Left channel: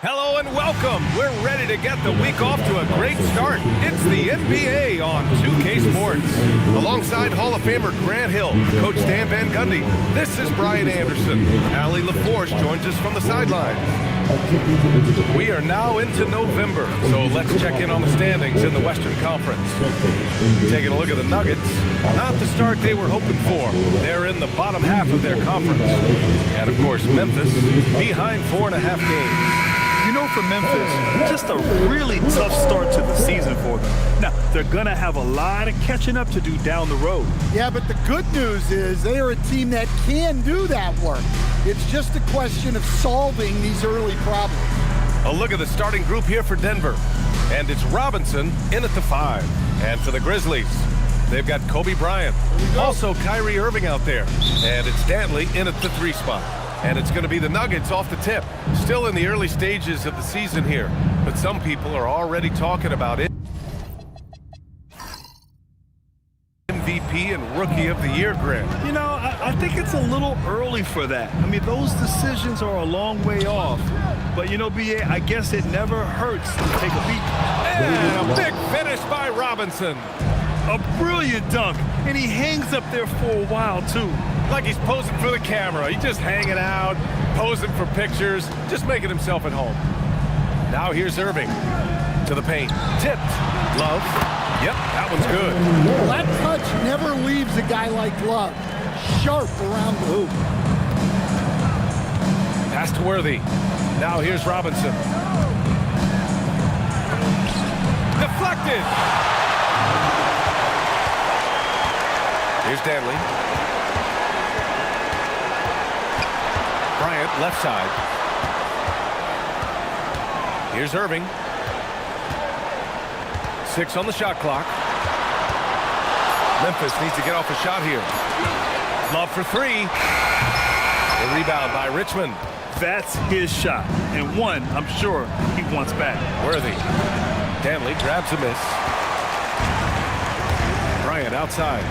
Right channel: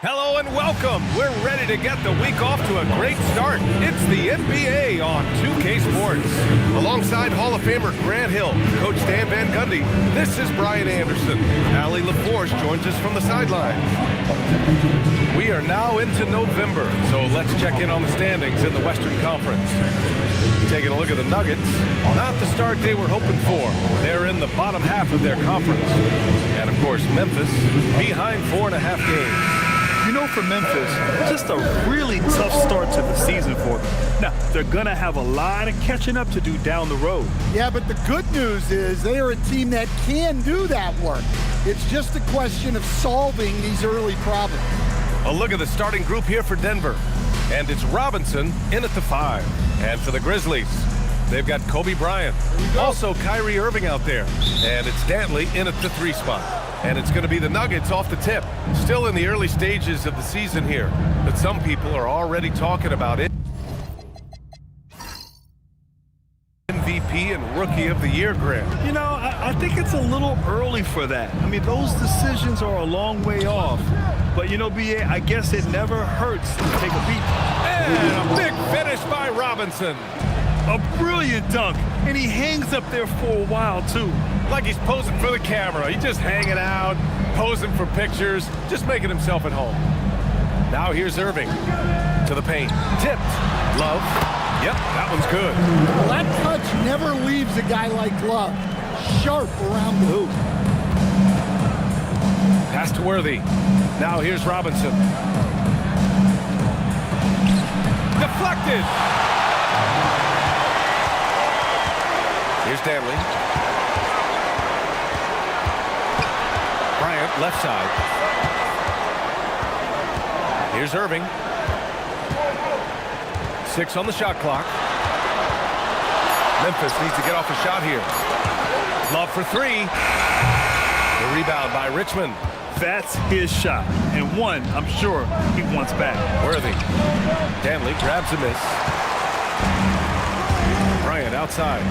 Hello and welcome. We're ready to get the week off to a great start. It's the NBA on 2K Sports. Alongside Hall of Famer Grant Hill, Coach Dan Van Gundy, this is Brian Anderson. Allie LaForce joins us from the sidelines. We are now into November, so let's check in on the standings in the Western Conference. Taking a look at the Nuggets, not the start they were hoping for. They're in the bottom half of their conference. And of course, Memphis behind 4.5 games. You know, for Memphis, just a really tough start to the season for them. Now, they're going to have a lot of catching up to do down the road. Yeah, but the good news is they are a team that can do that work. It's just a question of solving these early problems. A look at the starting group here for Denver. And it's Robinson in at the 5. And for the Grizzlies, they've got Kobe Bryant. Also Kyrie Irving out there. And it's Dantley in at the 3 spot. And it's going to be the Nuggets off the tip. Still in the early stages of the season here, but some people are already talking about it. MVP and Rookie of the Year, Grant. You know, I think it's a little early for that. I mean, those decisions are a long way off. But, you know, B.A., I guess it never hurts to take a peek. And a big finish by Robinson. A brilliant dunk, and he hangs up there for a while, too. Like he's posing for the camera. He's just hanging out, posing for pictures, just making himself at home. Now here's Irving to the paint. Tipped. Love. Yep, that one's good. Well, that touch never leaves a guy like Love. Sharp around the hoop. Pass to Worthy. Now here's Robinson. Deflected. Here's Dantley. Bryant, left side. Here's Irving. 6 on the shot clock. Memphis needs to get off a shot here. Love for 3. The rebound by Richmond. That's his shot, and one I'm sure he wants back. Worthy. Dantley grabs a miss. Bryant outside.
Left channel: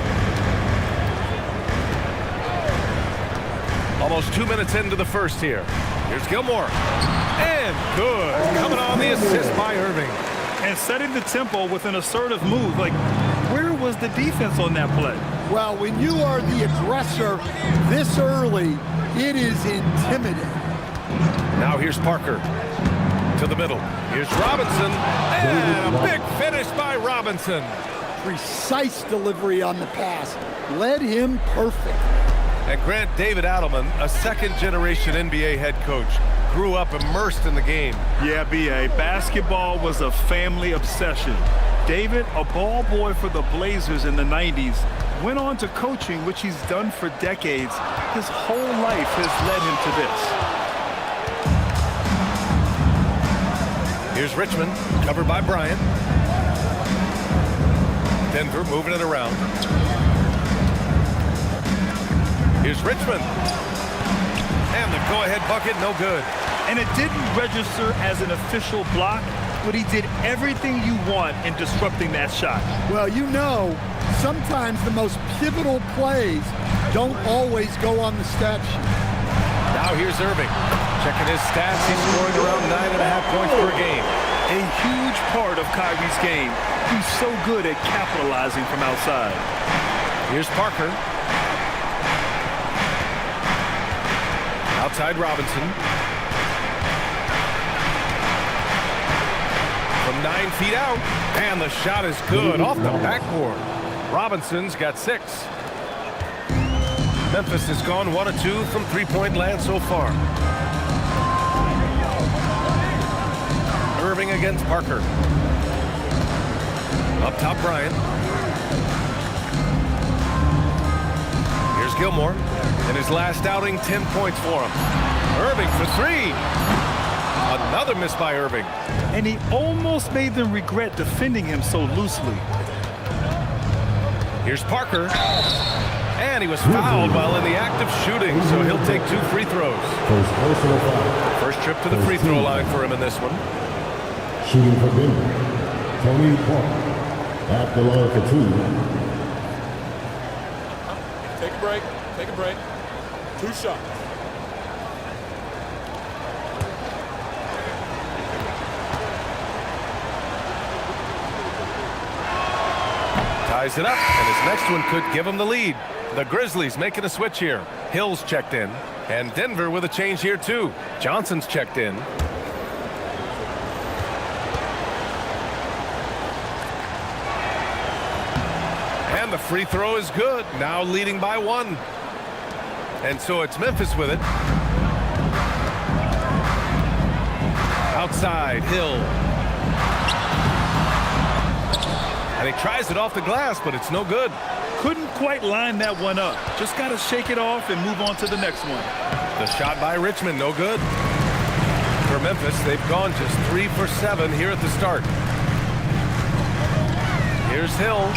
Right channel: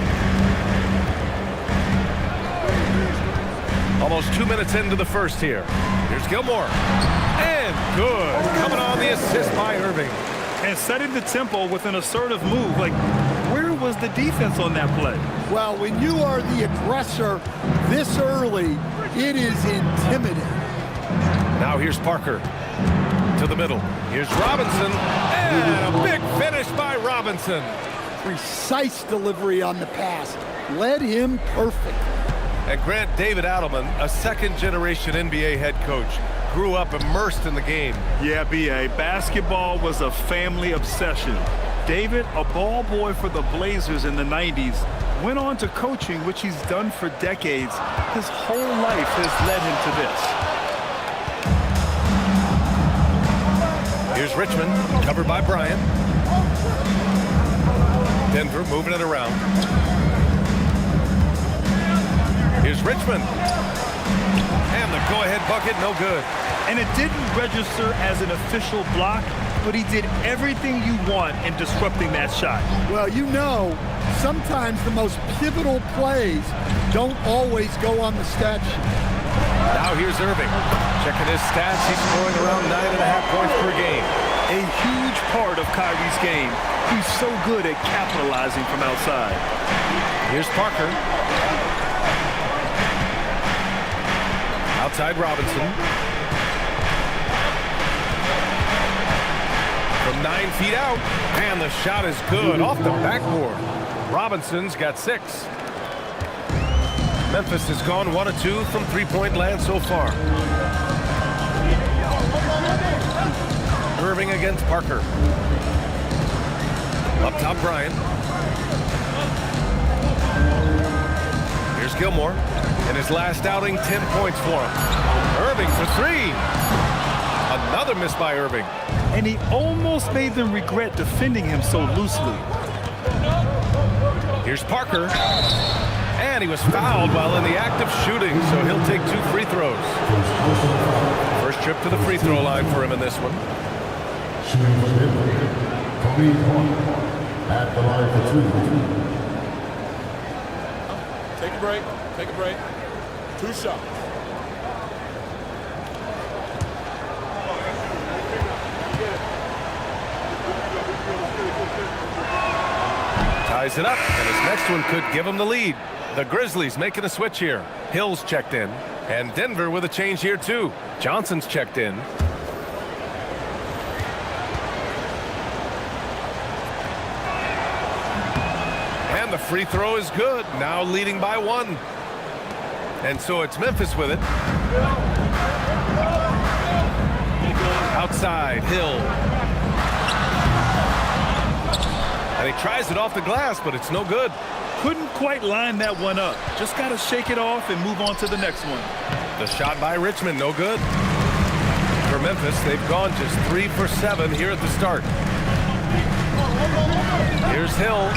Almost 2 minutes into the first here. Here's Gilmore. And good. Coming on the assist by Irving. And setting the tempo with an assertive move. Like, where was the defense on that play? Well, when you are the aggressor this early, it is intimidating. Now here's Parker to the middle. Here's Robinson. And a big finish by Robinson. Precise delivery on the pass. Led him perfect. And Grant, David Adelman, a second-generation NBA head coach, grew up immersed in the game. Yeah, B.A., basketball was a family obsession. David, a ball boy for the Blazers in the 90s, went on to coaching, which he's done for decades. His whole life has led him to this. Here's Richmond, covered by Bryant. Denver moving it around. Here's Richmond. And the go-ahead bucket, no good. And it didn't register as an official block, but he did everything you want in disrupting that shot. Well, you know, sometimes the most pivotal plays don't always go on the stat sheet. Now here's Irving. Checking his stats, he's scoring around 9.5 points per game. A huge part of Kyrie's game. He's so good at capitalizing from outside. Here's Parker. Outside Robinson. From 9 feet out. And the shot is good off the backboard. Robinson's got 6. Memphis has gone 1 of 2 from three-point land so far. Irving against Parker. Up top, Bryant. Here's Gilmore. In his last outing, 10 points for him. Irving for 3. Another miss by Irving. And he almost made them regret defending him so loosely. Here's Parker. And he was fouled while in the act of shooting, so he'll take 2 free throws. First trip to the free throw line for him in this one. Shooting for Denver, Tony Parker at the line for 2. Take a break. Take a break. 2 shots. Ties it up, and his next one could give him the lead. The Grizzlies making a switch here. Hill's checked in, and Denver with a change here too. Johnson's checked in. And the free throw is good, now leading by 1. And so it's Memphis with it. Outside, Hill. And he tries it off the glass, but it's no good. Couldn't quite line that one up. Just got to shake it off and move on to the next one. The shot by Richmond, no good. For Memphis, they've gone just 3 for 7 here at the start. Here's Hill,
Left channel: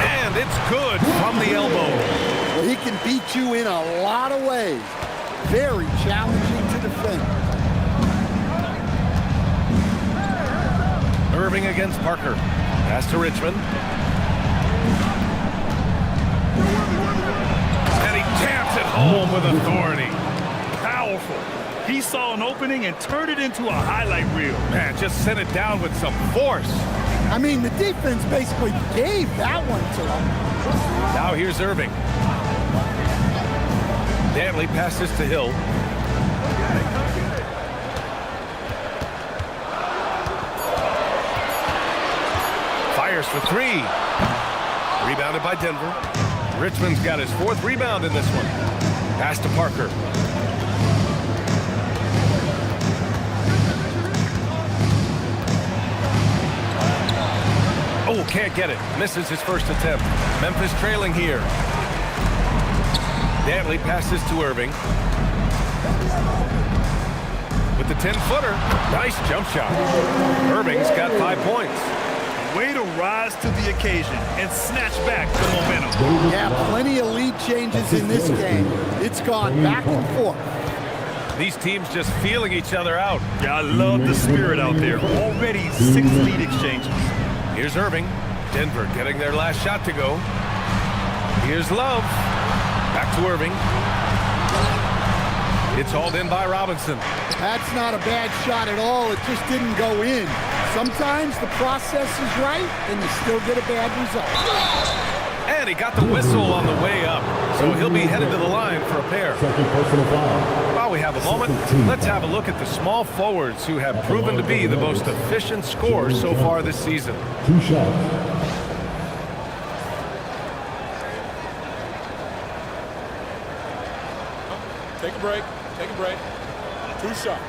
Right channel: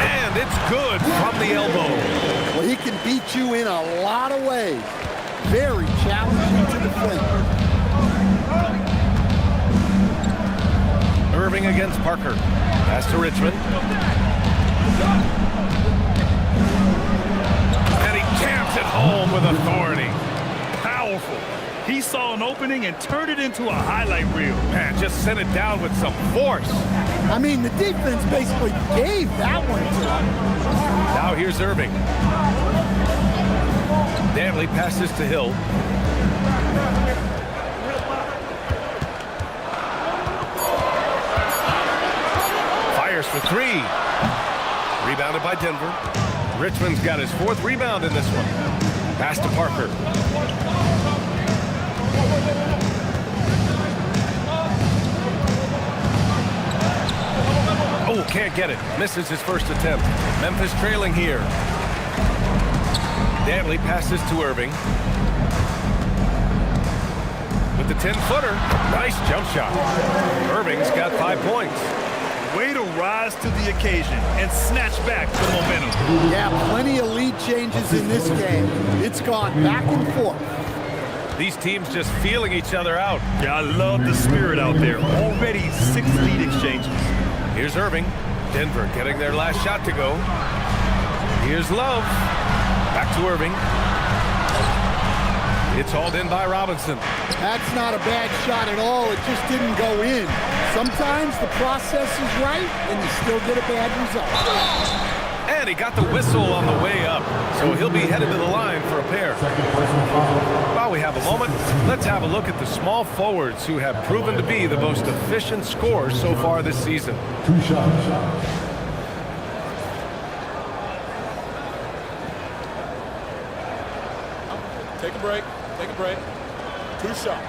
and it's good from the elbow. Well, he can beat you in a lot of ways. Very challenging to defend. Irving against Parker. Pass to Richmond. And he jams it home with authority. Powerful. He saw an opening and turned it into a highlight reel. Man, just sent it down with some force. I mean, the defense basically gave that one to him. Now here's Irving. Dantley passes to Hill. Fires for 3. Rebounded by Denver. Richmond's got his 4th rebound in this one. Pass to Parker. Oh, can't get it. Misses his first attempt. Memphis trailing here. Dantley passes to Irving. With the 10-footer. Nice jump shot. Irving's got 5 points. Way to rise to the occasion and snatch back the momentum. Yeah, plenty of lead changes in this game. It's gone back and forth. These teams just feeling each other out. Yeah, I love the spirit out there. Already 6 lead exchanges. Here's Irving. Denver getting their last shot to go. Here's Love. Back to Irving. It's hauled in by Robinson. That's not a bad shot at all. It just didn't go in. Sometimes the process is right, and you still get a bad result. And he got the whistle on the way up, so he'll be headed to the line for a pair. Second personal foul. While we have a moment, let's have a look at the small forwards who have proven to be the most efficient scorers so far this season. 2 shots. Take a break. Take a break. 2 shots.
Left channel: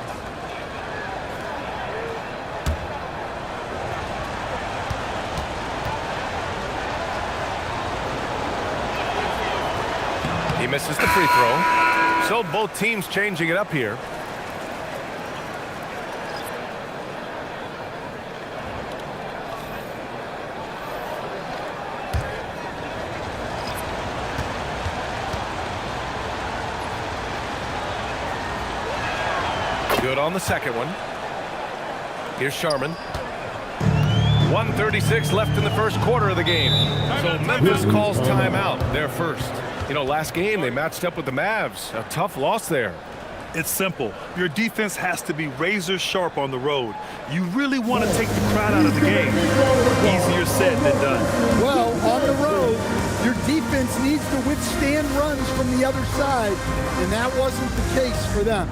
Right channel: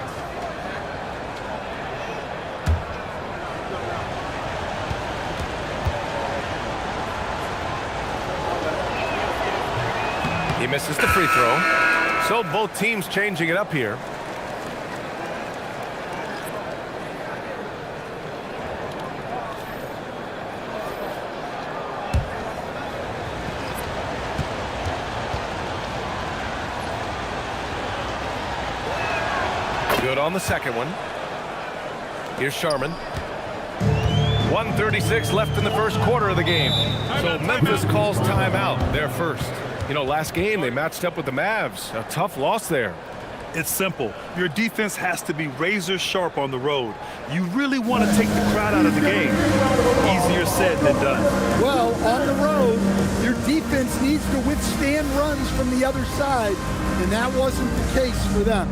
He misses the free throw. So both teams changing it up here. Good on the second one. Here's Sharman. 1:36 left in the first quarter of the game. So Memphis calls timeout, their first. You know, last game they matched up with the Mavs. A tough loss there. It's simple. Your defense has to be razor sharp on the road. You really want to take the crowd out of the game. Easier said than done. Well, on the road, your defense needs to withstand runs from the other side, and that wasn't the case for them.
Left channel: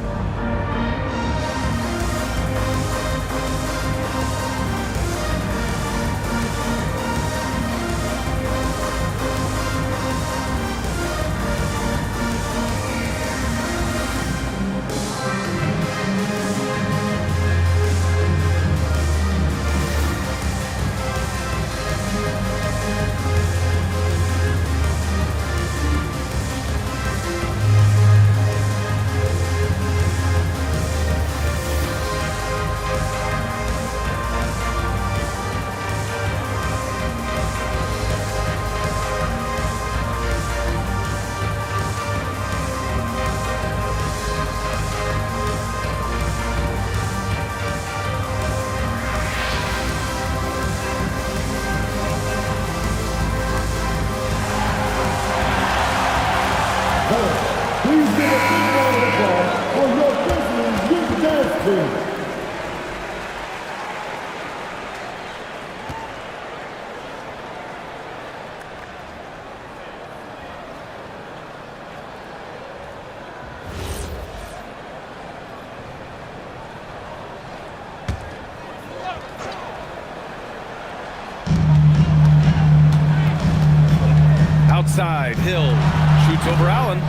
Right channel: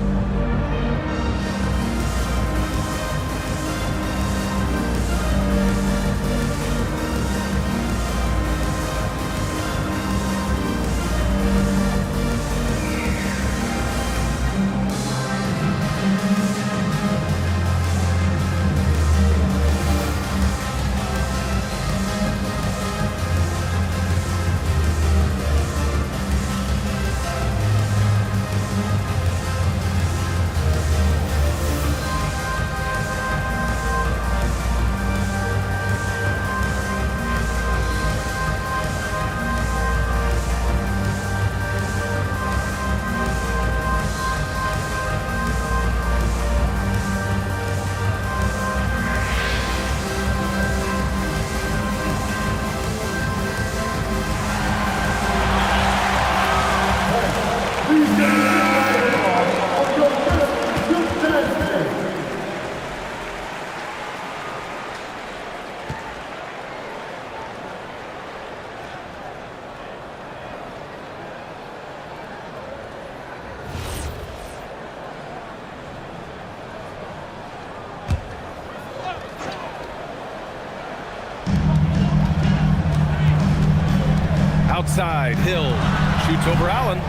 outside. Hill shoots over Allen.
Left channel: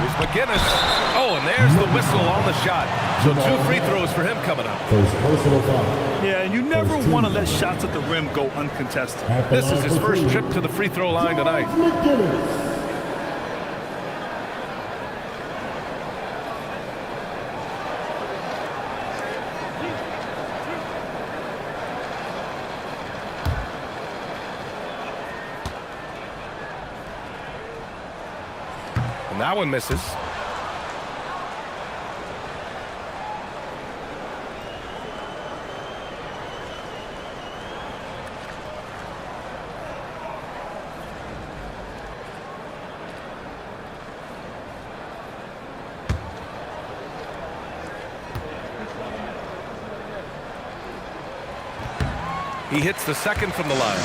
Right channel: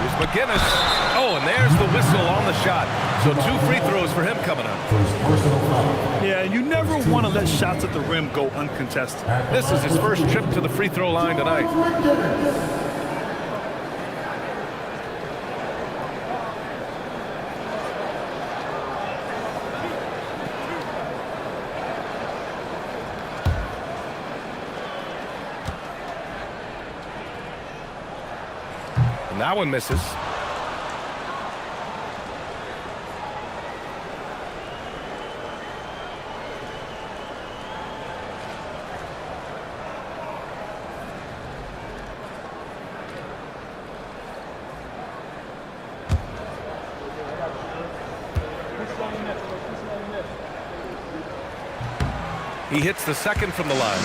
Here's McGinnis. Oh, and there's the whistle on the shot. So 2 free throws for him coming up. First personal foul. Yeah, and you never want to let shots at the rim go uncontested. This is his first trip to the free throw line tonight. And that one misses. He hits the second from the line.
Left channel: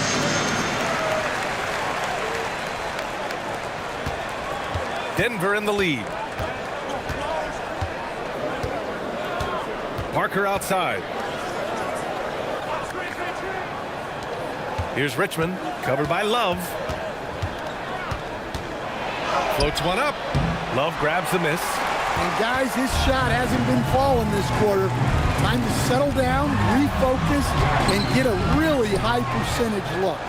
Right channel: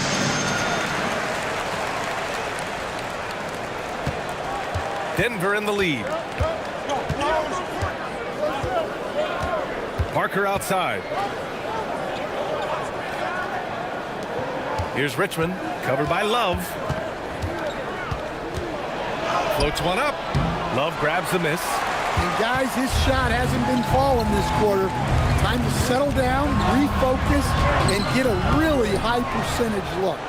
Denver in the lead. Parker outside. Here's Richmond, covered by Love. Floats one up. Love grabs the miss. And guys, his shot hasn't been falling this quarter. Time to settle down, refocus, and get a really high percentage look.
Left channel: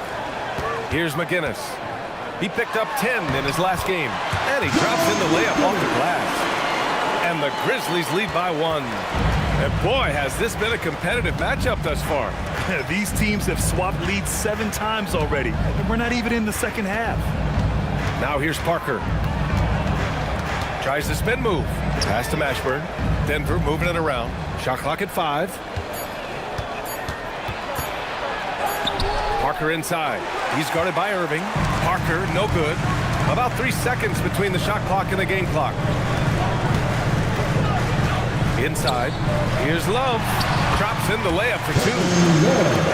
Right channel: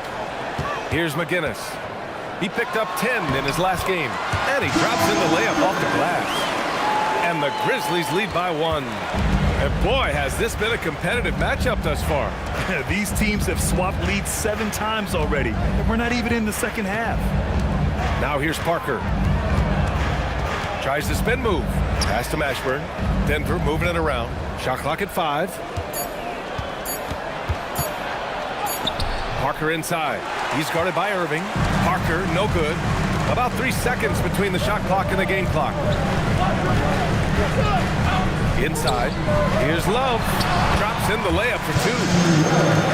Here's McGinnis. He picked up 10 in his last game, and he drops in the layup off the glass. And the Grizzlies lead by 1. And boy, has this been a competitive matchup thus far. These teams have swapped leads 7 times already, and we're not even in the second half. Now here's Parker. Tries the spin move. Pass to Mashburn. Denver moving it around. Shot clock at 5. Parker inside. He's guarded by Irving. Parker, no good. About 3 seconds between the shot clock and the game clock. Inside. Here's Love. Drops in the layup for 2.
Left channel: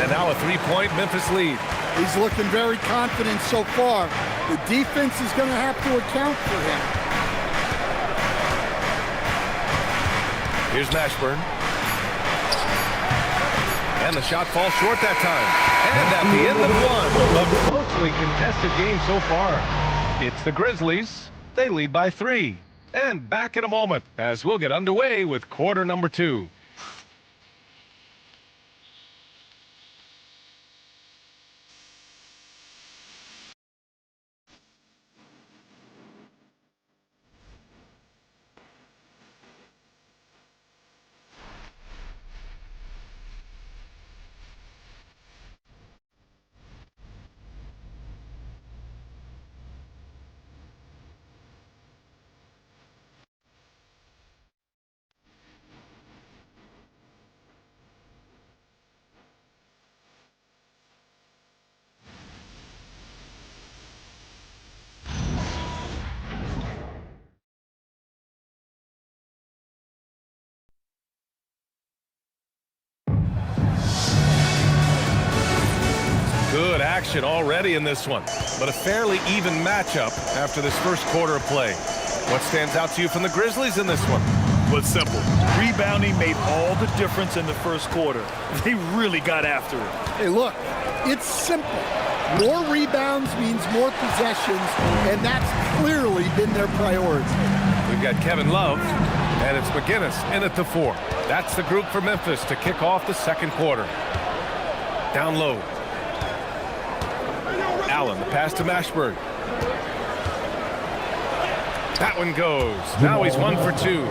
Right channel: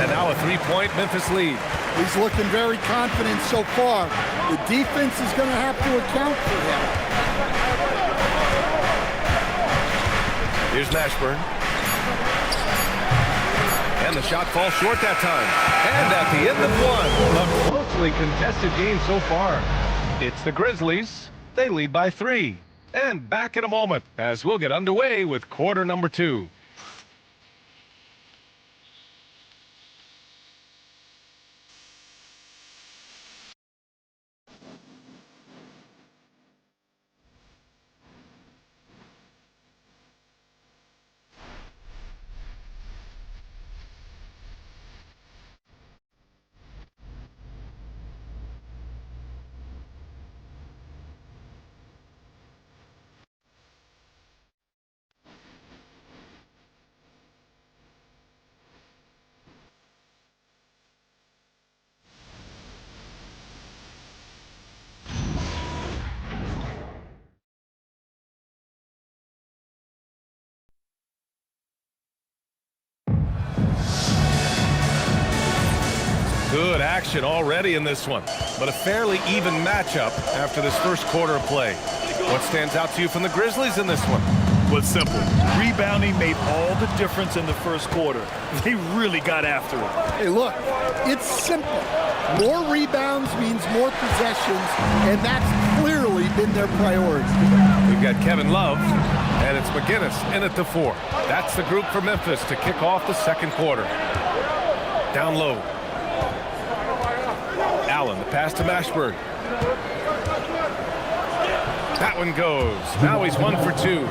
And now a 3-point Memphis lead. He's looking very confident so far. The defense is going to have to account for him. Here's Mashburn. And the shot falls short that time. And at the end of 1, a closely contested game so far. It's the Grizzlies. They lead by 3. And back in a moment as we'll get underway with quarter number 2. Good action already in this one, but a fairly even matchup after this first quarter of play. What stands out to you from the Grizzlies in this one? Was simple. Rebounding made all the difference in the first quarter. They really got after it. Hey, look, it's simple. More rebounds means more possessions, and that's clearly been their priority. We've got Kevin Love, and it's McGinnis in at the 4. That's the group for Memphis to kick off the second quarter. Down low. Allen, the pass to Mashburn. That one goes. Now he's 1 for 2.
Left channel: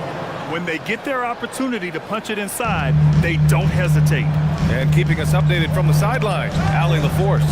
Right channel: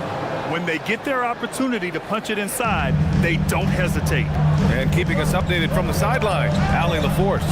When they get their opportunity to punch it inside, they don't hesitate. And keeping us updated from the sideline, Allie LaForce.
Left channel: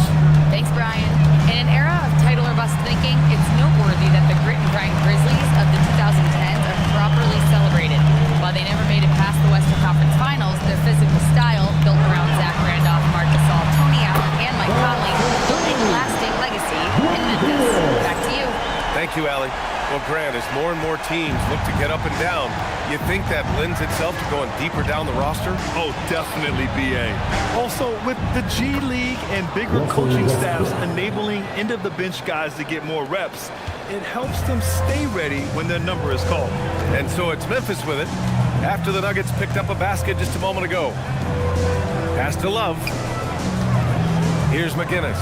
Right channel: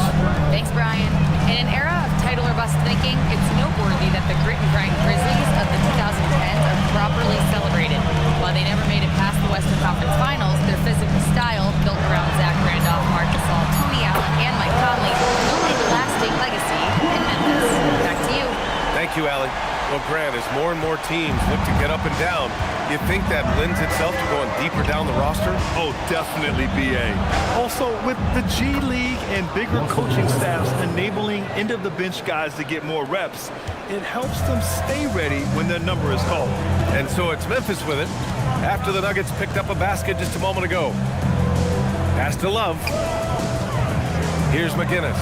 Thanks, Brian. In an era of title or bust thinking, it's noteworthy that the grit and grind Grizzlies of the 2010s are properly celebrated. While they never made it past the Western Conference Finals, their physical style, built around Zach Randolph, Marc Gasol, Tony Allen, and Mike Conley, built a lasting legacy in Memphis. Back to you. Thank you, Allie. Well, Grant, as more and more teams look to get up and down, you think that lends itself to going deeper down the roster? Oh, definitely, B.A. Also, with the G League and bigger coaching staffs enabling end-of-the-bench guys to get more reps, it helps them stay ready when their number is called. And so it's Memphis with it, after the Nuggets picked up a basket just a moment ago. Pass to Love. Here's McGinnis.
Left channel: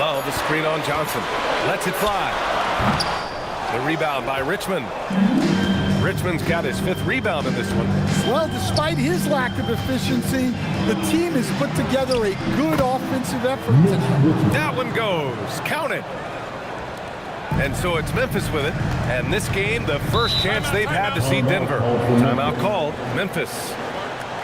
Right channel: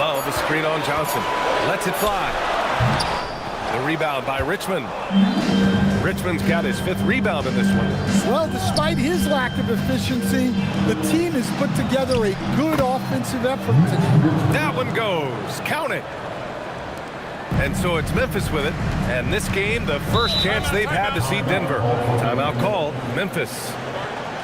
Love a screen on Johnson. Lets it fly. The rebound by Richmond. Richmond's got his 5th rebound in this one. Well, despite his lack of efficiency, the team has put together a good offensive effort tonight. That one goes. Count it. And so it's Memphis with it. And this game, the first chance they've had to see Denver. Timeout called. Memphis.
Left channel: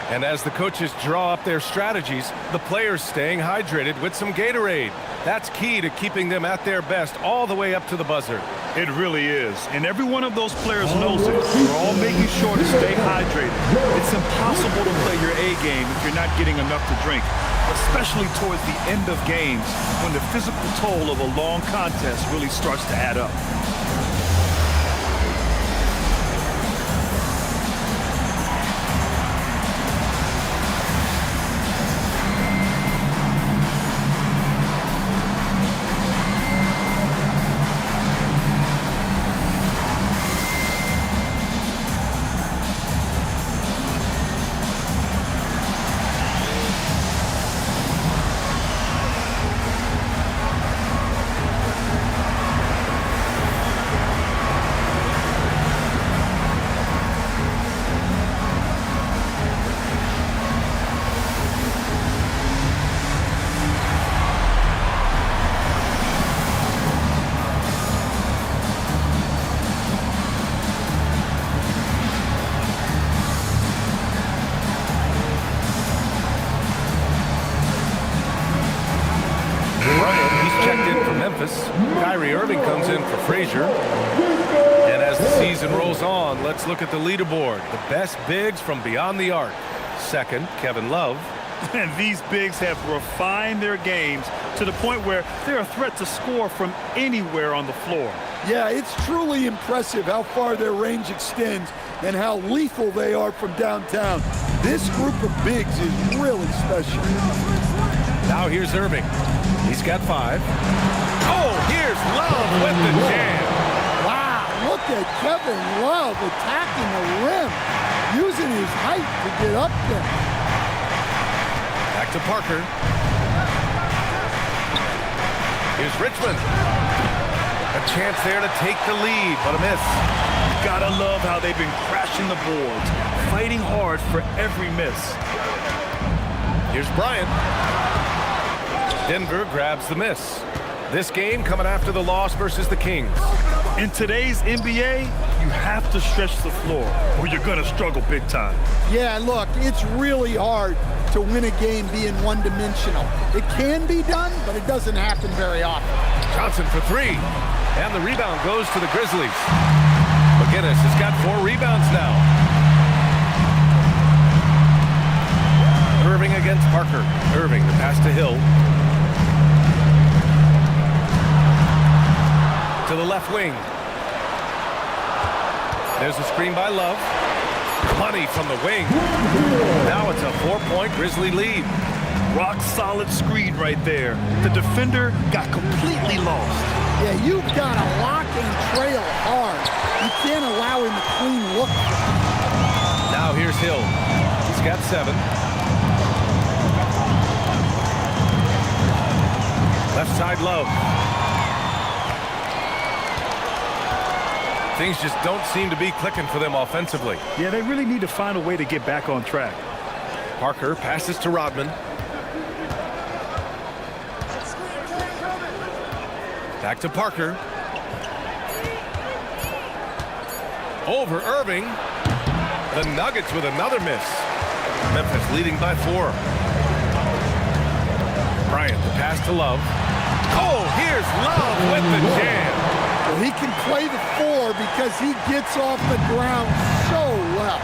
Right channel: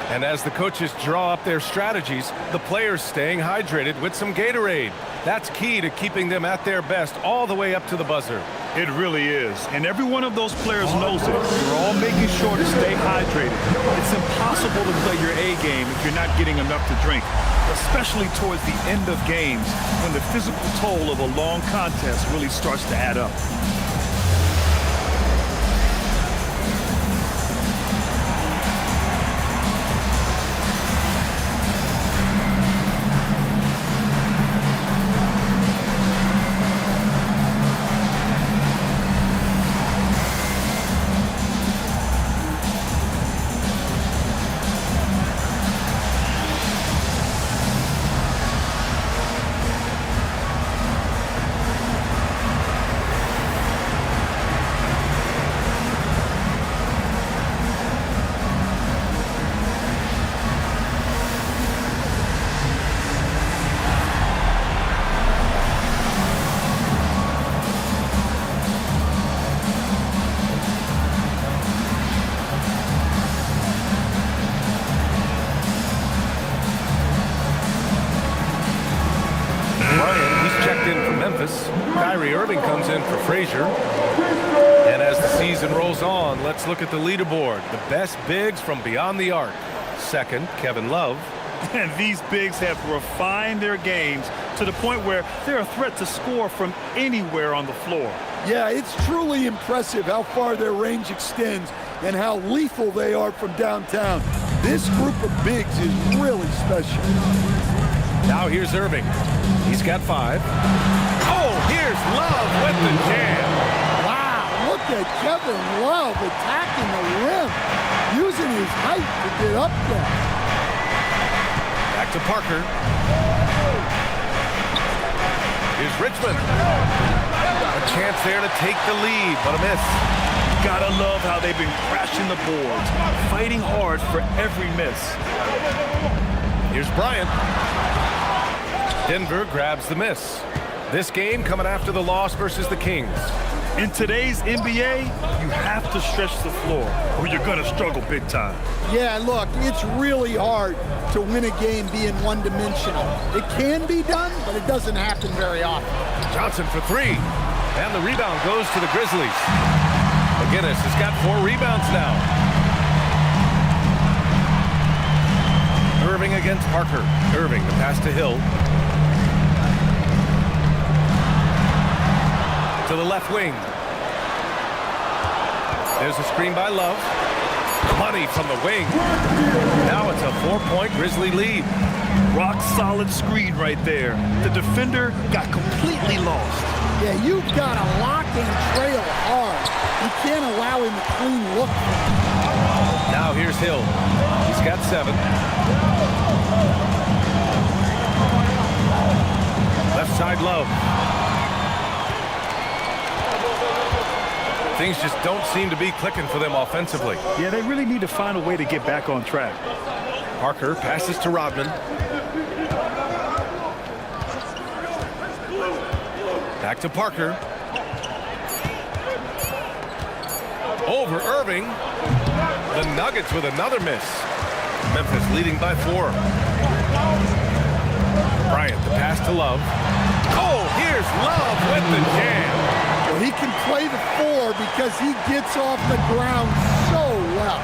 And as the coaches draw up their strategies, the players staying hydrated with some Gatorade. That's key to keeping them at their best all the way up to the buzzer. It really is. And every one of those players knows it. We're all making sure to stay hydrated. It's impossible to play your A game if you're not getting enough to drink, especially towards the end of games when the physical toll of a long contest really starts to add up. In for Memphis. Kyrie Irving comes in for Frazier. And as the season rolls on, let's look at the leaderboard. The best bigs from beyond the arc. Second, Kevin Love. And these bigs have refined their games to the point where they're a threat to score from anywhere on the floor. Yeah, it's truly impressive how far their range extends and how lethal they are from downtown. This group of bigs is really special. Now here's Irving. He's got 5. Oh, here's Love with the jam. Wow, look at Kevin Love attacking the rim, using his height to get up there. Back to Parker. Here's Richmond. A chance there to take the lead, but a miss. Gotta love how they've been crashing the boards, fighting hard for every miss. Here's Bryant. Denver grabs the miss. This game coming after the loss versus the Kings. In today's NBA, you have to stretch the floor or you're going to struggle big time. Yeah, look, it's really hard to win a game being one-dimensional. It can be done, but it doesn't happen very often. Johnson for 3. And the rebound goes to the Grizzlies. McGinnis has got 4 rebounds now. Irving against Parker. Irving, the pass to Hill. To the left wing. There's a screen by Love. Money from the wing. Now it's a 4-point Grizzly lead. Rock solid screen right there. The defender got completely lost. Yeah, you've got to lock and trail hard. You can't allow him a clean look. Now here's Hill. He's got 7. Left side Love. Things just don't seem to be clicking for them offensively. Yeah, they really need to find a way to get back on track. Parker passes to Rodman. Back to Parker. Over Irving. The Nuggets with another miss. Memphis leading by 4. Bryant, the pass to Love. Oh, here's Love with the jam. Well, he can play the 4 because he gets off the ground so well.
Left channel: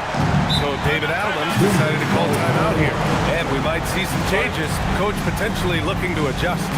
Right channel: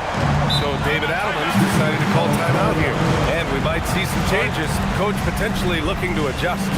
So David Adelman's decided to call timeout here. And we might see some changes. Coach potentially looking to adjust.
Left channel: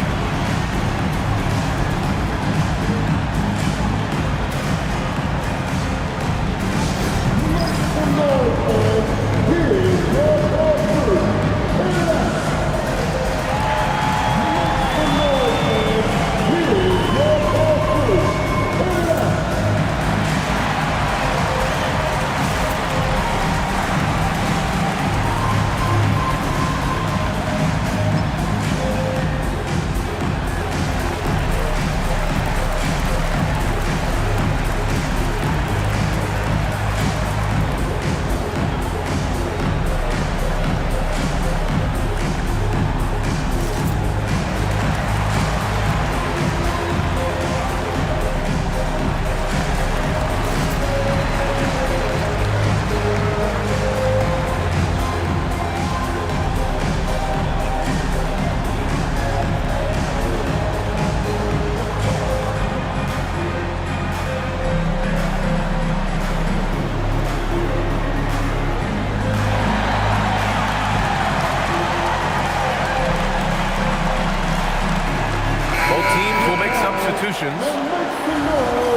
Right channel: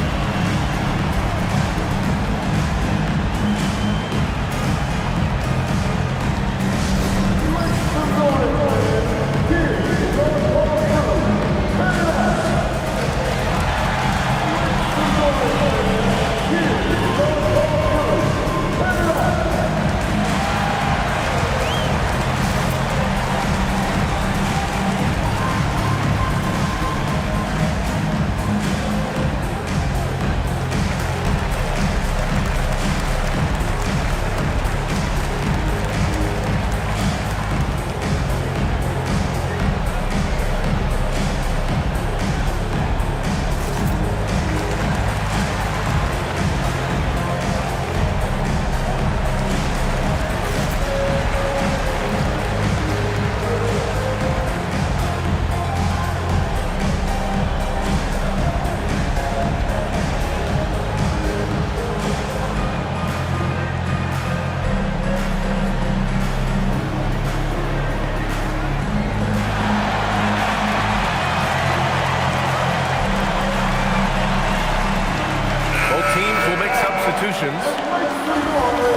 substitutions.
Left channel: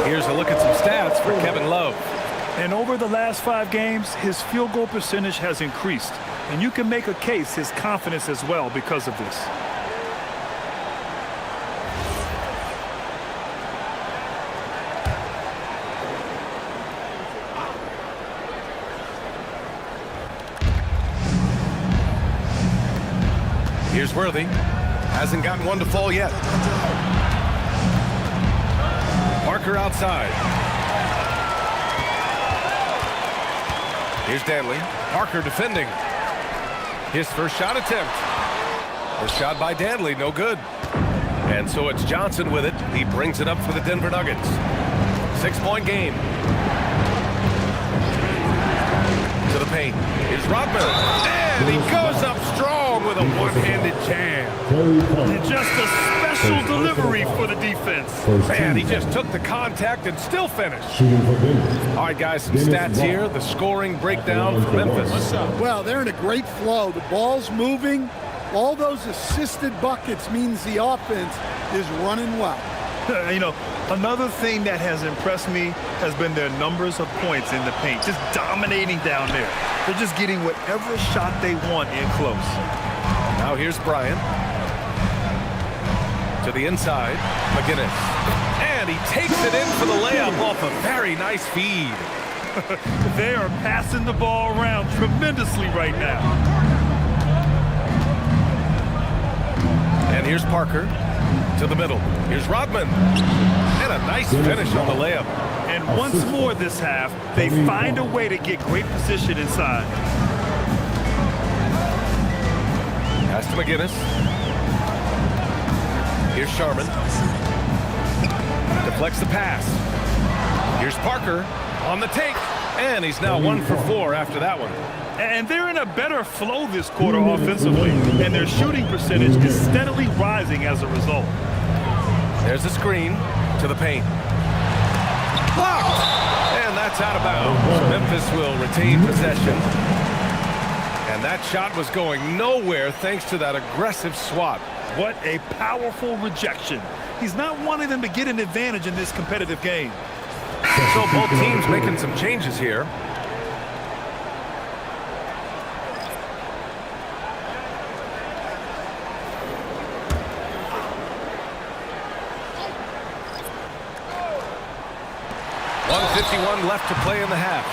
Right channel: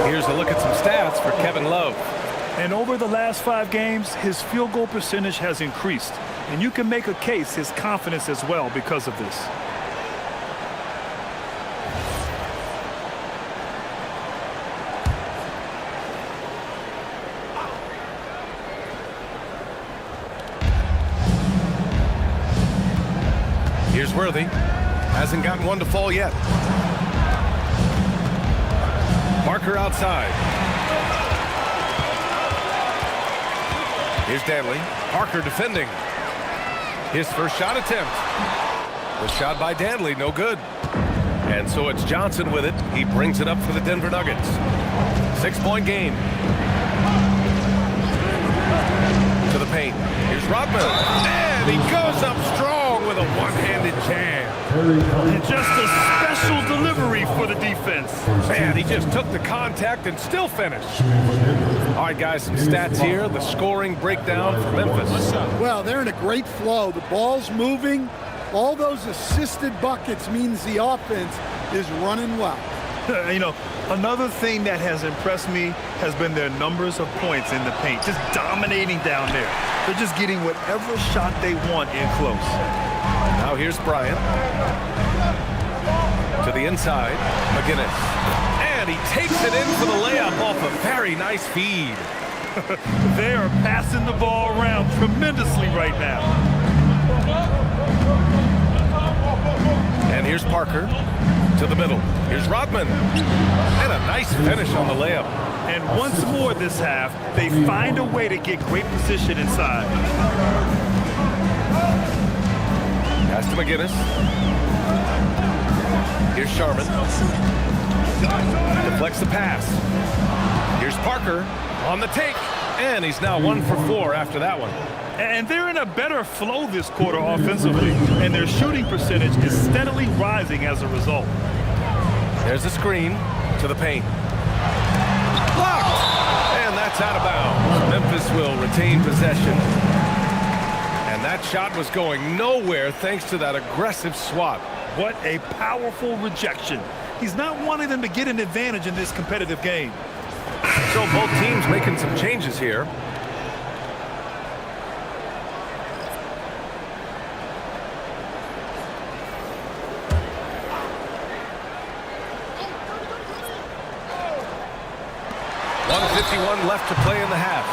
Here's a look at some stats for Kevin Love. And over the last 5 games, his field goal percentage has increased. And you can make a case his confidence as well because of this. Here's Worthy. Hasn't gotten one to fall yet. Parker outside. Here's Danley. Parker defending. His first shot attempt. The shot by Danley, no good. And so it's Johnson with it. He brings it up for the Denver Nuggets. 6-point game. To the paint. Here's Rodman. And he goes up strong with a one-handed jam. And just a special delivery for the defense. Man, he just took the contact and still finished. All right, guys, some stats here. The scoring breakdown for Memphis. Well, they're in a great flow. The ball's moving. All those assisted buckets means the offense is running well. You know, another thing that has impressed me has been their numbers of points in the paint. Just dominating down there. They're just getting whatever shot they want in close. Now here's Bryant. To the inside, McGinnis. And he takes it in for the layup off a very nice feed. They are passing the ball around tremendously right now. And here's Parker. To the middle. Here's Rodman. And a nice finish on the layup. And once more this half, they find a way to get great position inside. Pass to McGinnis. Here's Sharman. Deflects the pass. Here's Parker on the take. And he's now 1 for 4 after that one. And they're in a better flow this quarter offensively. And their shooting percentage is steadily rising as a result. There's the screen to the paint. Blocked! And that's out of bounds. Memphis will retain possession. And that shot was going nowhere thanks to that aggressive swat. What a powerful rejection. He's not wanting them to get an advantage in this competitive game. So both teams making some changes here. .51 left to play in the half.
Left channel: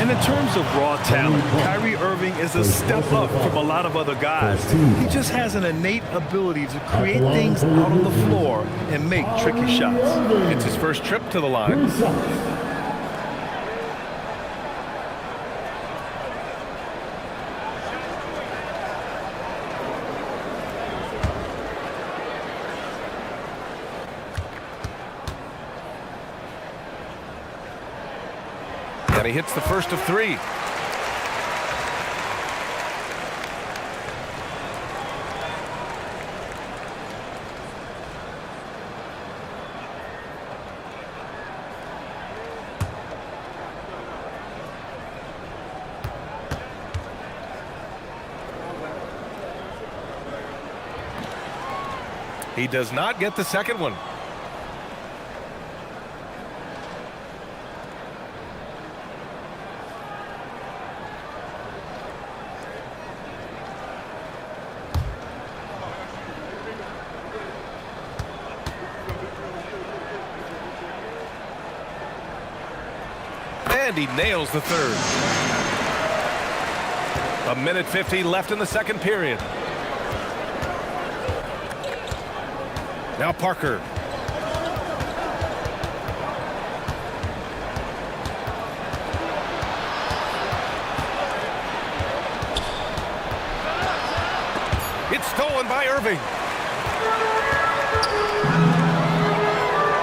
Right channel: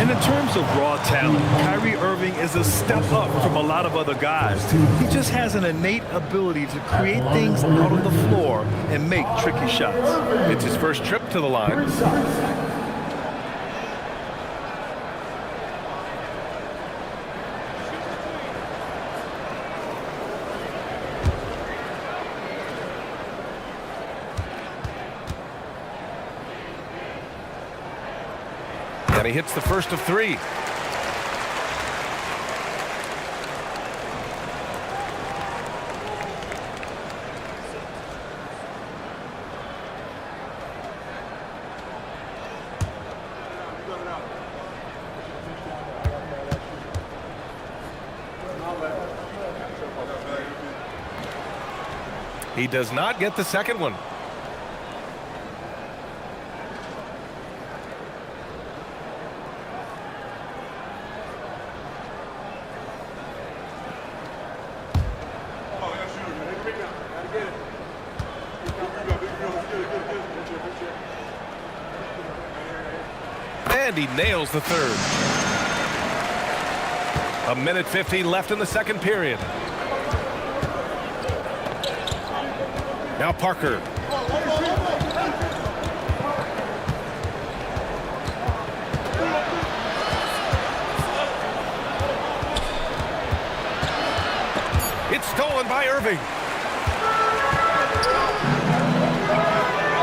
And in terms of raw talent, Kyrie Irving is a step up from a lot of other guys. He just has an innate ability to create things out on the floor and make tricky shots. It's his first trip to the line. And he hits the first of 3. He does not get the second one. And he nails the third. 1:50 left in the second period. Now Parker. It's stolen by Irving.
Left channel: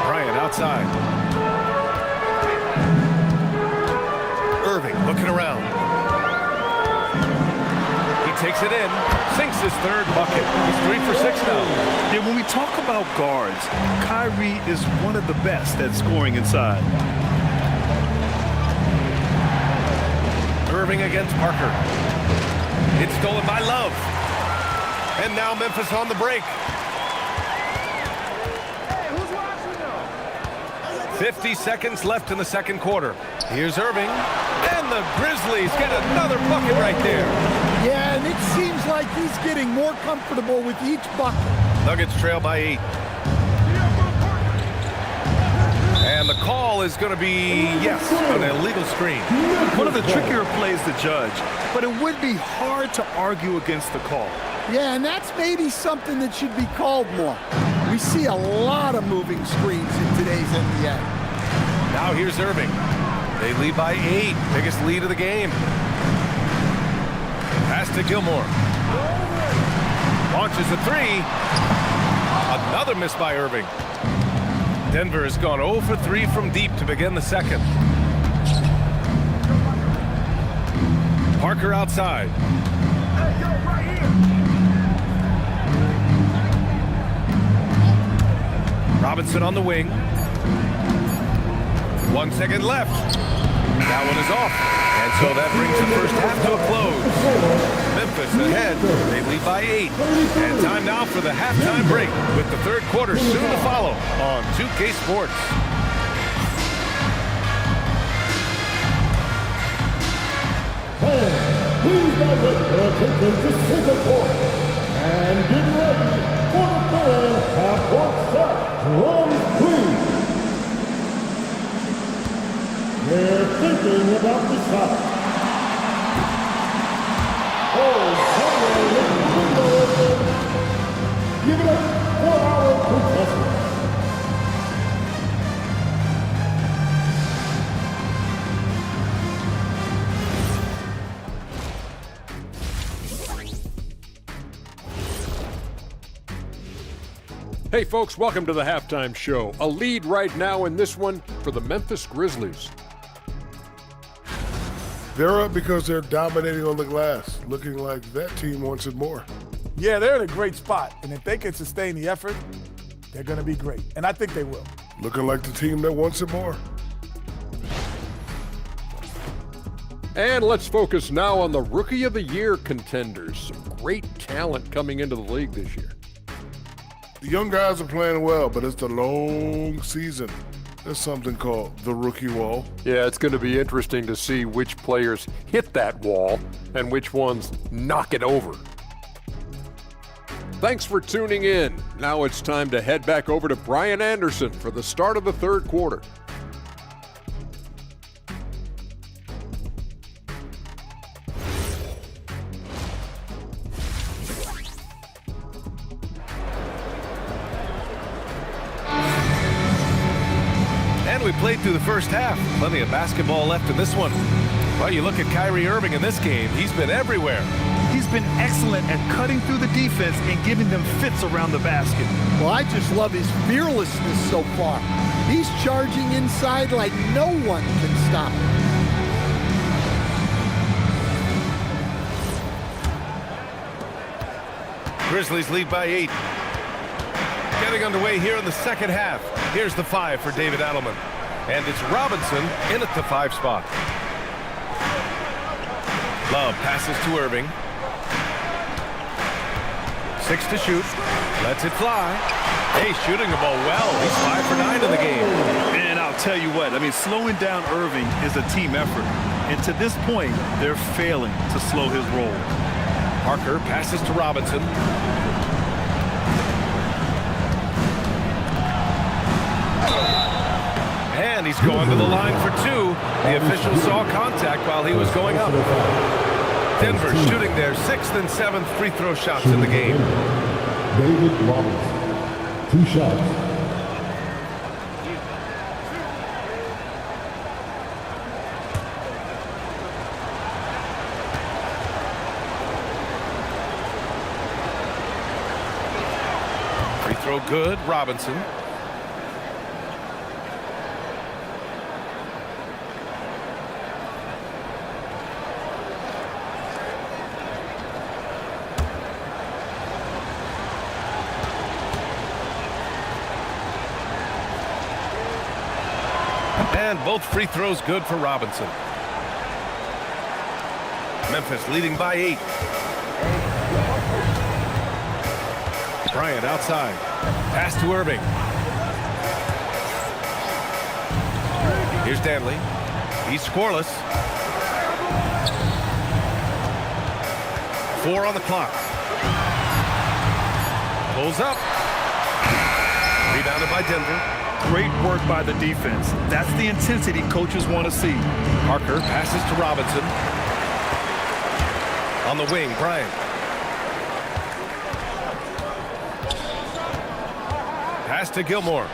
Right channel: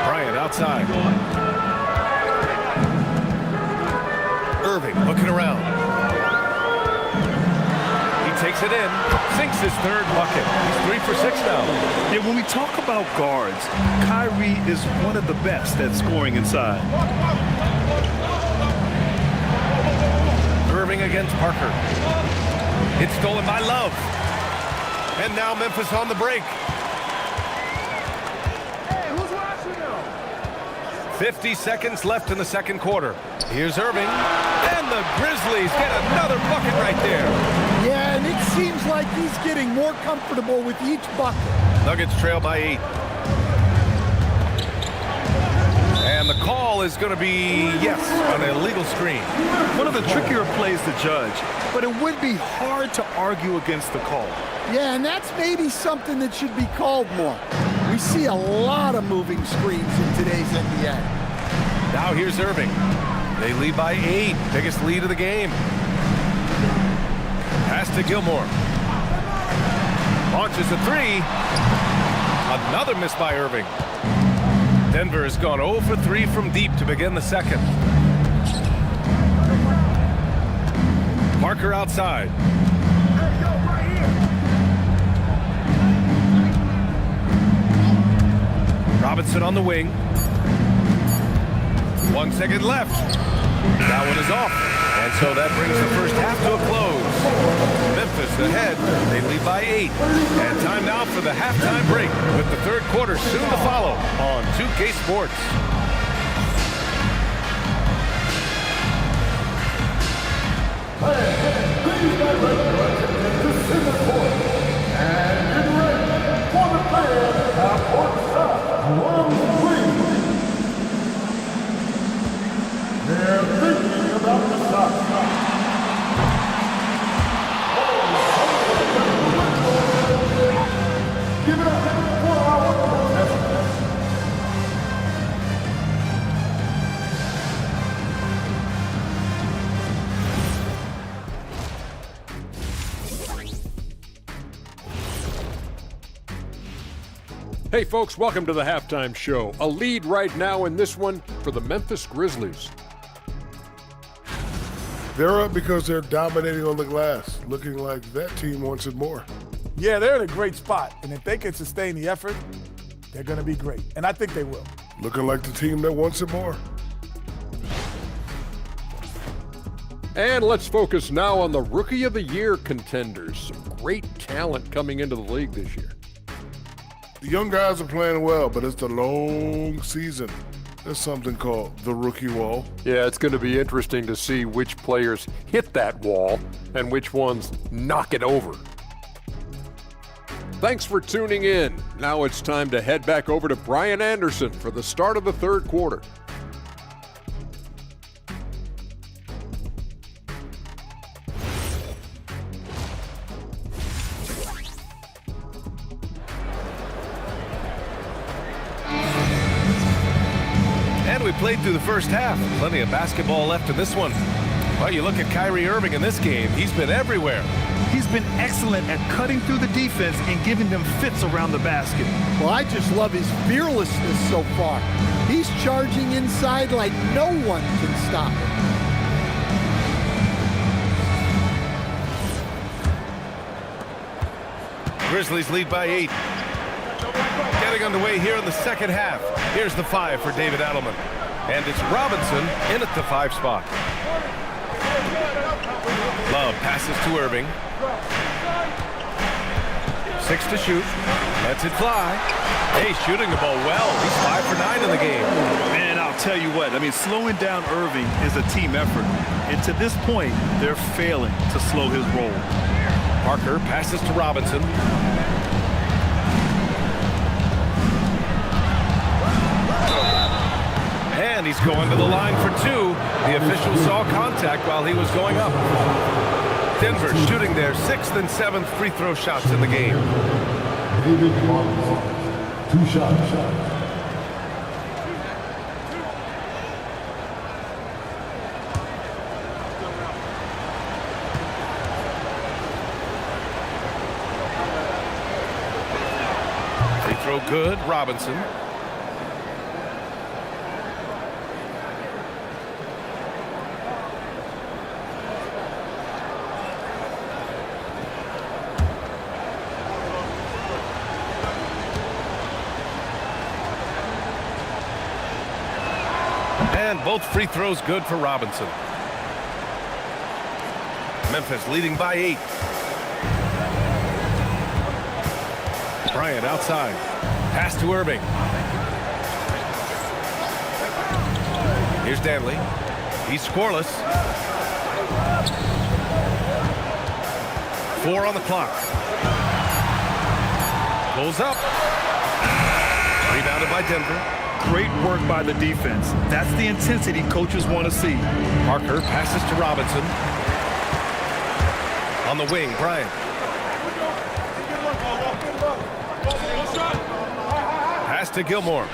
Bryant outside. Irving looking around. He takes it in, sinks his third bucket. He's 3 for 6 now. Yeah, when we talk about guards, Kyrie is one of the best at scoring inside. Irving against Parker. It's stolen by Love. And now Memphis on the break. Hey, who's watching? 50 seconds left in the second quarter. Here's Irving, and the Grizzlies get another bucket right there. Yeah, and it seems like he's getting more comfortable with each bucket. Nuggets trail by 8. And the call is going to be, yes, an illegal screen. One of the trickier plays to judge, but it would be hard to argue against the call. Yeah, and that's maybe something that should be called more. We see a lot of moving screens in today's NBA. Now here's Irving. They lead by 8, biggest lead of the game. Pass to Gilmore. Launches a 3. Another miss by Irving. Denver has gone 0 for 3 from deep to begin the second. Parker outside. Hey, yo, right here. Robinson on the wing. 1 second left. That one is off. And so that brings the first half to a close. Memphis ahead. They lead by 8. And time now for the halftime break with the third quarter soon to follow on 2K Sports. Fans, please direct your attention to center court. And get ready for the fan half-court shot. Drums, please. They're thinking about the shot. Give it up for our contestants. Hey folks, welcome to the halftime show. A lead right now in this one for the Memphis Grizzlies. They're up because they're dominating on the glass, looking like that team wants it more. Yeah, they're in a great spot, and if they can sustain the effort, they're going to be great, and I think they will. Looking like the team that wants it more. And let's focus now on the Rookie of the Year contenders. Some great talent coming into the league this year. The young guys are playing well, but it's the long season. There's something called the rookie wall. Yeah, it's going to be interesting to see which players hit that wall and which ones knock it over. Thanks for tuning in. Now it's time to head back over to Brian Anderson for the start of the third quarter. And we played through the first half. Plenty of basketball left in this one. Well, you look at Kyrie Irving in this game. He's been everywhere. He's been excellent at cutting through the defense and giving them fits around the basket. Well, I just love his fearlessness so far. He's charging inside like no one can stop him. Grizzlies lead by 8. Getting underway here in the second half. Here's the 5 for David Adelman. And it's Robinson in at the 5 spot. Love passes to Irving. 6 to shoot. Lets it fly. Hey, shooting the ball well. He's 5 for 9 in the game. And I'll tell you what, I mean, slowing down Irving is a team effort. And to this point, they're failing to slow his roll. Parker passes to Robinson. And he's going to the line for 2. The official saw contact while he was going up. Denver shooting their 6th and 7th free throw shots in the game. David Robinson, 2 shots. Free throw good, Robinson. And both free throws good for Robinson. Memphis leading by 8. Bryant outside. Pass to Irving. Here's Danley. He's scoreless. 4 on the clock. Pulls up. Rebounded by Denver. Great work by the defense. That's the intensity coaches want to see. Parker passes to Robinson. On the wing, Bryant. Pass to Gilmore.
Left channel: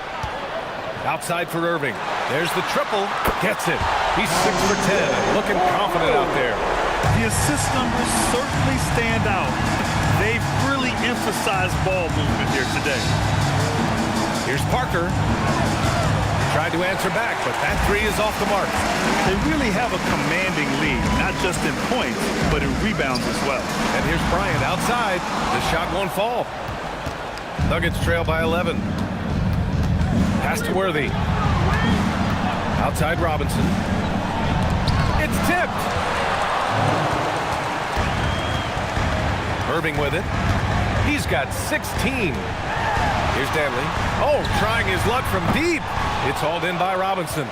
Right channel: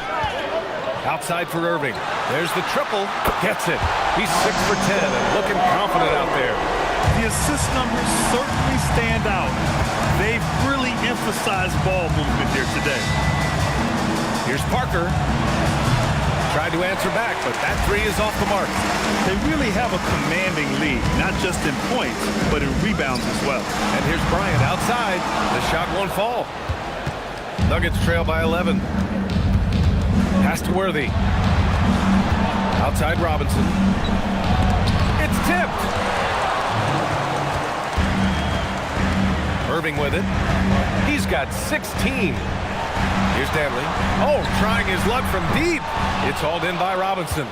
Outside for Irving. There's the triple. Gets it. He's 6 for 10 and looking confident out there. The assist numbers certainly stand out. They've really emphasized ball movement here today. Here's Parker. Tried to answer back, but that three is off the mark. They really have a commanding lead, not just in points, but in rebounds as well. And here's Bryant outside. The shot won't fall. Nuggets trail by 11. Pass to Worthy. Outside Robinson. It's tipped. Irving with it. He's got 16. Here's Danley. Oh, trying his luck from deep. It's hauled in by Robinson.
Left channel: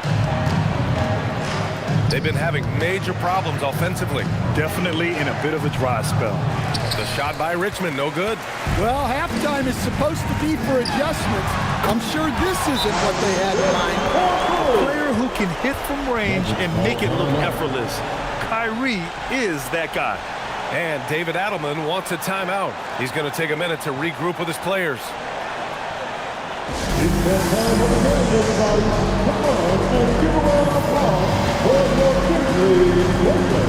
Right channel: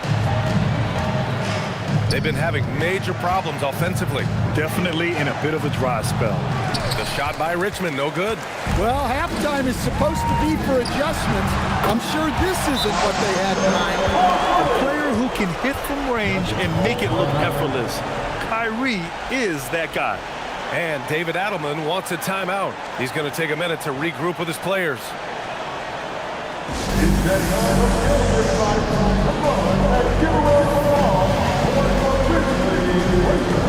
They've been having major problems offensively. Definitely in a bit of a dry spell. The shot by Richmond, no good. Well, halftime is supposed to be for adjustments. I'm sure this isn't what they had in mind. A player who can hit from range and make it look effortless. Kyrie is that guy. And David Adelman wants a timeout. He's going to take a minute to regroup with his players. It's that time of the game, everybody. Come on and give a round of applause for your Grizzlies Lakers.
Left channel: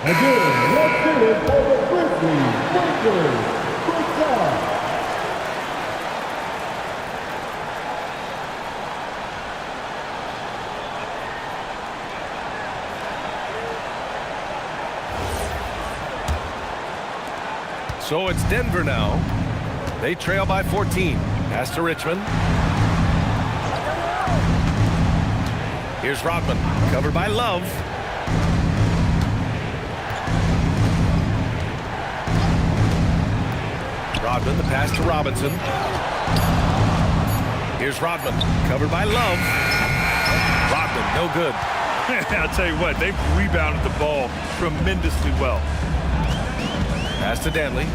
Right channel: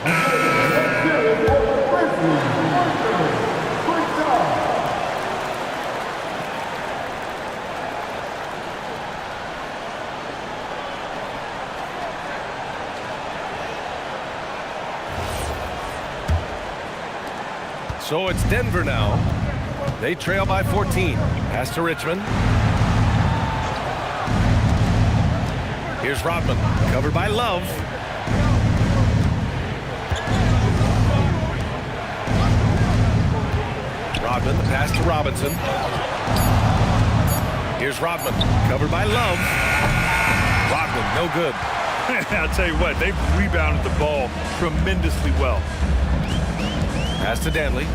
Again, let's get it for the Grizzlies Lakers. Great job. So it's Denver now. They trail by 14. Pass to Richmond. Here's Rodman, covered by Love. Rodman, the pass to Robinson. Here's Rodman, covered by Love. Rodman, no good. I'll tell you what, they've rebounded the ball tremendously well. Pass to Danley.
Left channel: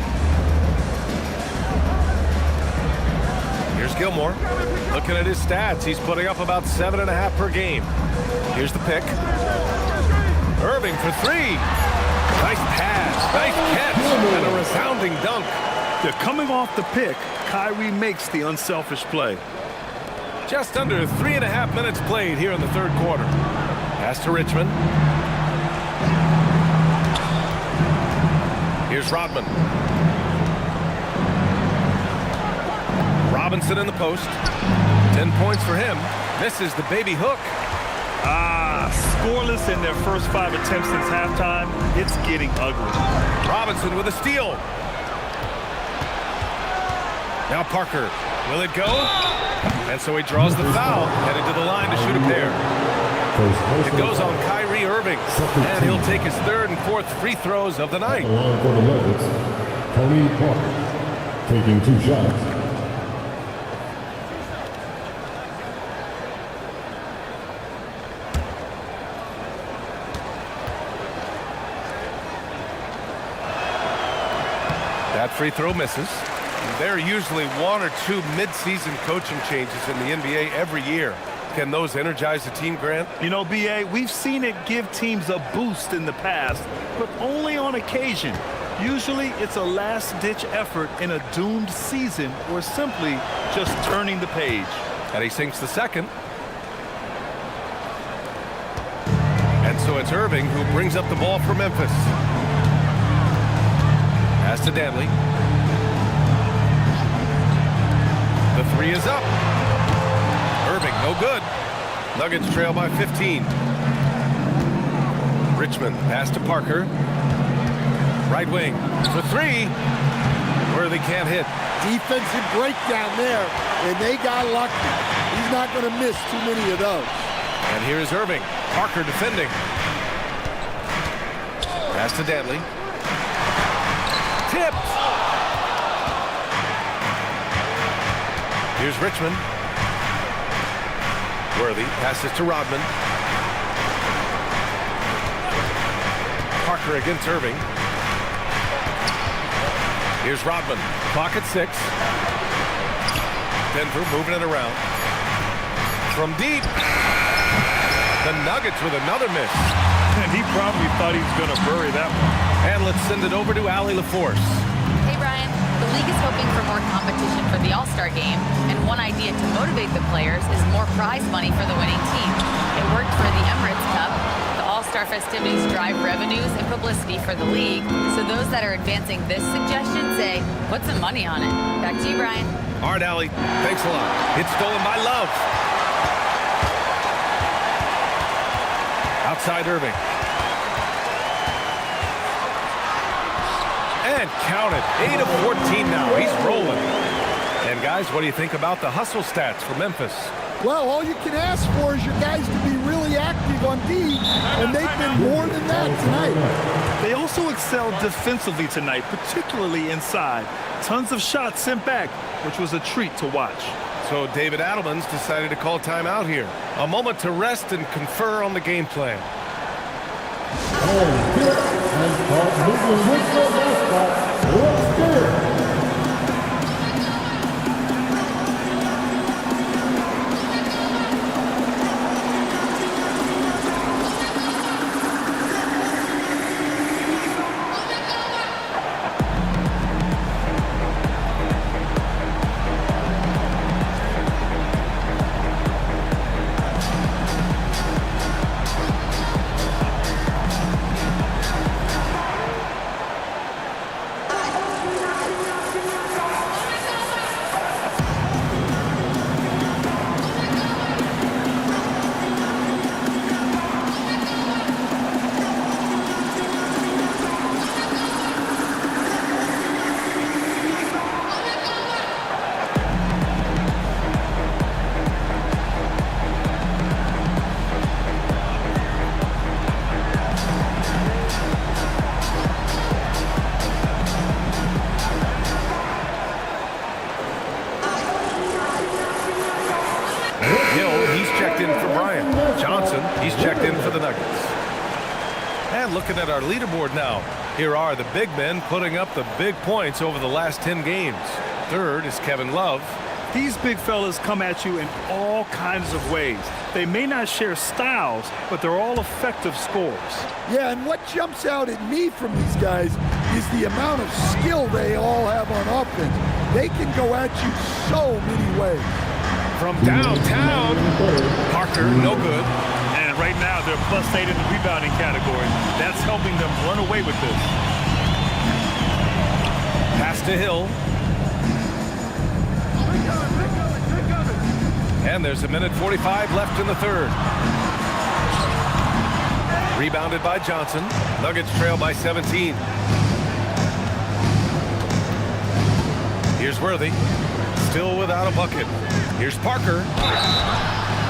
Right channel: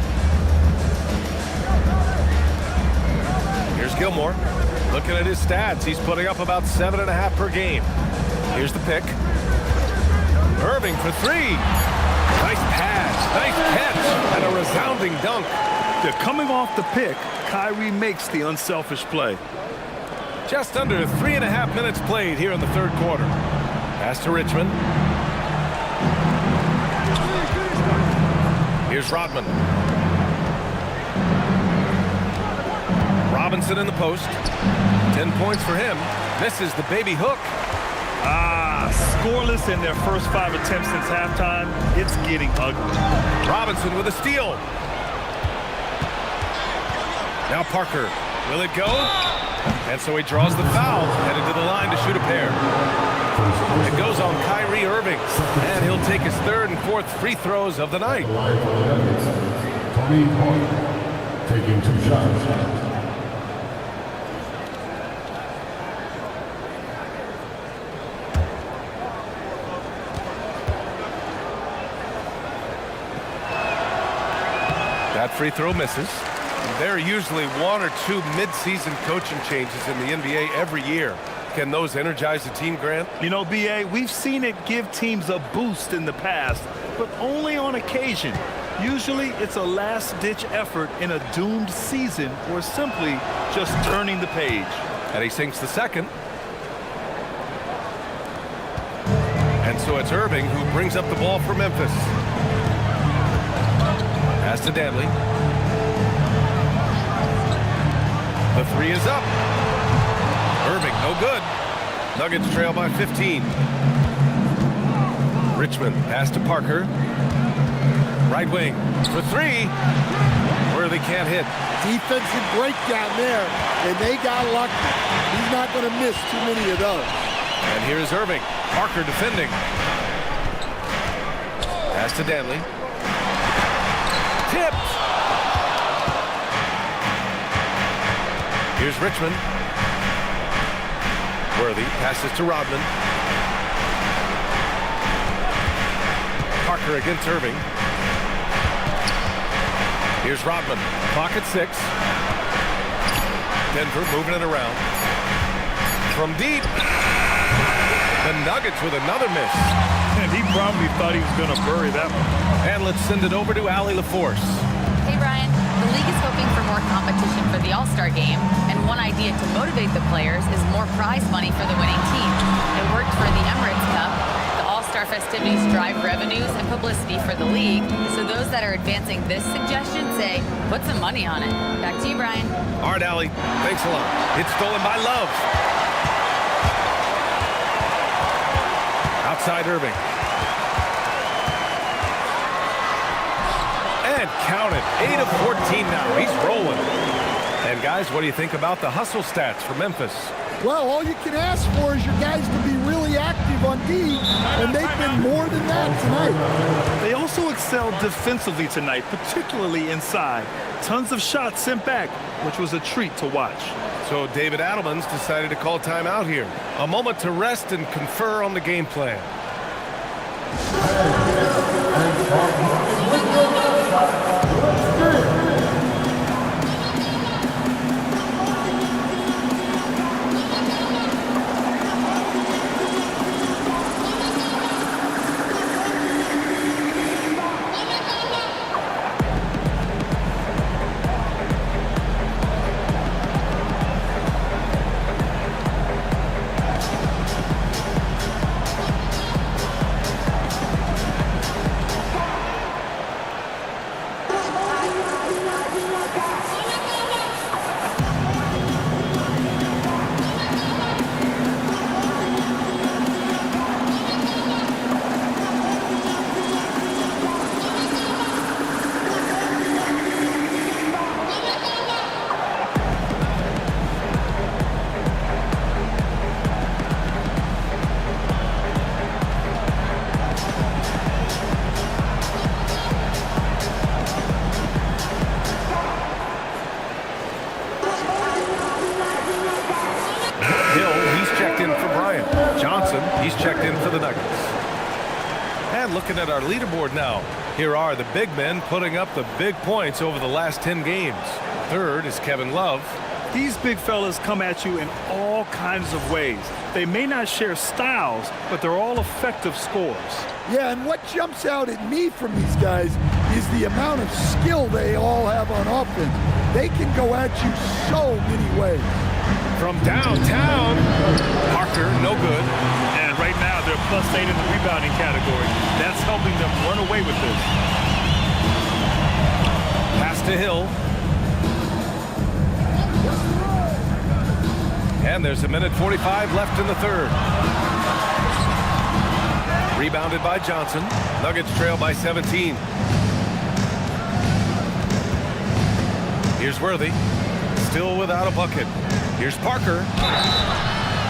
Here's Gilmore. Looking at his stats, he's putting up about 7.5 per game. Here's the pick. Irving for three. Nice pass, nice catch, and a resounding dunk. They're coming off the pick. Kyrie makes the unselfish play. Just under 3.5 minutes played here in the third quarter. Pass to Richmond. Here's Rodman. Robinson in the post. 10 points for him. Misses the baby hook. Scoreless in their first 5 attempts since halftime. It's getting ugly. Robinson with a steal. Now Parker. Will it go? And so he draws the foul, headed to the line to shoot a pair. It goes on Kyrie Irving, and he'll take his third and fourth free throws of the night. Line for the Nuggets, Tony Parker, taking 2 shots. That free throw misses. There are usually 1 or 2 mid-season coaching changes in the NBA every year. Can those energize the team, Grant? You know, B.A., we've seen it give teams a boost in the past, but only on occasion. Usually it's a last-ditch effort in a doomed season or simply just turning the page. And he sinks the second. And so it's Irving who brings up the ball for Memphis. Pass to Danley. The three is up. Irving, no good. Nuggets trail by 15. Richmond, pass to Parker. Right wing for three. Worthy can't hit. Defensive breakdown there, and they got lucky. He's not going to miss too many of those. And here's Irving. Parker defending. Pass to Danley. Tipped. Here's Richmond. Worthy passes to Rodman. Parker against Irving. Here's Rodman. Clock at 6. Denver moving it around. From deep. The Nuggets with another miss. And he probably thought he was going to bury that one. And let's send it over to Allie LaForce. Hey, Brian. The league is hoping for more competition for the All-Star game, and one idea to motivate the players is more prize money for the winning team. It worked for the Emirates Cup. The All-Star festivities drive revenues and publicity for the league, so those that are advancing this suggestion say, put some money on it. Back to you, Brian. All right, Allie. Thanks a lot. It's stolen by Love. Outside Irving. And count it. 8 of 14 now. He's rolling. And guys, what do you think about the hustle stats for Memphis? Well, all you can ask for is your guys to be really active on D, and they've been more than that tonight. They also excelled defensively tonight, particularly inside. Tons of shots sent back, which was a treat to watch. So David Adelman's decided to call timeout here. A moment to rest and confer on the game plan. And start moving with your mascot. Let's get it. Checked in for Bryant. Johnson, he's checked in for the Nuggets. And looking at our leaderboard now, here are the big men putting up the big points over the last 10 games. Third is Kevin Love. These big fellas come at you in all kinds of ways. They may not share styles, but they're all effective scorers. Yeah, and what jumps out at me from these guys is the amount of skill they all have on offense. They can go at you so many ways. From downtown, Parker, no good. And right now, they're +8 in the rebounding category. That's helping them run away with this. Pass to Hill. And there's 1:45 left in the third. Rebounded by Johnson. Nuggets trail by 17. Here's Worthy. Still without a bucket. Here's Parker.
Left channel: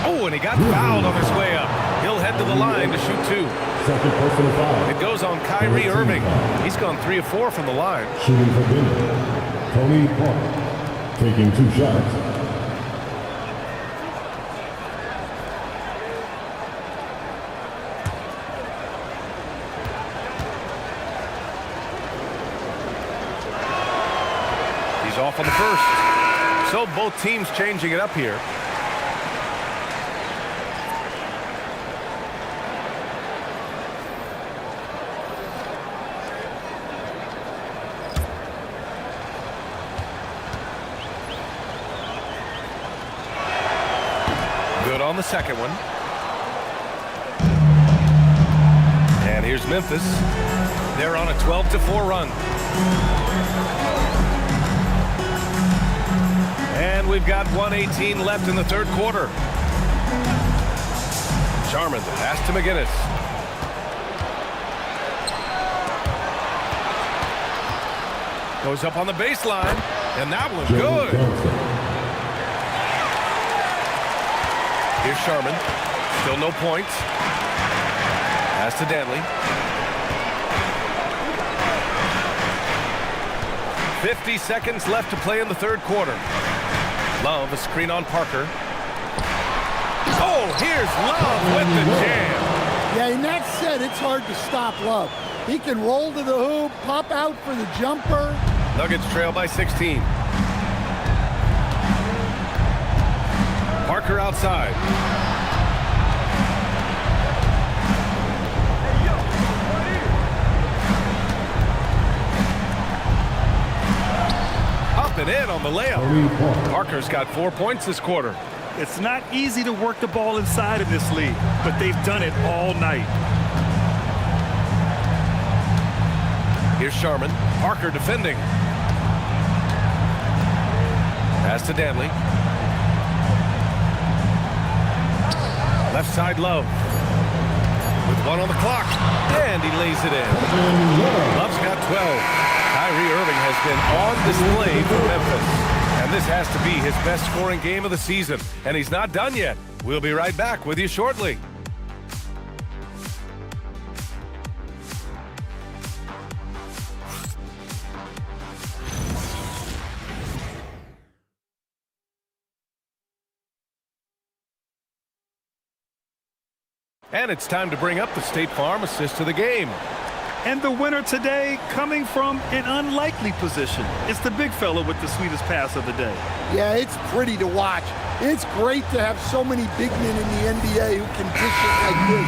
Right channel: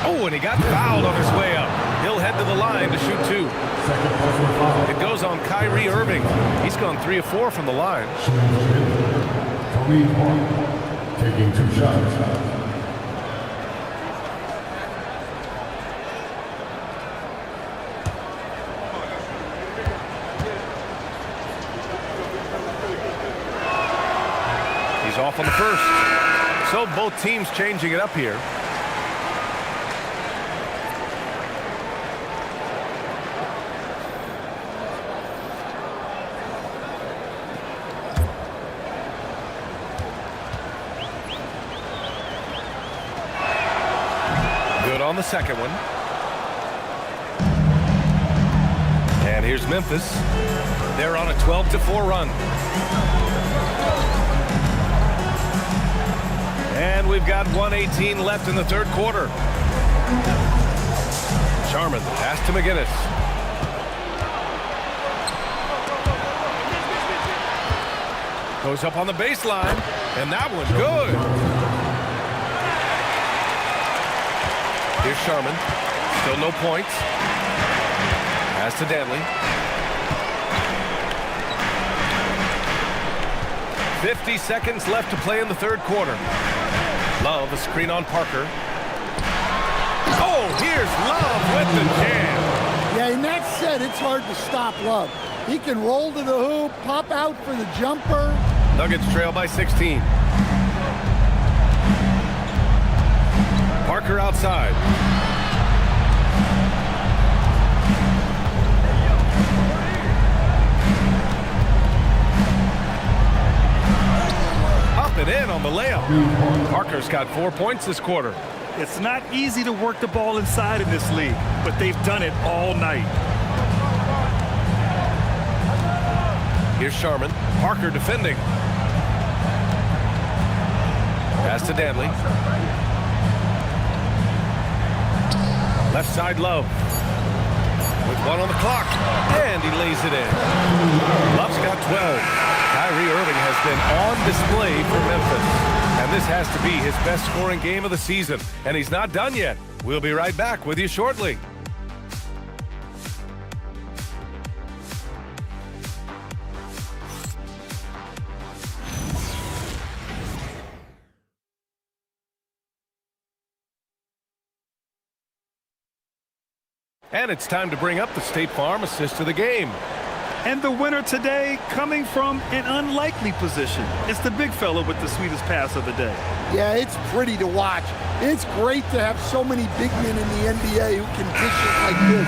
Oh, and he got fouled on his way up. He'll head to the line to shoot 2. Second personal foul. It goes on Kyrie Irving. He's gone 3 of 4 from the line. Shooting for Denver. Tony Parker taking 2 shots. He's off on the first. So both teams changing it up here. Good on the second one. And here's Memphis. They're on a 12-4 run. And we've got 1:18 left in the third quarter. Sharman, the pass to McGinnis. Goes up on the baseline, and that one good. Here's Sharman. Still no points. Pass to Danley. 50 seconds left to play in the third quarter. Love, a screen on Parker. Oh, here's Love with the jam. Yeah, and that said, it's hard to stop Love. He can roll to the hoop, pop out for the jumper. Nuggets trail by 16. Parker outside. Up and in on the layup. Parker's got 4 points this quarter. It's not easy to work the ball inside in this league, but they've done it all night. Here's Sharman. Parker defending. Pass to Danley. Left side Love. With 1 on the clock. And he lays it in. Love's got 12. Kyrie Irving has been on display for Memphis. And this has to be his best scoring game of the season. And he's not done yet. We'll be right back with you shortly. And it's time to bring up the State Farm assist of the game. And the winner today coming from an unlikely position. It's the big fella with the sweetest pass of the day. Yeah, it's pretty to watch. It's great to have so many big men in the NBA who can dish it like this.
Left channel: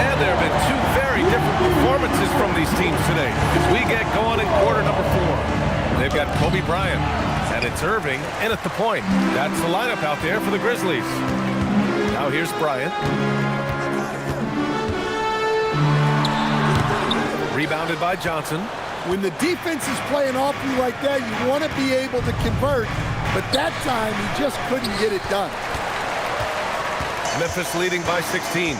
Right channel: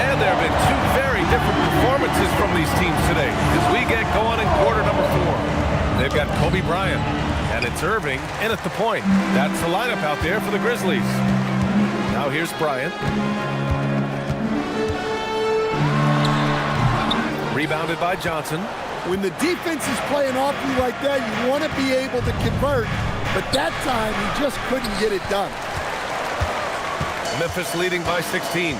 And there have been 2 very different performances from these teams today as we get going in quarter number 4. They've got Kobe Bryant, and it's Irving in at the point. That's the lineup out there for the Grizzlies. Now here's Bryant. Rebounded by Johnson. When the defense is playing off you like that, you want to be able to convert, but that time he just couldn't get it done. Memphis leading by 16.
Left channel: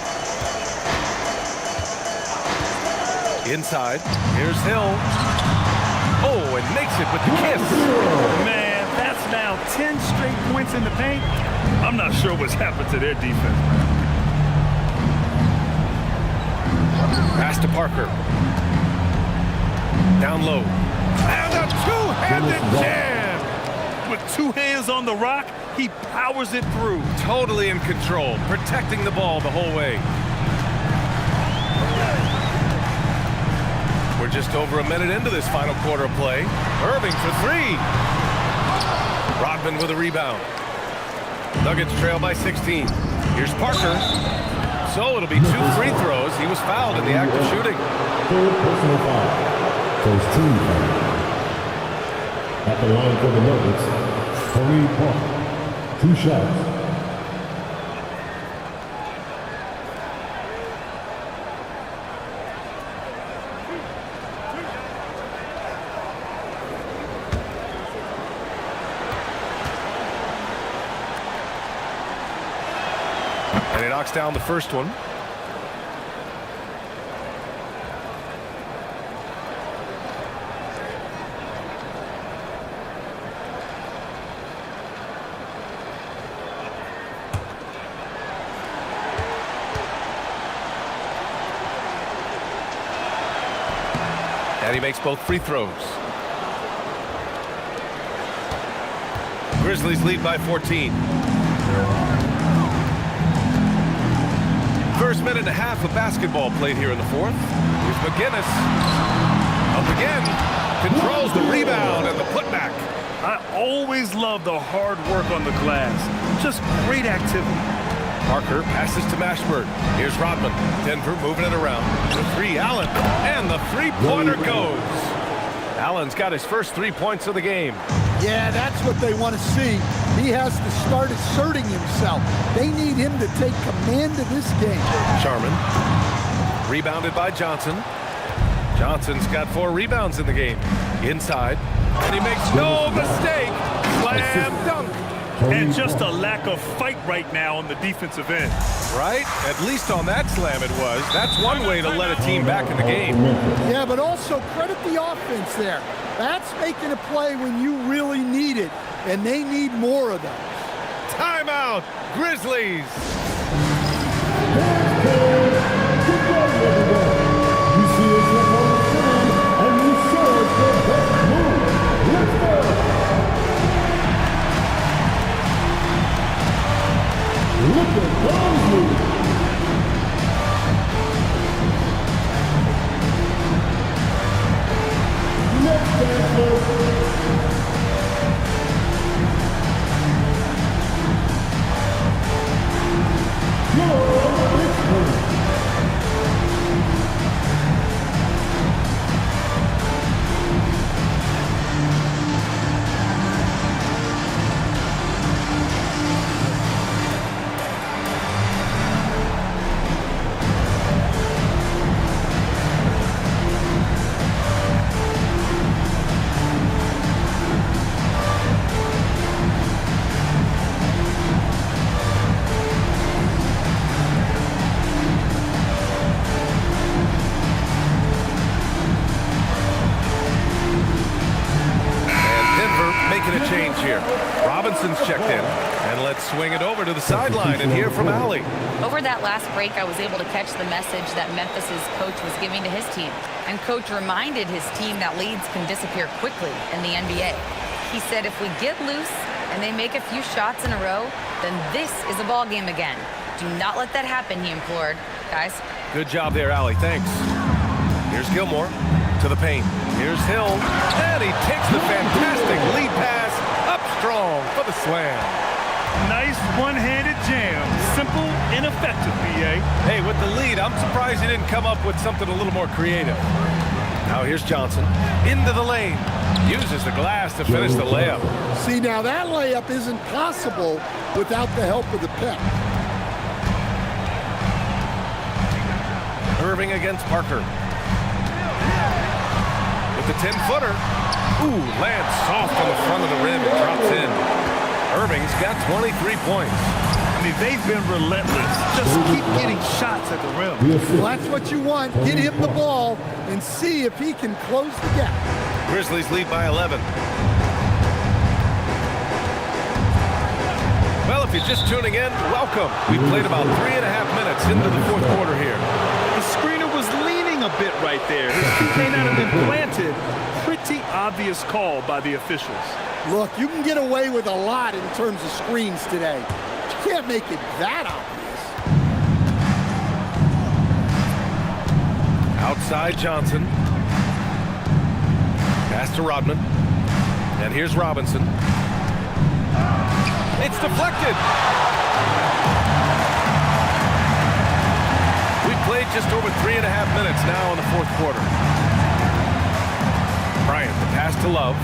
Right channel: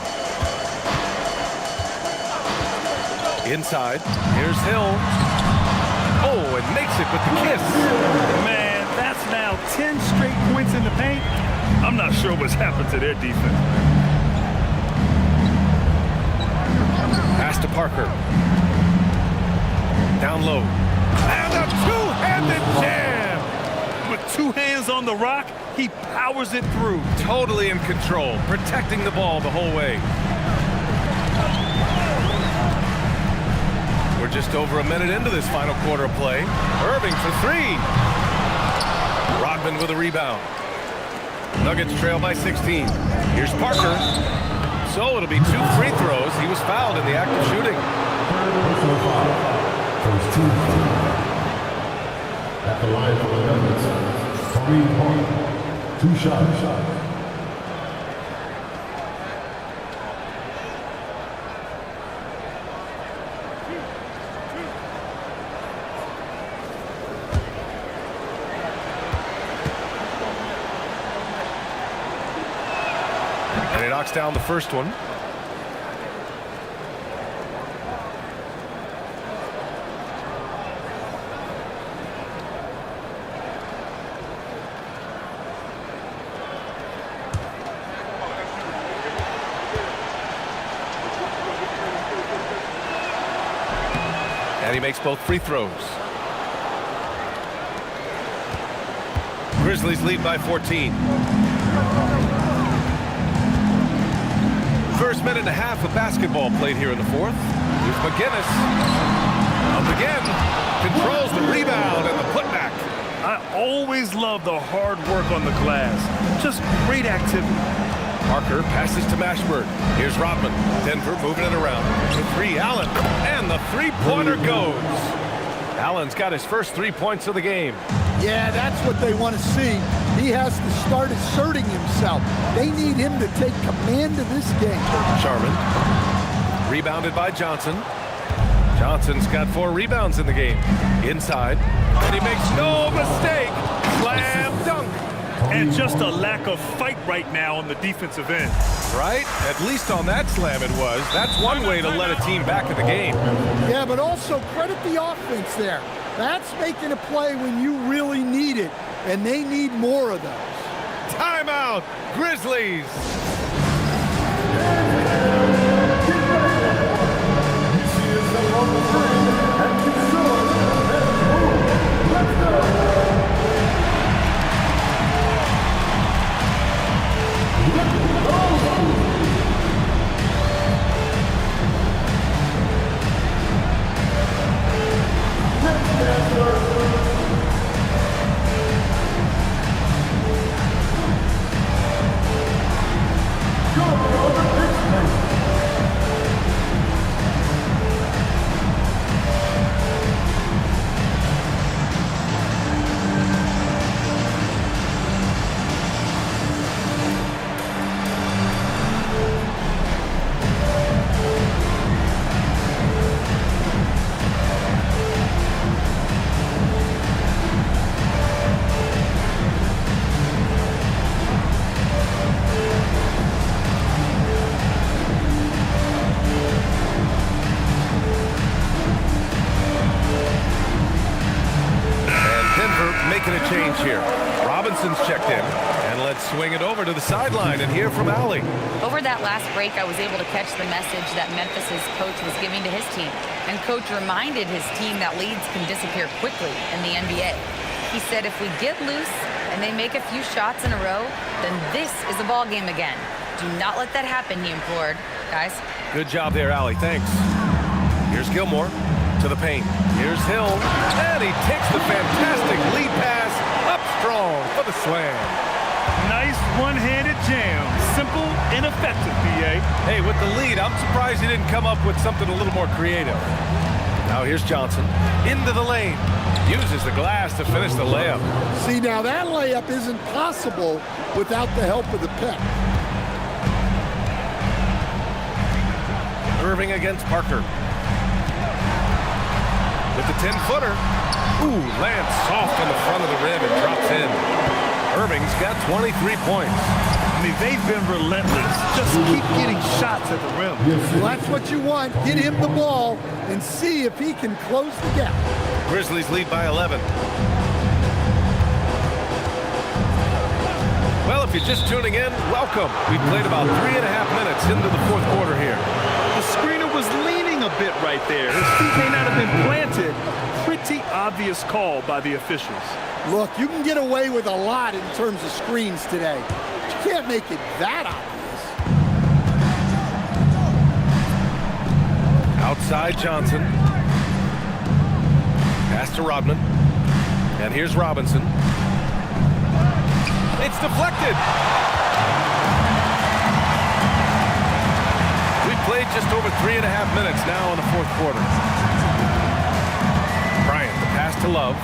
Inside, here's Hill. Oh, and makes it with the kiss. Man, that's now 10 straight points in the paint. I'm not sure what's happened to their defense, man. Pass to Parker. Down low. And a two-handed jam! With 2 hands on the rock, he powers it through. Totally in control, protecting the ball the whole way. We're just over a minute into this final quarter of play. Irving for 3. Rodman with a rebound. Nuggets trail by 16. Here's Parker. So it'll be 2 free throws. He was fouled in the act of shooting. Third personal foul. First team foul. At the line for the Nuggets, Tony Parker. 2 shots. And he knocks down the first one. And he makes both free throws. Grizzlies lead by 14. First minute and a half of basketball played here in the fourth. Here's McGinnis. Up again. Controls the rebound and the putback. I always love the hard work on the glass. Just great activity. Parker passes to Mashburn. Here's Rodman. Denver moving it around. For 3, Allen. And the three-pointer goes. Allen's got his first 3 points of the game. Yeah, that's what they want to see. he has to start asserting himself. They need him to take command of this game. Sharman. Rebounded by Johnson. Johnson's got 4 rebounds in the game. Inside. And he makes no mistake. Slam dunk. And just a lack of fight right now on the defensive end. Right? At least on that slam it was. That's one way to let a team back in the game. Yeah, but also credit the offense there. That's making a play when you really need it, and they need more of those. Timeout, Grizzlies. You see yourself on the screen, and you saw the best move. Let's go. Look at those moves. Next man out of order. You're on the big screen. Making a change here. Robinson's checked in, and let's swing it over to the sideline and hear from Allie. Over that last break, I was able to catch the message that Memphis's coach was giving to his team. And coach reminded his team that leads can disappear quickly in the NBA. He said if we get loose and they make a few shots in a row, then this is a ball game again. Do not let that happen, he implored. Guys. Good job there, Allie. Thanks. Here's Gilmore. To the paint. Here's Hill. And he takes the fantastic lead pass up strong for the slam. Nice one-handed jam. Simple and effective, B.A. Hey, with the lead, I'm surprised he didn't come up with something a little more creative. Now here's Johnson. Into the lane. Uses the glass to finish the layup. See, now that layup isn't possible without the help of the pick. Irving against Parker. With the 10-footer. Ooh, lands soft on the front of the rim and drops in. Irving's got 23 points. I mean, they've been relentless. Just keep getting shots at the rim. Well, that's what you want. Get him the ball and see if he can close the gap. Grizzlies lead by 11. Well, if you're just tuning in, welcome. We played about 3.5 minutes into the fourth quarter here. The screener was leaning a bit right there. His feet may not have been planted. Pretty obvious call by the officials. Look, you can get away with a lot in terms of screens today. But you can't make it that obvious. Outside Johnson. Pass to Rodman. And here's Robinson. It's deflected. We've played just over 3.5 minutes now in the fourth quarter. Bryant, the pass to Love.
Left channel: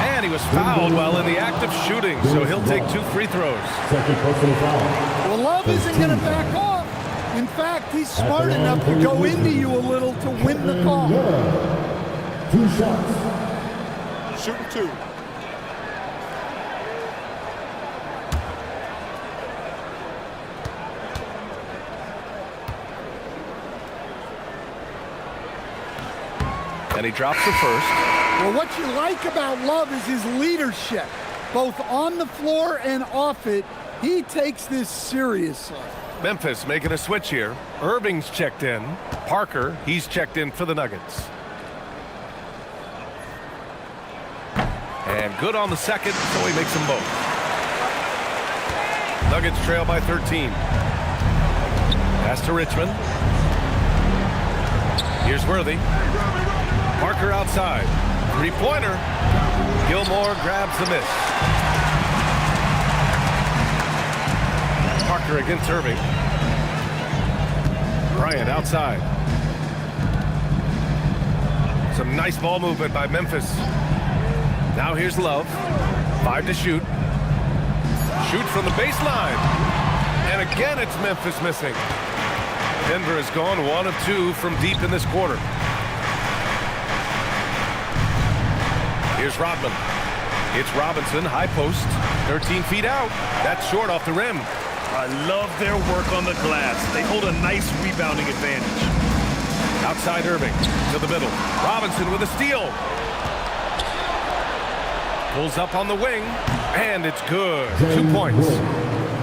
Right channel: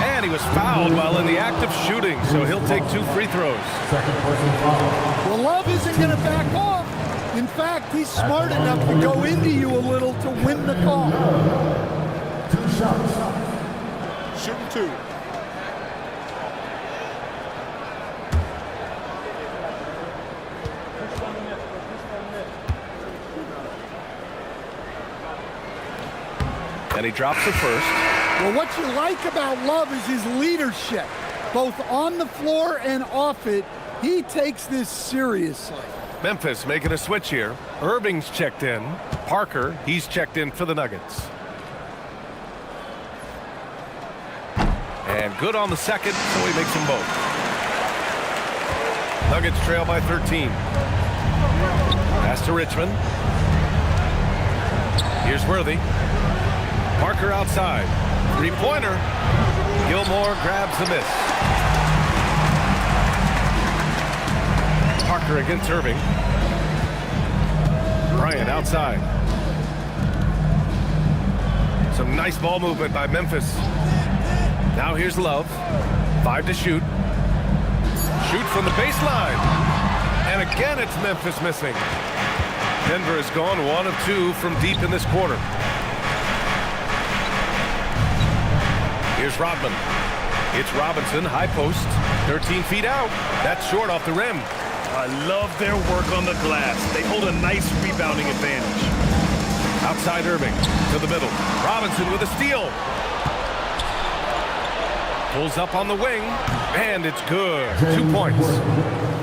And he was fouled while in the act of shooting, so he'll take 2 free throws. Second personal foul. Well, Love isn't going to back off. In fact, he's smart enough to go into you a little to win the call. 2 shots. Shooting 2. And he drops the first. Well, what you like about Love is his leadership, both on the floor and off it. He takes this seriously. Memphis making a switch here. Irving's checked in. Parker, he's checked in for the Nuggets. And good on the second, so he makes them both. Nuggets trail by 13. Pass to Richmond. Here's Worthy. Parker outside. Three-pointer. Gilmore grabs the miss. Parker against Irving. Bryant outside. Some nice ball movement by Memphis. Now here's Love. 5 to shoot. Shoots from the baseline. And again, it's Memphis missing. Denver has gone 1 of 2 from deep in this quarter. Here's Rodman. It's Robinson, high post, 13 feet out. That's short off the rim. I love their work on the glass. They hold a nice rebounding advantage. Outside Irving to the middle. Robinson with a steal. Pulls up on the wing, and it's good. 2 points.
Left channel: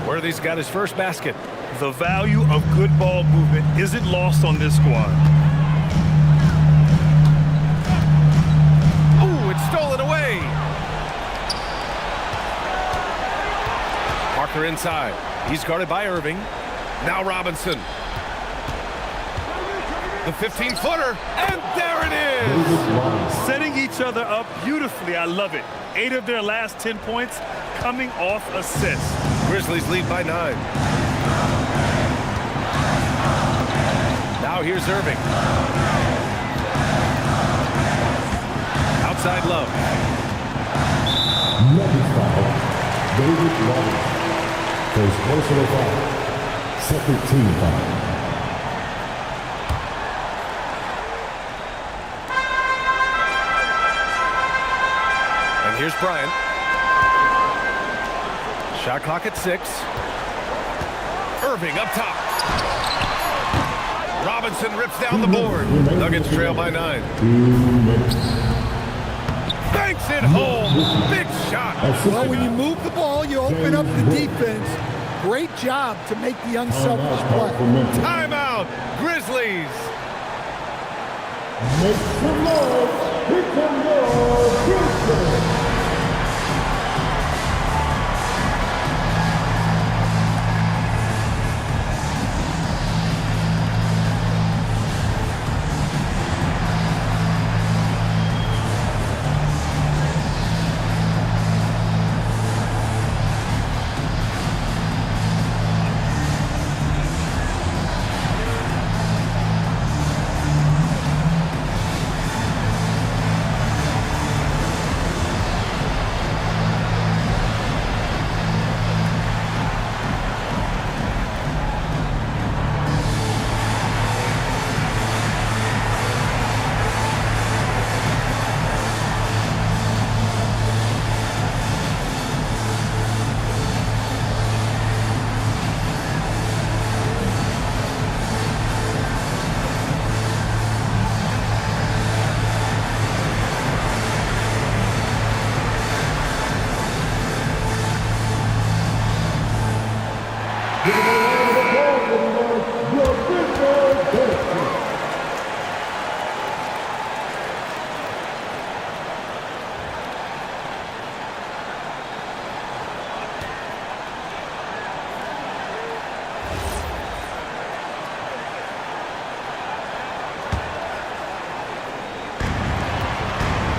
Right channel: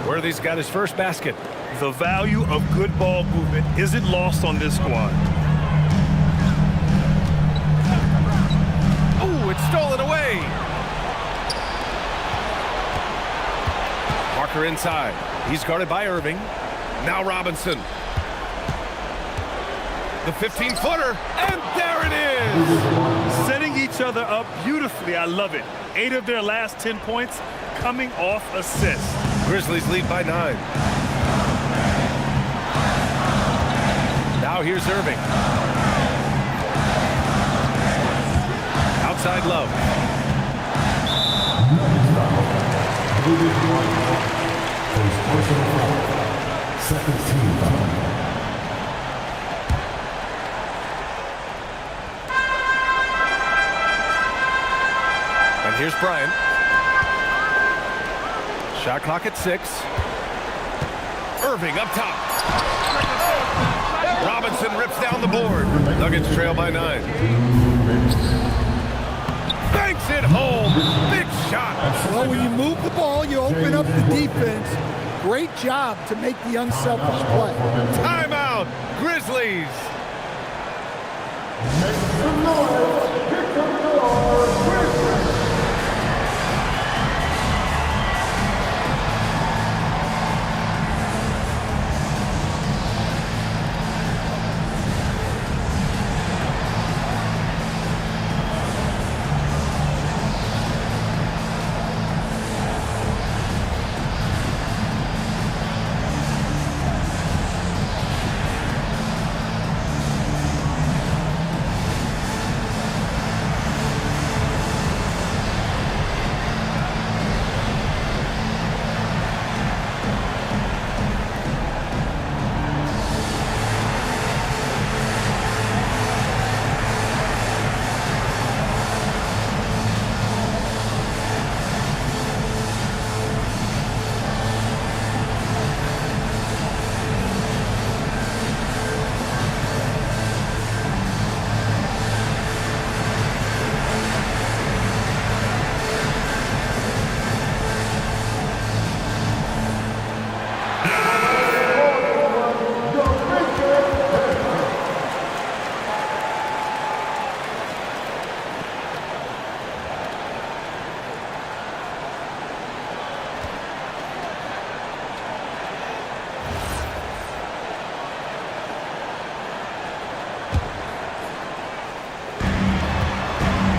Worthy's got his first basket. The value of good ball movement isn't lost on this squad. Oh, it's stolen away. Parker inside. He's guarded by Irving. Now Robinson. The 15-footer, and there it is! Setting each other up beautifully. I love it. 8 of their last 10 points coming off assists. Grizzlies lead by 9. Now here's Irving. Outside Love. Nuggets foul. David Martin. For his personal foul. Second team foul. And here's Bryant. Shot clock at 6. Irving up top. Robinson rips down the board. Nuggets trail by 9. 2 minutes. Banks it home. Big shot. Well, when you move the ball, you open up the defense. Great job to make the unselfish play. Timeout. Grizzlies. Make some noise. Here come your Grizzlies.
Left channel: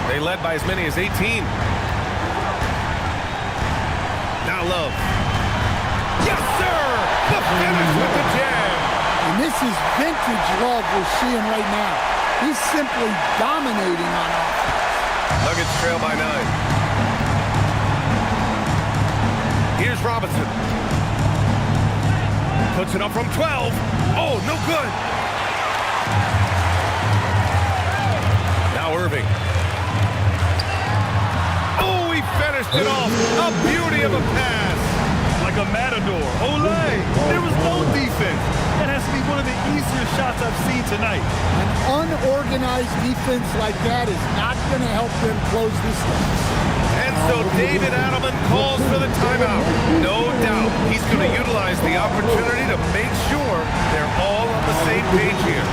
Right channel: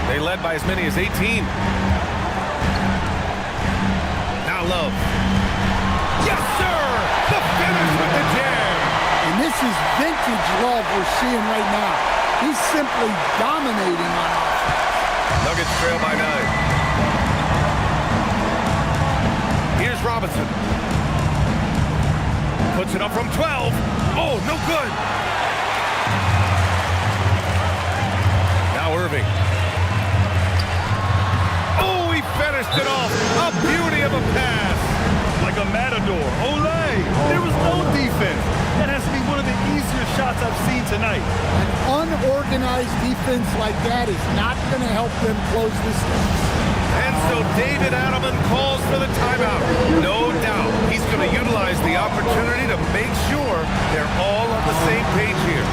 They led by as many as 18. Now Love. Yes, sir! The finish with the jam. And this is vintage Love we're seeing right now. He's simply dominating on offense. Nuggets trail by 9. Here's Robinson. Puts it up from 12. Oh, no good. Now Irving. Oh, he finished it off. A beauty of a pass. Like a matador. Olay! There was no defense. That has to be one of the easier shots I've seen tonight. An unorganized defense like that is not going to help them close this deficit. And so David Adelman calls for the timeout. No doubt he's going to utilize the opportunity to make sure they're all on the same page here.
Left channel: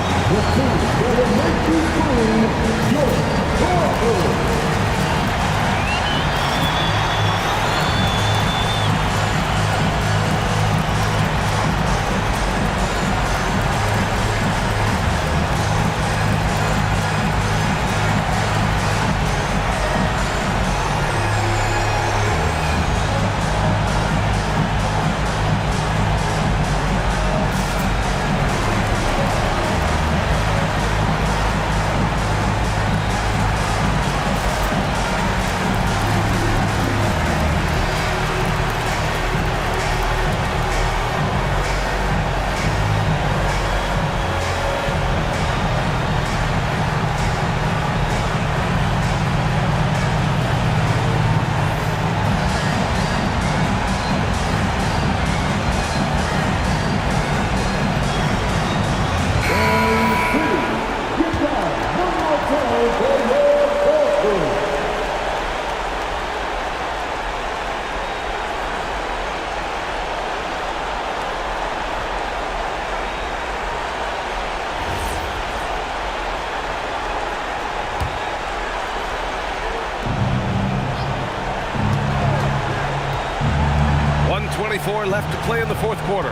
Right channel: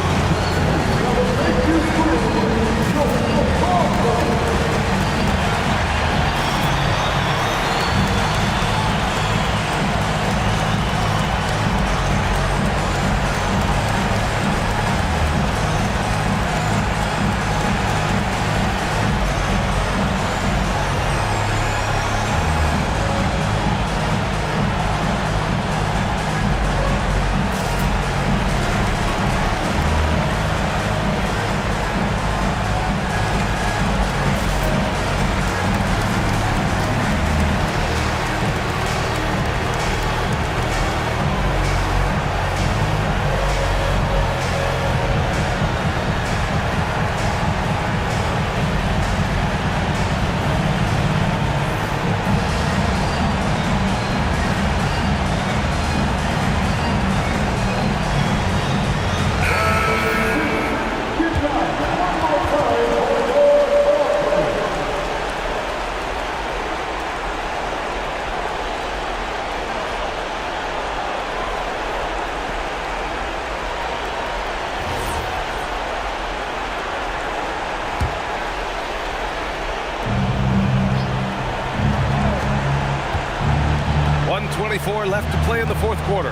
1:24 left to play in the fourth quarter.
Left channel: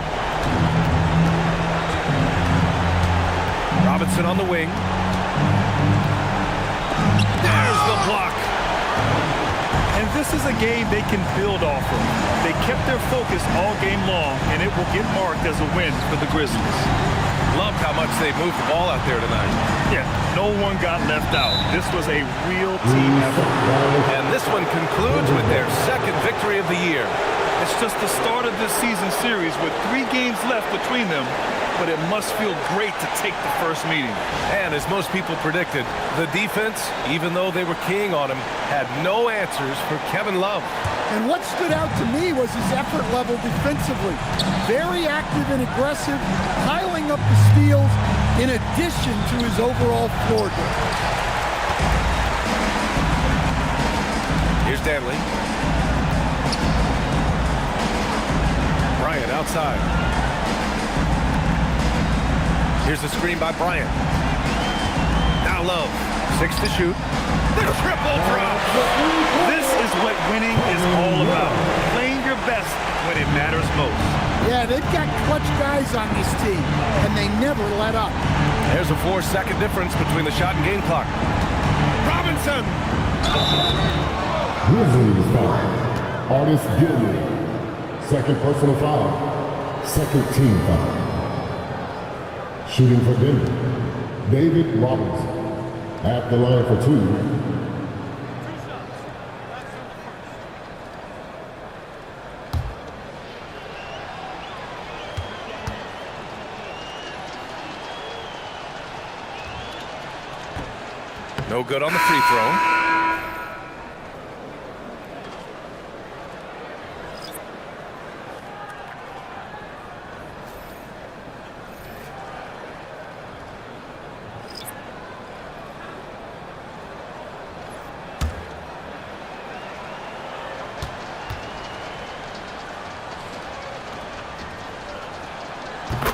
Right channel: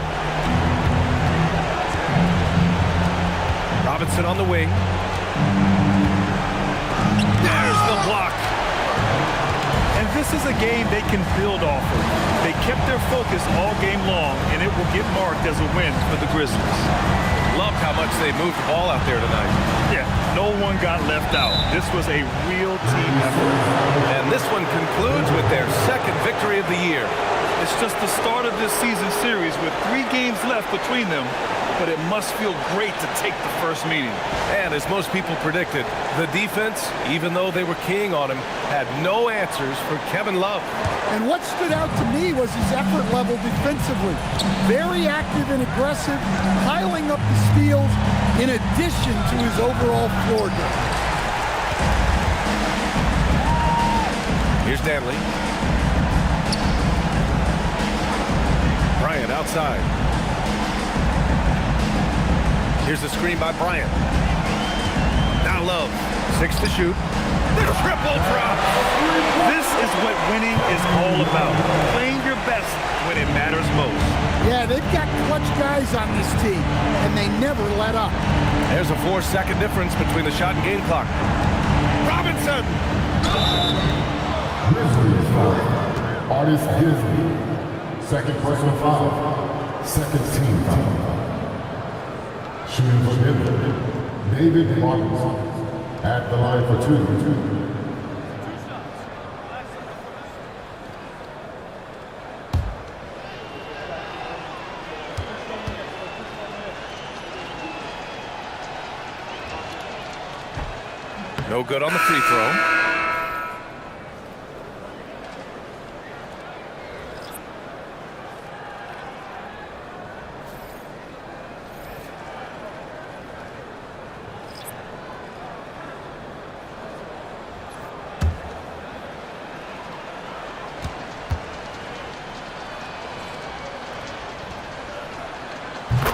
Robinson on the wing. There's the block. And this is a game they can build off of. They kept their focus all game long, and it will get marked as a win for the Grizzlies. Loved how much they moved the ball out there tonight. Yeah, no one got left out. This was a real team effort. And this one concludes with their second victory of the year. It's just the start of this season series with 3 games left between them, but it must feel great to take the first meeting. And as most people predicted, the defense, even though they were keying on him, had no answers for Kevin Love. And what stood out to me was his effort level defensively. Very active and aggressive, piling up the steals in addition to his overall floor game. Here's Danley. Bryant outside. Here's the screen by Bryant. Now Love. 6 to shoot. The triple drop. This is what winning is all about. Playing your best when it matters most. Yeah, they've got clutch guys on this team, and they never let up. There's a 4-second difference between the shot and game clock. Robinson! Grizzlies foul. Artist Disney. Second personal foul. Second team foul. Shooting for Denver, David Robinson. At the line for 2. 2 shots. Last on the first. No good on the free throw.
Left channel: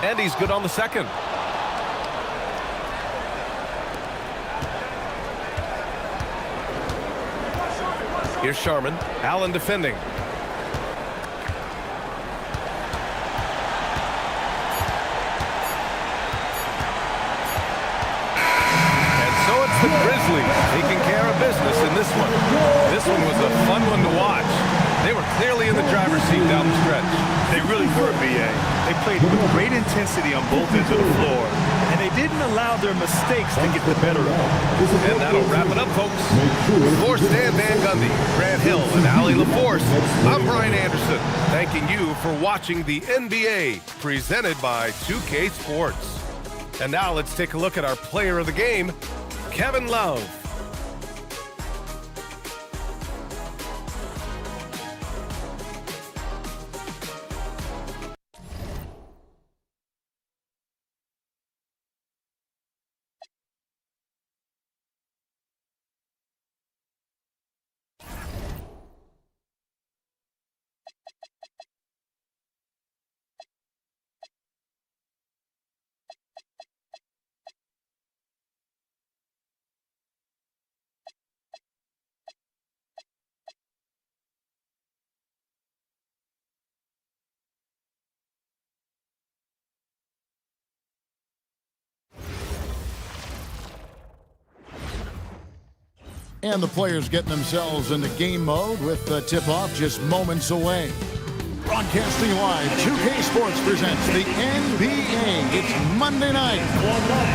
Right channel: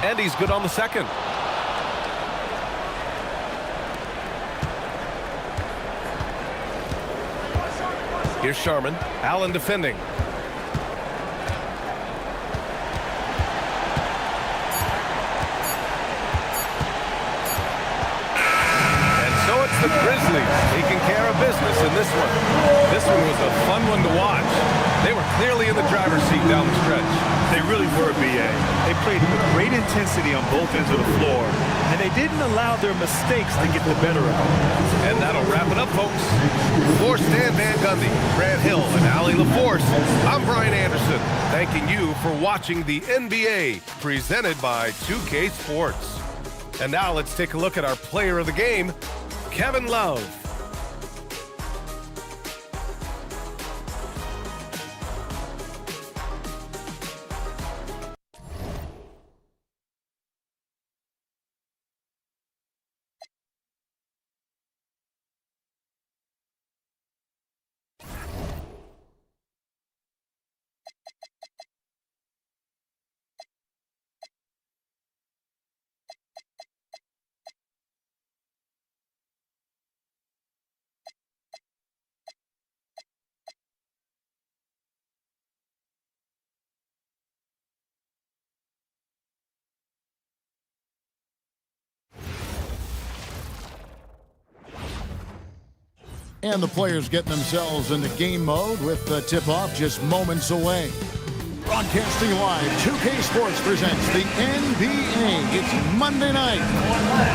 And he's good on the second. Here's Sharman. Allen defending. And so it's the Grizzlies taking care of business in this one. This one was a fun one to watch. They were clearly in the driver's seat down the stretch. They really were, B.A. They played with great intensity on both ends of the floor, and they didn't allow their mistakes to get the better of them. And that'll wrap it up, folks. For Stan Van Gundy, Grant Hill, and Allie LaForce, I'm Brian Anderson, thanking you for watching the NBA, presented by 2K Sports. And now let's take a look at our player of the game, Kevin Love. And the players getting themselves into game mode with the tip-off just moments away. Broadcasting live, 2K Sports presents the NBA. It's Monday night.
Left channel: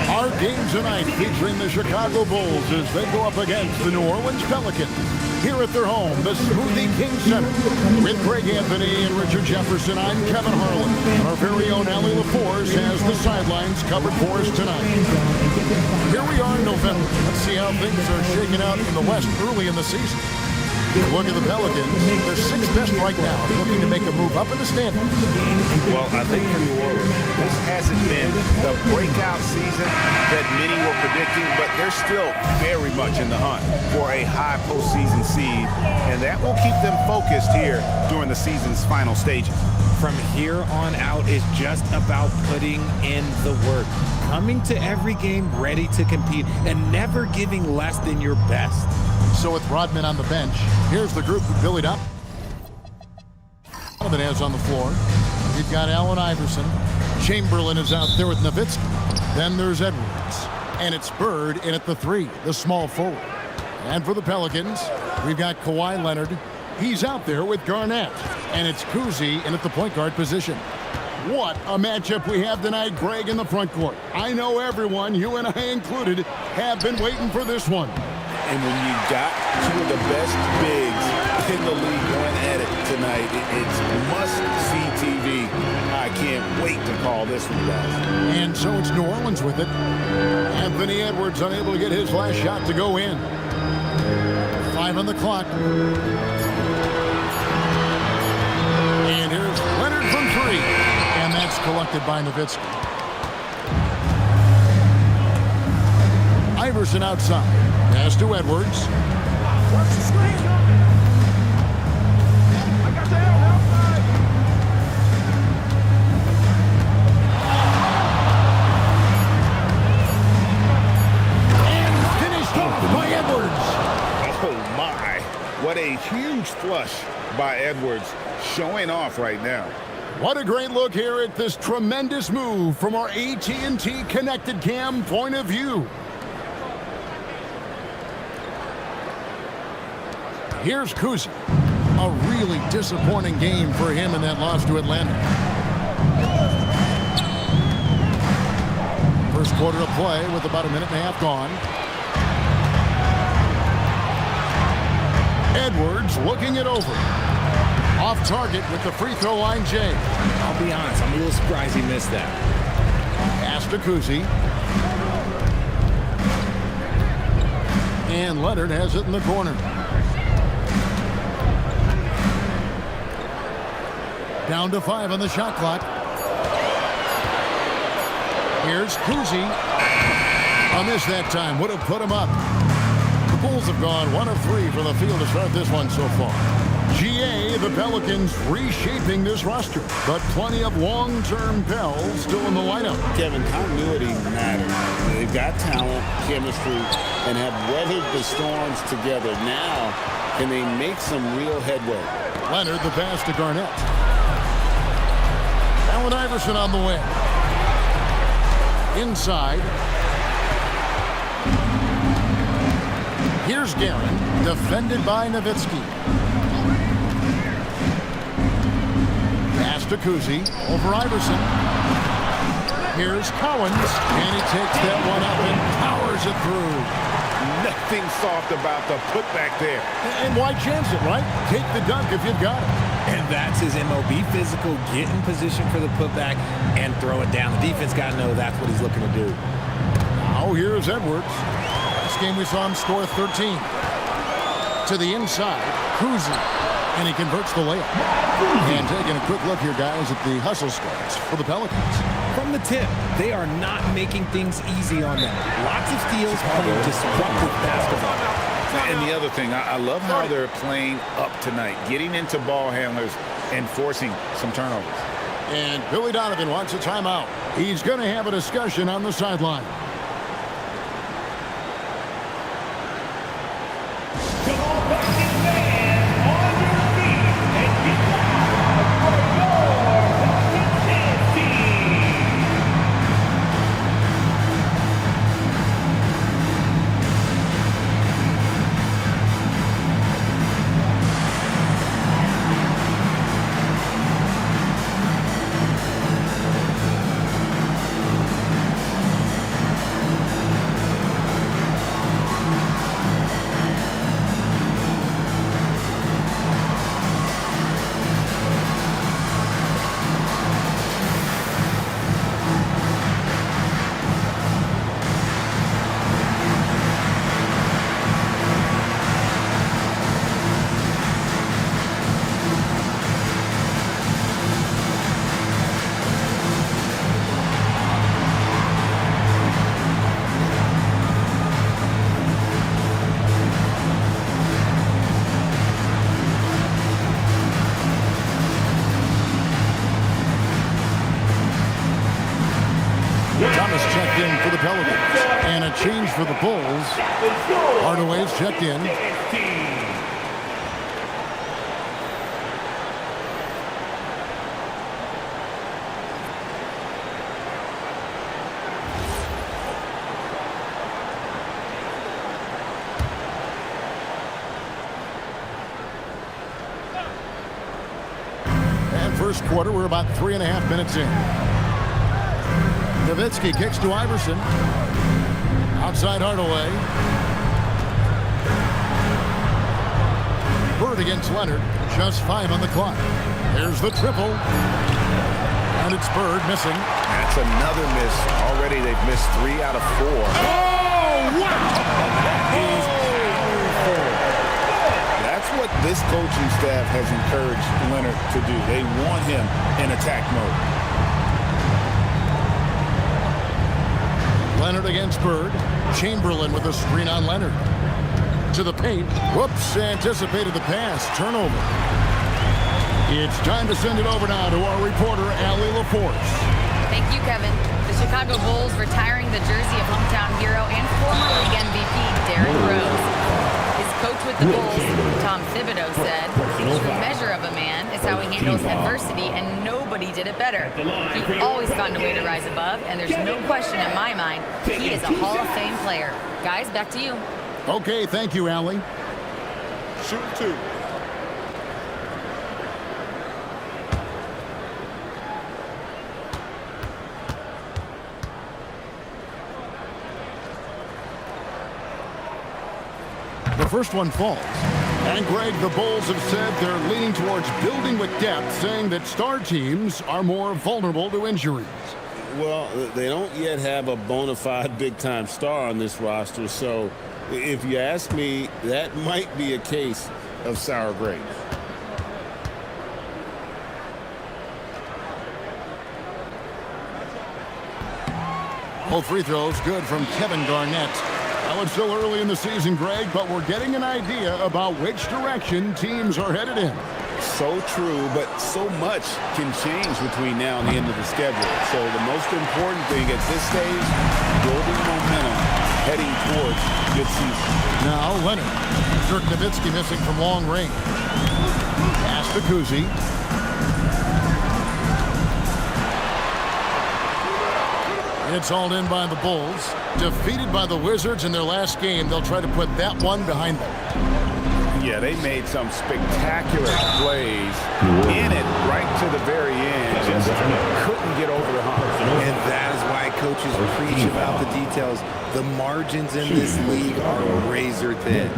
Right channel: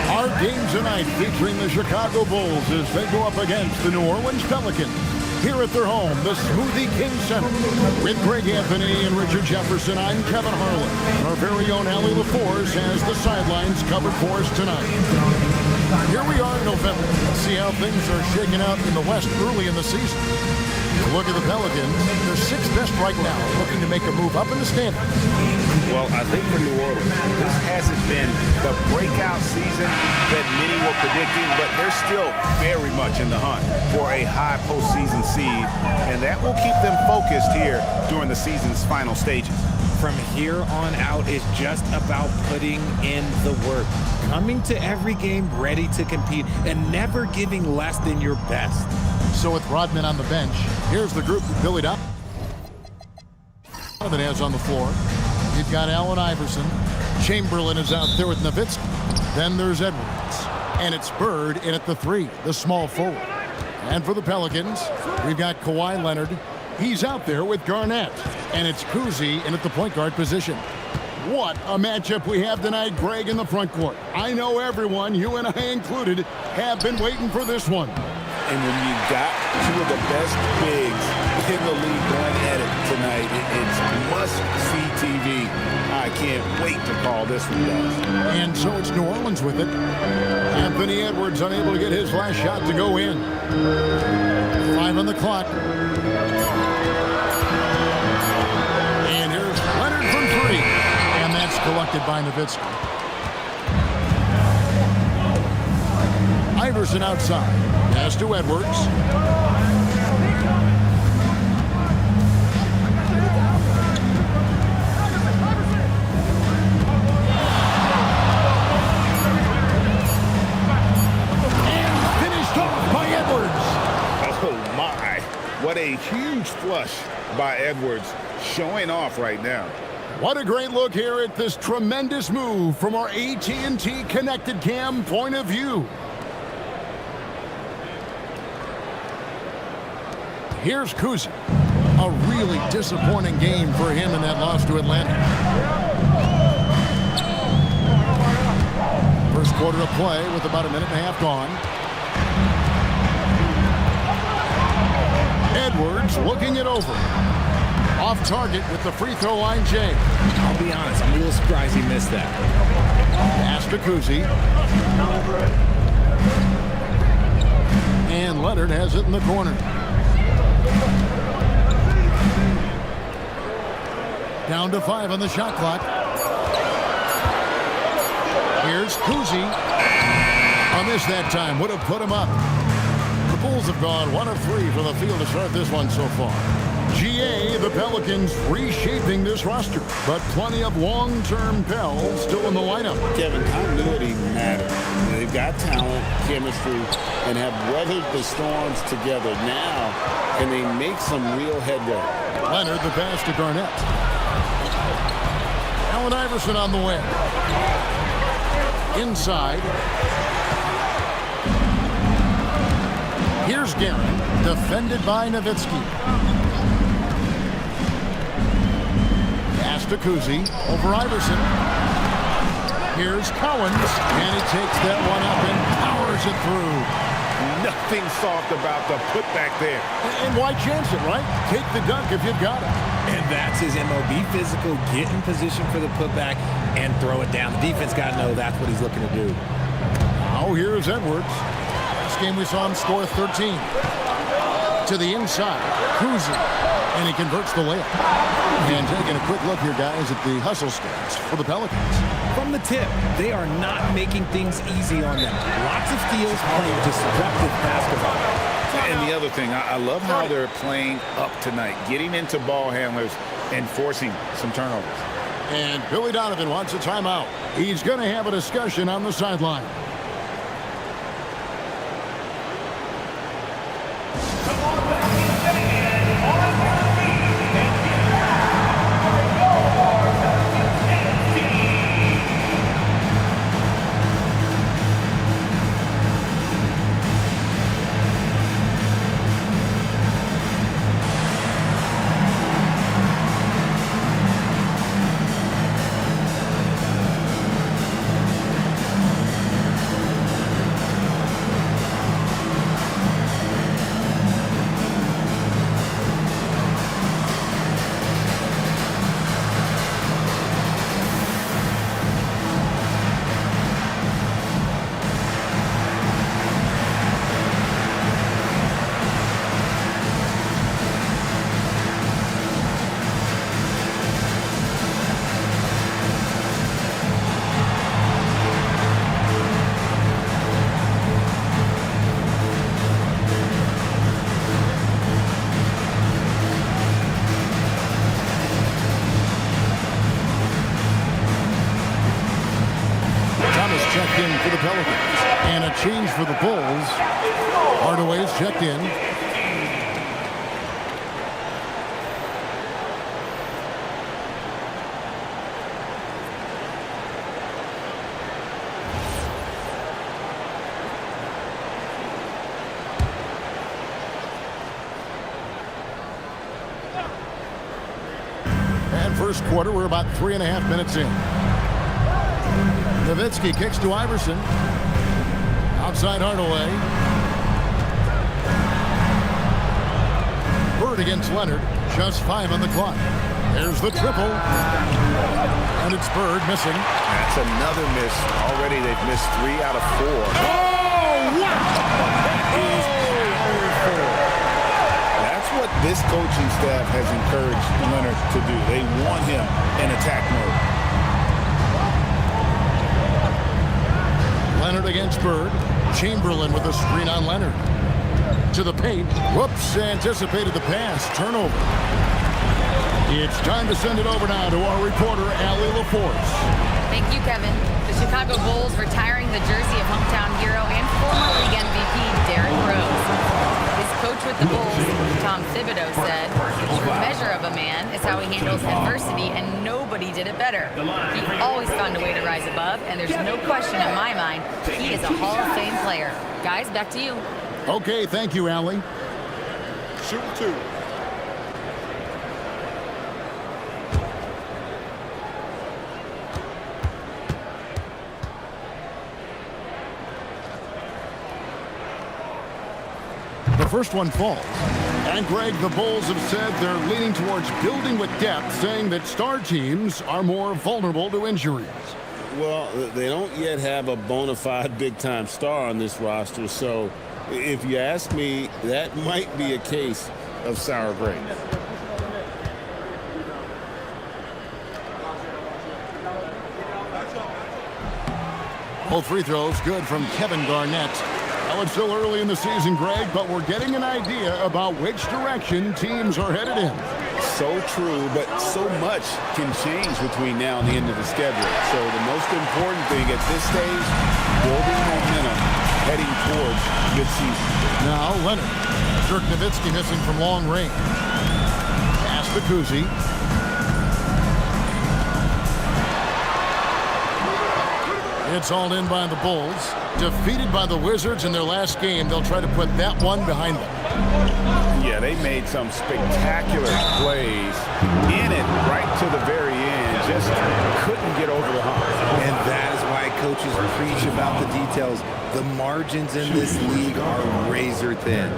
Our game tonight featuring the Chicago Bulls as they go up against the New Orleans Pelicans. Here at their home, the Smoothie King Center. With Greg Anthony and Richard Jefferson, I'm Kevin Harlan. And our very own Allie LaForce has the sidelines covered for us tonight. Here we are in November. Let's see how things are shaking out in the West early in the season. Look at the Pelicans. They're 6th best right now, looking to make a move up in the standings. Well, I think for New Orleans, this hasn't been the breakout season that many were predicting, but they're still very much in the hunt for a high postseason seed, and that will keep them focused here during the season's final stages. From here on out is just about putting in the work, coming to every game ready to compete, and never giving less than your best. So with Rodman on the bench, here's the group that Billy Dopp. Donovan has on the floor. You've got Allen Iverson. Chamberlain is out there with Nowitzki. Then there's Edwards. And it's Bird in at the 3, the small forward. And for the Pelicans, we've got Kawhi Leonard. He's out there with Garnett. And it's Kuzi in at the point guard position. What a matchup we have tonight, Greg, in the front court. I know everyone, you and I included, have been waiting for this one. And when you got two of the best bigs in the league going at it tonight, it's must-see TV. I can't wait to call this one, guys. And so it's New Orleans with it. Anthony Edwards unable to get his last shot to go in. 5 on the clock. And here's Leonard from 3. And that's collected by Nowitzki. Iverson outside. Pass to Edwards. And finished off by Edwards. Oh, my. What a huge flush by Edwards, showing off right now. What a great look here at this tremendous move from our AT&T Connected Cam point of view. Here's Kuzi. A really disappointing game for him in that loss to Atlanta. First quarter of play with about a minute and a half gone. Edwards looking it over. Off target with the free throw line, Jay. I'll be honest, I'm a little surprised he missed that. Pass to Kuzi. And Leonard has it in the corner. Down to 5 on the shot clock. Here's Kuzi. A miss that time. Would have put him up. The Bulls have gone 1 of 3 from the field to start this one so far. GA, the Pelicans reshaping this roster, but plenty of long-term Pels still in the lineup. Kevin, continuity matters. They've got talent, chemistry, and have weathered the storms together. Now, can they make some real headway? Leonard, the pass to Garnett. Allen Iverson on the wing. Inside. Here's Guerin, defended by Nowitzki. Pass to Kuzi, over Iverson. Here's Cowens, and he takes that one up and powers it through. Nothing soft about the putback there. And why chance it, right? Take the dunk if you've got it. And that's his MO. Be physical, get in position for the putback, and throw it down. The defense got to know that's what he's looking to do. Now here's Edwards. Last game we saw him score 13. To the inside, Kuzi, and he converts the layup. And taking a quick look here, guys, at the hustle stats for the Pelicans. From the tip, they are not making things easy on them. Lots of steals, playing disruptive basketball. And the other thing, I love how they're playing up tonight, getting into ball handlers and forcing some turnovers. And Billy Donovan wants a timeout. He's going to have a discussion on the sideline. Thomas checked in for the Pelicans. And a change for the Bulls. Hardaway's checked in. First quarter, we're about 3.5 minutes in. Nowitzki kicks to Iverson. Outside Hardaway. Bird against Leonard. Just 5 on the clock. There's the triple. And it's Bird missing. That's another miss. Already they've missed 3 out of 4. Oh, wow! That is powerful. That's what this coaching staff has encouraged Leonard to do. They want him in attack mode. Leonard against Bird. Chamberlain with a screen on Leonard. To the paint. Whoops, anticipated the pass. Turnover. It's time to send it over now to our reporter, Allie LaForce. Thank you, Kevin. The Chicago Bulls retiring the jersey of hometown hero and former league MVP Derrick Rose. His coach with the Bulls, Tom Thibodeau, said, "The true measure of a man is how he handles adversity, and nobody did it better. He always found a way to rise above, and there's no question in my mind he is a Hall of Fame player." Guys, back to you. Okay, thank you, Allie. Shooting 2. The first one falls. And Greg, the Bulls have said they're leaning towards building with depth, saying that star teams are more vulnerable to injuries. Well, they don't yet have a bona fide big-time star on this roster, so if you ask me, that might be a case of sour grapes. Both free throws good from Kevin Garnett. Well, it's still early in the season, Greg, but we're getting an idea about which direction teams are headed in. So true, but so much can change between now and the end of the schedule. So the most important thing at this stage, building momentum, heading towards good season. Now Leonard. Dirk Nowitzki missing from long range. Pass to Kuzi. It's all in by the Bulls. Defeated by the Wizards in their last game, they'll try to put that one behind them. Yeah, they made some spectacular plays in it right to the very end. Just couldn't get over the hump. And that is why coaches preach about the details. The margins in this league are razor thin.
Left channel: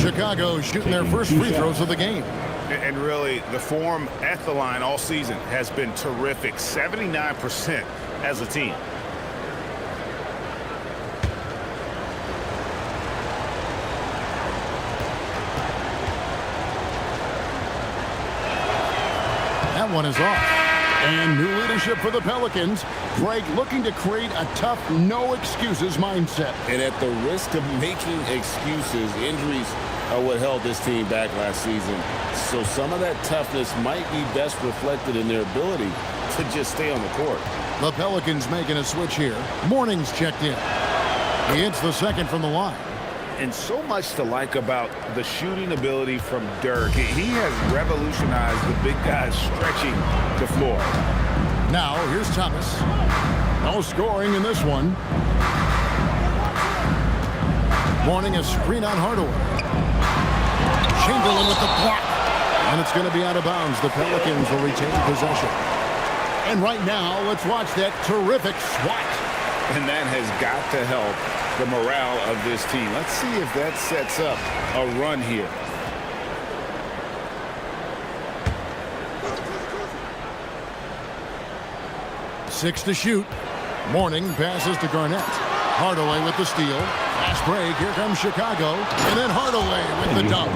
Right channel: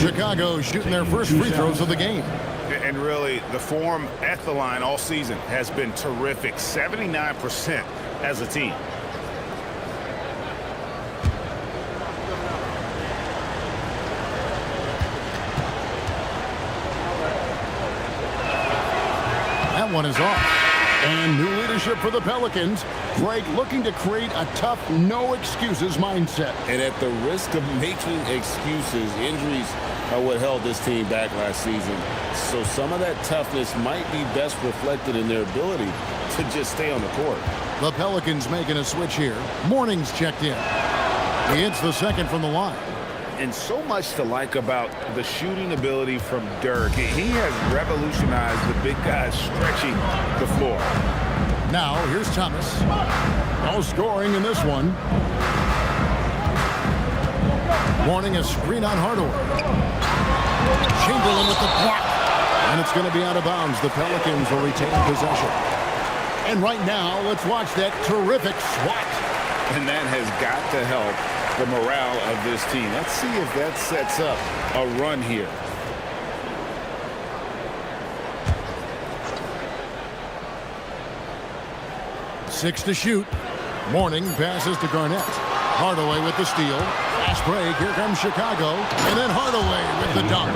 Chicago shooting their first free throws of the game. And really, the form at the line all season has been terrific. 79% as a team. That one is off. And new leadership for the Pelicans. Greg looking to create a tough, no-excuses mindset. And at the risk of making excuses, injuries are what held this team back last season. So some of that toughness might be best reflected in their ability to just stay on the court. The Pelicans making a switch here. Morning's checked in. He hits the second from the line. And so much to like about the shooting ability from Dirk. He has revolutionized the big guys stretching the floor. Now, here's Thomas. No scoring in this one. Morning a screen on Hardaway. Chamberlain with the block. And it's going to be out of bounds. The Pelicans will retain possession. And right now, let's watch that terrific swat. And that has got to help the morale of this team. Let's see if that sets up a run here. Six to shoot. Morning passes to Garnett. Hardaway with the steal. Fast break. Here comes Chicago. And then Hardaway with the dunk.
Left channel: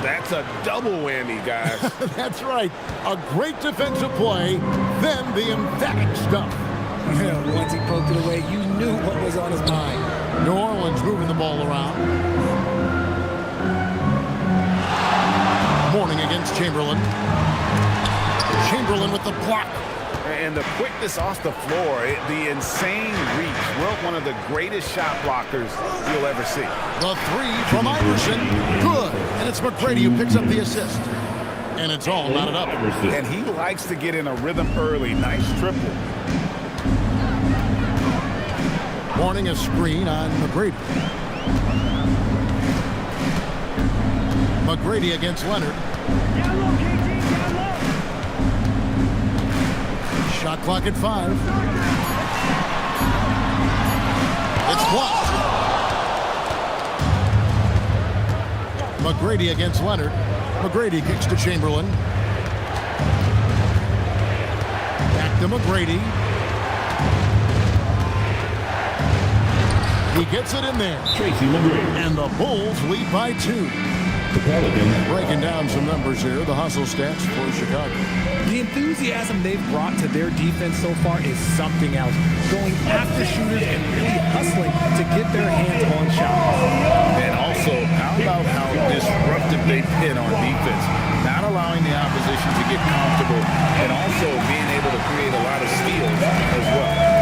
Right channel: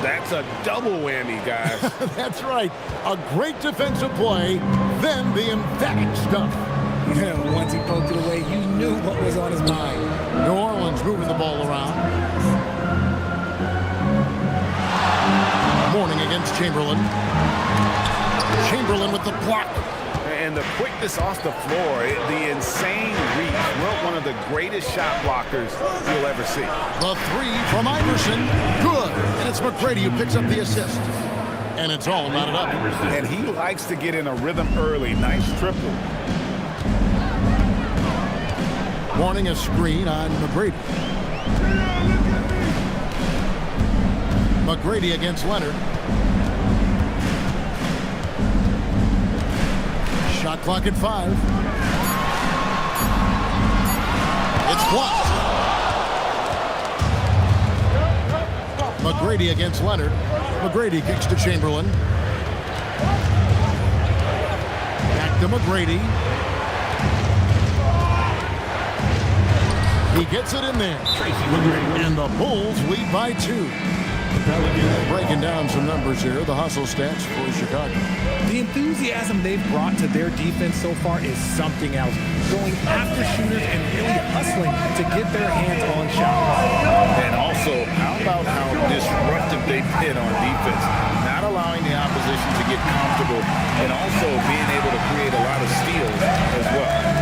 That's a double whammy, guys. That's right. A great defensive play, then the emphatic stuff. Once he poked it away, you knew what was on his mind. New Orleans moving the ball around. Morning against Chamberlain. Chamberlain with the block. And the quickness off the floor, the insane reach. Wilt, one of the greatest shot blockers you'll ever see. The three from Iverson. Good. And it's McGrady who picks up the assist. And it's all knotted up. And he likes to get in a rhythm early. Nice triple. Morning a screen on McGrady. McGrady against Leonard. Shot clock at 5. It's blocked. McGrady against Leonard. McGrady kicks to Chamberlain. Back to McGrady. He gets it in there. And the Bulls lead by 2. The Pelicans breaking down some numbers here. The hustle stats for Chicago. The enthusiasm they've brought to their defense so far is something else. Going after shooters and really hustling to get their hands on shots. And also, how about how disruptive they've been on defense? Not allowing the opposition to get comfortable and also being able to create a lot of steals as well.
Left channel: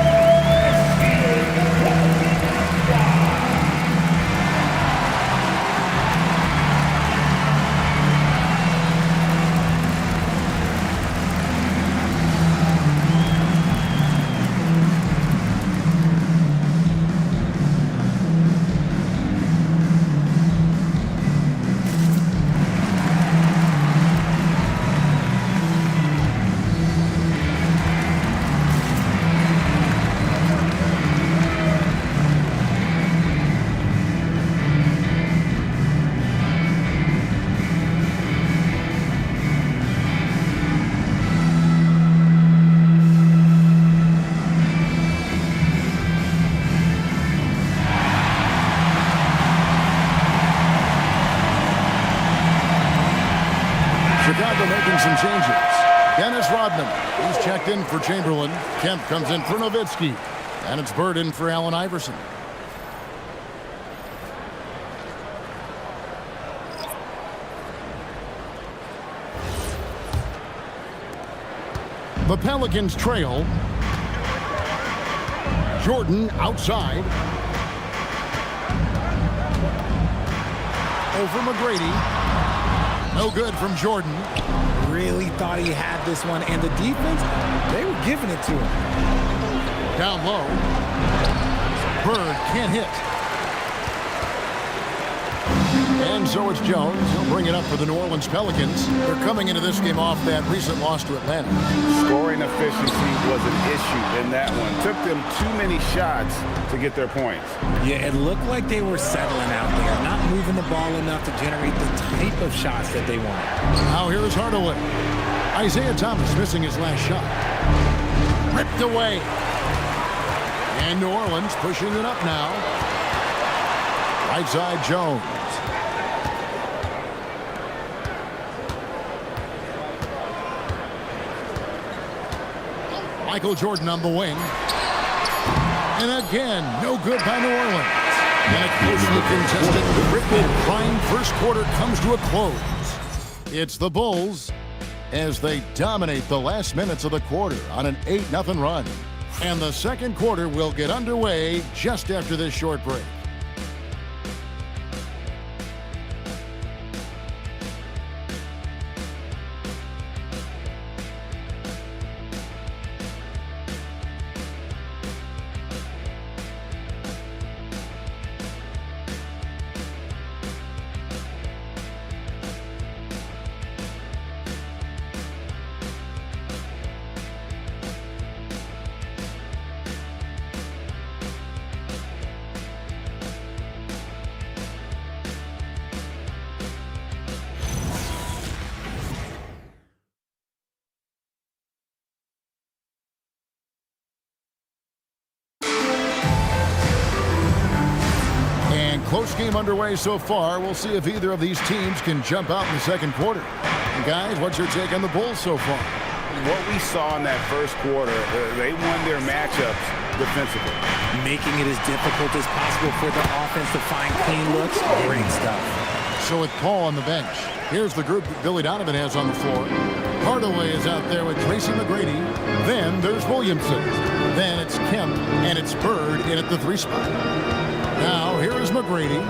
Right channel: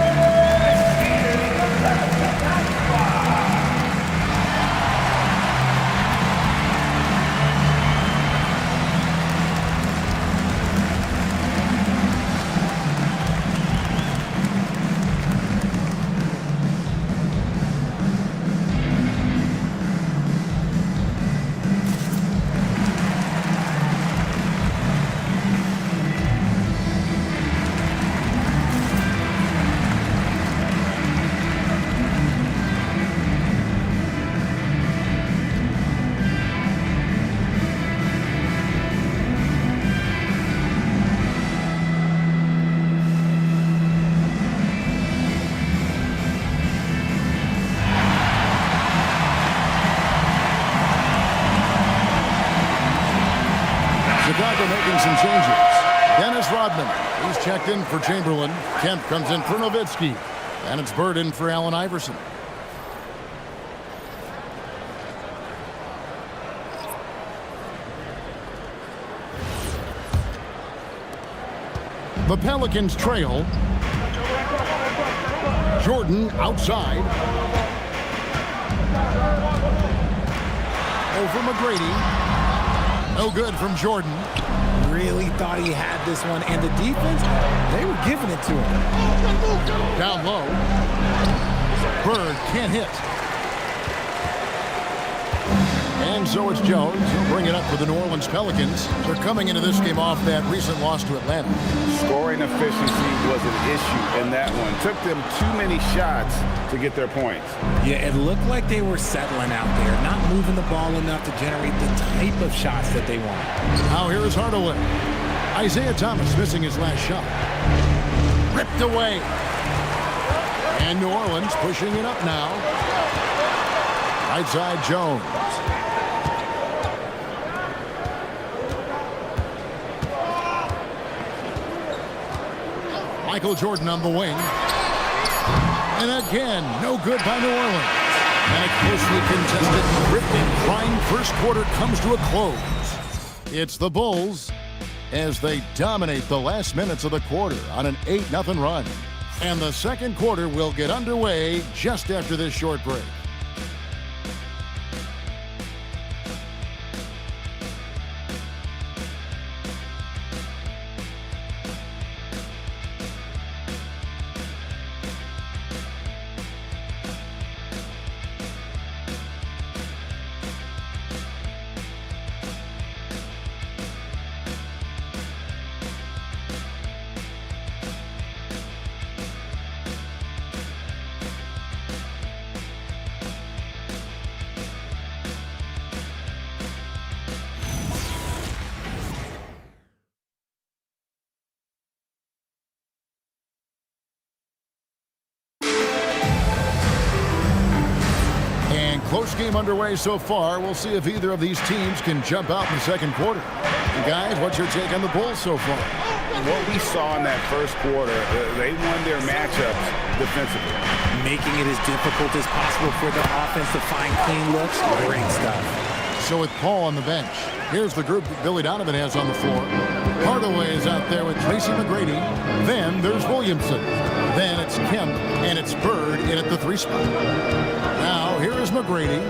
Chicago making some changes. Dennis Rodman, he's checked in for Chamberlain. Kemp comes in for Nowitzki. And it's Bird in for Allen Iverson. The Pelicans trail. Jordan outside. Over McGrady. No good from Jordan. Really thought he had this one, and the defense, they were giving it to him. Down low. Bird can't hit. And so it's Jones. He'll bring it up for the New Orleans Pelicans. They're coming into this game off that recent loss to Atlanta. Scoring efficiency was an issue in that one. Took them too many shots to get their points. Yeah, it looked like they were settling out there, not moving the ball enough to generate the type of shots that they want. Now here is Hardaway. Isaiah Thomas missing his last shot. Ripped away. And New Orleans pushing it up now. Right side Jones. Michael Jordan on the wing. And again, no good by New Orleans. And a closely contested, written and crying first quarter comes to a close. It's the Bulls as they dominate the last minutes of the quarter on an 8-0 run. And the second quarter will get underway just after this short break. And close game underway so far. We'll see if either of these teams can jump out in the second quarter. And guys, what's your take on the Bulls so far? What we saw in that first quarter, they won their matchups defensively. Making it as difficult as possible for the offense to find clean looks. Great stuff. So with Paul on the bench, here's the group that Billy Donovan has on the floor. Hardaway is out there with Tracy McGrady. Then there's Williamson. Then it's Kemp, and it's Bird in at the 3 spot. Now, here is McGrady.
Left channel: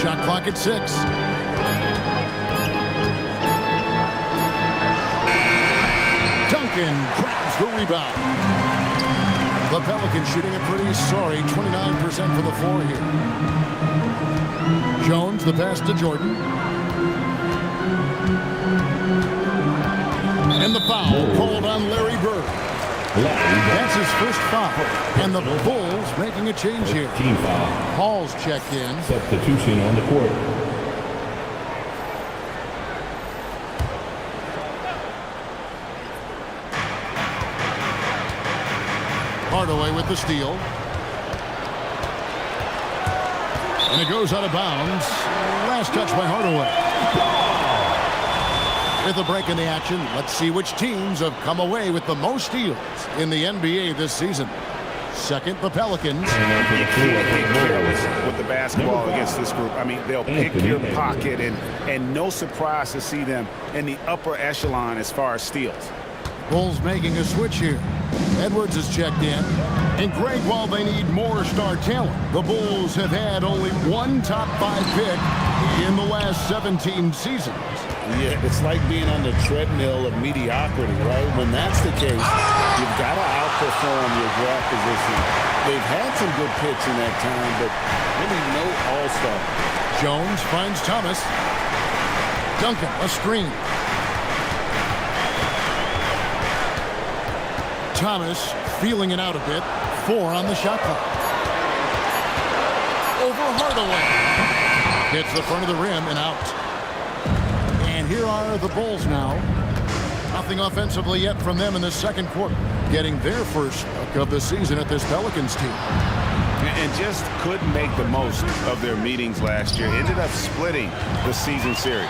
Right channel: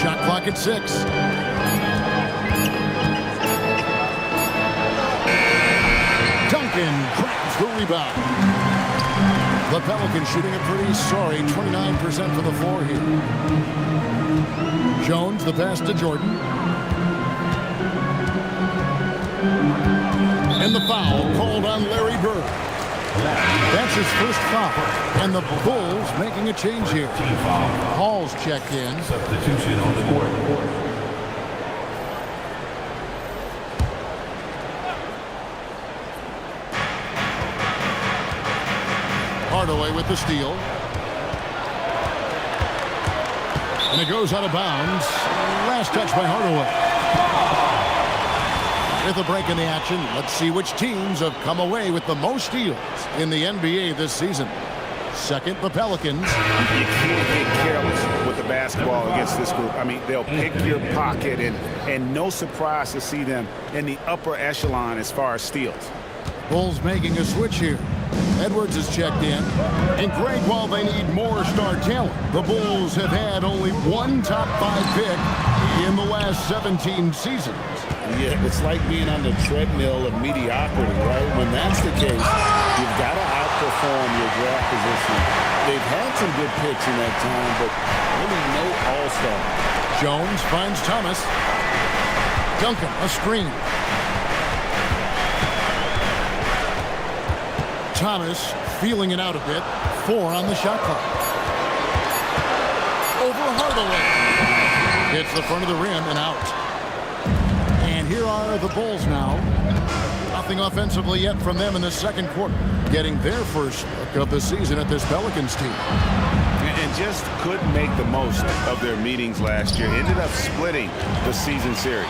Shot clock at 6. Duncan grabs the rebound. The Pelicans shooting a pretty sorry 29% from the floor here. Jones, the pass to Jordan. And the foul called on Larry Bird. That's his first foul. And the Bulls making a change here. Team foul. Hall's checked in. Substitution on the court. Hardaway with the steal. And it goes out of bounds. Last touch by Hardaway. With a break in the action, let's see which teams have come away with the most steals in the NBA this season. Second, the Pelicans. You can't get careless with the basketball against this group. I mean, they'll pick your pocket, and no surprise to see them in the upper echelon as far as steals. Bulls making a switch here. Edwards is checked in. And Greg, while they need more star talent, the Bulls have had only one top 5 pick in the last 17 seasons. Yeah, it's like being on the treadmill of mediocrity, right? When that's the case, you've got to outperform your draft position. They've had some good picks in that time, but really no all-star. Jones finds Thomas. Duncan, a screen. Thomas feeling it out a bit. 4 on the shot clock. Over Hardaway. Hits the front of the rim and out. And here are the Bulls now. Nothing offensively yet from them in the second quarter. Getting their first look of the season at this Pelicans team. And just couldn't make the most of their meetings last year. Ended up splitting the season series.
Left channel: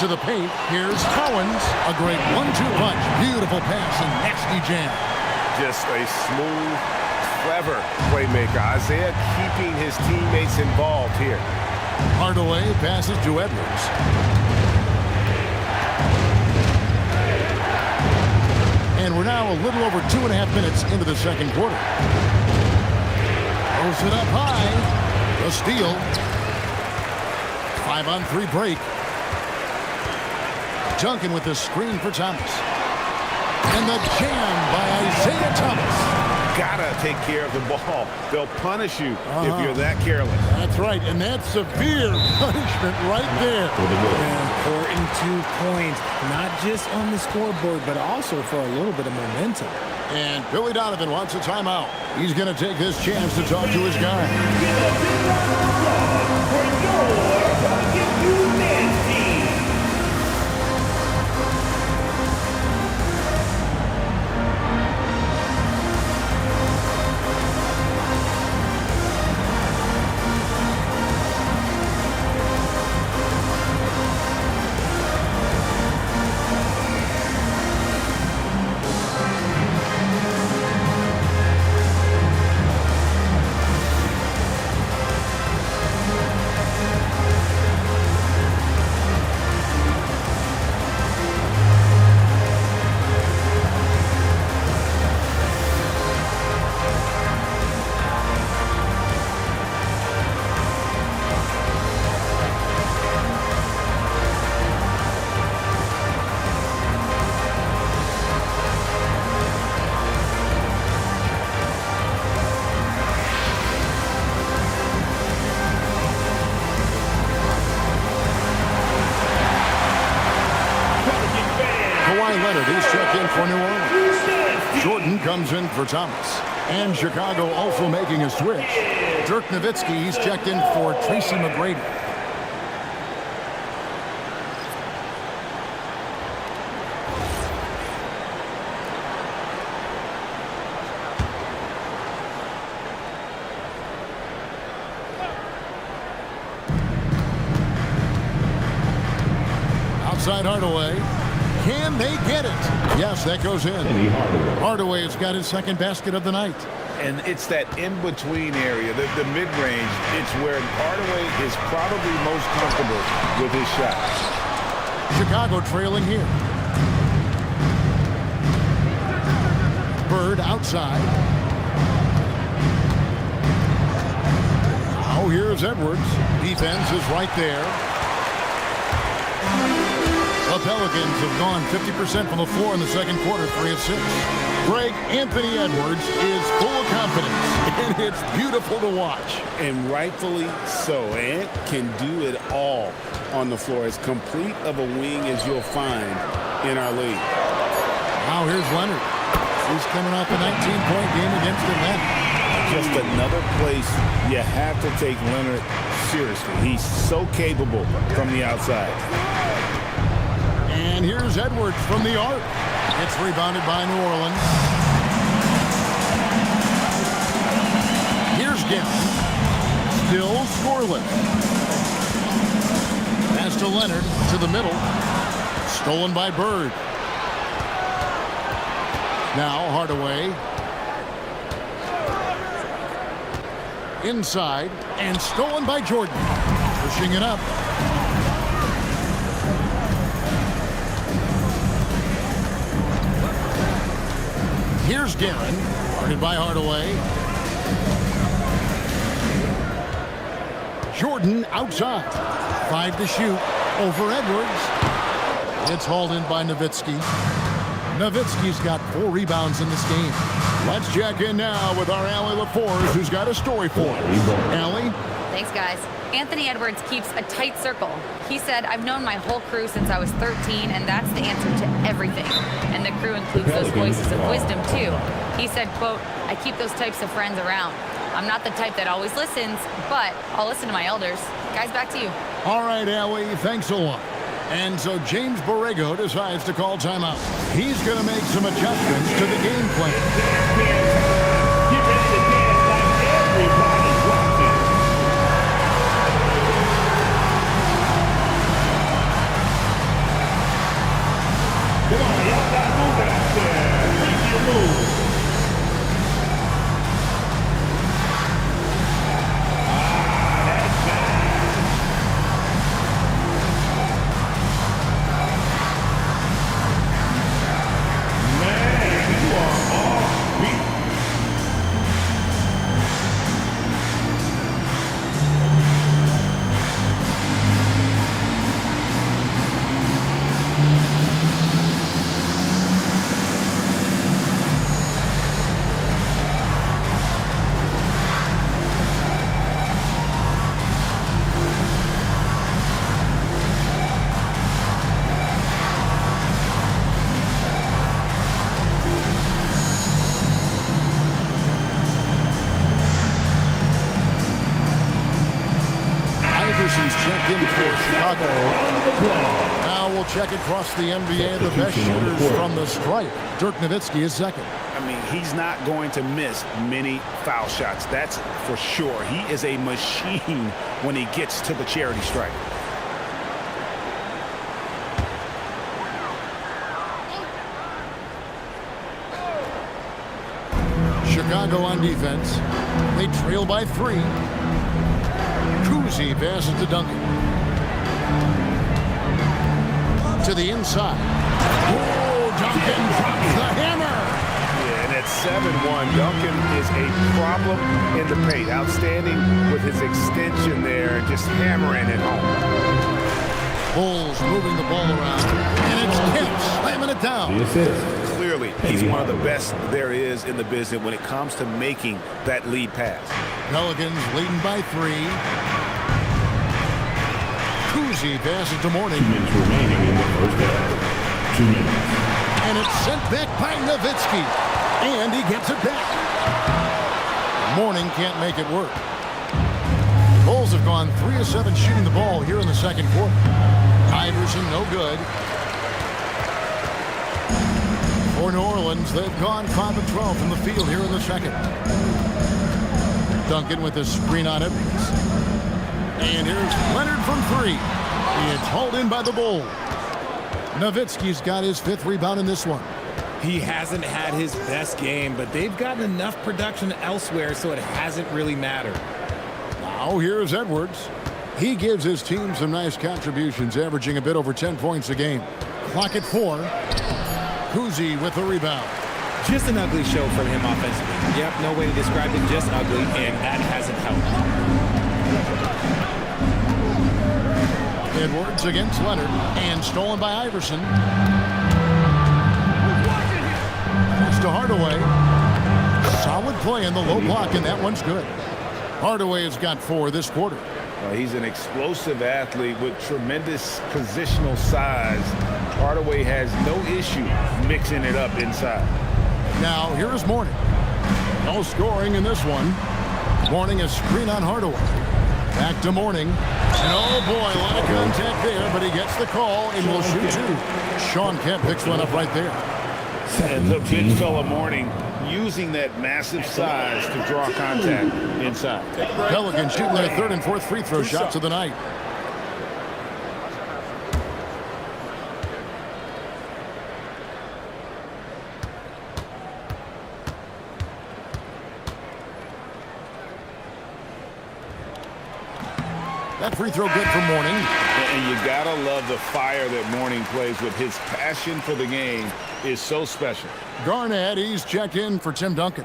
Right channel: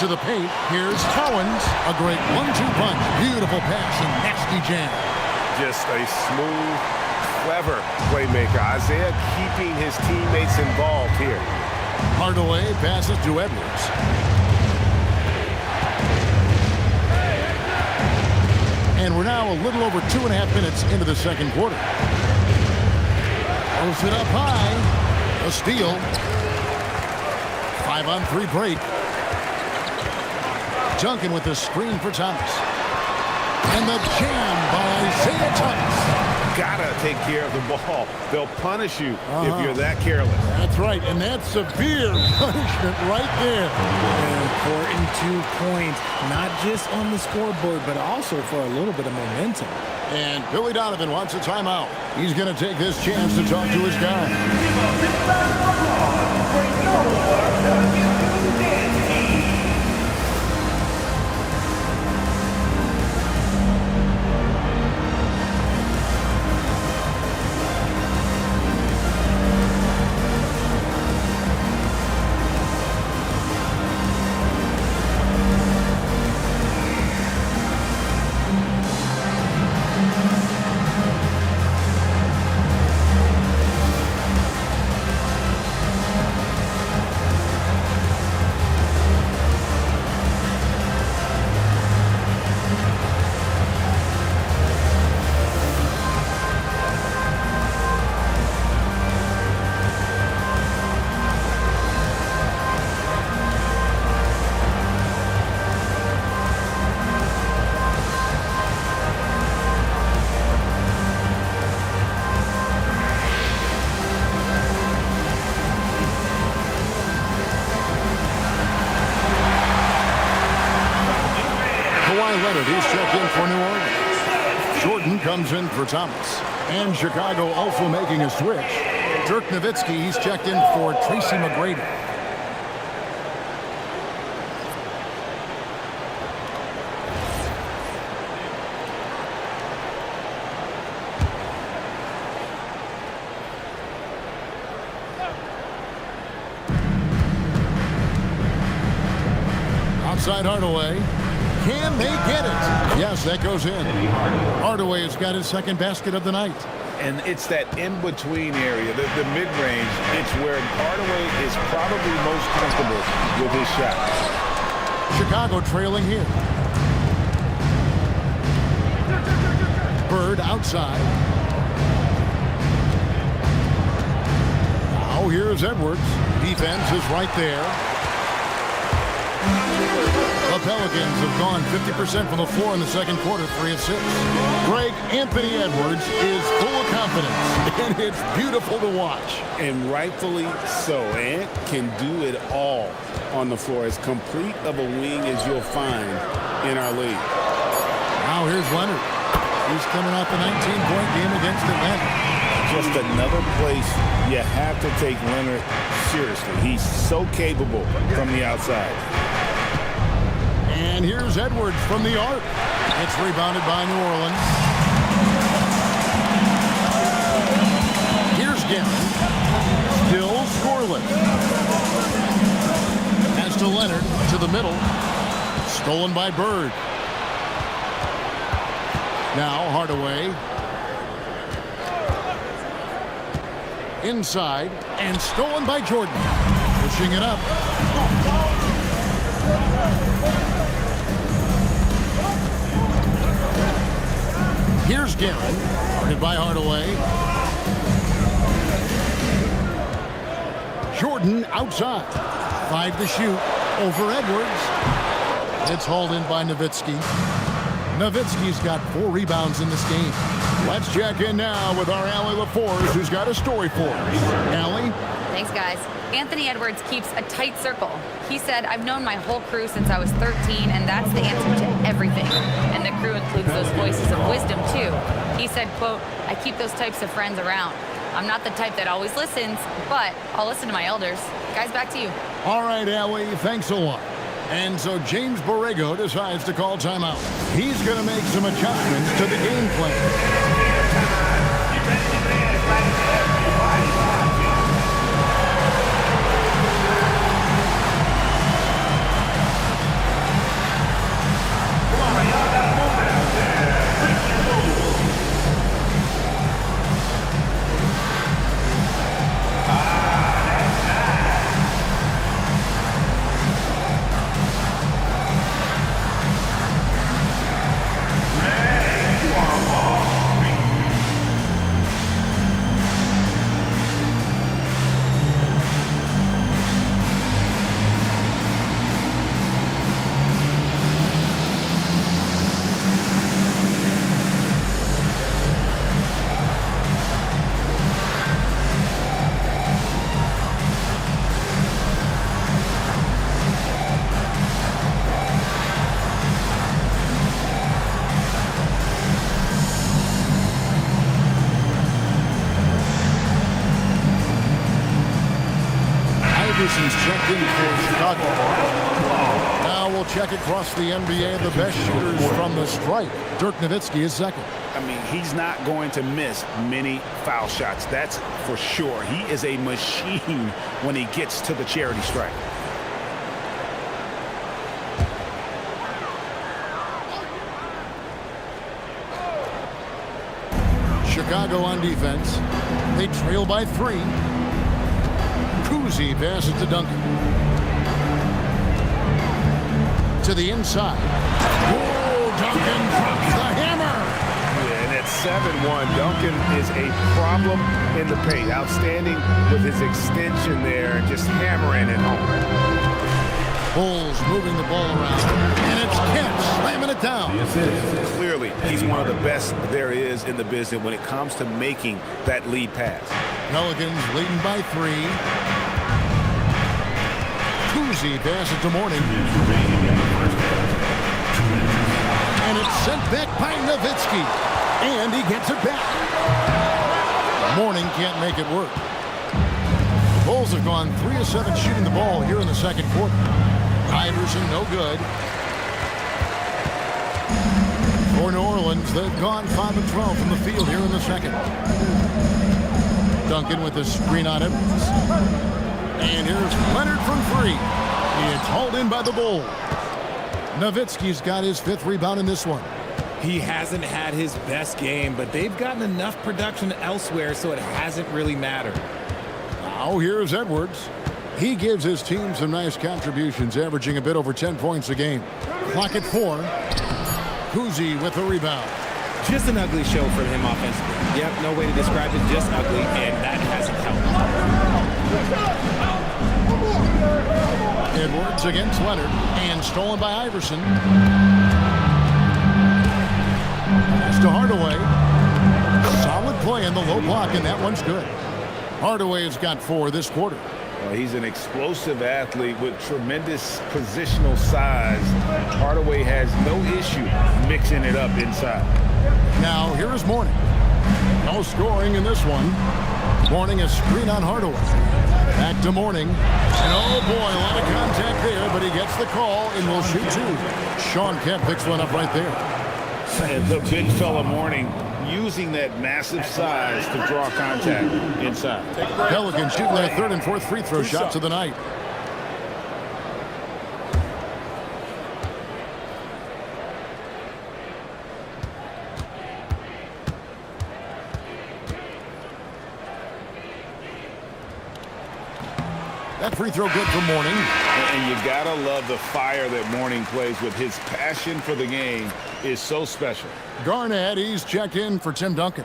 To the paint, here's Collins. A great 1-2 punch. Beautiful pass and nasty jam. Just a smooth, clever playmaker. Isaiah keeping his teammates involved here. Hardaway passes to Edwards. And we're now a little over 2.5 minutes into the second quarter. Throws it up high. The steal. 5-on-3 break. Duncan with the screen for Thomas. And the jam by Isaiah Thomas. Gotta take care of the ball. They'll punish you if you're that careless. That's right, and that's severe punishment right there. An important 2 points, not just on the scoreboard, but also for a little bit of momentum. And Billy Donovan wants a timeout. He's going to take this chance to talk to his guy. Kawhi Leonard is checked in for New Orleans. Jordan comes in for Thomas. And Chicago also making a switch. Dirk Nowitzki, he's checked in for Tracy McGrady. Outside Hardaway. Can they get it? Yes, that goes in. Hardaway has got his second basket of the night. And it's that in-between area, the mid-range. It's where Hardaway is probably most comfortable with his shot. Chicago trailing here. Bird outside. Now here's Edwards. Defense is right there. The Pelicans have gone 50% from the floor in the second quarter, 3 of 6. Greg, Anthony Edwards is full of confidence, and it's beautiful to watch. And rightfully so. Ant can do it all on the floor. As complete of a wing as you'll find in our league. Now here's Leonard. He's coming off a 19-point game against Atlanta. Just another place you have to take Leonard seriously. He's so capable from the outside. And here's Edwards from the arc. It's rebounded by New Orleans. Here's Garrett. Still scoreless. Pass to Leonard to the middle. Stolen by Bird. Now Hardaway. Inside and stolen by Jordan. Pushing it up. Here's Guerin. Guarded by Hardaway. Jordan outside. 5 to shoot. Over Edwards. It's hauled in by Nowitzki. Nowitzki's got 4 rebounds in this game. Let's check in now with our Allie LaForce, who's got a story for us. Allie? Thanks, guys. Anthony Edwards keeps a tight circle. He said, I've known my whole crew since I was 13, and that's the answer to everything. And the crew includes those voices of wisdom, too. He said, quote, I keep those types of friends around. I'm not the type that always listens, but I'll listen to my elders. Guys, back to you. All right, Allie, thanks a lot. And so James Borrego decides to call timeout. He's going to make some adjustments to the game plan. Iverson's checked in for Chicago. Now we'll check across the NBA the best shooters from the stripe. Dirk Nowitzki is second. I mean, he's not going to miss many foul shots. That's for sure. He is a machine when he gets to the charity stripe. Chicago on defense. They trail by 3. Kuzi passes to Duncan. To the inside. Oh, Duncan drops the hammer. Yeah, and at 7-1, Duncan is a problem in the paint. Outstanding with his extension there, just hammering it home. Bulls moving the ball around, and it's Kemp slamming it down. Clearly, he's one of the best there is in the business when it comes to making that lead pass. Pelicans leading by 3. Kuzi passes to Mourning. 2 minutes remaining in the first half. 2 minutes. And it's sent back by Nowitzki. And he gets it back. Mourning can't make it work. The Bulls have gone 3 of 7 shooting the ball here in the second quarter. Iverson, no good. For New Orleans, they've gone 5 of 12 from the field here in the second. Duncan with a screen on Edwards. And here's Leonard from 3. It's hauled in by the Bulls. Nowitzki's got his 5th rebound in this one. He hasn't had his best game, but they've gotten enough production elsewhere, so it hasn't really mattered. Now here's Edwards. He gives his team some nice contributions, averaging a bit over 10 points a game. Clock at 4. Kuzi with the rebound. Just an ugly show from him offensively. Yep, no way to describe it, just ugly, and that hasn't helped. Edwards against Leonard, and stolen by Iverson. Pass to Hardaway. Solid play in the low block, and that one's good. Hardaway has got 4 this quarter. He's an explosive athlete with tremendous positional size. Hardaway has no issue mixing it up inside. Now, here is Mourning. No scoring in this one. Mourning a screen on Hardaway. Back to Mourning. And oh boy, a lot of contact there, but he gets the call and will shoot two. Sean Kemp picks one up right there. And the big fella Mourning using that massive size to draw contact inside. Pelicans shooting their third and fourth free throw shots of the night. That free throw good for Mourning. And you gotta love the fire that Mourning plays with. His passion for the game is so special. Garnett, he's checked in for Tim Duncan.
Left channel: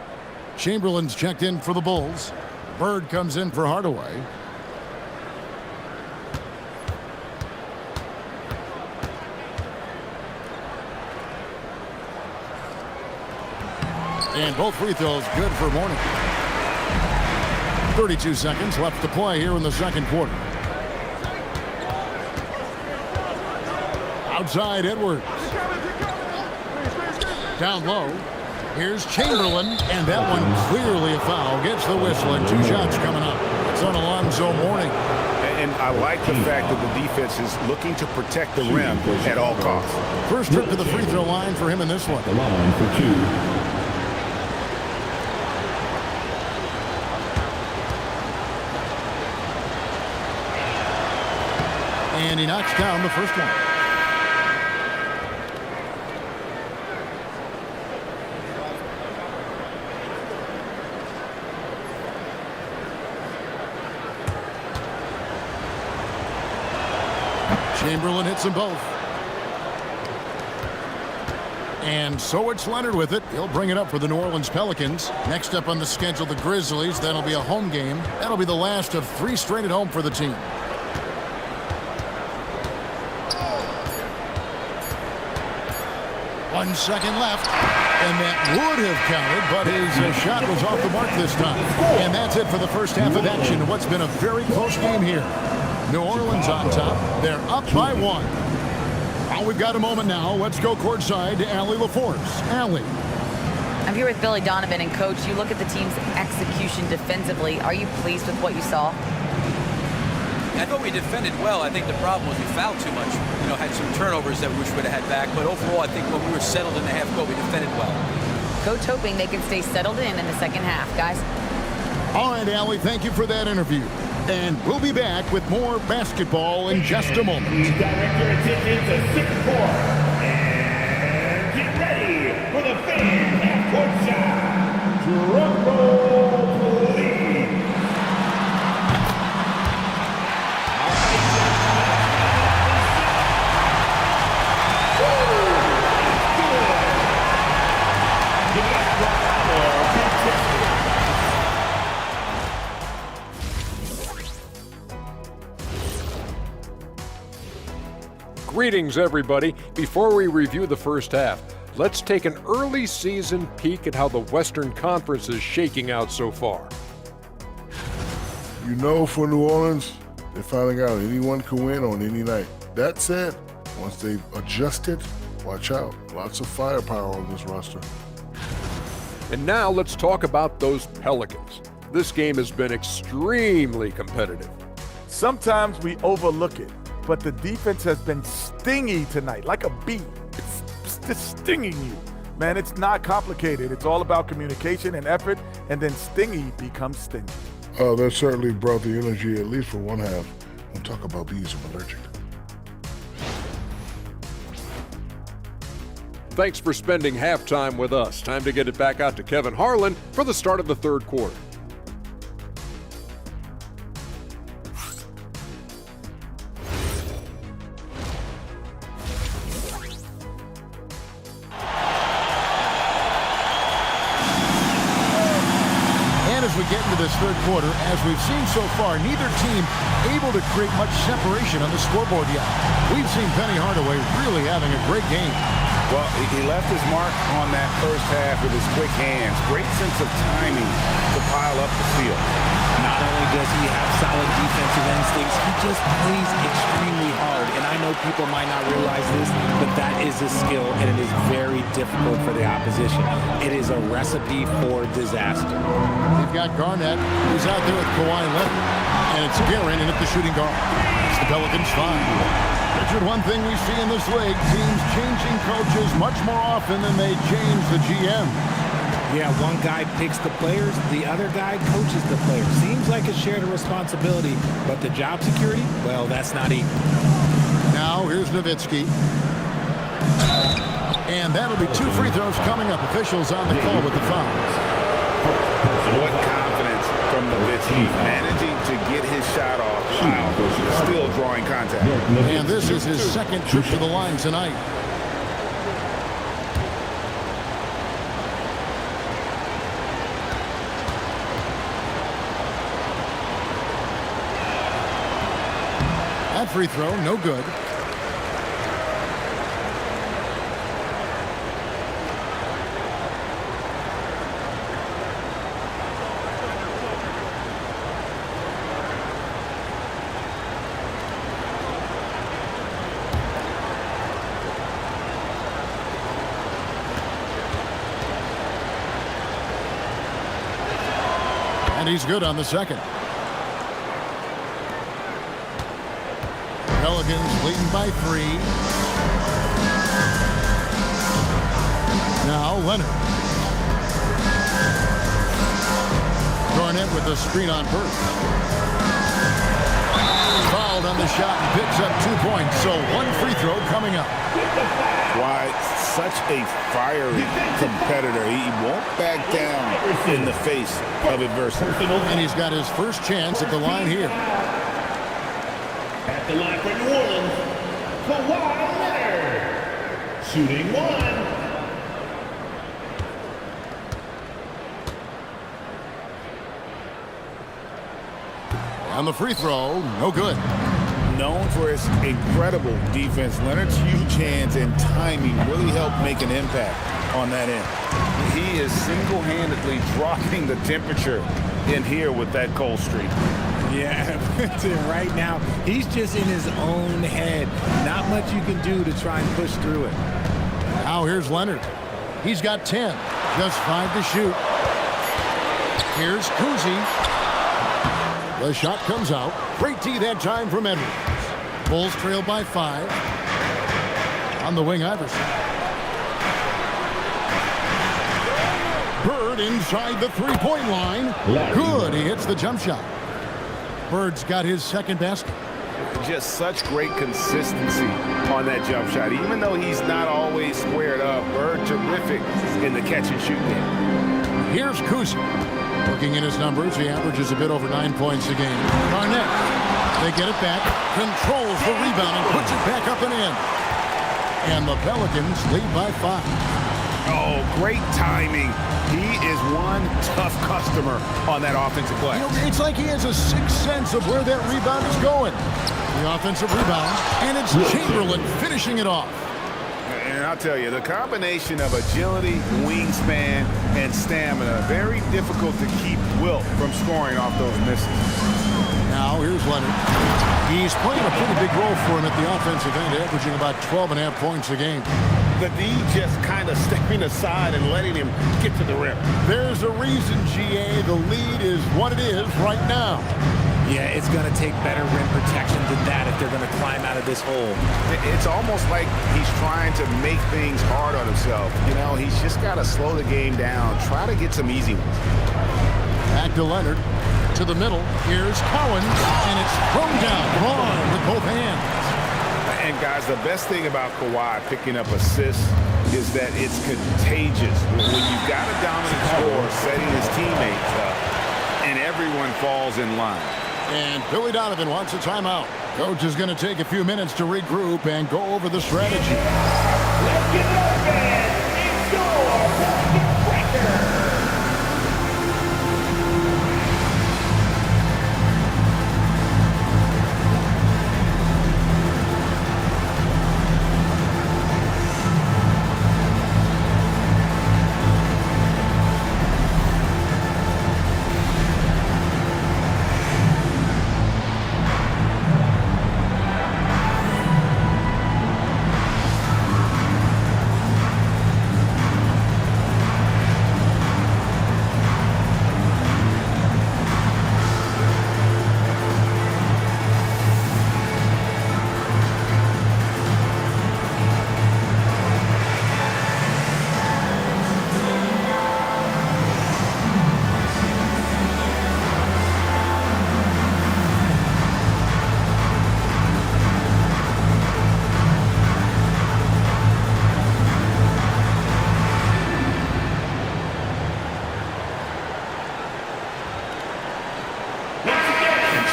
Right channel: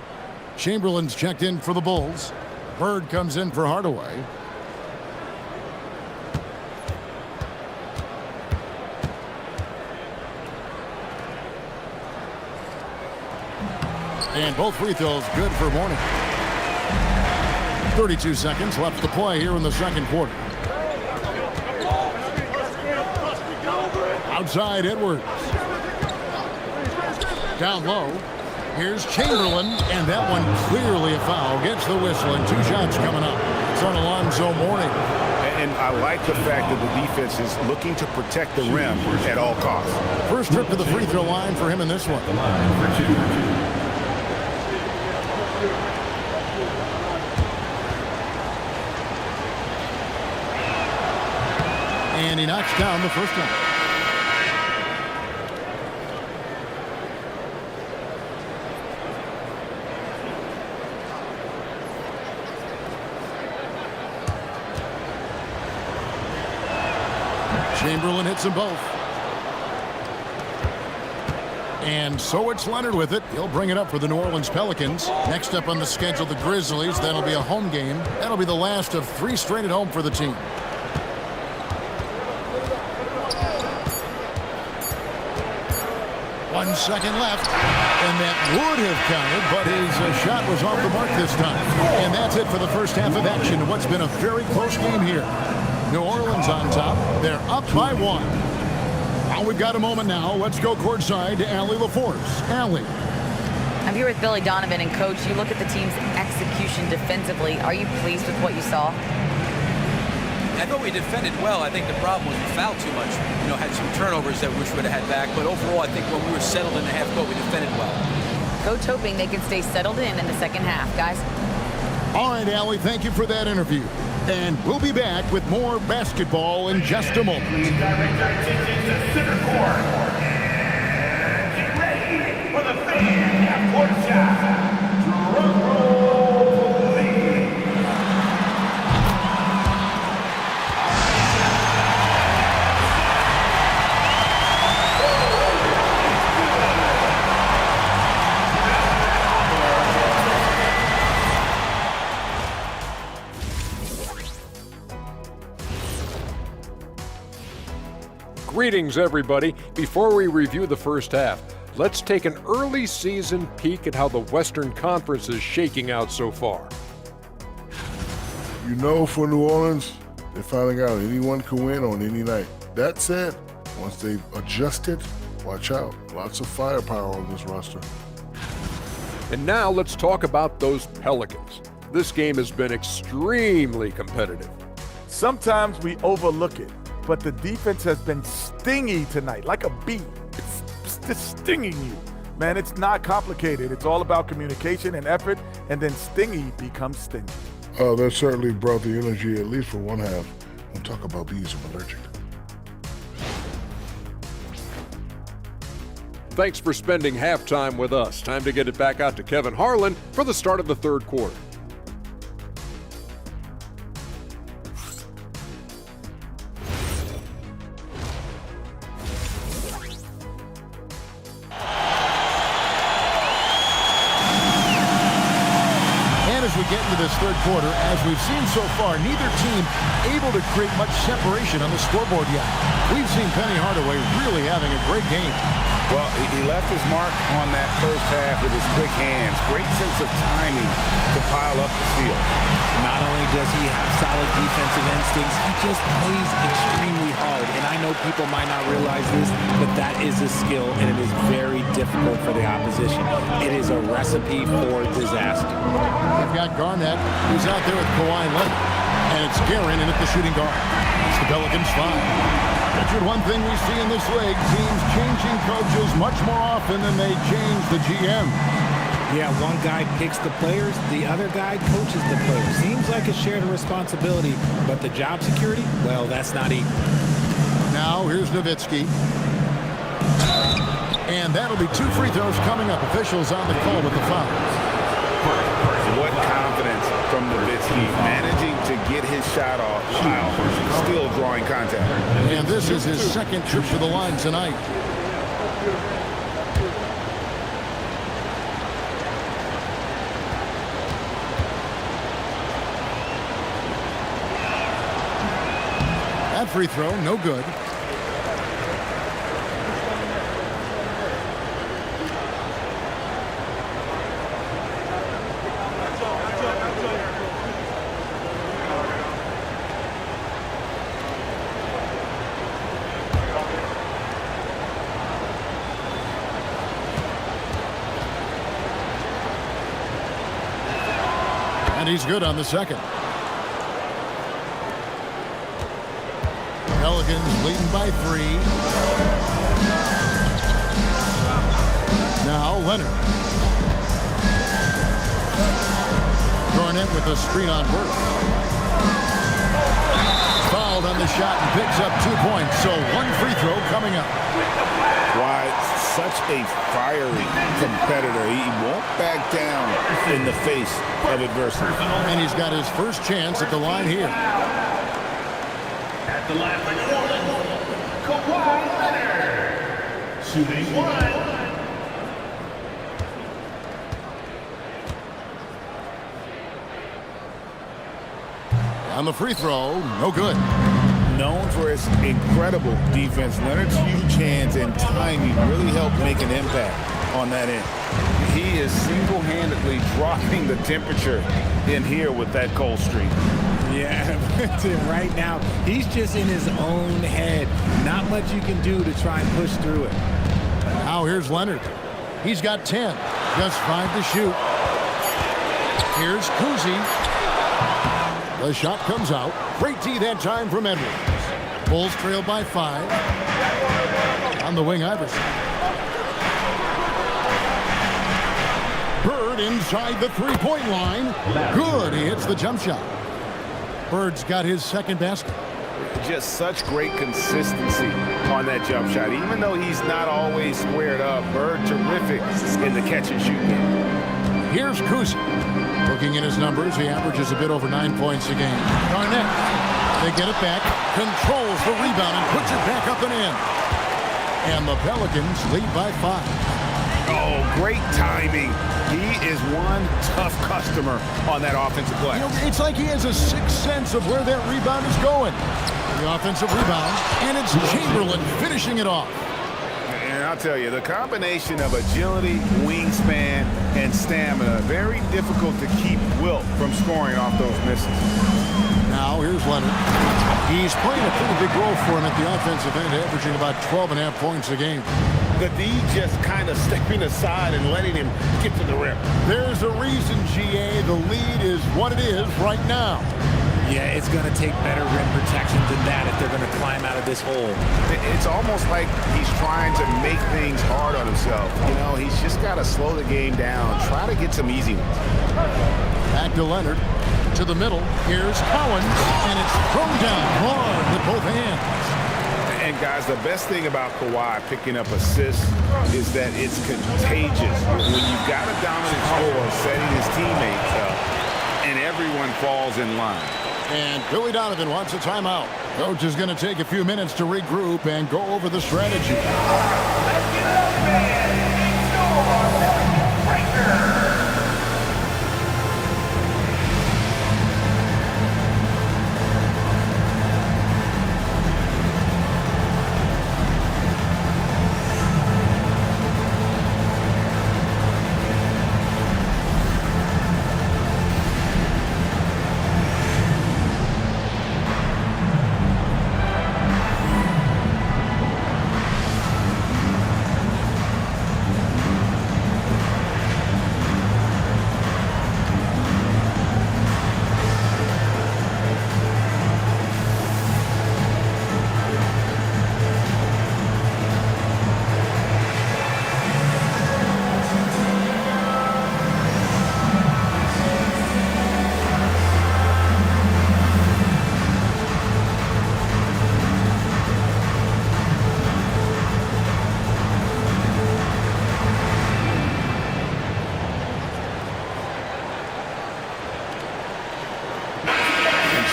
Chamberlain's checked in for the Bulls. Bird comes in for Hardaway. And both free throws good for Mourning. 32 seconds left to play here in the second quarter. Outside Edwards. Down low. Here's Chamberlain, and that one clearly a foul. Gets the whistle, and two shots coming up. It's on Alonzo Mourning. And I like the fact that the defense is looking to protect the rim at all costs. First trip to the free throw line for him in this one. The line for two. And he knocks down the first one. Chamberlain hits them both. And so it's Leonard with it. He'll bring it up for the New Orleans Pelicans. Next up on the schedule, the Grizzlies. That'll be a home game. That'll be the last of three straight at home for the team. One second left, and that would have counted, but his shot was off the mark this time. And that's it for the first half of action. What's been a very close game here. New Orleans on top. They're up by one. Well, we've got a moment now. Let's go courtside to Allie LaForce. Allie. I'm here with Billy Donovan, and Coach, you look at the team's execution defensively. Are you pleased with what you saw? I thought we defended well. I think the problem was we fouled too much. You know, had some turnovers that we wish we would have had back. But overall, I think when we were settled in the half court, we defended well. Coach hoping they can stay settled in the second half, guys. All right, Allie, thank you for that interview. And we'll be back with more basketball in just a moment. Director attention to center court. And get ready for the fan half-court shot. Drum roll, please. Greetings, everybody. Before we review the first half, let's take an early season peek at how the Western Conference is shaking out so far. You know, for New Orleans, they're finding out anyone can win on any night. That said, once they've adjusted, watch out. Lots of firepower on this roster. And now let's talk about those Pelicans. This game has been extremely competitive. Sometimes we overlook it, but the defense has been stingy tonight, like a bee. It's just stinging you. Man, it's not complicated. It's all about communication and effort, and then stingy becomes stingy. That certainly brought the energy, at least for one half. Don't talk about bees, I'm allergic. Thanks for spending halftime with us. Time to get it back out to Kevin Harlan for the start of the third quarter. And as we get into this third quarter, as we've seen so far, neither team able to create much separation on the scoreboard yet. We've seen Penny Hardaway really having a great game. Well, he left his mark on that first half with his quick hands. Great sense of timing to pile up the steal. Not only does he have solid defensive instincts, he just plays extremely hard. And I know people might not realize this, but that is a skill, and it is very difficult for the opposition. It is a recipe for disaster. They've got Garnett, who's out there with Kawhi Leonard, and it's Guerin in at the shooting guard. It's the Pelicans 5. Richard, one thing we see in this league, teams changing coaches much more often than they change the GM. Yeah, one guy picks the players, the other guy coaches the players. Seems like a shared responsibility, but the job security, well, that's not equal. Now, here's Nowitzki. And that'll be 2 free throws coming up. Officials on the call with the fouls. What confidence from Nowitzki, managing to get his shot off while still drawing contact. And this is his second trip to the line tonight. That free throw, no good. And he's good on the second. Pelicans leading by 3. Now Leonard. Garnett with a screen on Burke. Fouled on the shot and picks up 2 points. So 1 free throw coming up. Why, such a fiery competitor. He won't back down in the face of adversity. And he's got his first chance at the line here. At the line for New Orleans, Kawhi Leonard. Shooting 1. On the free throw, no good. Known for his incredible defense, Leonard's huge hands and timing really helped make an impact on that end. He is single-handedly dropping the temperature in here with that cold streak. Yeah, right now, he's just in his own head. Not much you can do to try and push through it. Now here's Leonard. He's got 10. Just 5 to shoot. Here's Kuzi. The shot comes out. Great D that time from Edwards. Bulls trail by 5. On the wing, Iverson. Bird inside the three-point line. Good. He hits the jump shot. Bird's got his second basket. Just such great consistency on that jump shot. Even though he's not always squared up, Bird terrific in the catch and shoot game. Here's Kuzi. Looking in his numbers, he averages a bit over 9 points a game. Garnett. They get it back, controls the rebound, and puts it back up and in. And the Pelicans lead by 5. Oh, great timing. He is one tough customer on that offensive glass. You know, it's like he has a sixth sense of where that rebound is going. The offensive rebound, and it's Chamberlain finishing it off. And I'll tell you, the combination of agility, wingspan, and stamina, very difficult to keep Wilt from scoring off those misses. Now here's Leonard. He's playing a pretty big role for him at the offensive end, averaging about 12.5 points a game. The D just kind of stepping aside and letting him get to the rim. There's a reason, GA, the lead is what it is right now. Yeah, it's going to take better rim protection than that if they're going to climb out of this hole. It's almost like he's trying to make things hard on himself. You know, he's just got to slow the game down, try to get some easy ones. Back to Leonard. To the middle. Here's Collins, and it's thrown down hard with both hands. And guys, the best thing about Kawhi picking up assists is that it's contagious. When you've got a dominant scorer setting his teammates up, and everyone falls in line. And Billy Donovan wants a timeout. Coach is going to take a few minutes to regroup and go over the strategy. Let's get it up, fans. It's your Pelicans breaker.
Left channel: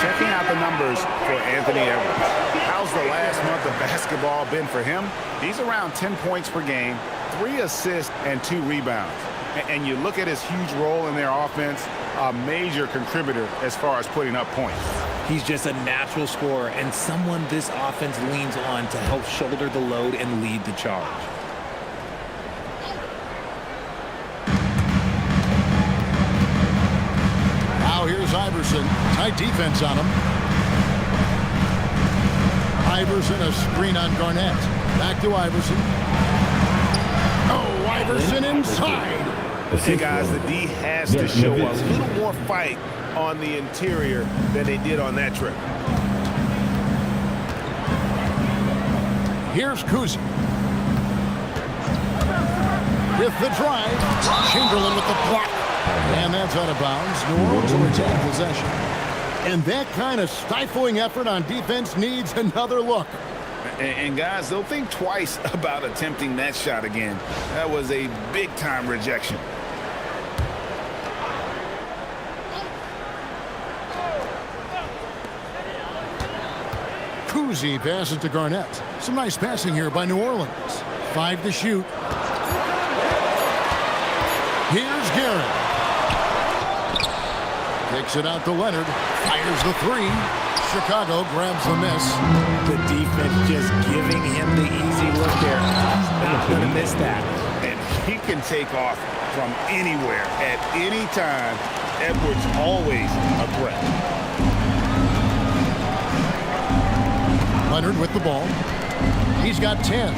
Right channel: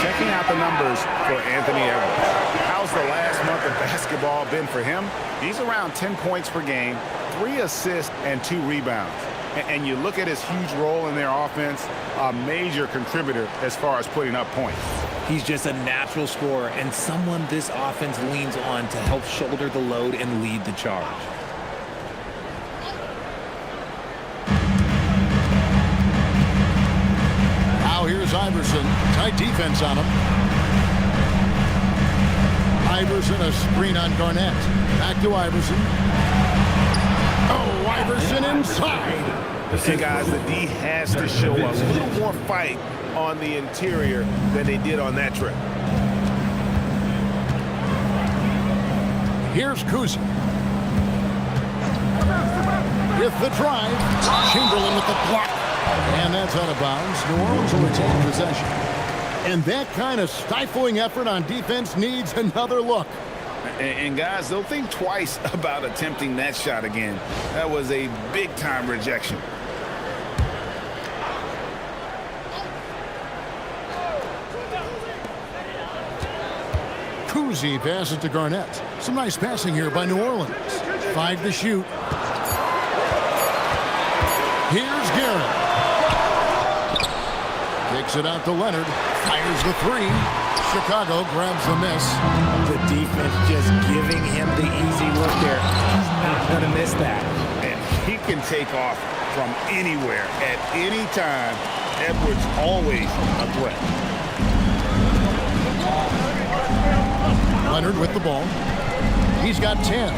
checking out the numbers for Anthony Edwards. How's the last month of basketball been for him? He's around 10 points per game, 3 assists, and 2 rebounds. And you look at his huge role in their offense, a major contributor as far as putting up points. He's just a natural scorer and someone this offense leans on to help shoulder the load and lead the charge. Now here's Iverson. Tight defense on him. Iverson, a screen on Garnett. Back to Iverson. Oh, Iverson inside. Hey, guys, the D has to show a little more fight on the interior than they did on that trip. Here's Kuzi. With the drive. Chamberlain with the block. And that's out of bounds. New Orleans will retain possession. And that kind of stifling effort on defense needs another look. And guys, they'll think twice about attempting that shot again. That was a big-time rejection. Kuzi passes to Garnett. Some nice passing here by New Orleans. 5 to shoot. Here's Garrett. Kicks it out to Leonard. Fires the 3. Chicago grabs the miss. The defense just giving him the easy look there. He's not going to miss that. And he can take off from anywhere at any time. Edwards always a threat. Leonard with the ball. He's got 10.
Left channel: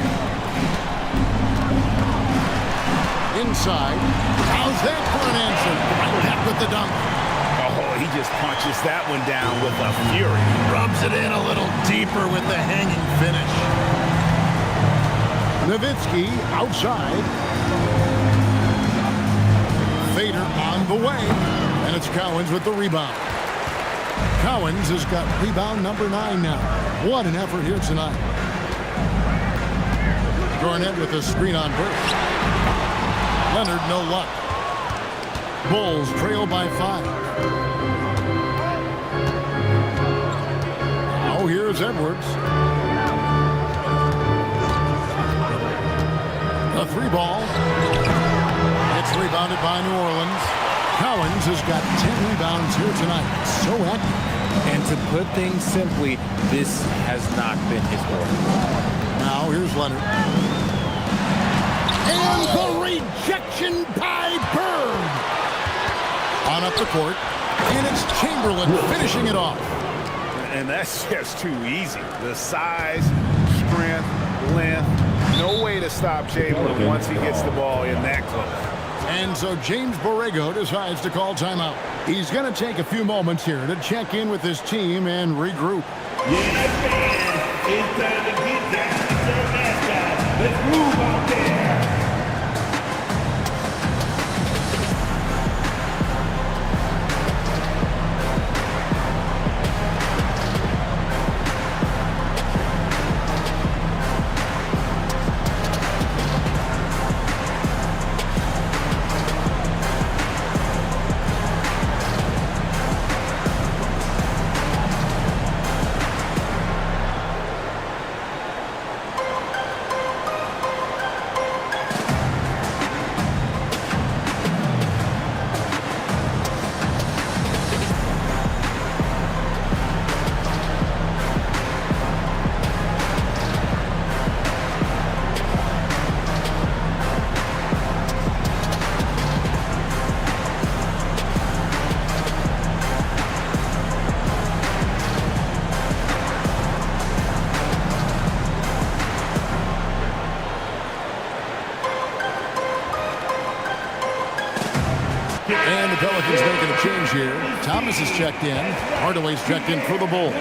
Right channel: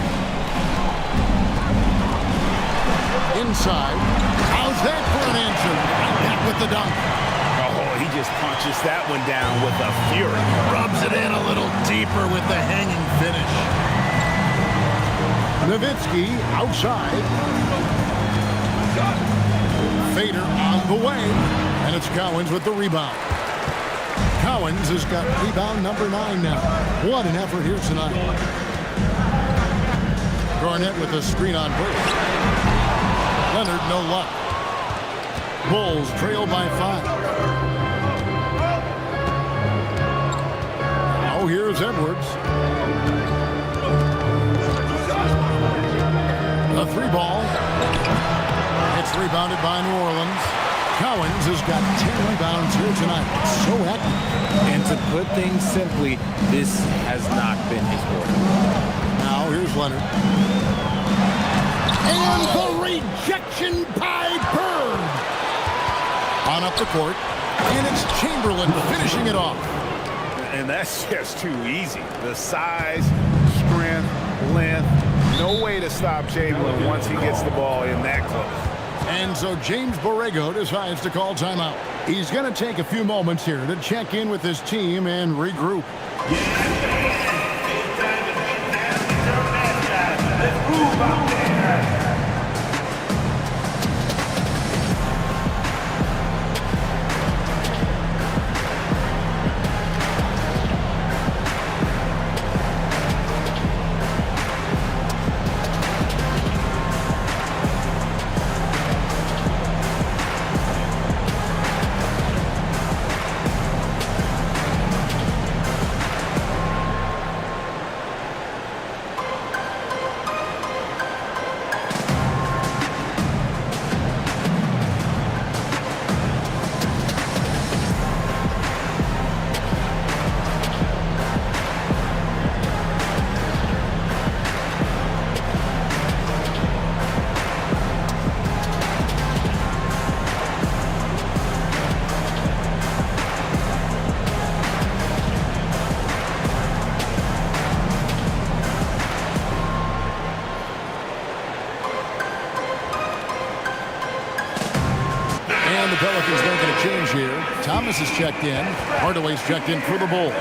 Inside. How's that for an answer? Right back with the dunk. Oh, he just punches that one down with a fury. Rubs it in a little deeper with the hanging finish. Nowitzki outside. Fader on the way. And it's Cowens with the rebound. Cowens has got rebound number 9 now. What an effort here tonight. Garnett with a screen on Burke. Leonard, no luck. Bulls trail by 5. Now here's Edwards. The 3 ball. It's rebounded by New Orleans. Cowens has got 10 rebounds here tonight. So active. And to put things simply, this has not been his order. Now here's Leonard. And the rejection by Bird. On up the court. And it's Chamberlain finishing it off. And that's just too easy. The size, strength, length. No way to stop Chamberlain once he gets the ball in that close. And so James Borrego decides to call timeout. He's going to take a few moments here to check in with his team and regroup. It's time to get down to our mascot. Let's move out there. And the Pelicans making a change here. Thomas is checked in. Hardaway's checked in for the Bulls.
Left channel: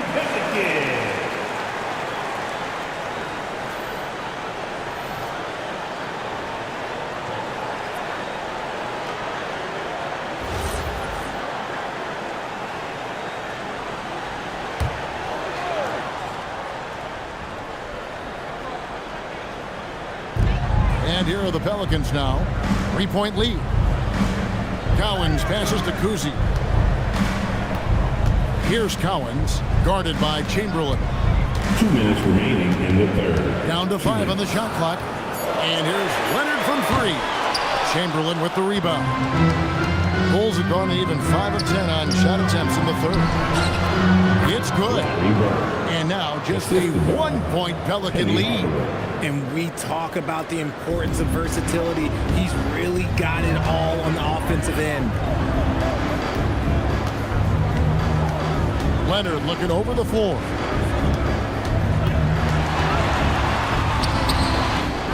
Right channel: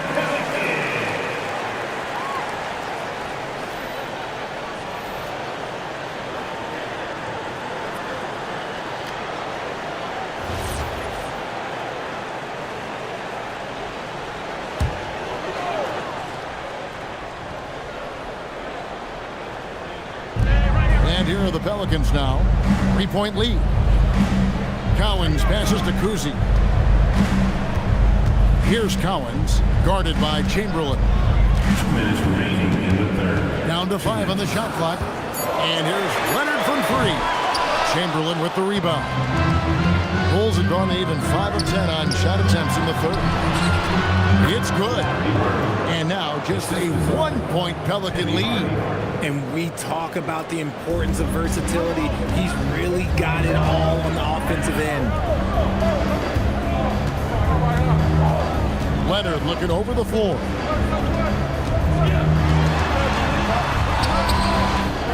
And here are the Pelicans now. 3-point lead. Cowens passes to Kuzi. Here's Cowens, guarded by Chamberlain. 2 minutes remaining in the third. Down to 5 on the shot clock. And here's Leonard from 3. Chamberlain with the rebound. Bulls have gone to even 5 of 10 on shot attempts in the third. It's good. And now just a 1-point Pelican lead. And we talk about the importance of versatility. He's really got it all on the offensive end. Leonard looking over the floor.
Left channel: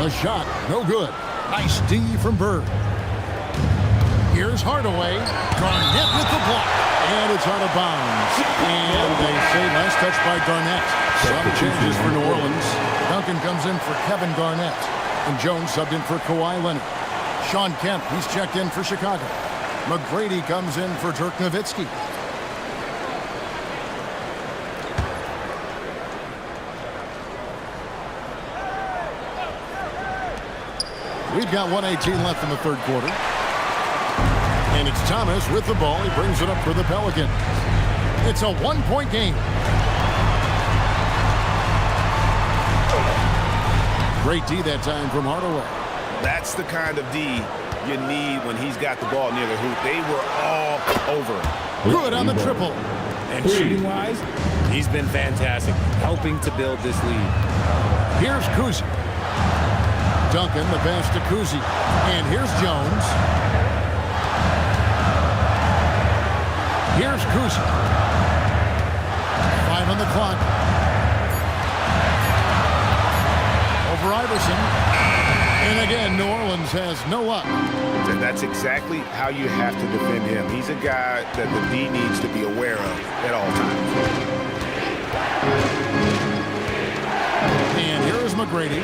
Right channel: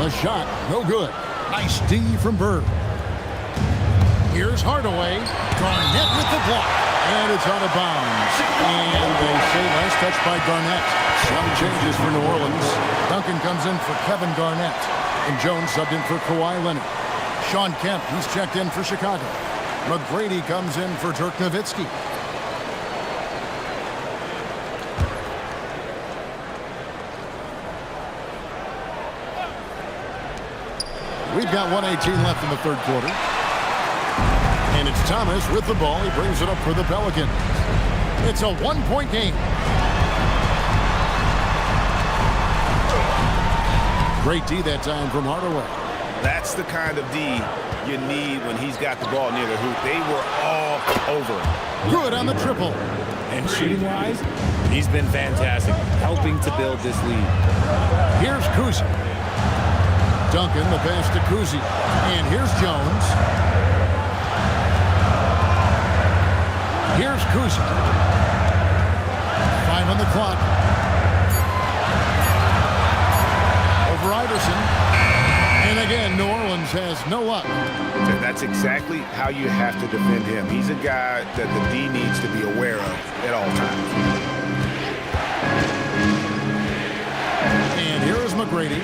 A shot, no good. Nice D from Bird. Here's Hardaway. Garnett with the block. And it's out of bounds. And they say last touch by Garnett. Some changes for New Orleans. Duncan comes in for Kevin Garnett. And Jones subbed in for Kawhi Leonard. Sean Kemp, he's checked in for Chicago. McGrady comes in for Dirk Nowitzki. We've got 1:18 left in the third quarter. And it's Thomas with the ball. He brings it up for the Pelicans. It's a 1-point game. Great D that time from Hardaway. That's the kind of D you need when he's got the ball near the hoop. They were all over him. Good on the triple. And shooting-wise, he's been fantastic, helping to build this lead. Here's Kuzi. Duncan, the pass to Kuzi. And here's Jones. Here's Kuzi. 5 on the clock. Over Iverson. And again, New Orleans has no luck. That's exactly how you have to defend him. He's a guy that the D needs to be aware of at all times. And here is McGrady.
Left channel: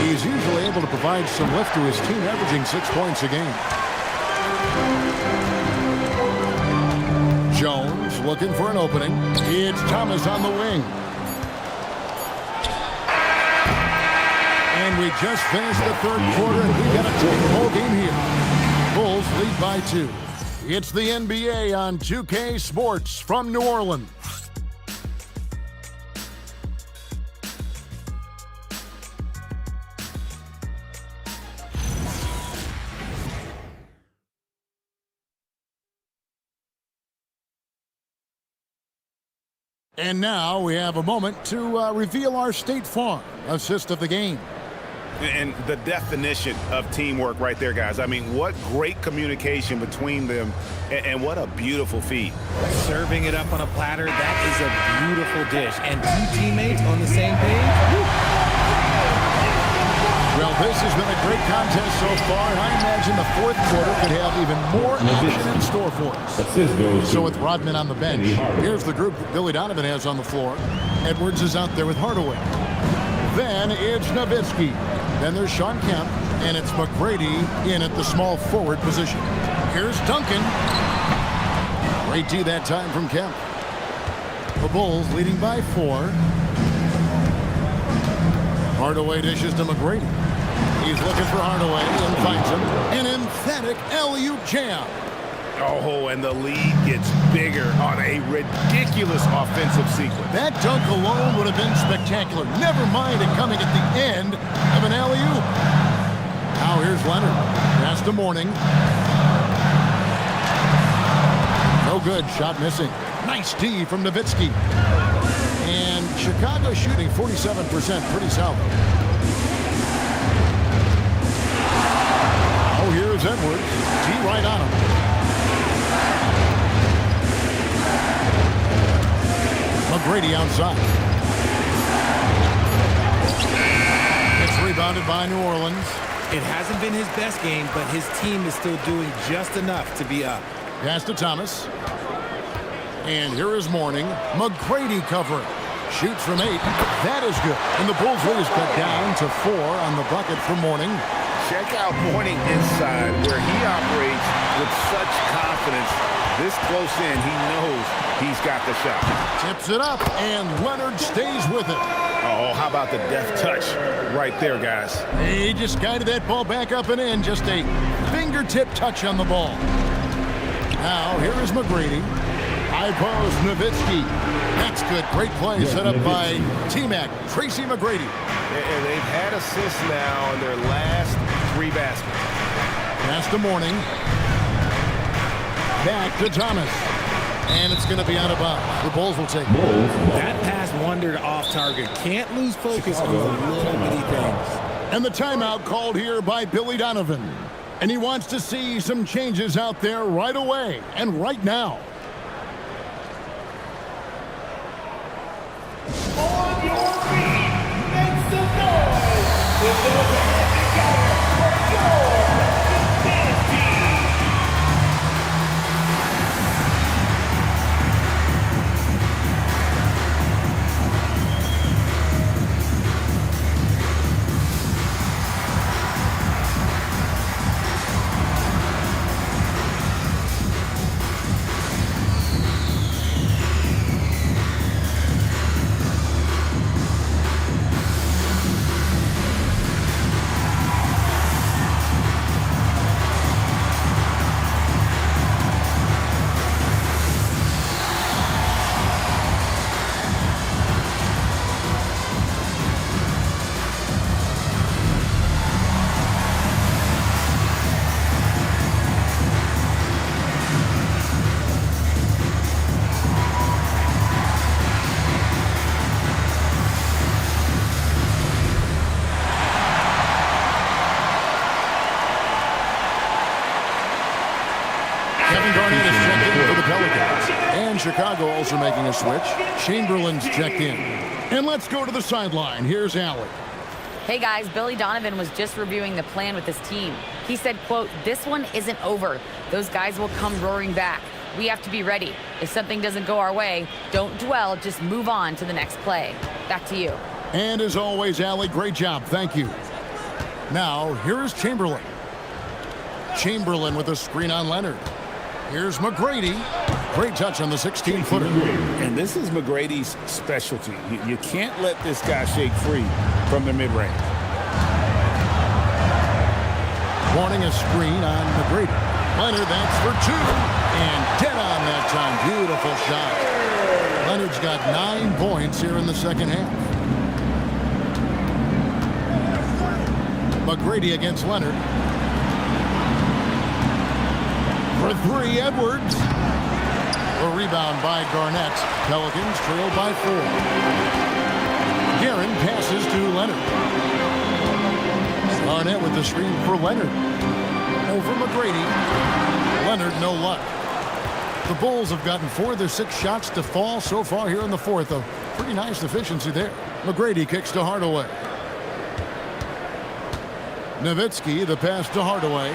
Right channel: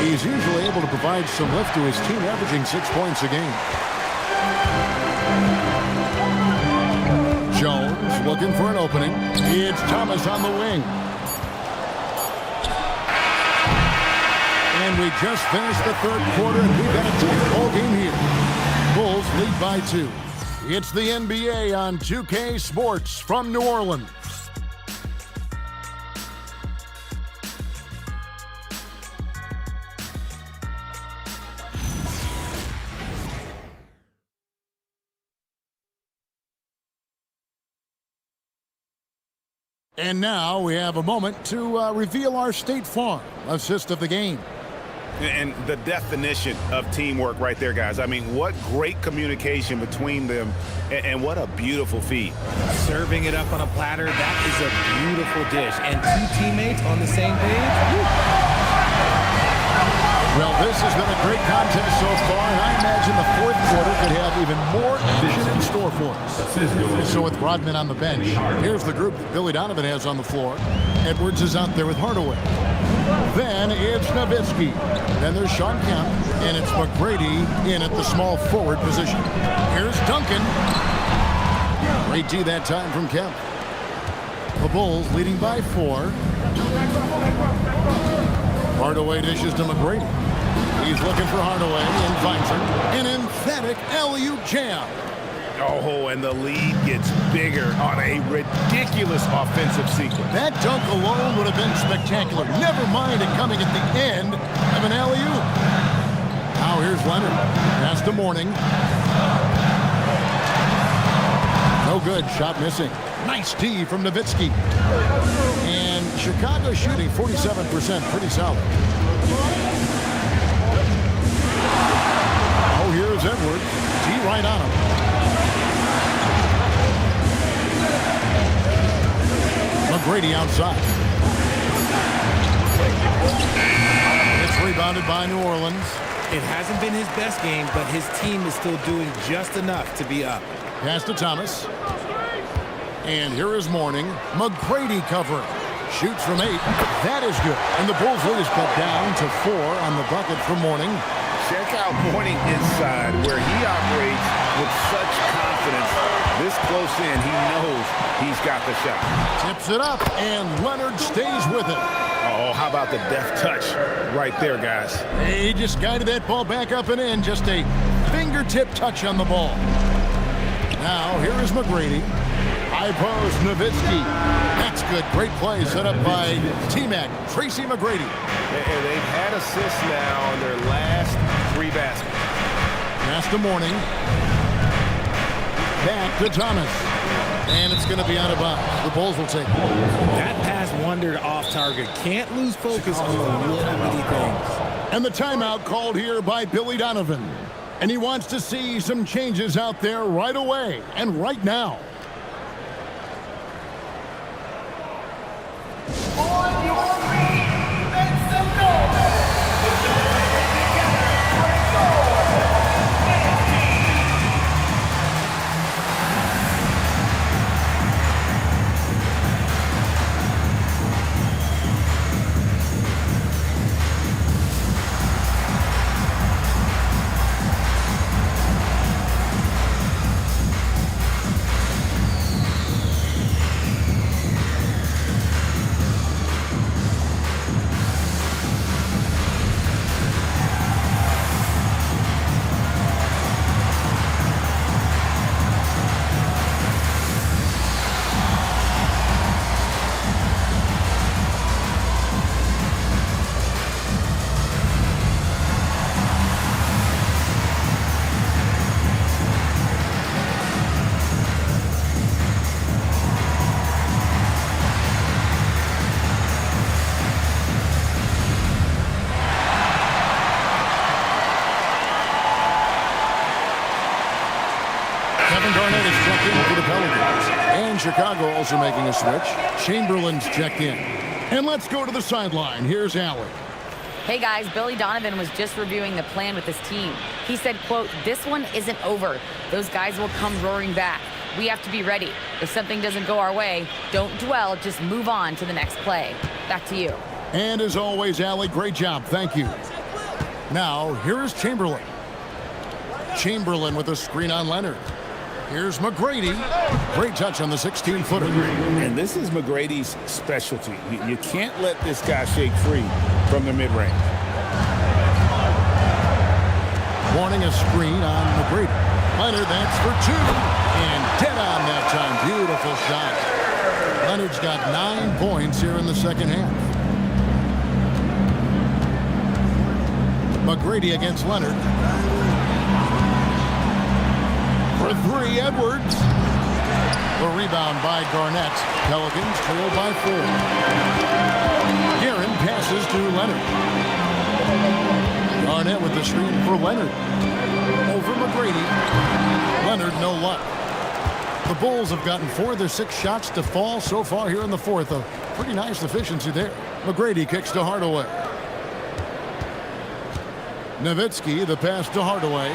He's usually able to provide some lift to his team, averaging 6 points a game. Jones looking for an opening. It's Thomas on the wing. And we just finished the third quarter, and we've got a tight ball game here. Bulls lead by 2. It's the NBA on 2K Sports from New Orleans. And now we have a moment to reveal our State Farm assist of the game. And the definition of teamwork right there, guys. I mean, what great communication between them, and what a beautiful feed. Serving it up on a platter, that is a beautiful dish. And 2 teammates on the same page. Woo. Well, this has been a great contest so far, and I imagine the fourth quarter could have even more action in store for us. So with Rodman on the bench, here's the group that Billy Donovan has on the floor. Edwards is out there with Hardaway. Then it's Nowitzki. Then there's Sean Kemp, and it's McGrady in at the small forward position. Here's Duncan. Great D that time from Kemp. The Bulls leading by 4. Hardaway dishes to McGrady. He's looking for Hardaway and finds him. An emphatic alley-oop jam. Oh, and the lead gets bigger on a ridiculous offensive sequence. That dunk alone would have been spectacular. Never mind it coming at the end of an alley-oop. Now here's Leonard. Pass to Mourning. No good. Shot missing. Nice D from Nowitzki. And Chicago shooting 47%. Pretty solid. Oh, here's Edwards. D right on him. McGrady outside. It's rebounded by New Orleans. It hasn't been his best game, but his team is still doing just enough to be up. Pass to Thomas. And here is Mourning. McGrady covering. Shoots from 8. That is good. And the Bulls lead is cut down to 4 on the bucket for Mourning. Check out Mourning inside, where he operates with such confidence. This close in, he knows he's got the shot. Tips it up, and Leonard stays with it. Oh, how about the deft touch right there, guys? He just guided that ball back up and in. Just a fingertip touch on the ball. Now, here is McGrady. High post, Nowitzki. That's good. Great play set up by T-Mac, Tracy McGrady. And they've had assists now on their last 3 baskets. Pass to Mourning. Back to Thomas. And it's going to be out of bounds. The Bulls will take it. That pass wandered off target. Can't lose focus on the little bitty things. And the timeout called here by Billy Donovan. And he wants to see some changes out there right away and right now. On your feet, make some noise. Put those hands together for your defense team. Kevin Garnett is checked in for the Pelicans. And Chicago also making a switch. Chamberlain's checked in. And let's go to the sideline. Here's Alec. Hey guys, Billy Donovan was just reviewing the plan with his team. He said, quote, "This one isn't over. Those guys will come roaring back. We have to be ready. If something doesn't go our way, don't dwell, just move on to the next play." Back to you. And as always, Alec, great job. Thank you. Now, here is Chamberlain. Chamberlain with a screen on Leonard. Here's McGrady. Great touch on the 16-footer. And this is McGrady's specialty. You can't let this guy shake free from the mid-range. Warning a screen on McGrady. Leonard, that's for 2. And dead on that time. Beautiful shot. Leonard's got 9 points here in the second half. McGrady against Leonard. For 3, Edwards. The rebound by Garnett. Pelicans trail by 4. Guerin passes to Leonard. Garnett with the screen for Leonard. Over McGrady. Leonard, no luck. The Bulls have gotten 4 of their 6 shots to fall so far here in the fourth. A pretty nice efficiency there. McGrady kicks to Hardaway. Nowitzki, the pass to Hardaway.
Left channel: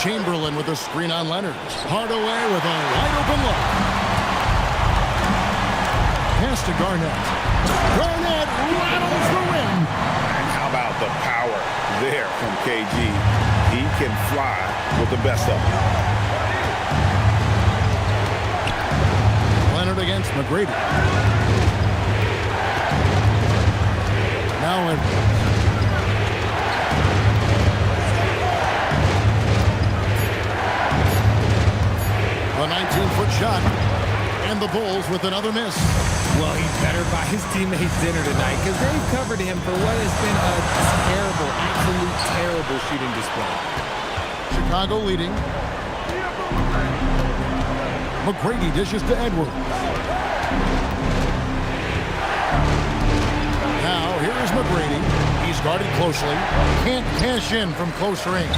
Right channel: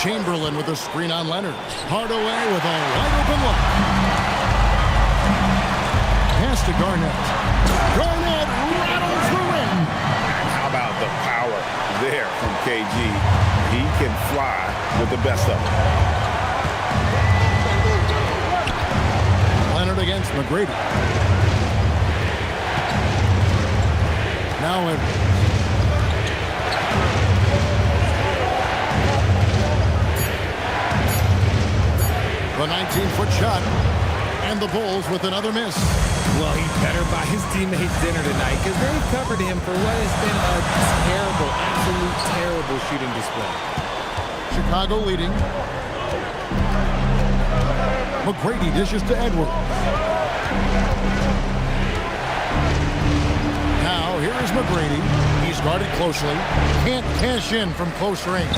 Chamberlain with a screen on Leonard. Hardaway with a wide-open look. Pass to Garnett. Garnett rattles the rim. And how about the power there from KG? He can fly with the best of them. Leonard against McGrady. Now Edwards. The 19-foot shot, and the Bulls with another miss. Well, he better buy his teammates dinner tonight because they've covered him for what has been a terrible, absolute terrible shooting display. Chicago leading. McGrady dishes to Edwards. Now, here is McGrady. He's guarded closely. Can't cash in from close range.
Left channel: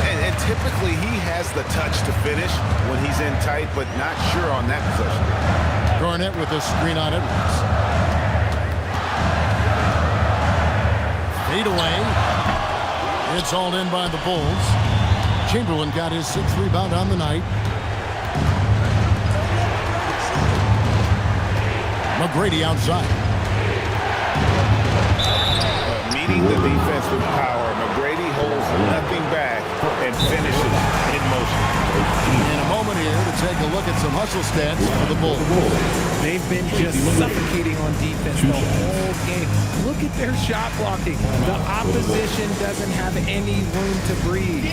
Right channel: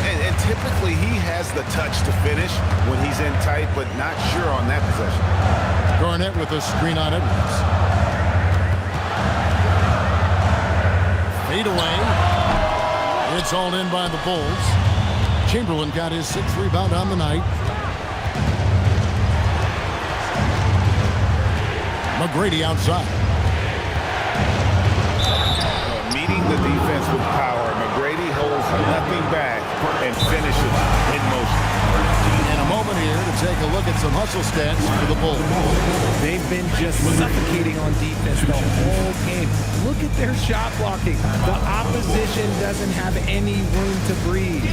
And typically he has the touch to finish when he's in tight, but not sure on that possession. Garnett with a screen on Edwards. Fade away. It's hauled in by the Bulls. Chamberlain got his 6th rebound on the night. McGrady outside. Meeting the defense with power, McGrady holds nothing back and finishes in motion. In a moment here to take a look at some hustle stats for the Bulls. They've been just suffocating on defense the whole game. Look at their shot blocking. The opposition doesn't have any room to breathe.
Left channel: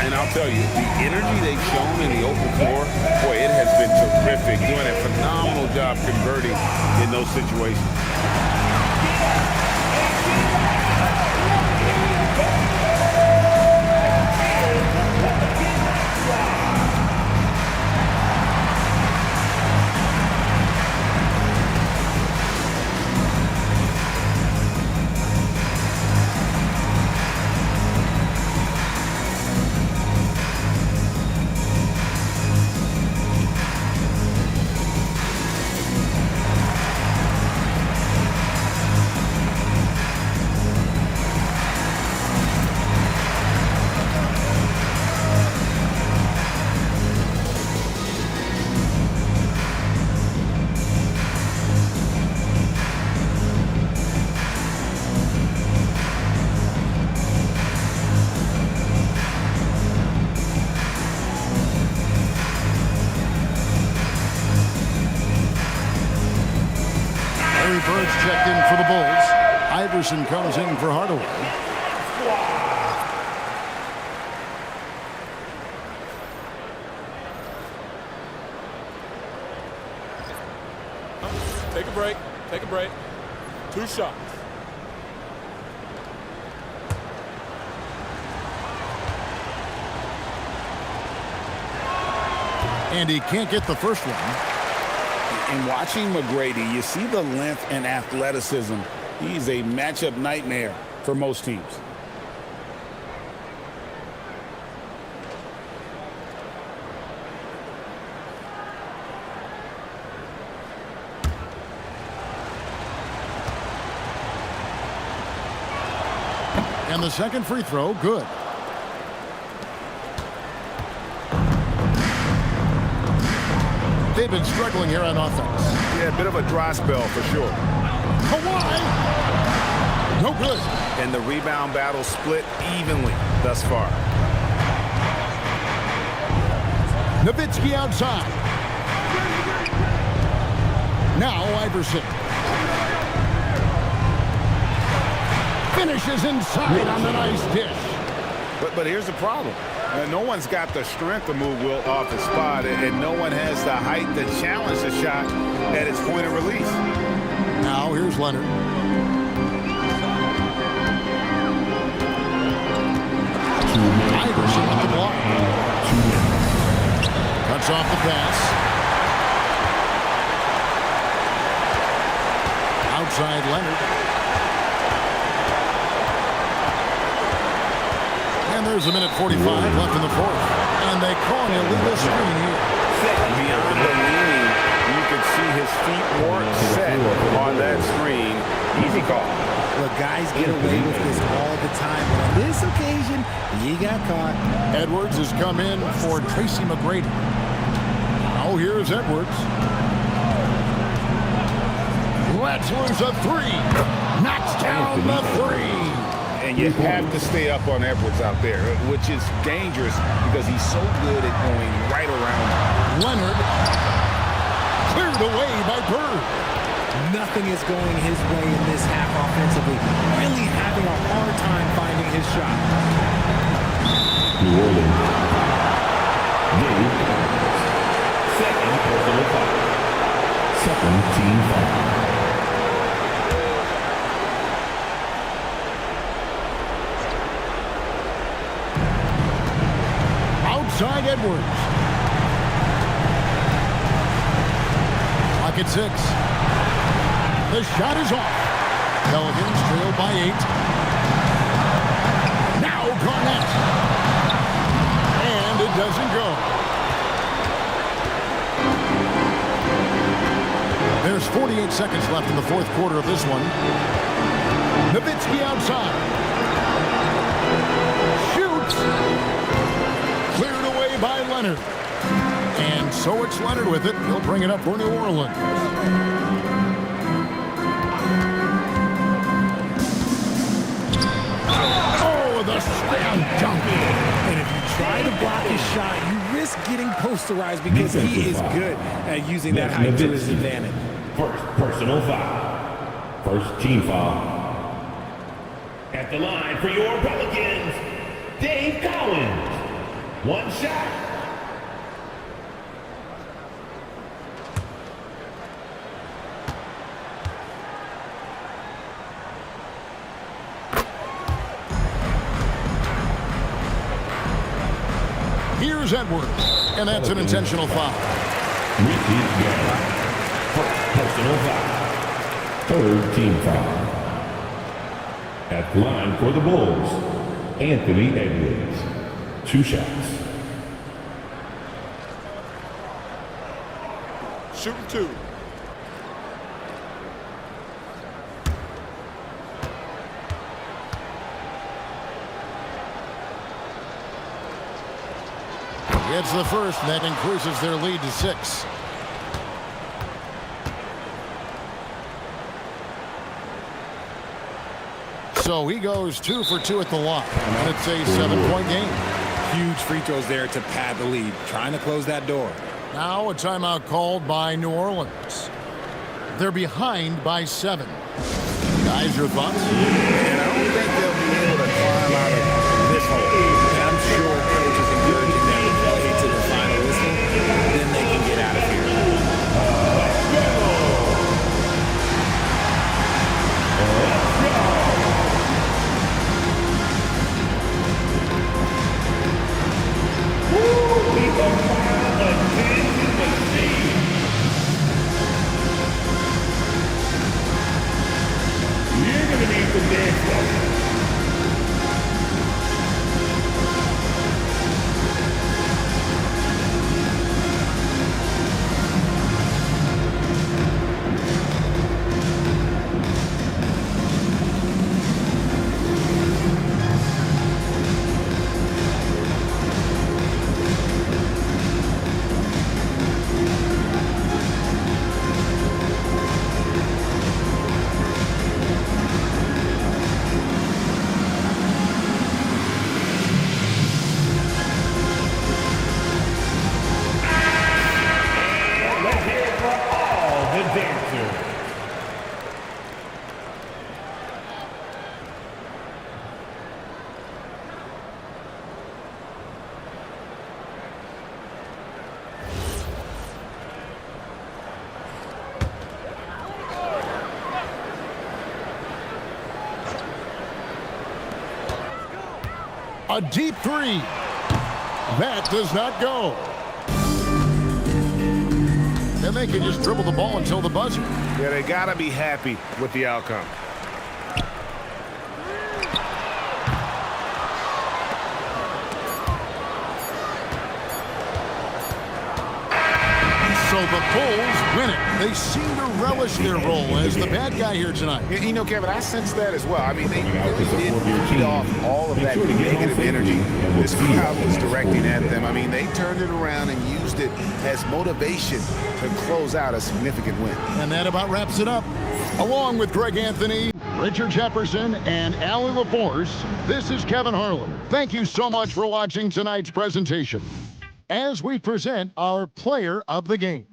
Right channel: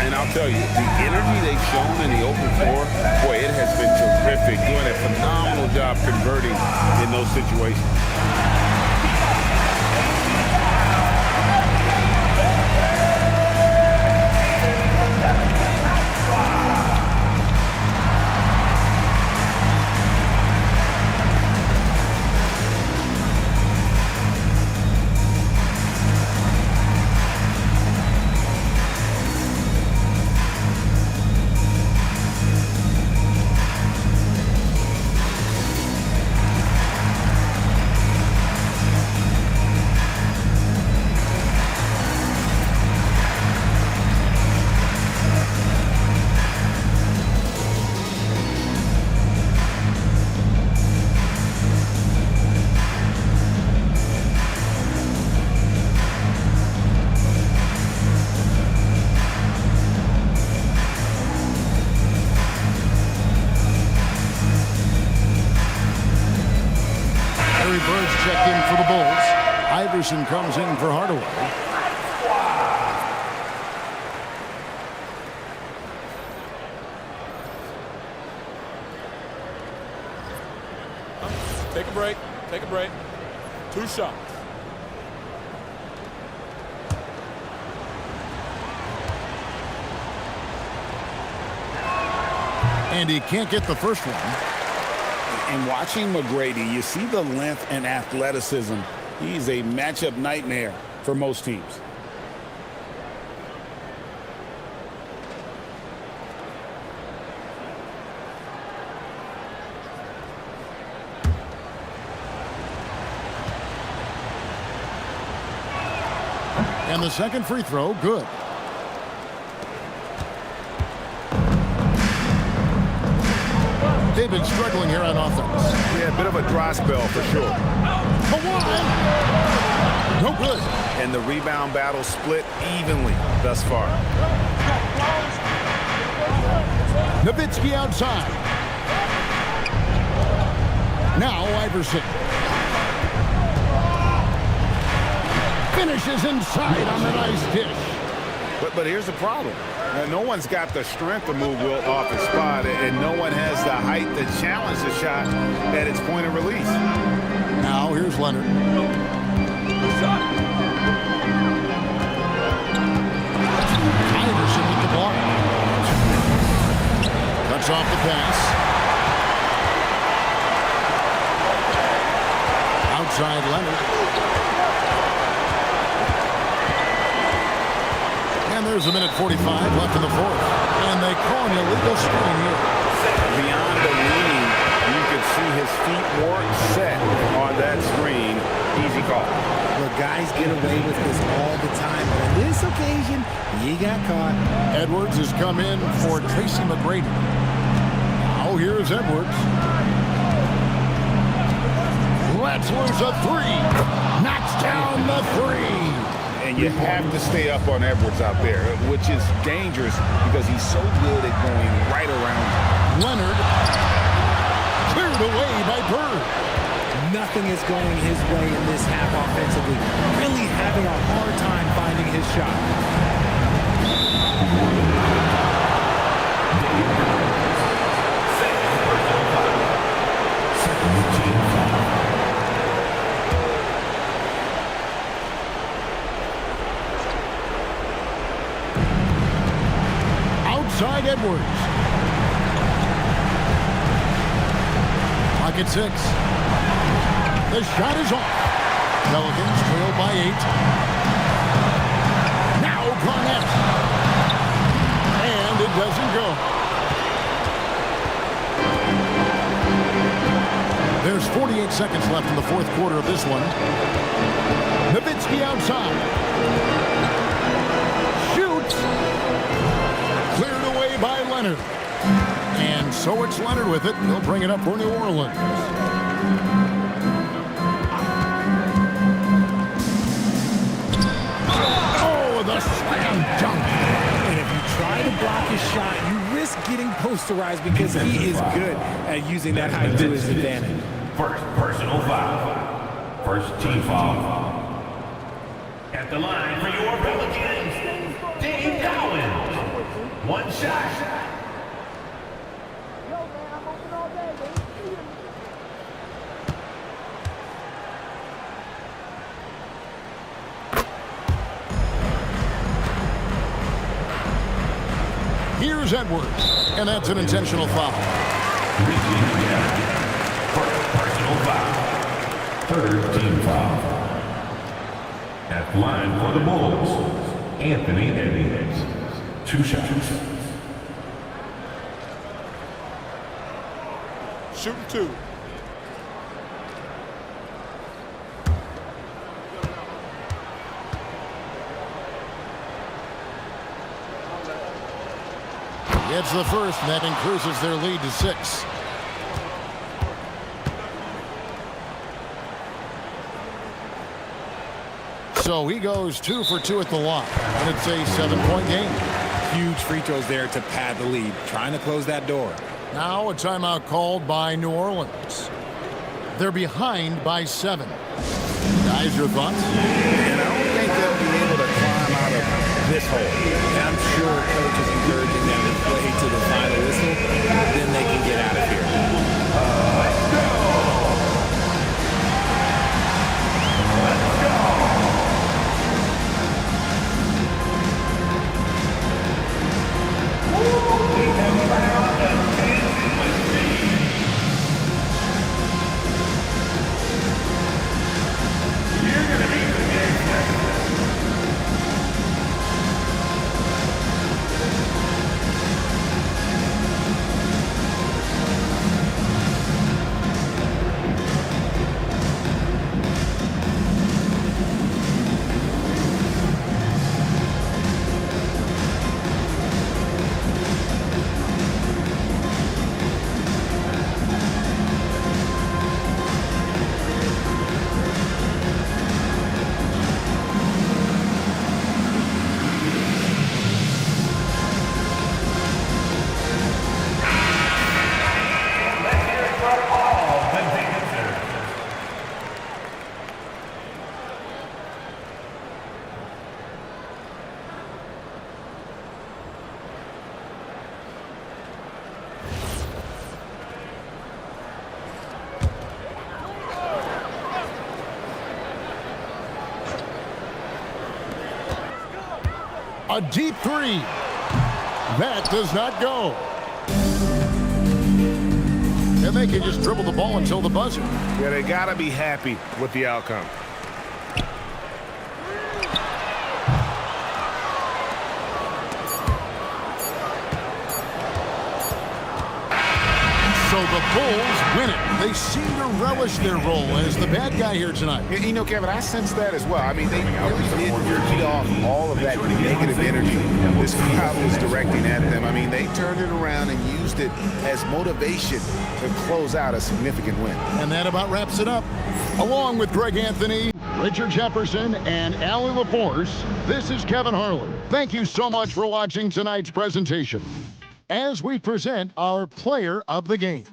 And I'll tell you, the energy they've shown in the open floor, boy, it has been terrific. Doing a phenomenal job converting in those situations. Bird's checked in for the Bulls. Iverson comes in for Hardaway. Take a break. Take a break. 2 shots. And he can't get the first one. And watching McGrady, you see the length and athleticism. He's a matchup nightmare for most teams. And the second free throw, good. They've been struggling here on offense. Yeah, a bit of a dry spell for sure. Kawhi! No good. And the rebound battle split evenly thus far. Nowitzki outside. Now Iverson. Finishes inside on the nice dish. But here's the problem. No one's got the strength to move Wilt off his spot, and no one has the height to challenge the shot at its point of release. Now here's Leonard. Iverson with the block. Cuts off the pass. Outside Leonard. And there's a minute 45 left in the fourth. And they call an illegal screen here. Beyond the leaning, you could see his feet weren't set on that screen. Easy call. Look, guys get away with this all the time, but on this occasion, he got caught. Edwards has come in for Tracy McGrady. Now here's Edwards. Let's lose a three. Knocks down the three. And you have to stay up on Edwards out there, which is dangerous because he's so good at going right around. Leonard cleared away by Bird. Nothing is going his way in this half offensively. Really having a hard time finding his shot. New Orleans. Dave Cards. Second personal foul. Second team foul. Outside Edwards. Clock at 6. The shot is off. Pelicans trail by 8. Now Garnett. And it doesn't go. There's 48 seconds left in the fourth quarter of this one. Nowitzki outside. Shoots. Cleared away by Leonard. And so it's Leonard with it. He'll bring it up for New Orleans. Oh, the a slam dunk. And if you try to block his shot, you risk getting posterized because he is good at using that height to his advantage. First personal foul. First team foul. At the line for your Pelicans, Dave Cowens. One shot. Here's Edwards, and that's an intentional foul. First personal foul. Third team foul. At the line for the Bulls, Anthony Edwards. 2 shots. Shooting 2. Gets the first, and that increases their lead to 6. So he goes 2 for 2 at the line, and it's a 7-point game. Huge free throws there to pad the lead, trying to close that door. Now a timeout called by New Orleans. They're behind by 7. Guys, your thoughts? And I don't think they'll be able to climb out of this hole. And I'm sure coach is encouraging them to play to the final whistle. Then they can get out of here. We have found a dancing machine. You're going to need the dance lesson. A deep 3. That does not go. And they can just dribble the ball until the buzzer. Yeah, they got to be happy with the outcome. So the Bulls win it. They seem to relish their role as the bad guy here tonight. You know, Kevin, I sense that as well. I mean, they really did feed off all of that negative energy this crowd was directing at them. I mean, they turned it around and used it as motivation to close out a significant win. And that about wraps it up. Along with Greg Anthony, Richard Jefferson, and Allie LaForce, this is Kevin Harlan. Thank you so much for watching tonight's presentation as we present our player of the game.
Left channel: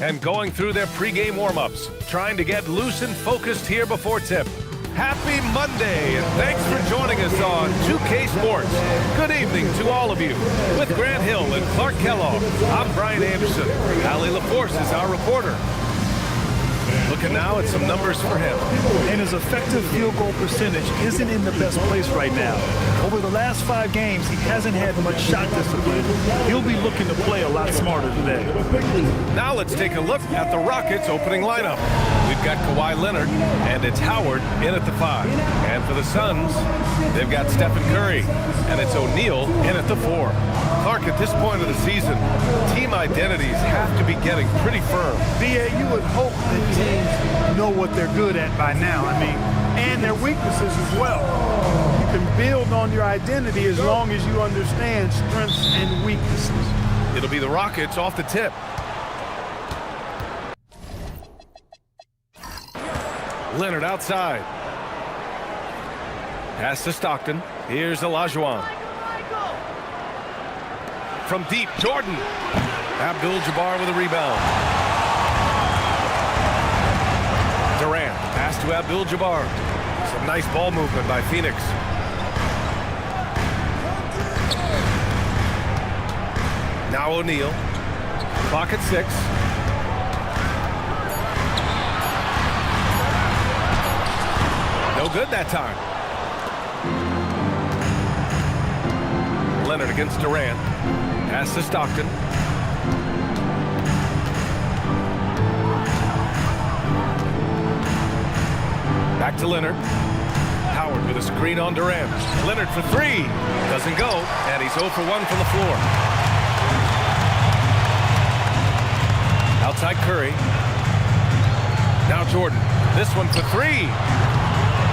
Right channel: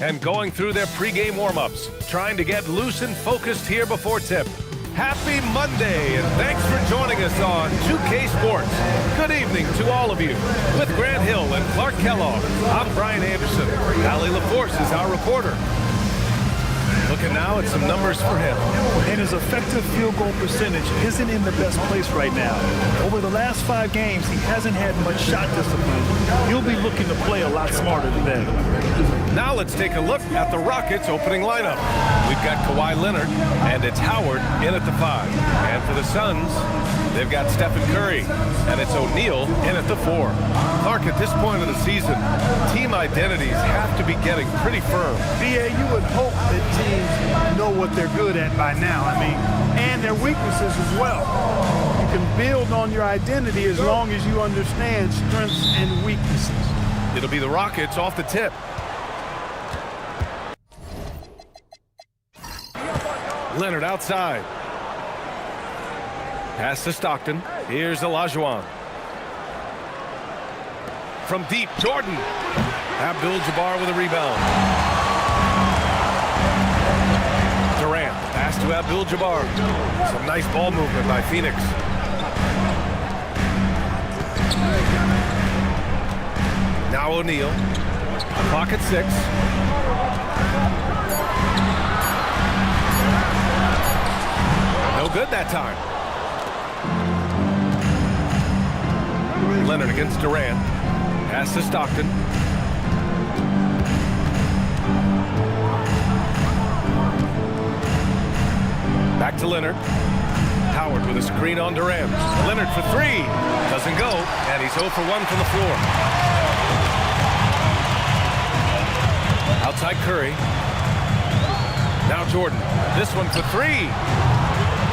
And going through their pregame warm-ups, trying to get loose and focused here before tip. Happy Monday, and thanks for joining us on 2K Sports. Good evening to all of you. With Grant Hill and Clark Kellogg, I'm Brian Anderson. Allie LaForce is our reporter. Looking now at some numbers for him. And his effective field goal percentage isn't in the best place right now. Over the last 5 games, he hasn't had much shot discipline. He'll be looking to play a lot smarter today. Now let's take a look at the Rockets' opening lineup. We've got Kawhi Leonard, and it's Howard in at the 5. And for the Suns, they've got Stephen Curry, and it's O'Neal in at the 4. Clark, at this point of the season, team identities have to be getting pretty firm. BA, you would hope that teams know what they're good at by now. And their weaknesses as well. You can build on your identity as long as you understand strengths and weaknesses. It'll be the Rockets off the tip. Leonard outside. Pass to Stockton. Here's Olajuwon. From deep, Jordan. Abdul-Jabbar with a rebound. Durant, the pass to Abdul-Jabbar. Some nice ball movement by Phoenix. Now O'Neal. Clock at 6. No good that time. Leonard against Durant. Pass to Stockton. Back to Leonard. Howard with a screen on Durant. Leonard for 3. Doesn't go, and he's 0 for 1 from the floor. Outside Curry. Now Jordan. This one for 3.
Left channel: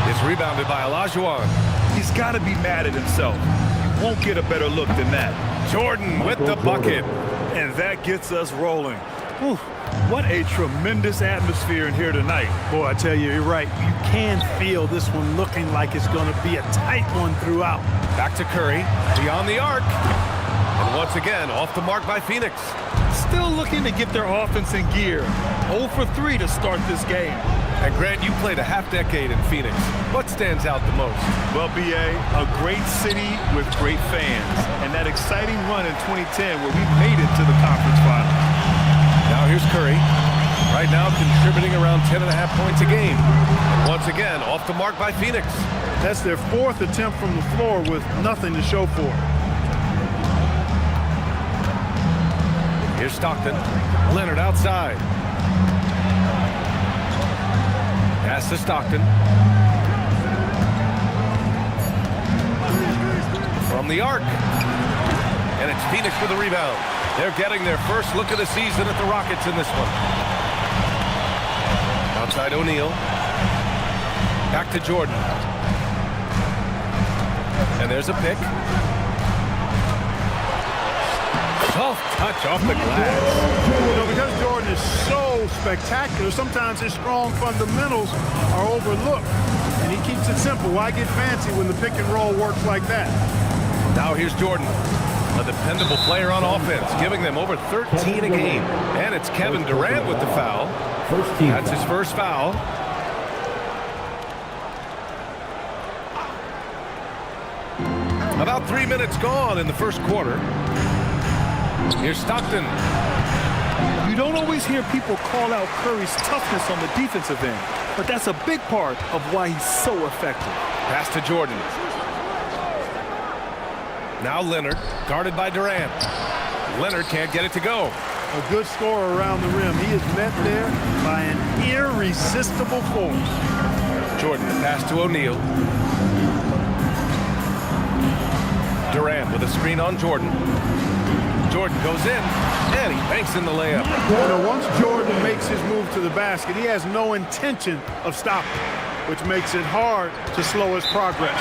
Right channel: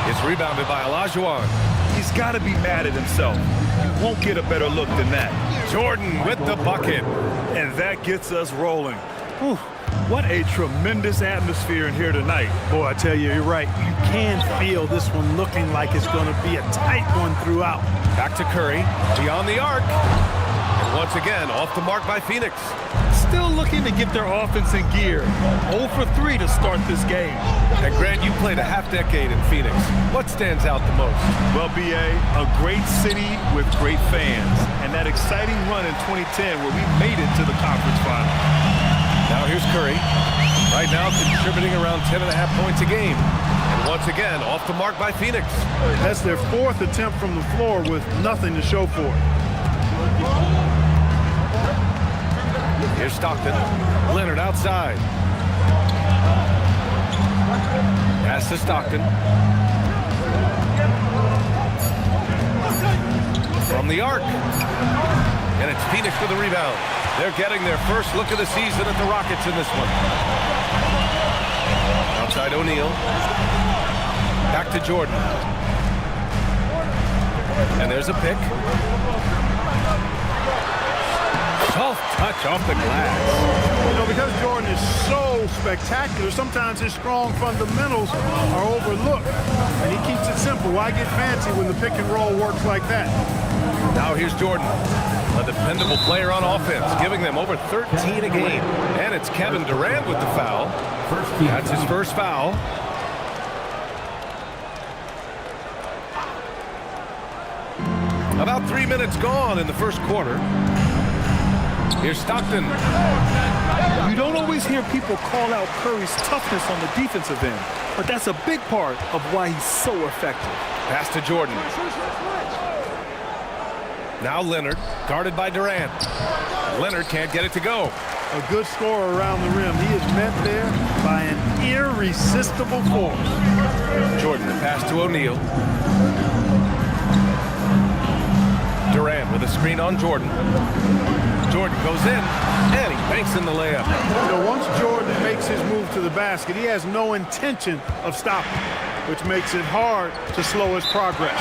It's rebounded by Olajuwon. He's got to be mad at himself. You won't get a better look than that. Jordan with the bucket. And that gets us rolling. Whew, what a tremendous atmosphere in here tonight. Boy, I tell you, you're right. You can feel this one looking like it's going to be a tight one throughout. Back to Curry, beyond the arc. And once again, off the mark by Phoenix. Still looking to get their offense in gear. 0 for 3 to start this game. And Grant, you played a half-decade in Phoenix. What stands out the most? Well, BA, a great city with great fans. And that exciting run in 2010 where we made it to the conference final. Now here's Curry. Right now contributing around 10.5 points a game. And once again, off the mark by Phoenix. That's their 4th attempt from the floor with nothing to show for it. Here's Stockton. Leonard outside. Pass to Stockton. From the arc. And it's Phoenix with the rebound. They're getting their first look of the season at the Rockets in this one. Outside O'Neal. Back to Jordan. And there's a pick. Soft touch off the glass. You know, because Jordan is so spectacular, sometimes his strong fundamentals are overlooked. And he keeps it simple. Why get fancy when the pick and roll works like that? Now here's Jordan, a dependable player on offense, giving them over 13 a game. And it's Kevin Durant with the foul. That's his first foul. About 3 minutes gone in the first quarter. Here's Stockton. You don't always hear people call out Curry's toughness on the defensive end, but that's a big part of why he's so effective. Pass to Jordan. Now Leonard, guarded by Durant. Leonard can't get it to go. A good scorer around the rim. He is met there by an irresistible force. Jordan, the pass to O'Neal. Durant with a screen on Jordan. Jordan goes in, and he banks in the layup. You know, once Jordan makes his move to the basket, he has no intention of stopping, which makes it hard to slow his progress.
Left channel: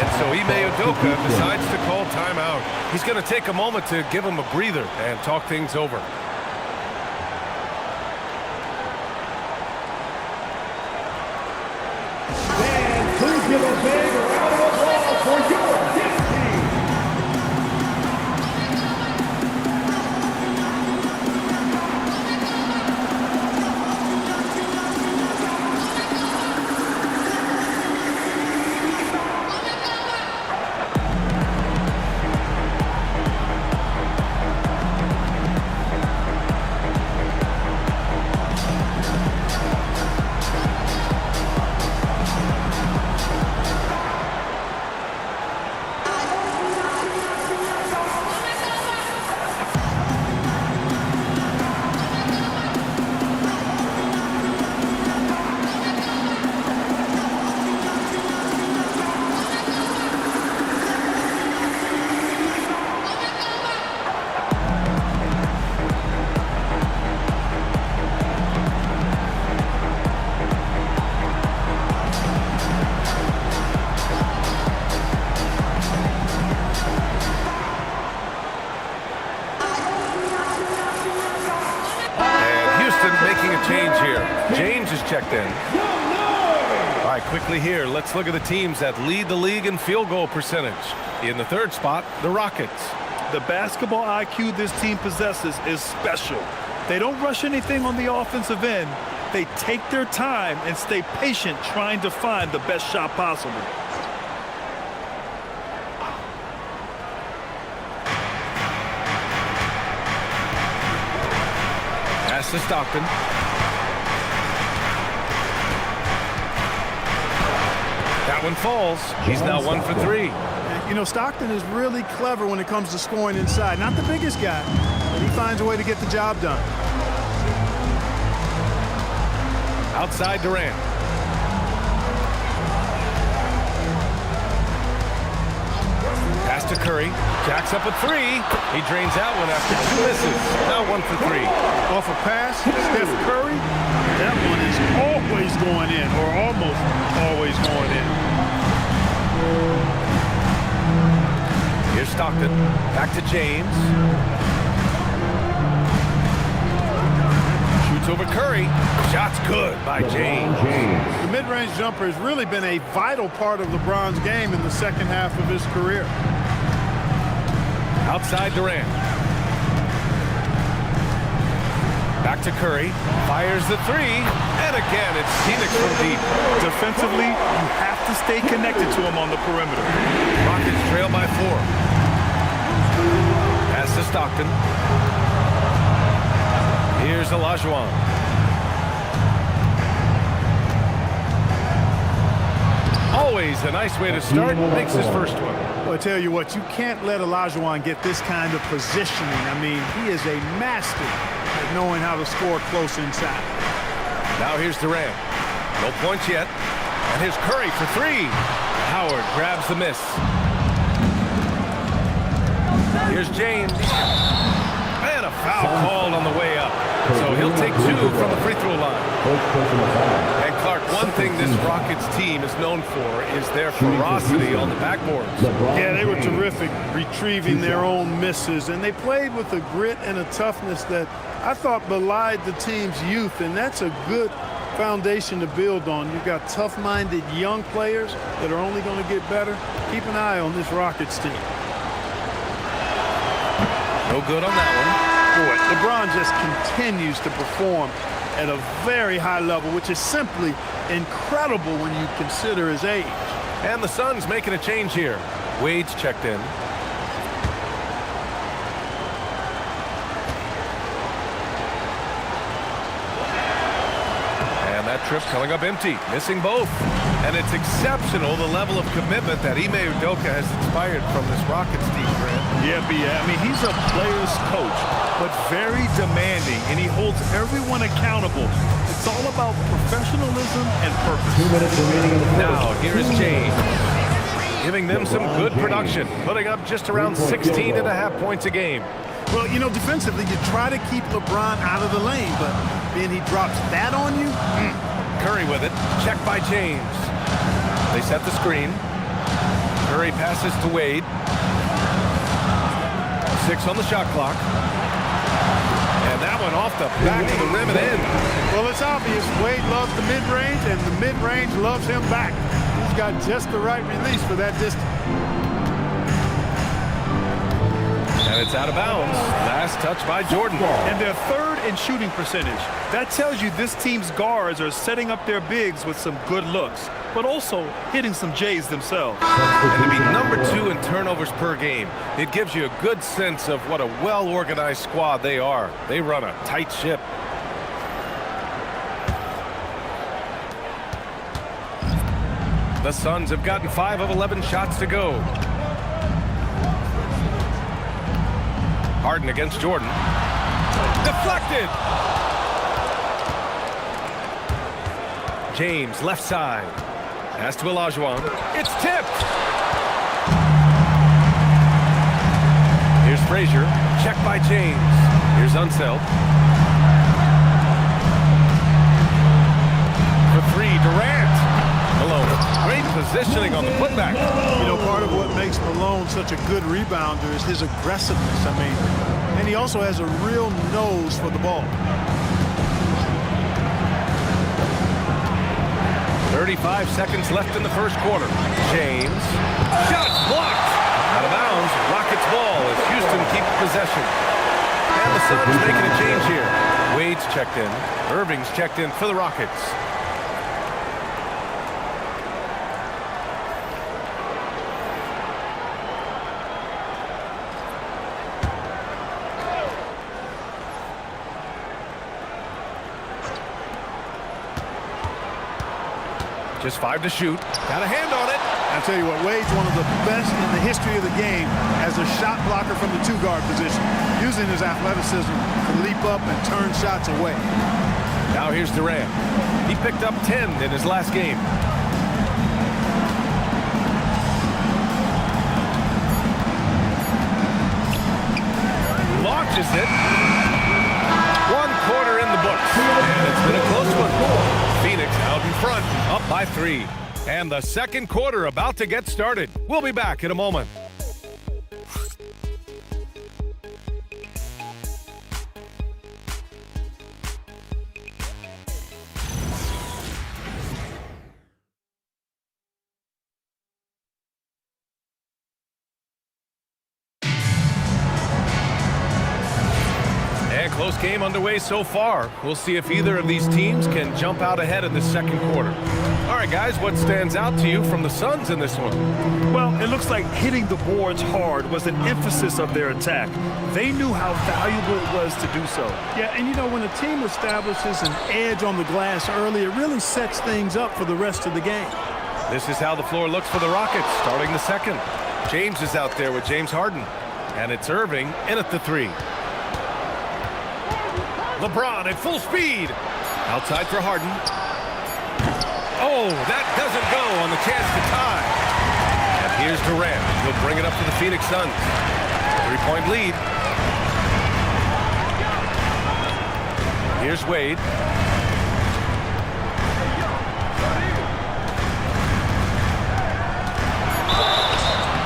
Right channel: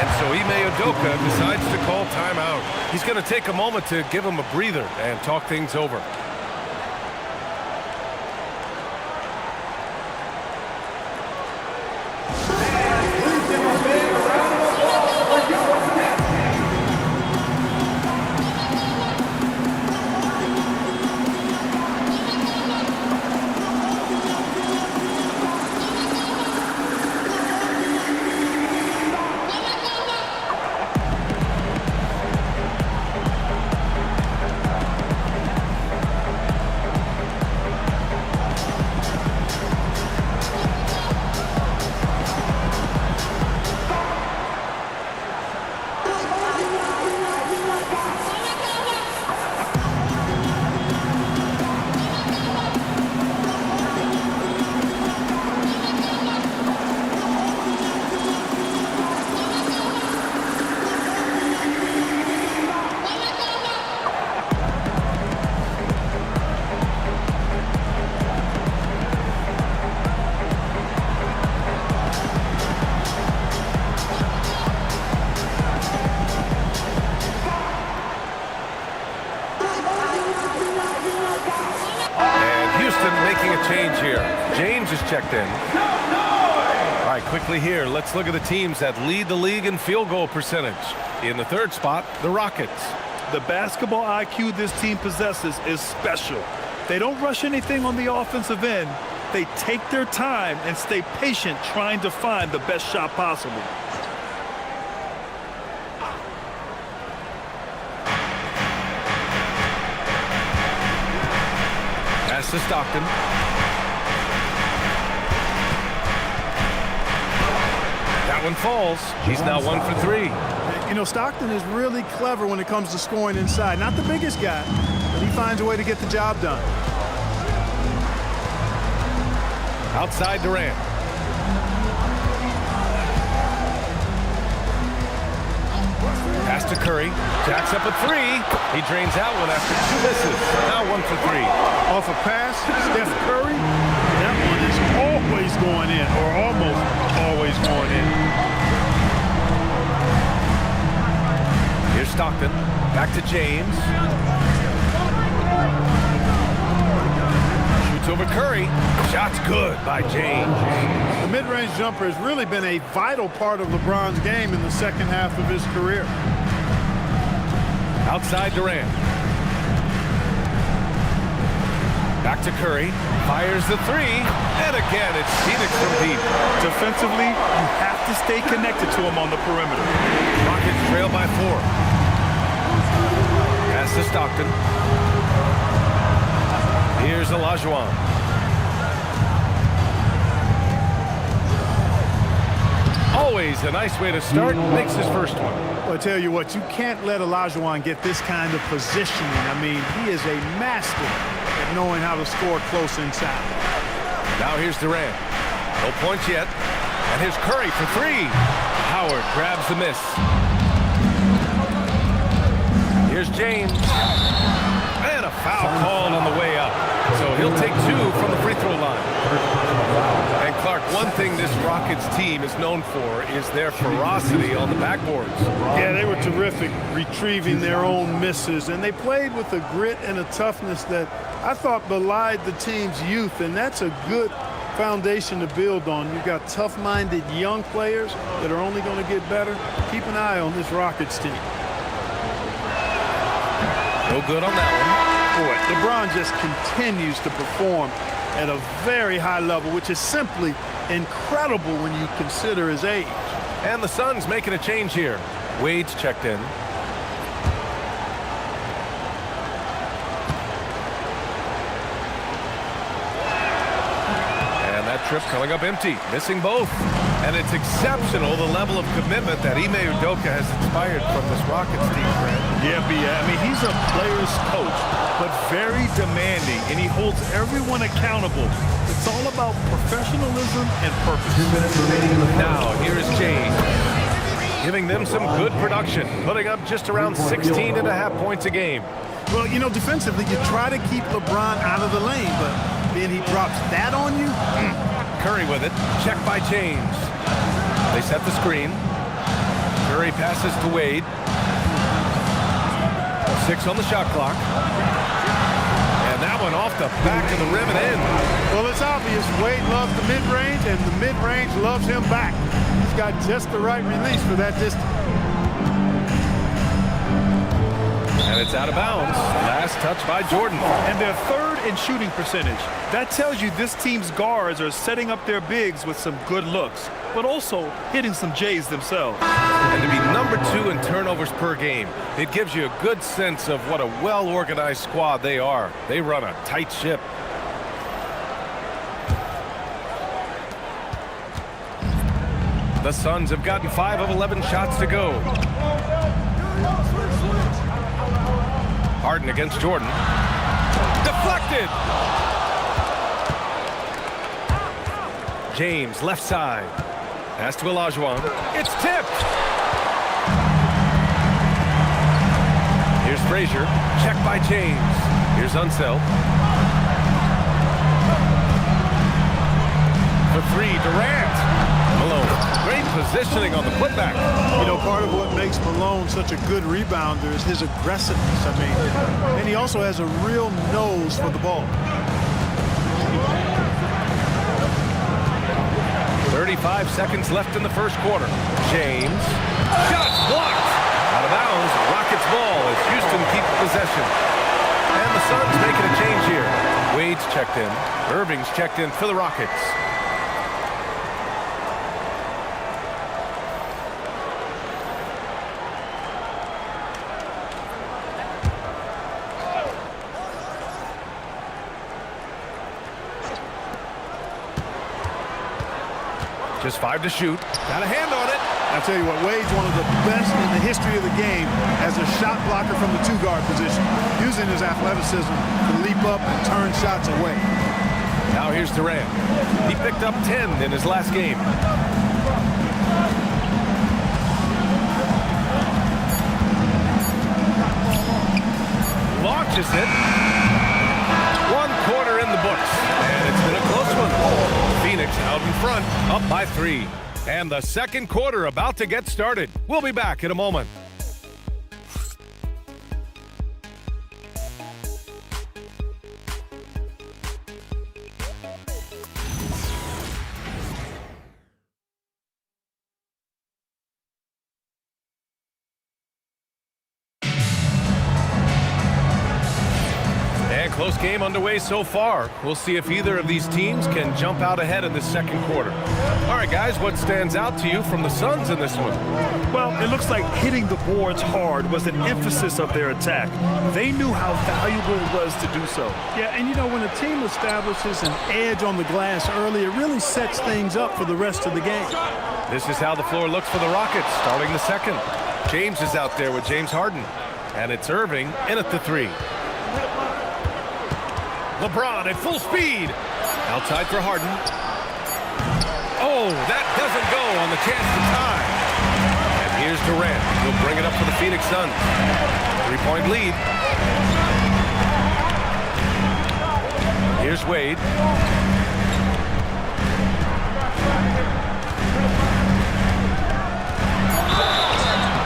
And so Ime Udoka decides to call timeout. He's going to take a moment to give him a breather and talk things over. Please give a big round of applause for your team. James is checked in. All right, quickly here, let's look at the teams that lead the league in field goal percentage. In the third spot, the Rockets. The basketball IQ this team possesses is special. They don't rush anything on the offensive end. They take their time and stay patient trying to find the best shot possible. Pass to Stockton. That one falls. He's now 1 for 3. You know, Stockton is really clever when it comes to scoring inside. Not the biggest guy, but he finds a way to get the job done. Outside Durant. Pass to Curry. Jacks up a 3. He drains that one after 2 misses. Now 1 for 3. Off a pass, Steph Curry. That one is always going in, or almost always going in. Here's Stockton. Back to James. Shoots over Curry. Shot's good by James. The mid-range jumper has really been a vital part of LeBron's game in the second half of his career. Outside Durant. Back to Curry. Fires the 3. And again, it's Phoenix from deep. Defensively, you have to stay connected to him on the perimeter. Rockets trail by 4. Pass to Stockton. Here's Olajuwon. Always a nice way to start. Makes his first one. Well, I tell you what, you can't let Olajuwon get this kind of positioning. I mean, he is a master at knowing how to score close inside. Now here's Durant. No points yet. And here's Curry for 3. Howard grabs the miss. Here's James. And a foul called on the way up. So he'll take 2 from the free throw line. And Clark, one thing this Rockets team is known for is their ferocity on the backboards. Yeah, they were terrific retrieving their own misses, and they played with a grit and a toughness that I thought belied the team's youth, and that's a good foundation to build on. You've got tough-minded young players that are only going to get better. Keep an eye on this Rockets team. No good on that one. Boy, LeBron just continues to perform at a very high level, which is simply incredible when you consider his age. And the Suns making a change here. Wade's checked in. And that trip coming up empty, missing both. And it's exceptional, the level of commitment that Ime Udoka has inspired from this Rockets team, Grant. Yeah, I mean, he's a player's coach, but very demanding, and he holds everyone accountable. It's all about professionalism and purpose. 2 minutes remaining in the first. Now, here is James, giving them some good production, putting up just around 16.5 points a game. Well, you know, defensively, you try to keep LeBron out of the lane, but then he drops that on you. Curry with it, checked by James. They set the screen. Curry passes to Wade. 6 on the shot clock. And that one off the back of the rim and in. Well, it's obvious Wade loves the mid-range, and the mid-range loves him back. He's got just the right release for that distance. And it's out of bounds. Last touch by Jordan. And they're third in shooting percentage. That tells you this team's guards are setting up their bigs with some good looks, but also hitting some J's themselves. And to be number 2 in turnovers per game, it gives you a good sense of what a well-organized squad they are. They run a tight ship. The Suns have gotten 5 of 11 shots to go. Harden against Jordan. Deflected! James, left side. Pass to Olajuwon. It's tipped! Here's Frazier. Checked by James. Here's Unseld. For 3, Durant. Malone. Great positioning on the putback. You know, part of what makes Malone such a good rebounder is his aggressiveness. I mean, and he also has a real nose for the ball. 35 seconds left in the first quarter. James. Shots blocked. Out of bounds. Rockets ball as Houston keeps possession. And the Suns making a change here. Wade's checked in. Irving's checked in for the Rockets. Just 5 to shoot. Got a hand on it. I tell you what, Wade's one of the best in the history of the game as a shot blocker from the 2-guard position, using his athleticism to leap up and turn shots away. Now here's Durant. He picked up 10 in his last game. Launches it. 1 quarter in the books, and it's been a close one. Phoenix out in front, up by 3. And the second quarter about to get started. We'll be back in a moment. And close game underway so far. We'll see if either of these teams can jump out ahead in the second quarter. All right, guys, what stands out to you from the Suns in this one? Well, it looks like hitting the boards hard was an emphasis of their attack. They knew how valuable it was to do so. Yeah, and you know, when a team establishes an edge on the glass early, it really sets things up for the rest of the game. This is how the floor looks for the Rockets starting the second. James is out there with James Harden. And it's Irving in at the 3. LeBron at full speed. Outside for Harden. Oh, that doesn't go on the chance to tie. And here's Durant. He'll bring it up for the Phoenix Suns. 3-point lead. Here's Wade.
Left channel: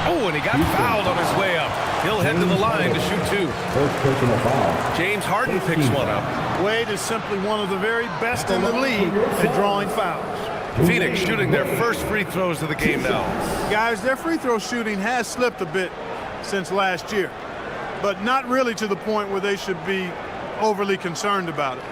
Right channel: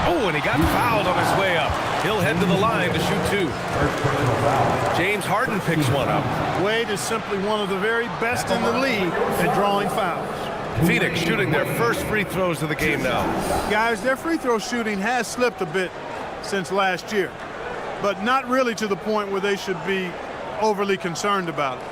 Oh, and he got fouled on his way up. He'll head to the line to shoot 2. First personal foul. James Harden picks one up. Wade is simply one of the very best in the league at drawing fouls. Phoenix shooting their first free throws of the game now. Guys, their free throw shooting has slipped a bit since last year, but not really to the point where they should be overly concerned about it.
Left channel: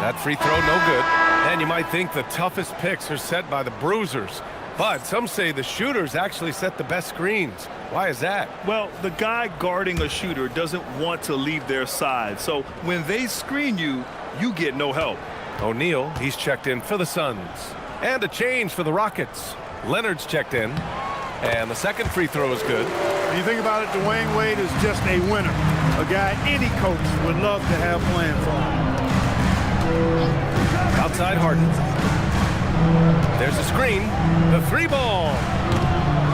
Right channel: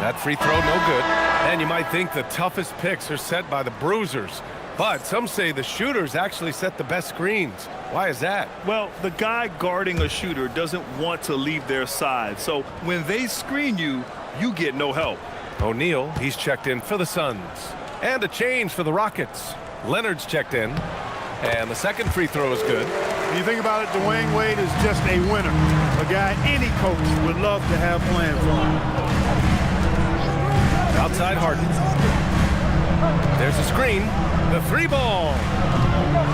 That free throw, no good. And you might think the toughest picks are set by the bruisers. But some say the shooters actually set the best screens. Why is that? Well, the guy guarding a shooter doesn't want to leave their side. So when they screen you, you get no help. O'Neal, he's checked in for the Suns. And a change for the Rockets. Leonard's checked in. And the second free throw is good. When you think about it, Dwayne Wade is just a winner. A guy any coach would love to have playing for him. Outside Harden. There's a screen. The 3-ball.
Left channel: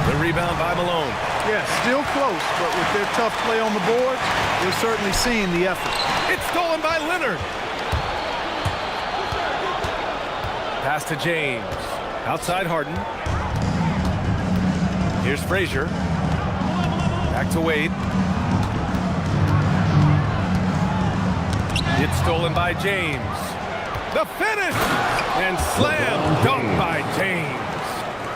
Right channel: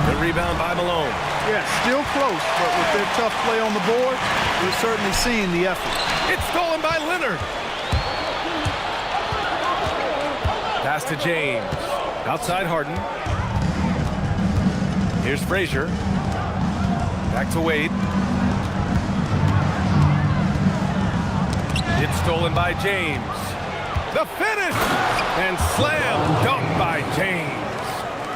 The rebound by Malone. Yeah, still close, but with their tough play on the board, we're certainly seeing the effort. It's stolen by Leonard. Pass to James. Outside Harden. Here's Frazier. Back to Wade. It's stolen by James. The finish! And slam dunk by James.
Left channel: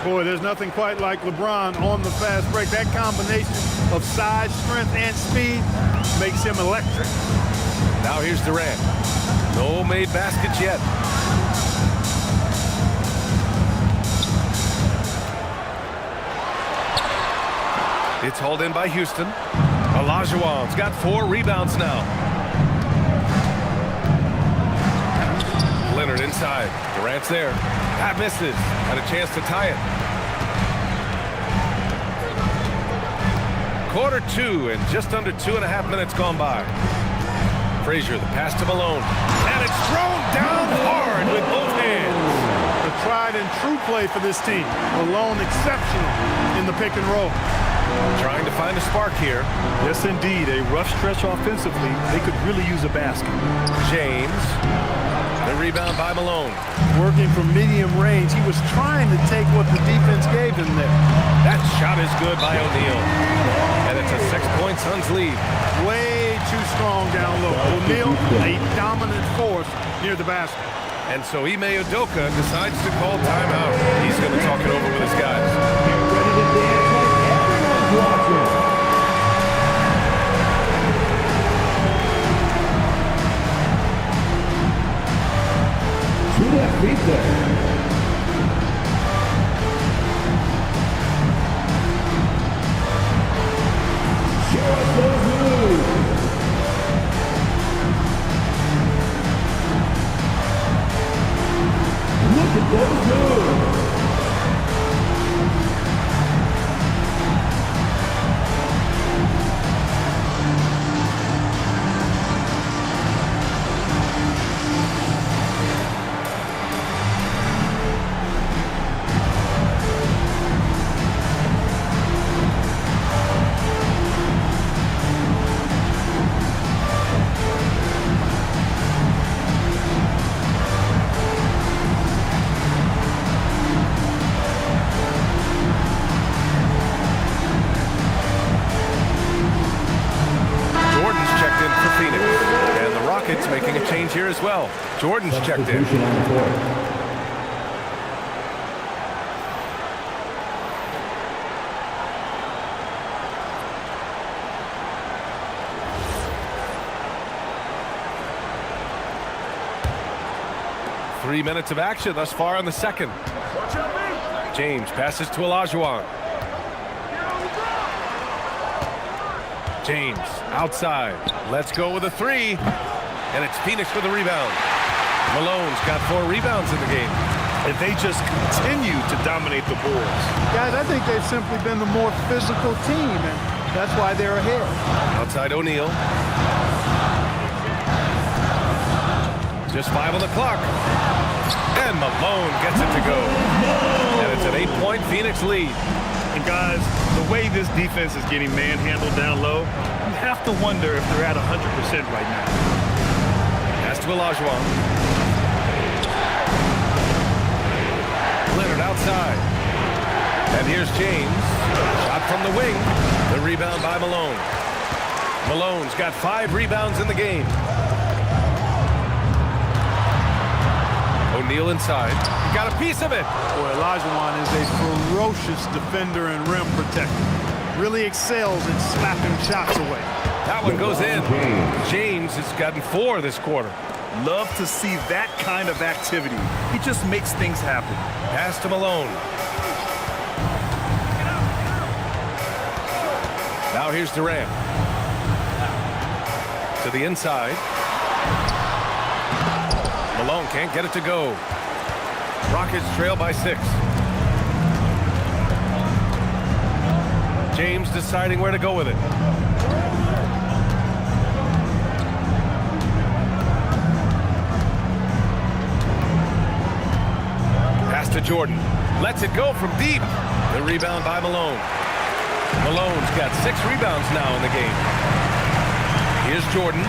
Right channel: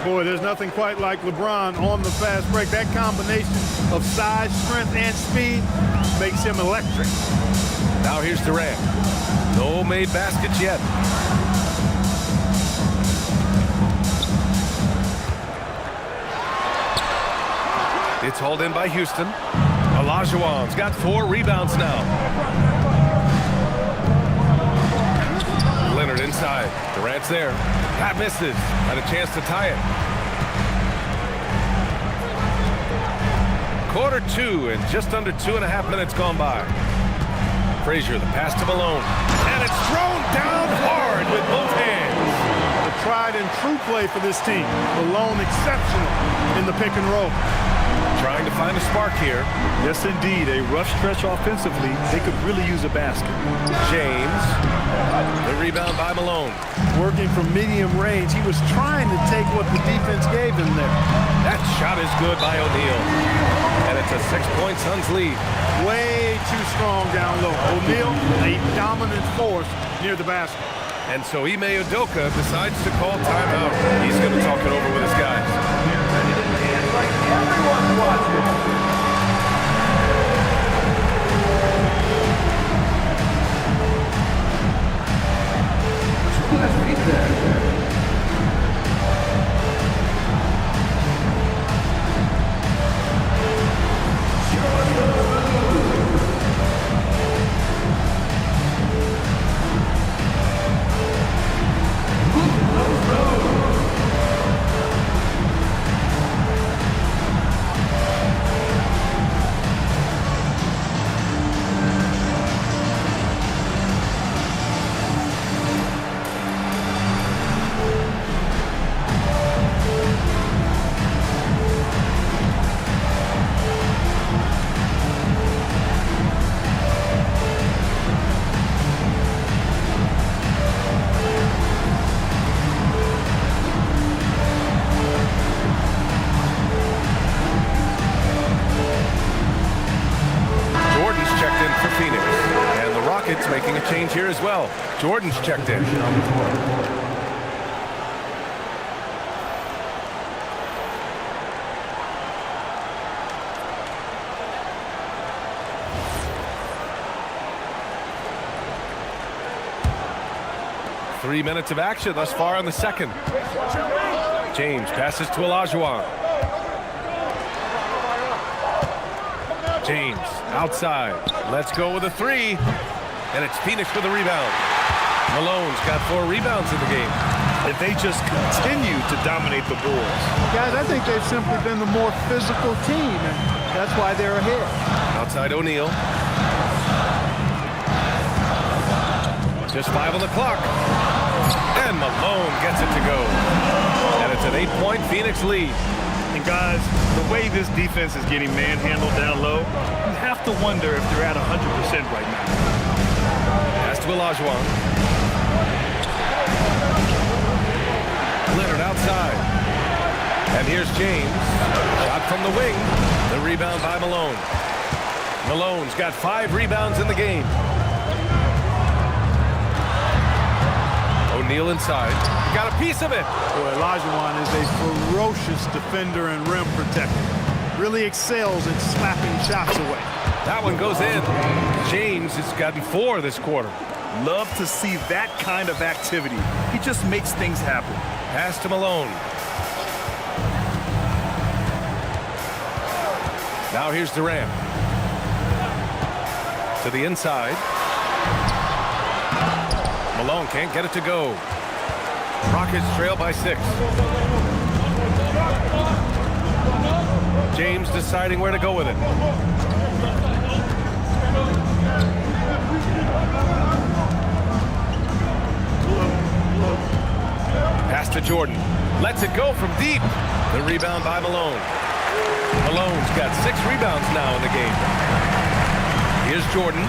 Boy, there's nothing quite like LeBron on the fast break. That combination of size, strength, and speed makes him electric. Now here's Durant. No made baskets yet. It's hauled in by Houston. Olajuwon's got 4 rebounds now. Leonard inside. Durant's there. That misses. Had a chance to tie it. Quarter 2 and just under 2.5 minutes gone by. Frazier, the pass to Malone. And it's thrown down hard with both hands. The tried and true play for this team. Malone exceptional in the pick and roll. trying to find a spark here. Yes, indeed. A rough stretch offensively. They could really use a basket. James. The rebound by Malone. Working from medium range. He was trying to take what the defense gave him there. That shot is good by O'Neal. And it's a 6-point Suns lead. Way too strong down low. O'Neal, a dominant force near the basket. And so Ime Udoka decides to call timeout. He's going to talk it over with his guys. Get ready to dance like everyone's watching. Two left feet there. Show us those moves. Look at those moves. Jordan's checked in for Phoenix. And the Rockets making a change here as well. Jordan's checked in. On the court. 3 minutes of action thus far in the second. James passes to Olajuwon. James outside. Let's go with a three. And it's Phoenix with a rebound. Malone's got 4 rebounds in the game. And they just continue to dominate the boards. Guys, I think they've simply been the more physical team, and that's why they're ahead. Outside O'Neal. Just 5 on the clock. And Malone gets it to go. And it's an 8-point Phoenix lead. And guys, the way this defense is getting manhandled down low, you have to wonder if they're at 100% right now. Pass to Olajuwon. Leonard outside. And here's James. Shot from the wing. The rebound by Malone. Malone's got 5 rebounds in the game. O'Neal inside. He got a piece of it. Boy, Olajuwon is a ferocious defender and rim protector. Really excels at slapping shots away. That one goes in. James has gotten 4 this quarter. Love to see that kind of activity. He just makes things happen. Pass to Malone. Now here's Durant. To the inside. Malone can't get it to go. Rockets trail by 6. James deciding where to go with it. Pass to Jordan. Lets it go from deep. The rebound by Malone. Malone's got 6 rebounds now in the game. Here's Jordan.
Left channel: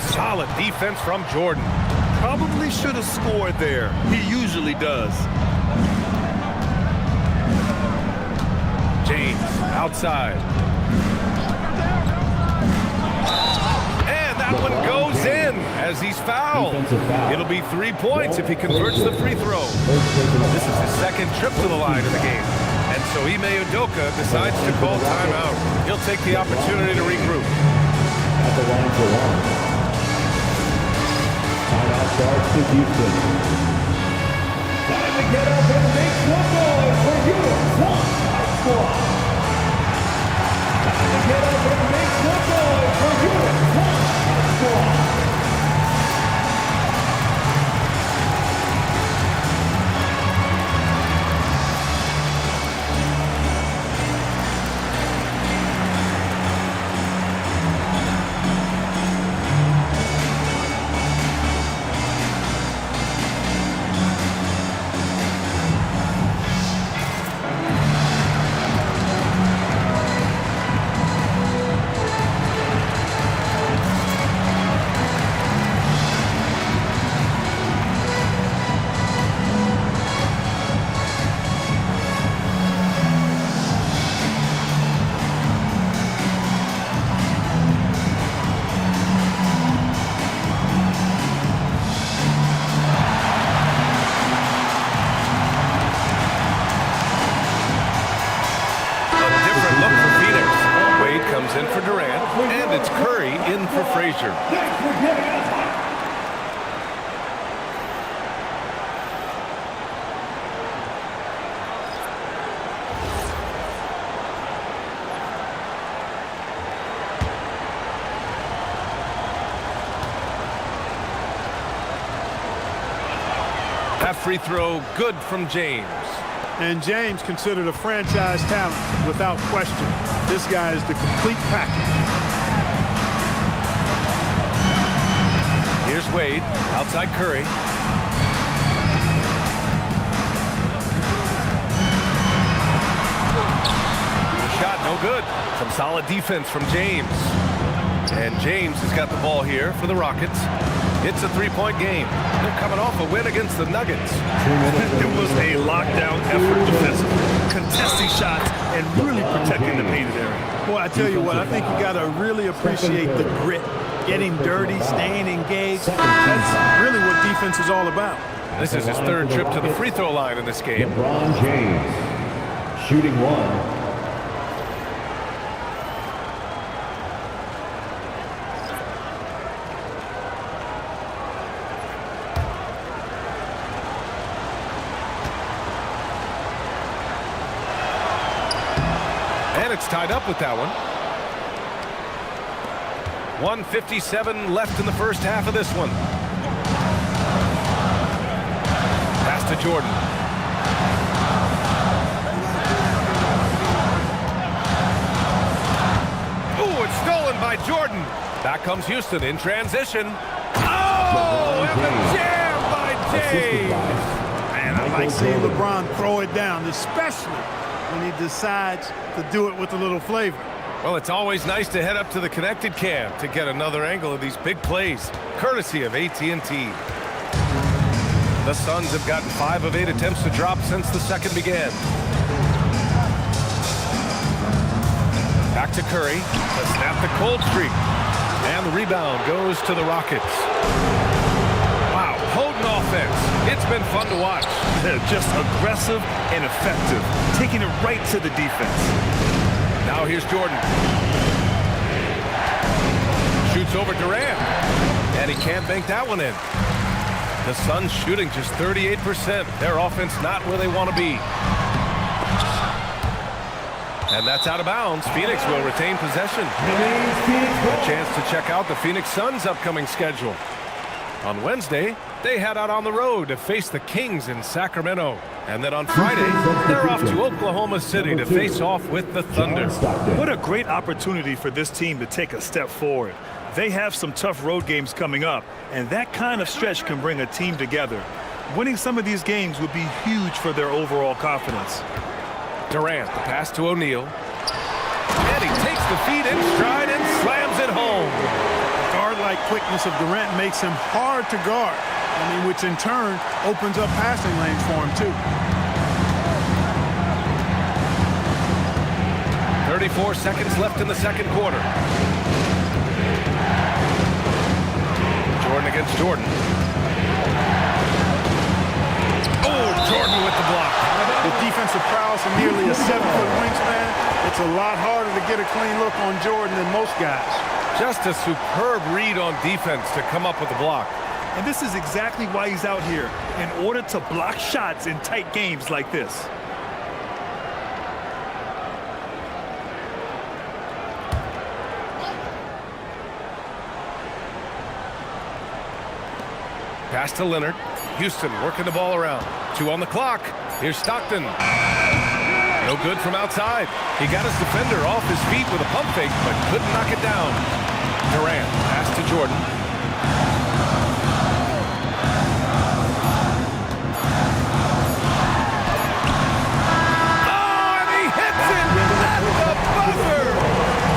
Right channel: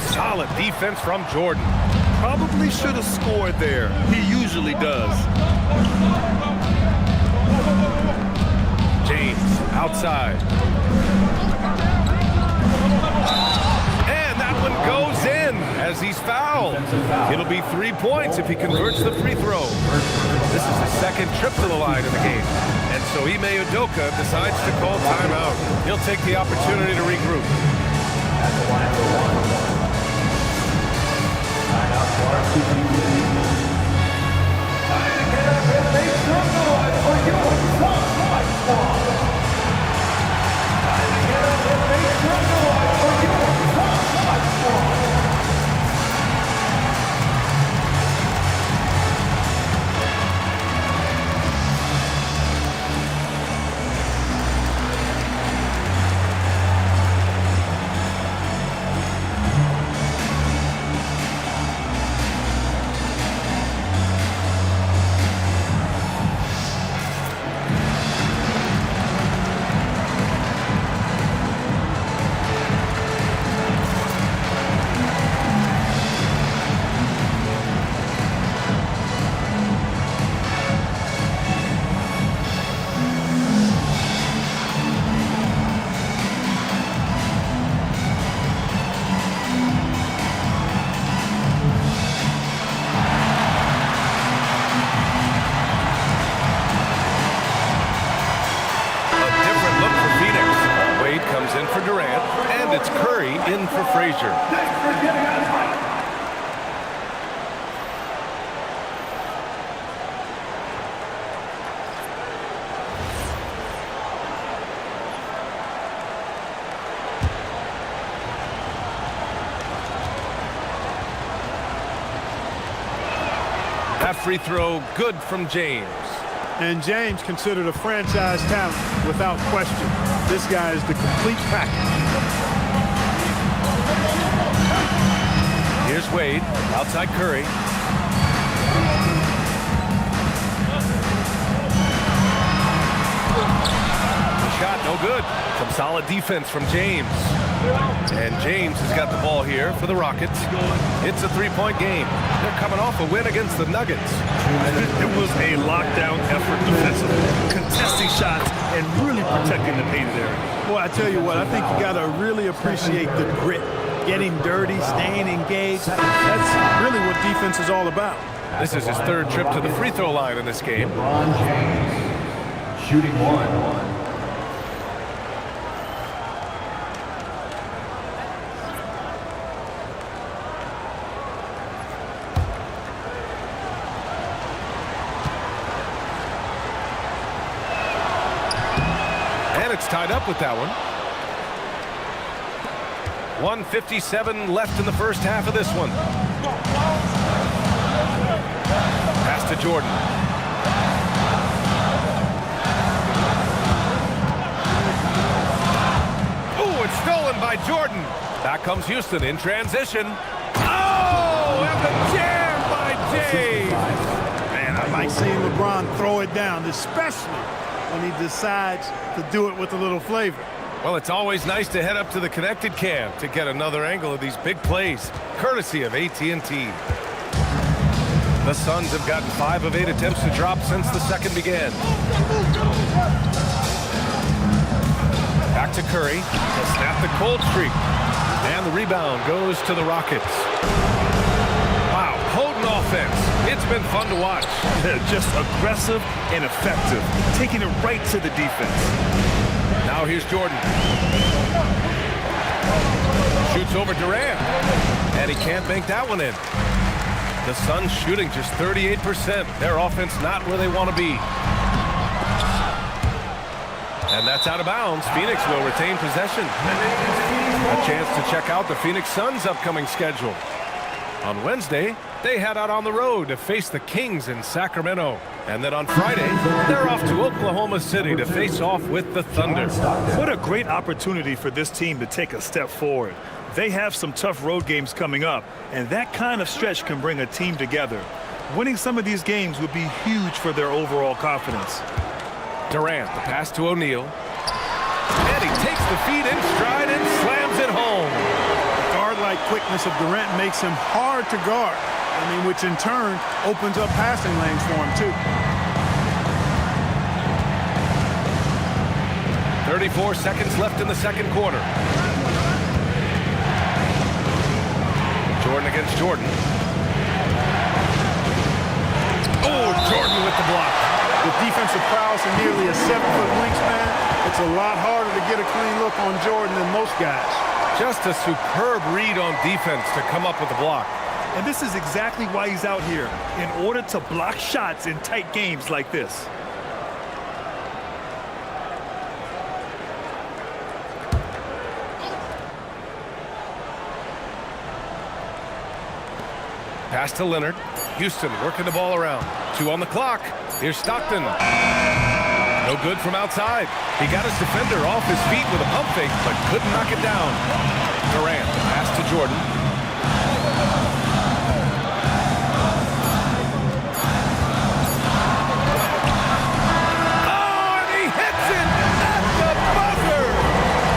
Solid defense from Jordan. Probably should have scored there. He usually does. James outside. And that one goes in as he's fouled. It'll be 3 points if he converts the free throw. This is his second trip to the line in the game. And so Ime Udoka decides to call timeout. He'll take the opportunity to regroup. At the line for 1. Timeout charge to Houston. Time to get up and make some noise for your Suns High Squad. Time to get up and make some noise for your Suns High Squad. Wade comes in for Durant, and it's Curry in for Frazier. That free throw good from James. And James considered a franchise talent without question. This guy is the complete package. Here's Wade, outside Curry. The shot, no good. Some solid defense from James. And James has got the ball here for the Rockets. It's a three-point game. They're coming off a win against the Nuggets. It was a lockdown effort defensively, contesting shots and really protecting the painted area. Boy, I tell you what, I think you got to really appreciate the grit. Getting dirty, staying engaged. That's really what defense is all about. This is his third trip to the free throw line in this game. LeBron James, shooting one. And it's tied up with that one. 1:57 left in the first half of this one. Pass to Jordan. Ooh, it's stolen by Jordan. Back comes Houston in transition. Oh, and the jam by James. Man, I like seeing LeBron throw it down, especially when he decides to do it with a little flavor. Well, it's always nice to head up to the connected cam to get another angle of these big plays, courtesy of AT&T. The Suns have gotten 5 of 8 attempts to drop since the second began. Back to Curry to snap the cold streak. And the rebound goes to the Rockets. Wow, potent offense. It's been fun to watch. Just aggressive and effective, taking it right to the defense. Now here's Jordan. Shoots over Durant. And he can't bank that one in. The Suns shooting just 38%. Their offense not where they want to be. And that's out of bounds. Phoenix will retain possession. A chance to check out the Phoenix Suns' upcoming schedule. On Wednesday, they head out on the road to face the Kings in Sacramento. And then on Friday, they're off to Oklahoma City to face off with the Thunder. What a great opportunity for this team to take a step forward. They have some tough road games coming up, and that kind of stretch can bring a team together. Winning some of these games would be huge for their overall confidence. Durant, the pass to O'Neal. And he takes the feed in stride and slams it home. Guard-like quickness of Durant makes him hard to guard. I mean, which in turn opens up passing lanes for him, too. 34 seconds left in the second quarter. Jordan against Jordan. Oh, Jordan with the block. With defensive prowess and nearly a 7-foot wingspan, it's a lot harder to get a clean look on Jordan than most guys. Just a superb read on defense to come up with the block. And this is exactly why he's out here, in order to block shots in tight games like this. Pass to Leonard. Houston working the ball around. 2 on the clock. Here's Stockton. No good from outside. He got his defender off his feet with a pump fake, but couldn't knock it down. Durant, pass to Jordan. Oh, and he hits it at the buzzer.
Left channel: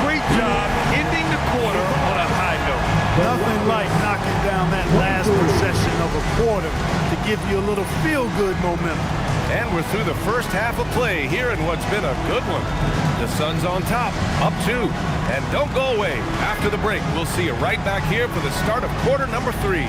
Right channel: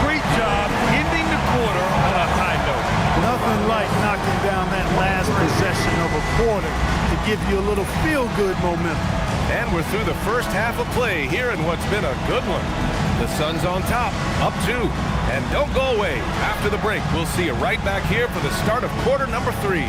Great job ending the quarter on a high note. Nothing like knocking down that last possession of a quarter to give you a little feel-good momentum. And we're through the first half of play here in what's been a good one. The Suns on top, up 2. And don't go away. After the break, we'll see you right back here for the start of quarter number 3.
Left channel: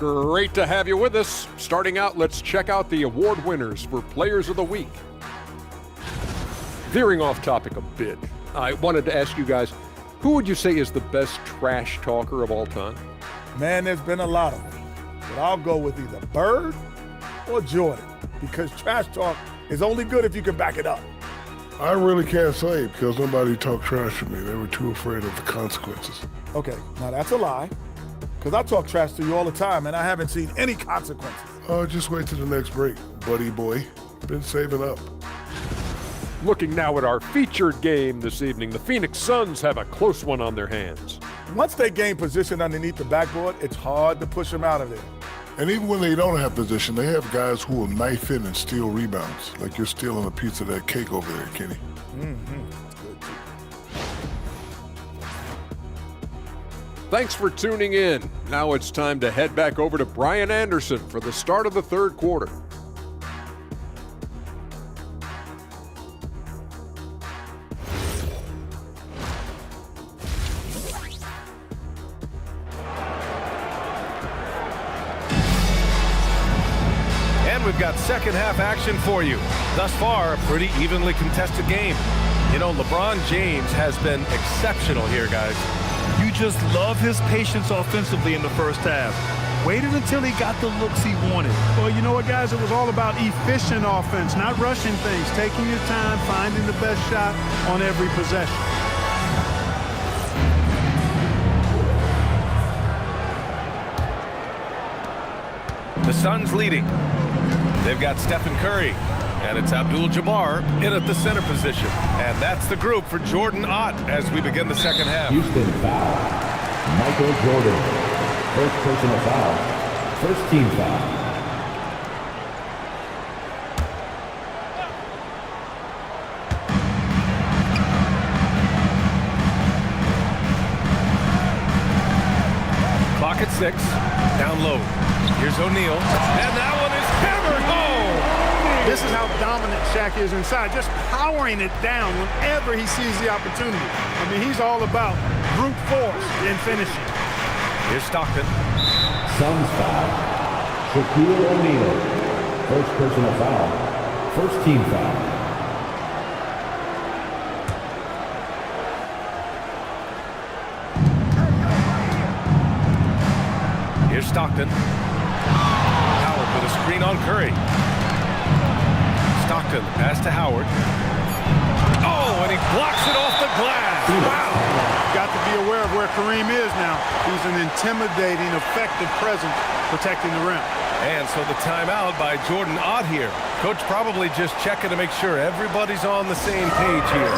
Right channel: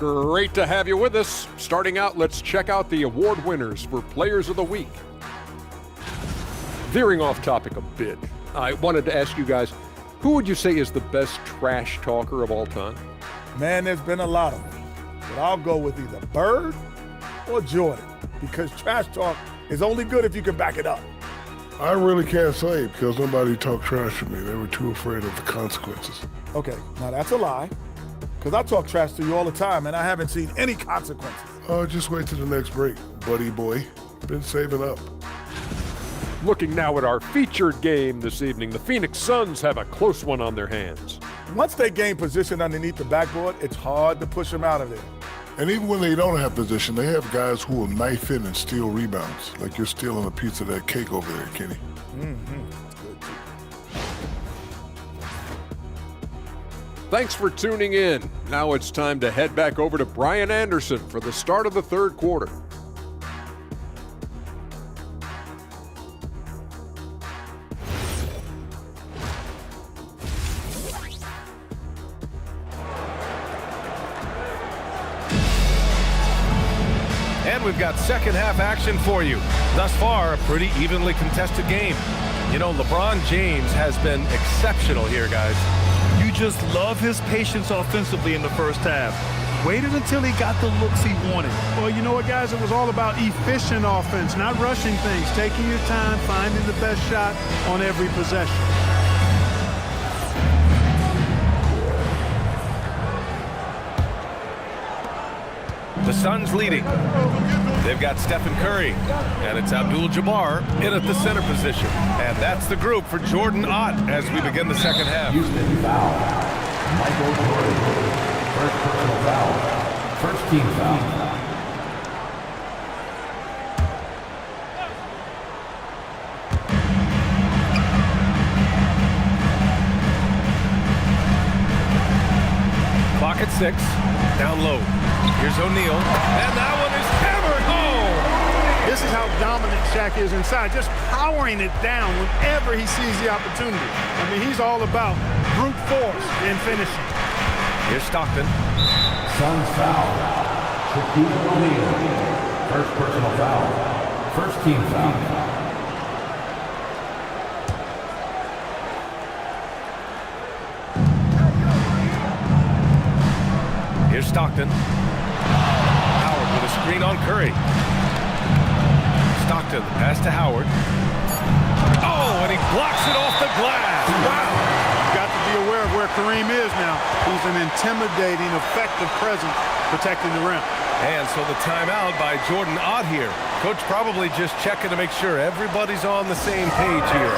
Great to have you with us. Starting out, let's check out the award winners for Players of the Week. Veering off topic a bit, I wanted to ask you guys, who would you say is the best trash talker of all time? Man, there's been a lot of them. But I'll go with either Bird or Jordan, because trash talk is only good if you can back it up. I really can't say because nobody talked trash to me. They were too afraid of the consequences. Okay, now that's a lie, because I talk trash to you all the time, and I haven't seen any consequences. Just wait till the next break, buddy boy. Been saving up. Looking now at our featured game this evening, the Phoenix Suns have a close one on their hands. Once they gain position underneath the backboard, it's hard to push them out of there. And even when they don't have position, they have guys who will knife in and steal rebounds, like you're stealing a piece of that cake over there, Kenny. Thanks for tuning in. Now it's time to head back over to Brian Anderson for the start of the third quarter. And we've got second half action for you. Thus far, a pretty evenly contested game. You know, LeBron James has been exceptional here, guys. You just love his patience offensively in the first half. Waited until he got the looks he wanted. Well, you know what, guys? It was all about efficient offense, not rushing things, taking your time, finding the best shot on every possession. The Suns leading. They've got Stephen Curry, and it's Abdul-Jabbar in at the center position. And that's the group for Jordan Ott as we begin the second half. Houston foul. Michael Jordan. First personal foul. First team foul. Clock at 6. Down low. Here's O'Neal. And that one is hammered home. This is how dominant Shaq is inside, just powering it down whenever he sees the opportunity. I mean, he's all about brute force in finishing. Here's Stockton. Suns foul. Shaquille O'Neal. First personal foul. First team foul. Here's Stockton. Howard with a screen on Curry. Stockton, the pass to Howard. Oh, and he blocks it off the glass. Wow. Got to be aware of where Kareem is now. He's an intimidating, effective presence protecting the rim. And so the timeout by Jordan Ott here. Coach probably just checking to make sure everybody's on the same page here.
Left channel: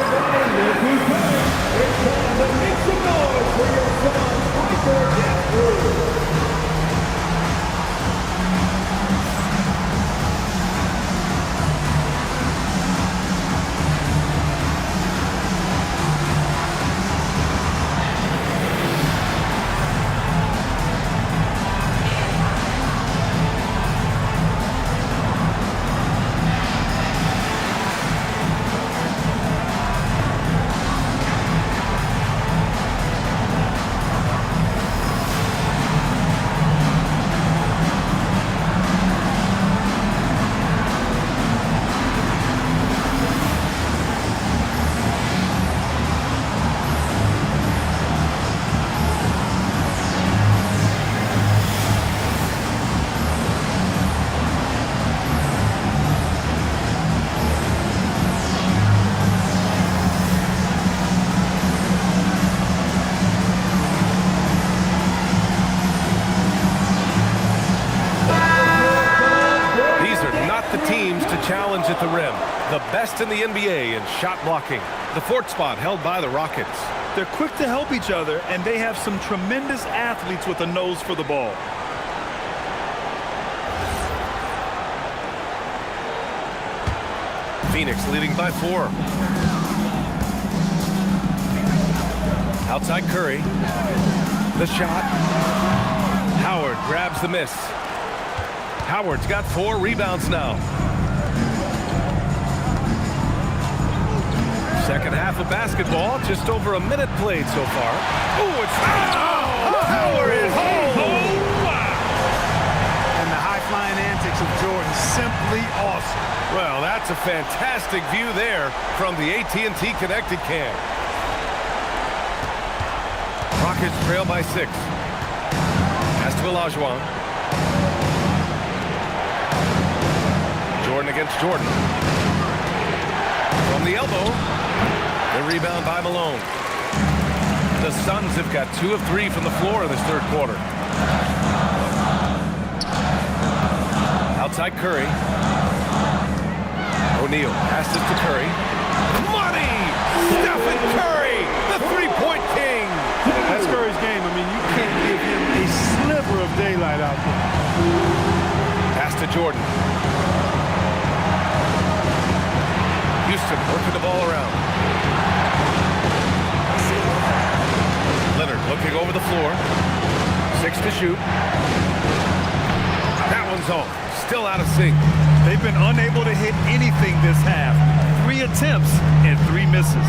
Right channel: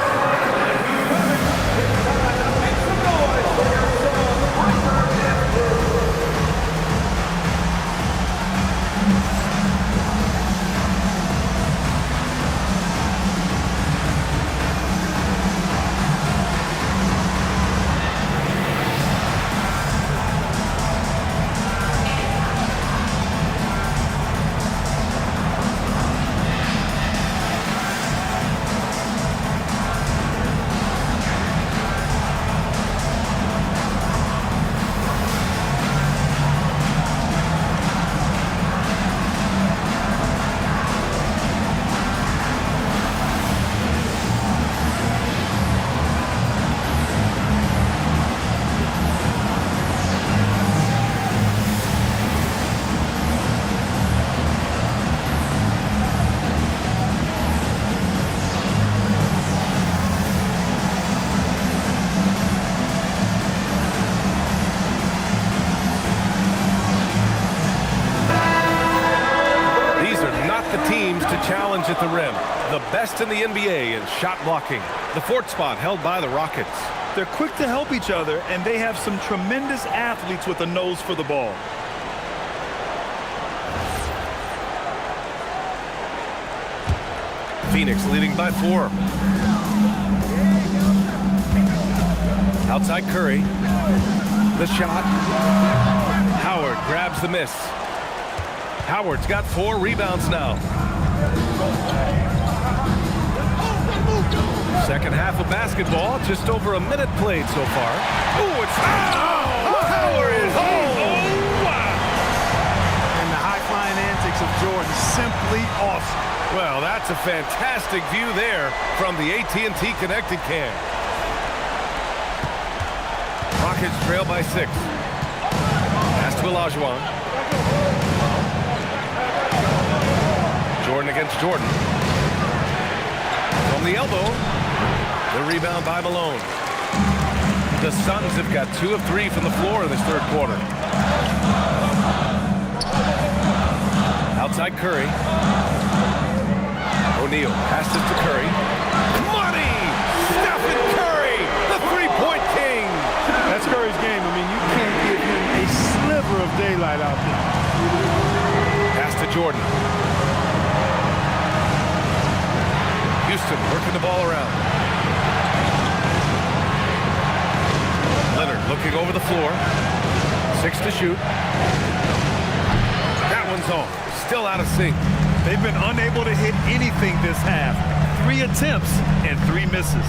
Make some noise for your son, The teams to challenge at the rim. The best in the NBA in shot blocking. The fourth spot held by the Rockets. They're quick to help each other, and they have some tremendous athletes with a nose for the ball. Phoenix leading by 4. Outside Curry. The shot. Howard grabs the miss. Howard's got 4 rebounds now. Second half of basketball, just over a minute played so far. Oh, it's Howard is home. Oh, wow. high-flying antics of Jordan. Simply awesome. Well, that's a fantastic view there from the AT&T Connected Cam. Rockets trail by 6. Pass to Olajuwon. Jordan against Jordan. From the elbow. The rebound by Malone. The Suns have got 2 of 3 from the floor in this third quarter. Outside Curry. O'Neal passes to Curry. Money! Stephen Curry, the three-point king. That's Curry's game. I mean, you can't give him a sliver of daylight out there. Pass to Jordan. Houston working the ball around. Leonard looking over the floor. 6 to shoot. That one's off. Still out of sync. They've been unable to hit anything this half. 3 attempts and 3 misses.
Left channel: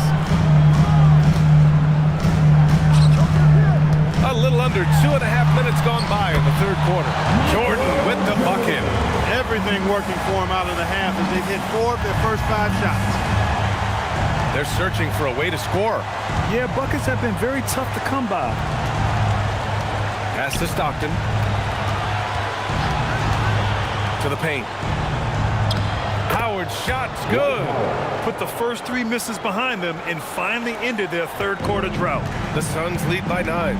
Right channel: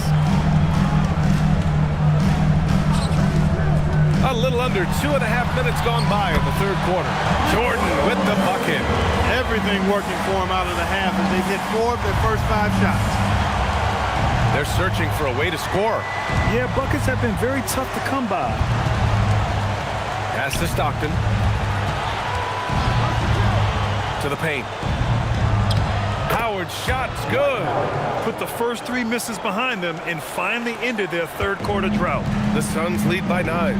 A little under 2.5 minutes gone by in the third quarter. Jordan with the bucket. Everything working for him out of the half as they've hit 4 of their first 5 shots. They're searching for a way to score. Yeah, buckets have been very tough to come by. Pass to Stockton. To the paint. Howard's shot's good. Put the first 3 misses behind them and finally ended their third quarter drought. The Suns lead by 9.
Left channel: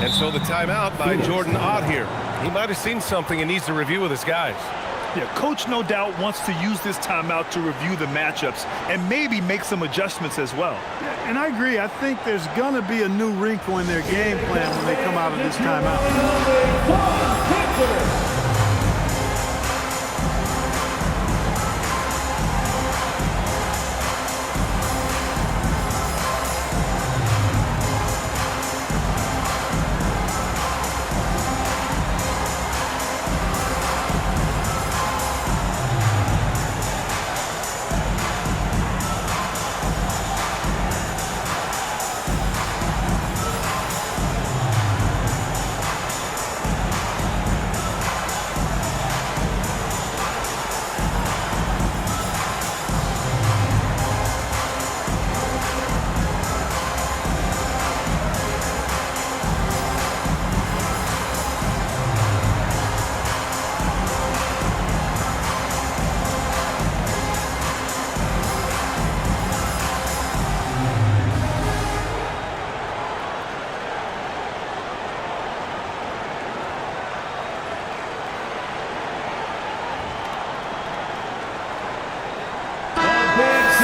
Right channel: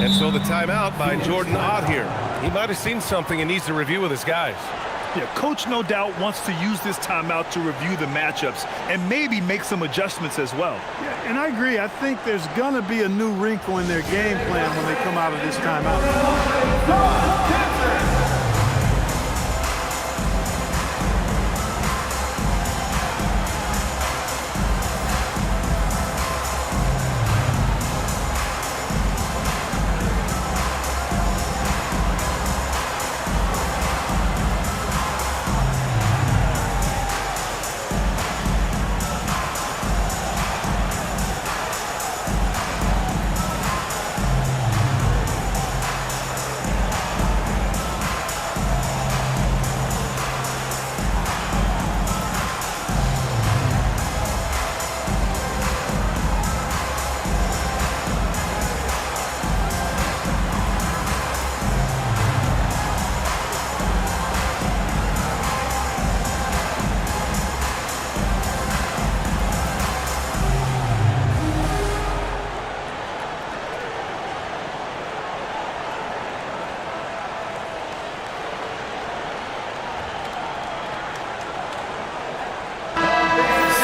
And so the timeout by Jordan Ott here. He might have seen something and needs to review with his guys. Yeah, coach no doubt wants to use this timeout to review the matchups and maybe make some adjustments as well. Yeah, and I agree. I think there's going to be a new wrinkle in their game plan when they come out of this timeout.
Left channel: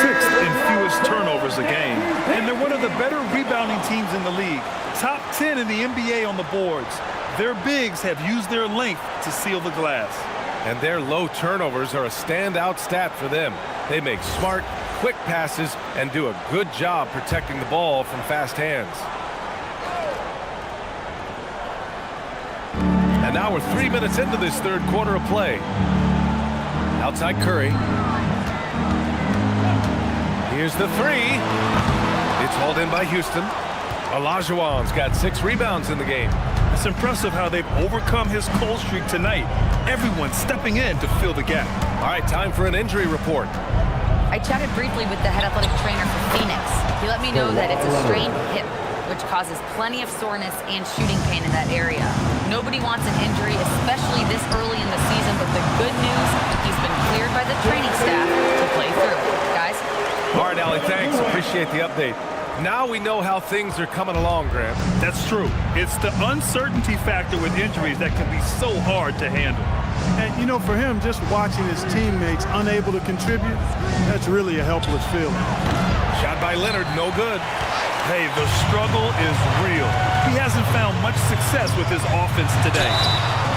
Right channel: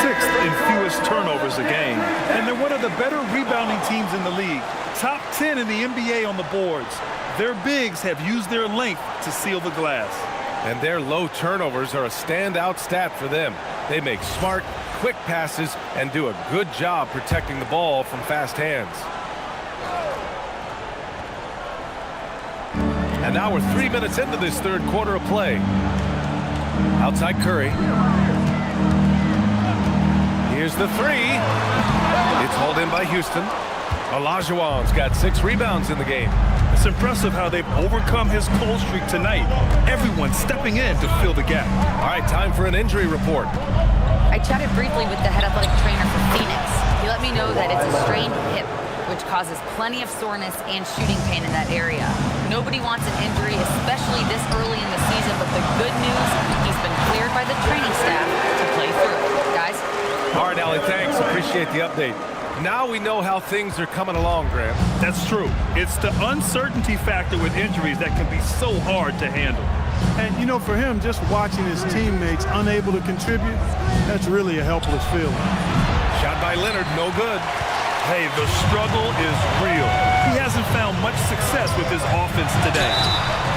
6th in fewest turnovers a game. And they're one of the better rebounding teams in the league. Top 10 in the NBA on the boards. Their bigs have used their length to seal the glass. And their low turnovers are a standout stat for them. They make smart, quick passes and do a good job protecting the ball from fast hands. And now we're 3 minutes into this third quarter of play. Outside Curry. Here's the 3. It's hauled in by Houston. Olajuwon's got 6 rebounds in the game. It's impressive how they've overcome his cold streak tonight. Everyone stepping in to fill the gap. All right, time for an injury report. I chatted briefly with the head athletic trainer for Phoenix. He let me know that it's a strained hip, which causes plenty of soreness and shooting pain in that area. Nobody wants an injury, especially this early in the season, but the good news, he's been cleared by the training staff to play through it. Guys? All right, Allie, thanks. Appreciate the update. Now we know how things are coming along, Graham. That's true. It's the uncertainty factor with injuries that can be so hard to handle. And, you know, for him, just watching his teammates unable to contribute, that's really a helpless feeling. Shot by Leonard, no good. Hey, the struggle is real. He hasn't found much success with his offense today.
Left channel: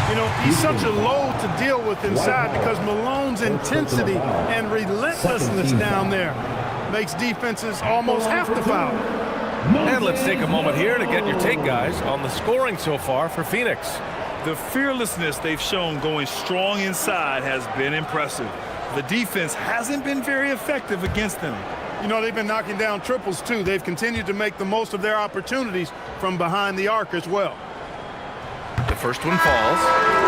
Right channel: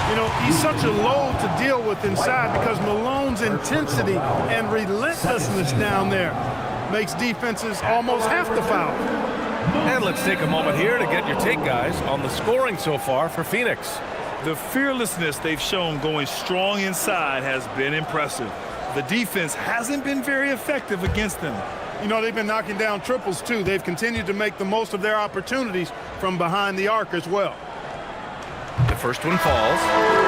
You know, he's such a load to deal with inside because Malone's intensity and relentlessness down there makes defenses almost have to foul. And let's take a moment here to get your take, guys, on the scoring so far for Phoenix. The fearlessness they've shown going strong inside has been impressive. The defense hasn't been very effective against them. You know, they've been knocking down triples, too. They've continued to make the most of their opportunities from behind the arc as well. The first one falls.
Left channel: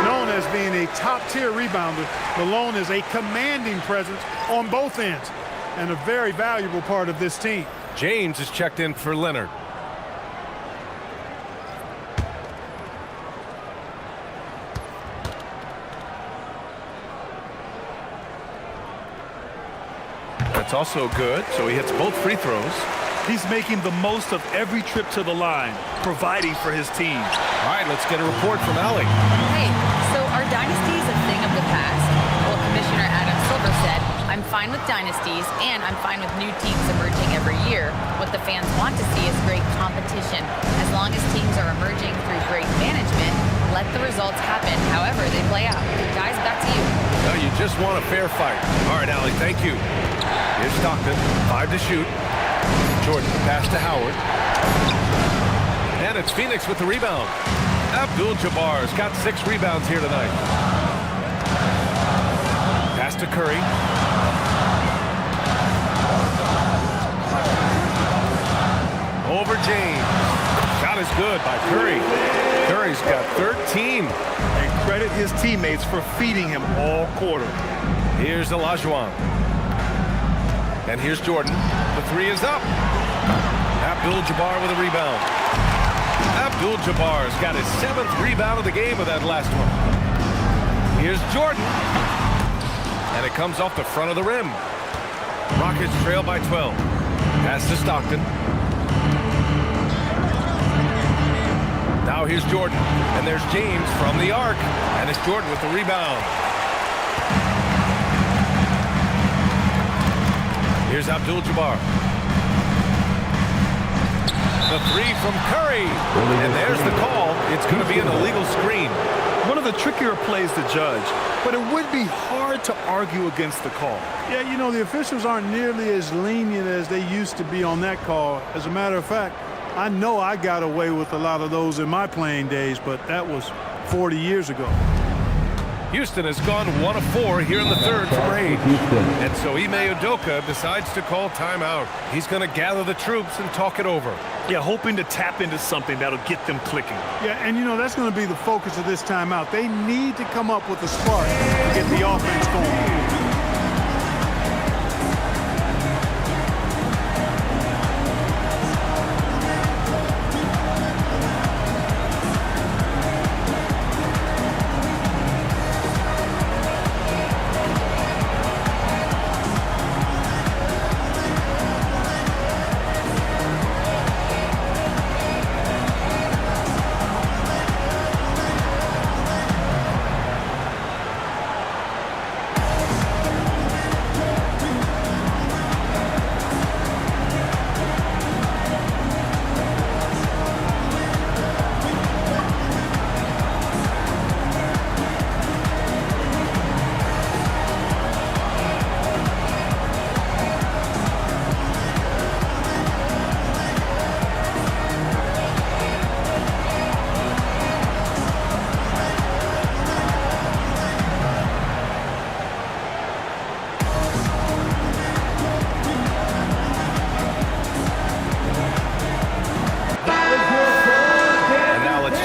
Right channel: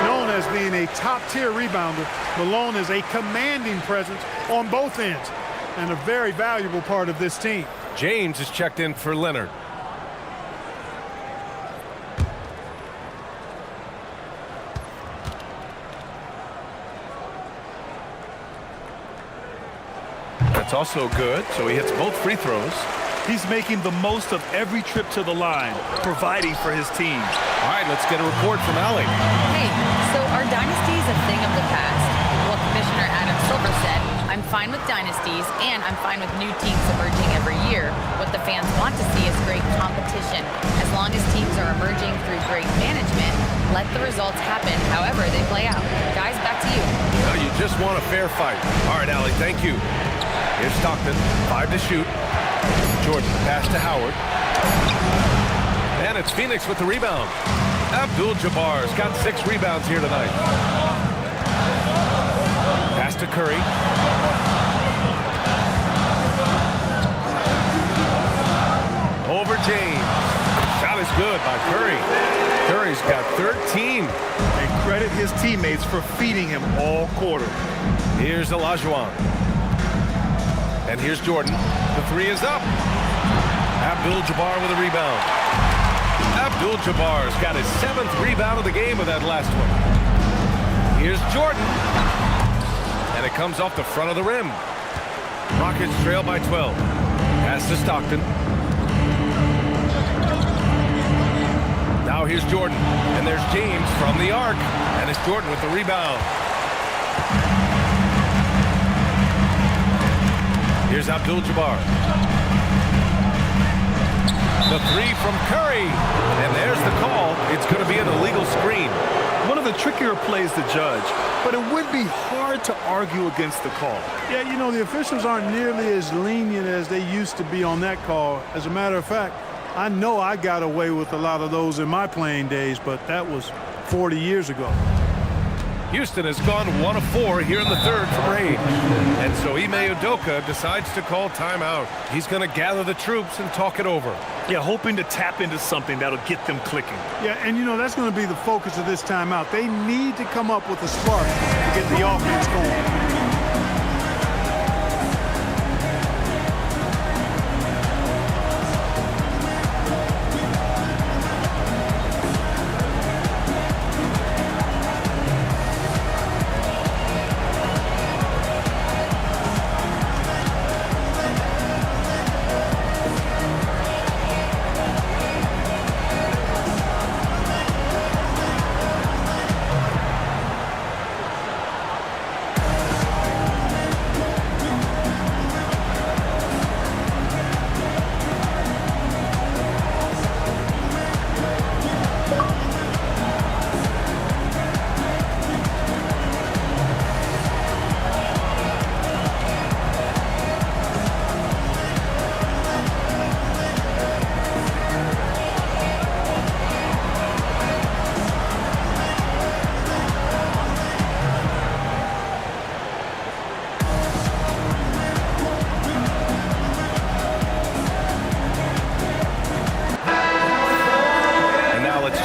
Known as being a top-tier rebounder, Malone is a commanding presence on both ends and a very valuable part of this team. James is checked in for Leonard. That's also good, so he hits both free throws. He's making the most of every trip to the line, providing for his team. All right, let's get a report from Allie. Hey, so are dynasties a thing of the past? Well, Commissioner Adam Silver said, I'm fine with dynasties and I'm fine with new teams emerging every year. What the fans want to see is great competition. As long as teams are emerging through great management, let the results happen however they play out. Guys, back to you. Well, you just want a fair fight. All right, Allie, thank you. Here's Stockton, 5 to shoot. Jordan, the pass to Howard. And it's Phoenix with the rebound. Abdul-Jabbar's got 6 rebounds here tonight. Pass to Curry. Over James. Shot is good by Curry. Curry's got 13. And credit his teammates for feeding him all quarter. Here's Olajuwon. And here's Jordan. The 3 is up. Abdul-Jabbar with a rebound. Abdul-Jabbar's got his 7th rebound of the game with that last one. Here's Jordan. And it comes off the front of the rim. Rockets trail by 12. Pass to Stockton. Now here's Jordan. And there's James from the arc. And it's Jordan with the rebound. Here's Abdul-Jabbar. The 3 from Curry. And there's the call. It's going to be an illegal screen. One of the trickier plays to judge, but it would be hard to argue against the call. Yeah, you know, the officials aren't nearly as lenient as they used to be on that call. As a matter of fact, I know I got away with a lot of those in my playing days, but that was 40 years ago. Houston has gone 1 of 4 here in the third from range. And so Ime Udoka decides to call timeout. He's going to gather the troops and talk it over. Yeah, hoping to tap into something that'll get them clicking. Yeah, and you know, that's going to be the focus of this timeout. They need to come up with a spark to get the offense going.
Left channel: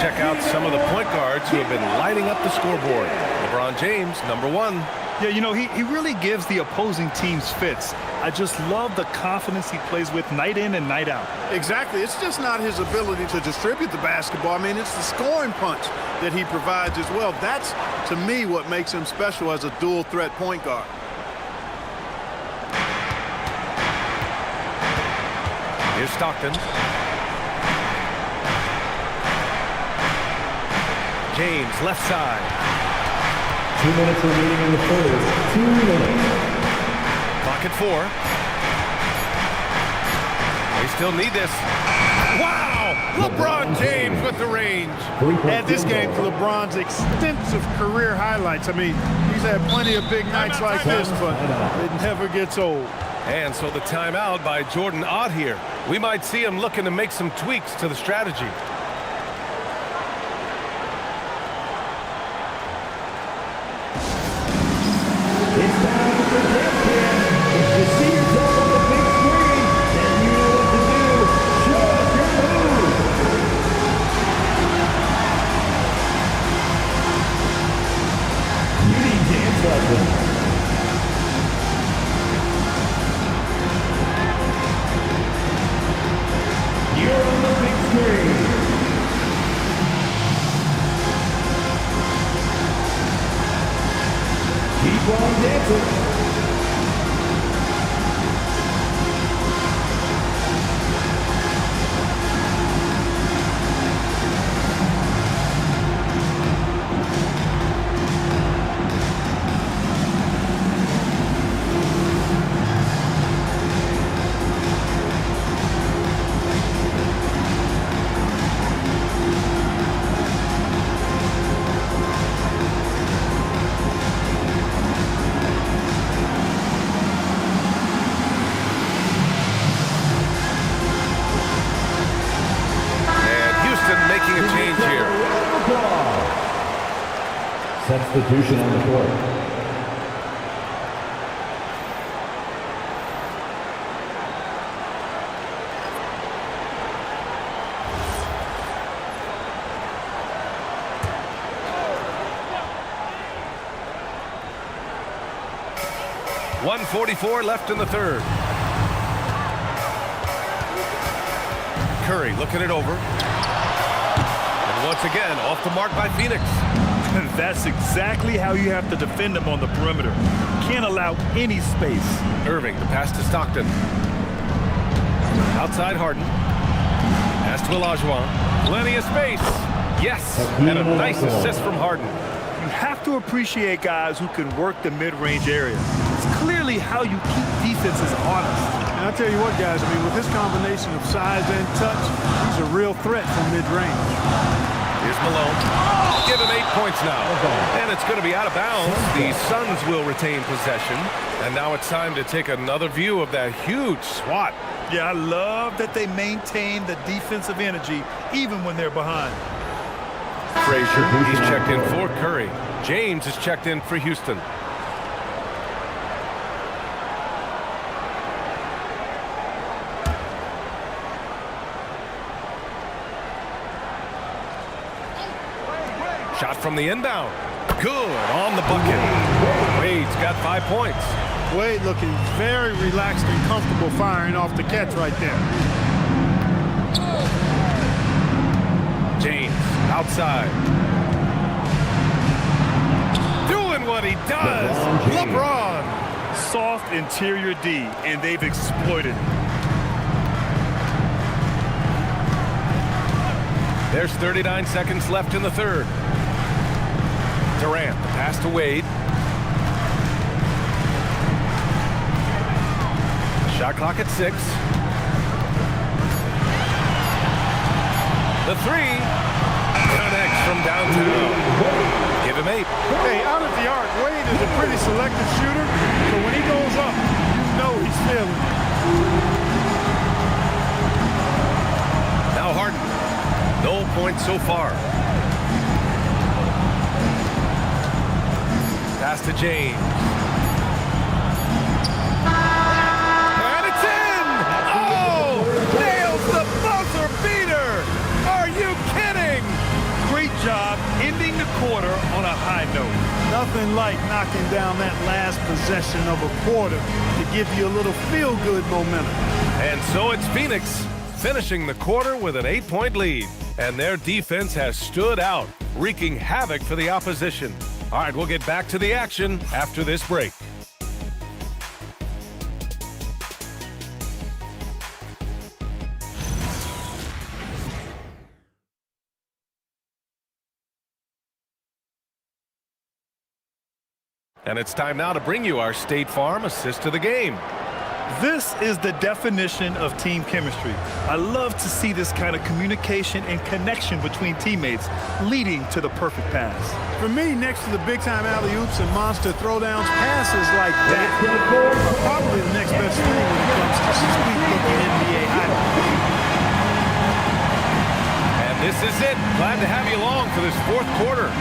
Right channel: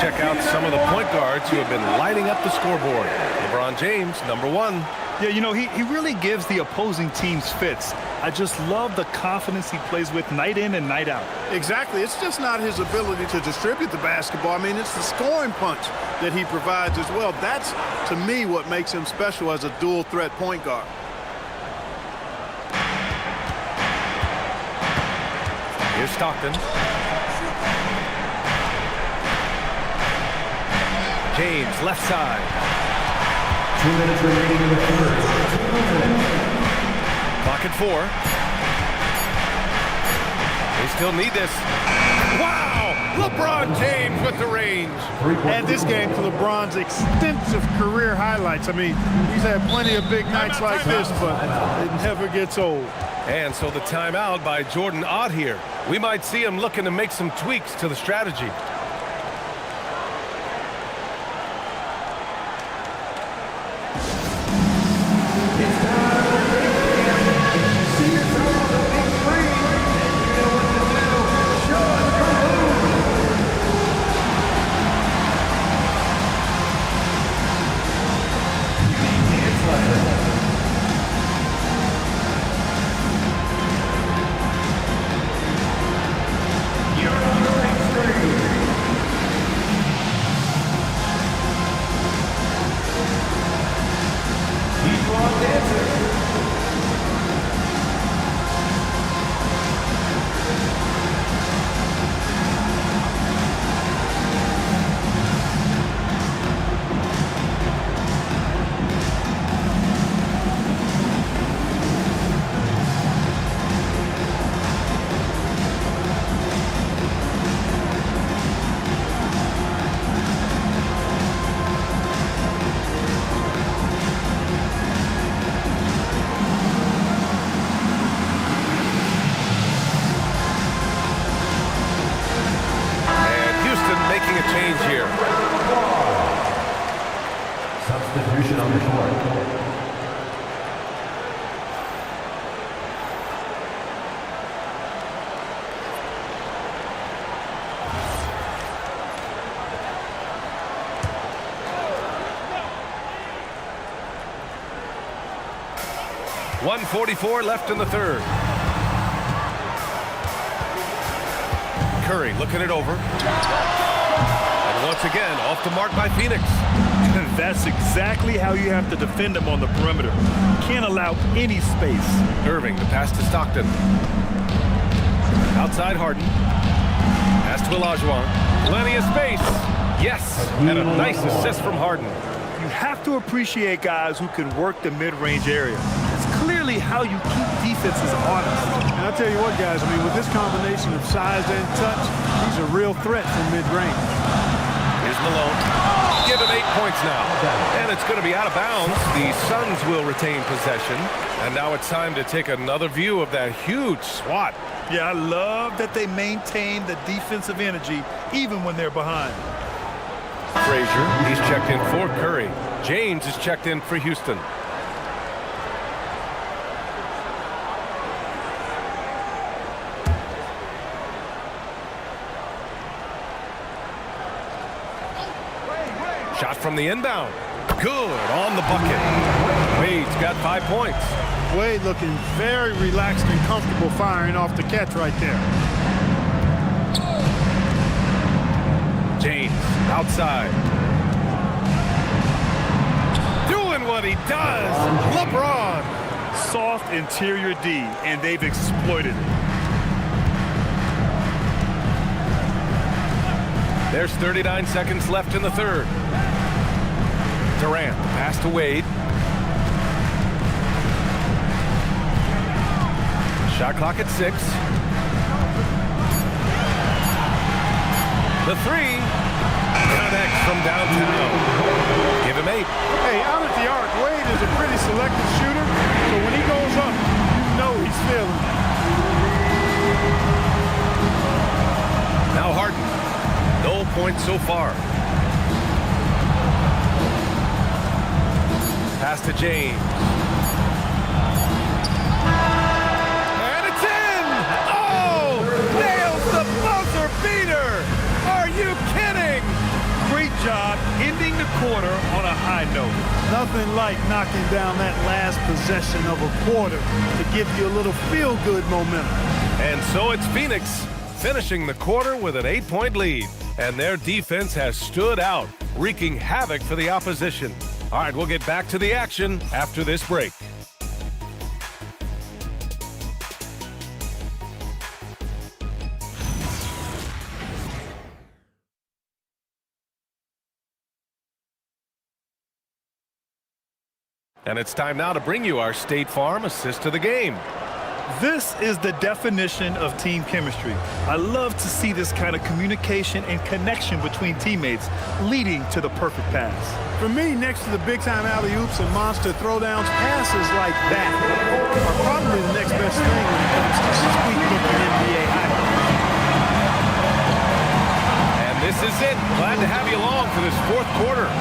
Check out some of the point guards who have been lighting up the scoreboard. LeBron James, number 1. Yeah, you know, he really gives the opposing teams fits. I just love the confidence he plays with night in and night out. Exactly. It's just not his ability to distribute the basketball. I mean, it's the scoring punch that he provides as well. That's, to me, what makes him special as a dual-threat point guard. Here's Stockton. James, left side. 2 minutes remaining in the third. 2 minutes. Clock at 4. They still need this. Wow! LeBron James with the range. Add this game to LeBron's extensive career highlights. I mean, he's had plenty of big nights like this, but it never gets old. And so the timeout by Jordan Ott here. We might see him looking to make some tweaks to the strategy. making a change here. Substitution on the court. .144 left in the third. Curry looking it over. And once again, off the mark by Phoenix. That's exactly how you have to defend them on the perimeter. Can't allow any space. Irving, the pass to Stockton. Outside Harden. Pass to Olajuwon. Plenty of space. Yes, and a nice assist from Harden. You have to appreciate guys who can work the mid-range area. It's clearly how you keep defenses honest. And I'll tell you what, guys, I mean, with this combination of size and touch, he's a real threat from mid-range. Here's Malone. Give him 8 points now. And it's going to be out of bounds. The Suns will retain possession. And now it's time to take another view of that huge swat. Yeah, I love that they maintain the defensive energy even when they're behind. Frazier, he's checked in for Curry. James is checked in for Houston. Shot from the inbound. Good on the bucket. Wade's got 5 points. Wade looking very relaxed and comfortable firing off the catch right there. James outside. Doing what he does. LeBron. Soft interior D, and they've exploited it. There's 39 seconds left in the third. Durant, the pass to Wade. Shot clock at 6. The three connects from downtown. Give him 8. Hey, out at the arc, Wade is a pretty selective shooter, so when he goes up, you know he's feeling it. Now Harden. No points so far. Pass to James. And it's in! Oh! Nails the buzzer beater! Are you kidding? Great job ending the quarter on a high note. Nothing like knocking down that last possession of a quarter to give you a little feel-good momentum. And so it's Phoenix finishing the quarter with an 8-point lead. And their defense has stood out, wreaking havoc for the opposition. All right, we'll get back to the action after this break. And it's time now to bring you our State Farm assist to the game. This is the definition of team chemistry. I love to see this kind of communication and connection between teammates leading to the perfect pass. For me, next to the big-time alley-oops and monster throwdowns, passes like that are probably the next best thing when it comes to sweet-looking NBA highlights. And this is it. Glad to have you along for this fourth quarter.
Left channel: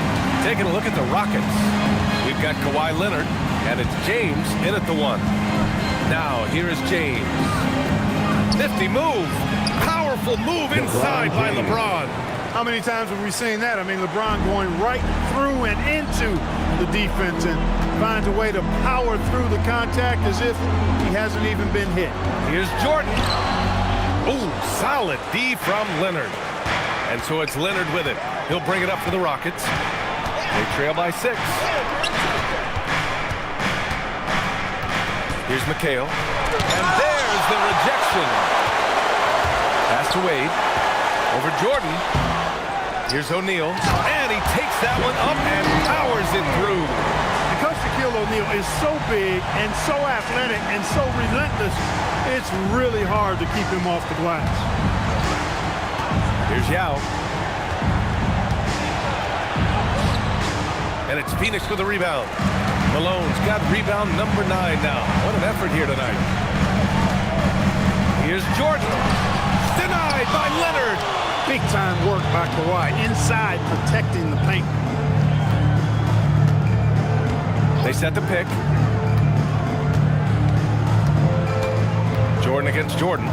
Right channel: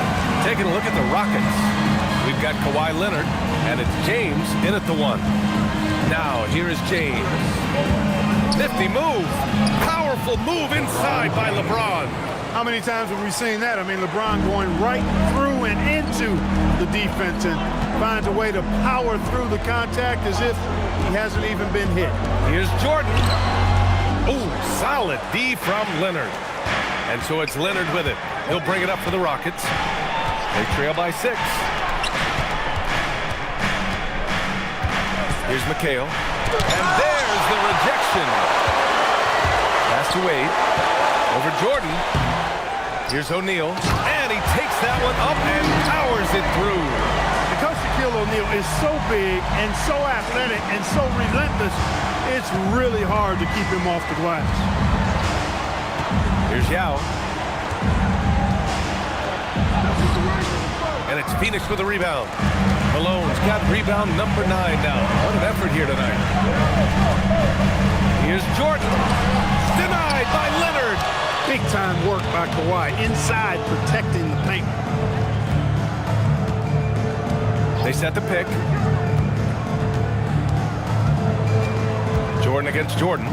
Taking a look at the Rockets. We've got Kawhi Leonard, and it's James in at the 1. Now, here is James. Nifty move. Powerful move inside by LeBron. How many times have we seen that? I mean, LeBron going right through and into the defense and finds a way to power through the contact as if he hasn't even been hit. Here's Jordan. Ooh, solid D from Leonard. And so it's Leonard with it. He'll bring it up for the Rockets. They trail by 6. Here's McHale. And there's the rejection. Pass to Wade. Over Jordan. Here's O'Neal. And he takes that one up and powers it through. Because Shaquille O'Neal is so big and so athletic and so relentless, it's really hard to keep him off the glass. Here's Yao. And it's Phoenix with a rebound. Malone's got rebound number 9 now. What an effort here tonight. Here's Jordan. Denied by Leonard. Big-time work by Kawhi, inside protecting the paint. They set the pick. Jordan against Jordan.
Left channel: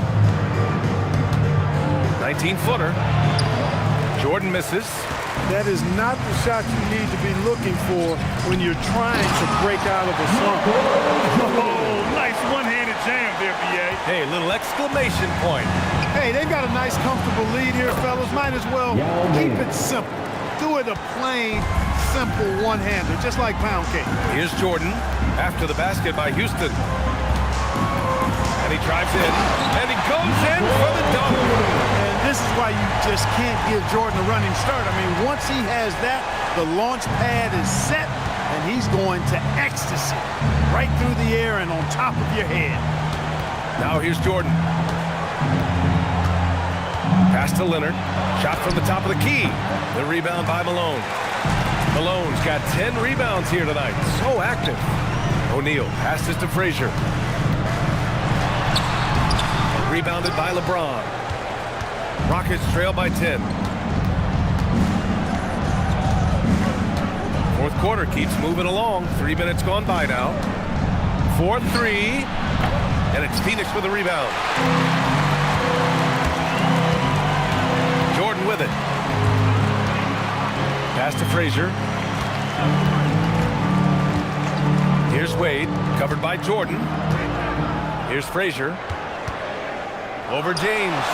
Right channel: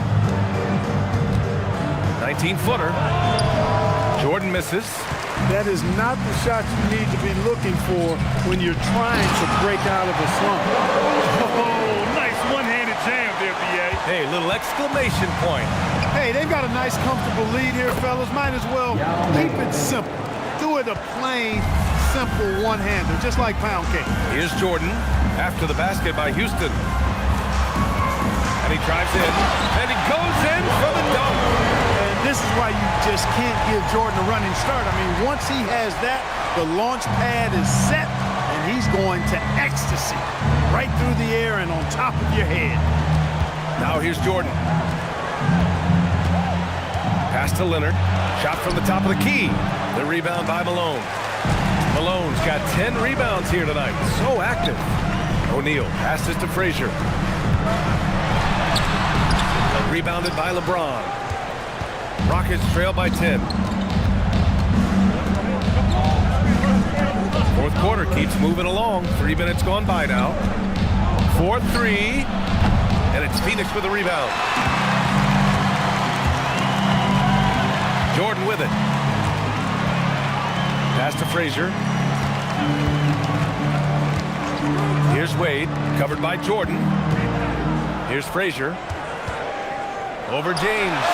19-footer. Jordan misses. That is not the shot you need to be looking for when you're trying to break out of a slump. Oh, nice one-handed jam there, B.A. Hey, little exclamation point. Hey, they've got a nice, comfortable lead here, fellas. Might as well keep it simple. Do it a plain, simple one-hander, just like pound cake. Here's Jordan after the basket by Houston. And he drives in, and he goes in for the dunk. And this is why you just can't give Jordan a running start. I mean, once he has that, the launch pad is set, and he's going to ecstasy right through the air and on top of your head. Now here's Jordan. Pass to Leonard. Shot from the top of the key. The rebound by Malone. Malone's got 10 rebounds here tonight. So active. O'Neal passes to Frazier. Rebounded by LeBron. Rockets trail by 10. Fourth quarter keeps moving along. 3 minutes gone by now. 4-3. And it's Phoenix with the rebound. Jordan with it. Pass to Frazier. Here's Wade, covered by Jordan. Here's Frazier. Over James.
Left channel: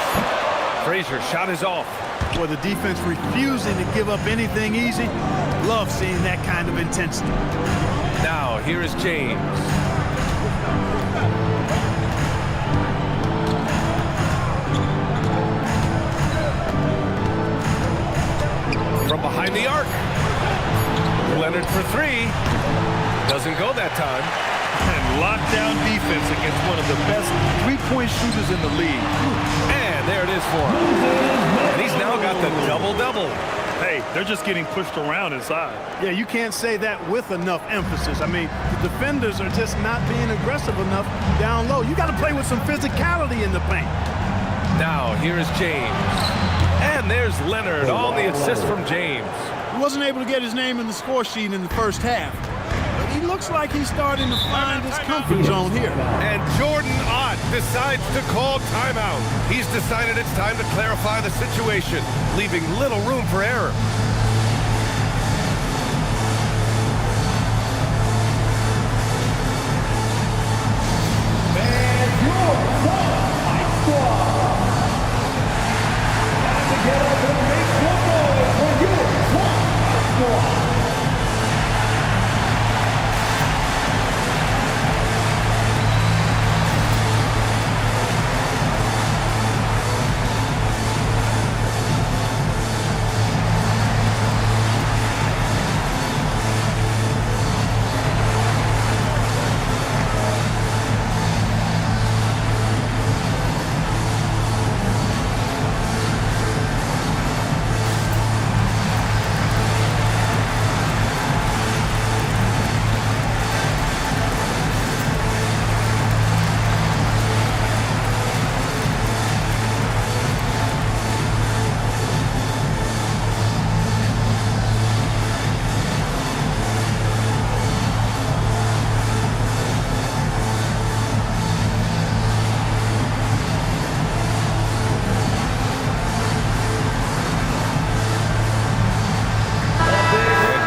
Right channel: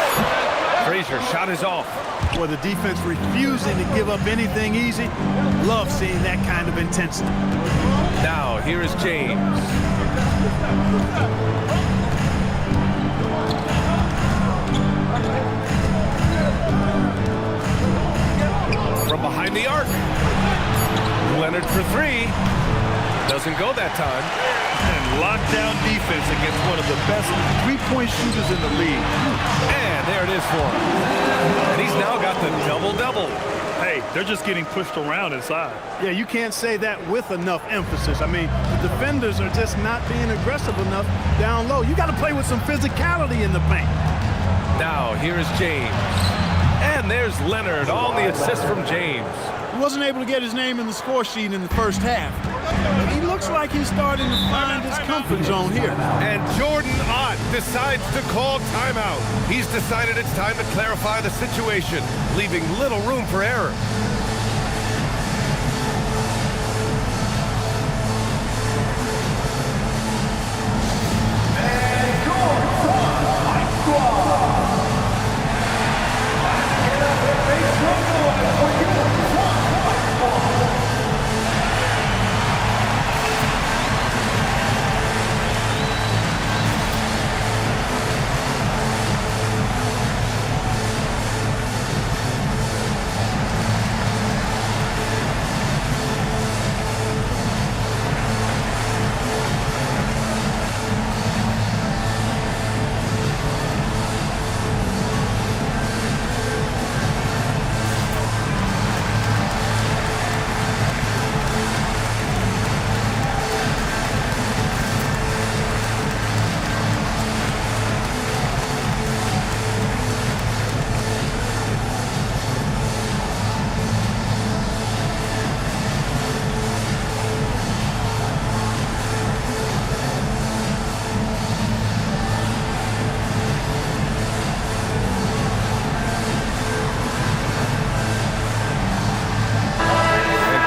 Frazier, shot is off. Boy, the defense refusing to give up anything easy. Love seeing that kind of intensity. Now, here is James. From behind the arc. Leonard for three. Doesn't go that time. And lockdown defense against one of the best three-point shooters in the league. And there it is for him. And he's now got the double-double. Hey, they're just getting pushed around inside. Yeah, you can't say that with enough emphasis. I mean, the defenders are just not being aggressive enough down low. You got to play with some physicality in the paint. Now, here is James. And there's Leonard on the assist from James. He wasn't able to get his name in the score sheet in the first half. But he looks like he's starting to find his comfort zone here. And Jordan Ott decides to call timeout. He's decided it's time to clarify the situation, leaving little room for error.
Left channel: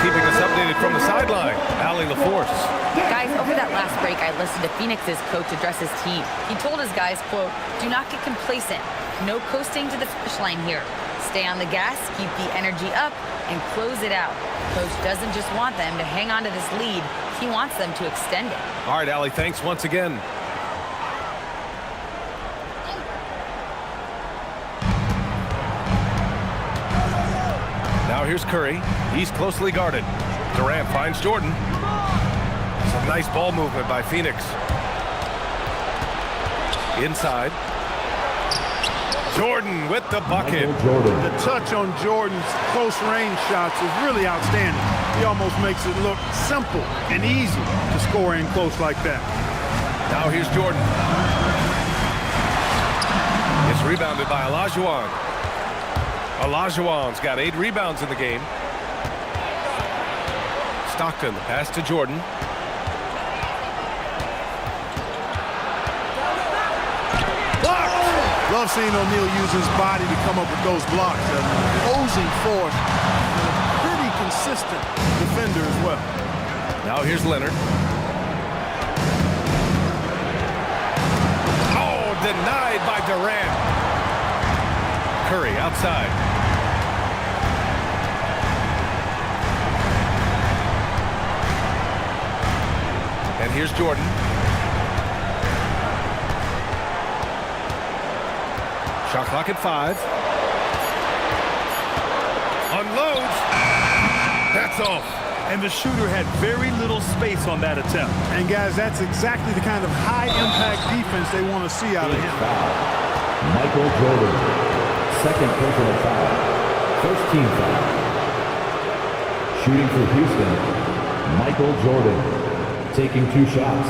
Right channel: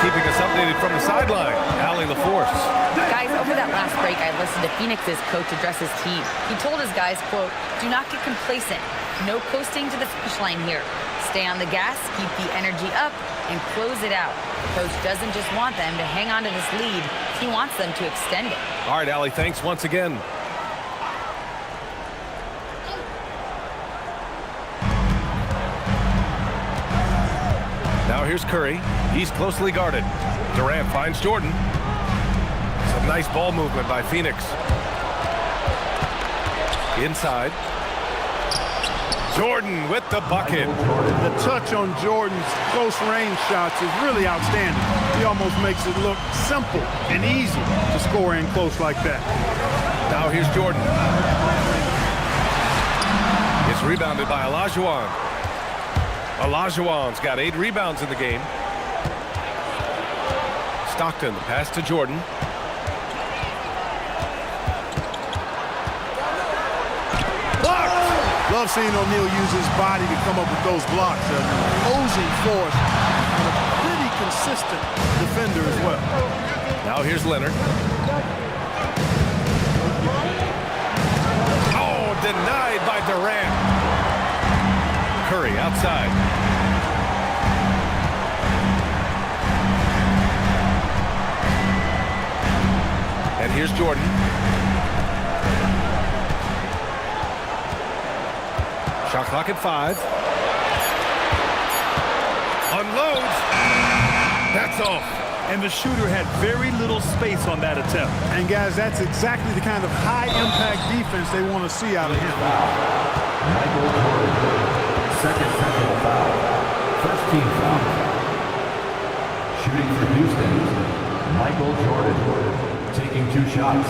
Keeping us updated from the sideline, Allie LaForce. Guys, over that last break, I listened to Phoenix's coach address his team. He told his guys, quote, "Do not get complacent. No coasting to the finish line here. Stay on the gas, keep the energy up, and close it out." Coach doesn't just want them to hang on to this lead. He wants them to extend it. All right, Allie, thanks once again. Now here's Curry. He's closely guarded. Durant finds Jordan. Some nice ball movement by Phoenix. Inside. Jordan with the bucket. The touch on Jordan's close range shots is really outstanding. He almost makes it look simple and easy to score in close like that. Now here's Jordan. It's rebounded by Olajuwon. Olajuwon's got 8 rebounds in the game. Stockton, the pass to Jordan. Love seeing O'Neal use his body to come up with those blocks. An opposing force and a pretty consistent defender as well. Now here's Leonard. Oh, denied by Durant. Curry outside. And here's Jordan. Shot clock at 5. Unloads. That's off. And the shooter had very little space on that attempt. And guys, that's exactly the kind of high-impact defense they want to see out of him. Michael Jordan, second personal foul. First team foul. Shooting for Houston, Michael Jordan, taking 2 shots.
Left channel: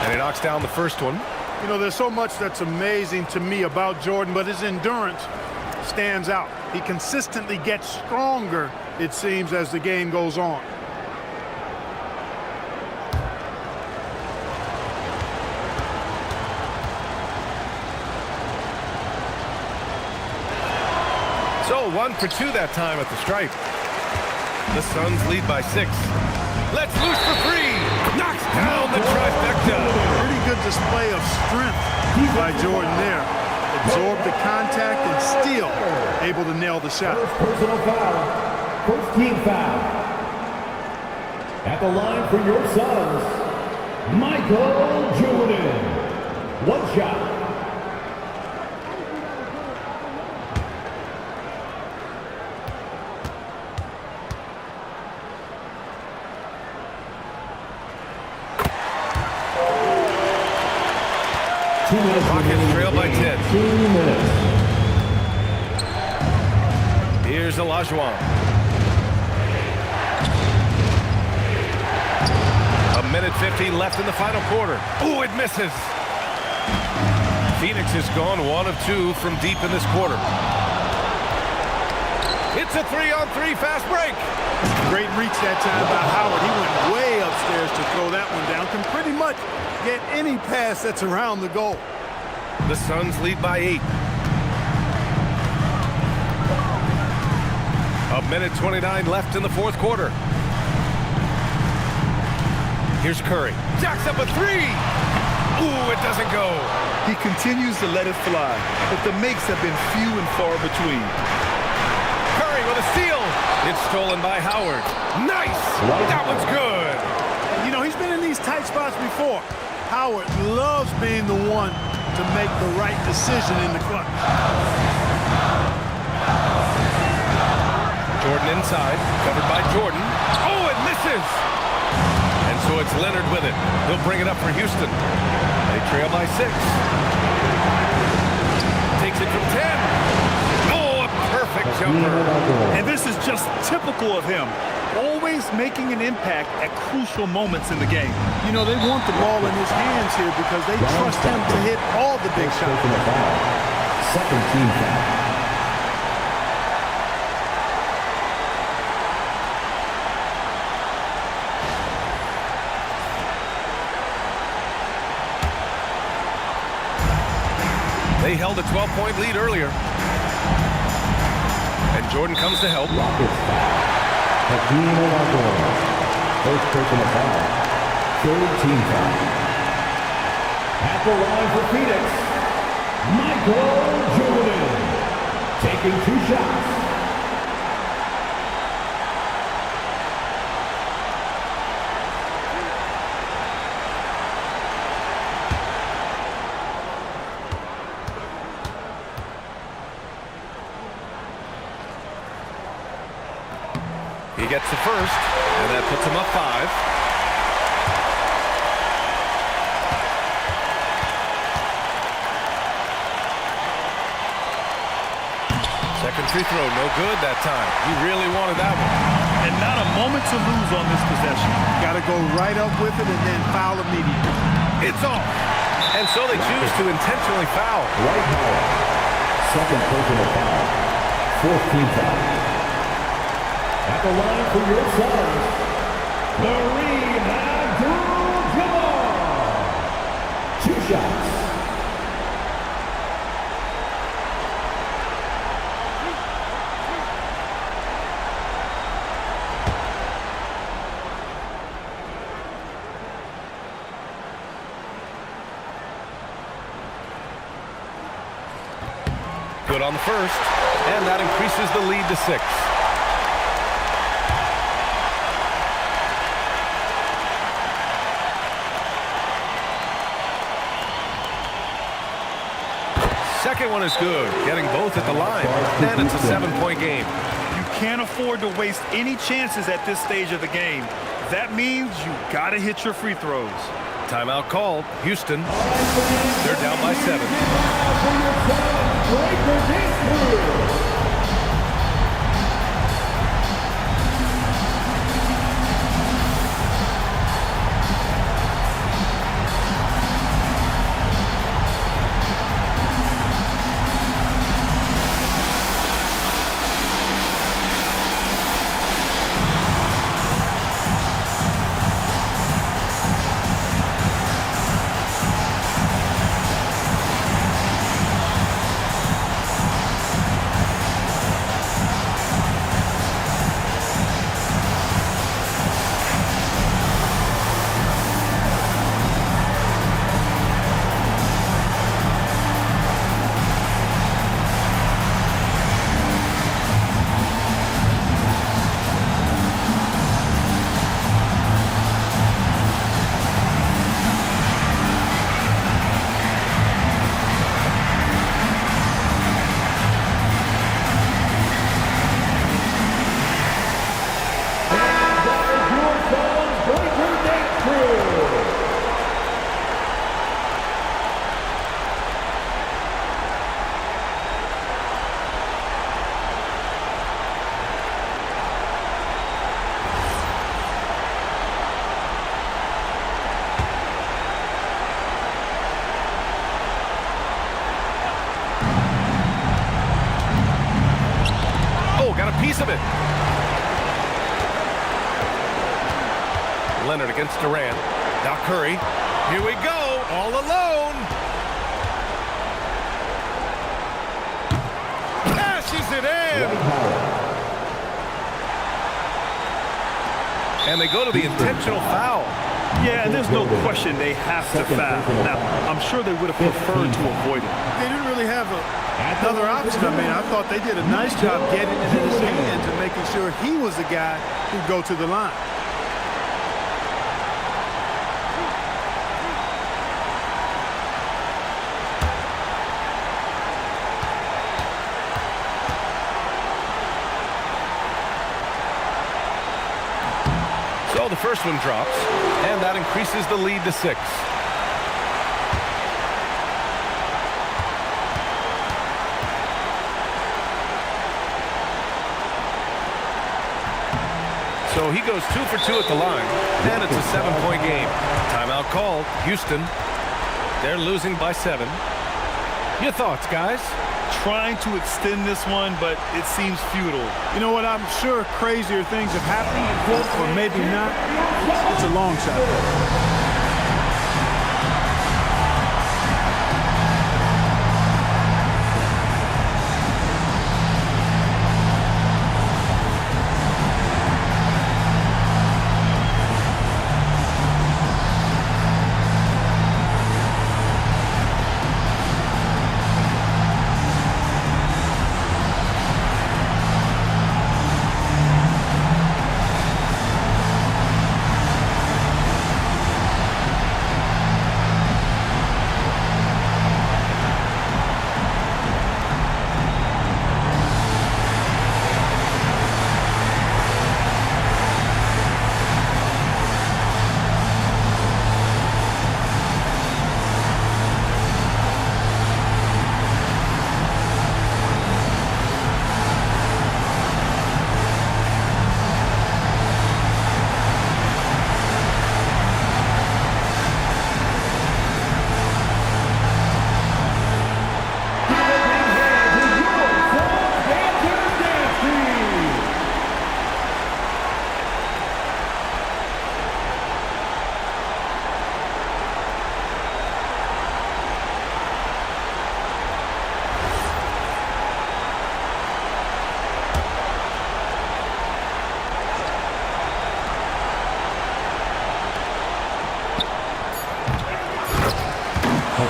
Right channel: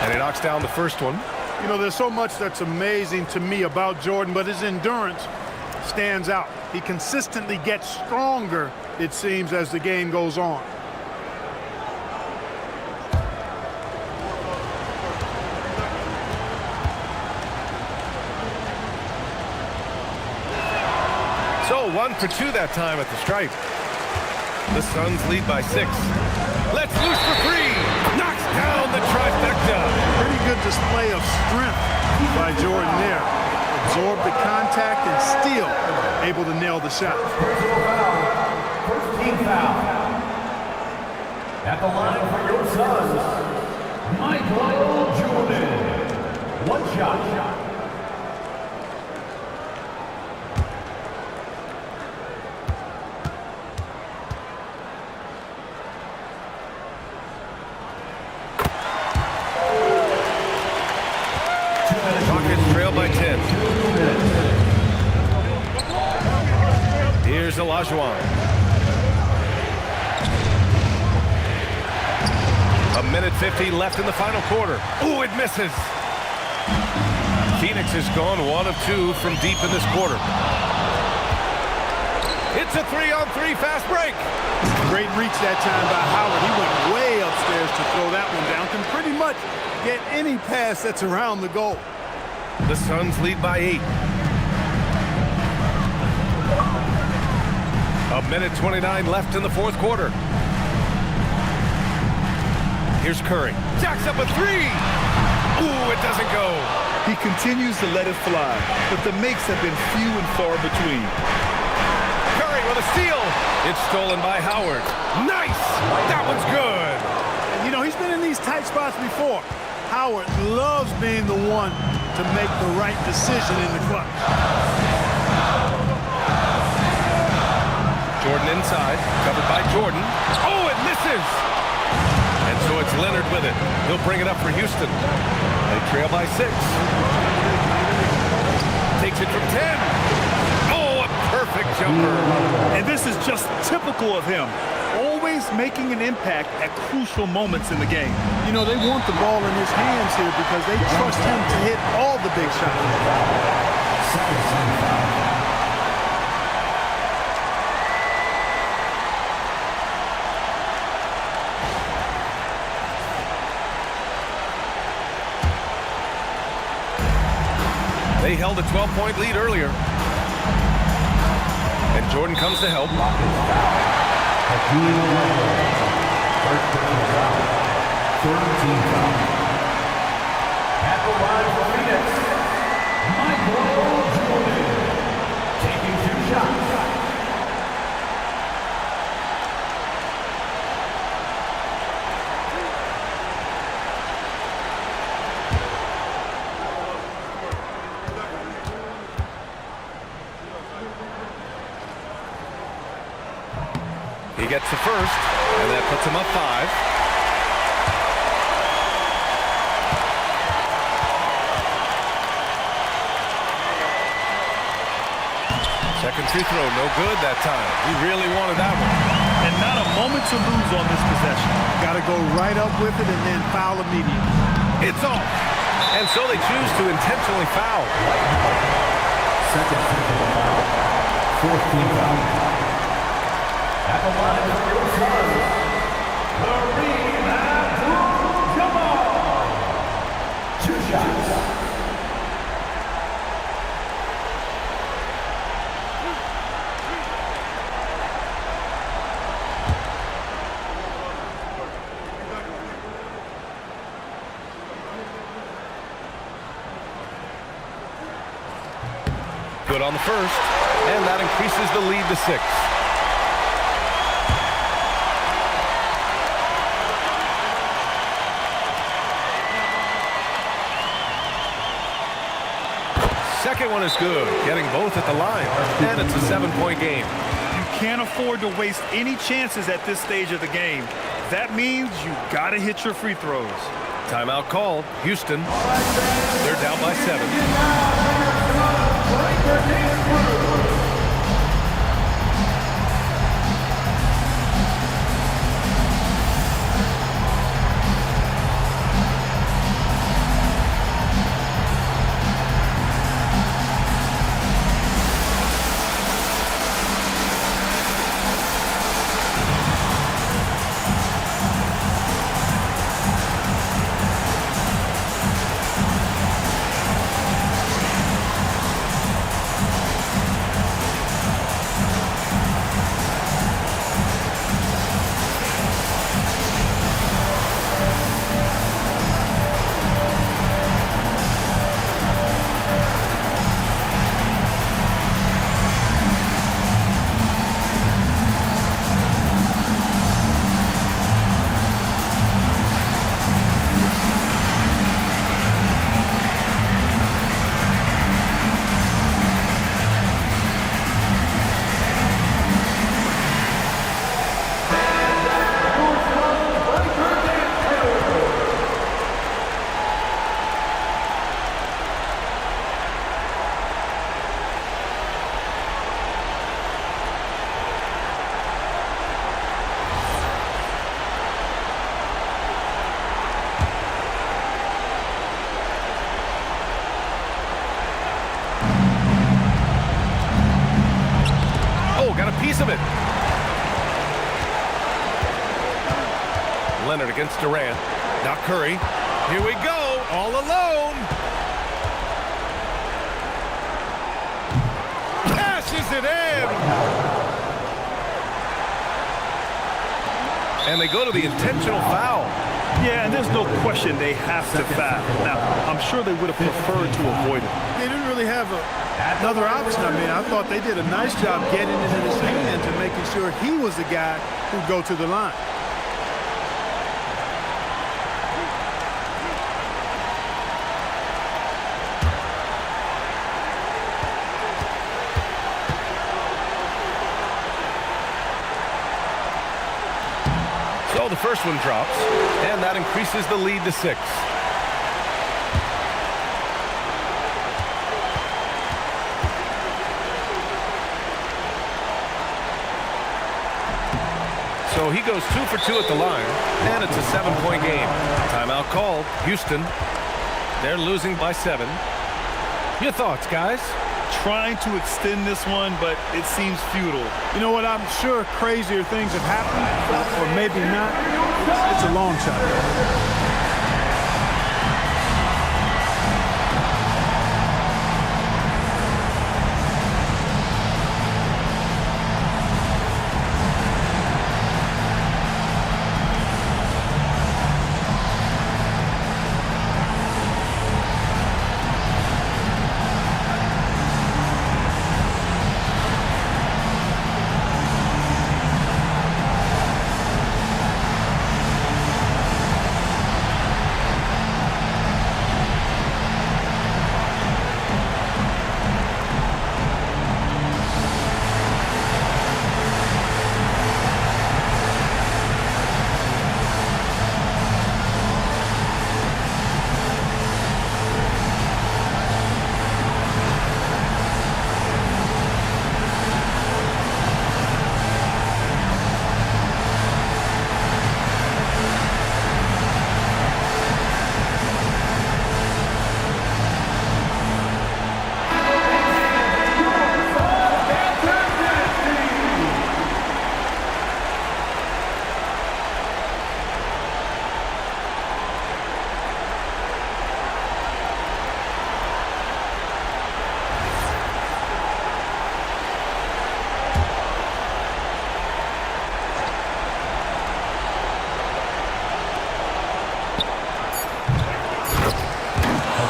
And he knocks down the first one. You know, there's so much that's amazing to me about Jordan, but his endurance stands out. He consistently gets stronger, it seems, as the game goes on. So 1 for 2 that time at the stripe. The Suns lead by 6. Let's loose for 3. Knocks down the trifecta. Pretty good display of strength by Jordan there. Absorbed the contact and still able to nail the shot. Personal foul. First team foul. At the line for your Suns, Michael Jordan. 1 shot. Rockets trail by 10. 2 minutes. Here's Olajuwon. A minute 50 left in the final quarter. Ooh, it misses. Phoenix has gone 1 of 2 from deep in this quarter. It's a 3-on-3 fast break. Great reach that time by Howard. He went way upstairs to throw that one down. Can pretty much get any pass that's around the goal. The Suns lead by 8. A minute 29 left in the fourth quarter. Here's Curry. Jacks up a 3. Ooh, it doesn't go. He continues to let it fly, but the makes have been few and far between. Curry with a steal. It's stolen by Howard. Nice. That one's good. And, you know, he's been in these tight spots before. Howard loves being the one to make the right decision in the clutch. Jordan inside, covered by Jordan. Oh, it misses! And so it's Leonard with it. He'll bring it up for Houston. They trail by 6. Takes it from 10. Oh, a perfect jumper. And this is just typical of him. Always making an impact at crucial moments in the game. You know, they want the ball in his hands here because they trust him to hit all the big shots. Second team foul. They held a 12-point lead earlier. And Jordan comes to help. First personal foul. Third team foul. At the line for Phoenix, Michael Jordan, taking 2 shots. He gets the first, and that puts him up 5. Second free throw, no good that time. He really wanted that one. And not a moment to lose on this possession. Got to go right up with it and then foul immediately. It's off. And so they choose to intentionally foul. Second personal foul. Fourth team foul. At the line for your Suns, Kareem Abdul-Jabbar. 2 shots. Good on the first, and that increases the lead to 6. Second one is good, getting both at the line, and it's a 7-point game. You can't afford to waste any chances at this stage of the game. That means you got to hit your free throws. Timeout called. Houston, they're down by 7. Got a piece of it. Leonard against Durant. Now Curry. Here we go. All alone. Cashes it in. And they go to the intentional foul. Yeah, and there's no question they have to foul. Now, I'm sure they would have preferred to avoid it. They didn't really have another option. I mean, I thought they did a nice job getting it in his hands and making sure he was the guy who'd go to the line. So the first one drops, and that increases the lead to 6. So he goes 2 for 2 at the line, and it's a 7-point game. Timeout called. Houston, they're losing by 7. Your thoughts, guys? Trying to extend this one, but it seems futile. You know what? I'm sure crazier things have happened, or maybe not. It's a long shot, though.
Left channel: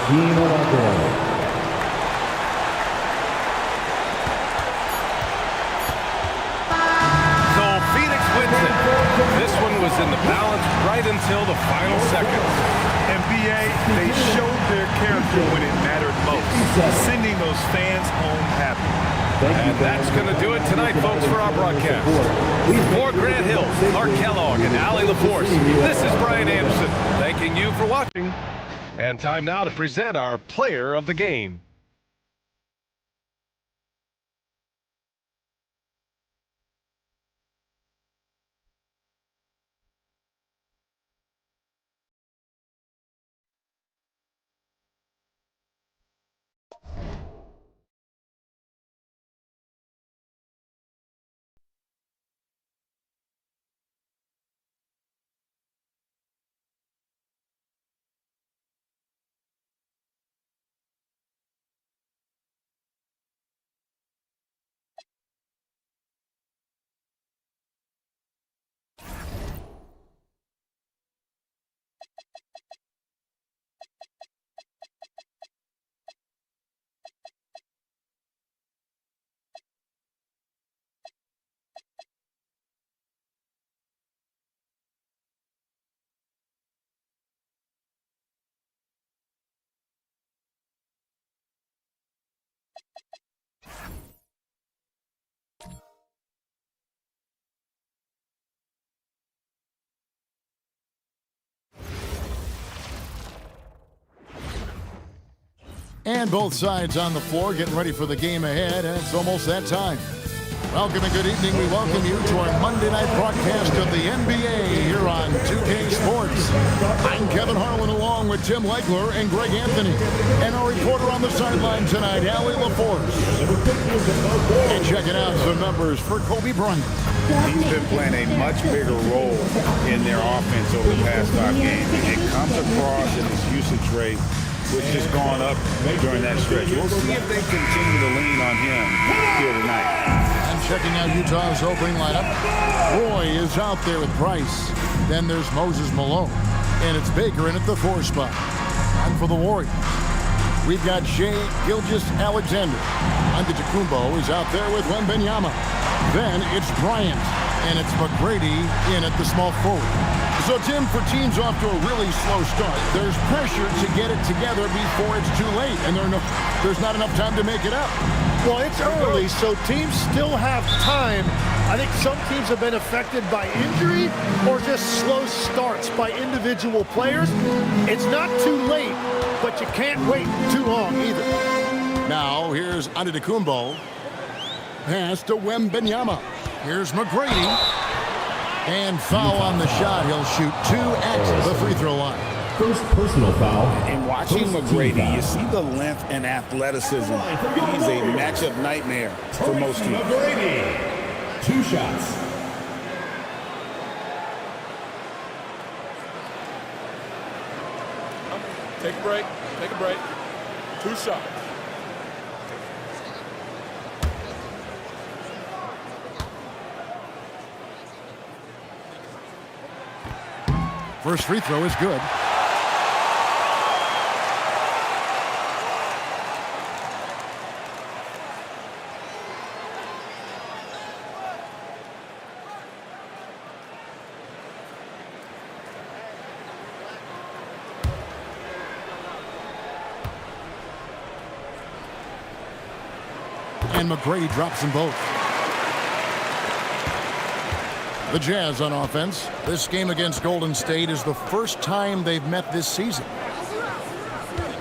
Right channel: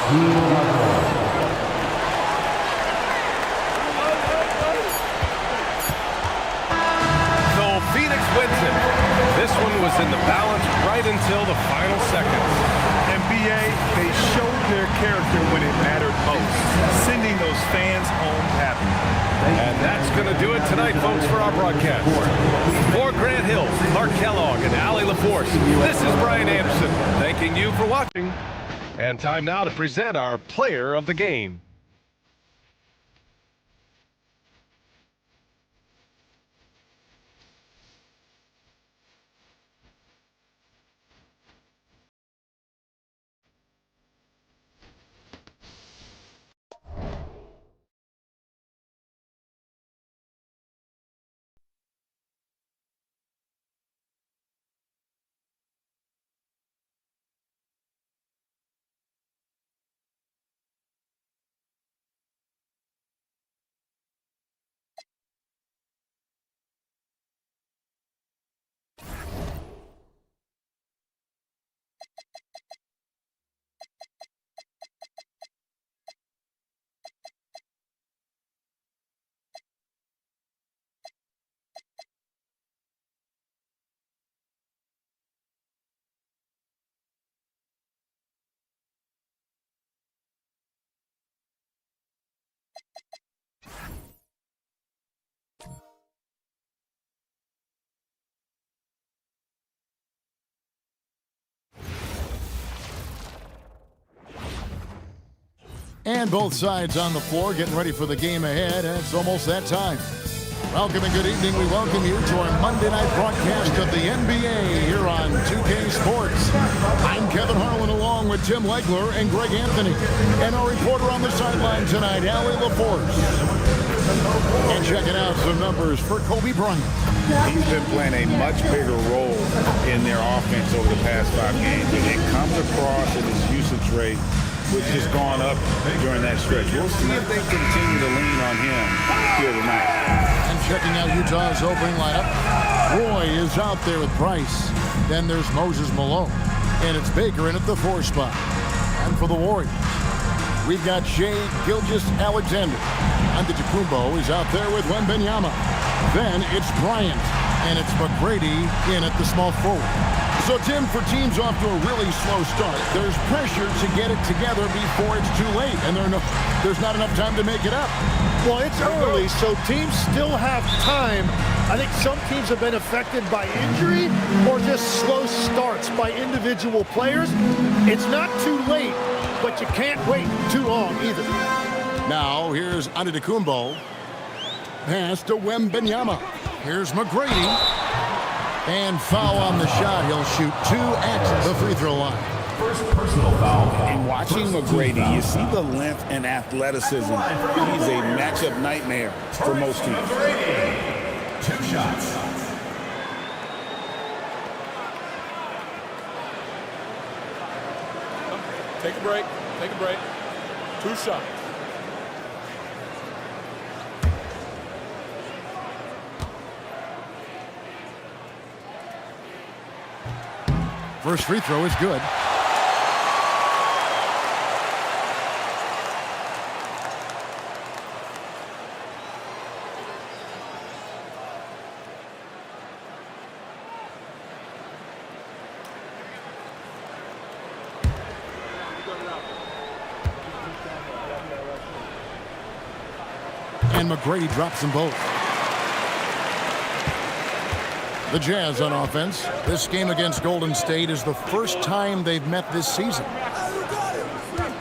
So Phoenix wins it. This one was in the balance right until the final seconds. NBA, they showed their character when it mattered most, sending those fans home happy. And that's going to do it tonight, folks, for our broadcast. For Grant Hill, Clark Kellogg, and Allie LaForce, this is Brian Anderson, thanking you for watching. And time now to present our player of the game. And both sides on the floor getting ready for the game ahead, and it's almost that time. Welcome and good evening. We welcome you to our Monday night broadcast of the NBA here on 2K Sports. I'm Kevin Harlan along with Tim Legler and Greg Anthony. And our reporter on the sideline tonight, Allie LaForce. And checking out some numbers for Kobe Bryant. He's been playing a much bigger role in their offense over the past 5 games. It comes across in his usage rate, which has gone up during that stretch. We'll see if they continue to lean on him here tonight. And checking out Utah's opening lineup, Roy is out there with Price. Then there's Moses Malone. And it's Baker in at the 4 spot. And for the Warriors, we've got Shai Gilgeous-Alexander. Antetokounmpo is out there with Wembanyama. Then it's Bryant. And it's McGrady in at the small forward. So, Tim, for teams off to a really slow start, there's pressure to get it together before it's too late, and there's not enough time to make it up. Well, it's early, so teams still have time. I think some teams have been affected by injury or just slow starts by individual players. It's not too late, but you can't wait too long either. Now, here's Antetokounmpo. Pass to Wembanyama. Here's McGrady. And foul on the shot. He'll shoot 2 at the free throw line. First personal foul. And watching McGrady, you see the length and athleticism. He's a matchup nightmare for most teams. McGrady, 2 shots. Take a break. Take a break. 2 shots. First free throw is good. And McGrady drops them both. The Jazz on offense. This game against Golden State is the first time they've met this season.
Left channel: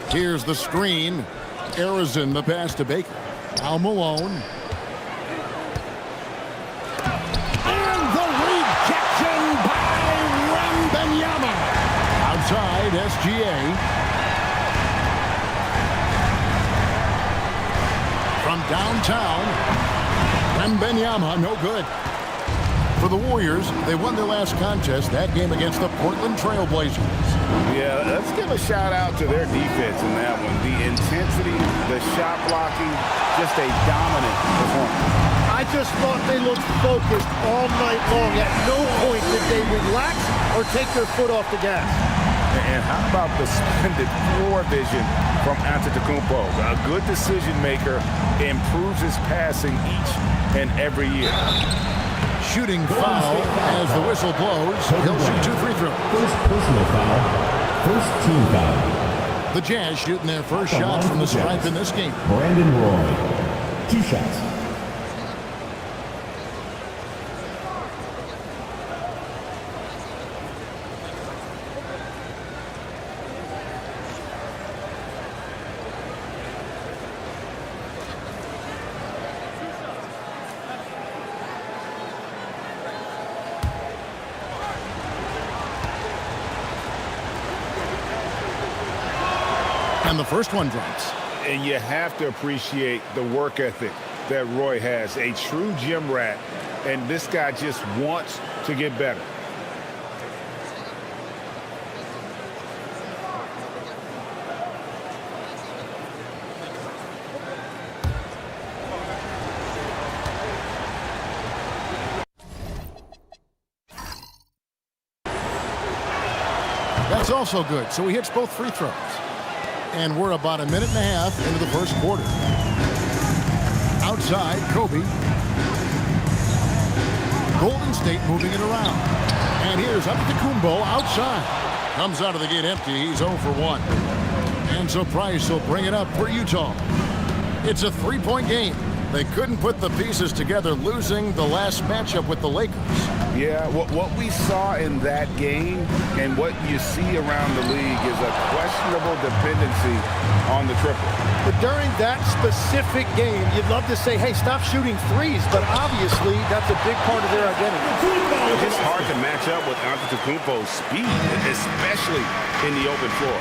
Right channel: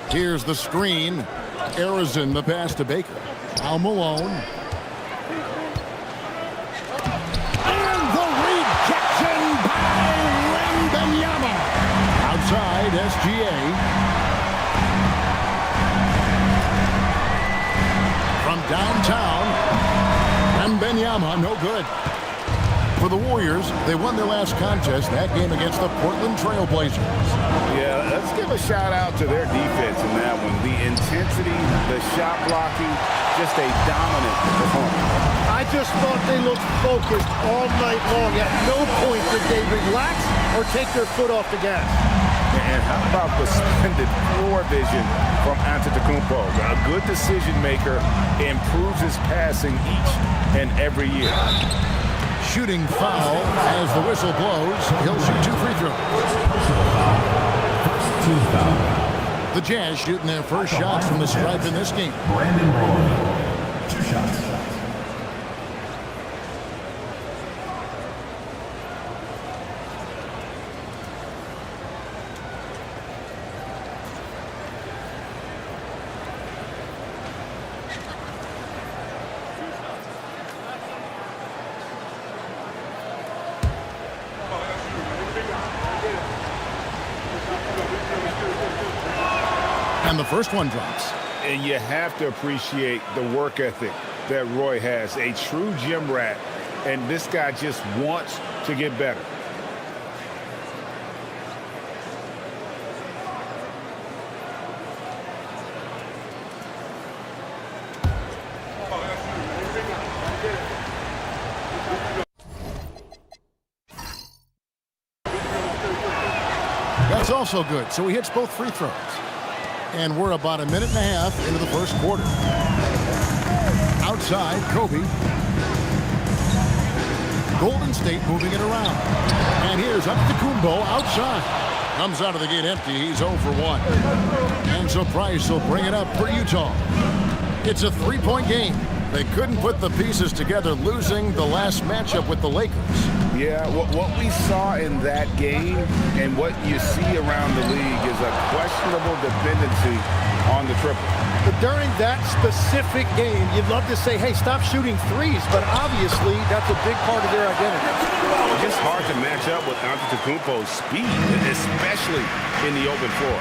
Here's the screen. Arizon, the pass to Baker. Al Malone. And the rejection by Wembanyama. Outside, SGA. From downtown, Wembanyama, no good. For the Warriors, they won their last contest, that game against the Portland Trail Blazers. Yeah, let's give a shout out to their defense in that one. The intensity, the shot blocking, just a dominant performance. I just thought they looked focused all night long. At no point did they relax or take their foot off the gas. And how about the splendid floor vision from Antetokounmpo? A good decision maker, improves his passing each and every year. Shooting foul as the whistle blows. He'll shoot 2 free throws. First personal foul. First team foul. The Jazz shooting their first shots from the stripe in this game. Brandon Roy. 2 shots. And the first one drops. And you have to appreciate the work ethic that Roy has. A true gym rat. And this guy just wants to get better. That's also good. So he hits both free throws. And we're about a minute and a half into the first quarter. Outside, Kobe. Golden State moving it around. And here's Antetokounmpo outside. Comes out of the gate empty. He's 0 for 1. And so Price will bring it up for Utah. It's a 3-point game. They couldn't put the pieces together, losing the last matchup with the Lakers. Yeah, what we saw in that game and what you see around the league is a questionable dependency on the triple. But during that specific game, you'd love to say, hey, stop shooting threes, but obviously that's a big part of their identity. It's just hard to match up with Antetokounmpo's speed, especially in the open floor.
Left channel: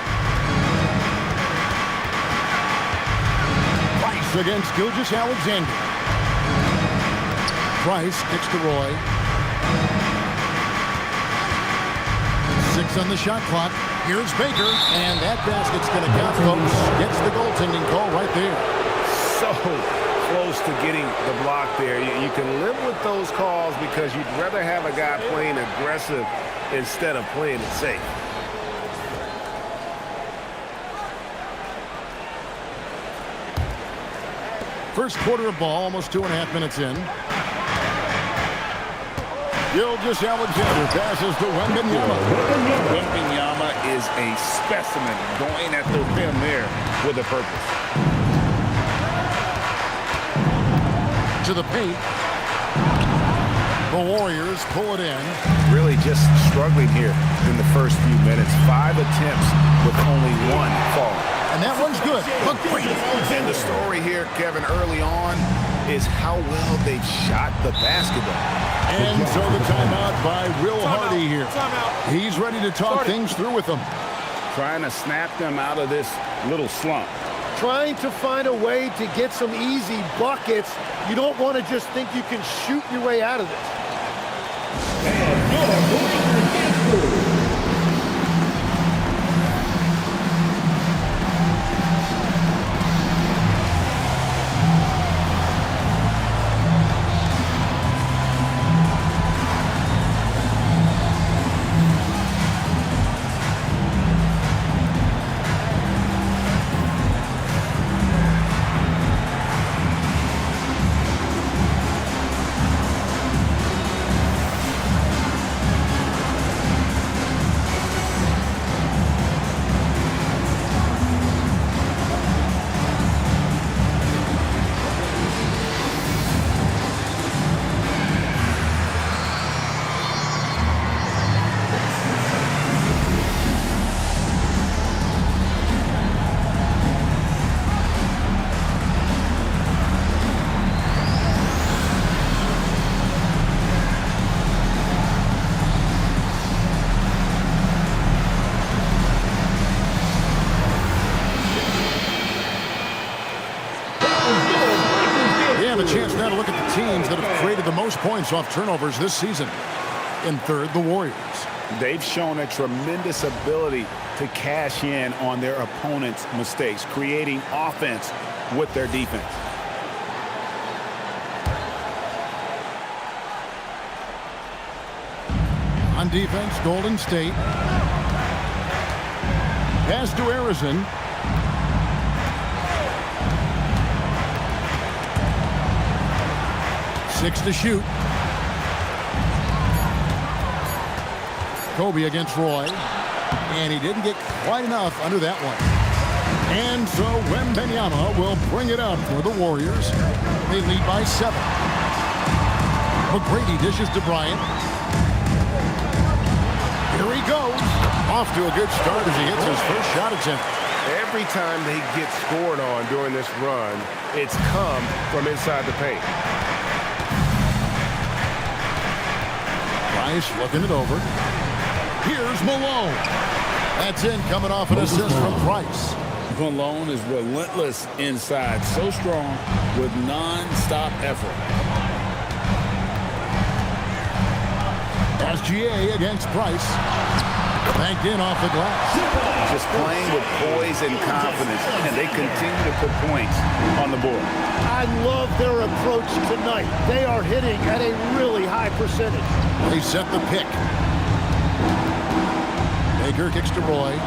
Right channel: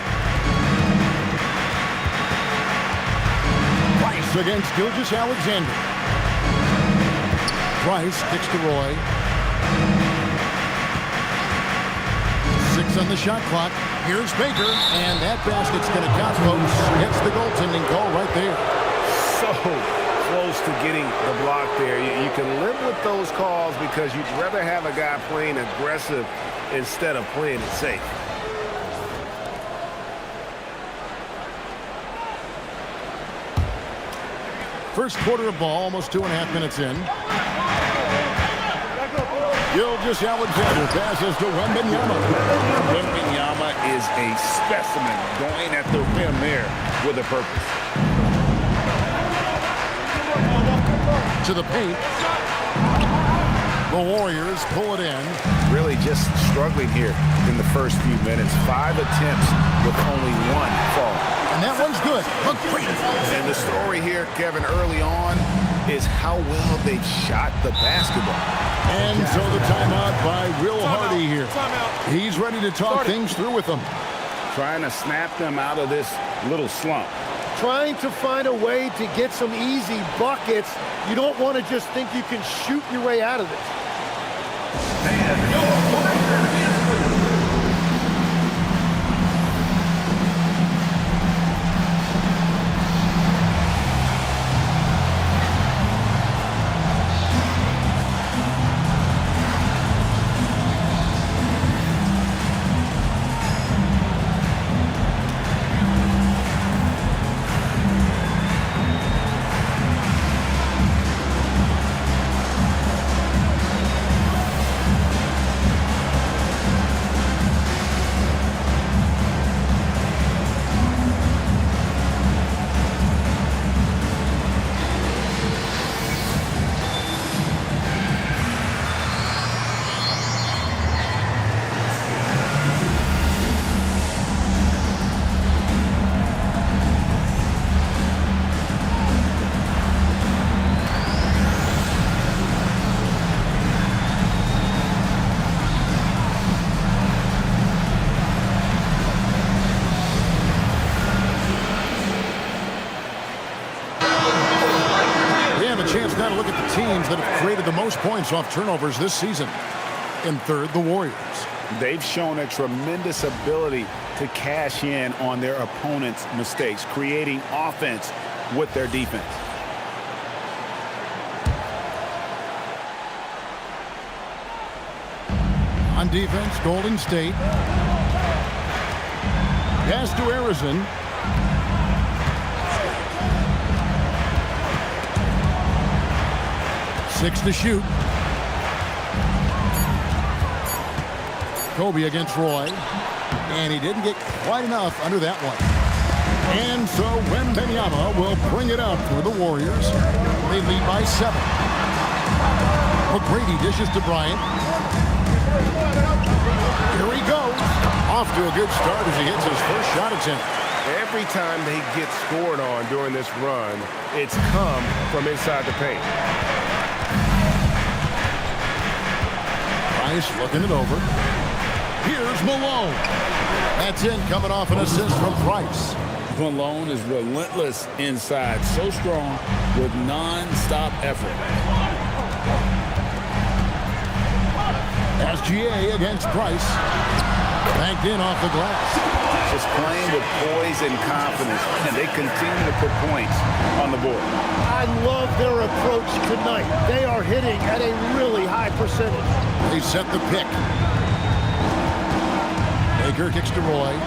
Price against Gilgeous-Alexander. Price kicks to Roy. 6 on the shot clock. Here's Baker, and that basket's going to count, folks. Gets the goaltending call right there. So close to getting the block there. You can live with those calls because you'd rather have a guy playing aggressive instead of playing it safe. First quarter of ball, almost 2.5 minutes in. Gilgeous-Alexander passes to Wembanyama. Wembanyama is a specimen going at the rim there with a purpose. To the paint. The Warriors pull it in. Really just struggling here in the first few minutes. 5 attempts with only 1 fall. And that one's good. McGrady. And the story here, Kevin, early on is how well they've shot the basketball. And so the timeout by Will Hardy here. He's ready to talk things through with them. Trying to snap them out of this little slump. Trying to find a way to get some easy buckets. You don't want to just think you can shoot your way out of this. And your Lakers dance crew. A chance now to look at the teams that have created the most points off turnovers this season. In third, the Warriors. They've shown a tremendous ability to cash in on their opponent's mistakes, creating offense with their defense. On defense, Golden State. Pass to Harrison. Six to shoot. Kobe against Roy. And he didn't get quite enough under that one. And so Wembanyama will bring it up for the Warriors. They lead by 7. McGrady dishes to Bryant. Here he goes. Off to a good start as he hits his first shot attempt. Every time they get scored on during this run, it's come from inside the paint. Price looking it over. Here's Malone. That's in, coming off an assist from Price. Malone is relentless inside, so strong with non-stop effort. SGA against Price. Banked in off the glass. Just playing with poise and confidence, and they continue to put points on the board. I love their approach tonight. They are hitting at a really high percentage. They set the pick. Baker kicks to Roy.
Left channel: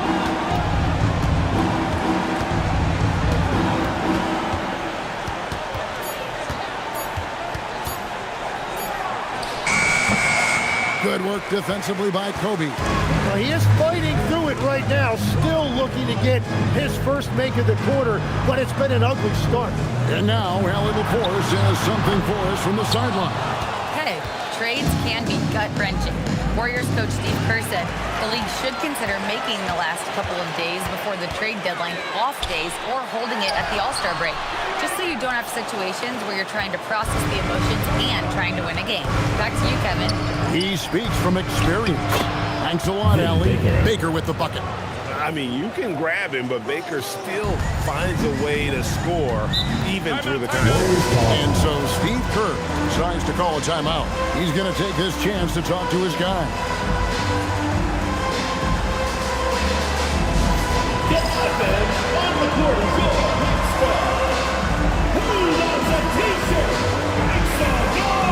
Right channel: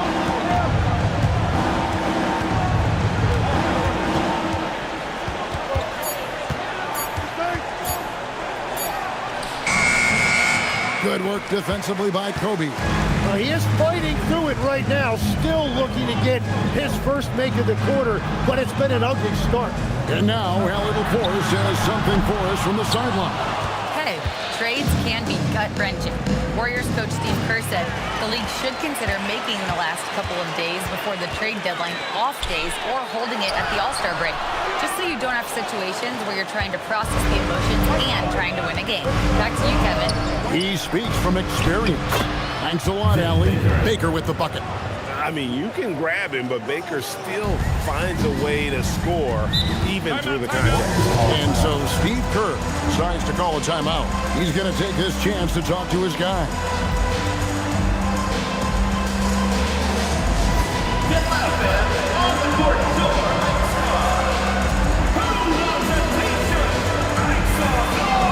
Good work defensively by Kobe. Well, he is fighting through it right now, still looking to get his first make of the quarter, but it's been an ugly start. And now, Allie LaForce has something for us from the sideline. Hey, trades can be gut-wrenching. Warriors coach Steve Kerr said the league should consider making the last couple of days before the trade deadline off days or holding it at the All-Star break, just so you don't have situations where you're trying to process the emotions and trying to win a game. Back to you, Kevin. He speaks from experience. Thanks a lot, Allie. Baker with the bucket. I mean, you can grab him, but Baker still finds a way to score even through the contest. And so Steve Kerr decides to call a timeout. He's going to take his chance to talk to his guy. On the court, your next star. Who loves a t-shirt? Make some noise!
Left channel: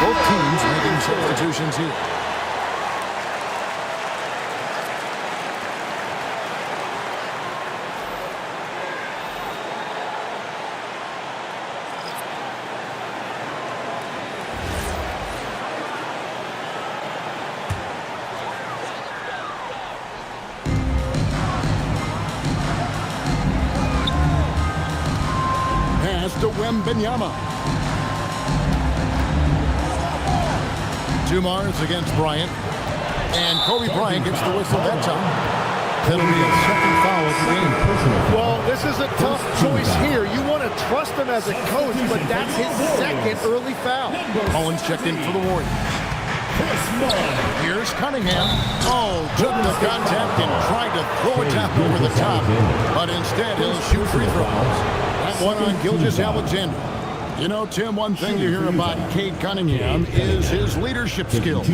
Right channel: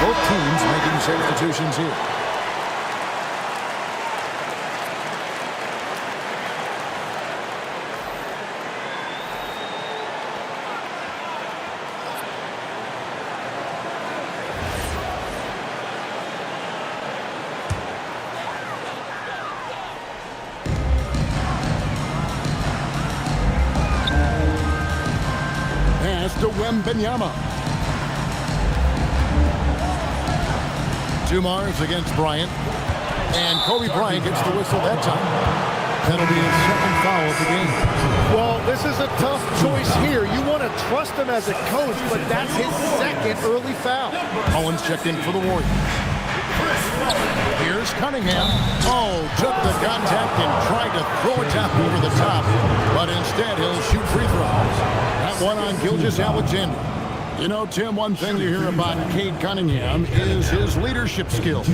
Both teams making substitutions here. Pass to Wembanyama. Dumars against Bryant. And Kobe Bryant gets the whistle that time. That'll be his second foul of the game. Well, this is a tough choice here. You want to trust him as a coach, but that's his second early foul. Mullins checked in for the Warriors. Here's Cunningham. Oh, took the contact and tried to throw it down over the top. But instead, he'll shoot free throws. That one on Gilgeous-Alexander. You know, Tim, one thing you hear about Cade Cunningham is his leadership skills.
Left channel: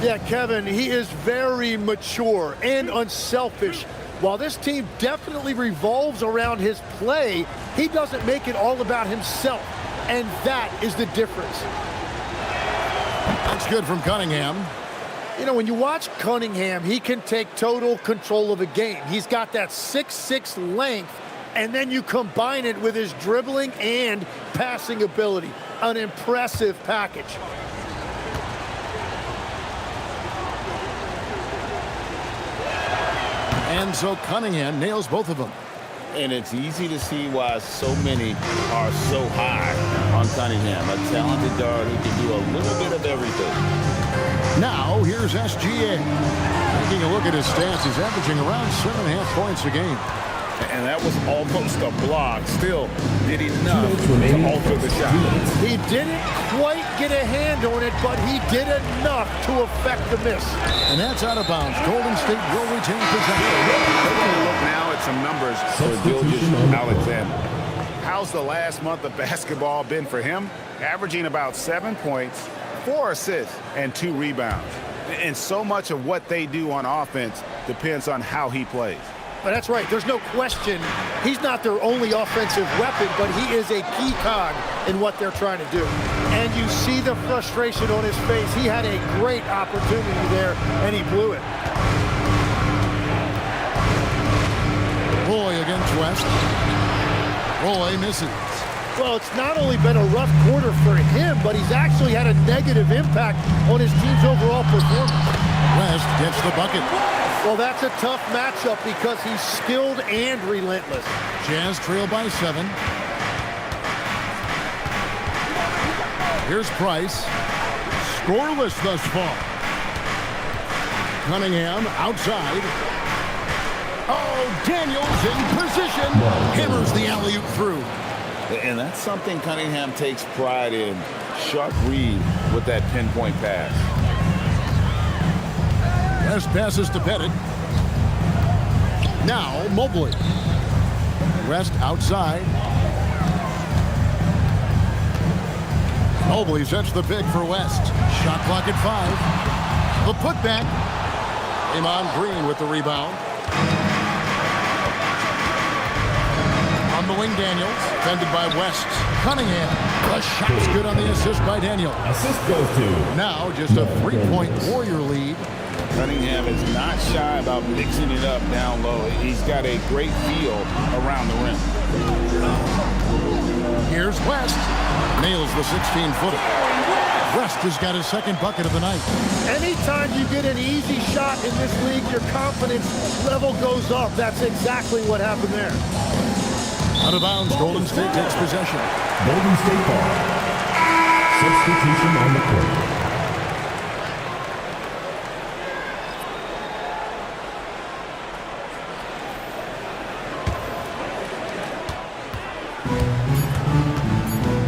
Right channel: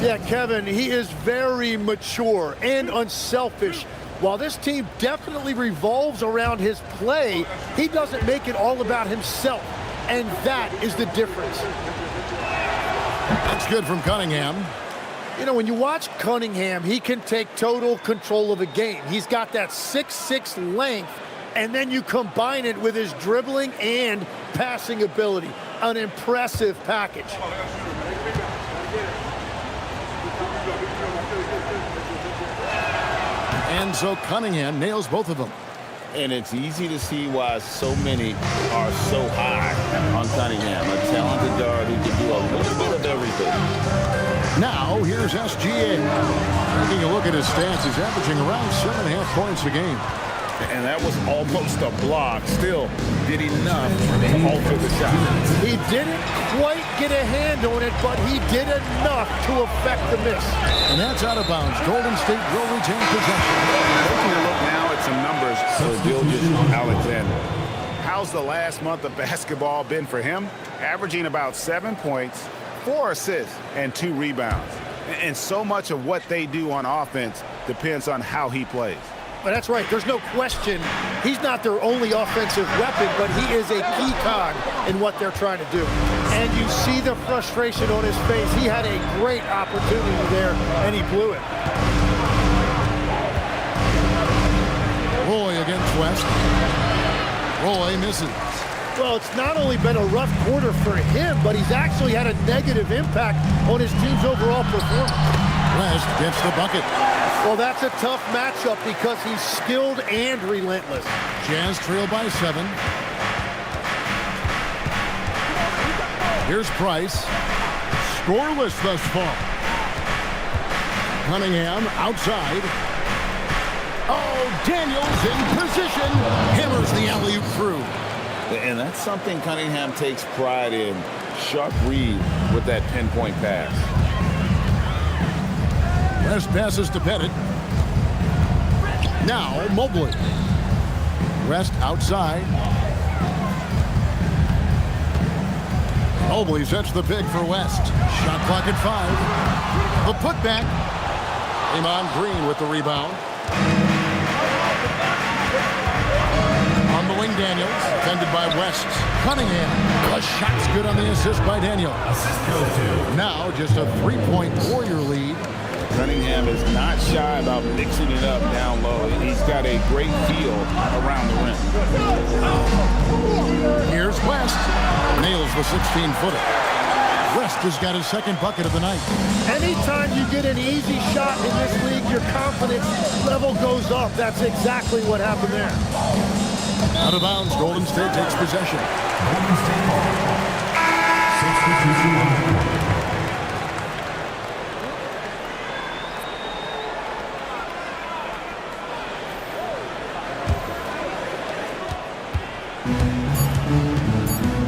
Yeah, Kevin, he is very mature and unselfish. While this team definitely revolves around his play, he doesn't make it all about himself. And that is the difference. That's good from Cunningham. You know, when you watch Cunningham, he can take total control of a game. He's got that 6'6" length, and then you combine it with his dribbling and passing ability. An impressive package. And so Cunningham nails both of them. And it's easy to see why so many are so high on Cunningham, a talented guard who can do a little bit of everything. Now, here's SGA. Taking a look at his stats, he's averaging around 7.5 points a game. And that was almost a block. Still did enough to alter the shot. He didn't quite get a hand on it, but he did enough to affect the miss. And that's out of bounds. Golden State will retain possession. Taking a look now at some numbers for Gilgeous Alexander. How's the last month of basketball been for him? Averaging about 7 points, 4 assists, and 2 rebounds. And so much of what they do on offense depends on how he plays. But that's right. There's no question. He's not their only offensive weapon, but he is a key cog in what they're trying to do. And you see the frustration on his face. He had a great opportunity there, and he blew it. Roy against West. Roy misses. Well, it's not only been a rough quarter for him, but he's actually had a negative impact on his team's overall performance. West gets the bucket. Well, that's a tough matchup because he's skilled and relentless. Jazz trail by 7. Here's Price. Scoreless thus far. Cunningham outside. Oh, Daniels in position. Hammers the alley-oop through. And that's something Cunningham takes pride in. Sharp read with that pinpoint pass. West passes to Pettit. Now Mobley. West outside. Mobley sets the pick for West. Shot clock at 5. The putback. Draymond Green with the rebound. On the wing, Daniels. Defended by West. Cunningham. The shot's good on the assist by Daniel. Assist goes to. Now just a 3-point Warrior lead. Cunningham is not shy about mixing it up down low. He's got a great feel around the rim. Here's West. Nails the 16-footer. West has got his second bucket of the night. Anytime you get an easy shot in this league, your confidence level goes up. That's exactly what happened there. Out of bounds, Golden State takes possession. Golden State ball. Substitution on the court.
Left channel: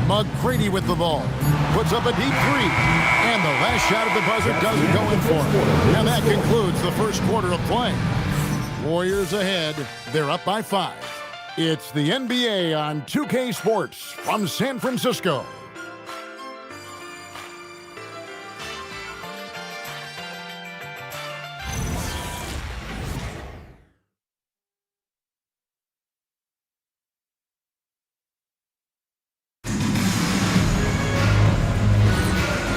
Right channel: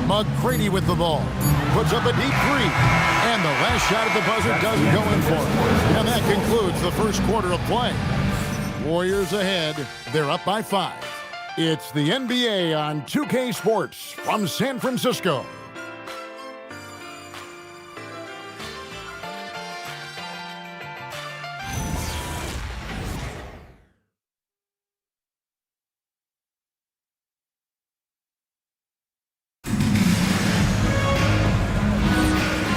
McGrady with the ball. Puts up a deep 3. And the last shot at the buzzer doesn't go in for him. And that concludes the first quarter of play. Warriors ahead. They're up by 5. It's the NBA on 2K Sports from San Francisco.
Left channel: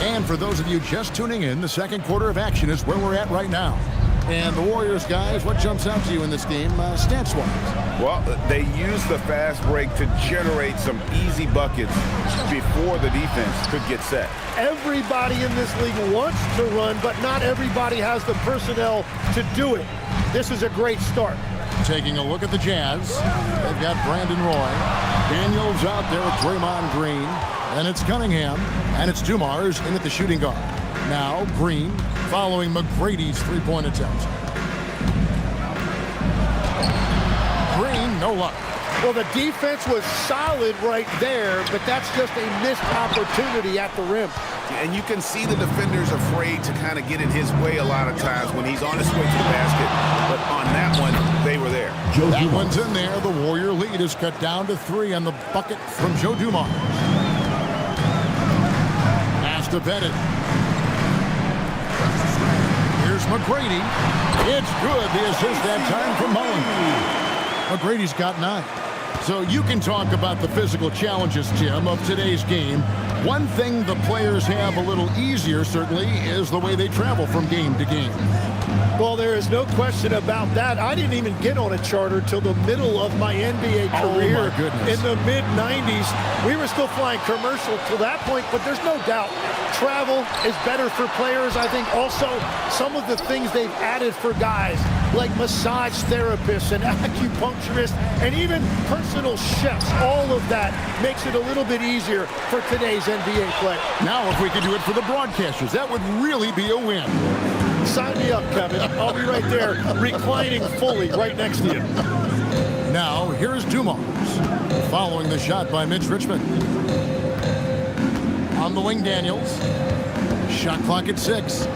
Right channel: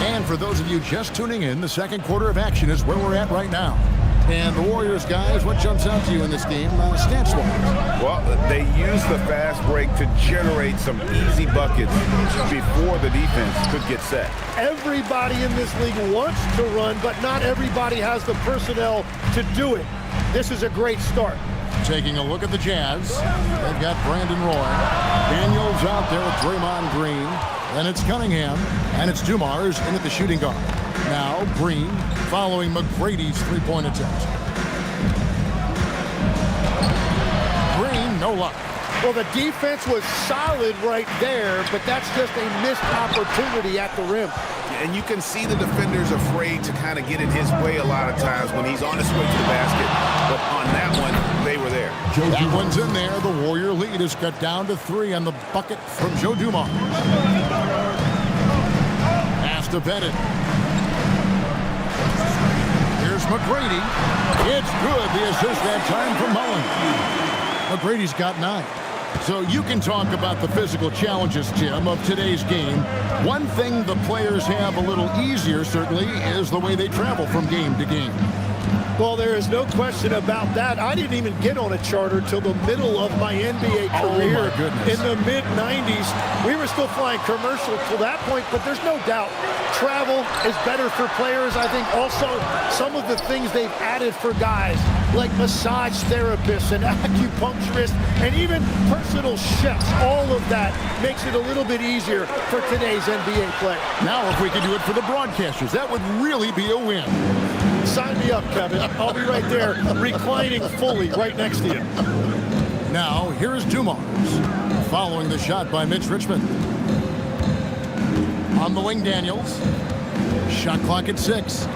And for those of you just tuning in, the second quarter of action is where we're at right now. And the Warriors, guys, what jumps out to you in this game, stance-wise? Well, they use the fast break to generate some easy buckets before the defense could get set. Everybody in this league wants to run, but not everybody has the personnel to do it. This is a great start. Taking a look at the Jazz, they've got Brandon Roy. Daniels out there with Draymond Green. Then it's Cunningham, and it's Dumars in at the shooting guard. Now Green following McGrady's three-point attempt. Green, no luck. Well, the defense was solid right there, but that's just a missed opportunity at the rim. And you can see the defenders afraid to kind of get in his way a lot of times when he's on his way to the basket. But on that one, they were there. That one's in there. The Warrior lead is cut down to 3 on the bucket from Joe Dumars. Pass to Pettit. Here's McGrady. It's good. The assist that time from Mullen. McGrady's got 9. So you can talk about the physical challenges, Tim, of today's game. One thing the players have a little easier, certainly, is the way they travel from game to game. Well, there is no question about that. I didn't even get on a charter till the middle of my NBA career. Oh, my goodness. In the mid-90s. We were still flying commercial till that point, but there's no doubt travel is better for players. I think also some of the things they've added for guys like massage therapists and acupuncturists and even personal chefs, all of that makes it a little bit easier for today's NBA player. Now, if we could do it for the broadcasters, that would really be a win. Sign me up, Kevin. I'll be right there, reclining fully right next to you. Now, here's Dumars, following the shot by Mitch Richmond. On the wing, Daniels. Shot clock at 6.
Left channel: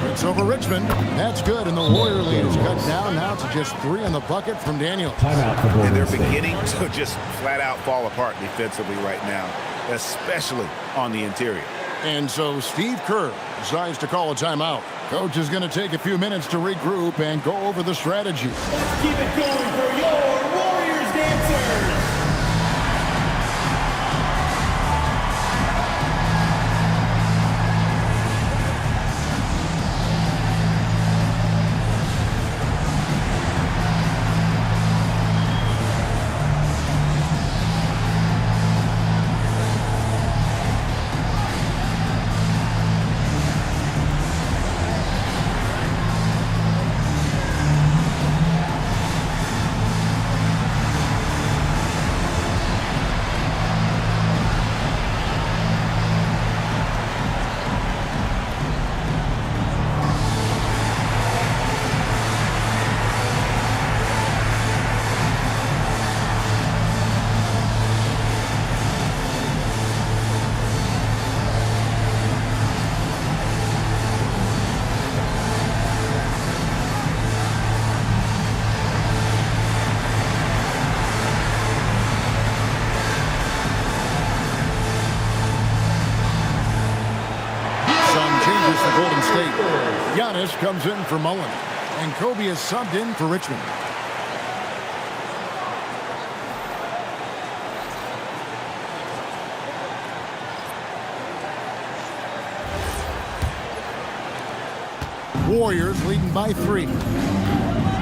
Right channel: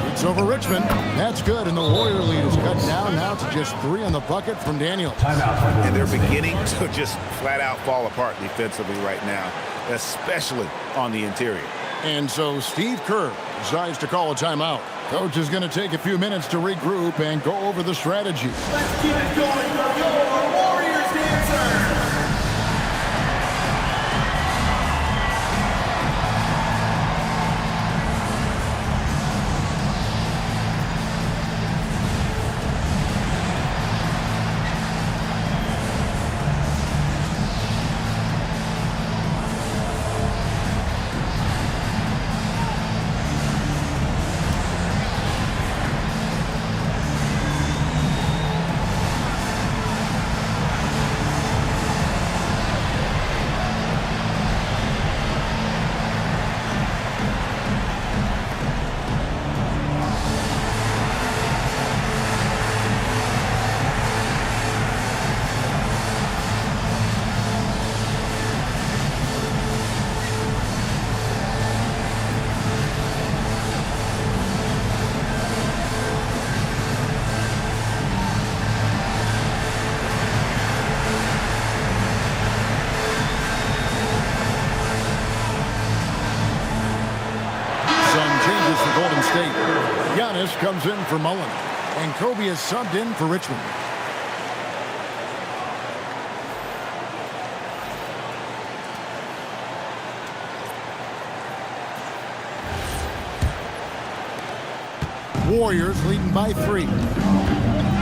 Shoots over Richmond. That's good, and the Warrior lead is cut down now to just 3 on the bucket from Daniels. And they're beginning to just flat out fall apart defensively right now, especially on the interior. And so Steve Kerr decides to call a timeout. Coach is going to take a few minutes to regroup and go over the strategy. Let's keep it going for your Warriors dancers. Changes for Golden State. Giannis comes in for Mullen, and Kobe is subbed in for Richmond. Warriors leading by 3.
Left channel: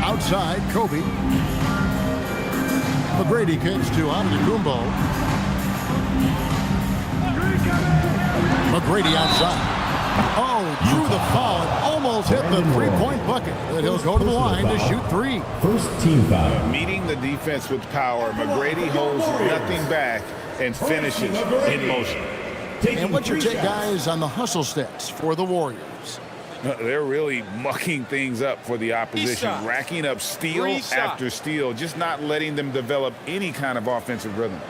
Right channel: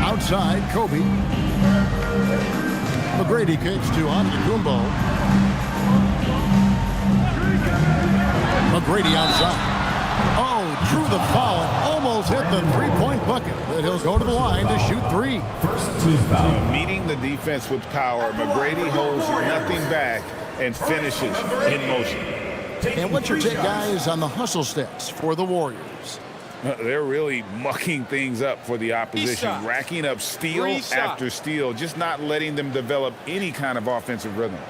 Outside, Kobe. McGrady kicks to Antetokounmpo. McGrady outside. Oh, drew the foul and almost hit the three-point bucket. But he'll go to the line to shoot 3. First team foul. Meeting the defense with power, McGrady holds nothing back and finishes in motion. And what's your take, guys, on the hustle stats for the Warriors? They're really mucking things up for the opposition, racking up steal after steal, just not letting them develop any kind of offensive rhythm.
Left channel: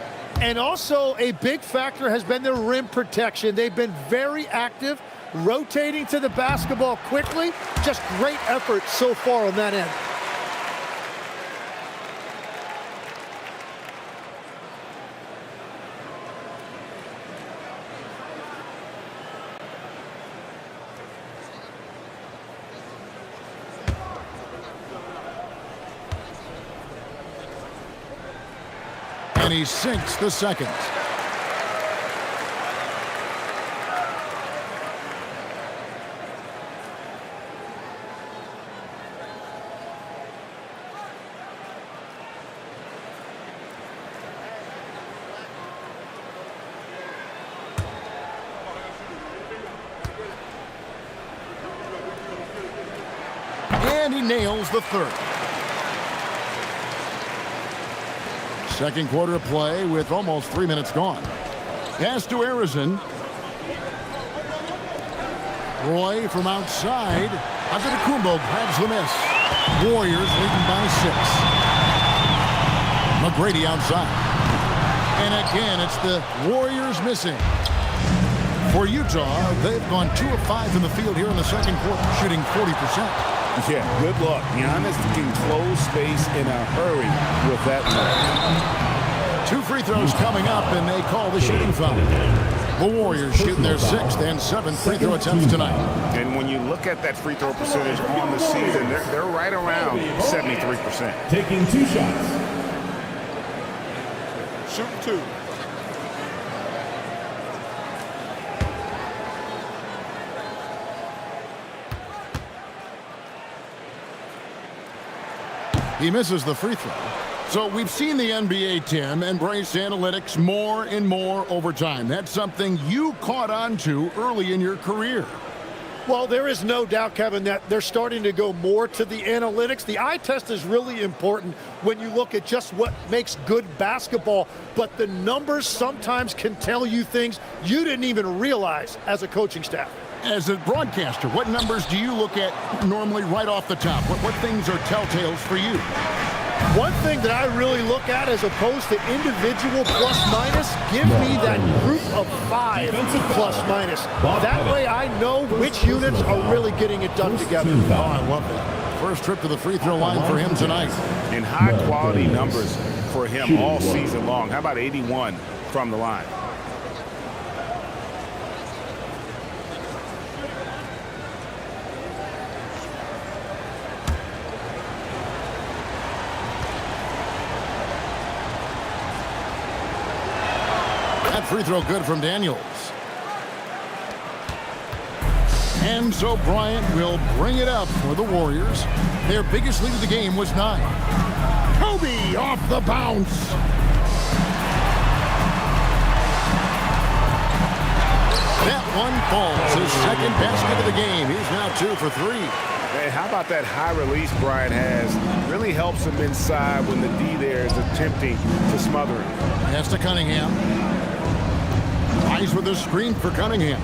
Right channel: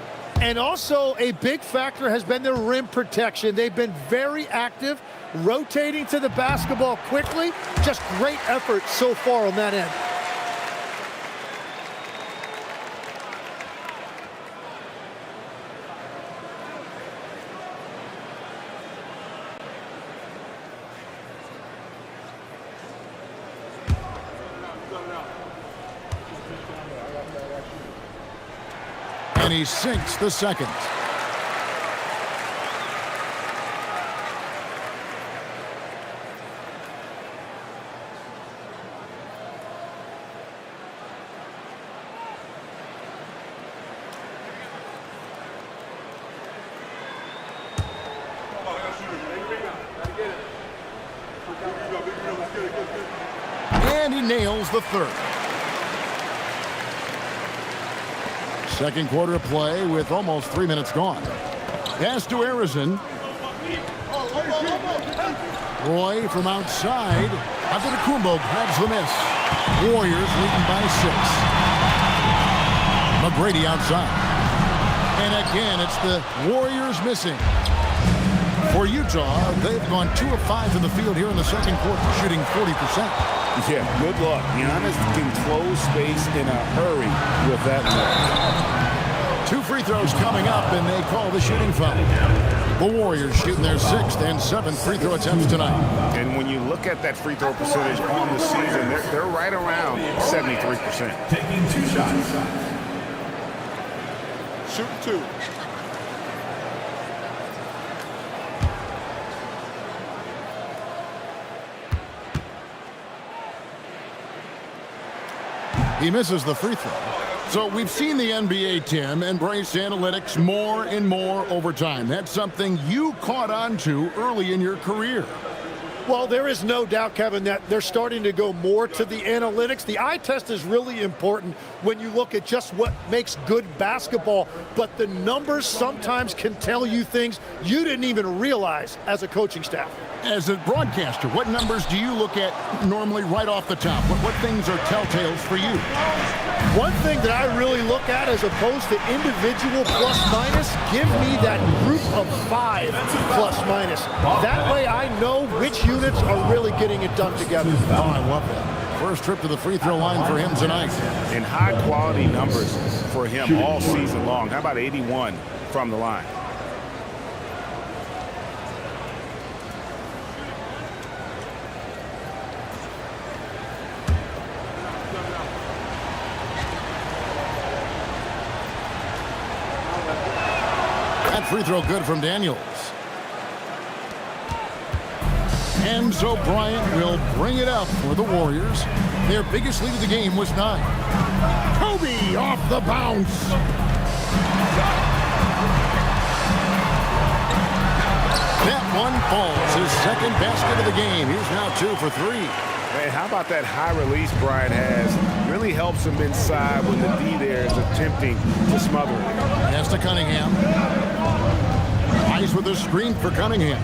And also a big factor has been their rim protection. They've been very active, rotating to the basketball quickly. Just great effort so far on that end. And he sinks the second. And he nails the third. Second quarter of play with almost 3 minutes gone. Pass to Arizon. Roy from outside. Antetokounmpo grabs the miss. Warriors leading by 6. McGrady outside. And again, it's the Warriors missing. For Utah, they've gone 2 of 5 in the field here in the second quarter, shooting 40%. Yeah, good luck. Giannis can close space in a hurry with that look. 2 free throws coming up, and they call the shooting foul. The Warriors shooting their 6th and 7th free throw attempts tonight. And when you look at that free throw percentage on the season, they're right around 73%. Taking 2 shots. Shooting 2. He misses the free throw. So we've seen the NBA, Tim, embrace analytics more and more over time. That's something you caught on to early in your career. Well, there is no doubt, Kevin, that they're starting to go more to the analytics. The eye test is really important when you look at just what makes good basketball, but the numbers sometimes can tell you things you didn't even realize as a coaching staff. As a broadcaster, what numbers do you look at normally right off the top? What things are telltales for you? One thing that I really look at as opposed to individual plus-minus, give me that group of 5 plus-minus. That way I know which units are really getting it done together. Oh, I love that. First trip to the free throw line for him tonight. And high-quality numbers for him all season long. How about 81 from the line? That free throw good from Daniels. And so Bryant will bring it up for the Warriors. Their biggest lead of the game was 9. Kobe off the bounce. That one falls. His second basket of the game. He's now 2 for 3. Hey, how about that high release Bryant has? Really helps him inside when the D there is attempting to smother him. Pass to Cunningham. Nice with a screen for Cunningham.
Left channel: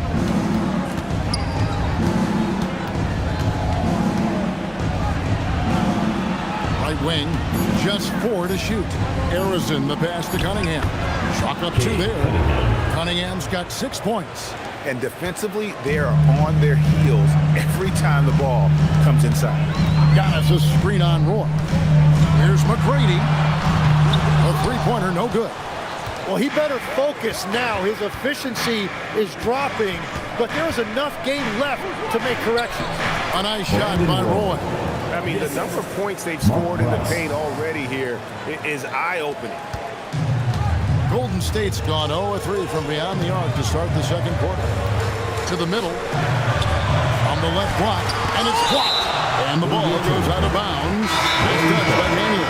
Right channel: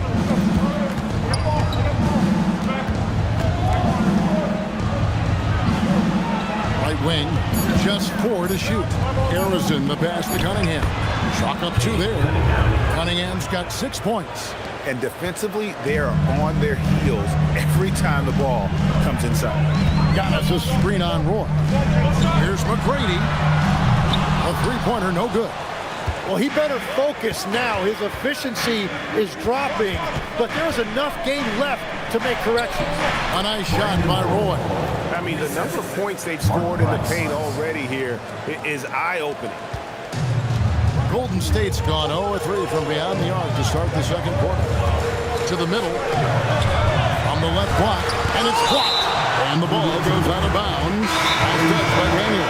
Right wing, just 4 to shoot. Arizon the pass to Cunningham. Chalk up 2 there. Cunningham's got 6 points. And defensively, they are on their heels every time the ball comes inside. Giannis a screen on Roy. Here's McGrady. A three-pointer, no good. Well, he better focus now. His efficiency is dropping, but there's enough game left to make corrections. A nice shot by Roy. I mean, the number of points they've scored in the paint already here is eye-opening. Golden State's gone 0-3 from beyond the arc to start the second quarter. To the middle. From the left block. And it's blocked. And the ball goes out of bounds. Nice touch by Daniel.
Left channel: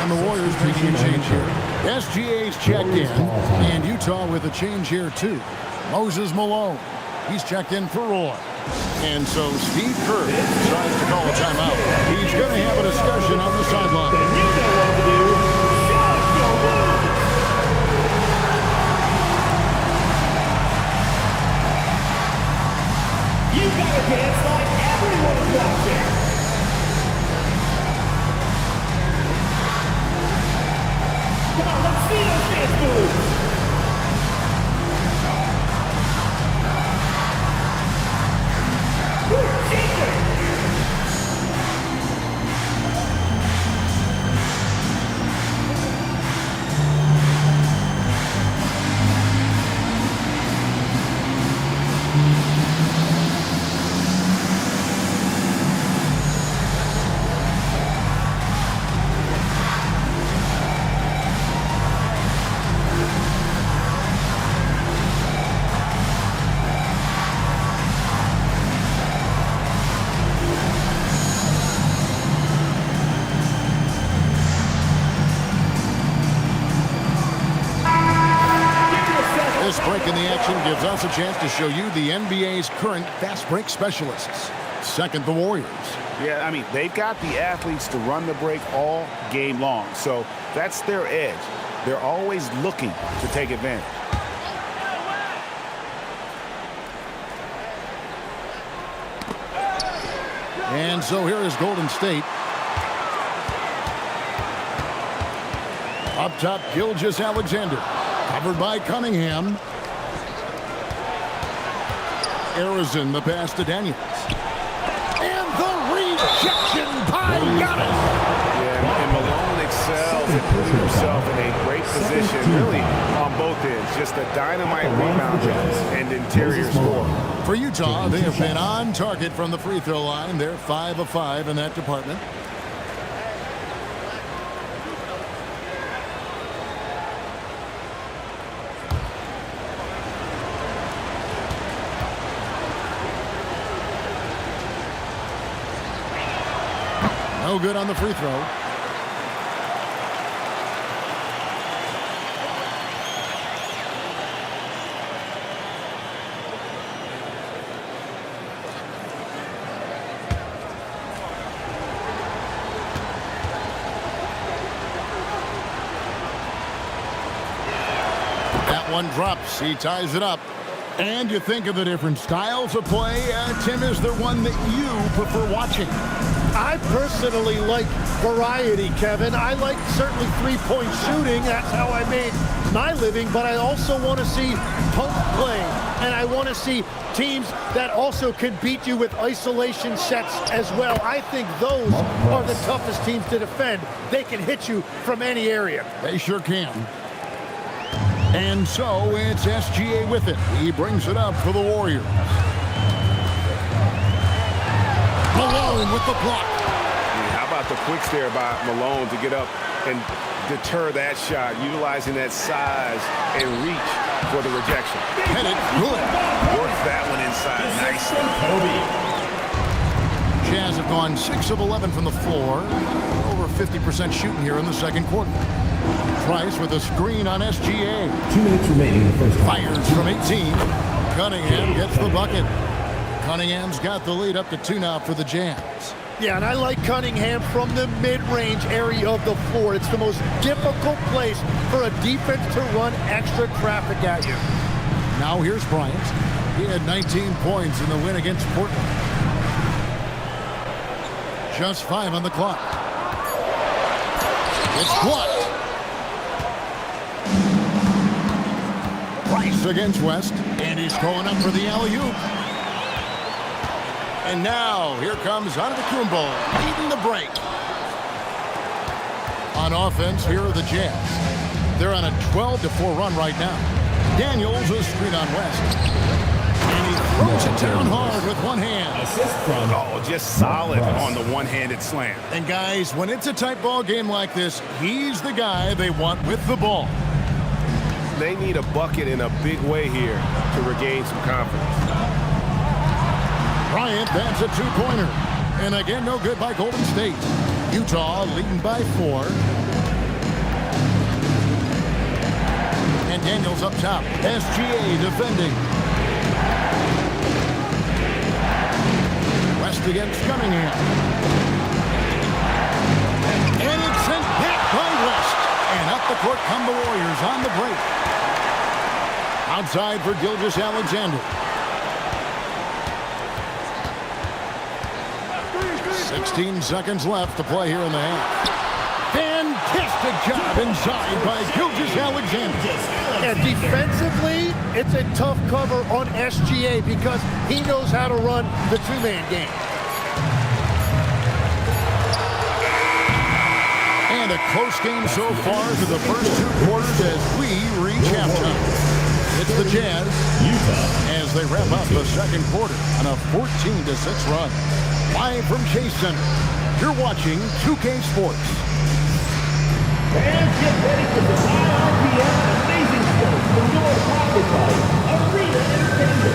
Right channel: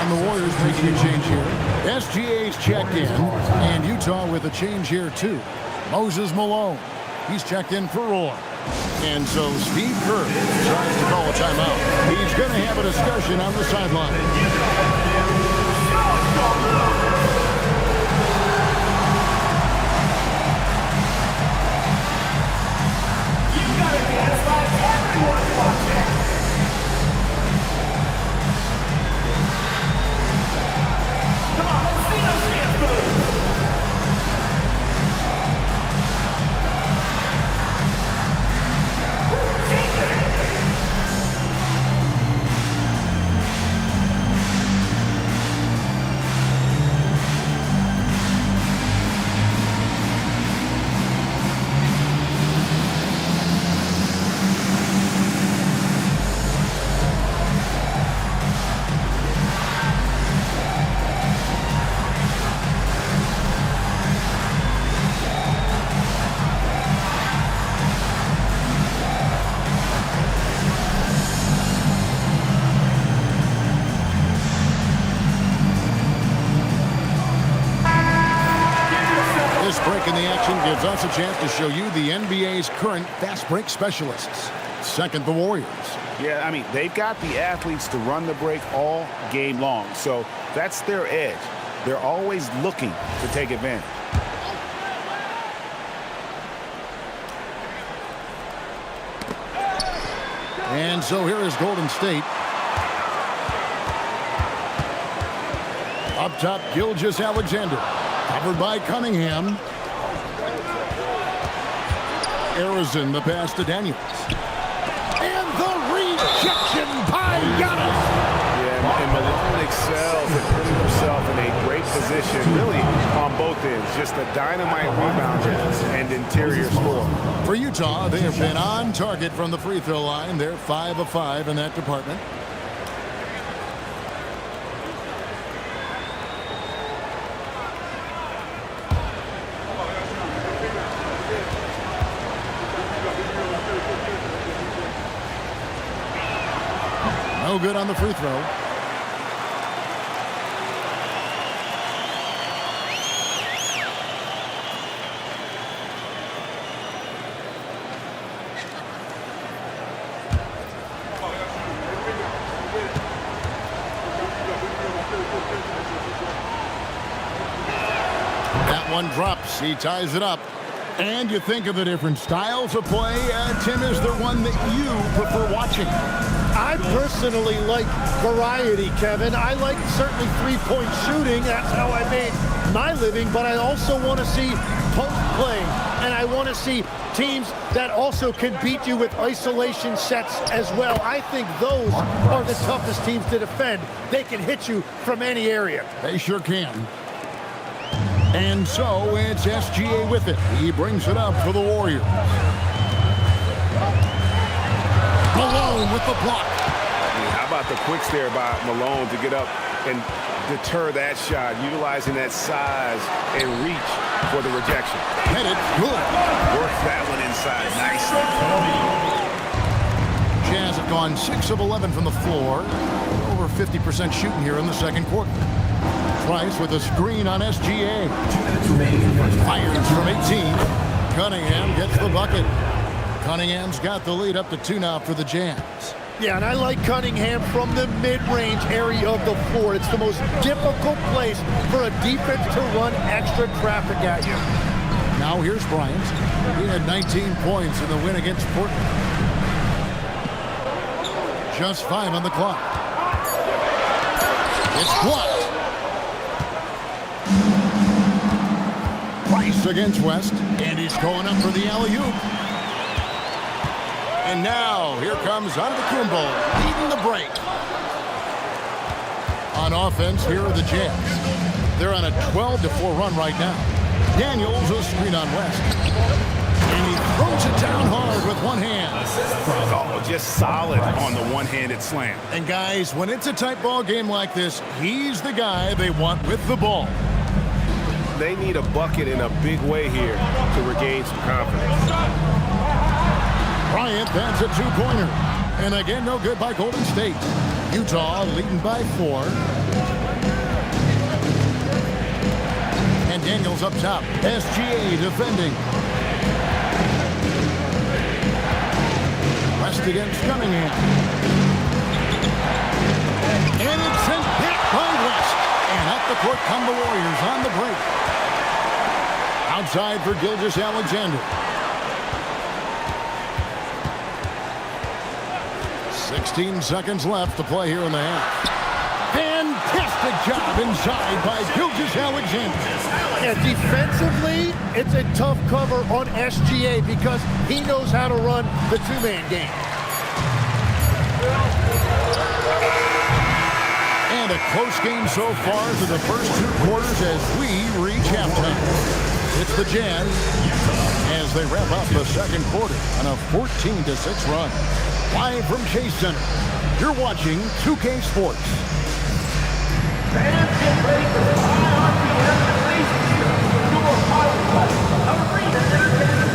And the Warriors making a change here. SGA's checked in. And Utah with a change here, too. Moses Malone. He's checked in for Roy. And so Steve Kerr decides to call a timeout. He's going to have a discussion on the sideline. Dance like everyone's watching. Come on, let's see those dance moves. This break in the action gives us a chance to show you the NBA's current fast break specialists. Second, the Warriors. Yeah, I mean, they've got the athletes to run the break all game long. So that's their edge. They're always looking to take advantage. And so here is Golden State. Up top, Gilgeous-Alexander. Covered by Cunningham. Arizon the pass to Daniels. And the rejection by Giannis. Yeah, and Malone excels at putting himself in a great position, really on both ends. Just a dynamite rebounder and interior scorer. For Utah, they have been on target from the free throw line. They're 5 of 5 in that department. No good on the free throw. one drops. He ties it up. And you think of the different styles of play. Tim, is there one that you prefer watching? I personally like variety, Kevin. I like certainly three-point shooting. That's how I made my living. But I also want to see post play. And I want to see teams that also can beat you with isolation sets as well. I think those are the toughest teams to defend. They can hit you from any area. They sure can. And so it's SGA with it. He brings it up for the Warriors. Malone with the block. How about the quicks there by Malone to get up and deter that shot, utilizing that size and reach for the rejection. Headed good. Works that one inside nicely. Jazz have gone 6 of 11 from the floor. Over 50% shooting here in the second quarter. Price with a screen on SGA. 2 minutes remaining in the first half. Fires from 18. Cunningham gets the bucket. Cunningham's got the lead up to 2 now for the Jazz. Yeah, and I like Cunningham from the mid-range area of the floor. It's the most difficult place for a defense to run extra traffic at you. Now here's Bryant. He had 19 points in the win against Portland. Just 5 on the clock. It's blocked. Price against West, and he's going up for the alley-oop. And now, here comes Antetokounmpo, leading the break. On offense, here are the Jazz. They're on a 12-4 run right now. Daniels, a screen on West. And he throws it down hard with one hand. Oh, just solid on the one-handed slam. And guys, when it's a tight ball game like this, he's the guy they want with the ball. They need a bucket in a big way here to regain some confidence. Bryant, that's a 2-pointer. And again, no good by Golden State. Utah leading by 4. And Daniels up top. SGA defending. West against Cunningham. And it's sent back by West. And up the court come the Warriors on the break. Outside for Gilgeous-Alexander. 16 seconds left to play here in the half. Fantastic job inside by Gilgeous-Alexander. Yeah, defensively, it's a tough cover on SGA because he knows how to run the two-man game. And a close game so far through the first 2 quarters as we reach halftime. It's the Jazz as they wrap up the second quarter on a 14-6 run. Live from Chase Center, you're watching 2K Sports. Fans, get ready for the high RPM and amazing show. Endure powered by Arena Entertainment.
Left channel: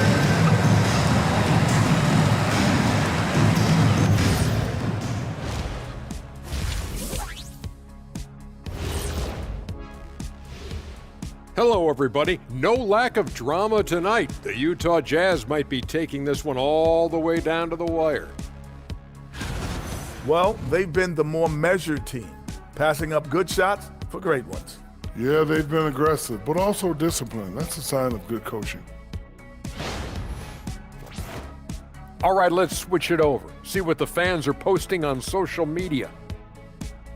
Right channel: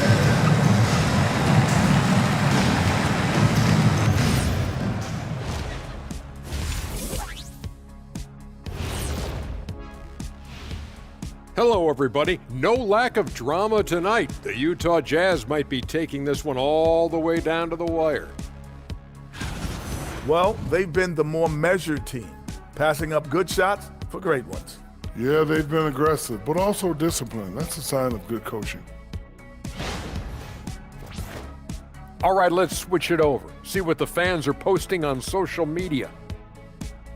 Hello, everybody. No lack of drama tonight. The Utah Jazz might be taking this one all the way down to the wire. Well, they've been the more measured team, passing up good shots for great ones. Yeah, they've been aggressive, but also disciplined. That's a sign of good coaching. All right, let's switch it over. See what the fans are posting on social media.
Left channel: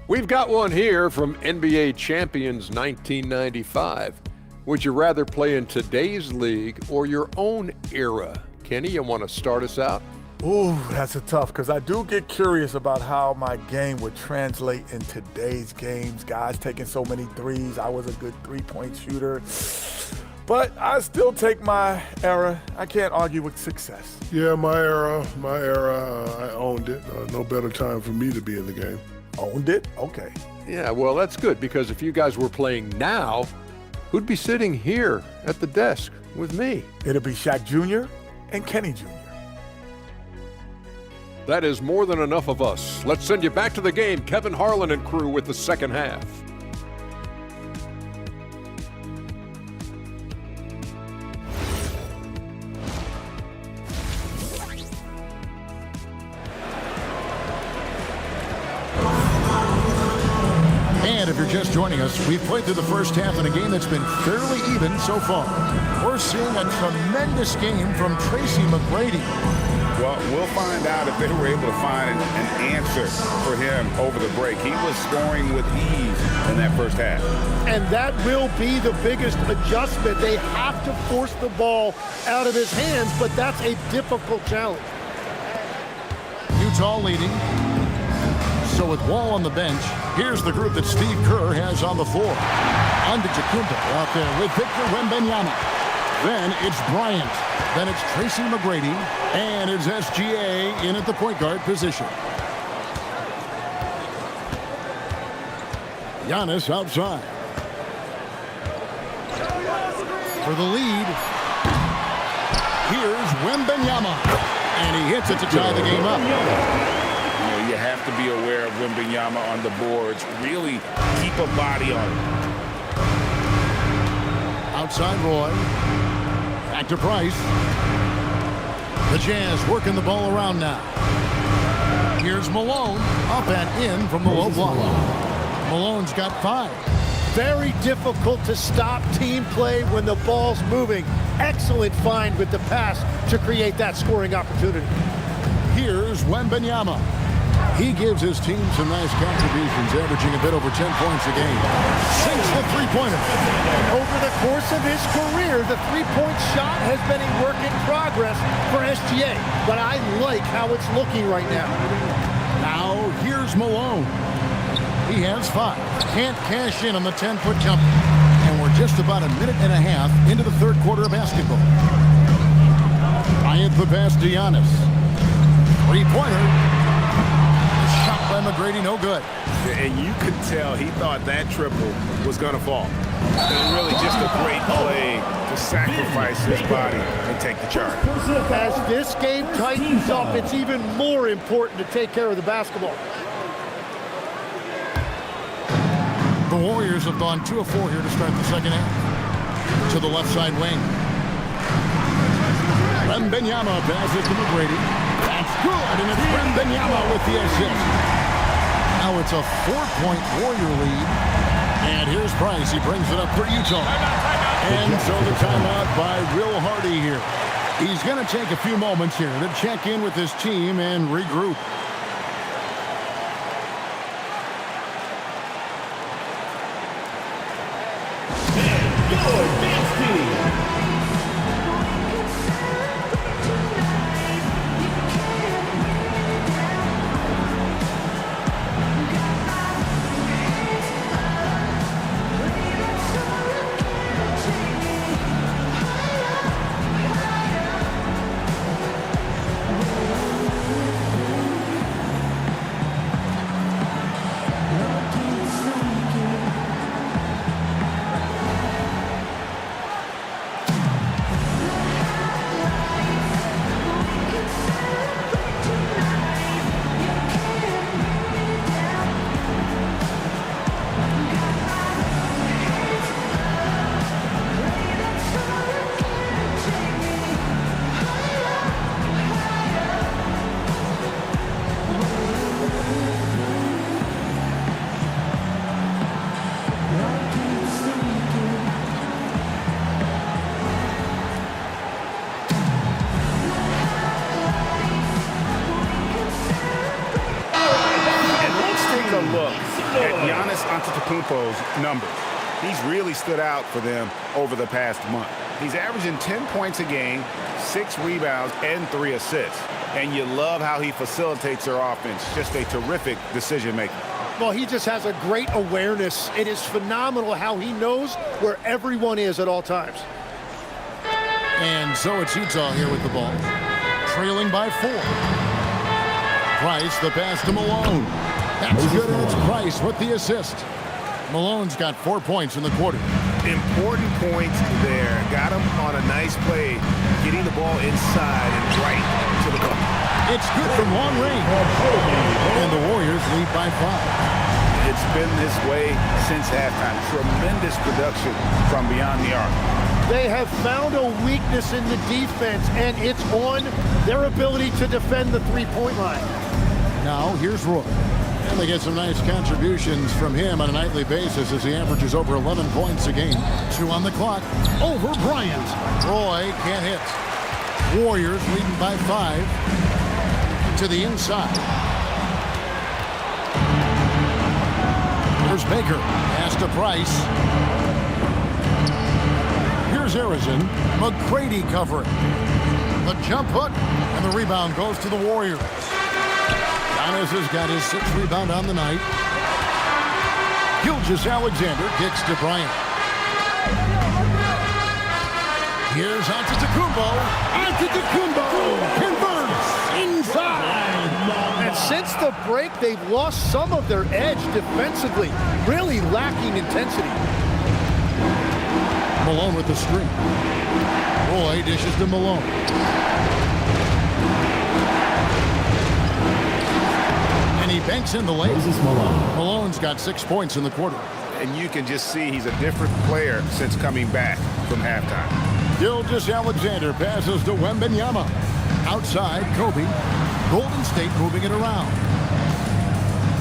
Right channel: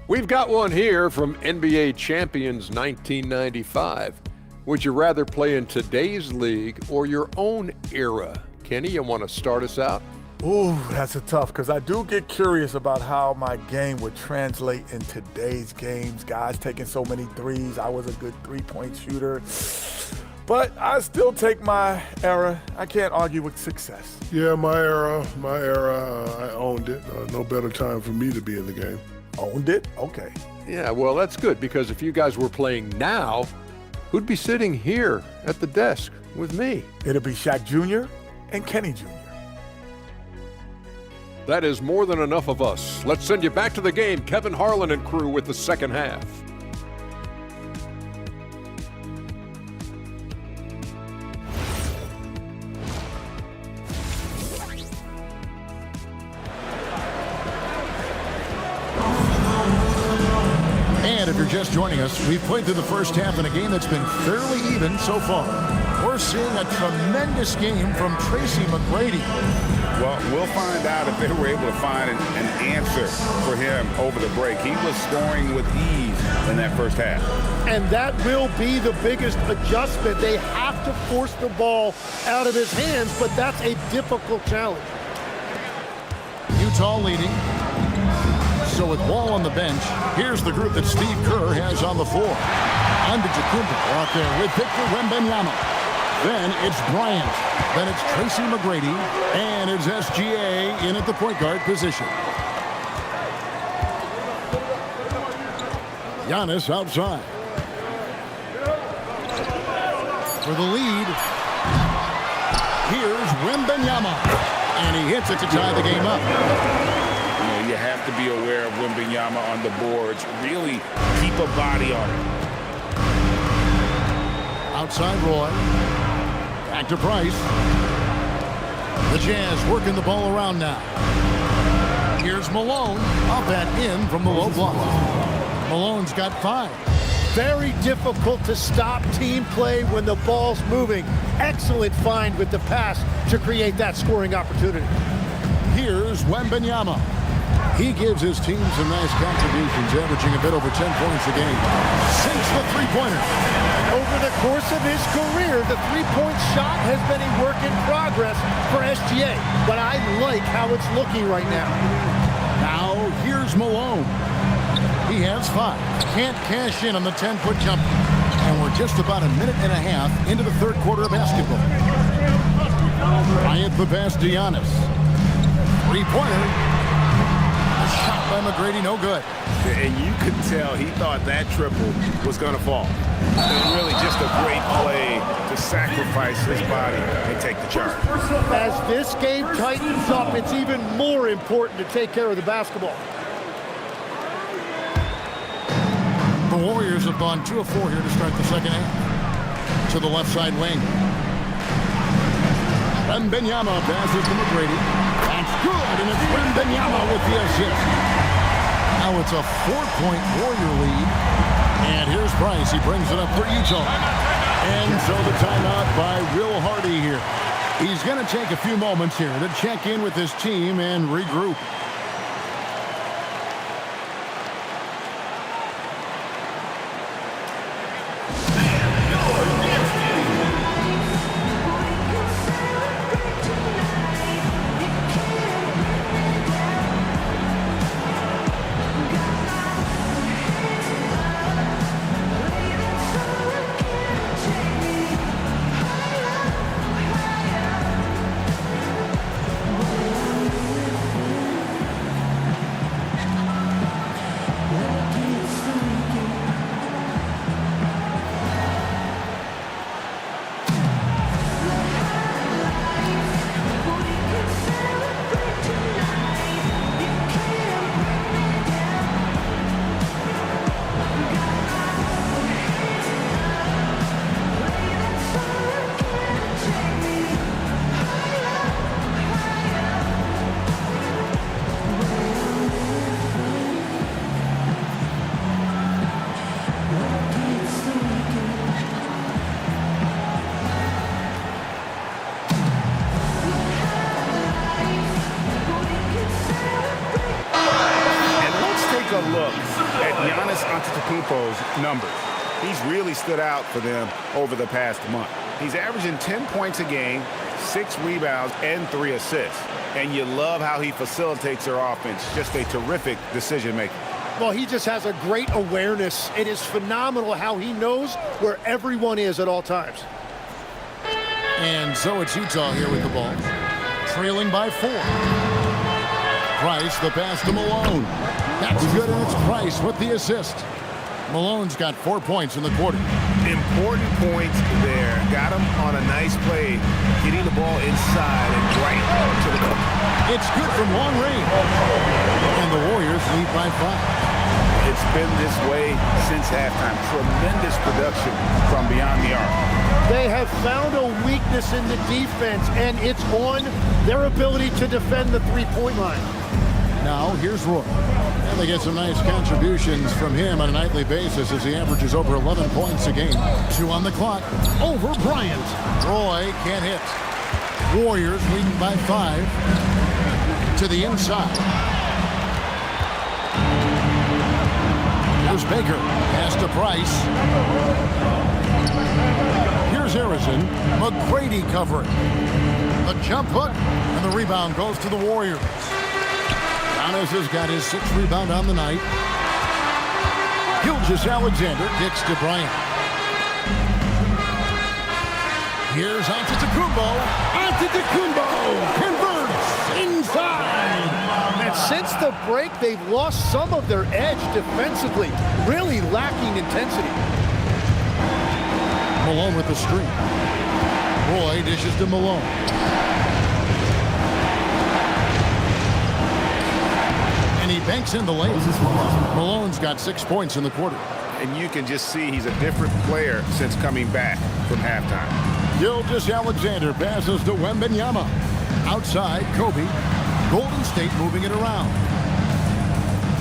We've got one here from NBA Champions 1995. Would you rather play in today's league or your own era? Kenny, you want to start us out? Ooh, that's a tough, because I do get curious about how my game would translate in today's games. Guys taking so many threes. I was a good three-point shooter. But I still take my era. I can't argue with success. Yeah, my era, I owned it. No better time for me to be in the game. Owned it? Okay. Yeah, well, that's good, because if you guys were playing now, who'd be sitting here at the desk with me? It'll be Shaq Jr. and Kenny Jr. That is more than enough of us. Let's send you back to the game, Kevin Harlan and crew, with the second half. And if you're just joining us, we've played through the first half in a game that's been fairly even so far. We're seeing a tremendous game from Tracy McGrady. Well, we'll find out if they were able to find an answer for him over the break. He was scoring with ease in that first half. And that will be the biggest adjustment. They have to force the ball out of his hands, but that's a difficult challenge. Utah leading. So with Wall on the bench, here's the group that Steve Kerr has on the floor. Antetokounmpo out there with Victor Wembanyama. Then it's Bryant. Then it's Tracy McGrady. And it's SGA in at the point guard position. Giannis outside. For the lead, here's Wembanyama. And he hits it to tie the game up. You know, you have to be aware of Wembanyama on the boards. Really keep a body on it. Outside Roy. Back to Price. The Jazz working the ball around now. Here's Malone. Up and in from the low block. Malone's got 5. Very difficult to stop team play when the ball's moving. Excellent find with the pass to create that scoring opportunity. Here's Wembanyama. He gives his team some nice contributions, averaging a bit over 10 points a game. Sinks the three-pointer. And over the course of his career, the three-point shot has been a work in progress for SGA. But I like how it's looking right now. Now, here's Malone. He has 5. Can't cash in on the 10-foot jumper. And we're just about a minute and a half into the third quarter of basketball. Bryant the pass to Giannis. Three-pointer. A shot by McGrady, no good. And you could tell he thought that triple was going to fall. And really just a great play to sacrifice his body and take the charge. As this game tightens up, it's even more important to take care of the basketball. The Warriors have gone 2 of 4 here to start the second half. To the left side wing. Wembanyama passes to McGrady. That's good, and it's Wembanyama with the assist. Now it's a 4-point Warrior lead. And here's Price. He brings it up for Utah. And so the timeout by Will Hardy here. He's going to take a few moments here to check in with his team and regroup. A look at Giannis Antetokounmpo's numbers. He's really stood out for them over the past month. He's averaging 10 points a game, 6 rebounds, and 3 assists. And you love how he facilitates their offense. Just a terrific decision maker. Well, he just has a great awareness. It is phenomenal how he knows where everyone is at all times. And so it's Utah here with the ball. Trailing by 4. Price, the pass to Malone. That's good, and it's Price with the assist. Malone's got 4 points in the quarter. Important points there. Got him on a nice play, getting the ball inside and right to the cup. It's good from long range. And the Warriors lead by 5. It's been this way since halftime. Tremendous production from beyond the arc. They have found a weakness in the defense, and it's on their ability to defend the three-point line. Now, here's Roy. And they get some nice contributions from him on a nightly basis as he averages over 11 points a game. 2 on the clock. Over Bryant. Roy can't hit. Warriors leading by 5. To the inside. Here's Baker. Pass to Price. Here's Harrison. McGrady covering. The jump hook. And the rebound goes to the Warriors. Giannis has got his 6th rebound on the night. Gilgeous-Alexander kicks to Bryant. Here's Antetokounmpo. Antetokounmpo converts inside. And since the break, they've lost some of their edge defensively, really lacking intensity. Malone with the screen. Roy dishes to Malone. And he banks in the lane. Malone's got 6 points in the quarter. And you can just see he's a different player since coming back from halftime. Gilgeous-Alexander passes to Wembanyama. Outside, Kobe. Golden State moving it around.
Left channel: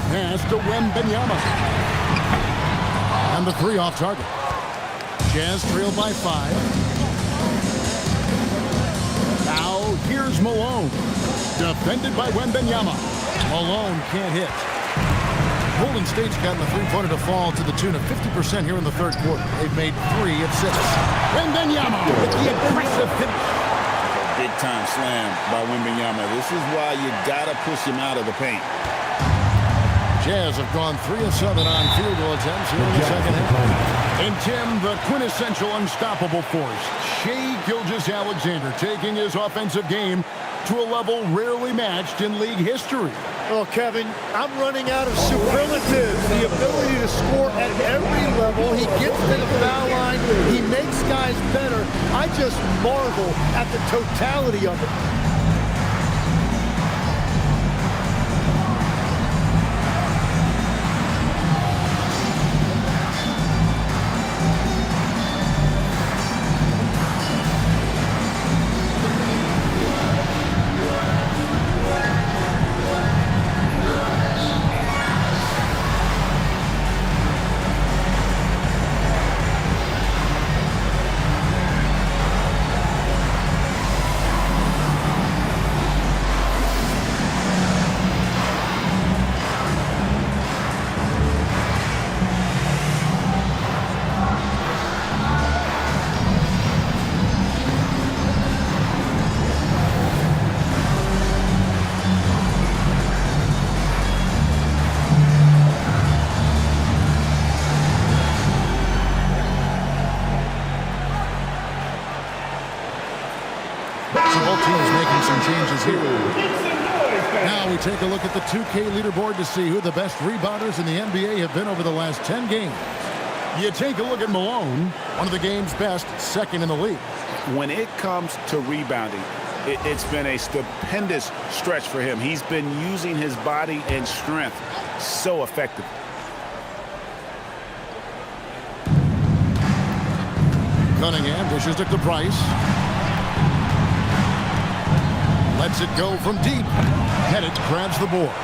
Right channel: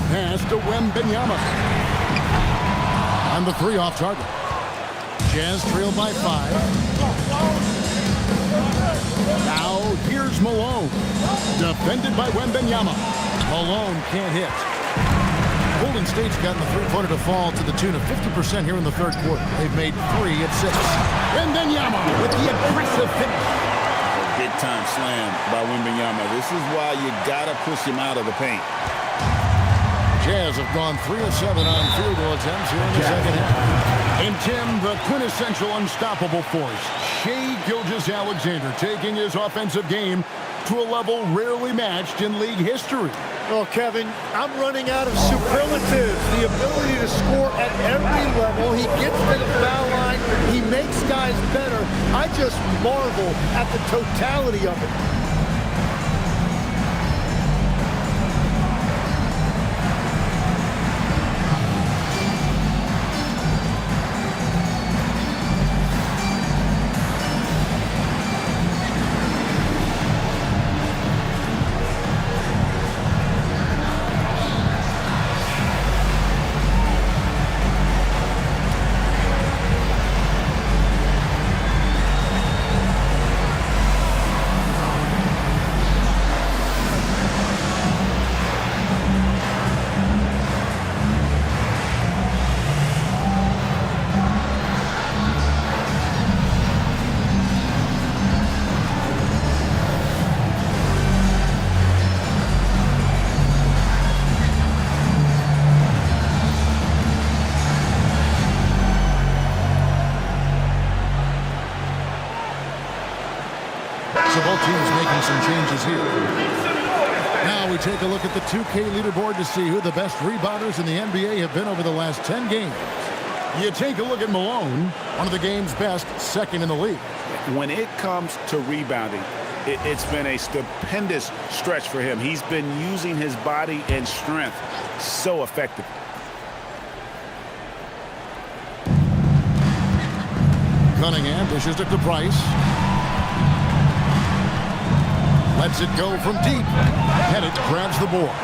Pass to Wembanyama. And the 3 off target. Jazz trail by 5. Now here's Malone. Defended by Wembanyama. Malone can't hit. Golden State's gotten the three-pointer to fall to the tune of 50% here in the third quarter. They've made 3 of 6. Wembanyama with the aggressive finish. A big-time slam by Wembanyama. This is why you got to push him out of the paint. Jazz have gone 3 of 7 on field goal attempts here in the second half. And Tim, the quintessential unstoppable force, Shai Gilgeous-Alexander taking his offensive game to a level rarely matched in league history. Oh, Kevin, I'm running out of superlatives. The ability to score at every level. He gets to the foul line. He makes guys better. I just marvel at the totality of it. So both teams making some changes here. Now we take a look at the 2K leaderboard to see who the best rebounders in the NBA have been over the last 10 games. You take a look at Malone, one of the game's best, 2nd in the league. When it comes to rebounding, it's been a stupendous stretch for him. He's been using his body and strength so effectively. Cunningham dishes it to Price. Lets it go from deep. Pettit grabs the board.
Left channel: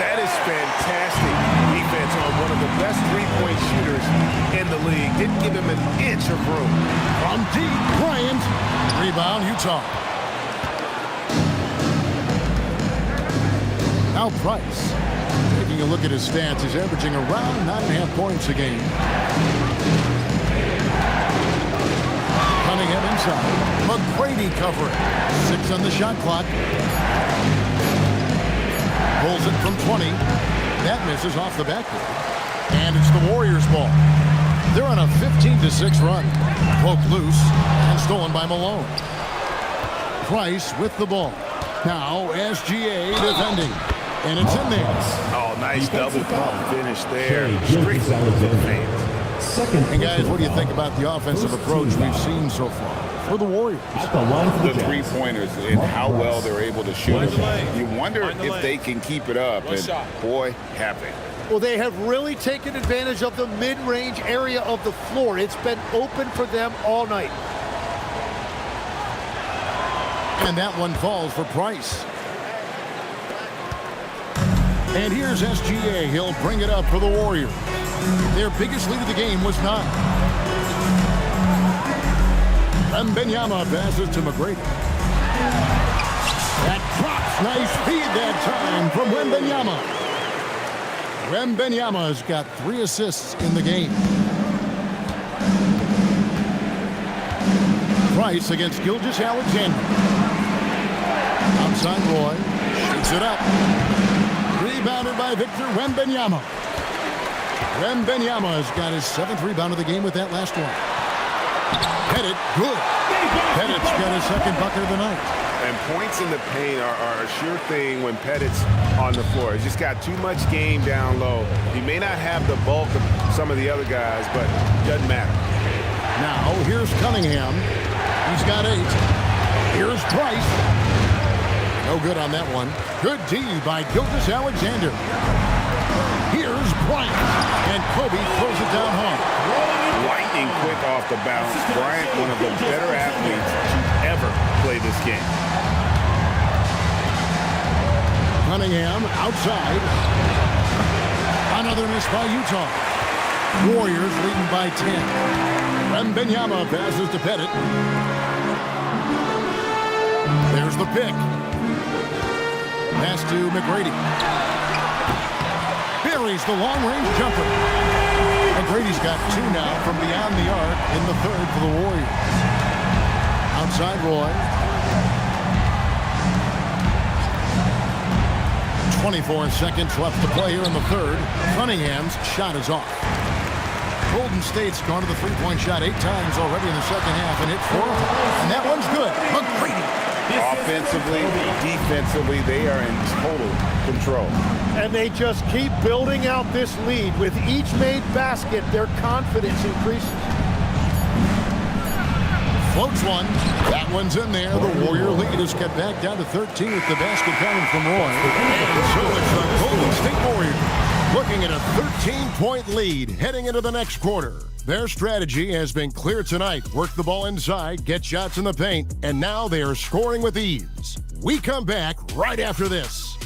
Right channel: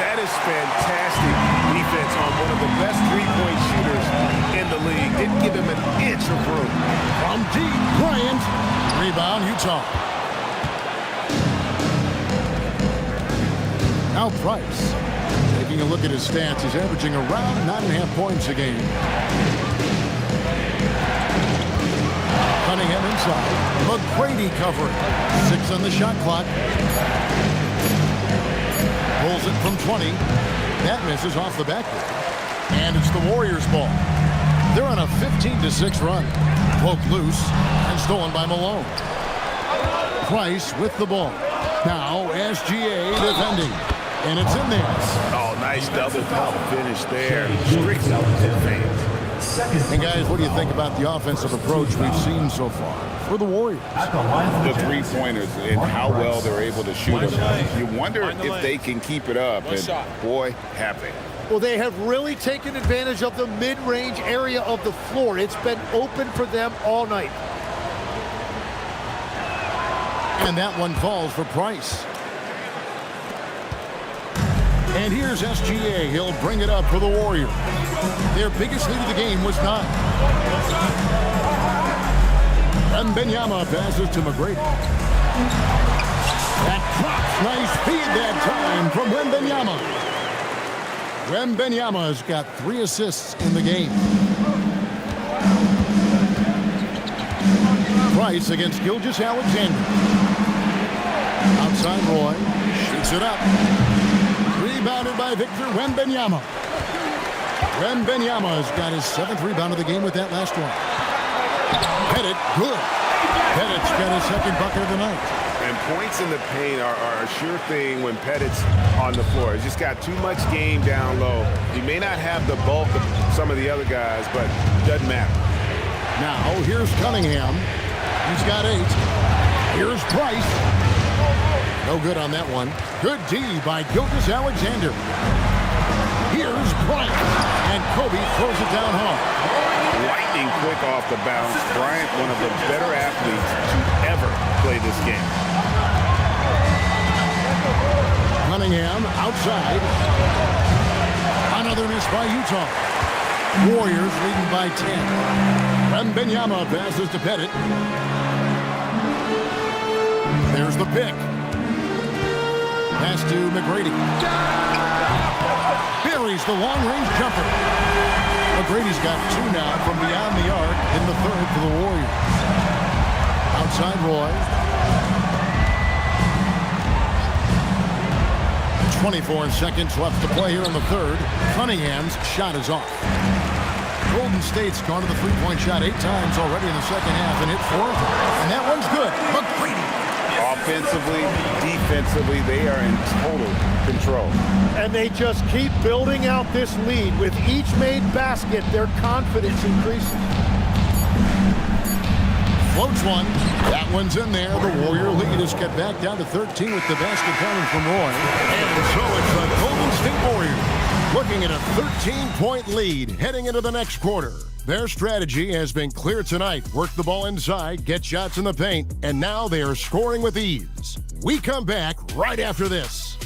That is fantastic defense on one of the best three-point shooters in the league. Didn't give him an inch of room. From deep, Bryant. Rebound, Utah. Now Price. Taking a look at his stats, he's averaging around 9.5 points a game. Cunningham inside. McGrady covering. 6 on the shot clock. Pulls it from 20. That misses off the backboard. And it's the Warriors' ball. They're on a 15-6 run. Poked loose and stolen by Malone. Price with the ball. Now SGA defending. And it's in there. Oh, nice double pump finish there. Strictly for the fans. And guys, what do you think about the offensive approach we've seen so far for the Warriors? The three-pointers and how well they're able to shoot them. You wonder if they can keep it up. And boy, have they. Well, they have really taken advantage of the mid-range area of the floor. It's been open for them all night. And that one falls for Price. And here's SGA. He'll bring it up for the Warriors. Their biggest lead of the game was 9. Wembanyama passes to McGrady. That drops. Nice feed that time from Wembanyama. Wembanyama's got 3 assists in the game. Price against Gilgeous-Alexander. Outside Roy. Shoots it up. Rebounded by Victor Wembanyama. Wembanyama's got his 7th rebound of the game with that last one. Pettit, good. Pettit's got his 2nd bucket of the night. And points in the paint are a sure thing when Pettit's on the floor. He's just got too much game down low. He may not have the bulk of some of the other guys, but doesn't matter. Now, here's Cunningham. He's got 8. Here's Price. No good on that one. Good D by Gilgeous-Alexander. Here's Bryant. And Kobe throws it down hard. Lightning quick off the bounce. Bryant, one of the better athletes to ever play this game. Cunningham outside. Another miss by Utah. Warriors leading by 10. Wembanyama passes to Pettit. There's the pick. Pass to McGrady. Buries the long-range jumper. McGrady's got 2 now from beyond the arc in the 3rd for the Warriors. Outside Roy. 24 seconds left to play here in the 3rd. Cunningham's shot is off. Golden State's gone to the three-point shot 8 times already in the 2nd half and hit 4 of them. And that one's good. McGrady. Offensively, defensively, they are in total control. And they just keep building out this lead. With each made basket, their confidence increases. Floats one. That one's in there. The Warrior lead is cut back down to 13 with the basket coming from Roy. And so it's the Golden State Warriors looking at a 13-point lead heading into the next quarter. Their strategy has been clear tonight. Work the ball inside, get shots in the paint, and now they are scoring with ease. We come back right after this.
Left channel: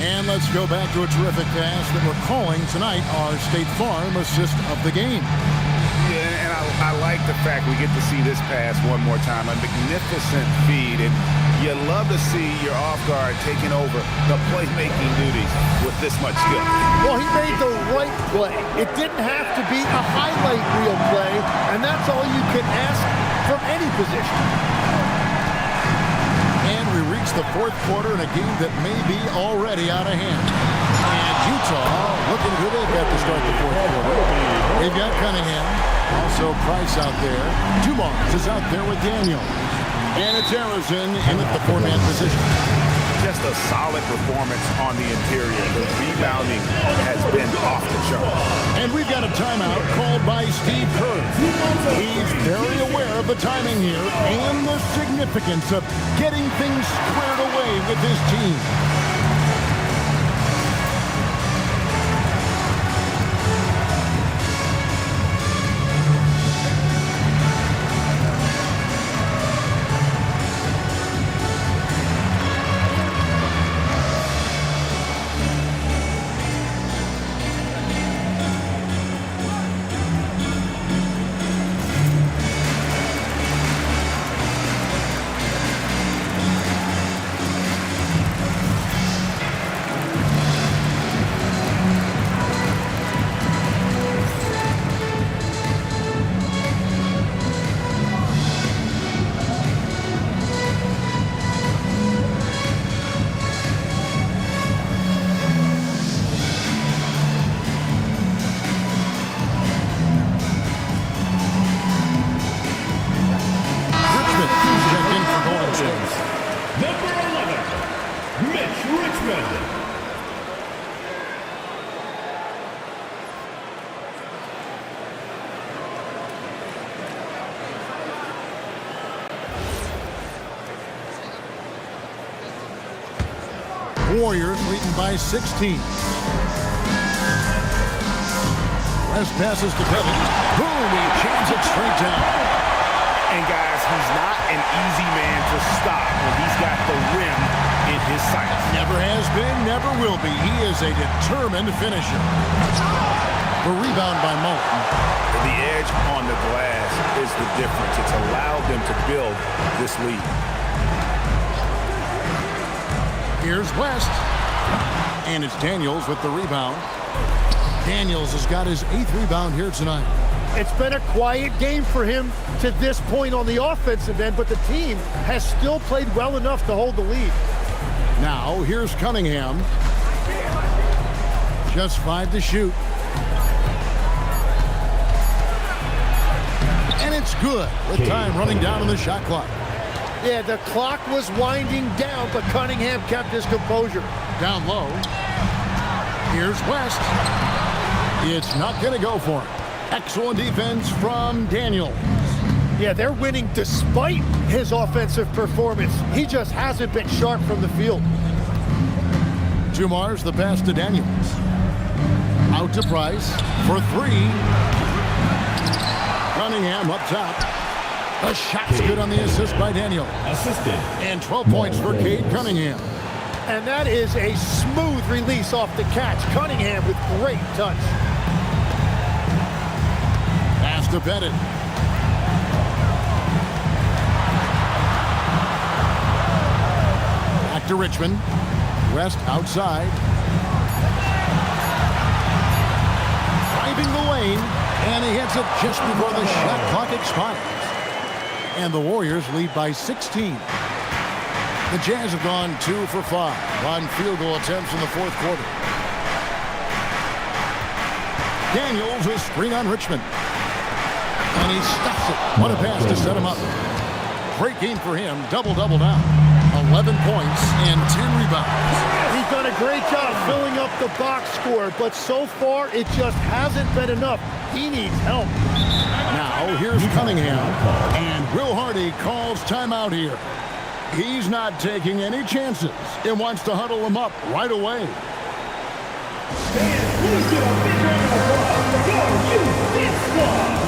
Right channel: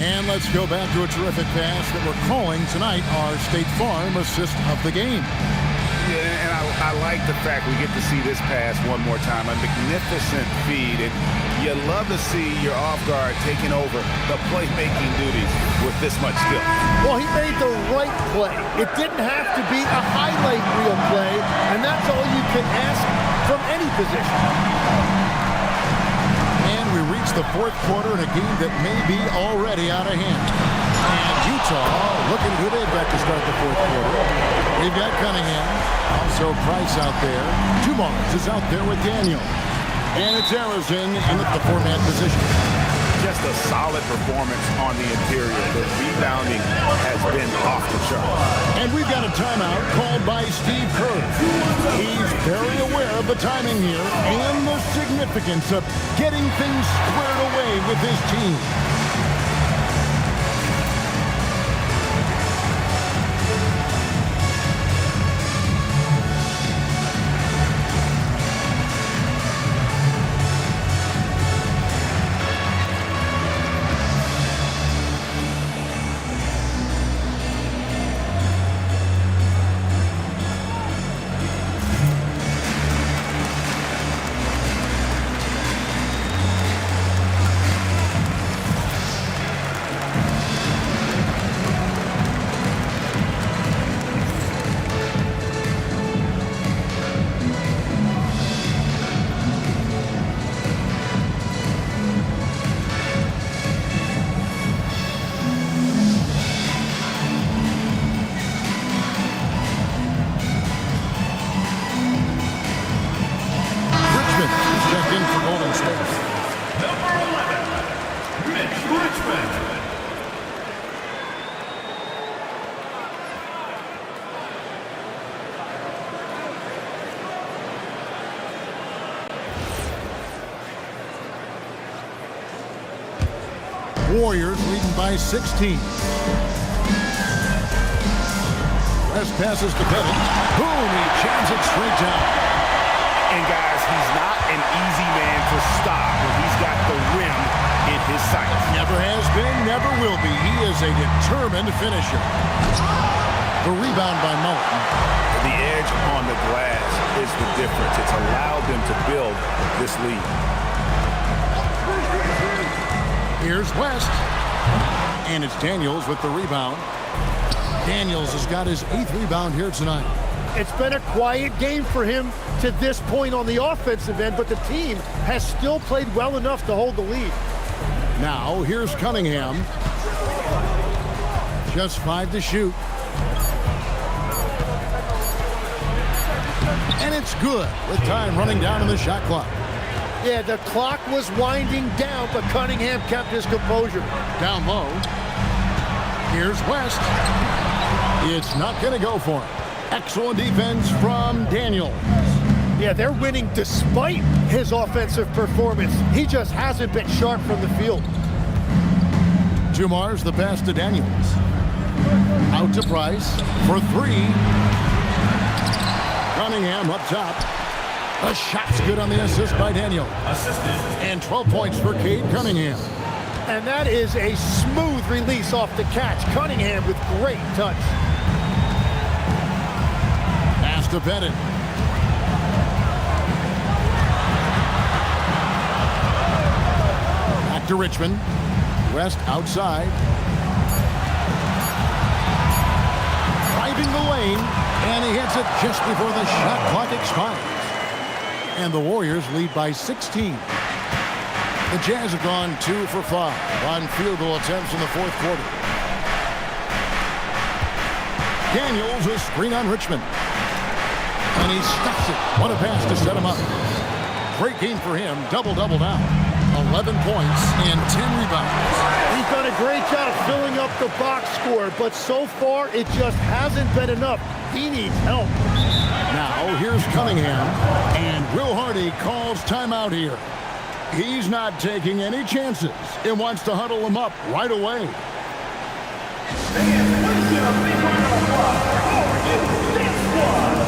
And let's go back to a terrific pass that we're calling tonight our State Farm assist of the game. Yeah, and I like the fact we get to see this pass one more time. A magnificent feed, and you love to see your off guard taking over the playmaking duties with this much skill. Well, he made the right play. It didn't have to be a highlight reel play, and that's all you can ask from any position. And we reach the 4th quarter in a game that may be already out of hand. And Utah looking at who they've got to start the 4th quarter. We've got Cunningham, also Price out there. Dumars is out there with Daniel. And it's Harrison in the 4-man position. Just a solid performance on the interior. The rebounding has been off the chart. And we've got a timeout called by Steve Kerr. He's very aware of the timing here and the significance of getting things squared away with his team. Checked in for Golden State. Number 11, Mitch Richmond. Warriors leading by 16. West passes to Pettit. Boom, he jams it straight down. And guys, he's not an easy man to stop when he's got the rim in his sights. Never has been, never will be. He is a determined finisher. The rebound by Mullen. The edge on the glass is the difference. It's allowed them to build this lead. Here's West. And it's Daniels with the rebound. Daniels has got his 8th rebound here tonight. It's been a quiet game for him to this point on the offensive end, but the team has still played well enough to hold the lead. Now, here's Cunningham. Just 5 to shoot. And it's good with time running down on the shot clock. Yeah, the clock was winding down, but Cunningham kept his composure. Down low. Here's West. It's not going to go for him. Excellent defense from Daniels. Yeah, they're winning despite his offensive performance. He just hasn't been sharp from the field. Jumar's the pass to Daniels. Out to Price for 3. Cunningham up top. The shot's good on the assist by Daniel. Assisted. And 12 points for Cade Cunningham. And that is a smooth release off the catch. Cunningham with great touch. Pass to Pettit. Back to Richmond. West outside. Driving the lane. And he hits it just before the shot clock expires. And the Warriors lead by 16. The Jazz have gone 2 for 5 on field goal attempts in the 4th quarter. Daniels a screen on Richmond. And he stuffs it. What a pass to set him up. Great game for him. Double-double now. 11 points and 10 rebounds. He's done a great job filling up the box score, but so far it just hasn't been enough. He needs help. Now here's Cunningham. And Will Hardy calls timeout here. He's not taking any chances and wants to huddle him up right away. Fans, please give a big round of applause for your youth dance squad.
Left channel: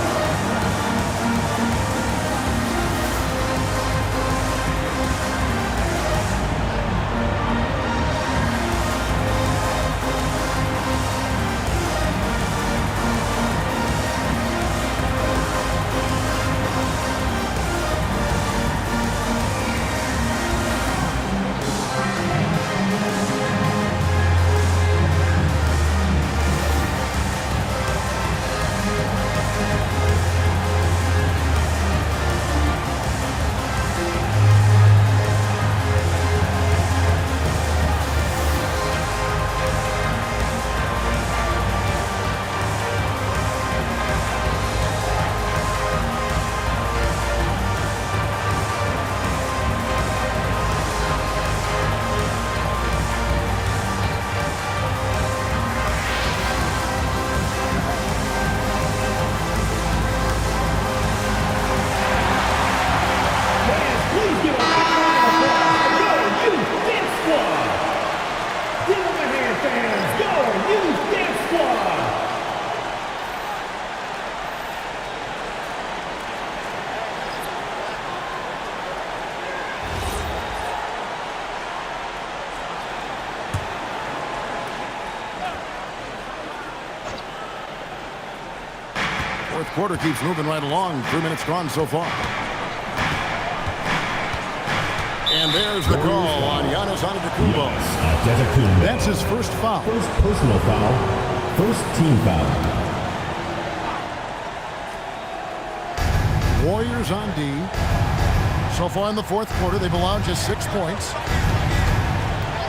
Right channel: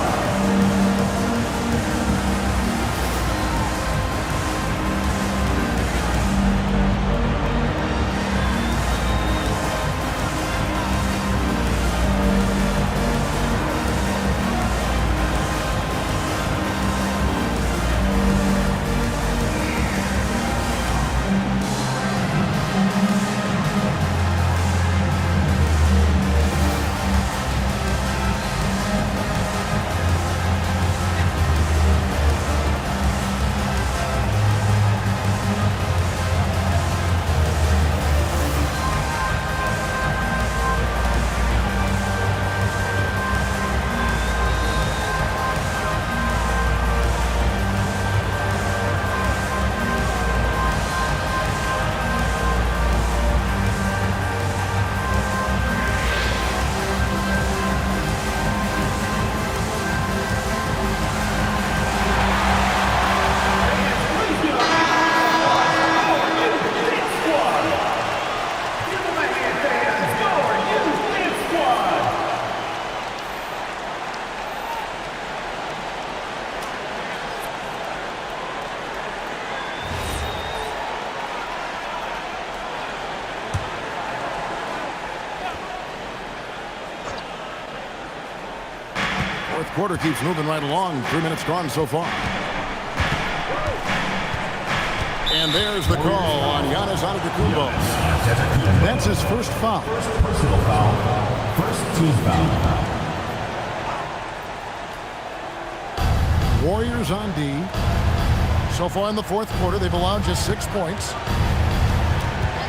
Fourth quarter keeps moving right along. 3 minutes gone so far. And there's the call on Giannis Antetokounmpo. That's his first foul. First personal foul. First team foul. Warriors on D. So far in the fourth quarter, they've allowed just 6 points.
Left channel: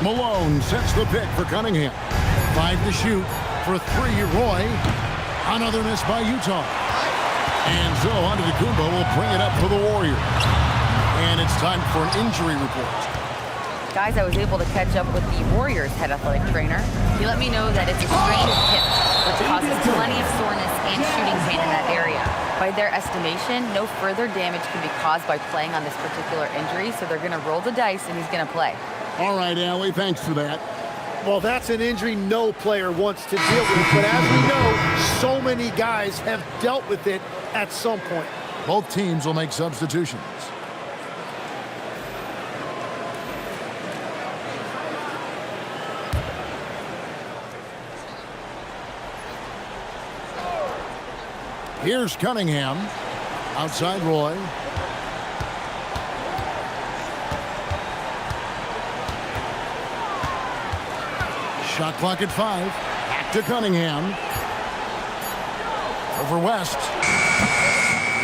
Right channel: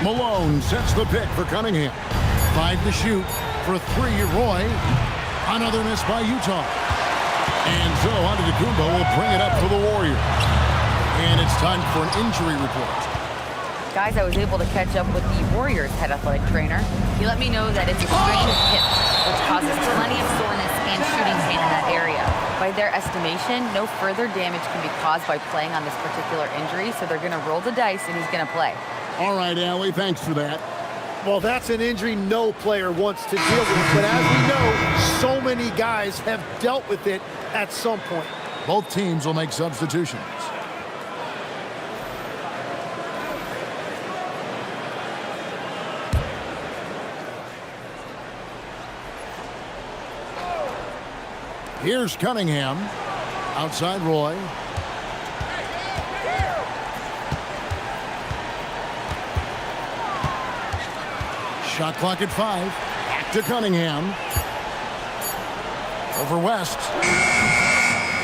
Malone sets the pick for Cunningham. 5 to shoot for 3. Roy. Another miss by Utah. And so Antetokounmpo will bring it up for the Warriors. And it's time for an injury report. Guys, I was able to catch up with the Warriors head athletic trainer. He let me know that it's a strained hip, which causes plenty of soreness and shooting pain in that area. By their estimation, no further damage can be caused by playing on this particular injury, so they're going to roll the dice and he's going to play. All right, Allie, thanks for that. Well, that's an injury no player wants to deal with, but as we know, so many guys have dealt with it at some point. Both teams will make substitutions. Here's Cunningham. Outside Roy. Shot clock at 5. Back to Cunningham. Over West.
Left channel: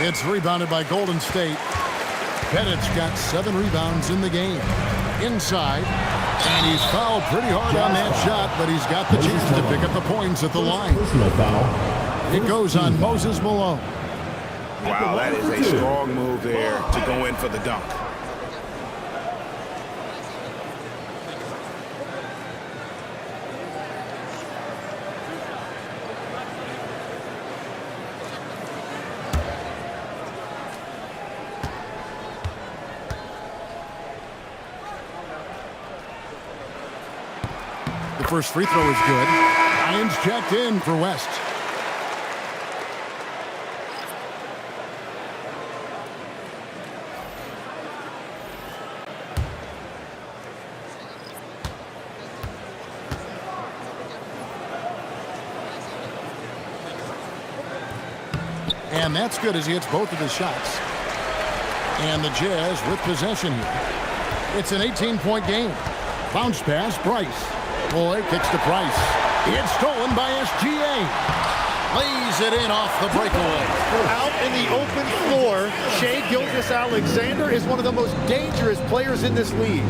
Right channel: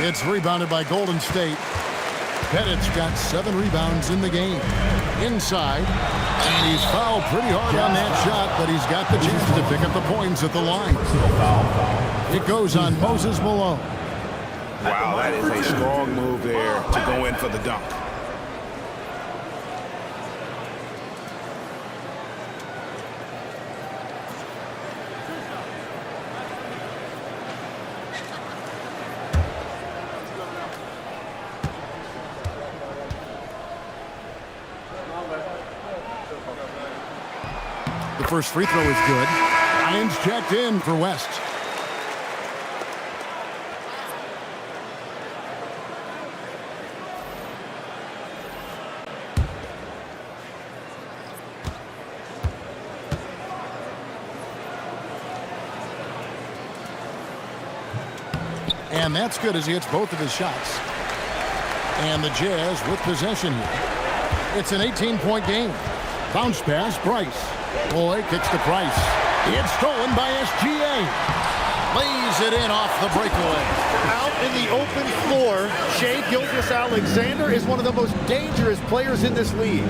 It's rebounded by Golden State. Pettit's got 7 rebounds in the game. Inside. And he's fouled pretty hard on that shot, but he's got the chance to pick up the points at the line. It goes on Moses Malone. Wow, that is a strong move there to go in for the dunk. The first free throw is good. Ryan's checked in for West. And that's good as he hits both of his shots. And the Jazz with possession here. It's an 18-point game. Bounce pass, Price. Boy kicks to Price. It's stolen by SGA. Lays it in off the breakaway. Out in the open floor, Shai Gilgeous-Alexander is one of the most dangerous players in this league.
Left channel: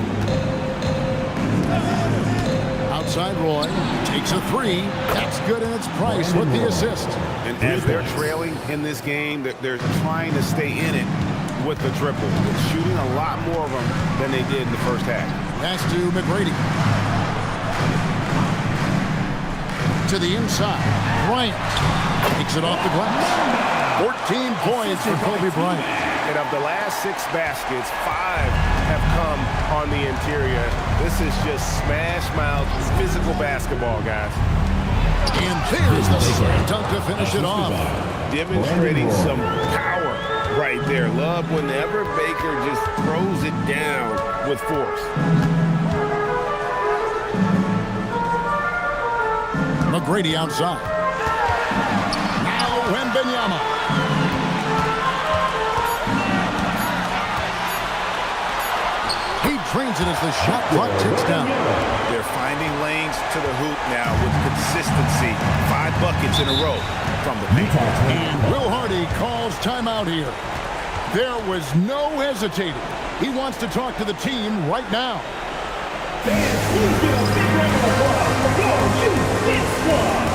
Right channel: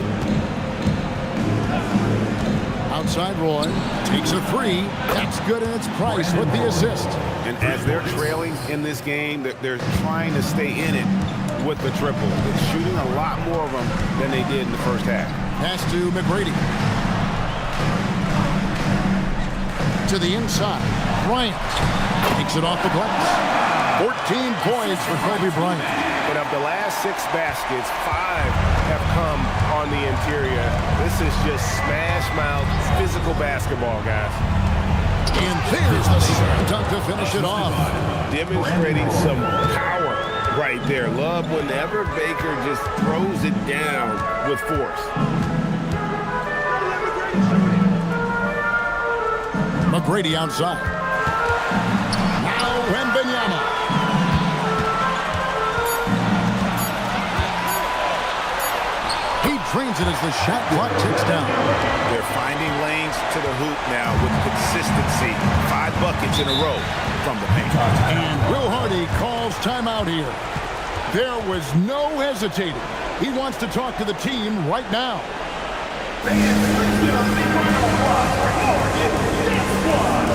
Outside Roy takes a 3. That's good, and it's Price with the assist. And as they're trailing in this game, they're trying to stay in it with the triple. They're shooting a lot more of them than they did in the first half. Pass to McGrady. To the inside. Bryant takes it off the glass. 14 points for Kobe Bryant. And of the last 6 baskets, 5 have come on the interior. This is just smash-mouth physical basketball, guys. And there's the slam dunk to finish it off. Demonstrating some power right there. Love whenever Baker just throws it down with force. McGrady outside. Now Wembanyama. He drains it as the shot clock ticks down. They're finding lanes to the hoop now with consistency. 5 buckets in a row from the paint. And Will Hardy calls timeout here. There was no hesitating. He wants to talk to the team right now. Fans, please give a big round of applause for your new Knicks squad.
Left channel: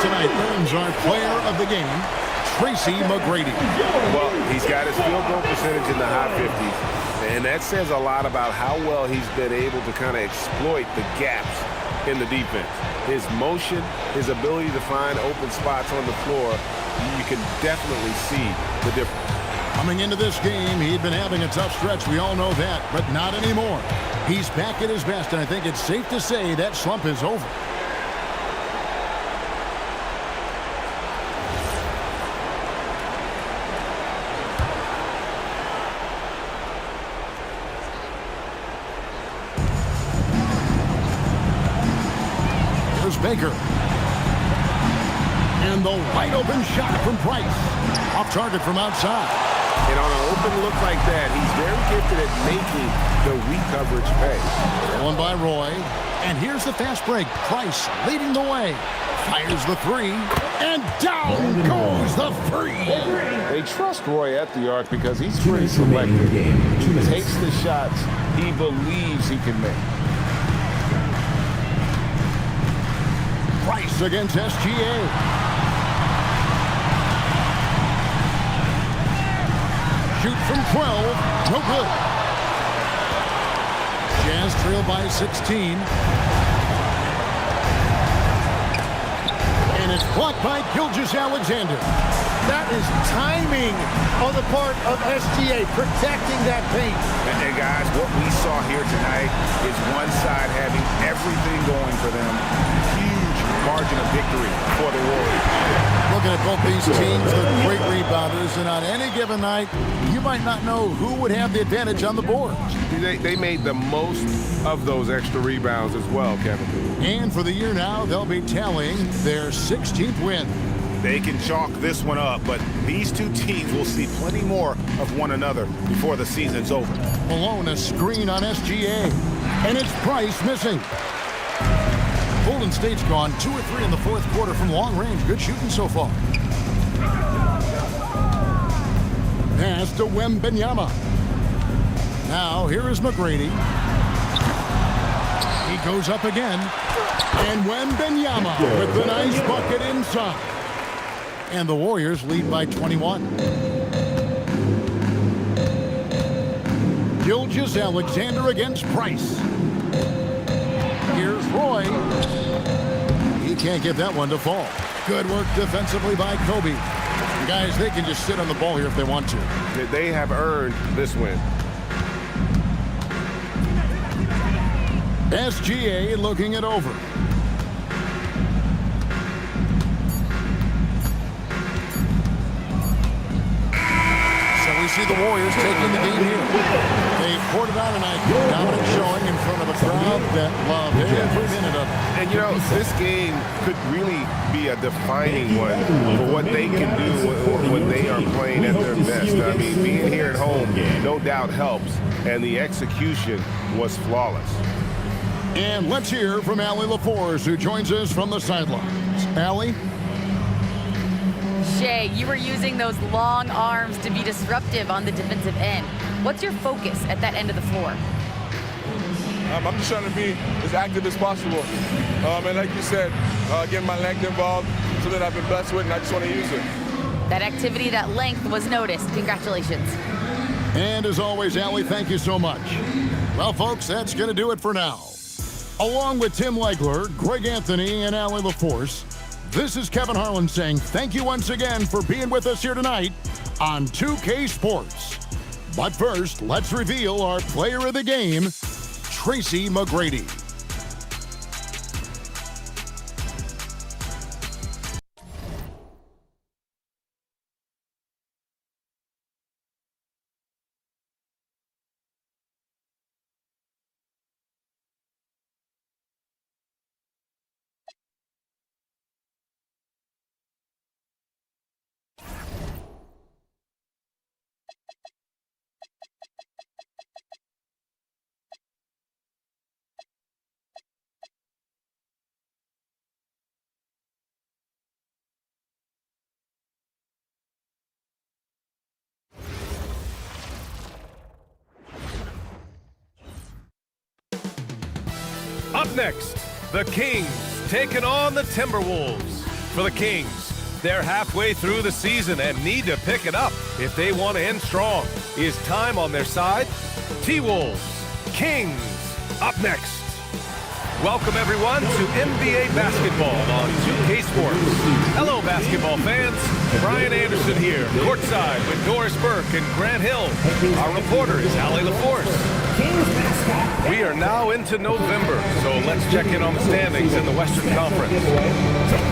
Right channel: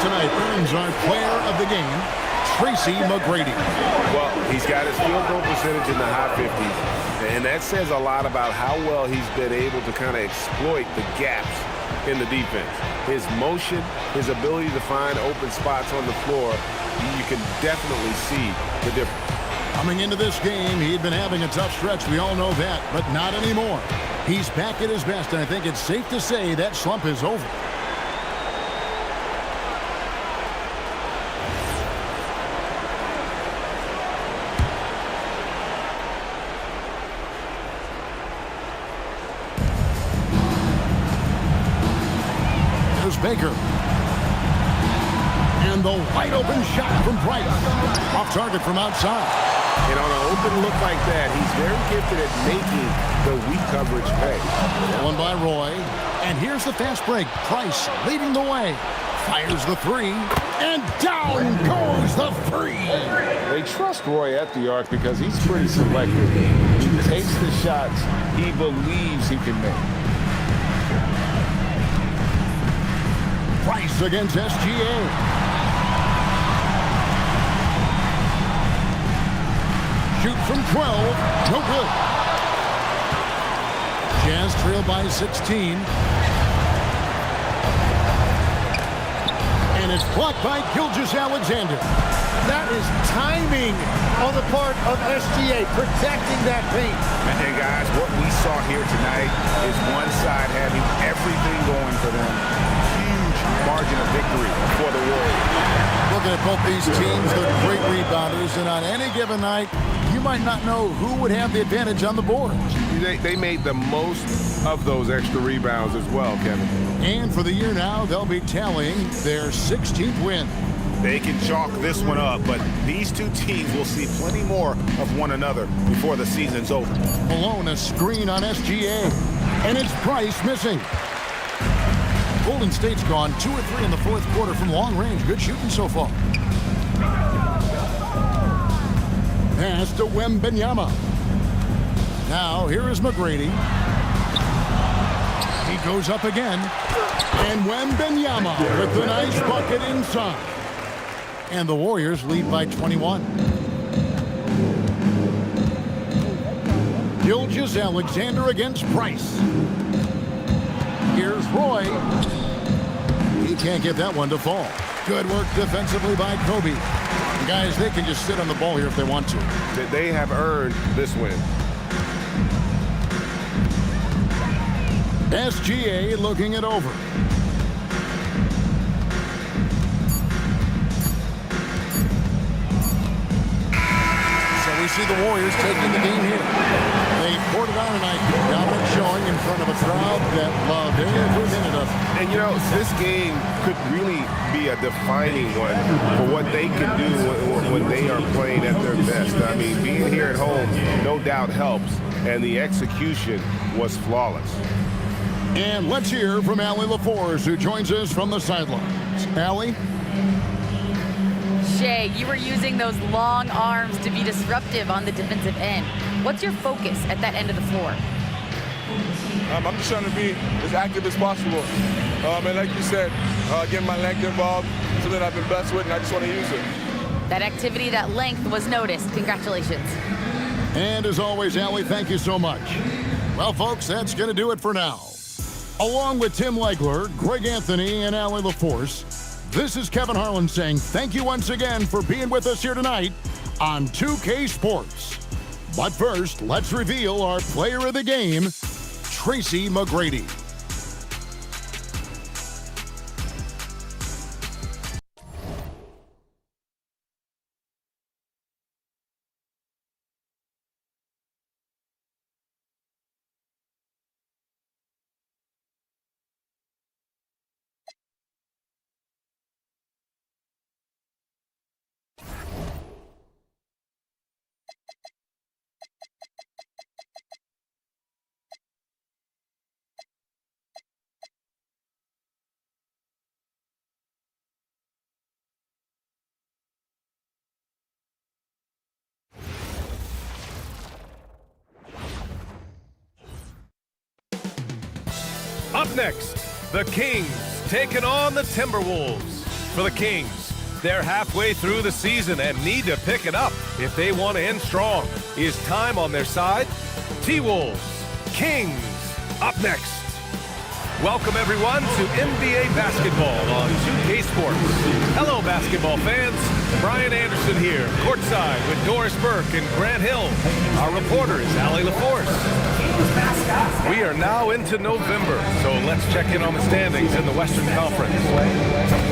Tonight earns our player of the game, Tracy McGrady. Well, he's got his field goal percentage in the high 50s, and that says a lot about how well he's been able to kind of exploit the gaps in the defense. His motion, his ability to find open spots on the floor, you can definitely see the difference. Coming into this game, he'd been having a tough stretch. We all know that, but not anymore. He's back at his best, and I think it's safe to say that slump is over. Here's Baker. And the wide open shot from Price. Off target from outside. And on an open look like that, he's very gifted at making the weak coverage pay. One by Roy. And here's the fast break. Price leading the way. Fires the three. And down goes the free. They trust Roy at the arc because he's pretty selective. He takes the shots he believes he can make. Price against SGA. Shoot from 12. No good. Jazz trail by 16. And it's blocked by Gilgeous-Alexander. That is timing on the part of SGA, protecting that paint. And guys, what we saw here tonight is one side having everything going for them. Huge margin of victory for the Warriors. Looking at both these teams, they're great rebounders, and on any given night, you might not know who would have the advantage on the boards. They made the most of those extra rebounds as well, Kevin. And for the year now, they'll be tallying their 16th win. They can chalk this one up, but these two teams will see plenty more of one another before the season's over. Malone a screen on SGA, and it's Price missing. Golden State's gone 2 or 3 in the fourth quarter from long range. Good shooting so far. Pass to Wembanyama. Now here is McGrady. He goes up again. And Wembanyama with the nice bucket inside. And the Warriors lead by 21. Gilgeous-Alexander against Price. Here's Roy. He can't get that one to fall. Good work defensively by Kobe. Guys, they can just sit on the ball here if they want to. They have earned this win. SGA looking it over. So we see the Warriors taking the game here. They poured it on tonight. Dominant showing in front of a crowd that loved every minute of it. And you know, this game could really be a defining one for what they can do when they are playing at their best. I mean, being here at home no doubt helps, and the execution was flawless. And let's hear from Allie LaForce, who joins us from the sidelines. Allie? Shea, you were using those long arms to be disruptive on the defensive end. What's your focus at that end of the floor? I'm just trying to be as active as possible. And like you said, getting my length involved, something I've been blessed with, and I just want to use it. That activity, that length was noticed. Congratulations. And as always, Allie, thank you so much. Well, folks, that's going to do it for now. Along with Tim Legler, Greg Anthony, and Allie LaForce, this is Kevin Harlan saying thank you once again for being with us here tonight on 2K Sports. But first, let's reveal our player of the game, Tracy McGrady. Up next, the Kings taking on the Timberwolves. For the Kings, they're halfway through the season and need to pick it up if they want to end strong. Is time on their side? T-Wolves, Kings, up next. Welcome, everyone, to NBA basketball on 2K Sports. Hello, basketball fans. Brian Anderson here, courtside with Doris Burke and Grant Hill. Our reporter is Allie LaForce. We are now into November, so let's check in on the standings in the Western Conference.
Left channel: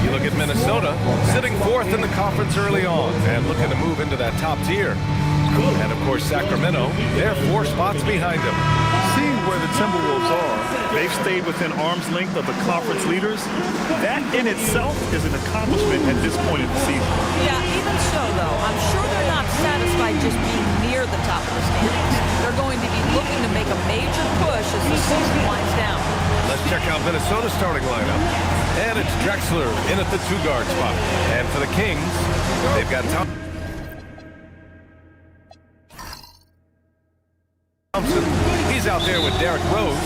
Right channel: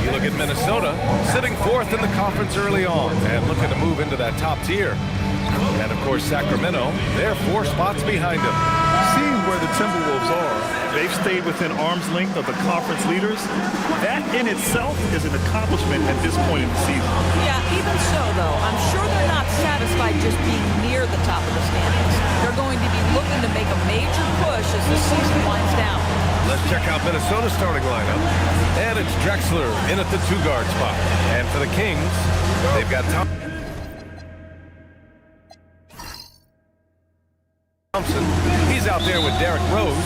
You look at Minnesota, sitting fourth in the conference early on and looking to move into that top tier. And, of course, Sacramento, they're 4 spots behind them. seeing where the Timberwolves are, they've stayed within arm's length of the conference leaders. That in itself is an accomplishment at this point in the season. Yeah, even so, though, I'm sure they're not satisfied just being near the top of the standings. They're going to be looking to make a major push as the season winds down. Let's check out Minnesota's starting lineup. And it's Drexler in at the 2-guard spot. And for the Kings, they've got Thompson. He's out there with Derrick Rose.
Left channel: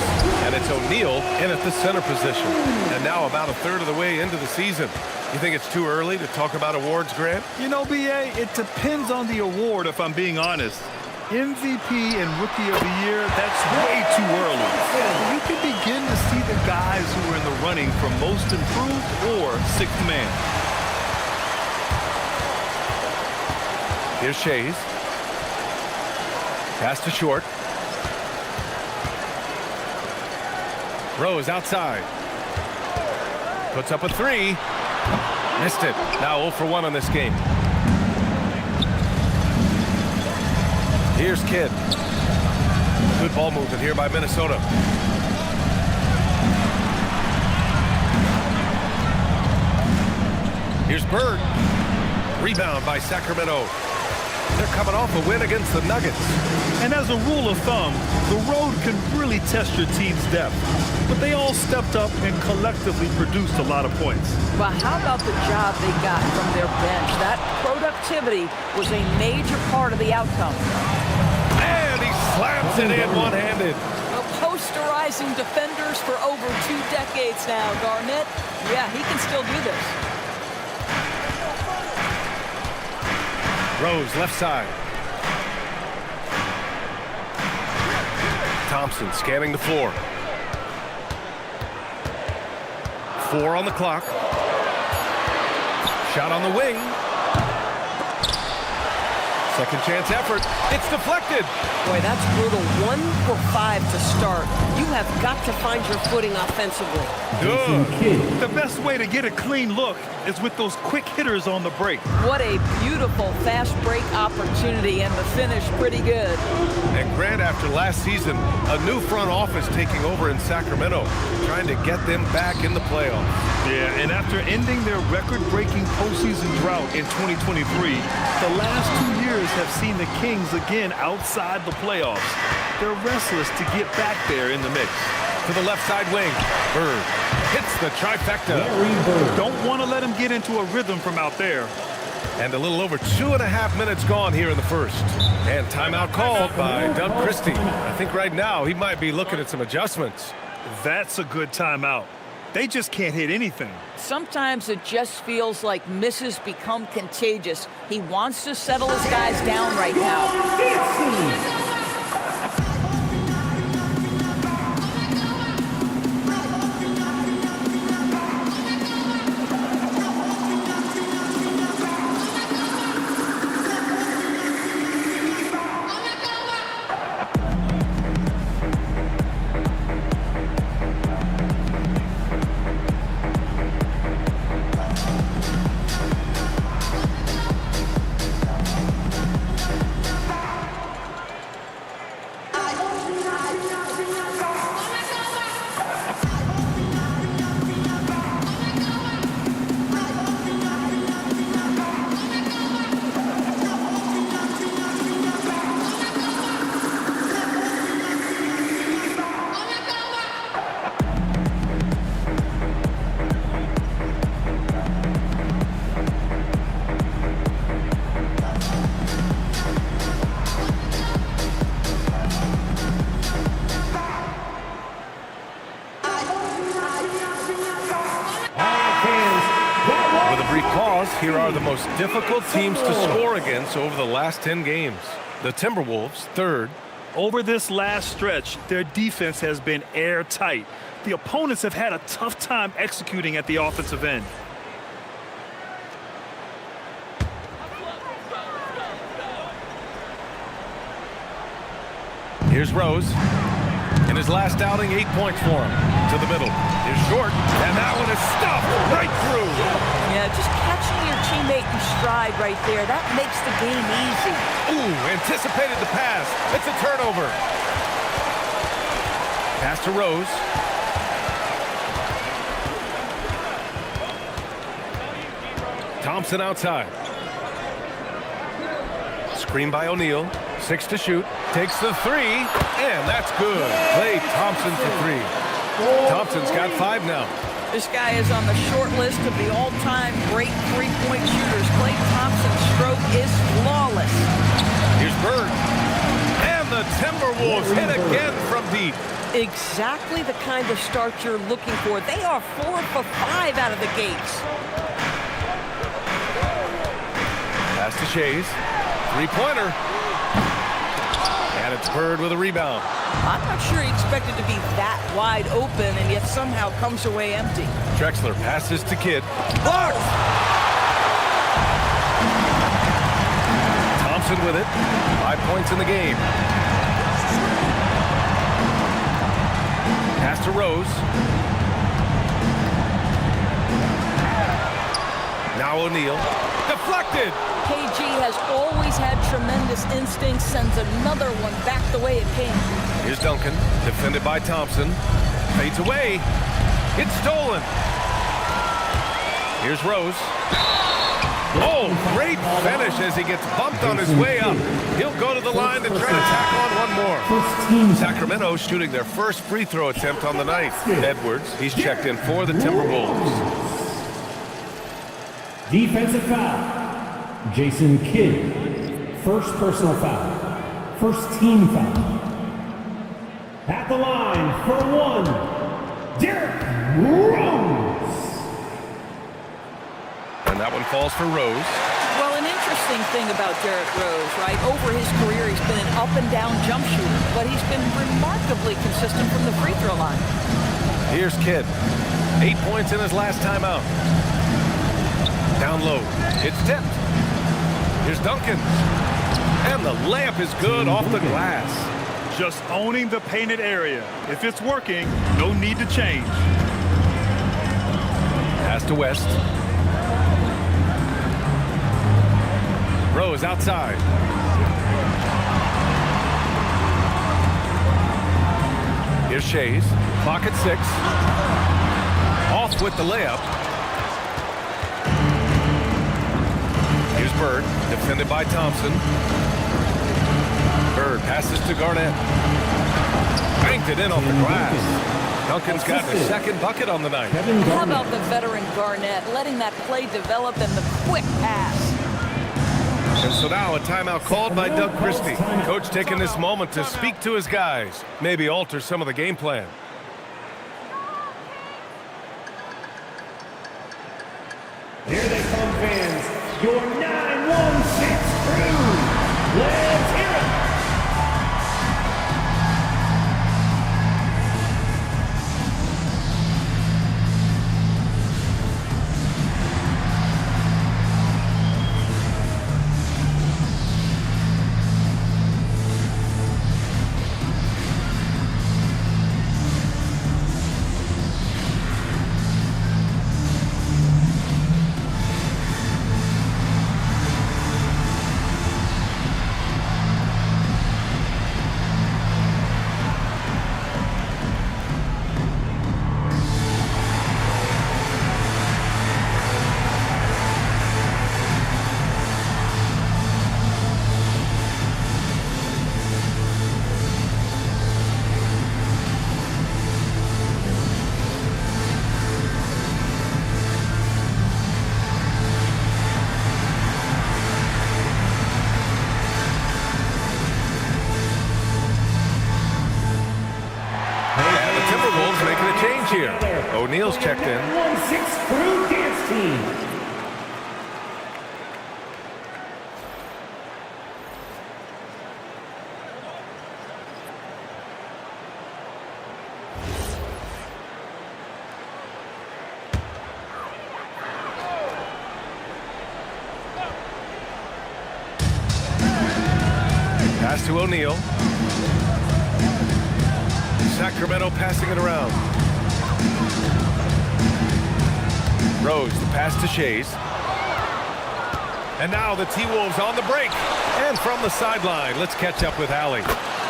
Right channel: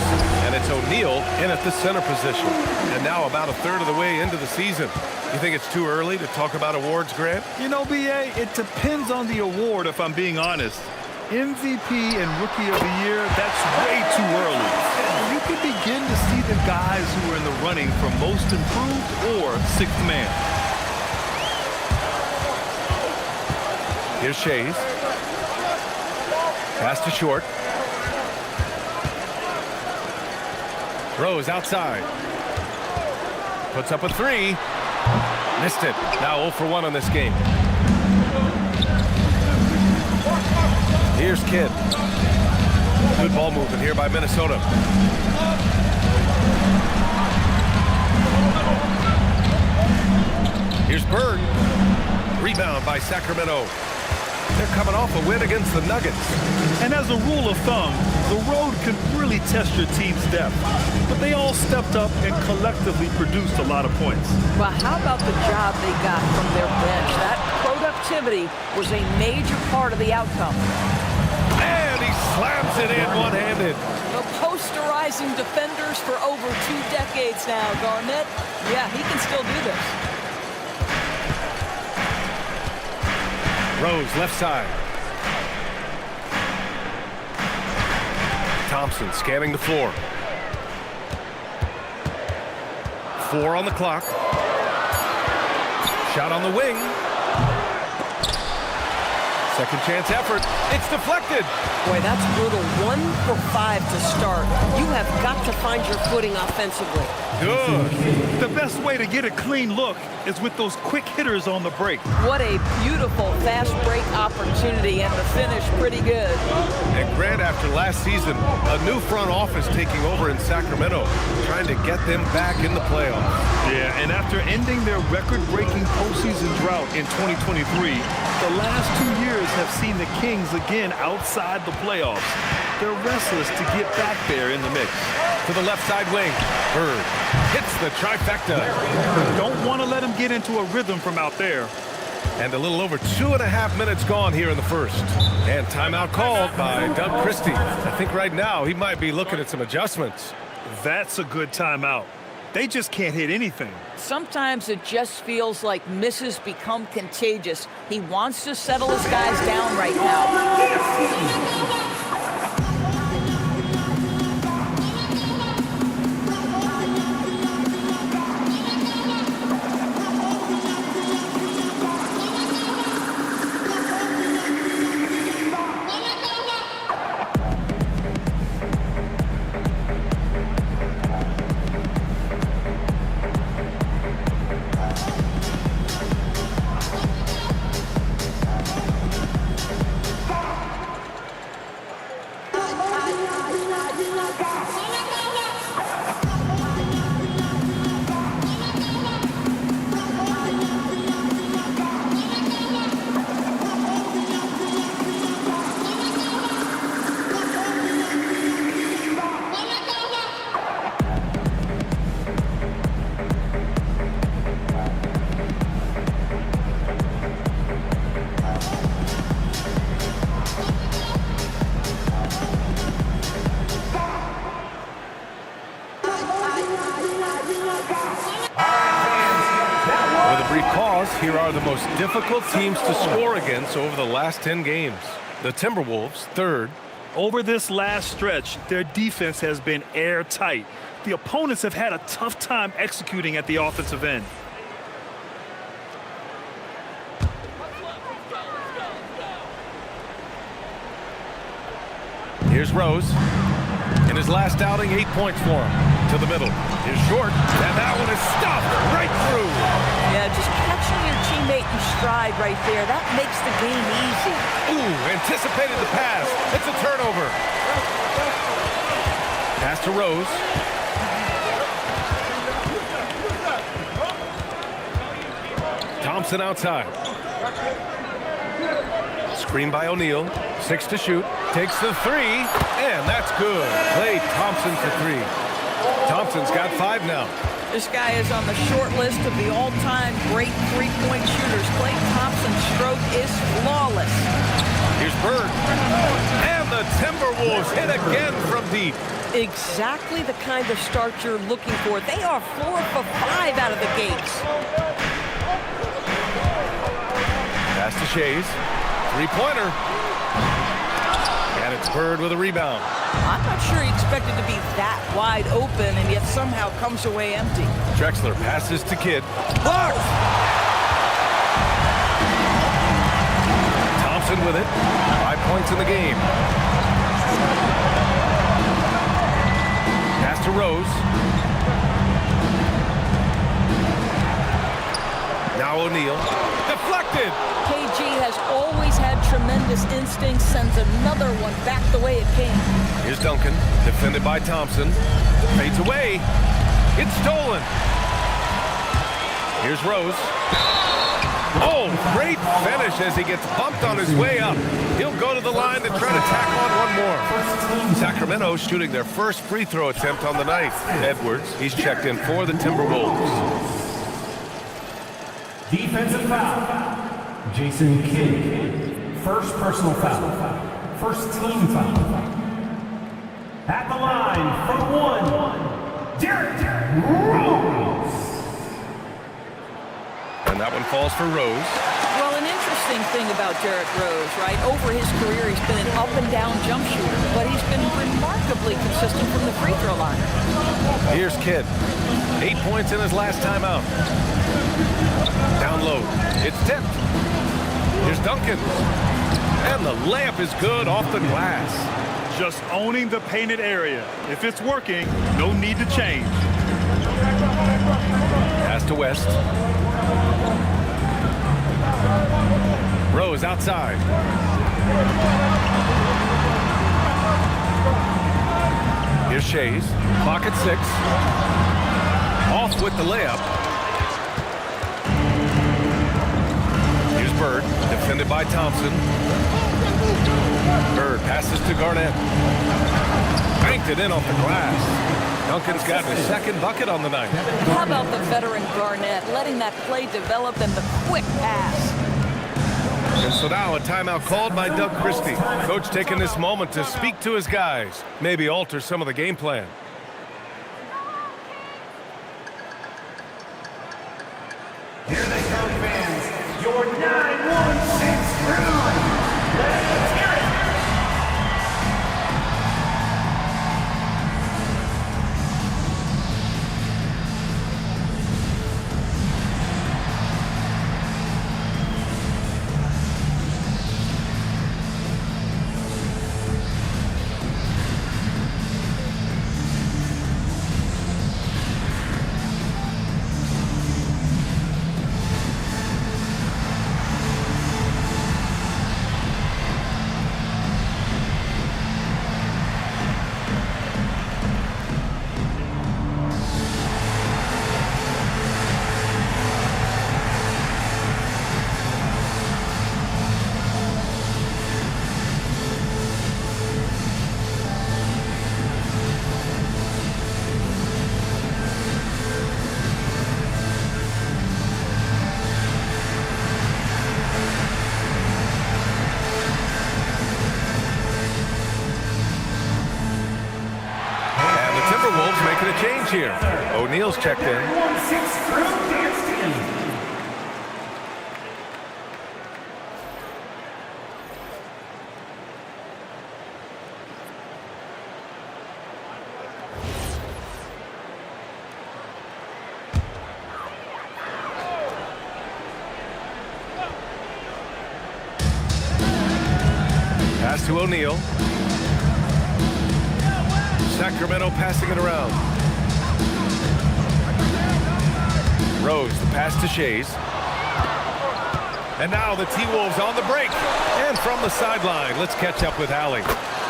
And it's O'Neal in at the center position. And now about a third of the way into the season. You think it's too early to talk about awards, Grant? You know, B.A., it depends on the award, if I'm being honest. MVP and Rookie of the Year, that's way too early. You can begin to see the guys who are in the running for Most Improved or Sixth Man. Here's Shays. Pass to Short. Rose outside. Puts up a 3. Missed it. Now 0 for 1 on this game. Here's Kidd. Good ball movement here by Minnesota. Here's Bird. Rebound by Sacramento. They're coming off a win against the Nuggets. And as a rule of thumb, the road can really test your team's depth. But they all stepped up and collectively produced a lot of points. Well, how about the job they got from their bench? That productivity was a major part of the outcome. And he slams it in one-handed. Well, posterizing defenders for over 2 decades now, Garnett. Yeah, he can still do this. Rose left side. Thompson scanning the floor. 4 on the clock. Shot on the wing. Second chance effort. It's deflected. Boy, that's brutal. 1 for 5 to start. You have got to find your footing offensively. Good. The best way to get a clean look is with those quick hitters on the break. What a beautiful fast break opportunity, and the finish pretty good. And Grant, after last season, a new front office taking over in Sacramento, trying to get them back in the playoffs. Yeah, and after ending their record-breaking postseason drought in 2023, the last 2 years have seen the Kings again outside the playoffs. They're restless to get back there in the mix. To the left side wing, Bird hits the trifecta. Don't want to let him get into a rhythm from out there. And a little over 2.5 minutes gone here in the first. And timeout called by Doug Christie. I think right now he might be looking at some adjustments. That's a good timeout. They just can't hit anything. Sometimes it just feels like misses become contagious. He wants to settle his guys down right now. Here are the most difficult teams to score against over the last 10 games. The Timberwolves, third. Over this last stretch, their defense has been airtight. The opponents have had a tough time executing at the offensive end. Here's Rose. In his last outing, 8 points for him. To the middle. Here's Short. And that one is stuffed right through. Yeah, just catching your teammate in stride right there. That makes the game easy. Ooh, anticipated the pass. It's a turnover. Pass to Rose. Thompson outside. Screen by O'Neal. 6 to shoot. Takes the 3, and that's good. Klay Thompson for 3. Thompson's got 5 now. This guy is on the short list of the all-time great three-point shooters. Klay Thompson's stroke is flawless. Here's Bird. And the Timberwolves hit again from deep. Exactly the kind of start you're looking for. They are 4 for 5 out of the gates. Pass to Shays. Three-pointer. And it's Bird with a rebound. I'm not sure he expected to be that wide open and yet somehow comes away empty. Drexler passes to Kidd. Blocked! Thompson with it. 5 points in the game. Pass to Rose. Now O'Neal. Deflected! KG has always had tremendous instincts, sends another one back the way it came. Here's Duncan, defended by Thompson. Fades away. It's stolen. Here's Rose. Oh, great finish as he gets bumped on his way up. He'll go to the line to try to tack on one more. Sacramento shooting their first free throw attempt on the night. Edwards, he's checked in for the Timberwolves. Defensive foul. Jason Kidd. First personal foul. First team foul. At the line for 1, Derrick Rose. And that one falls for Rose. Well, an interesting thing about Derrick Rose, right? Over his career, he's been an up-and-down jump shooter, but he's been remarkably consistent from the free throw line. Here's Kidd. 8 points in his last time out. Down low. It's tipped. Here's Duncan. And the layup is good off the glass. Just owning the painted area. If it's working, no need to change. Pass to West. Rose outside. Here's Shays. Clock at 6. Off with the layup. Here's Bird, defended by Thompson. Bird passes to Garnett. Banked it in off the glass. Duncan's gotten his second bucket on the night. How about the veteran Garnett, letting that play develop and the quick pass? And so now a timeout called by Doug Christie. Coach taking this moment to speak to his guys, maybe alter some of the game plan. Here they come, fans. Your 916 crew. Let's hear it. Timberwolves making a change here. O'Neal's checked in. 16 crew dance team. Pass to O'Neal. Sacramento passing it around. Rose, the pass to Shays. And now the T-Wolves on the break. And from the sideline, let's catch up with Allie.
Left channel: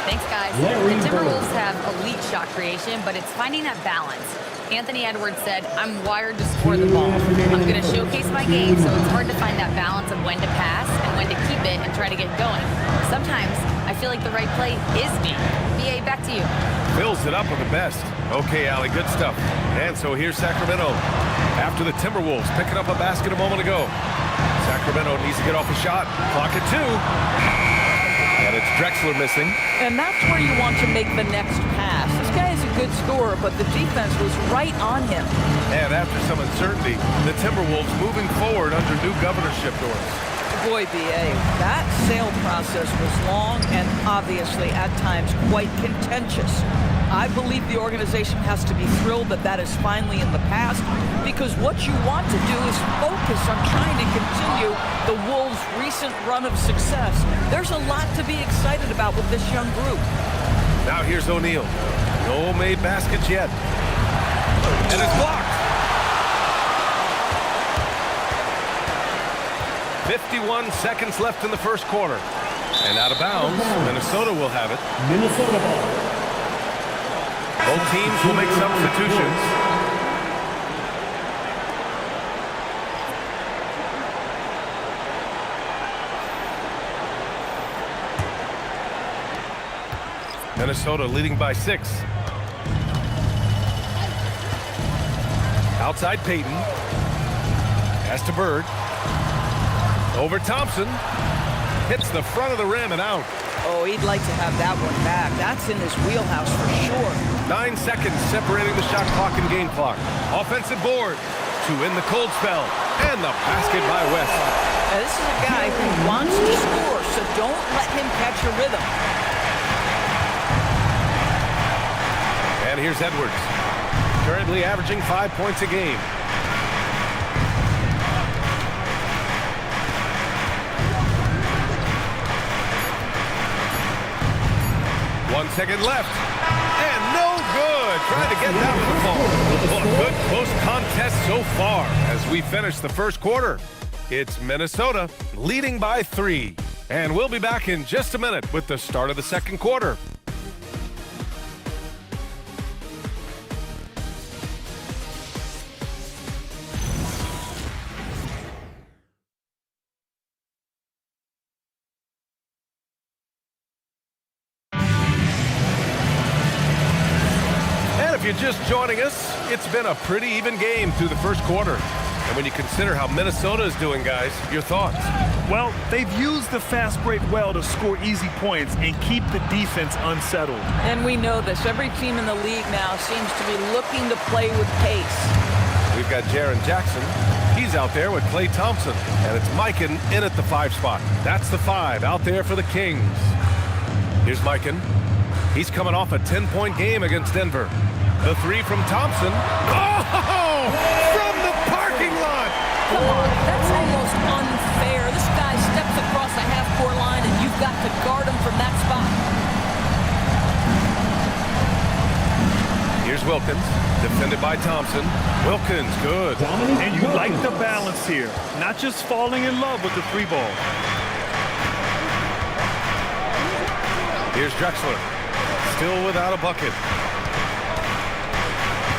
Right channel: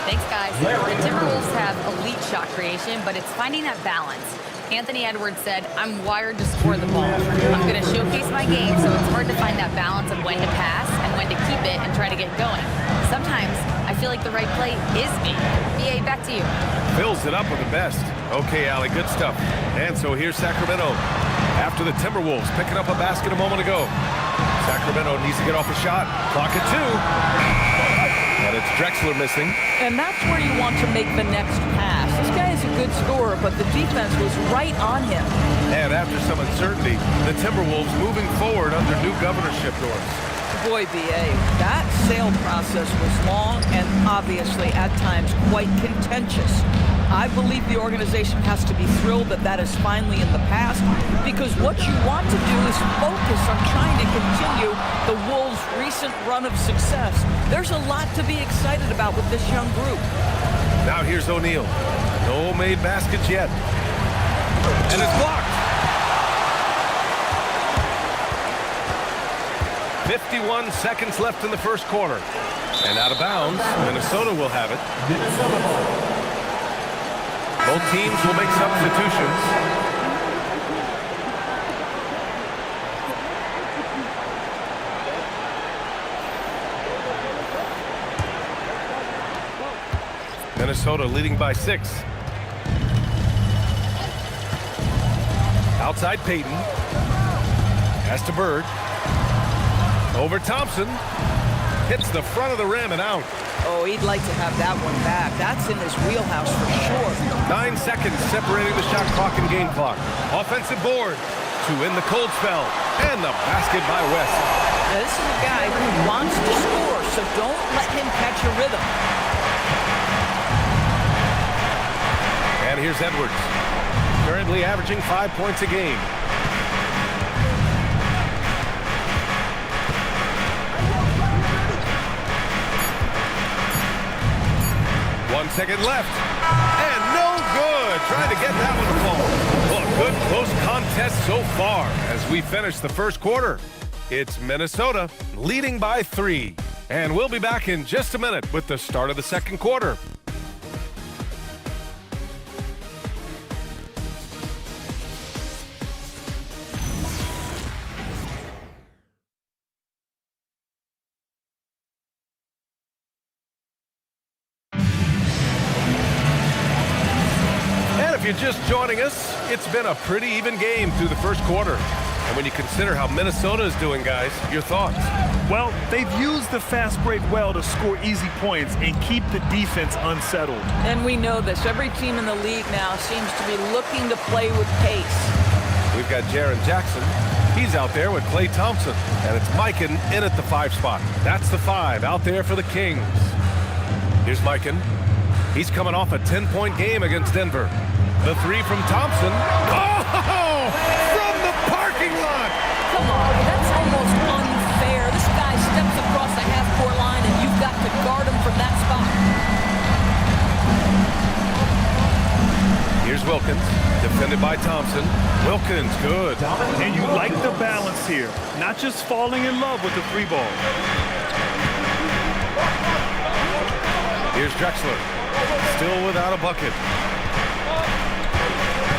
Thanks, guys. The Timberwolves have elite shot creation, but it's finding that balance. Anthony Edwards said, I'm wired to score the ball. I'm going to showcase my game, so it's hard to find that balance of when to pass and when to keep it and try to get going. Sometimes I feel like the right play is me. BA, back to you. Fills it up with the best. Okay, Allie, good stuff. And so here's Sacramento. After the Timberwolves picking up a basket a moment ago. Sacramento needs to get off a shot. Clock at 2. And it's Drexler missing. And that's where you want to make the next pass. This guy is a good scorer, but the defense was right on him. And after some uncertainty, the Timberwolves moving forward under new governorship doors. Boy, BA, that sale process was long and obviously at times quite contentious. I believe the organization has to be thrilled that that is finally in the past, because what you want to do is focus on trying to continue the Wolves' recent run of success. There's a lot to be excited about with this young group. Now here's O'Neal. No made baskets yet. And it's blocked. 51 seconds left in the first quarter. And out of bounds, Minnesota will have it. Minnesota ball. Both teams will make substitutions. Minnesota leading by 6. Outside Payton. Pass to Bird. Over Thompson. Hits the front of the rim and out. Oh, he'd like to have that one back. That's in his wheelhouse for sure. 9 seconds separating the shot clock and game clock. Offensive board to end the cold spell. And the basket by West. Now, this is a guy who wants to score, so don't let him catch a rhythm. And here's Edwards. Currently averaging 5 points a game. One second left. And no good. Trying to get that one to fall. Well, a good close contest so far as we finish the first quarter. It's Minnesota leading by 3. And we'll be back in just a minute with the start of the second quarter. If you're just joining us, it's been a pretty even game through the first quarter. And when you consider how Minnesota is doing, guys, your thoughts? Well, they've used the fast break well to score easy points and keep the defense unsettled. And we know this. Every team in the league now seems to be looking to play with pace. We've got Jaren Jackson. He's out there with Klay Thompson. And it's Mikan in at the 5 spot. That's the 5 out there for the Kings. Here's Mikan. He's coming off a 10-point game against Denver. The 3 from Thompson. Oh! From the parking lot! Come on, that's almost unfair. This guy steps across the half-court line, and you've got to guard him from that spot. Here's Wilkins, defended by Thompson. Wilkins, good. And you like the balance here. Not just falling in love with the 3 ball. Here's Drexler, still without a bucket.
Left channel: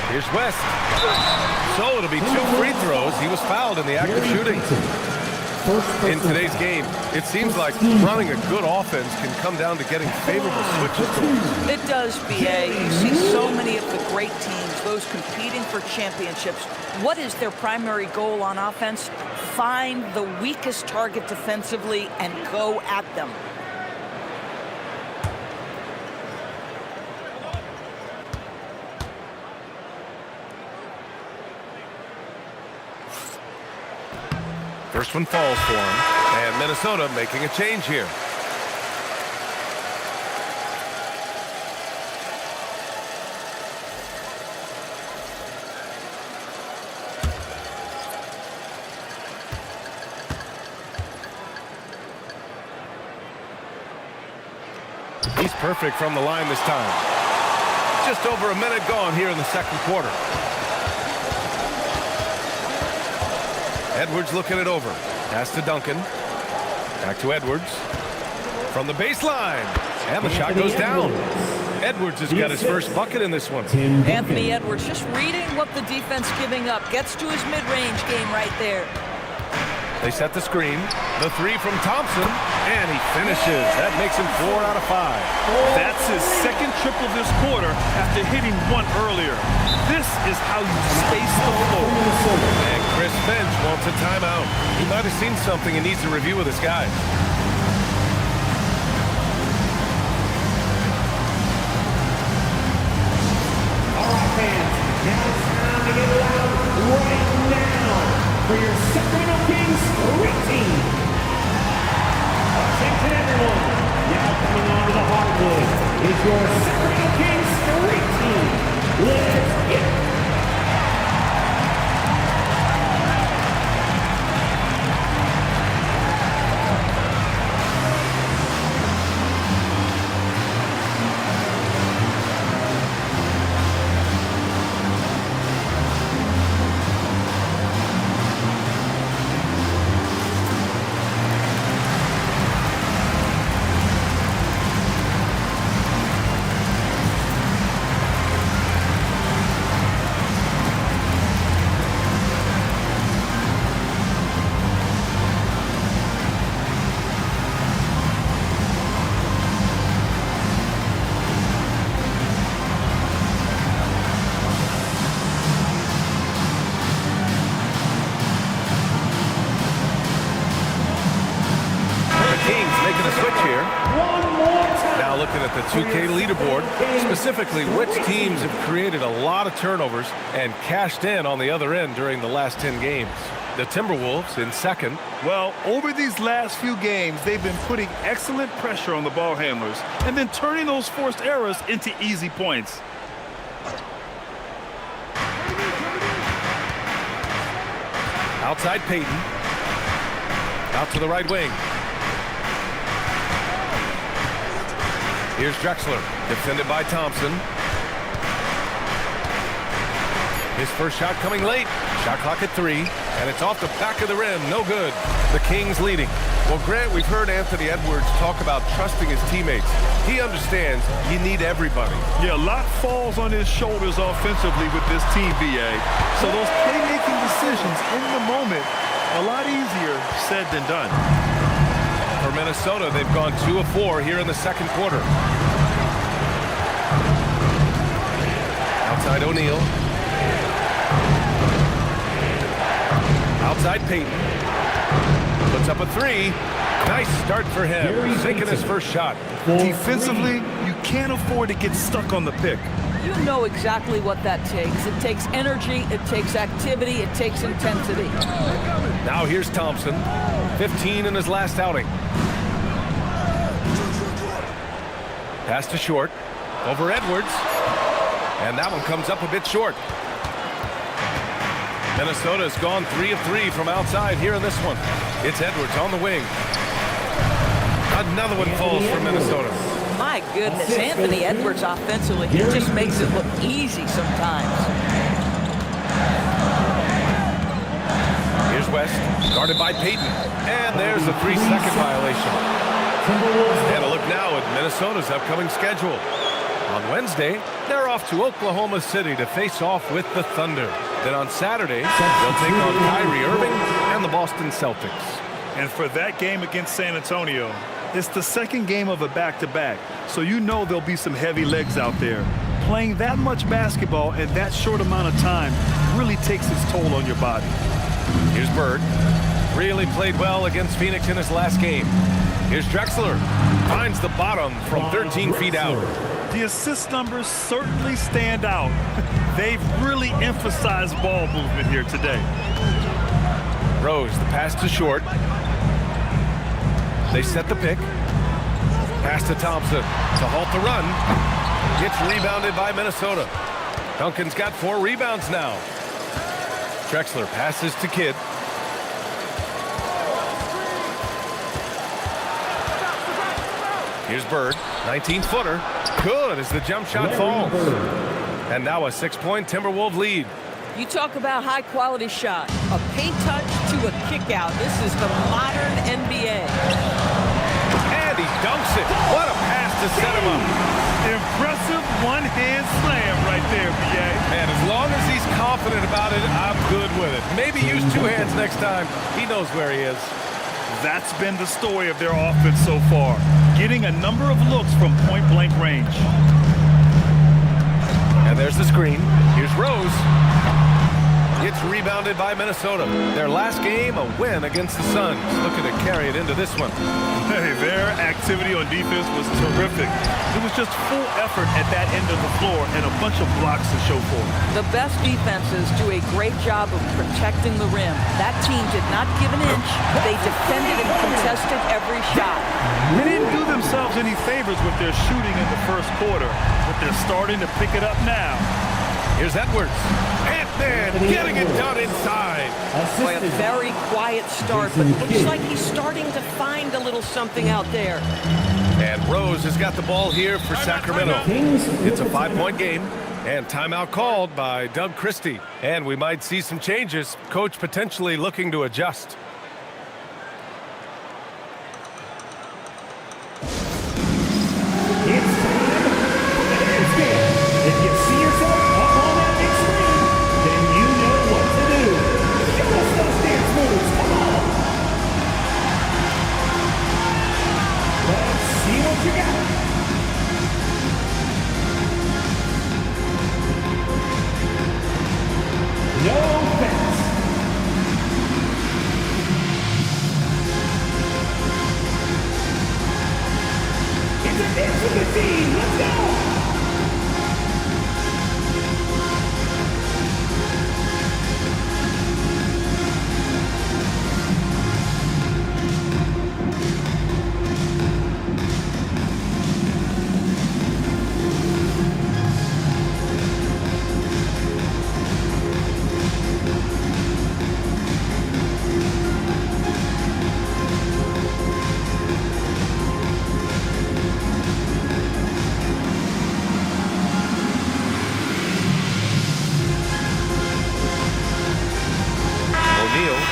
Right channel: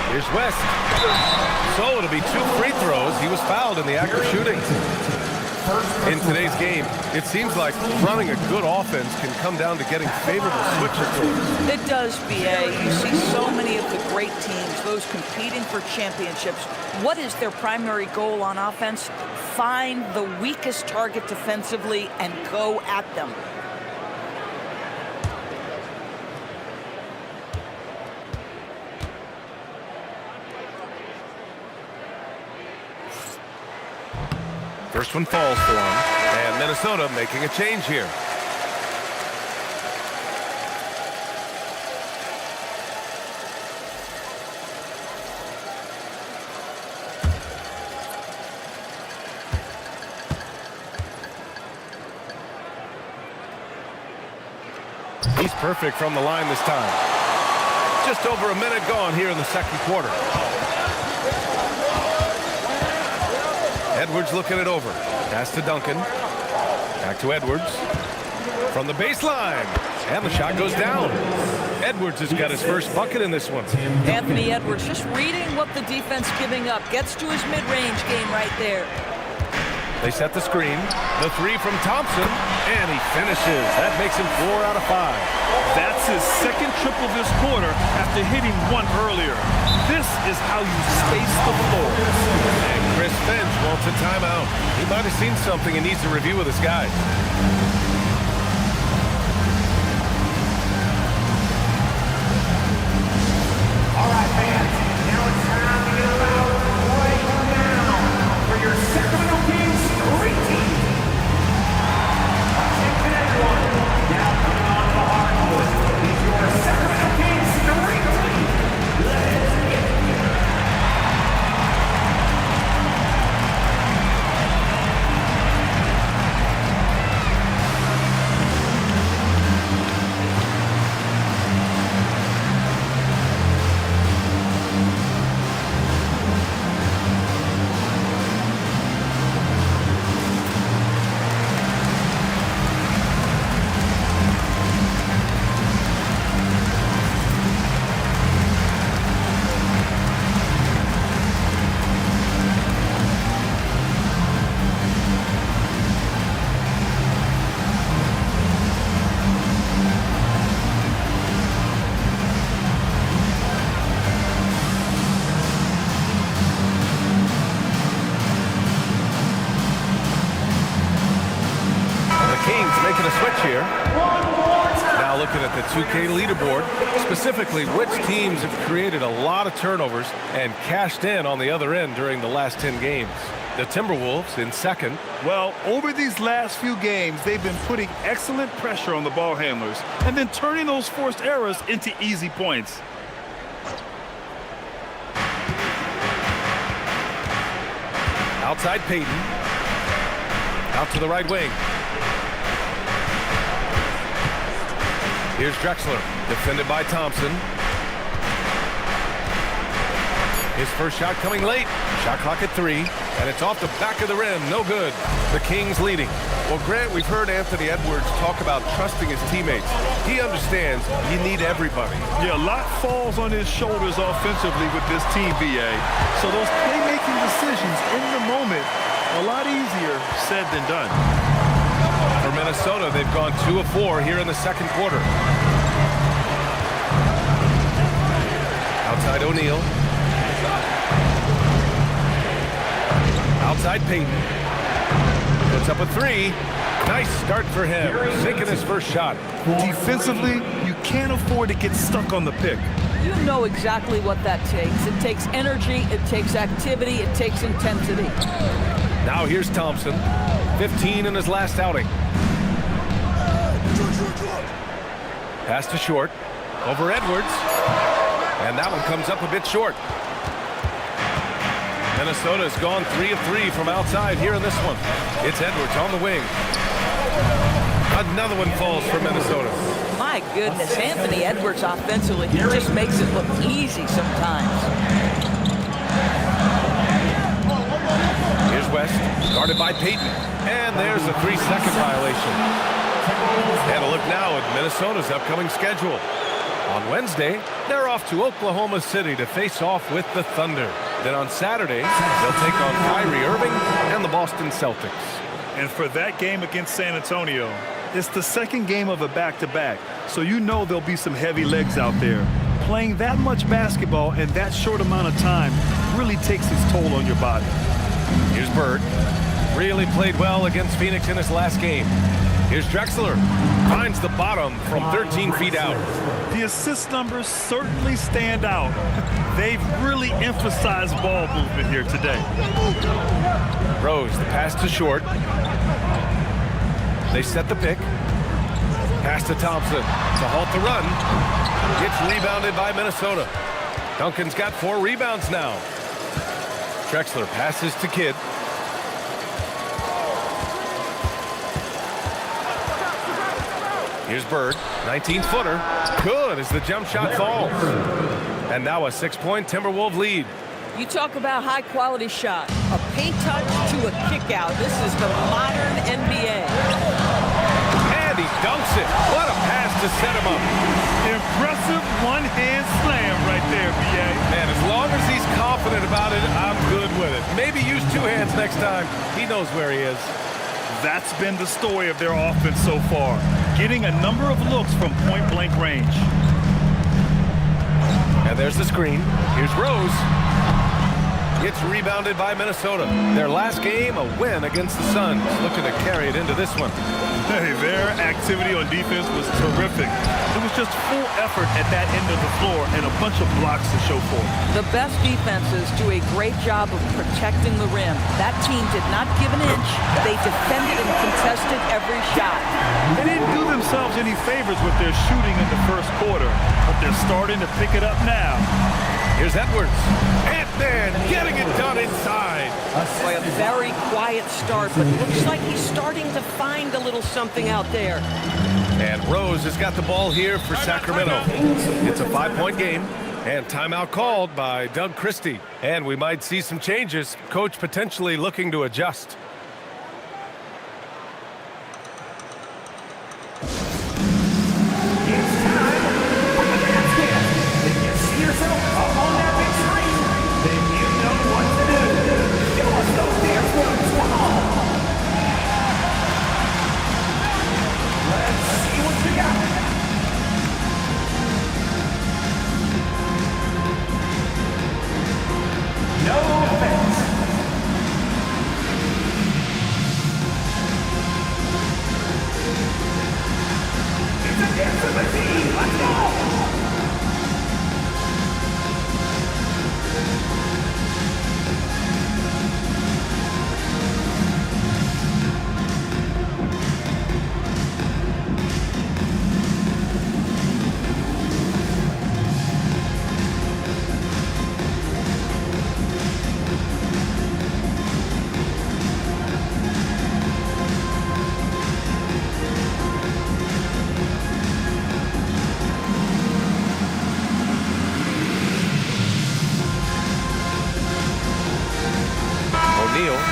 Here's West. So it'll be 2 free throws. He was fouled in the act of shooting. In today's game, it seems like running a good offense can come down to getting favorable switches doors. It does, BA. You see so many of the great teams, those competing for championships. What is their primary goal on offense? Find the weakest target defensively and go at them. First one falls for him, and Minnesota making a change here. He's perfect from the line this time. Just over a minute gone here in the second quarter. Edwards looking it over. Pass to Duncan. Back to Edwards. From the baseline. And the shot goes down. Edwards has got his first bucket in this one. Anthony Edwards just reading what the defense giving up. Gets to his mid-range game right there. They set the screen. The three from Thompson, and he finishes. That makes him 4 out of 5. That's his second triple this quarter after hitting one earlier. This is how you space the floor. And Chris Finch wants a timeout. He might have seen something and needs to review with his guys. All right, fans. Now it's time to get loud right now for your Sacramento Kings Street Team. Attention, everyone. Now coming on to the hardwood is your Sacramento Kings Street Team. Let's get it. Kings making a switch here. One more time. Now looking at the 2K leaderboard, specifically which teams have created a lot of turnovers and cashed in on the other end during the last 10 games. The Timberwolves in second. Well, over these last few games, they've been putting excellent pressure on the ball handlers and then turning those forced errors into easy points. Outside Payton. Out to the right wing. Here's Drexler, defended by Thompson. His first shot coming late. Shot clock at 3, and it's off the back of the rim. No good. The Kings leading. Well, Grant, we've heard Anthony Edwards talk about trusting his teammates. He understands you need everybody. Yeah, a lot falls on his shoulders offensively with this team, VA. So those playmaking decisions in the moment, a lot easier said than done. For Minnesota, they've gone 2 of 4 here in the second quarter. Outside O'Neal. Outside Payton. Puts up a 3. Nice start for him. Sinking his first shot. Defensively, you can't afford to get stuck on the pick. You know exactly what that takes. It takes energy, it takes activity, it takes intensity. Now here's Thompson. 15 in his last outing. Pass to Short. Over Edwards. And that one comes up a bit short. Minnesota's gone 3 of 3 from outside here in this one. It's Edwards on the wing. Another one falls for Minnesota. My goodness, Anthony Edwards offensively, he just makes it look easy sometimes. Here's West, guarded by Payton. And there's a 3-second violation. And a look now at Minnesota's upcoming schedule. On Wednesday, they're off to Oklahoma City to face off with the Thunder. Then on Saturday, they'll take on Kyrie Irving and the Boston Celtics. And for that game against San Antonio, it's the second game of a back-to-back, so you know there'll be some heavy legs out there. Playing that much basketball in that short amount of time really takes its toll on your body. Here's Bird. Really played well against Phoenix in his last game. Here's Drexler. Finds the bottom from 13 feet out. The assist numbers certainly stand out. They've really emphasized ball movement here today. Rose, the pass to Short. They set the pick. Pass to Thompson to halt the run. Gets rebounded by Minnesota. Duncan's got 4 rebounds now. Drexler passes to Kidd. Here's Bird, 19-footer. Good as the jump shot falls. And now a 6-point Timberwolves lead. You talk about high-quality shot. A paint touch to a kick out. This is the modern NBA. And he dunks it. What a pass to set him up. Impressive one-hand slam right there, B.A. Man, as long as he's confident about it, I'm good with it. Maybe use two hands next time. He knows where he is. That's been the story of their offense so far, getting a number of looks from point-blank range. And there's the screen. Here's Rose. It's rebounded by Minnesota. Their last game, a win against the Suns. Looking to carry it into this one. Hey, their activity on defense was terrific. It was just full effort at that end of the floor and a bunch of blocks to show for it. The best defenses do a great job of protecting the rim. That team did not give an inch. They defended and contested every shot. They didn't do themselves any favors with their shooting in the first quarter, but they're starting to pick it up now. Here's Edwards. Ant-Man getting it done inside. Boy, a very quiet start, but it looks like he's starting to find a little something out there. And Rose has got the ball here for Sacramento. It's a 5-point game, and timeout called by Doug Christie. And we might see some changes. Coach potentially looking to adjust.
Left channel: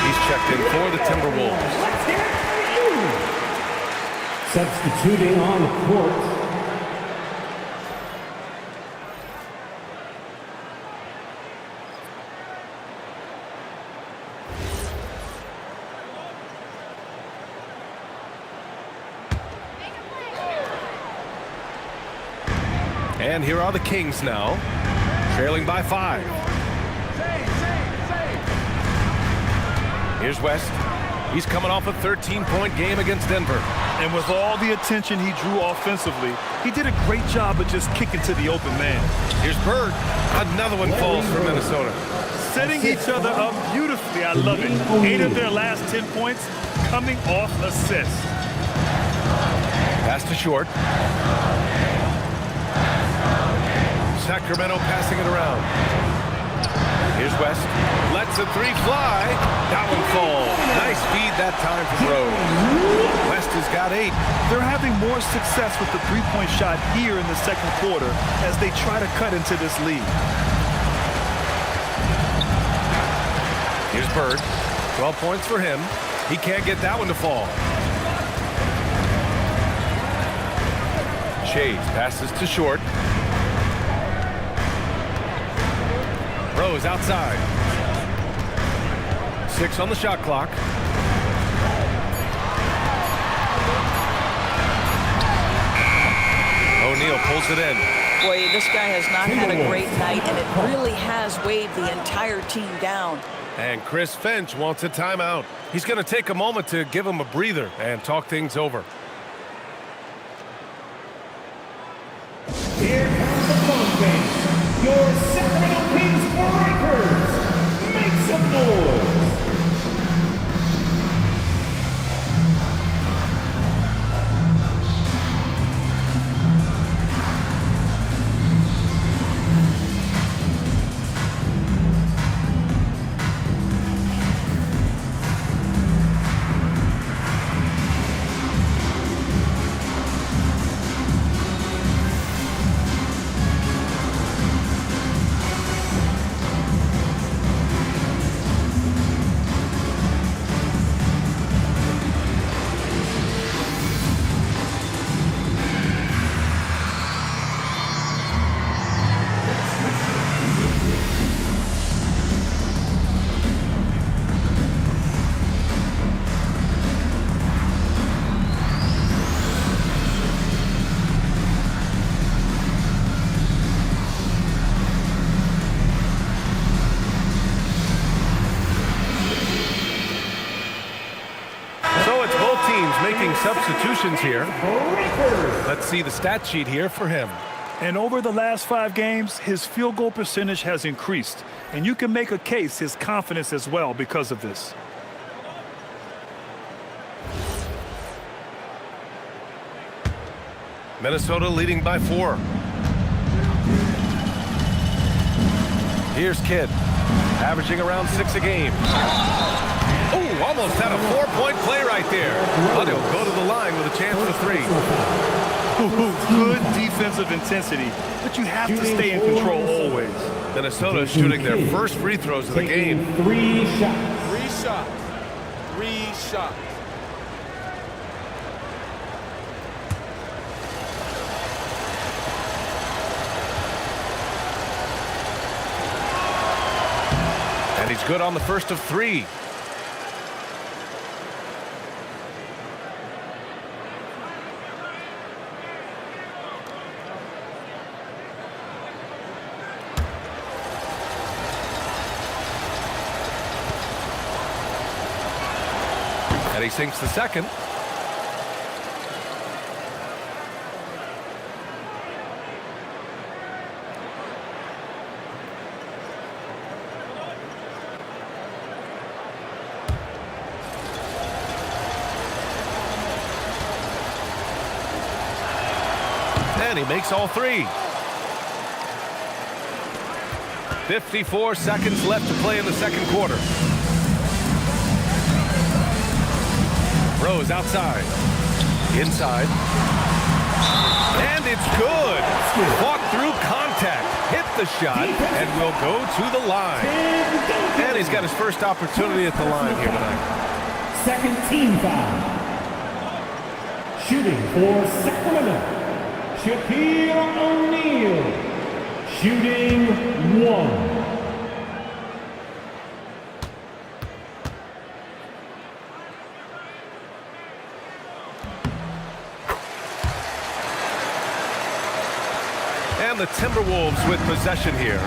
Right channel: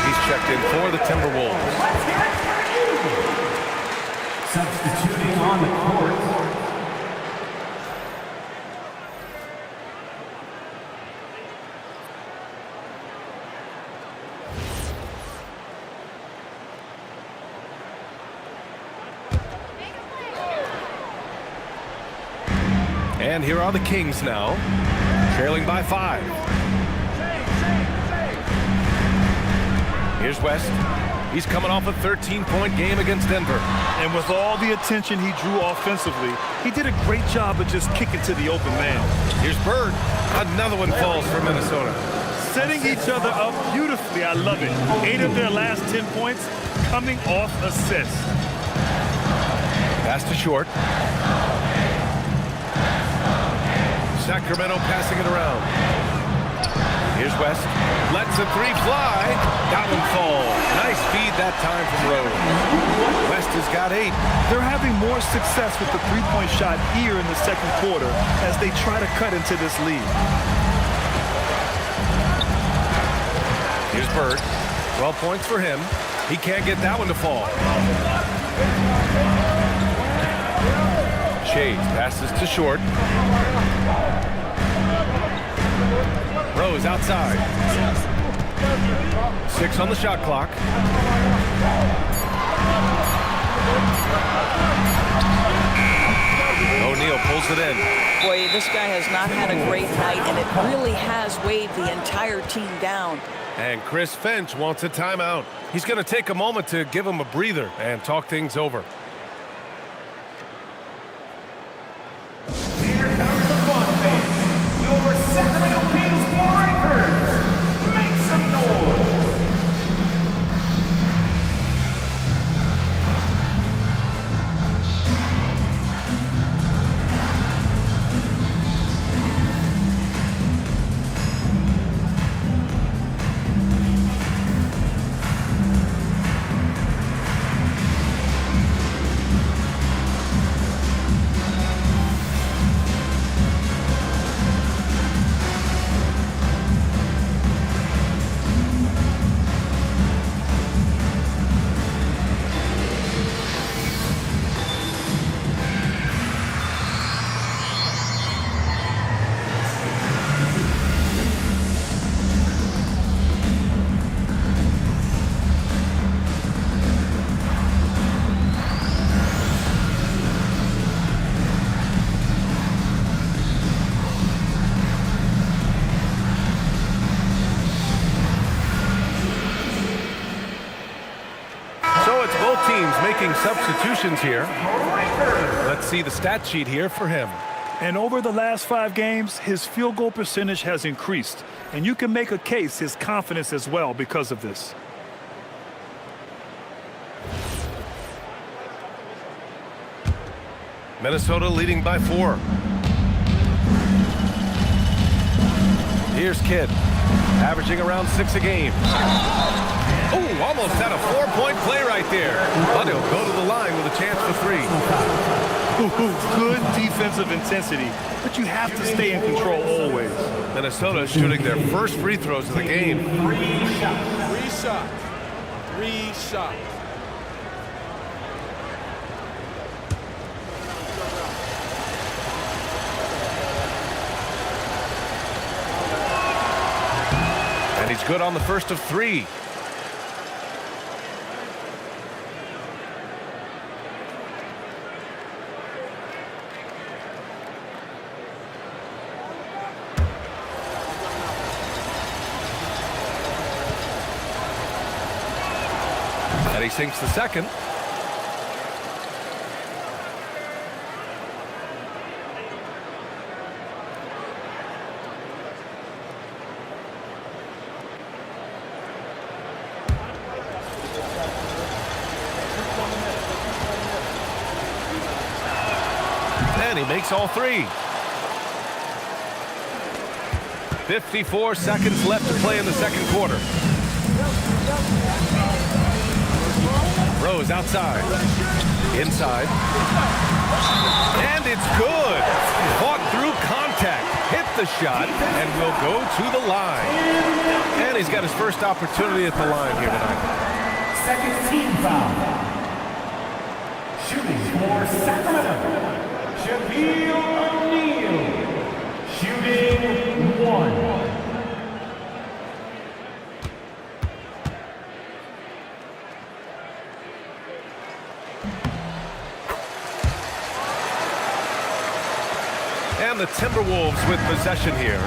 He's checked in for the Timberwolves. Let's hear it for you. Substituting on the court. And here are the Kings now, trailing by 5. Here's West. He's coming off a 13-point game against Denver. And with all the attention he drew offensively, he did a great job of just kicking to the open man. Here's Bird. Another one falls for Minnesota. Setting each other up beautifully. I love it. 8 of their last 10 points coming off assists. Pass to Short. Sacramento passing it around. Here's West. Lets a three fly. That one falls. Nice feed that time from Rose. West has got 8. They're having more success with the three-point shot here in the second quarter as they try to cut into this lead. Here's Bird. 12 points for him. He can't get that one to fall. Shades passes to Short. Rose outside. 6 on the shot clock. O'Neal pulls it in. Boy, this guy has not had a great night, and it really has weighed the entire team down. And Chris Finch wants a timeout. He's going to take a moment to give him a breather and talk things over. Here comes the fun phase. Your Sacramento Kings Breakers. Make some noise. Both teams making substitutions here. Let's see the stat sheet here for him. And over the last 5 games, his field goal percentage has increased. And you can make a case his confidence as well because of this. Minnesota leading by 4. Here's Kidd, averaging around 6 a game. Oh, almost had a 4-point play right there. But he'll go to the line with a chance for 3. Good defensive intensity, but you have to stay in control always. Minnesota shooting their first free throws of the game. 3 shots. 3 shots. 3 shots. And he's good on the first of 3. And he sinks the second. And he makes all 3. 54 seconds left to play in the second quarter. Rose outside. Inside. And it's good. Fought through contact. Hit the shot and will go to the line. And he's got his first opportunity at the line here tonight. Second team foul. Shooting for Sacramento, Shaquille O'Neal. Shooting 1. And the Timberwolves with possession here.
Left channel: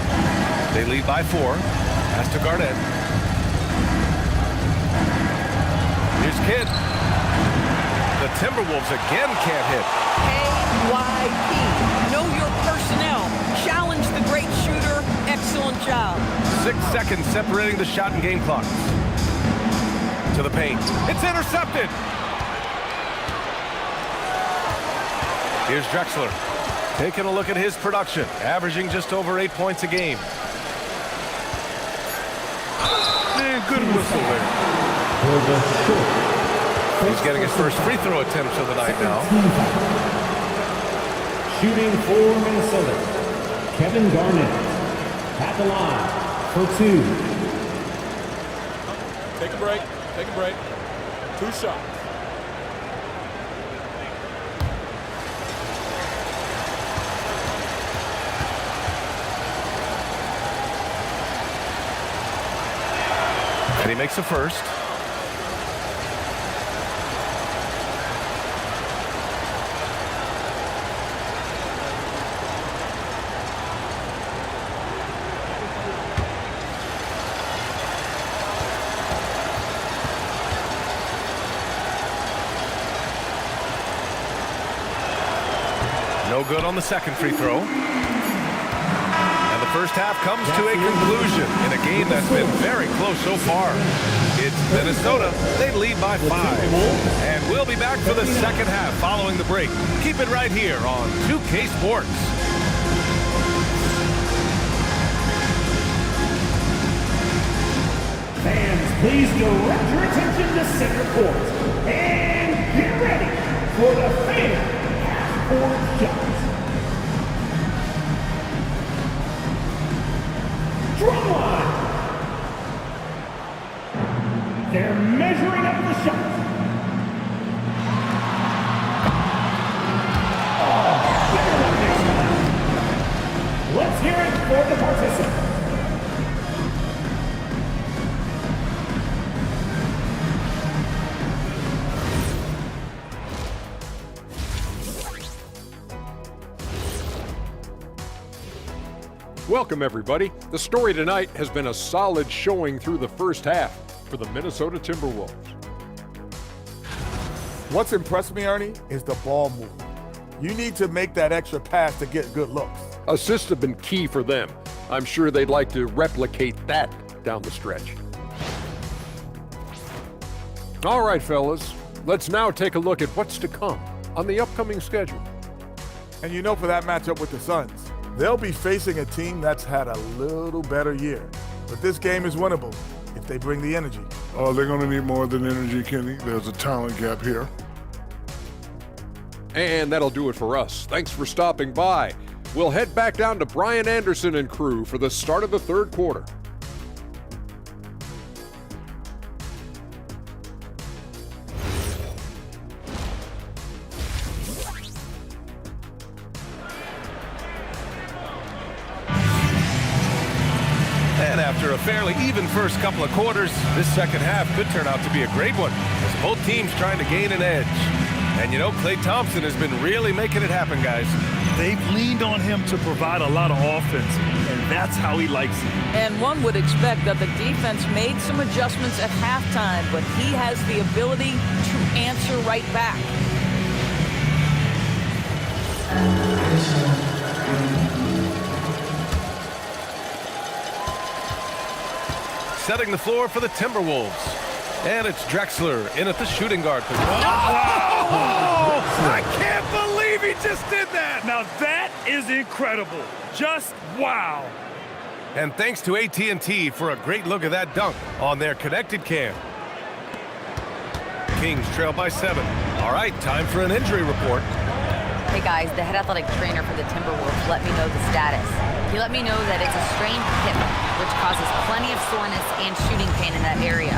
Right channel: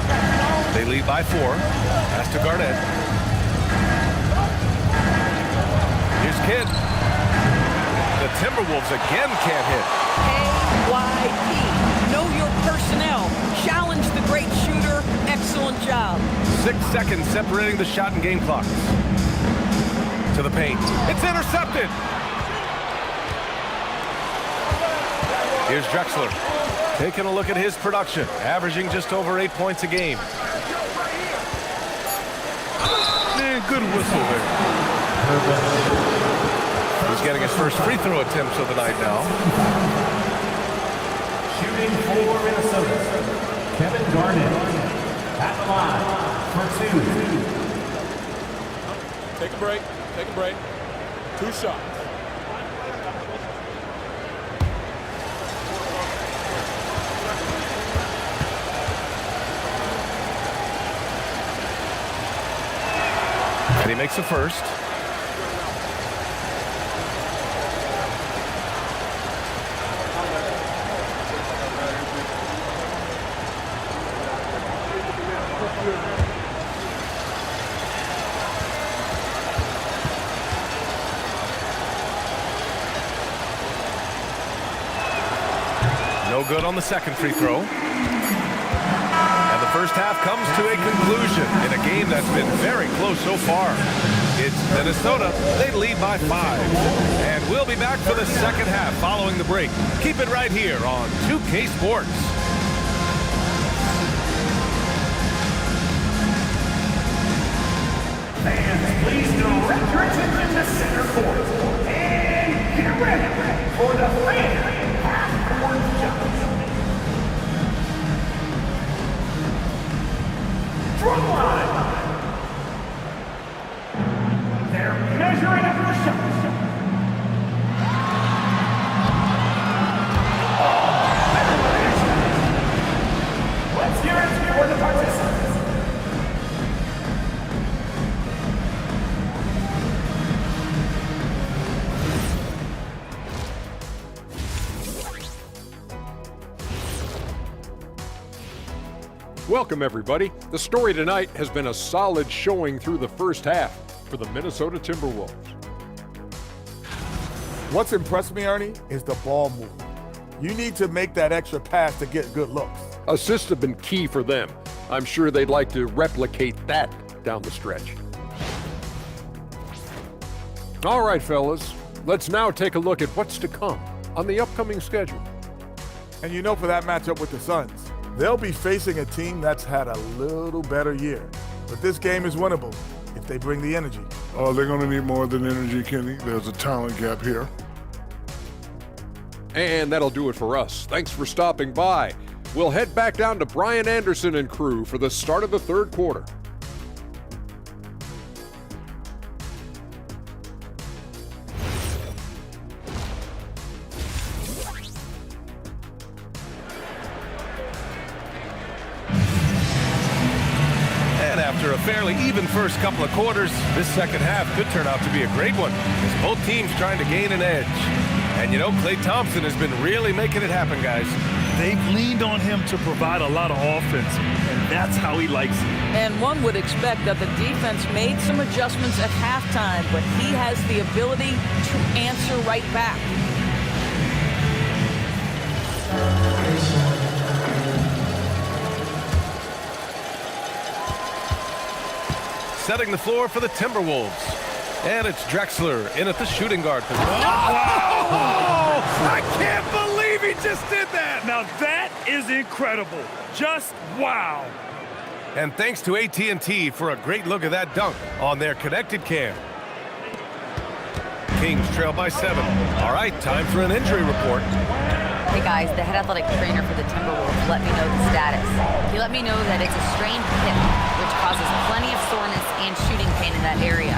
They lead by 4. Pass to Garnett. Here's Kidd. The Timberwolves again can't hit. KYP. Know your personnel. Challenge the great shooter. Excellent job. 6 seconds separating the shot and game clocks. To the paint. It's intercepted. Here's Drexler. Taking a look at his production, averaging just over 8 points a game. Man, good whistle there. He's getting his first free throw attempts of the night now. Shooting for Minnesota, Kevin Garnett at the line for 2. Take a break. Take a break. 2 shots. And he makes the first. No good on the second free throw. And the first half comes to a conclusion in a game that's been very close so far. It's Minnesota. They lead by 5. And we'll be back for the second half following the break. Keep it right here on 2K Sports. Fans, please direct your attention to center court. And get ready for the fan half-court shots. Drumline. They're measuring up the shots. Oh, better than the next one. Let's hear it for the participants. Welcome, everybody. The story tonight has been a solid showing through the first half for the Minnesota Timberwolves. What's impressed me, Ernie, is the ball movement. You need to make that extra pass to get good looks. Assists have been key for them. I'm sure they'd like to replicate that down the stretch. All right, fellas, let's now take a look at what's to come on the upcoming schedule. And you know, for that matchup with the Suns, they'll be facing a team that's had a little better year. But this game is winnable if they bring the energy. Oh, they're going to need more than energy, Kenny. There's a talent gap here. And that'll do it for us. Thanks for stopping by. We'll head back down to Brian Anderson and crew for the start of the third quarter. And after a fairly even first couple of quarters, this second half could turn out to be a great one, as both teams trying to gain an edge. And you know, Klay Thompson has been really making it happen, guys. They've leaned on him to provide a lot of offense, and that's how he likes it. And one would expect that the defense made some adjustments at halftime, but he has the ability to answer right back. Setting the floor for the Timberwolves. And it's Drexler in at the shooting guard position. Wow! I can't believe he just did that! Now that is incredible. Just wow. And thanks to AT&T for a great look at that dunk on their connected cam. Kings trail by 7. All right, time for an injury report. Hey guys, the head athletic trainer for the Timberwolves let me know the status. He let me know that it's a strained hip, which causes plenty of soreness and shooting pain in that area.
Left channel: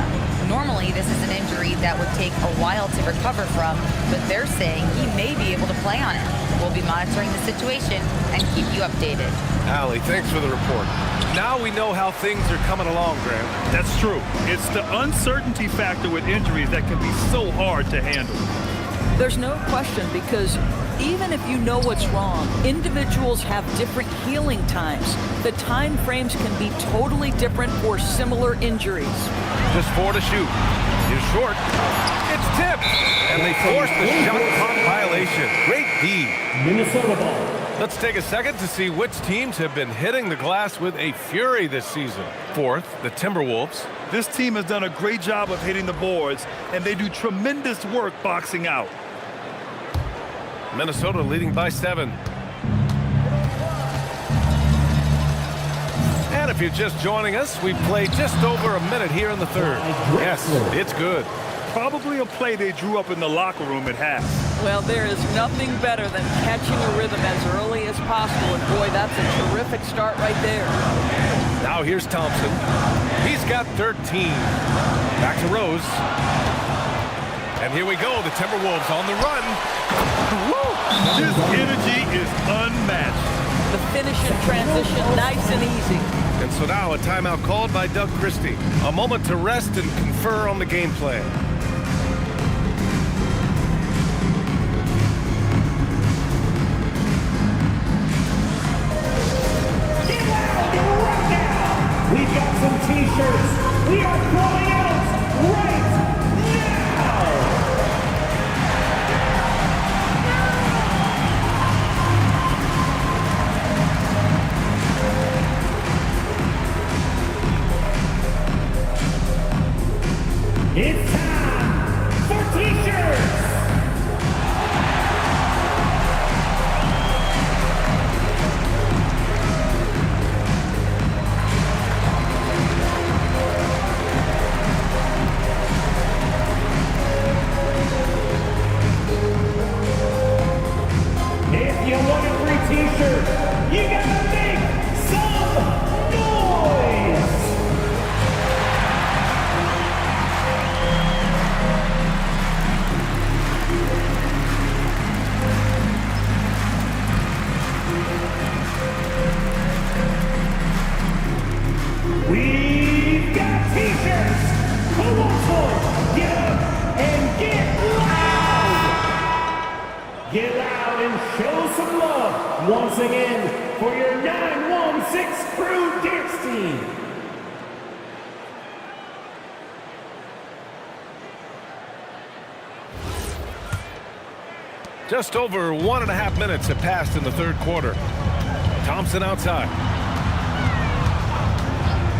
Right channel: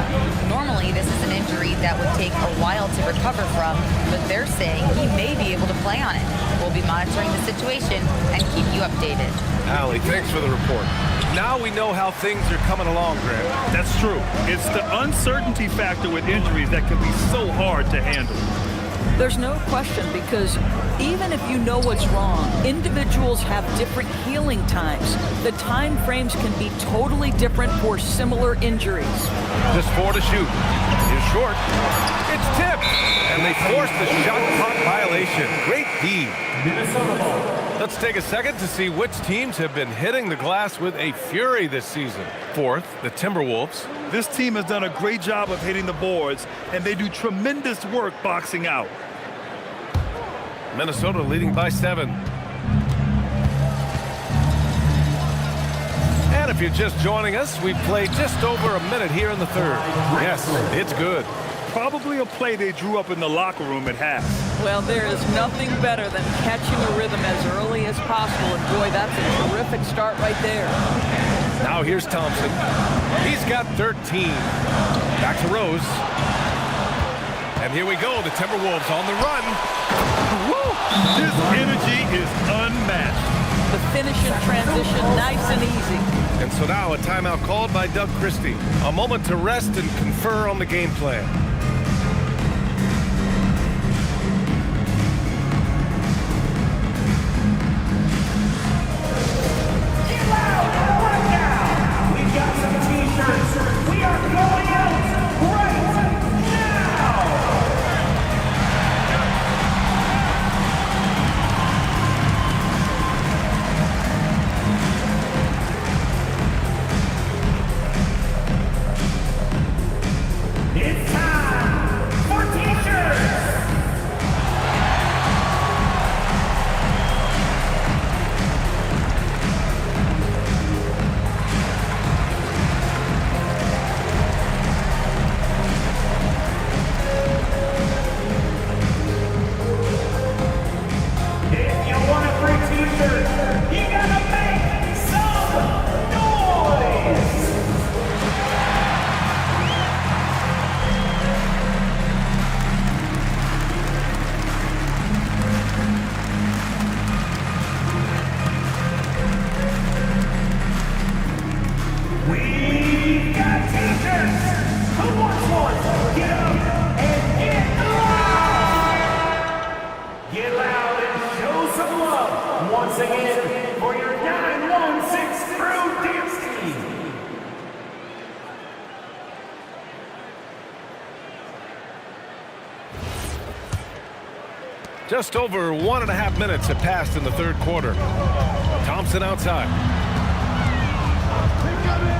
Normally, this is an injury that would take a while to recover from, but they're saying he may be able to play on it. We'll be monitoring the situation and keep you updated. Allie, thanks for the report. Now we know how things are coming along, Grant. That's true. It's the uncertainty factor with injuries that can be so hard to handle. There's no question, because even if you know what's wrong, individuals have different healing times. The time frames can be totally different for similar injuries. Just 4 to shoot. He's short. It's tipped. And they force the shot clock violation. Great D. Minnesota ball. Let's take a second to see which teams have been hitting the glass with a fury this season. Fourth, the Timberwolves. This team has done a great job of hitting the boards, and they do tremendous work boxing out. Minnesota leading by 7. And if you're just joining us, we've played just over a minute here in the third. Yes, it's good. Probably a play they drew up in the locker room at half. Well, there is nothing better than catching a rhythm as early as possible, and boy, that's a terrific start right there. Now here's Thompson. He's got 13. Back to Rose. And here we go, the Timberwolves on the run. Woo! This energy is unmatched. The finish in transition, nice and easy. And so now a timeout called by Doug Christie. A moment to rest and confer on the game plan. Get loud right now! We've got some t-shirts. We are going out right now! It's time for t-shirts! If you want a free t-shirt, you gotta make some noise! We've got t-shirts! Who wants one? Get up and get loud! Get loud and show some love once again for your 916 Crew Dance Team. Just over 1.5 minutes have passed in the third quarter. Thompson outside.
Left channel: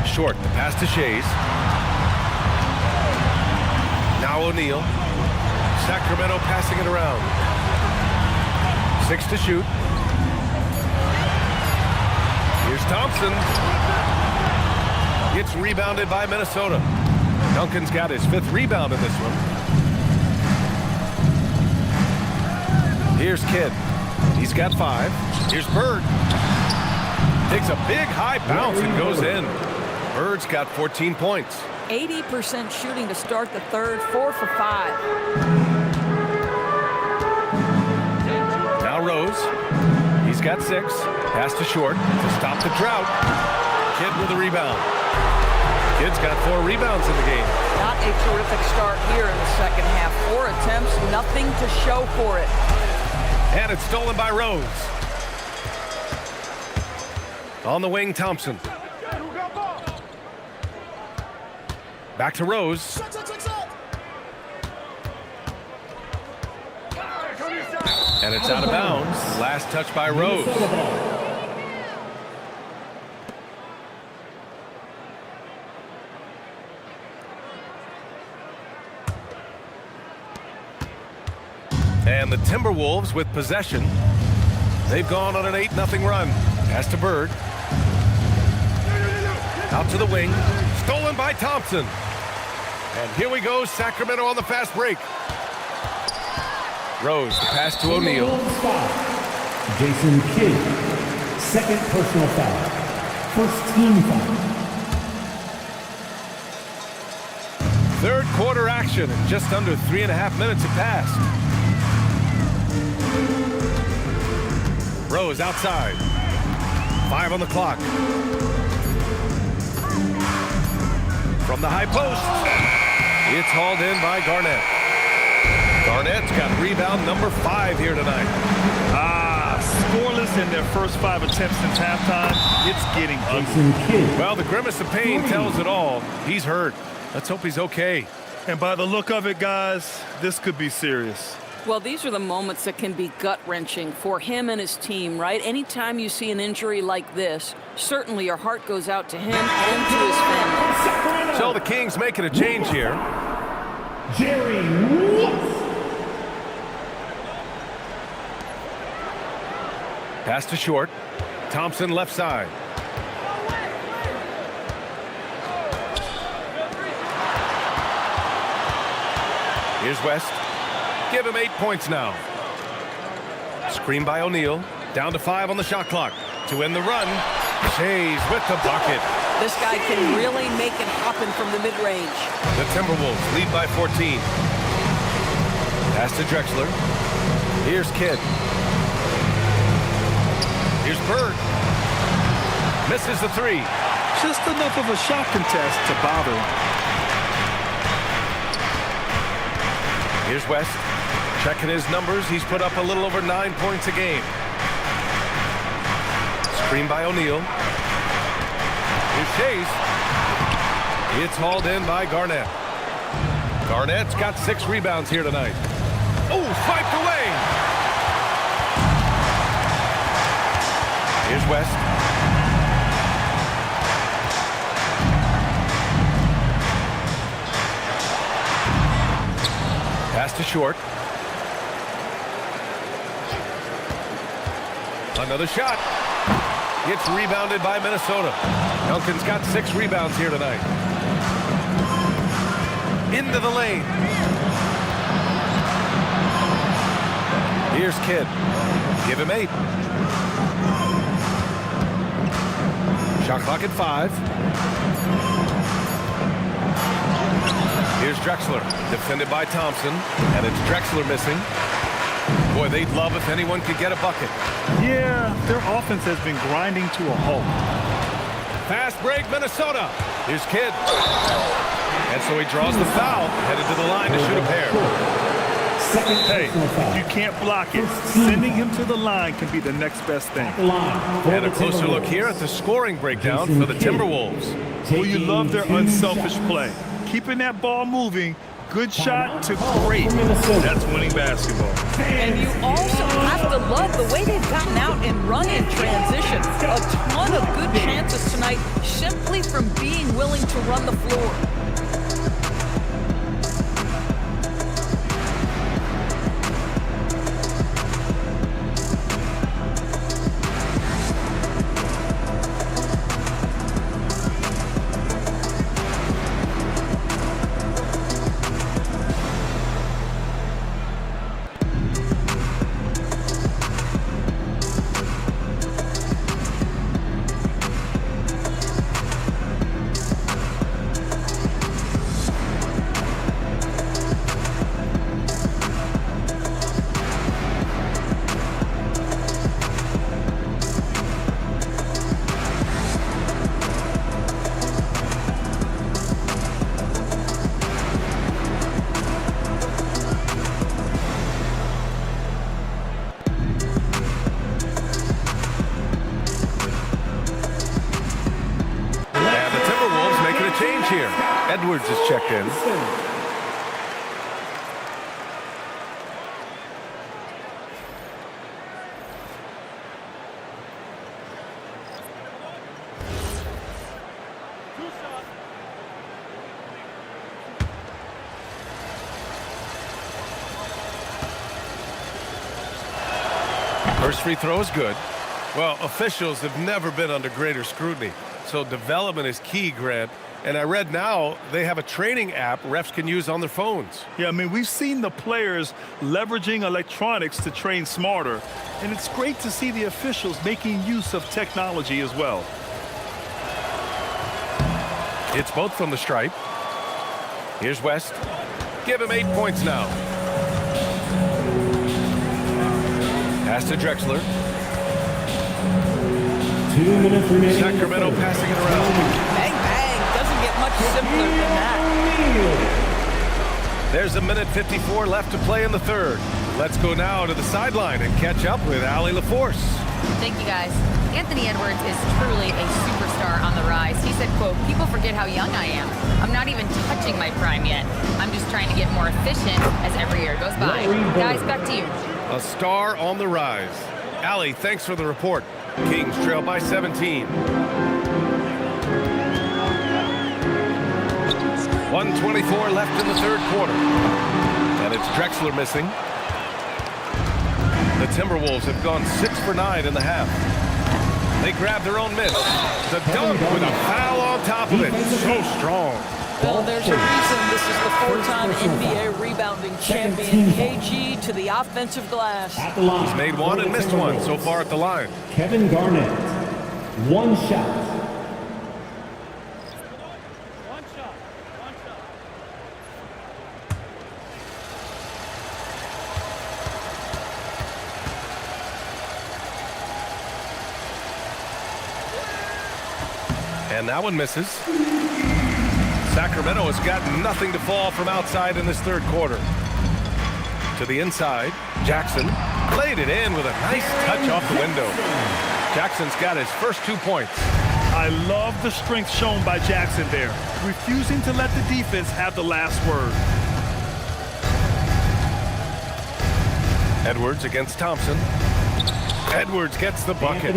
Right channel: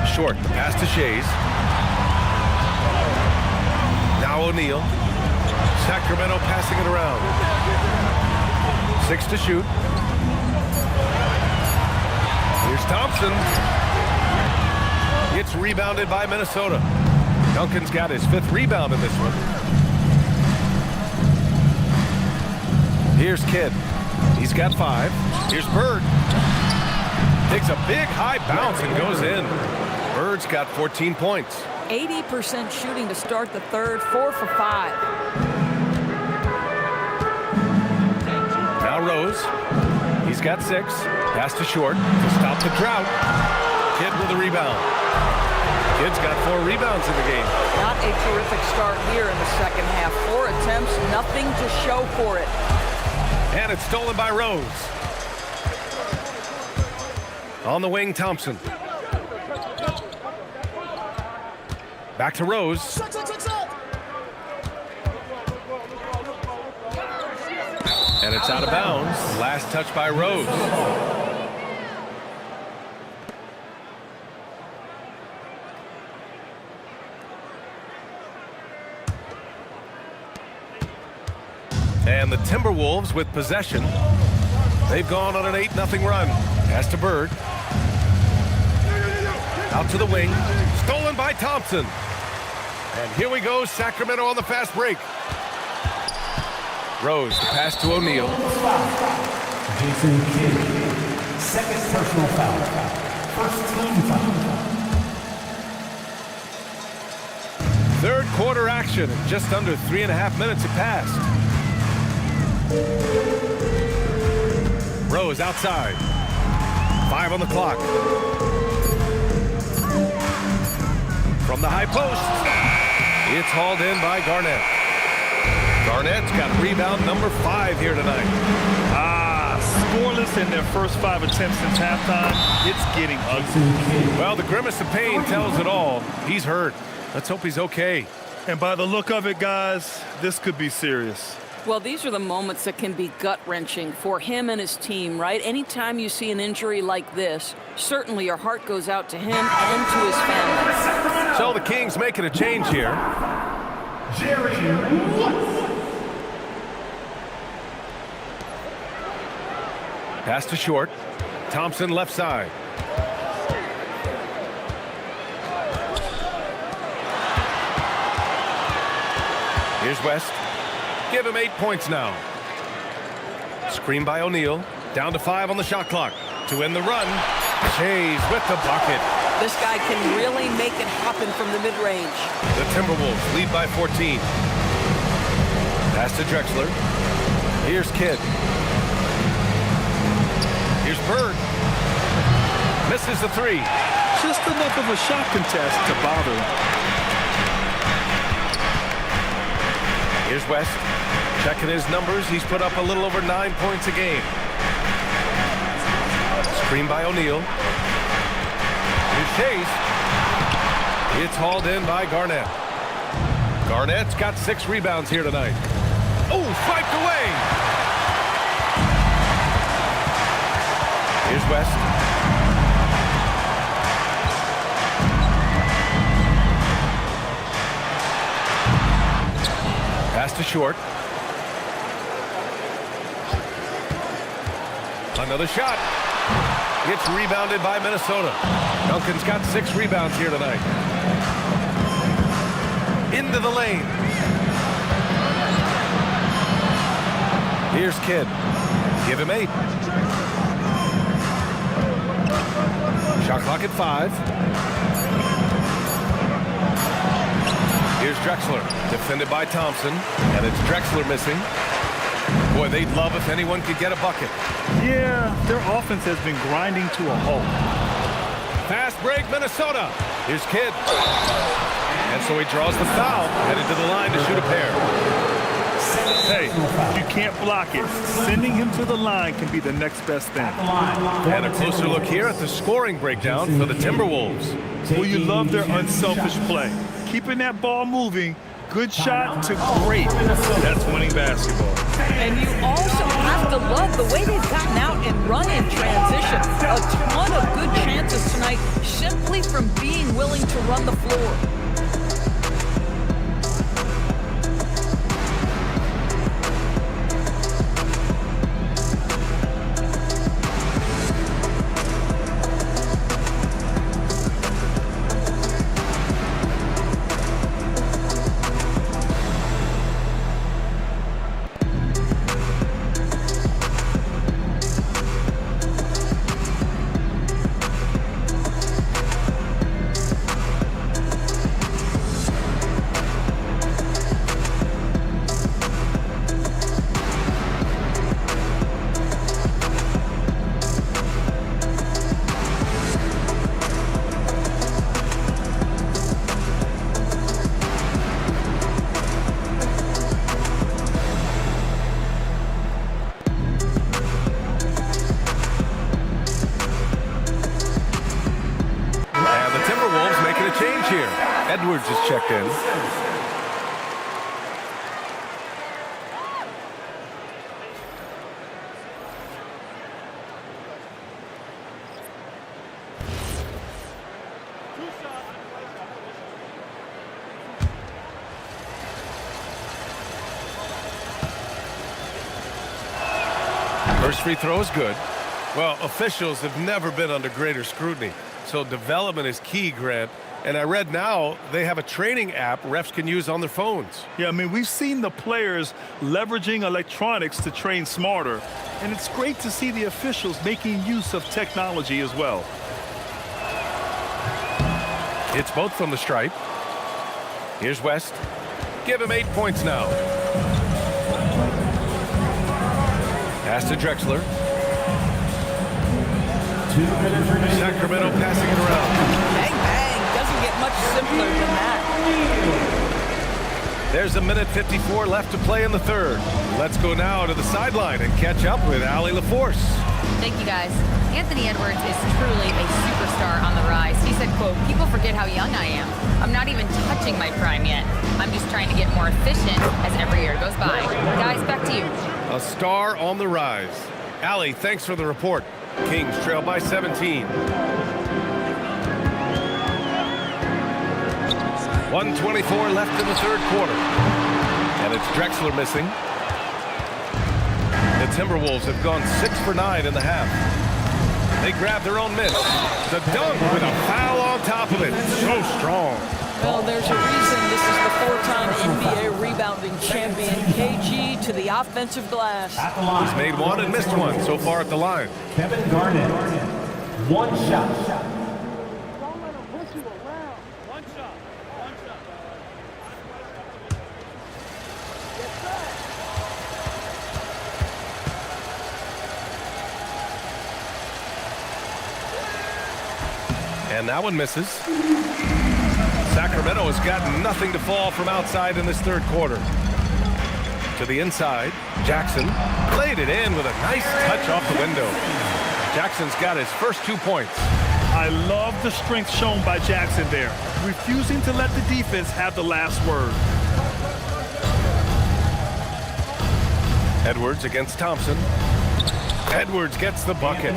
Short, the pass to Shays. Now O'Neal. Sacramento passing it around. 6 to shoot. Here's Thompson. It's rebounded by Minnesota. Duncan's got his 5th rebound in this one. Here's Kidd. He's got 5. Here's Bird. Takes a big high bounce and goes in. Bird's got 14 points. 80% shooting to start the third, 4 for 5. Now Rose. He's got 6. Pass to Short to stop the drought. Kidd with a rebound. Kidd's got 4 rebounds in the game. Not a terrific start here in the second half. 4 attempts, nothing to show for it. And it's stolen by Rose. On the wing, Thompson. Back to Rose. And it's out of bounds. Last touch by Rose. And the Timberwolves with possession. They've gone on an 8-0 run. Pass to Bird. Out to the wing. Stolen by Thompson. And here we go, Sacramento on the fast break. Rose, the pass to O'Neal. Jason Kidd, 2nd personal foul. 1st team foul. Third quarter action, and just under 3.5 minutes have passed. Rose outside. 5 on the clock. From the high post. It's hauled in by Garnett. Garnett's got rebound number 5 here tonight. Scoreless in their first 5 attempts since halftime. It's getting ugly. Well, the grimace of pain tells it all. He's hurt. Let's hope he's okay. And by the look of it, guys, this could be serious. Well, these are the moments that can be gut-wrenching for him and his team, right? Anytime you see an injury like this, certainly your heart goes out to him and to his family. So the Kings making a change here. Jerry Woods. Pass to Short. Thompson left side. Here's West. Give him 8 points now. Screen by O'Neal. Down to 5 on the shot clock. To end the run, Shays with the bucket. This guy can really make it happen from the mid-range. The Timberwolves lead by 14. Pass to Drexler. Here's Kidd. Here's Bird. Misses the 3. Just enough of a shot contest to bother him. Here's West. Checking his numbers. He's put up a little over 9 points a game. Screen by O'Neal. Here's Shays. It's hauled in by Garnett. Garnett's got 6 rebounds here tonight. Oh, swiped away. Here's West. Pass to Short. Another shot. It's rebounded by Minnesota. Duncan's got 6 rebounds here tonight. Into the lane. Here's Kidd. Give him 8. Shot clock at 5. Here's Drexler, defended by Thompson, and it's Drexler missing. Boy, they'd love if anyone could get a bucket. Yeah, their offense has been grinding to a halt. Fast break, Minnesota. Here's Kidd. And so he draws the foul, headed to the line to shoot a pair. Hey, you can't block it. Sending him to the line can be the next best thing. And a closer look here at the scoring breakdown for the Timberwolves. Well, you love their unselfish play. Keeping that ball moving, good shot to great. That's winning basketball. And you also have to love the way they've gotten out and run in transition. A ton of good chances tonight simply from being willing to run the floor. Timberwolves making a change here. Edwards is checked in. First free throw is good. Well, officials have never been under greater scrutiny. So development is key, Grant. And I read now they have a training app refs can use on their phones. Yeah, I mean, we've seen the players leveraging electronics to train smarter. And it's great to see the officials making use of technology as well. It's both from the stripe. Here's West. Give him 8 points now. Pass to Drexler. 2 minutes remaining. Sacramento passing it around. Bang, bang. Doesn't get much simpler than that. There's a minute 54 left to play in the third. Let's go now to the sideline and catch up with Allie LaForce. Thank you, guys. Anthony Edwards is truly a superstar on the rise. He said, quote, "People forget how young I am. I'm not even touching my prime yet. I'm just trying to get more efficient as every year goes by." Guys, back to you. A star on the rise. Allie, thanks for the report. Kings trail by 17. 1:24 left in the third quarter. And it's Drexler missing. The Timberwolves have gone 6 for 9 in the half. They grab their own miss. The dunk with a foul on top of it. So strong. Well, there's a reason this is the 4-time NBA rebounding champion, KG, to the offensive glass. He's made one and missed one so far at the line. Kevin Garnett, 1 shot. And that one misses. Sacramento has got nothing to fall from outside in this third quarter. To the inside, Jackson laid it in with a nice touch off the window. Jackson's got his first 2 points. I love the strength shown by Jackson there, refusing to let the defense have the last word. Edwards against Thompson. Edwards gets the bucket.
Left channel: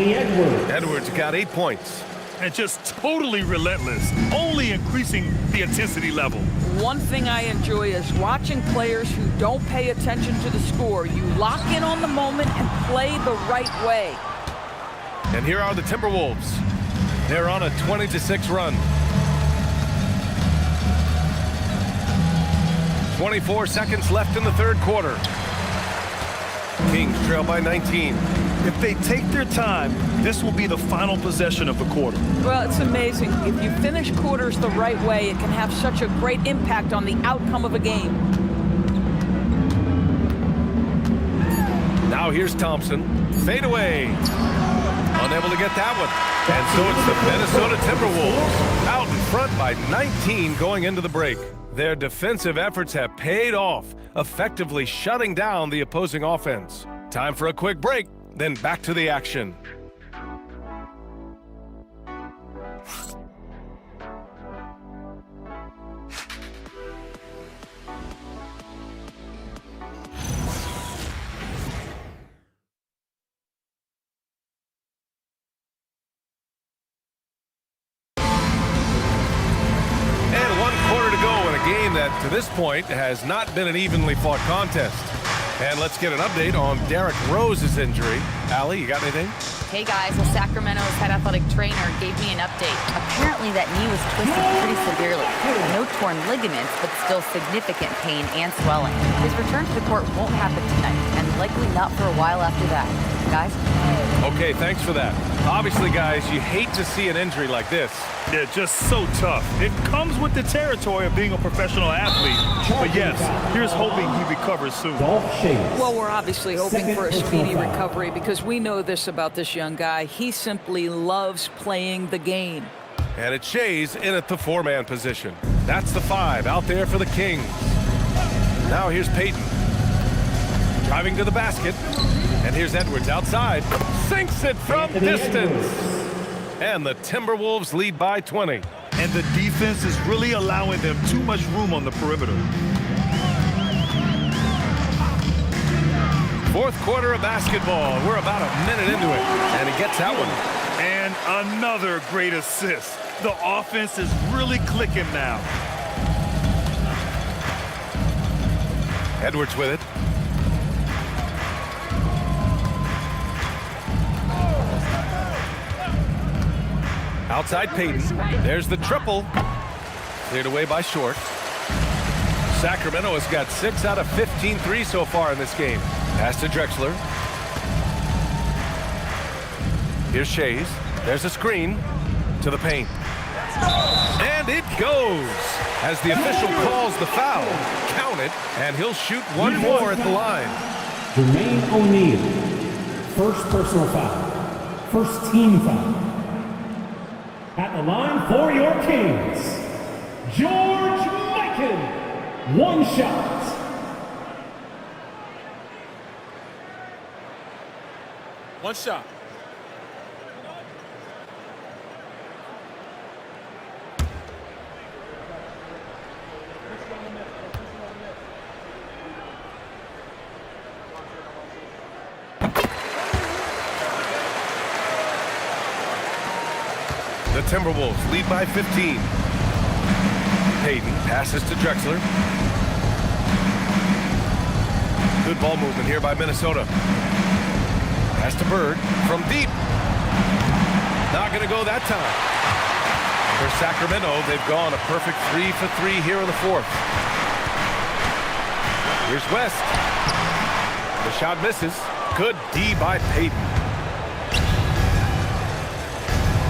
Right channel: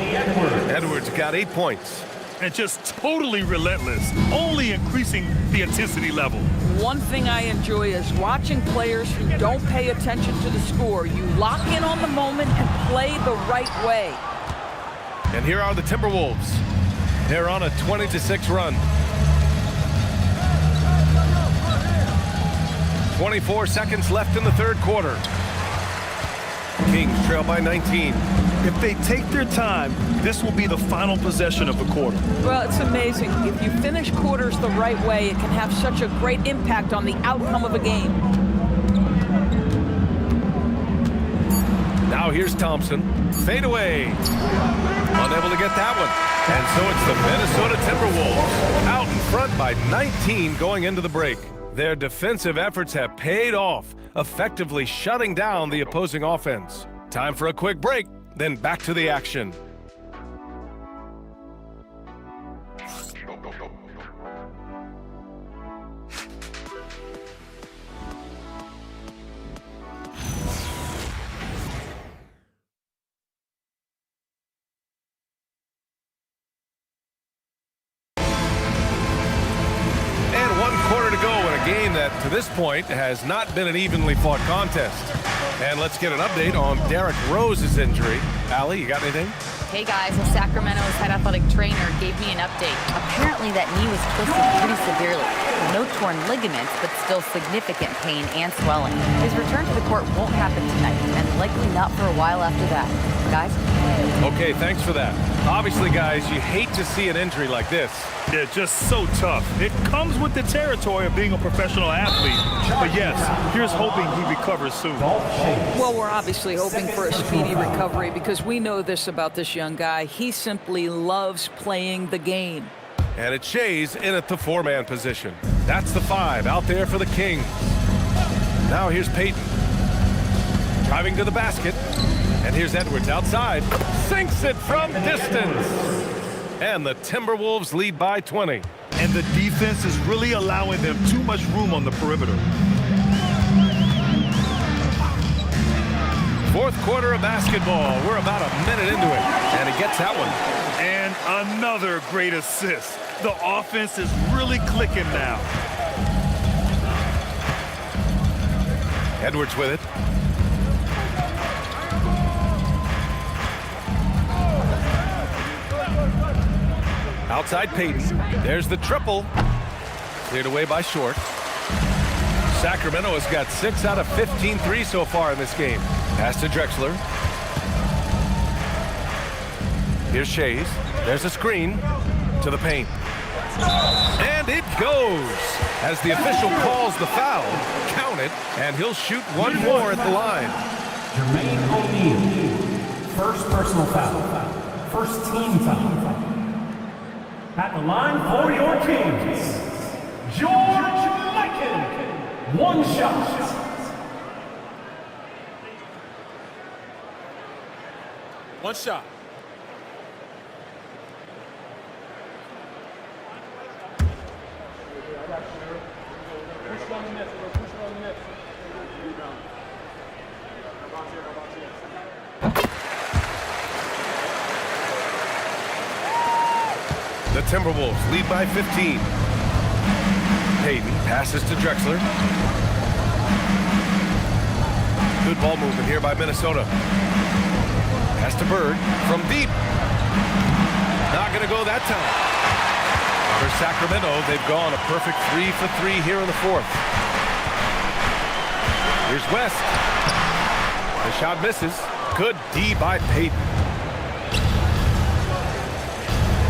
Edwards got 8 points. And just totally relentless, only increasing the intensity level. One thing I enjoy is watching players who don't pay attention to the score. You lock in on the moment and play the right way. And here are the Timberwolves. They're on a 20-6 run. 24 seconds left in the third quarter. Kings trail by 19. If they take their time, this will be the final possession of the quarter. Well, it's amazing. If you finish quarters the right way, it can have such a great impact on the outcome of a game. Now here's Thompson. Fade away. Unable to get that one. And so it's the Minnesota Timberwolves out in front by 19 going into the break. Their defensive efforts have paid off, effectively shutting down the opposing offense. Time for a quick break, then back to the action. 1 quarter to go in a game that, to this point, has not been an evenly fought contest. And let's get an update on Derrick Rose's injury. Allie, you got anything? Hey guys, well, Sacramento's head athletic trainer gave me an update. Apparently that knee was twisted pretty severely. No torn ligaments, but still significant pain and swelling. His return to the court won't happen tonight, and likely not for a while after that. Guys? Okay, thanks for that. Obviously, guys, you hate to see an injury like this. Yeah, just so tough. It comes with the territory of being a professional athlete. But yes, here's hoping he recovers soon. Well, we're obviously hoping for a speedy recovery because we know this about this young guy. He simply loves playing the game. And it's Shays in at the 4-man position. That's the 5 out there for the Kings. Now here's Payton. Driving to the basket. And here's Edwards outside. Sinks it from distance. And the Timberwolves lead by 20. And the defense is really allowing them too much room on the perimeter. 4th quarter of basketball. We're about a minute into it. And he gets that one. And another great assist. The offense is really clicking now. Edwards with it. Outside Payton. There's the triple. Cleared away by Short. Sacramento has got 6 out of 15 threes so far in this game. Pass to Drexler. Here's Shays. There's a screen to the paint. And it goes. As the official calls the foul, count it, and he'll shoot one more at the line. Jermaine O'Neal, first personal foul, first team foul. At the line for your Kings, George Mikan, 1 shot. One shot. The Timberwolves lead by 15. Payton passes to Drexler. Good ball movement here by Minnesota. Pass to Bird from deep. Not going to go that time. For Sacramento, they've gone a perfect 3 for 3 here in the 4th. Here's West. The shot misses. Good D by Payton.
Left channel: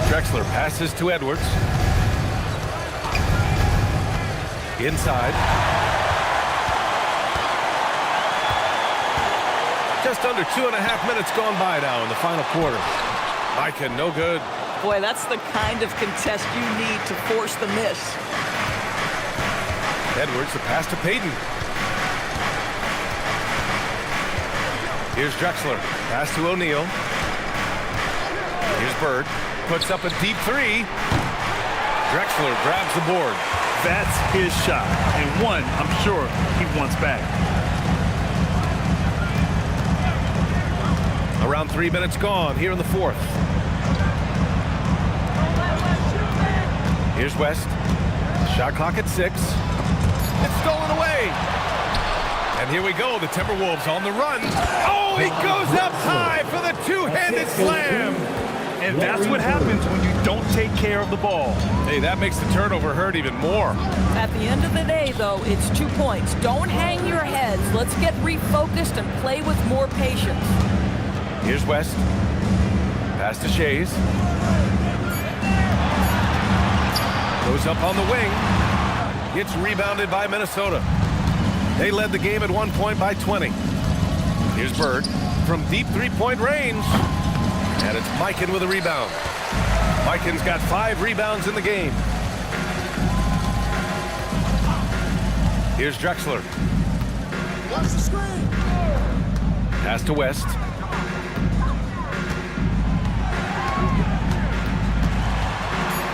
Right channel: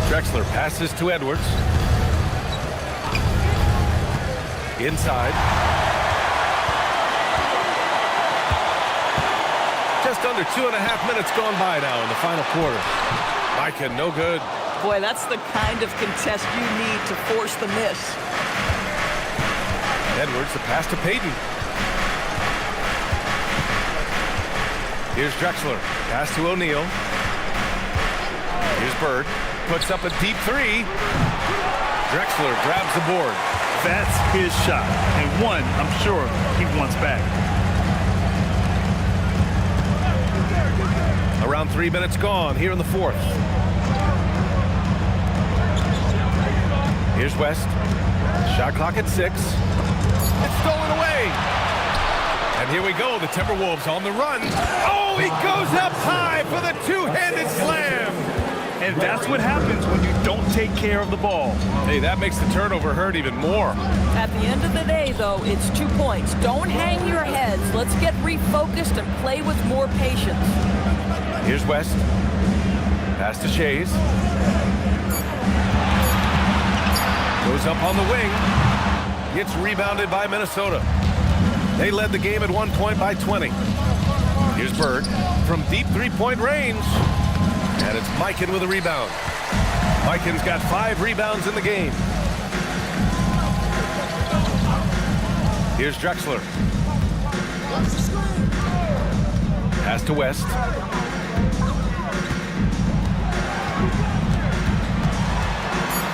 Drexler passes to Edwards. Inside. Just under 2.5 minutes gone by now in the final quarter. Mikan, no good. Boy, that's the kind of contest you need to force the miss. Edwards, the pass to Payton. Here's Drexler. Pass to O'Neal. Here's Bird. Puts up a deep 3. Drexler grabs the board. That's his shot, and one I'm sure he wants back. Around 3 minutes gone here in the 4th. Here's West. Shot clock at 6. It's stolen away. And here we go, the Timberwolves on the run. Oh, he goes up high for the 2-handed slam. And that's what happens when you don't take care of the ball. Hey, that makes the turnover hurt even more. At the end of the day, though, it's 2 points. Don't hang your heads. Let's get refocused and play with more patience. Here's West. Pass to Shays. Goes up on the wing. Gets rebounded by Minnesota. They led the game at 1 point by 20. Here's Bird from deep 3-point range. And it's Mikan with a rebound. Mikan's got 5 rebounds in the game. Here's Drexler. Pass to West.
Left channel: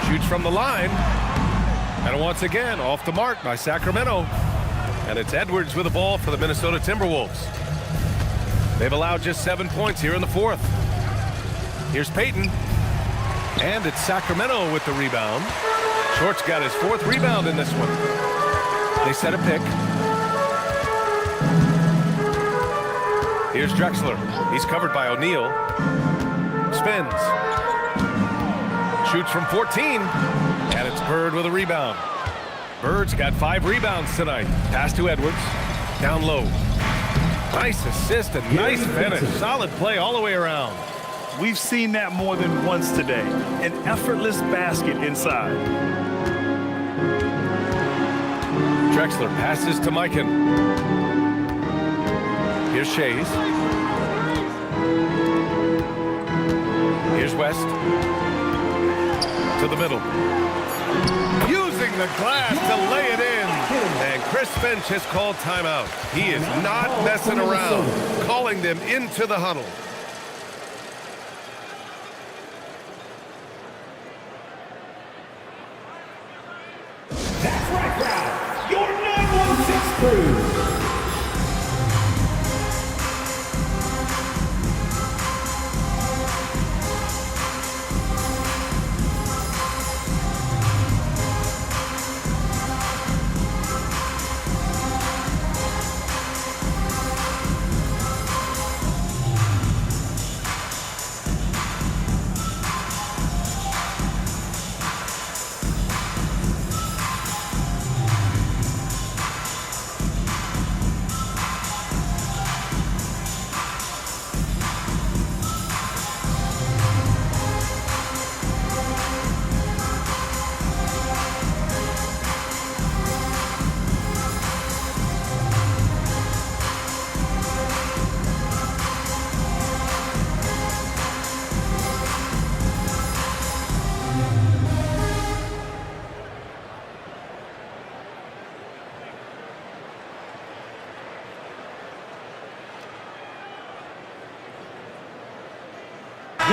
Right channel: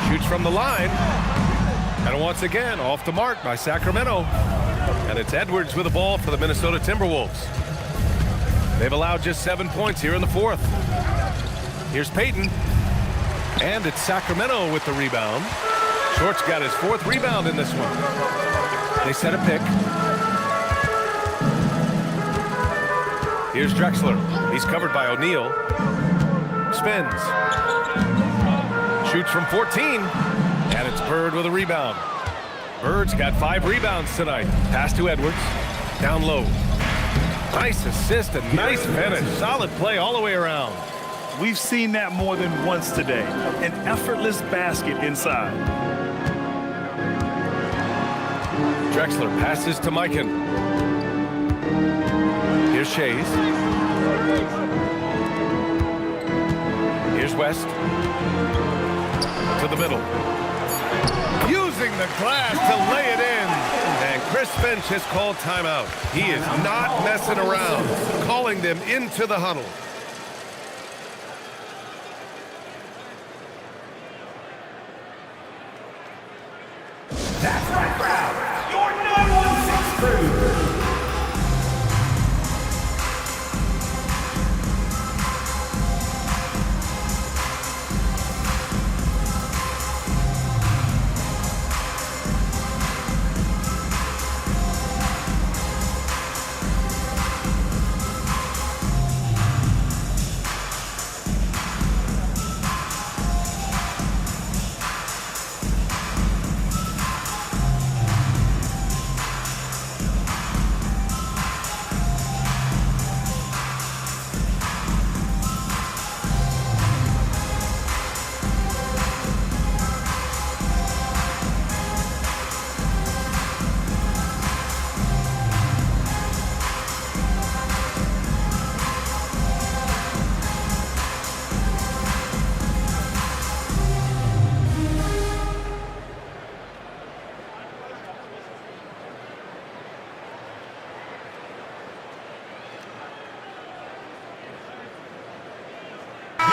Shoots from the line. And once again, off the mark by Sacramento. And it's Edwards with the ball for the Minnesota Timberwolves. They've allowed just 7 points here in the 4th. Here's Payton. And it's Sacramento with the rebound. Short's got his 4th rebound in this one. They set a pick. Here's Drexler. He's covered by O'Neal. Spins. Shoots from 14. And it's Bird with a rebound. Bird's got 5 rebounds tonight. Pass to Edwards. Down low. Nice assist and nice finish. Solid play all the way around. We've seen that more than once today. An effortless basket inside. Drexler passes to Mikan. Here's Shays. Here's West. To the middle. Using the glass to lay it in. And Chris Finch has called timeout. He is not messing around. Calling them into the huddle. That's right, crowd. Your 916 crew.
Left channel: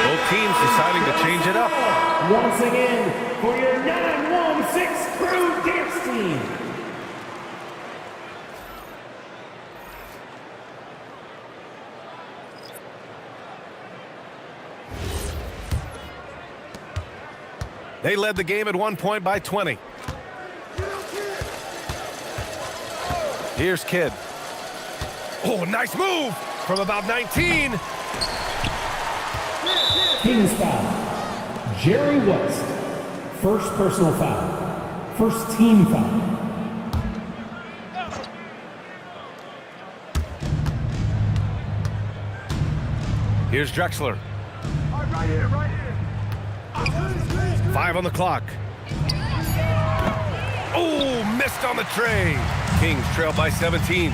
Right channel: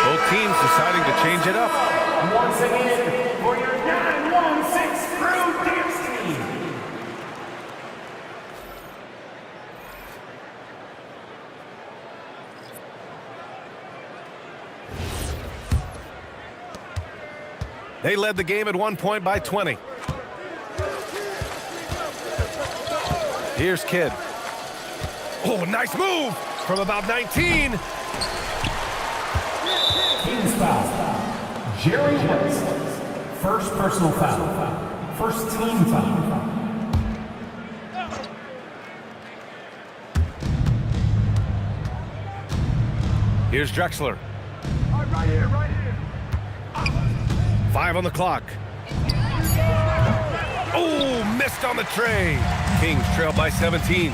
Both teams deciding to change it up. Once again, for your 916 crew dance team. They led the game at one point by 20. Here's Kidd. Oh, nice move from about 19. Team's foul. Jerry West. First personal foul. First team foul. Here's Drexler. Right here, right here. 5 on the clock. Oh, missed on the tray. Kings trail by 17.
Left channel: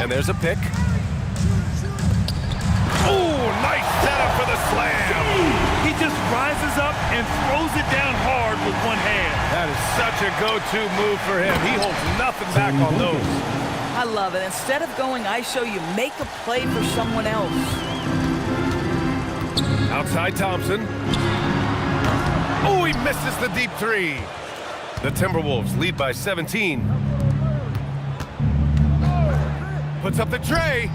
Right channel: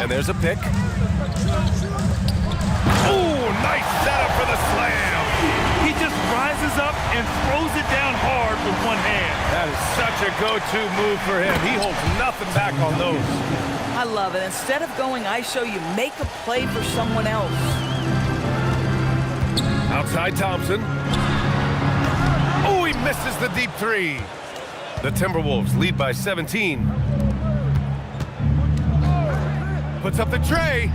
And there's a pick. Oh, nice setup for the slam. He just rises up and throws it down hard with one hand. That is such a go-to move for him. He holds nothing back on those. I love it. Instead of going ISO, you make a play for someone else. Outside Thompson. Oh, he misses the deep 3. The Timberwolves lead by 17. Puts up the tray.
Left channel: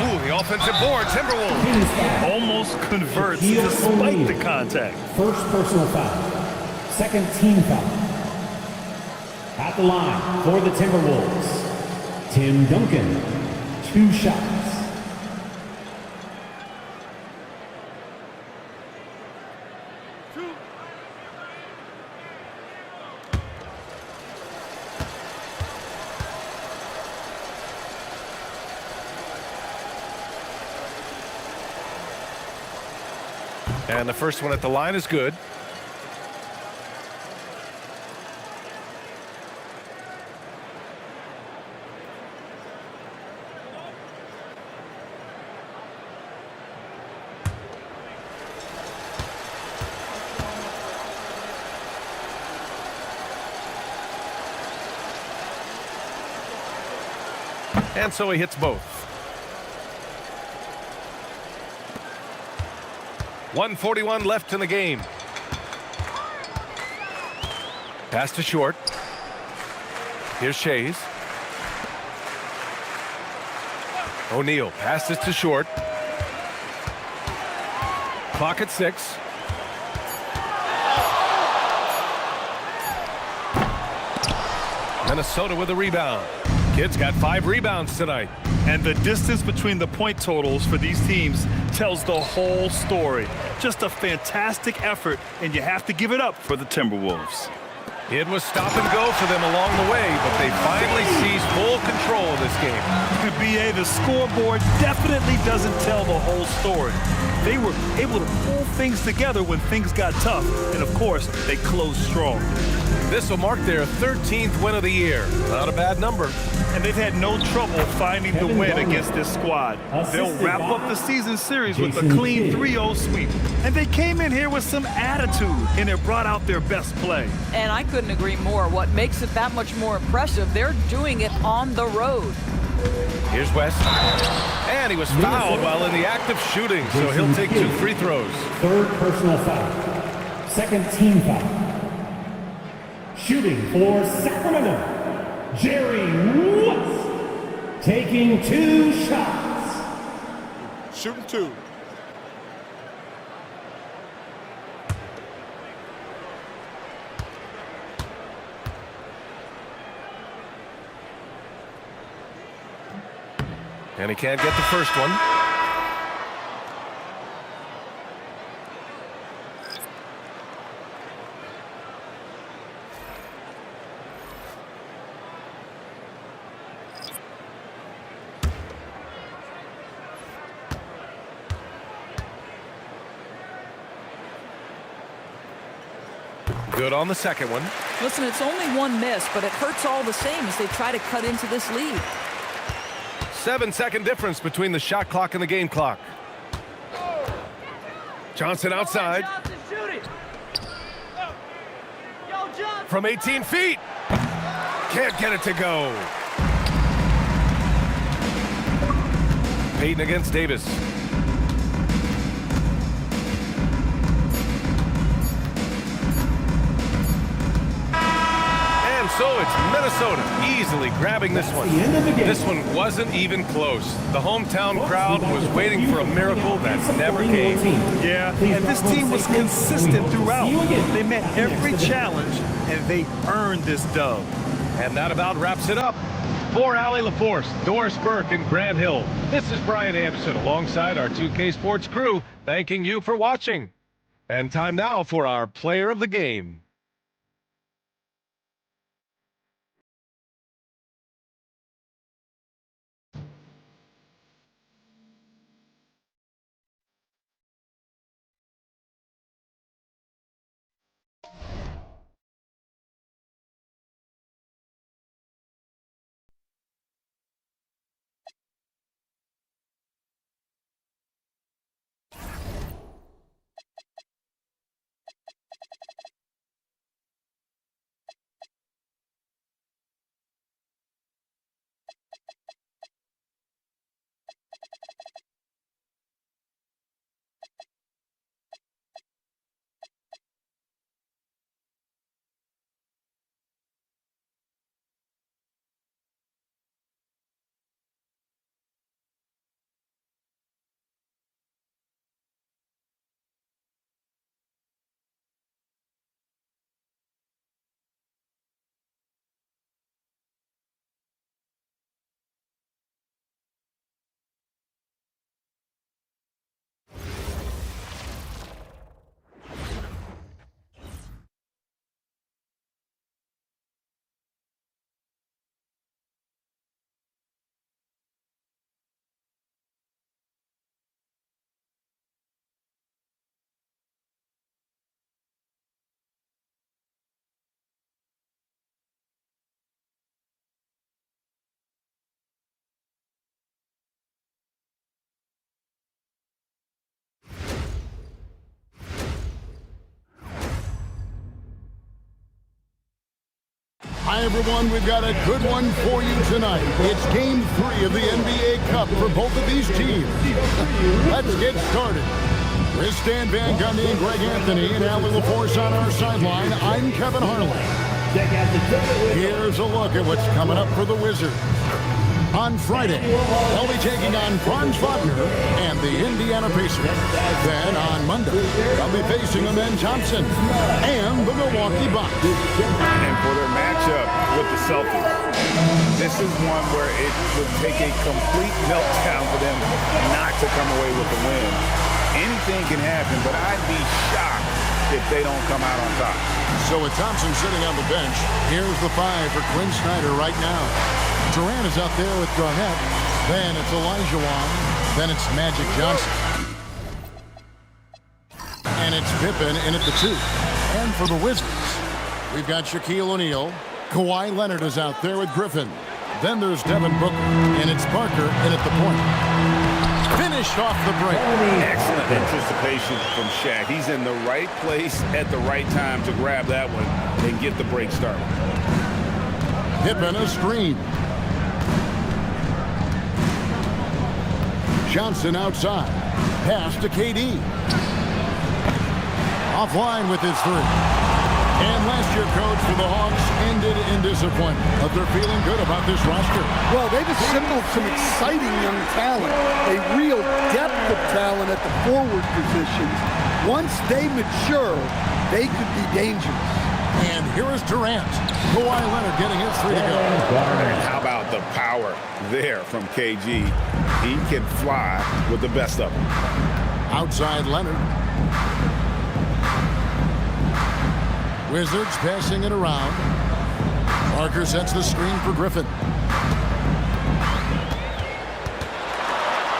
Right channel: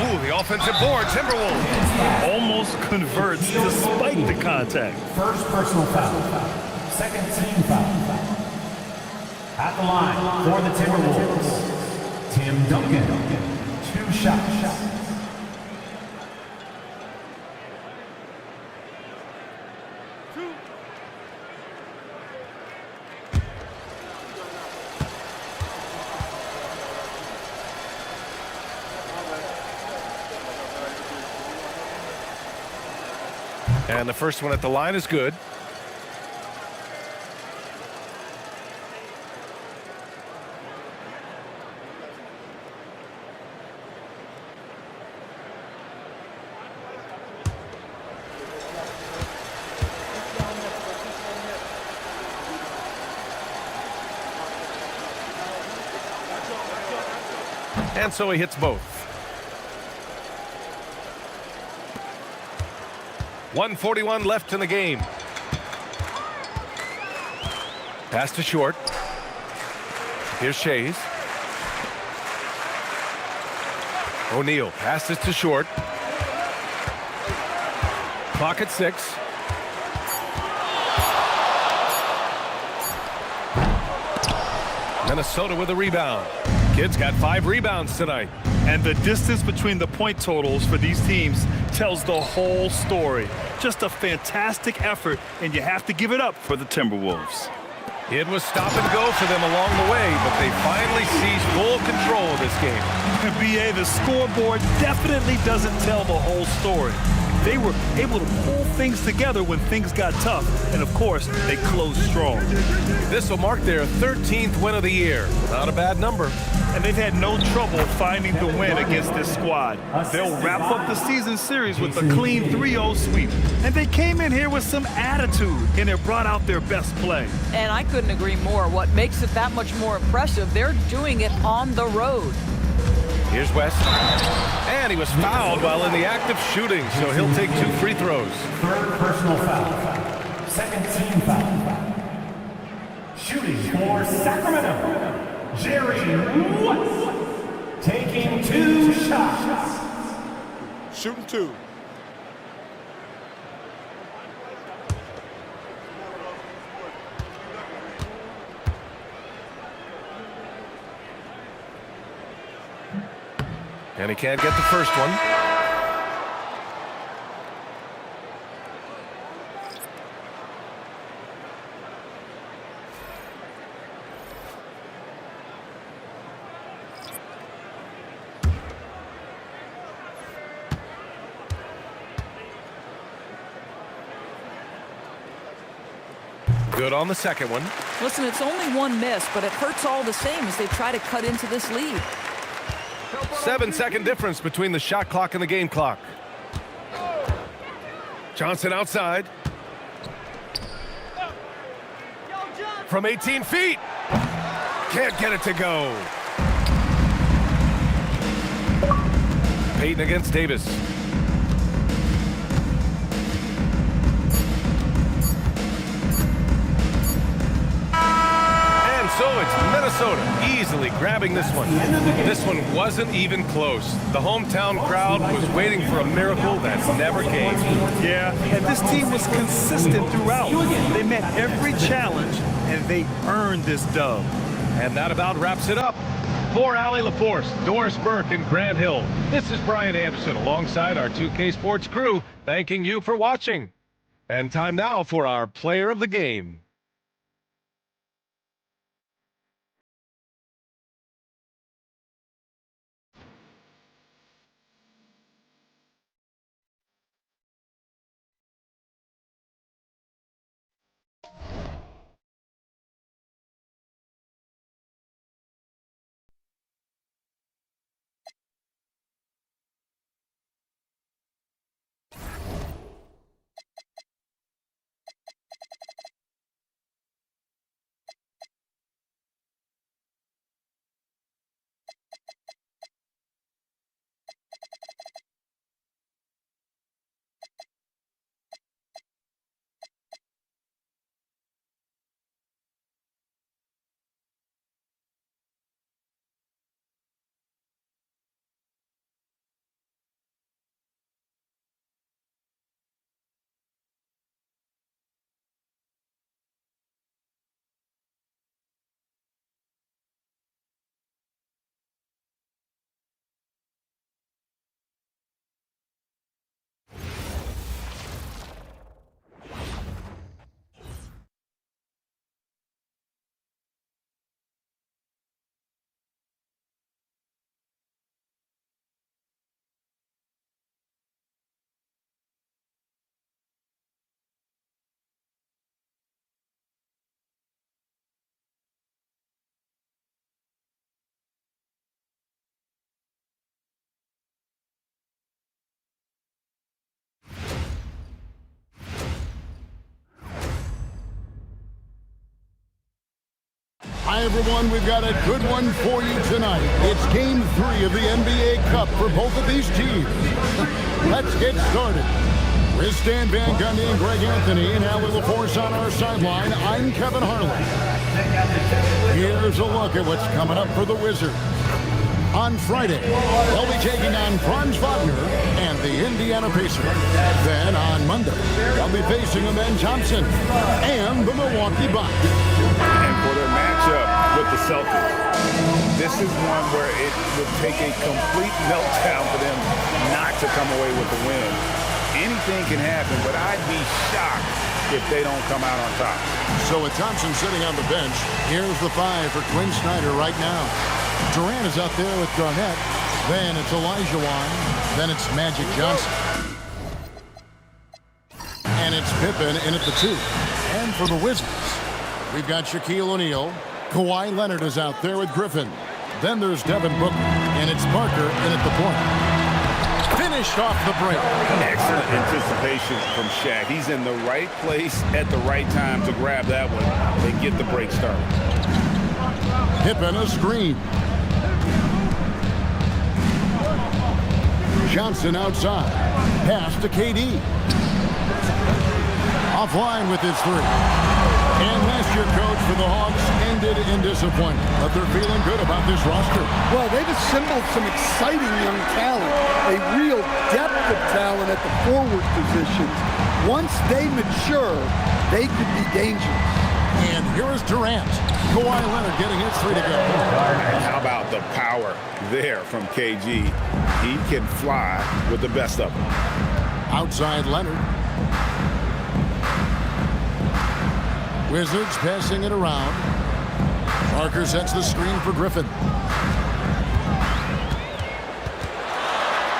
Ooh, the offensive board, Timberwolves. Almost converts despite the contact. First personal foul. Second team foul. At the line for the Timberwolves, Tim Duncan. 2 shots. And the first one at the line is good. And so he hits both. 1:41 left in the game. Pass to Short. Here's Shays. O'Neal passes to Short. Clock at 6. Minnesota with a rebound. Kid's got 5 rebounds tonight. And the distance between the point totals for these teams tells the whole story. Just a fantastic effort, and you have to give it up for the Timberwolves. It was stop and go for them along the way, but they finally seized full control of this game. BA, the scoreboard definitely doesn't tell the whole story. They were able to pull things together when things got tough, and of course, they closed strong. This will mark their 13th win of the year. Not a bad number. And they've had no trouble finding the win against this squad. They'll wrap up the season series with a clean 3-0 sweep. And they came in here with some attitude, and it brought out their best play. And I couldn't agree more. What makes it that much more impressive, they're doing it on the road. Here's West. And he was fouled while in the act of shooting, so he'll take 2 free throws. 3rd personal foul. 2nd team foul. Shooting for Sacramento, Jerry Woods, taking 2 shots. Shooting 2. And he can't get the first one. Good on the second one. Listen, it's only 1 miss, but it hurts all the same as they try to cut into this lead. 7-second difference between the shot clock and the game clock. Johnson outside. From 18 feet. Can't get it to go. Payton against Davis. And so it's Minnesota easily grabbing this one. This one wasn't even close. The hometown crowd was waiting for a miracle that never came. Yeah, and this team was consistent throughout. They met every challenge, and they earned this dub. And that about wraps it up. For Allie LaForce, Doris Burke, and Grant Hill, this is Brian Anderson alongside our 2K Sports crew, thanking you for watching. And time now for our player of the game. Hi, everyone. We've got a good one for you tonight. It's Game 3 of the NBA Cup for both of these teams. Let's get started. With Stan Van Gundy and Greg Anthony and Allie LaForce on our sideline, I'm Kevin Harlan. Here's a look at what's coming up for the Wizards. On Friday, they'll be taking on Franz Wagner and the Indiana Pacers. Then on Monday, they'll be facing Amen Thompson and the Milwaukee Bucks. And for their matchup with the Celtics, this is one where it would take a complete meltdown for them not to come away with the win. Anything can happen, but I'd be shocked if they don't come out on top. So with Thompson sitting on the bench, here's the 5 for Quinn Snyder right now. Durant is out there with Garnett. Then it's Olajuwon. Then it's Magic Johnson. And it's Pippen in at the 2. And for the Wizards, we've got Shaquille O'Neal. Kawhi Leonard is out there with Griffin. Then there's Devin Booker. And it's Parker in at the point. Finished off the break. Excellent anticipation from Shaq. He's in the right place at the right time to grab that one and get the break started. Pippen a screen. Johnson outside. Pass to KD. Offline with his 3. And last year, coach, for the Hawks ended in disappointment. But they're feeling good about this roster. Well, they've assembled some exciting young talent, a real depth of talent at the forward positions. Once they mature, they could be dangerous. And here is Durant. Kawhi Leonard getting his 3 to go. And how about the power there from KG? He can fly with the best of them. Outside Leonard. Wizards passing it around. Parker sets the screen for Griffin.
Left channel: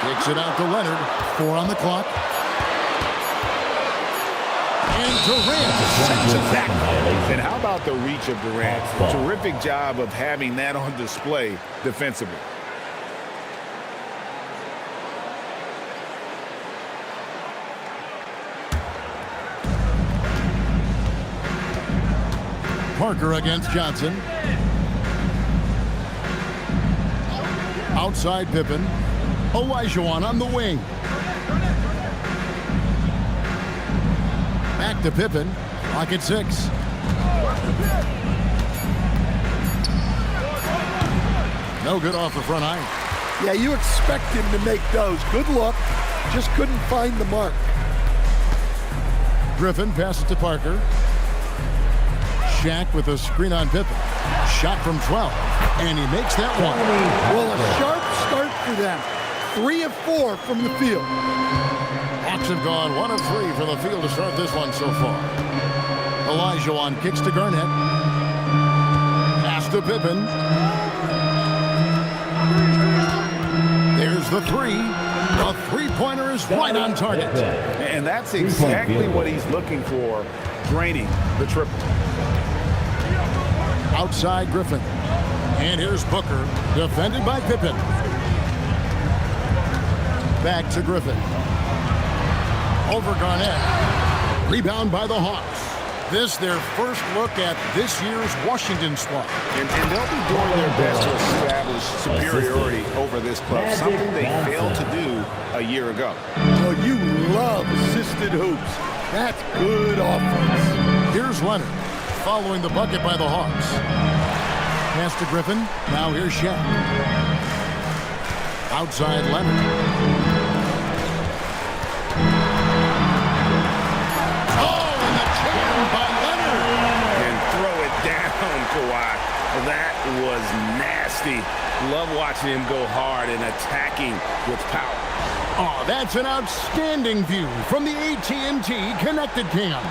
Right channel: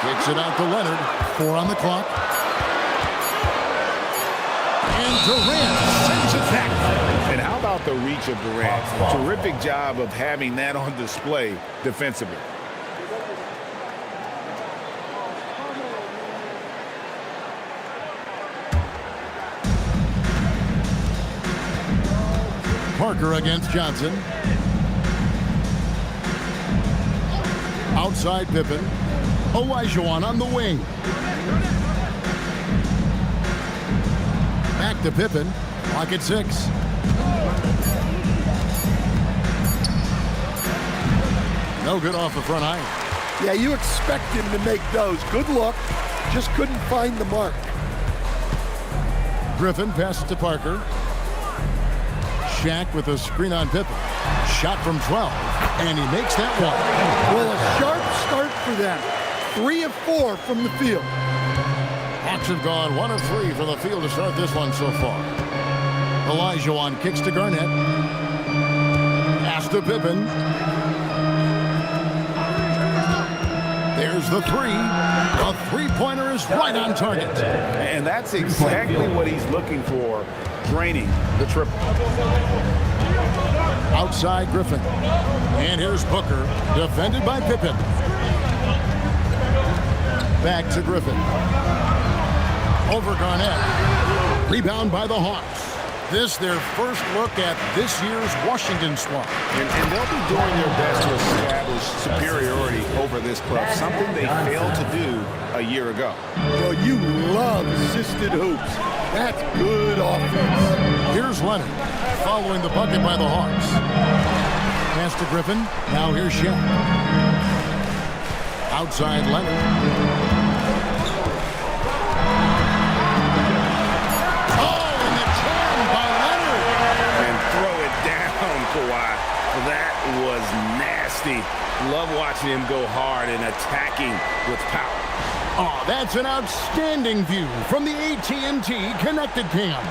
Kicks it out to Leonard. 4 on the clock. And Durant sends it back. And how about the reach of Durant? A terrific job of having that on display defensively. Parker against Johnson. Outside Pippen. Olajuwon on the wing. Back to Pippen. Clock at 6. No good off the front iron. Yeah, you expect him to make those. Good luck. Just couldn't find the mark. Griffin passes to Parker. Shaq with a screen on Pippen. Shot from 12, and he makes that one. Well, a sharp start for them. 3 of 4 from the field. Hawks have gone 1 of 3 from the field to start this one so far. Olajuwon kicks to Garnett. Pass to Pippen. There's the 3. A three-pointer is right on target. And that's exactly what he's looking for, draining the triple. Outside Griffin. And here's Booker, defended by Pippen. Back to Griffin. Over Garnett. Rebound by the Hawks. This their first look at this year's Washington squad. And they'll be doing their best to establish superiority over this club, something they failed to do a year ago. Well, you love assisted hoops. That's good offense. Here's Leonard, following the bucket by the Hawks. Pass to Griffin. Now here's Shaq. Outside Leonard. Down, Kawhi. That was nasty. Love watching him go hard and attacking with power. Oh, that's an outstanding view from the AT&T Connected Cam.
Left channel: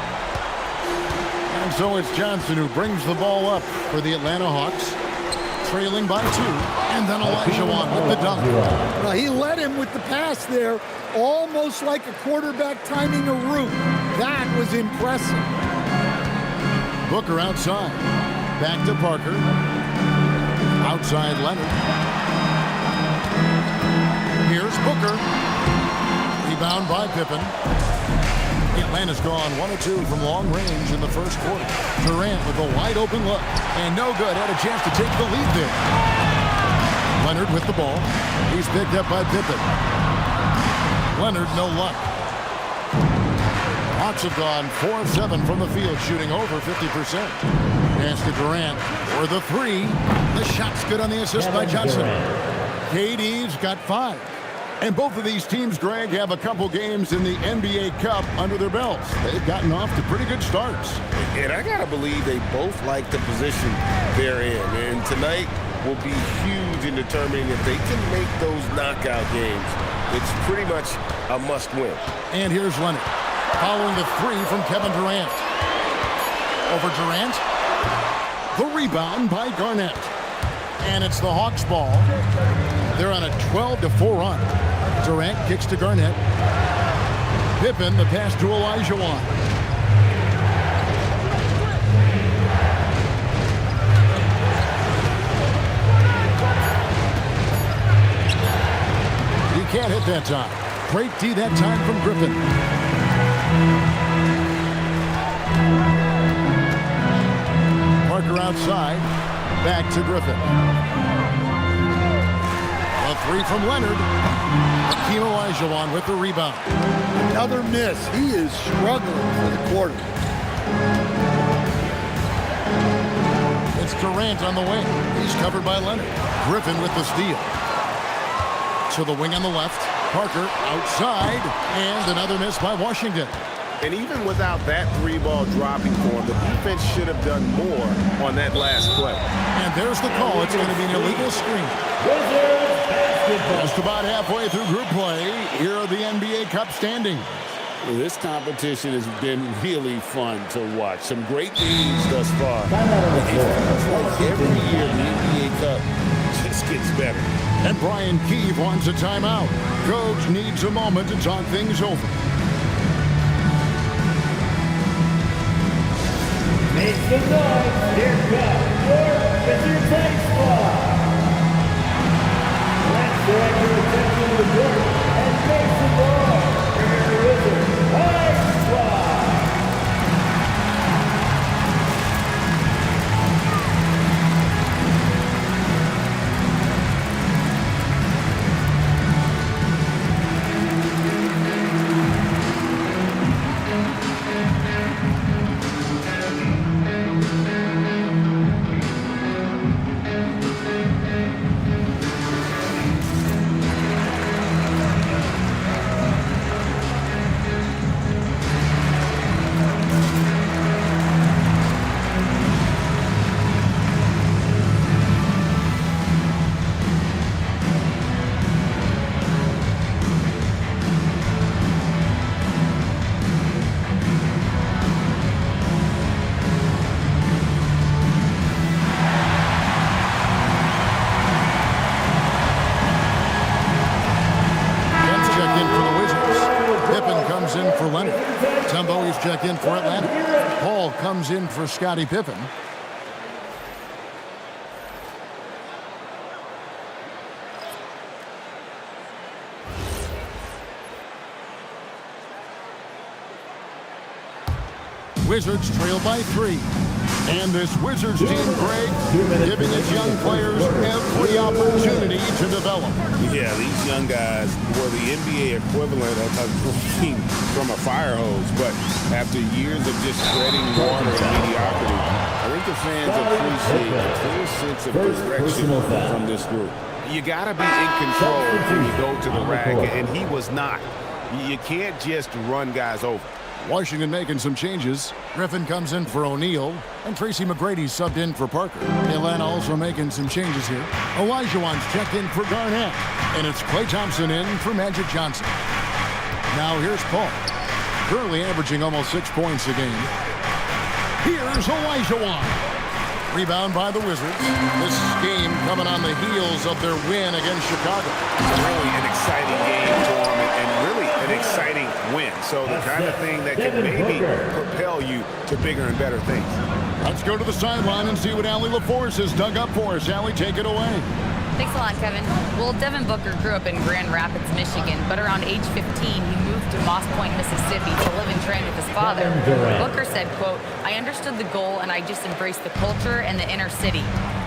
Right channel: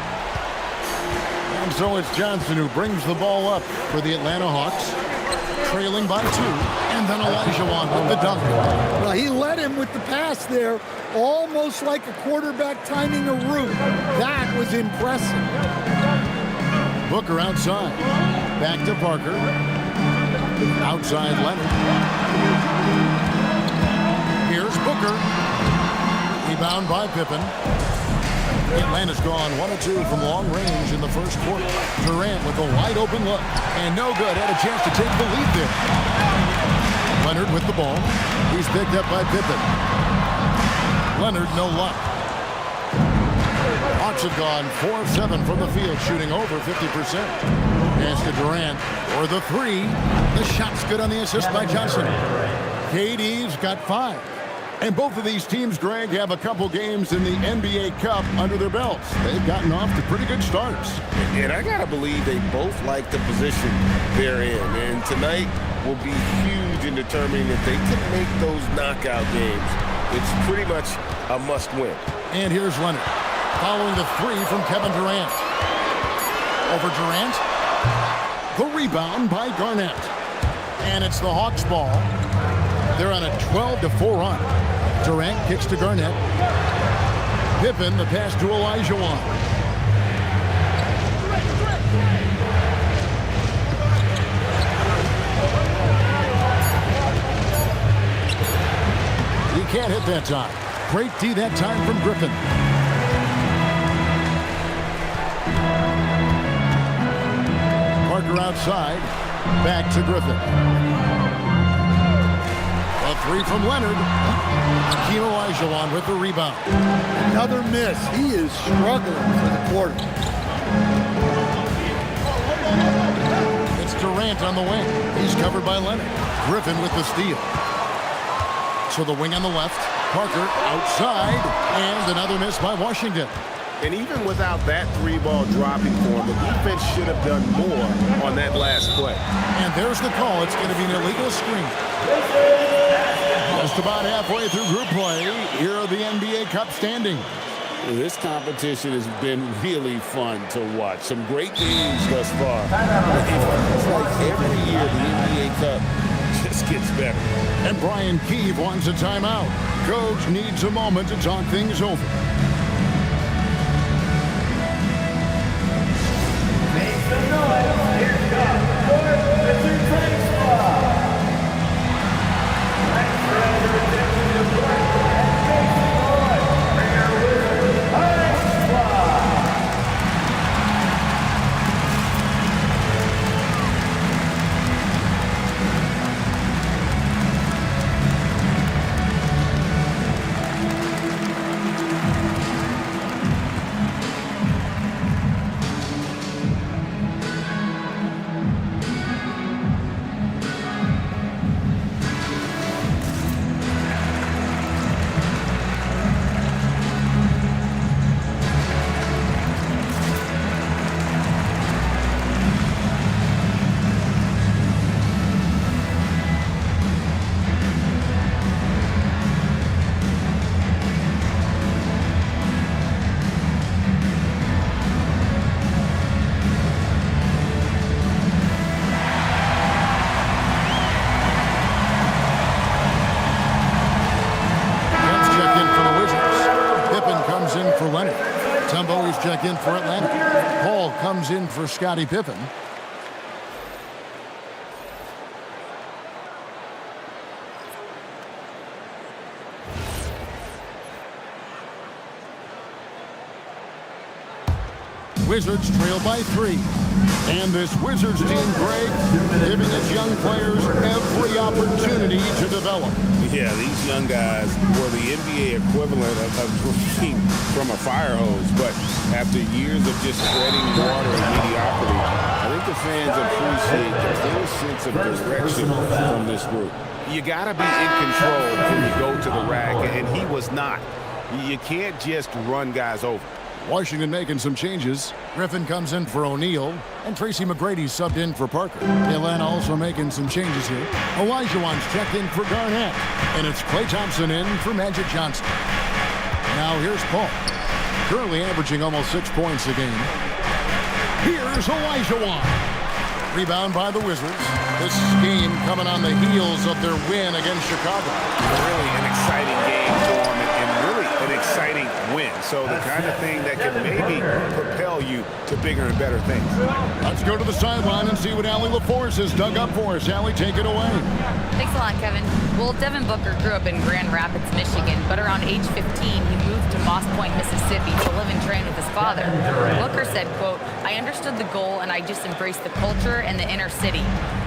And so it's Johnson who brings the ball up for the Atlanta Hawks, trailing by 2. And then Olajuwon with the dunk. Well, he led him with the pass there, almost like a quarterback timing a route. That was impressive. Booker outside. Back to Parker. Outside Leonard. Here's Booker. Rebound by Pippen. Atlanta's gone 1 of 2 from long range in the first quarter. Durant with a wide open look. And no good. Had a chance to take the lead there. Leonard with the ball. He's picked up by Pippen. Leonard, no luck. Hawks have gone 4 of 7 from the field, shooting over 50%. Pass to Durant for the 3. The shot's good on the assist by Johnson. KD's got 5. And both of these teams, Greg, have a couple games in the NBA Cup under their belts. They've gotten off to pretty good starts. And I got to believe they both like the position they're in. And tonight will be huge in determining if they can make those knockout games. It's pretty much a must-win. And here's Leonard, following the 3 from Kevin Durant. Over Durant. The rebound by Garnett. And it's the Hawks' ball. They're on a 12-4 run. Durant kicks to Garnett. Pippen, the pass to Olajuwon. He can't hit that time. Great D that time from Griffin. Parker outside. Back to Griffin. A 3 from Leonard. Hakeem Olajuwon with the rebound. Another miss. He is struggling for the quarter. It's Durant on the wing. He's covered by Leonard. Griffin with the steal. To the wing on the left. Parker outside. And another miss by Washington. And even without that 3-ball dropping for him, the defense should have done more on that last play. And there's the call. It's going to be an illegal screen. Just about halfway through group play. Here are the NBA Cup standings. This competition has been really fun to watch. Some great games thus far. It feels like every year the NBA Cup just gets better. And Brian Keefe wants a timeout. Coach needs a moment to talk things over. Make some noise. Here comes your Wizards Baseball. Let's direct your attention to the court and make some noise for your Wizards Baseball. Comes in for Leonard. Tumbo is checked in for Atlanta. Paul comes in for Scottie Pippen. Wizards trail by 3. And this Wizards team, Greg, giving its young players every opportunity to develop. Yeah, these young guys were the NBA equivalent of drinking from a fire hose. But after years of just treading water and mediocrity, I think the fans appreciate the clear sense of direction from this group. You got to be in control when you go to the rack, and he was not. You can't just run guys over. Washington making some changes. Griffin comes in for O'Neal, and Tracy McGrady subbed in for Parker. Atlanta also making some changes here. Olajuwon's checked in for Garnett, and it's Klay Thompson in for Magic Johnson. Now here's Paul, currently averaging almost 6 points a game. Here's Olajuwon. Rebound by the Wizards. This game coming on the heels of their win against Chicago. Really an exciting game for them, and really an exciting win. So the kind of thing that can maybe propel you to bigger and better things. Let's go to the sideline and see what Allie LaForce has dug up for us. Allie, take it away. Thanks a lot, Kevin. Well, Devin Booker grew up in Grand Rapids, Michigan, but around age 15, he moved to Moss Point, Mississippi to live and train with his father. Booker said, quote, "I understood the goal and I just embraced the culture and the inner city.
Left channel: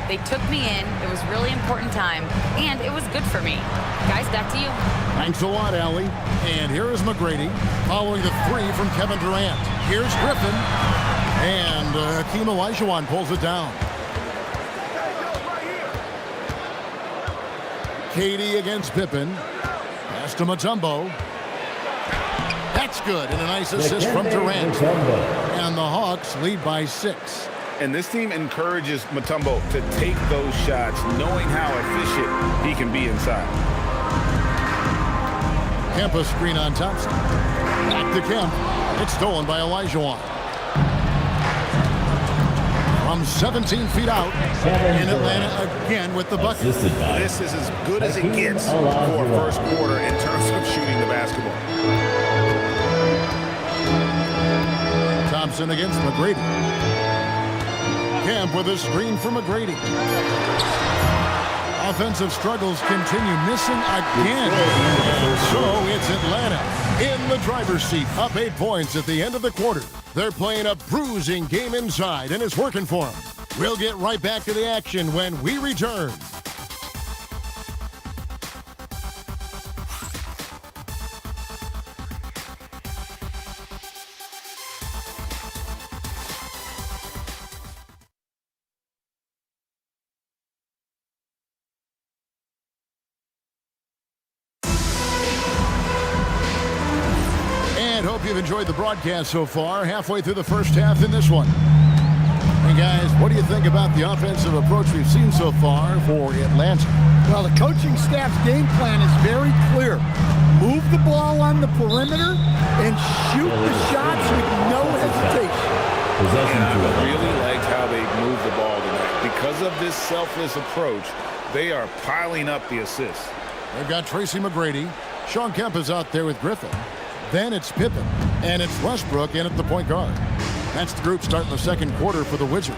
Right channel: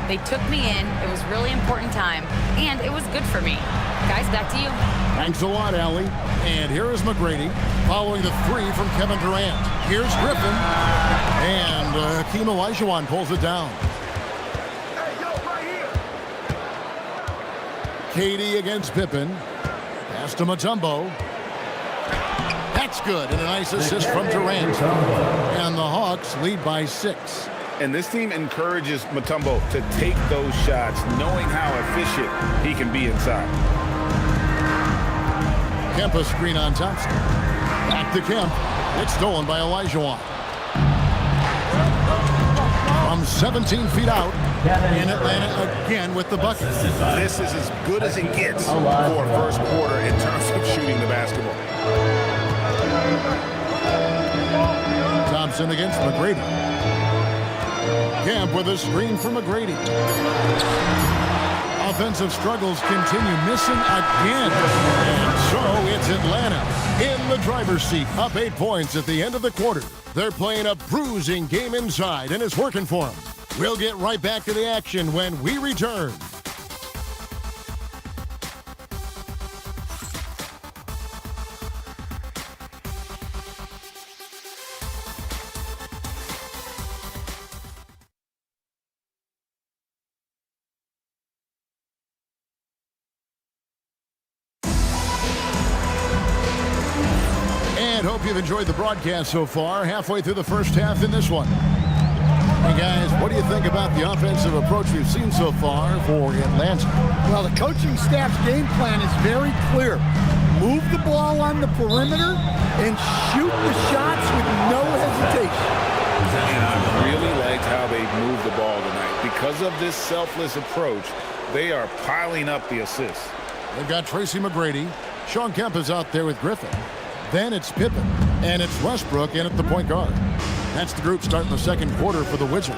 They took me in, it was really important time, and it was good for me." Guys, back to you. Thanks a lot, Allie. And here is McGrady following the 3 from Kevin Durant. Here's Griffin, and Hakeem Olajuwon pulls it down. Katie against Pippen. Pass to Mutombo. That's good, and a nice assist from Durant. And the Hawks lead by 6. And this team encourages Mutombo to take those shots, knowing how efficient he can be inside. Kemp a screen on Thompson. Back to Kemp. It's stolen by Olajuwon. From 17 feet out, in Atlanta again with the bucket. This is as good as it gets for a first quarter in terms of shooting the basketball. Thompson against McGrady. Kemp with a screen for McGrady. Offensive struggles continue, missing again. And so it's Atlanta in the driver's seat, up 8 points at the end of the quarter. They're playing a bruising game inside, and it's working for them. We'll get right back to the action when we return. And hope you've enjoyed the broadcast so far. Halfway through the first half in this one. And guys, what do you think about the offensive approach we've seen so far for Atlanta? Well, the coaching staff's game plan is very clear. Move the ball on the perimeter and shoot the shots with no hesitation. And I really liked how they moved the ball tonight. Because of this selfless approach, they are piling up the assists. They've got Tracy McGrady. Sean Kemp is out there with Griffin. Then it's Pippen, and it's Westbrook in at the point guard. That's the group starting the second quarter for the Wizards.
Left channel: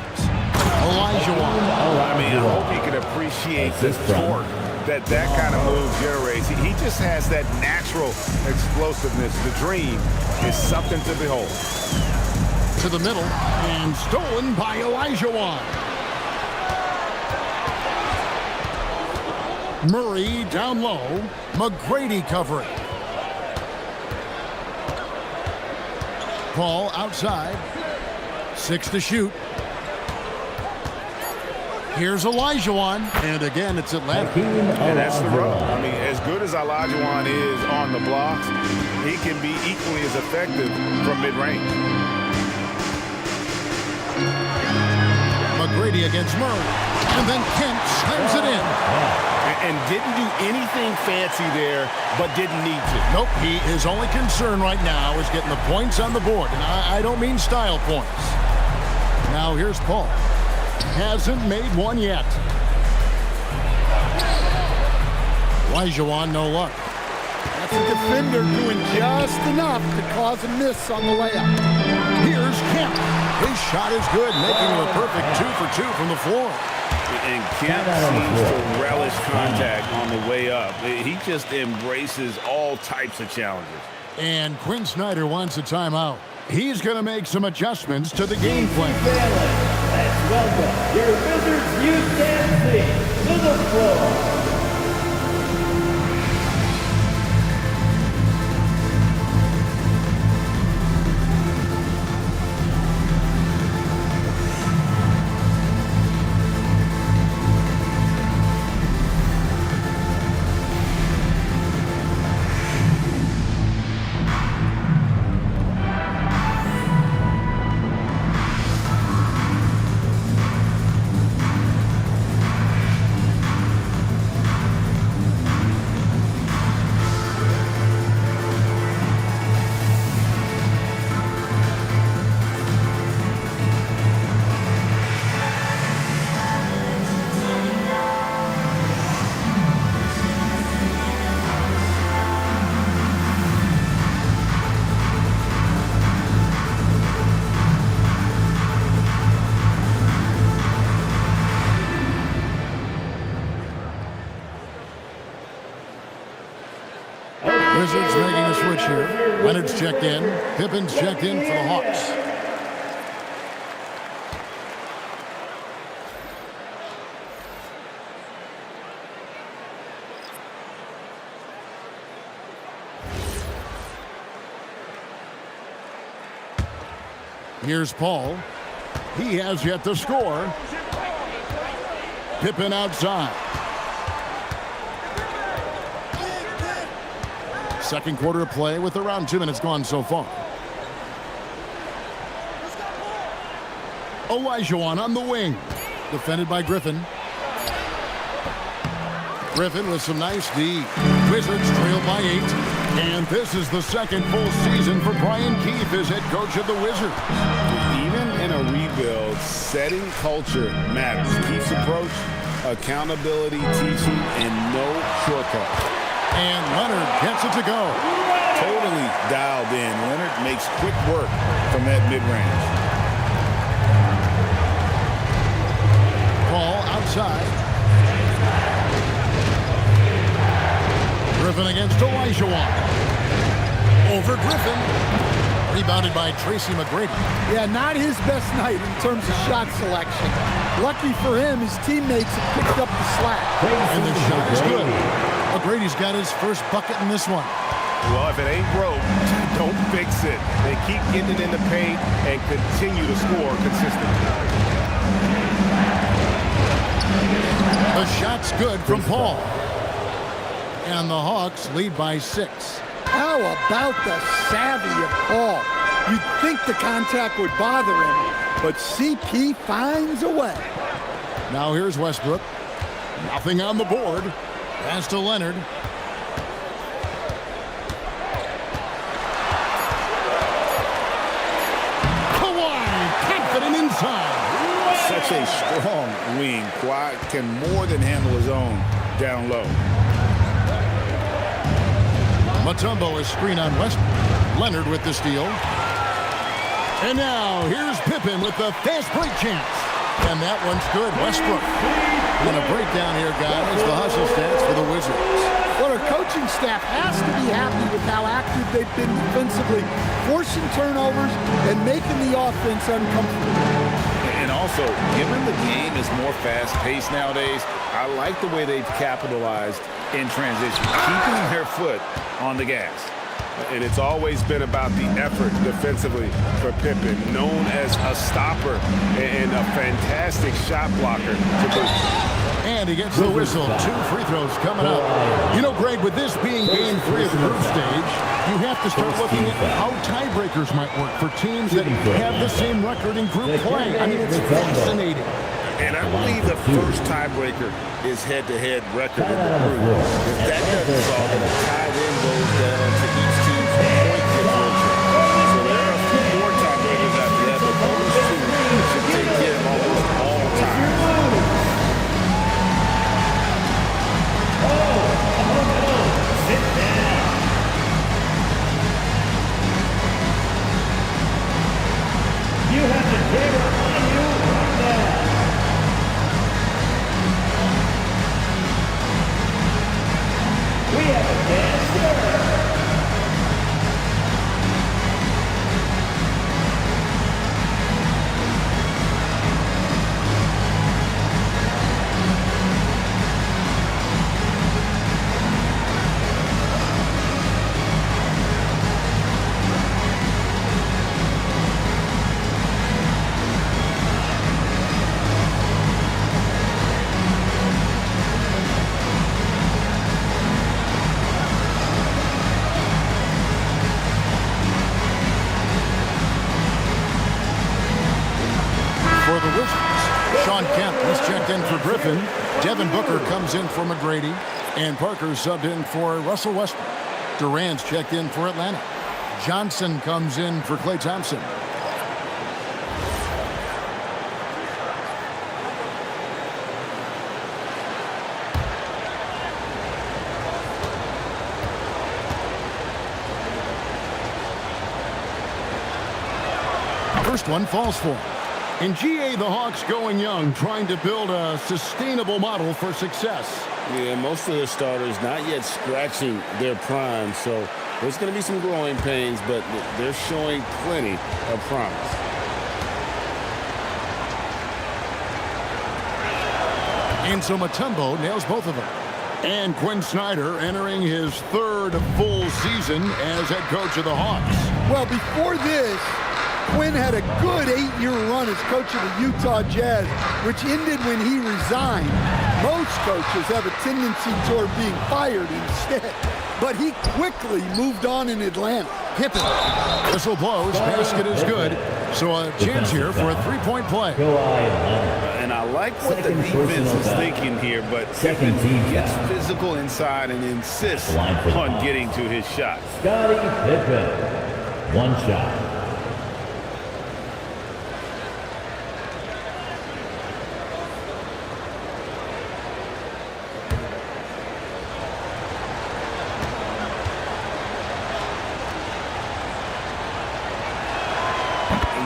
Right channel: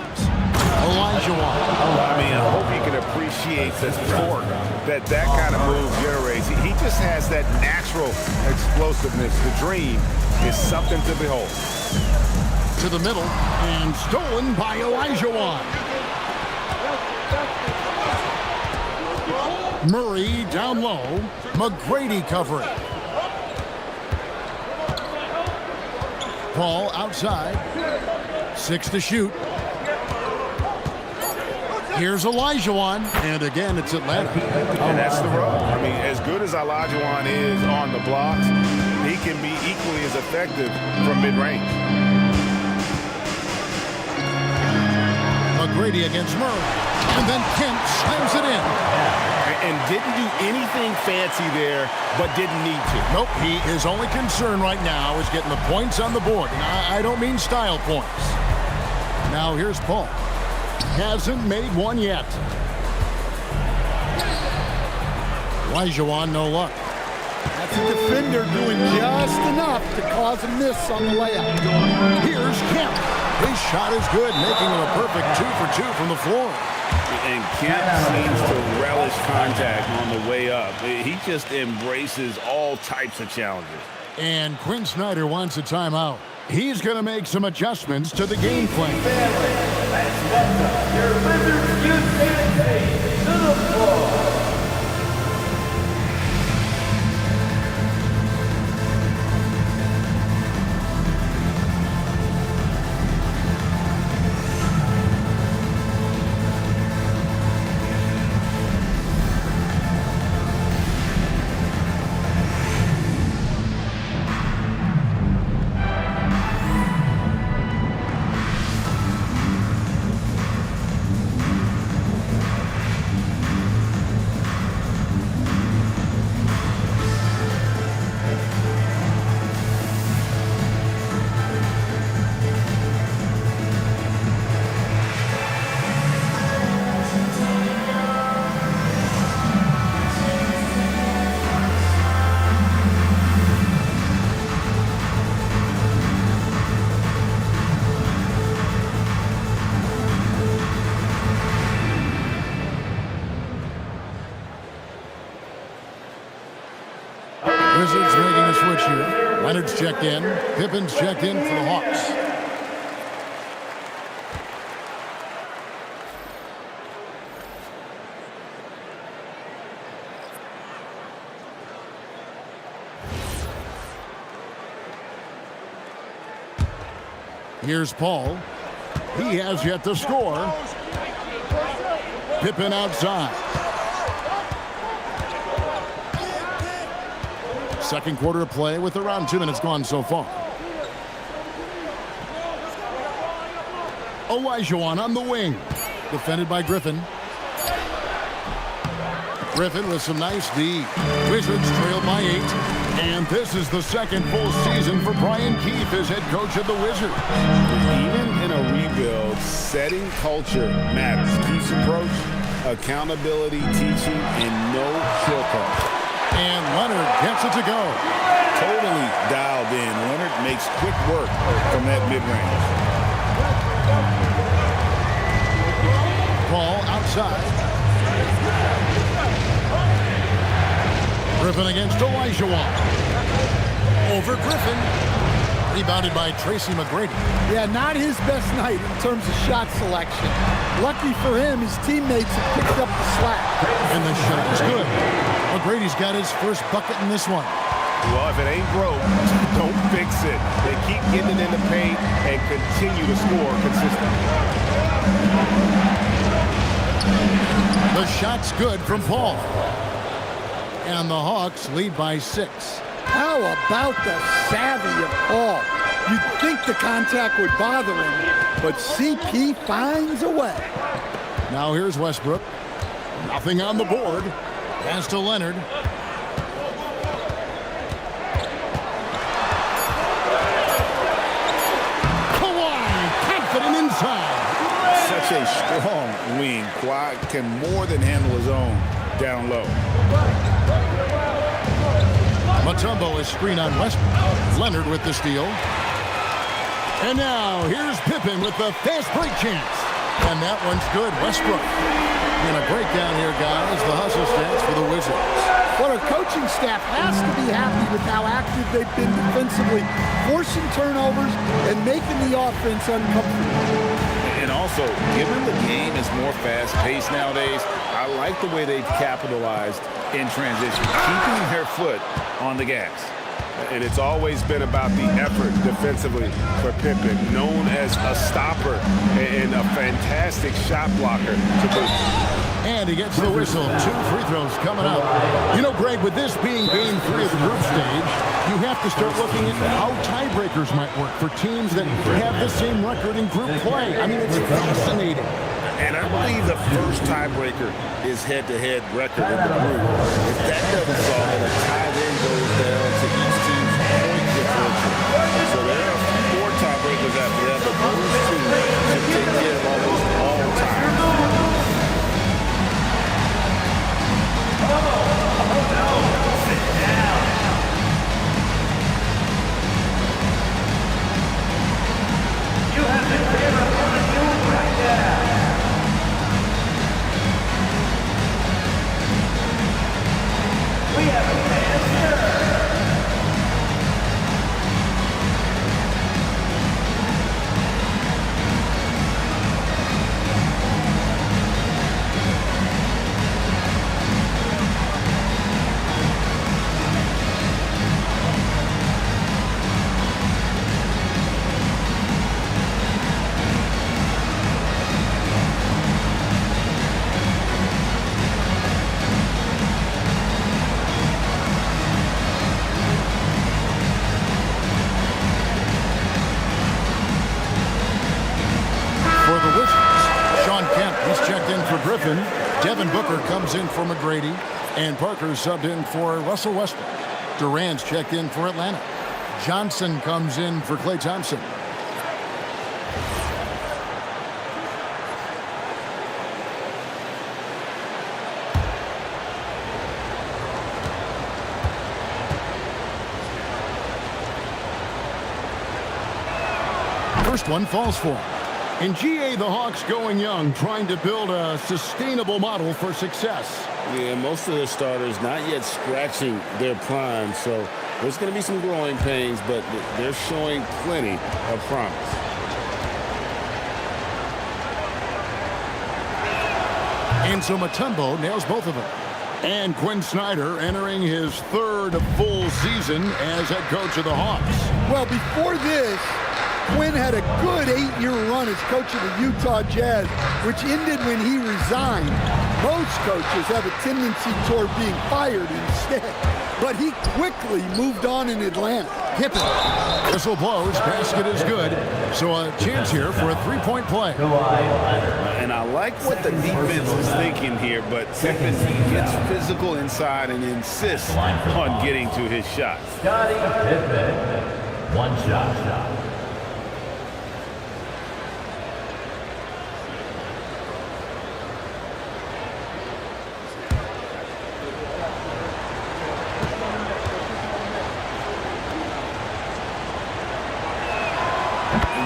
Olajuwon. I mean, I hope you can appreciate the torque that kind of move generates. He just has that natural explosiveness. The dream is something to behold. To the middle, and stolen by Olajuwon. Murray down low. McGrady covering. Paul outside. 6 to shoot. Here's Olajuwon. And again, it's Atlanta. And that's the rub. I mean, as good as Olajuwon is on the blocks, he can be equally as effective from mid-range. McGrady against Murray. And then Kemp slams it in. And didn't do anything fancy there, but didn't need to. Nope, his only concern right now is getting the points on the board. And I don't mean style points. Now here's Paul. Hasn't made one yet. Olajuwon, no luck. That's a defender doing just enough to cause a miss on the layup. Here's Kemp. His shot is good, making him a perfect 2 for 2 from the floor. And Kemp seems to relish contact on the way up. He just embraces all types of challenges. And Quinn Snyder wants a timeout. He's going to make some adjustments to the game plan. Let's welcome your Wizards Youth Dance Team to the floor. Wizards making a switch here. Leonard's checked in. Pippen's checked in for the Hawks. Here's Paul. He has yet to score. Pippen outside. Second quarter of play with around 2 minutes gone so far. Olajuwon on the wing. Defended by Griffin. Griffin with some nice D. Wizards trail by 8. And this is the second full season for Brian Keefe as head coach of the Wizards. Even in a rebuild, setting culture matters. Keefe's approach, accountability, teaching, and no shortcuts. And Leonard gets it to go. Totally dialed in. Leonard makes quick work from that mid-range. Ball outside. Griffin against Olajuwon. Over Griffin. Rebounded by Tracy McGrady. Yeah, not his best night in terms of shot selection. Lucky for him, his teammates have picked up the slack. And the shot is good. McGrady's got his first bucket in this one. Well, if it ain't broke, don't fix it. They keep getting it in the paint and continue to score consistently. The shot's good from Paul. And the Hawks lead by 6. How about the savvy of Paul? You'd think the contact would bother him, but CP finds a way. Now here's Westbrook. Nothing on the board. Pass to Leonard. Kawhi, confident inside. Such a strong wing. Kawhi can more than handle his own down low. Mutombo is screen on Westbrook. Leonard with the steal. And now here's Pippen with the fast break chance. And that one's good. Westbrook. And a breakdown here, guys. The hustle stats for the Wizards. Well, our coaching staff has to be happy with how active they've been defensively, forcing turnovers and making the offense uncomfortable. And also, given the game is more fast-paced nowadays, I like the way they've capitalized in transition, keeping their foot on the gas. And it's always been about the effort defensively for Pippen, known as a stopper and a fantastic shot blocker to boot. And he gets the whistle. 2 free throws coming up. You know, Greg, with this being game 3 of the group stage, you have to start looking at how tiebreakers might work for teams that have the same record in group play. I mean, it's fascinating. And I believe the first tiebreaker is head-to-head record in the group. If that doesn't solve it, a tie then goes down to each team's point differential. So there are a few more tiebreakers after that, but those 2 should take care of almost all ties. You have the camera on you right now. We have a dance For the Wizards, Sean Kemp, he's checked in for Griffin. Devin Booker comes in for McGrady. And Parker subbed in for Russell Westbrook. Durant's checked in for Atlanta. Johnson comes in for Klay Thompson. First one falls for him. In GA, the Hawks going young, trying to build a sustainable model for success. Yeah, most of their starters not yet scratching their prime, so there's going to be some growing pains, but they're showing plenty of promise. And so Mutombo nails both of them. And Quinn Snyder entering his 3rd full season as head coach of the Hawks. Well, before this, Quinn had a good 8-year run as coach of the Utah Jazz, which ended when he resigned. Most coaches have a tendency toward being fired instead. but he quickly moved on in Atlanta. Pippen. Whistle blows. Basket is good. So a chance here for a three-point play. And I like what the defense is thinking here, but Pippen gets physical inside and insists on getting to his shot. Scottie Pippen, one shot.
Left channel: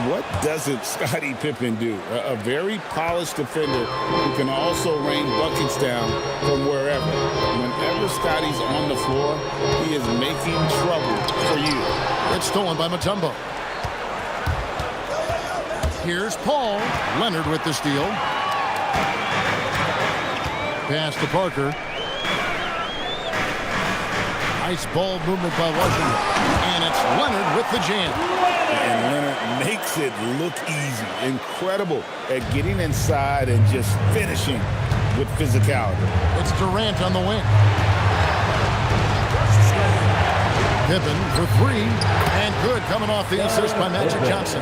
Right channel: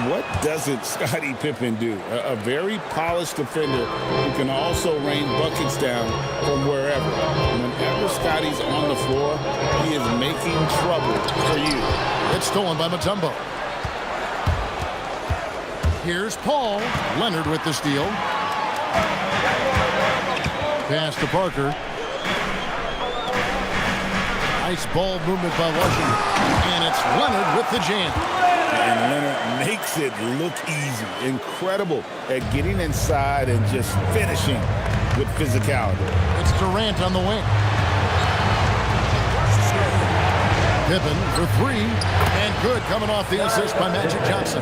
What doesn't Scottie Pippen do? A very polished defender who can also rain buckets down from wherever. Whenever Scottie's on the floor, he is making trouble for you. It's stolen by Mutombo. Here's Paul. Leonard with the steal. Pass to Parker. Nice ball movement by Washington. And it's Leonard with the jam. And Leonard makes it look easy. Incredible at getting inside and just finishing with physicality. It's Durant on the wing. Pippen for three. And good, coming off the assist by Magic Johnson.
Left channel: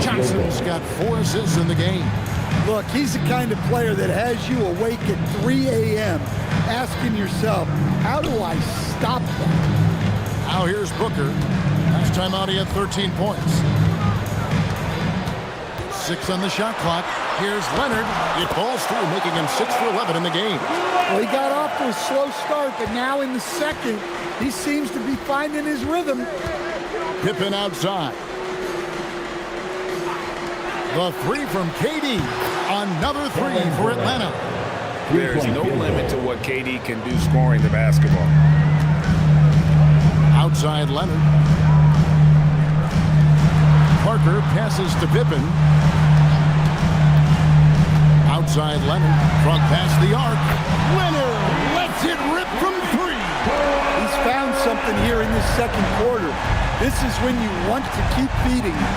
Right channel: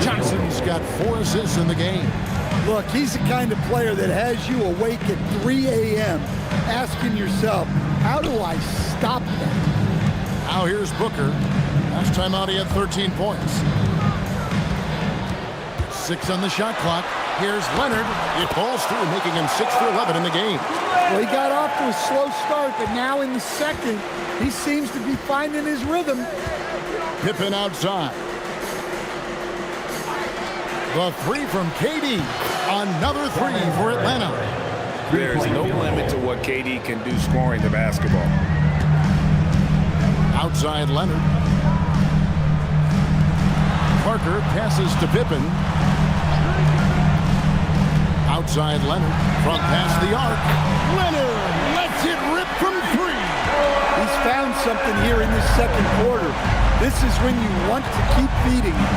Johnson's got 4 assists in the game. Look, he's the kind of player that has you awake at 3 a.m. asking yourself, how do I stop that? Now here's Booker. Last time out, he had 13 points. 6 on the shot clock. Here's Leonard. It falls through, making him 6 for 11 in the game. Well, he got off to a slow start, but now in the second, he seems to be finding his rhythm. Pippen outside. The three from KD. Another three for Atlanta. There's no limit to what KD can do scoring the basketball. Outside Leonard. Parker passes to Pippen. Outside Leonard. Front past the arc. Leonard lets it rip from 3. He's found something here in this second quarter. This is when you want to keep feeding him.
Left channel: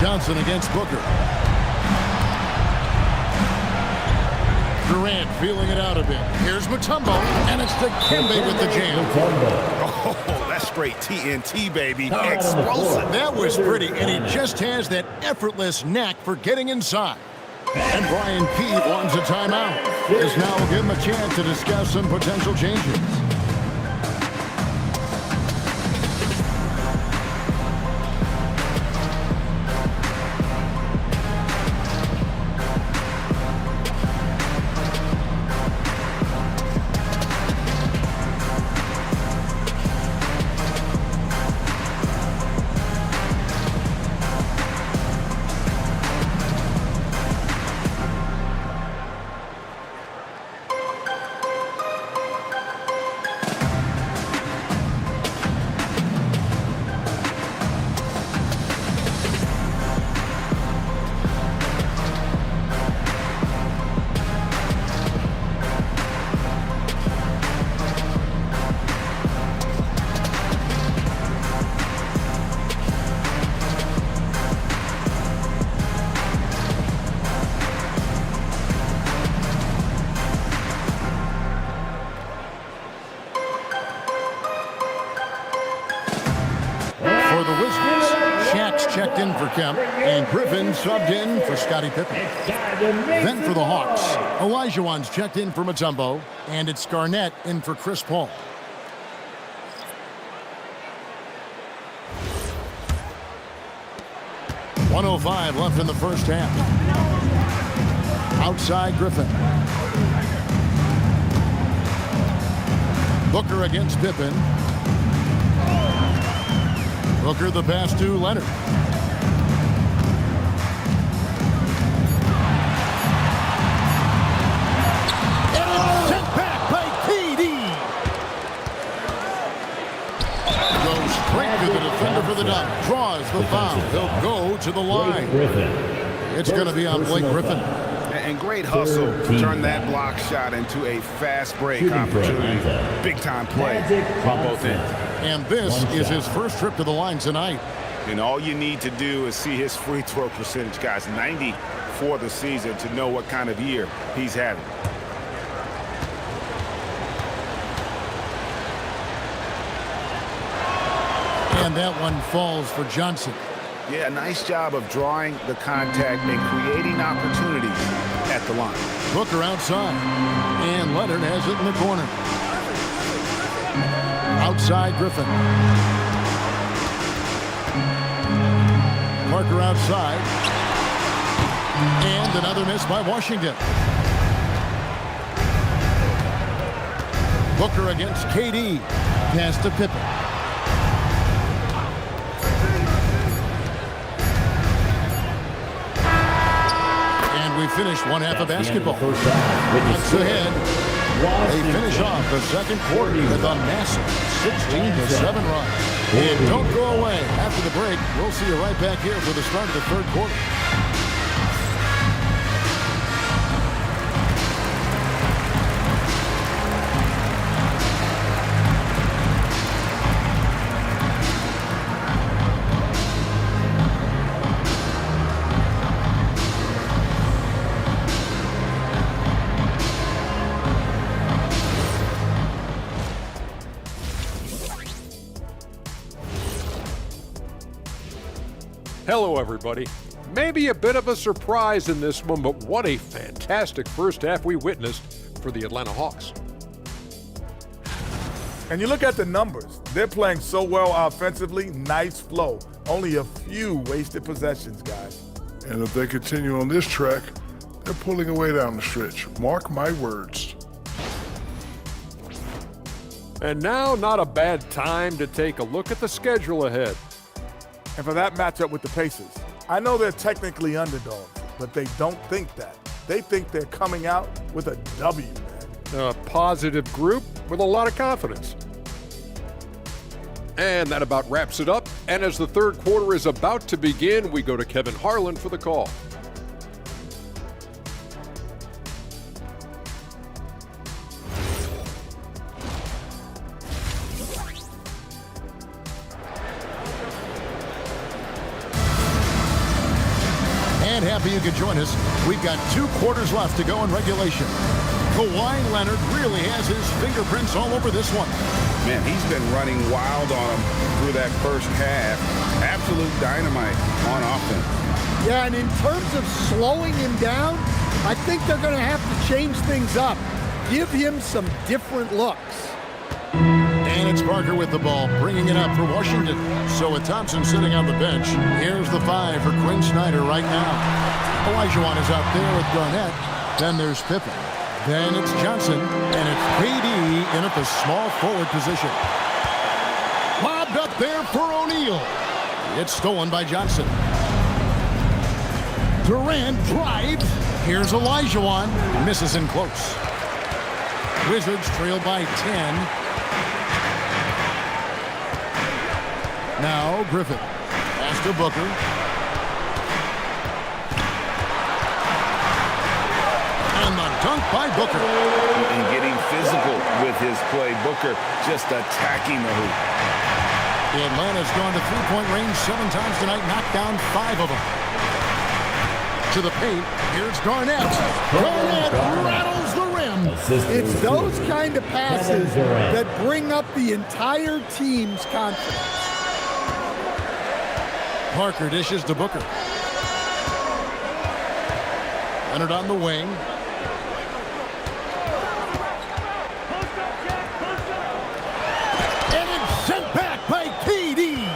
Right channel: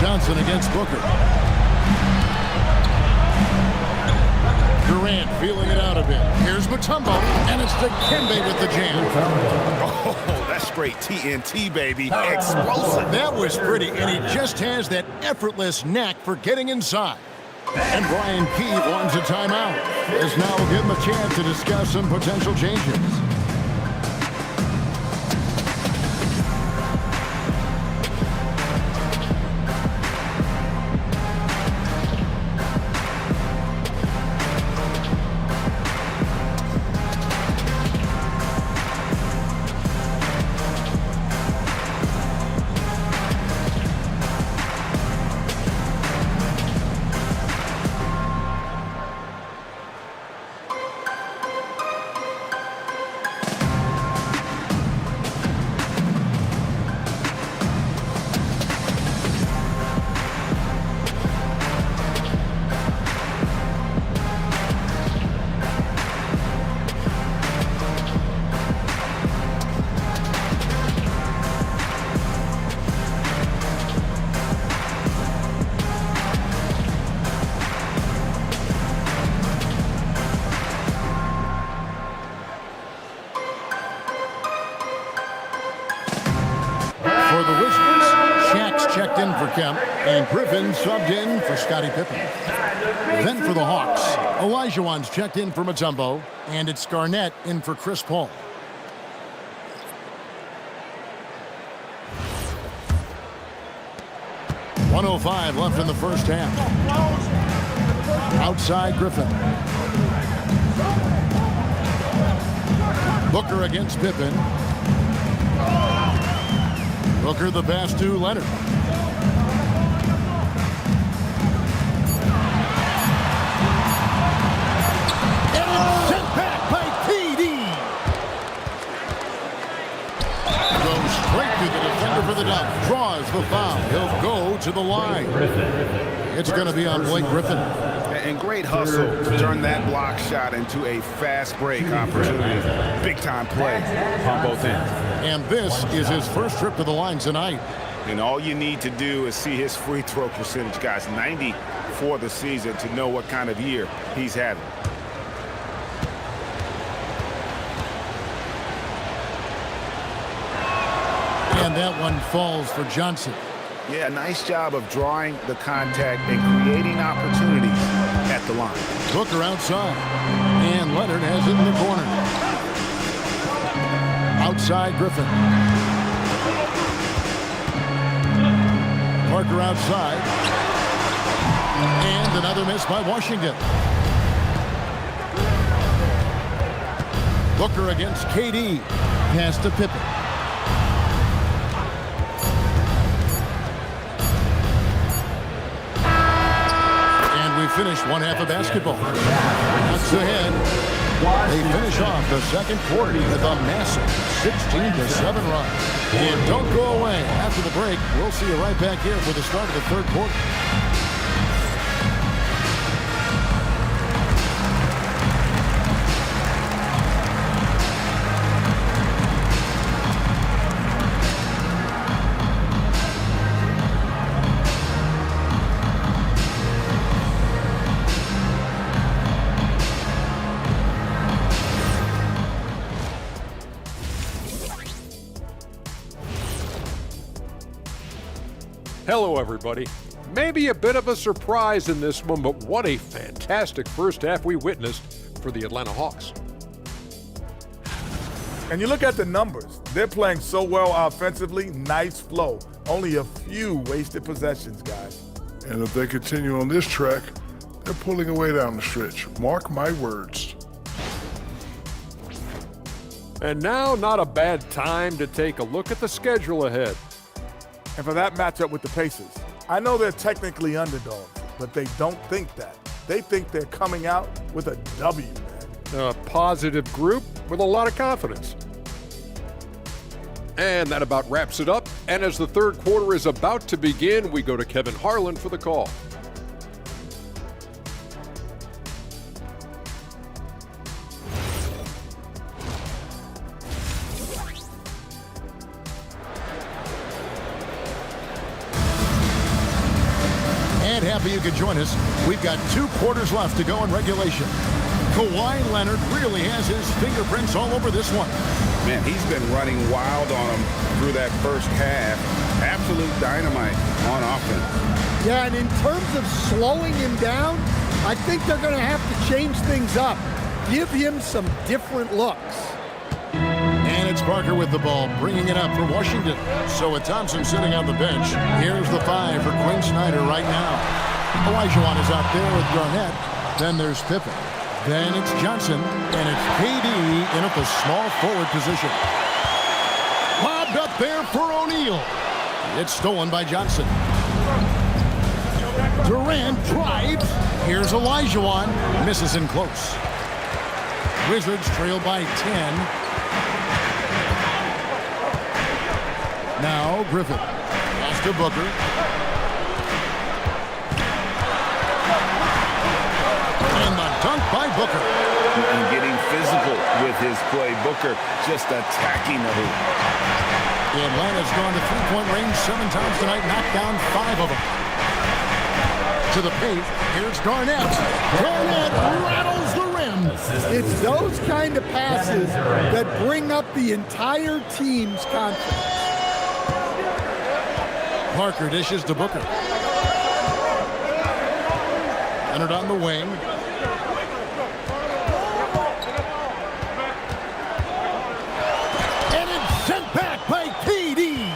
Johnson against Booker. Durant feeling it out a bit. Here's Mutombo, and it's Dikembe with the jam. Oh, that's straight TNT, baby. Explosive. That was pretty, and he just has that effortless knack for getting inside. And Brian Key wants a timeout. As now we'll give him a chance to discuss some potential changes. For the Wizards, Shaq's checked in for Kemp, and Griffin subbed in for Scottie Pippen. Then for the Hawks, Olajuwon's checked in for Mutombo, and it's Garnett in for Chris Paul. .105 left in the first half. Outside Griffin. Booker against Pippen. Booker the pass to Leonard. And it's sent back by KD. Goes straight to the defender for the dunk. Draws the foul. He'll go to the line. It's going to be on Blake Griffin. And great hustle to turn that block shot into a fast break opportunity. Big time play on both ends. And this is his first trip to the line tonight. And all you need to do is see his free throw percentage, guys. 90 for the season to know what kind of year he's having. And that one falls for Johnson. Yeah, nice job of drawing the contact and creating opportunities at the line. Booker outside. And Leonard has it in the corner. Outside Griffin. Parker outside. And another miss by Washington. Booker against KD. Pass to Pippen. And we finish one half of basketball. Bucks ahead. They finish off the second quarter with a massive 16-7 run. And don't go away. After the break, we'll see you right back here for the start of the third quarter. Hello, everybody. Maybe a bit of a surprise in this one, but what a fantastic first half we witnessed for the Atlanta Hawks. And you look at the numbers. They're playing so well offensively. Nice flow. Only a few wasted possessions, guys. And if they continue on this track, they're pulling away down the stretch. Mark my words. And now, not a bad time to take a look at the schedule ahead. And for that matchup with the Pacers, I know they're technically underdogs, but they don't think that. They think they're coming out with a W, man. A positive group with a lot of confidence. And that about wraps it up. And as the third quarter is about to begin, we go to Kevin Harlan for the call. And happy you could join us. We've got 2 quarters left to go in regulation. Kawhi Leonard really has his fingerprints all over this one. Man, he's been running wild on him through that first half. Absolute dynamite on offense. Yeah, and in terms of slowing him down, I think they're going to have to change things up. Give him some different looks. And it's Parker with the ball, bringing it up for Washington. So with Thompson sitting on the bench, here's the 5 for Quinn Snyder right now. Olajuwon is out there with Garnett. Then there's Pippen. Then it's Johnson, and it's KD in at the small forward position. Lobbed up there for O'Neal. It's stolen by Johnson. Durant drives. Here's Olajuwon. Misses in close. Wizards trail by 10. Now Griffin. Pass to Booker. And the dunk by Booker. And getting physical with his play. Booker just attacking the hoop. Atlanta's gone to three-point range 7 times tonight, knocked down 5 of them. To the paint, here's Garnett. Garnett rattles the rim. It's those kind of passes that bring up the entire team's confidence. Parker dishes to Booker. Leonard on the wing. And it's sent back by KD.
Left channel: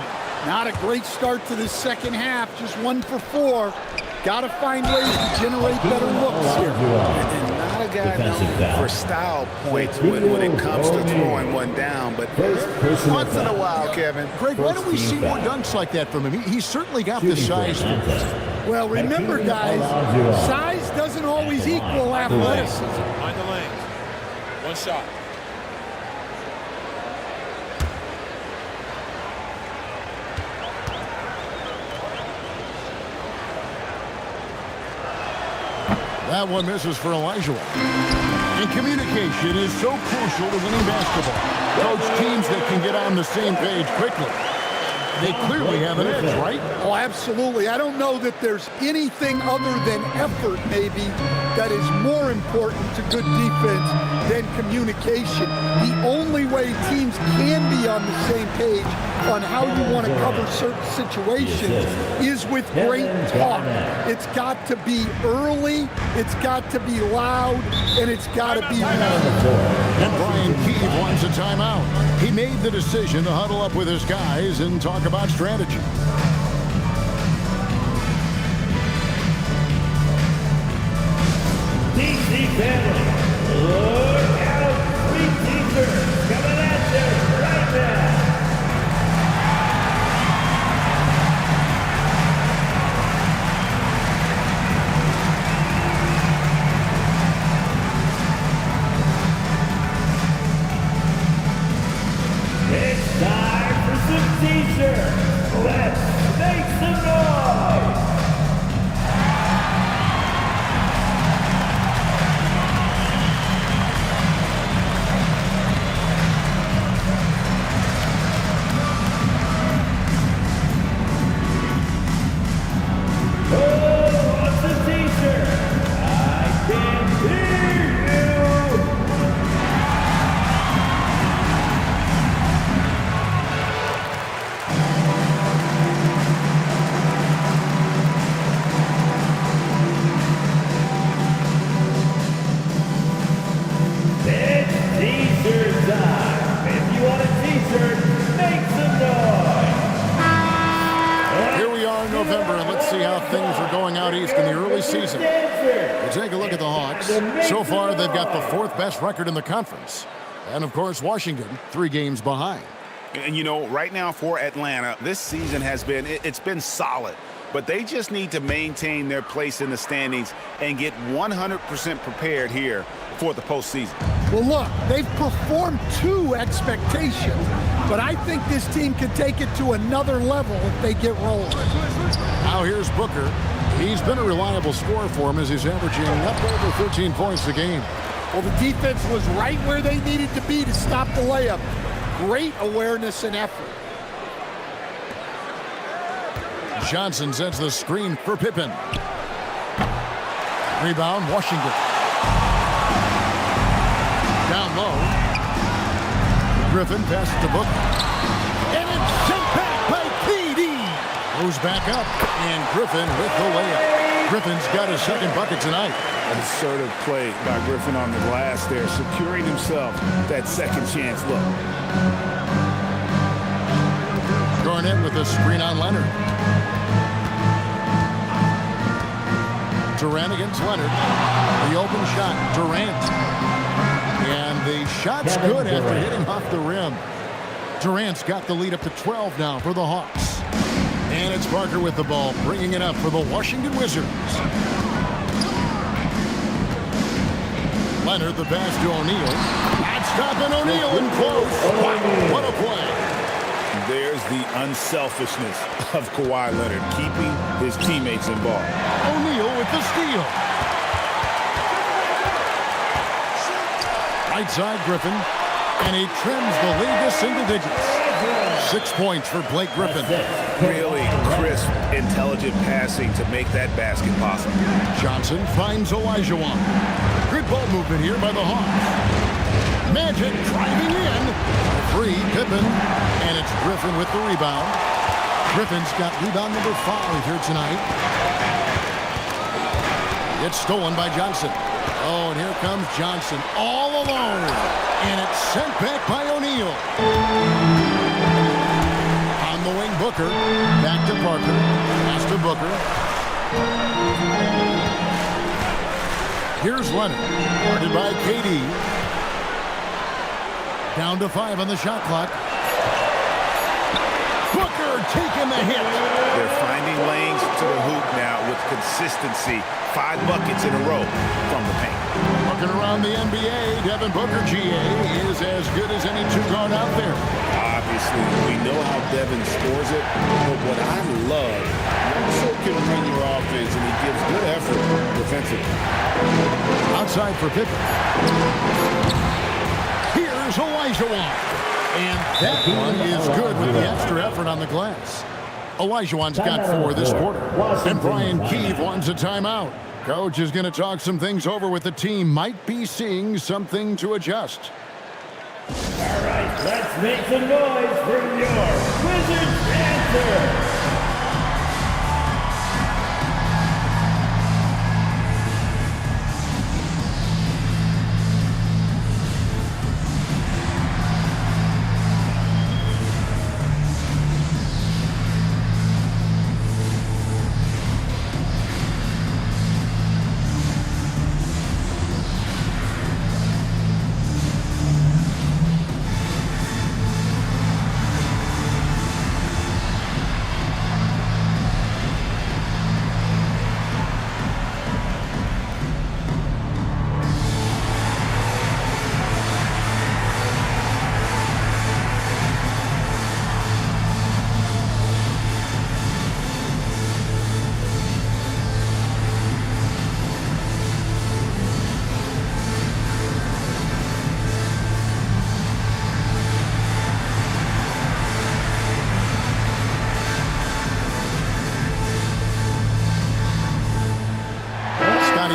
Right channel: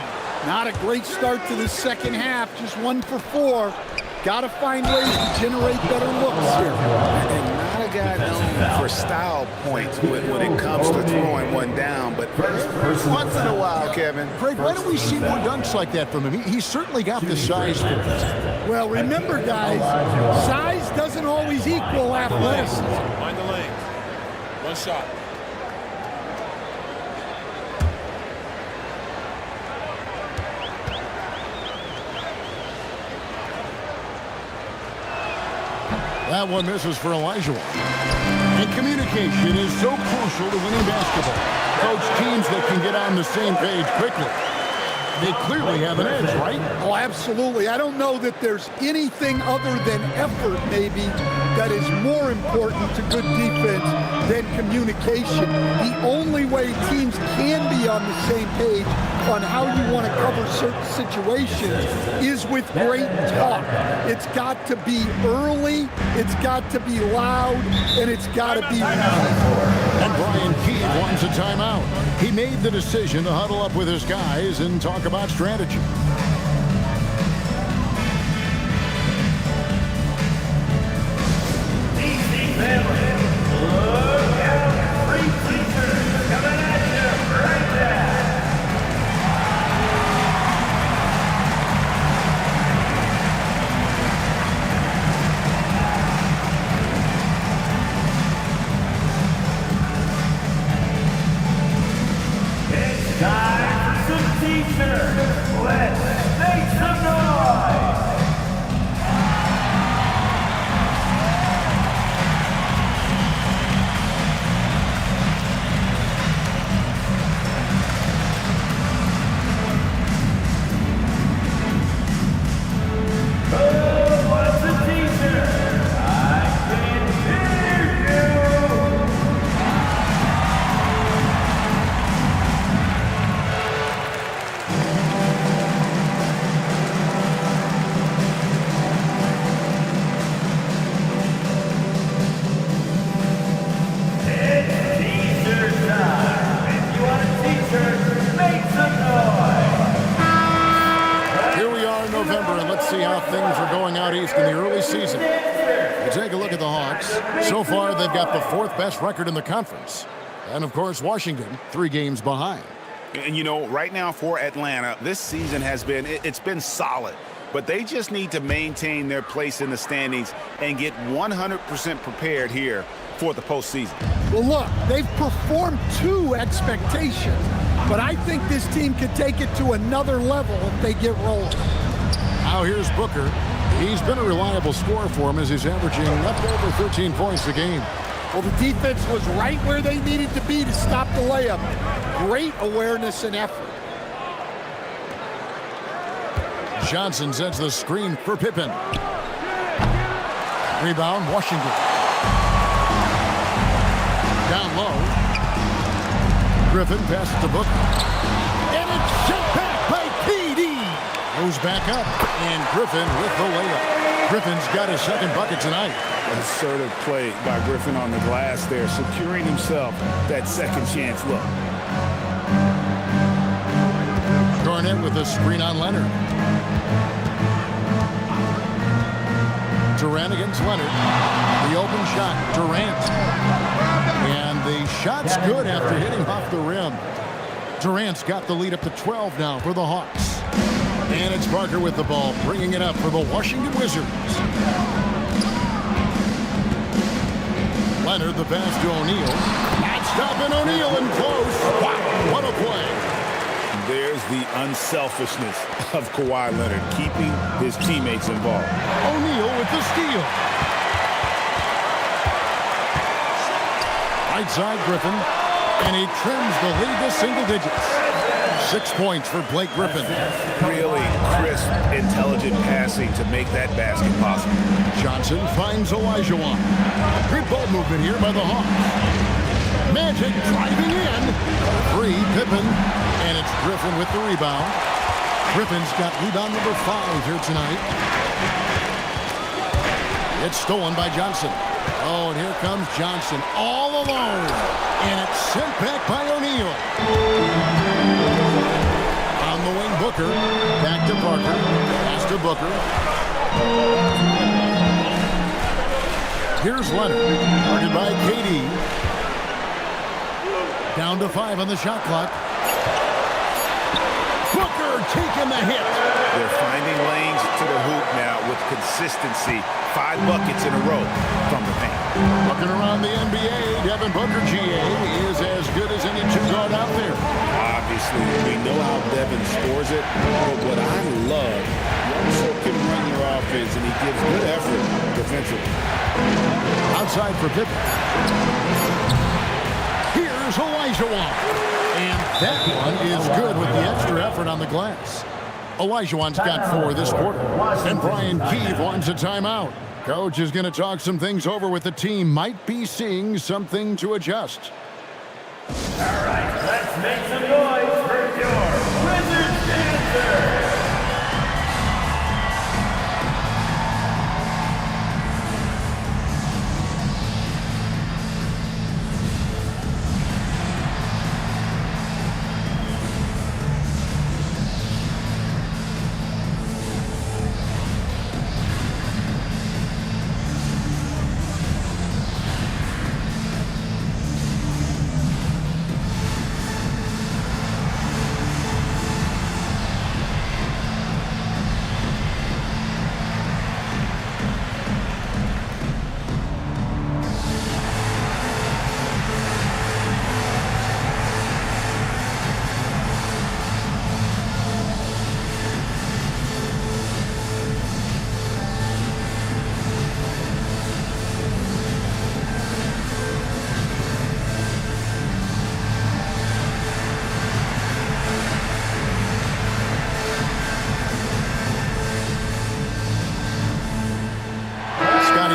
Not a great start to the second half, just 1 for 4. Got to find ways to generate better looks here. And not a guy known for style points when it comes to throwing one down, but once in a while, Kevin. Greg, why don't we see more dunks like that from him? He's certainly got the size for it. Well, remember, guys, size doesn't always equal athleticism. Mind the lane. 1 shot. That one misses for Olajuwon. And communication is so crucial to winning basketball. Coach, teams that can get on the same page quickly. they clearly have an edge, right? Oh, absolutely. I don't know that there's anything other than effort, maybe, that is more important to good defense than communication. The only way teams can be on the same page on how you want to cover certain situations is with great talk. It's got to be early, it's got to be loud, and it's got to be And Brian Keeve wants a timeout. He made the decision to huddle up with his guys and talk about strategy. DC family, look out, 3 teachers coming at you right now. It's time for some teachers. Let's make some noise. November, and let's see how things are going out east in the early season. You take a look at the Hawks. So far, they've got the 4th best record in the conference. And, of course, Washington, 3 games behind. And, you know, right now for Atlanta, this season has been, it's been solid. But they just need to maintain their place in the standings and get 100% prepared here for the postseason. Well, look, they've performed to expectations, but I think this team could take it to another level if they get rolling. Now here's Booker. He's been a reliable scorer for him as he's averaging up over 13 points a game. Well, the defense was right where they needed to be to stop the layup. Great awareness and effort. Johnson sets the screen for Pippen. Rebound, Washington. Down low. Griffin passes to Booker. And it's sent back by KD. Goes back up, and Griffin with the layup. Griffin's got his 2nd bucket tonight. An assertive play by Griffin on the glass there, securing himself that second chance look. Garnett with a screen on Leonard. Durant against Leonard. The open shot, Durant. And the shot's good after hitting off the rim. Durant's got the lead up to 12 now for the Hawks. And it's Parker with the ball, bringing it up for the Washington Wizards. Leonard, the pass to O'Neal. Not stopping O'Neal in close. Wow, what a play. There's the unselfishness of Kawhi Leonard, keeping his teammates involved. O'Neal with the steal. Right side, Griffin, and he trims the lead to single digits. 6 points for Blake Griffin. Really crisp, intelligent passing to make that basket possible. Johnson finds Olajuwon. Good ball movement here by the Hawks. Magic driving in. For 3, Pippen, and it's Griffin with the rebound. Griffin's got rebound number 5 here tonight. It's stolen by Johnson. Oh, and here comes Johnson all alone. And it's sent back by O'Neal. On the wing, Booker. Back to Parker. Pass to Booker. Here's Leonard. Guarded by KD. Down to 5 on the shot clock. Booker taking the hit. They're finding lanes to the hoop now with consistency. 5 buckets in a row from the paint. Looking around the NBA, Devin Booker, GA, is as good as any 2-guard out there. Obviously, we know how Devin scores it, but what I love, he also can run your offense, and he gives good effort defensively. Outside for Pippen. Here's Olajuwon. And that one is good with the extra effort on the glass. Olajuwon's got 4 this quarter. And Brian Keefe wants a timeout. Coach is going to talk some things over with the team. Might be seeing something to adjust. All right, let's make some noise for your Wizards answer.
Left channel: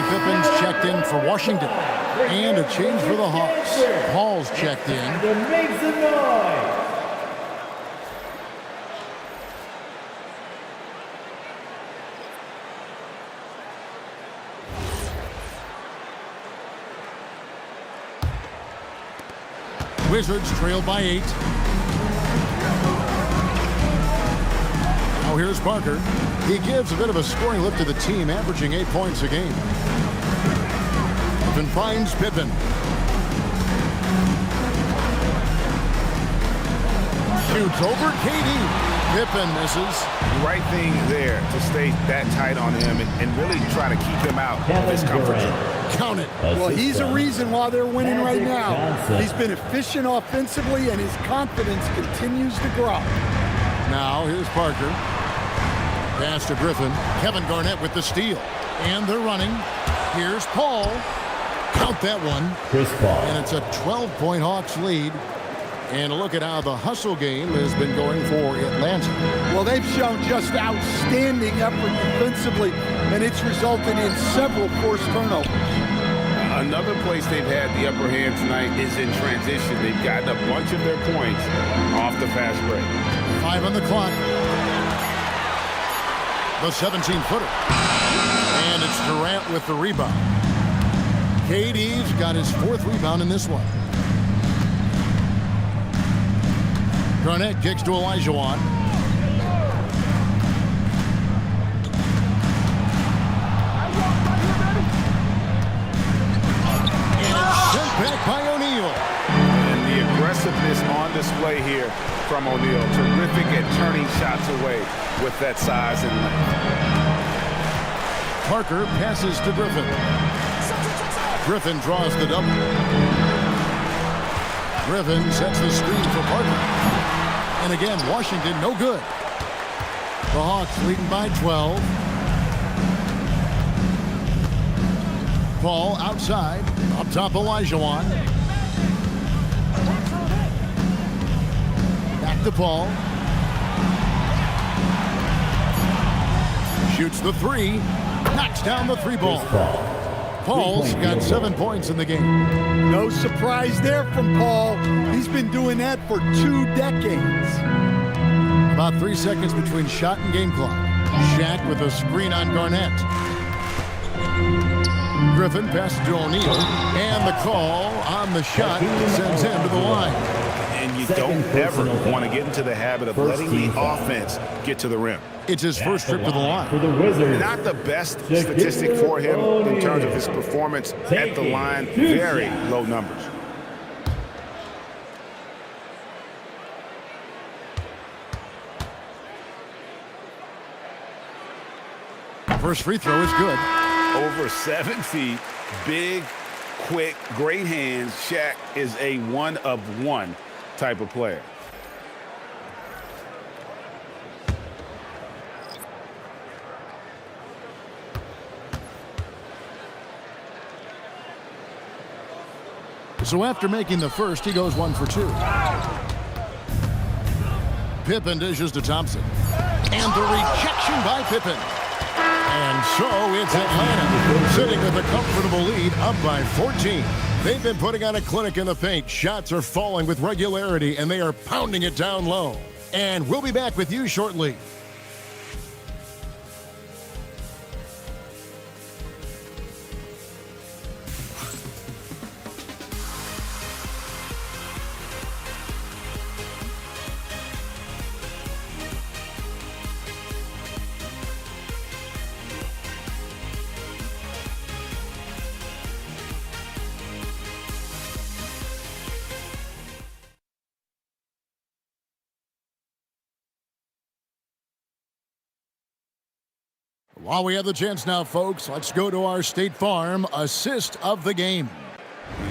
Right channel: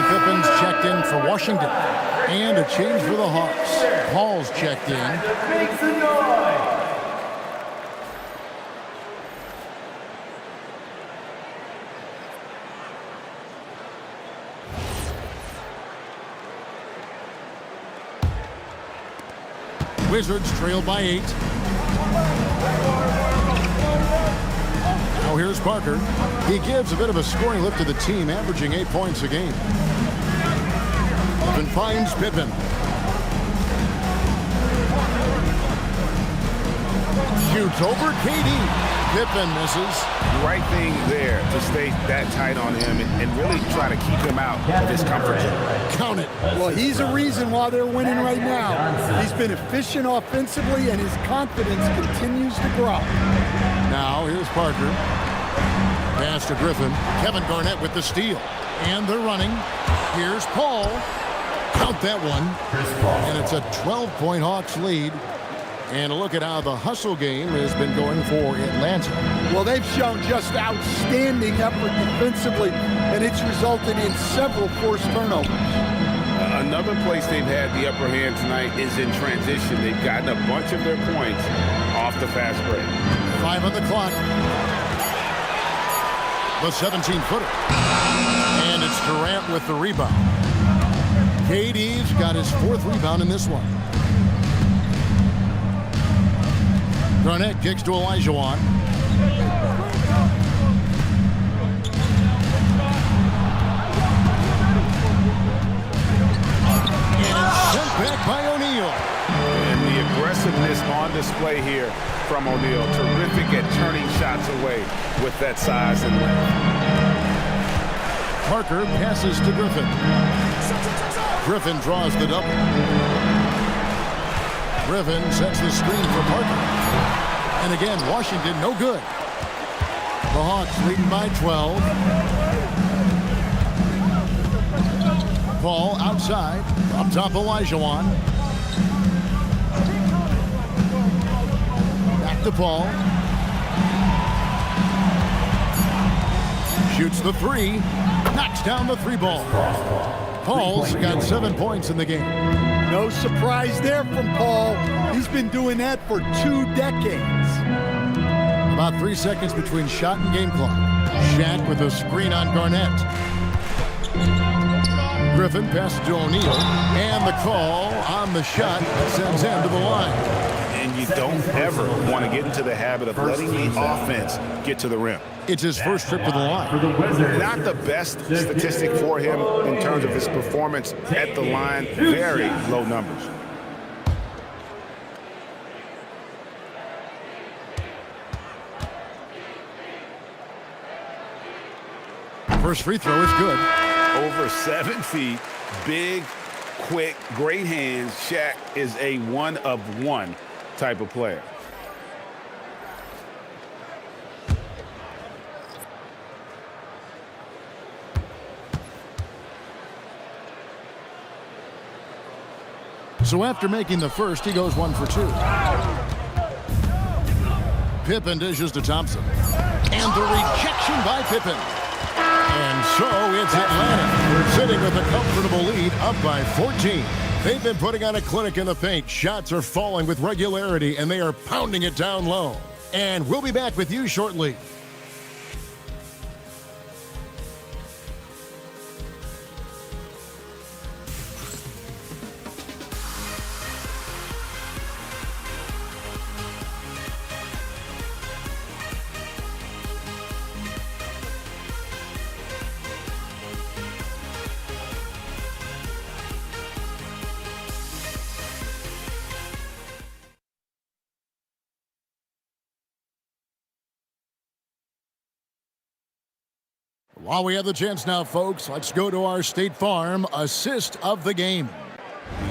Pippen's checked in for Washington. And a change for the Hawks. Paul's checked in. Make some noise. Wizards trail by 8. Now here's Parker. He gives a bit of a scoring lift to the team, averaging 8 points a game. Pippen finds Pippen. Shoots over KD. Pippen misses. Right thing there to stay that tight on him and really try to keep him out of his comfort zone. Count it. Well, he's a reason why they're winning right now. He's been efficient offensively, and his confidence continues to grow. Now here's Parker. Pass to Griffin. Kevin Garnett with the steal. And they're running. Here's Paul. Count that one. Chris Paul. And it's a 12-point Hawks lead. And a look at how the hustle game has been going for Atlanta. Well, they've shown just outstanding effort defensively, and it's resulted in several forced turnovers. Another place they've had the upper hand tonight is in transition. They've gotten a bunch of their points off the fast break. 5 on the clock. The 17-footer. And it's Durant with the rebound. KD's got his 4th rebound in this one. Garnett kicks to Olajuwon. And it's sent back by O'Neal. And the aggressiveness on display here from O'Neal. Terrific at turning shots away with that size and length. Parker passes to Griffin. Griffin draws the double. Griffin sets the screen for Parker. And again, Washington no good. The Hawks leading by 12. Paul outside. Up top, Olajuwon. Back to Paul. Shoots the 3. Knocks down the 3-ball. Paul's got 7 points in the game. No surprise there from Paul. He's been doing that for 2 decades. About 3 seconds between shot and game clock. Shaq with a screen on Garnett. Griffin passes to O'Neal. And the call on the shot sends him to the line. And you don't ever want to get into the habit of letting the offense get to the rim. It's his first trip to the line. For the Wizards. Not the best statistic for him in terms of his performance at the line. Very low numbers. First free throw is good. Over 7 feet, big, quick, great hands. Shaq is a one-of-one type of player. So after making the first, he goes 1 for 2. Pippen dishes to Thompson. And the rejection by Pippen. And so it's Atlanta sitting with a comfortable lead, up by 14. They've been putting on a clinic in the paint. Shots are falling with regularity, and they are pounding it down low. And we'll be back with you shortly. While we have the chance now, folks, let's go to our State Farm assist of the game.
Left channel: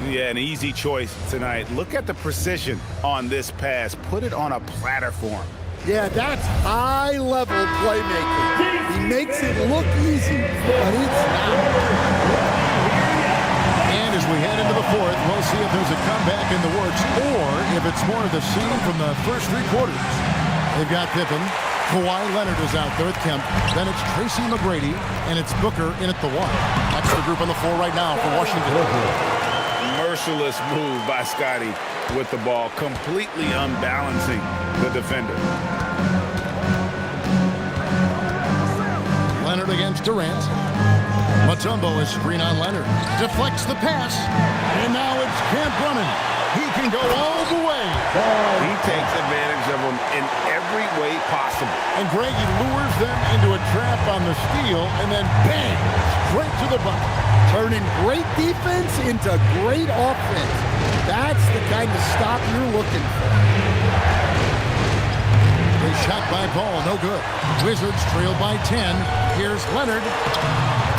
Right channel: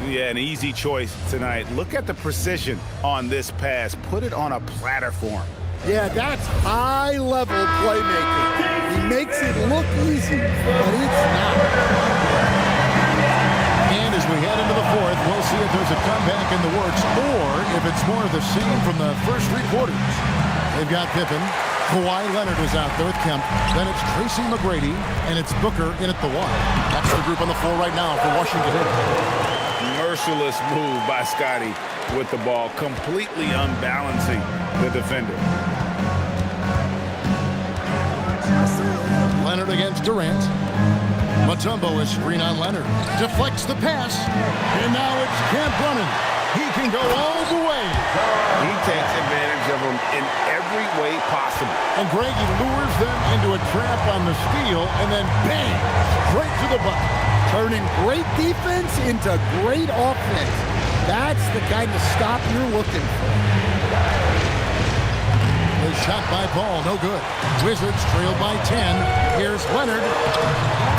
Yeah, an easy choice tonight. Look at the precision on this pass. Put it on a platter for him. Yeah, that's high-level playmaking. He makes it look easy, but it's not. And as we head into the fourth, we'll see if there's a comeback in the works or if it's more of the same from the first three quarters. They've got Pippen. Kawhi Leonard is out there with Kemp. Then it's Tracy McGrady, and it's Booker in at the 1. That's the group on the floor right now for Washington. Merciless move by Scotty with the ball, completely unbalancing the defender. Leonard against Durant. Mutombo is screen on Leonard. Deflects the pass, and now it's Kemp running. He can go all the way. He takes advantage of them in every way possible. And Greg, he lures them into a trap on the steal, and then bang, straight to the bucket. Turning great defense into great offense. That's the kind of stop you're looking for. The shot by Paul, no good. Wizards trailed by 10. Here's Leonard.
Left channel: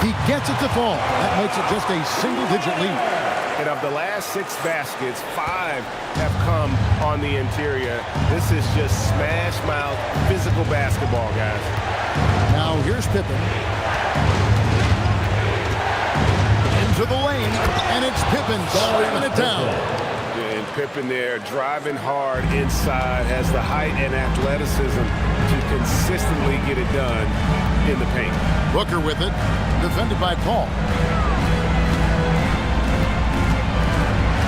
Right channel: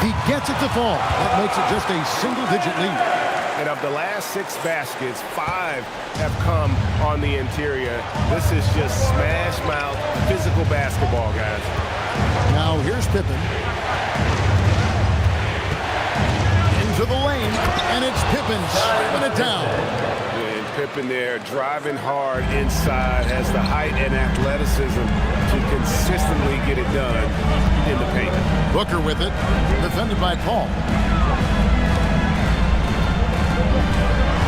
He gets it to fall. That makes it just a single-digit lead. And of the last 6 baskets, 5 have come on the interior. This is just smash mouth physical basketball, guys. Now here's Pippen. Into the lane, and it's Pippen slamming it down. And Pippen there driving hard inside, has the height and athleticism to consistently get it done in the paint. Booker with it, defended by Paul.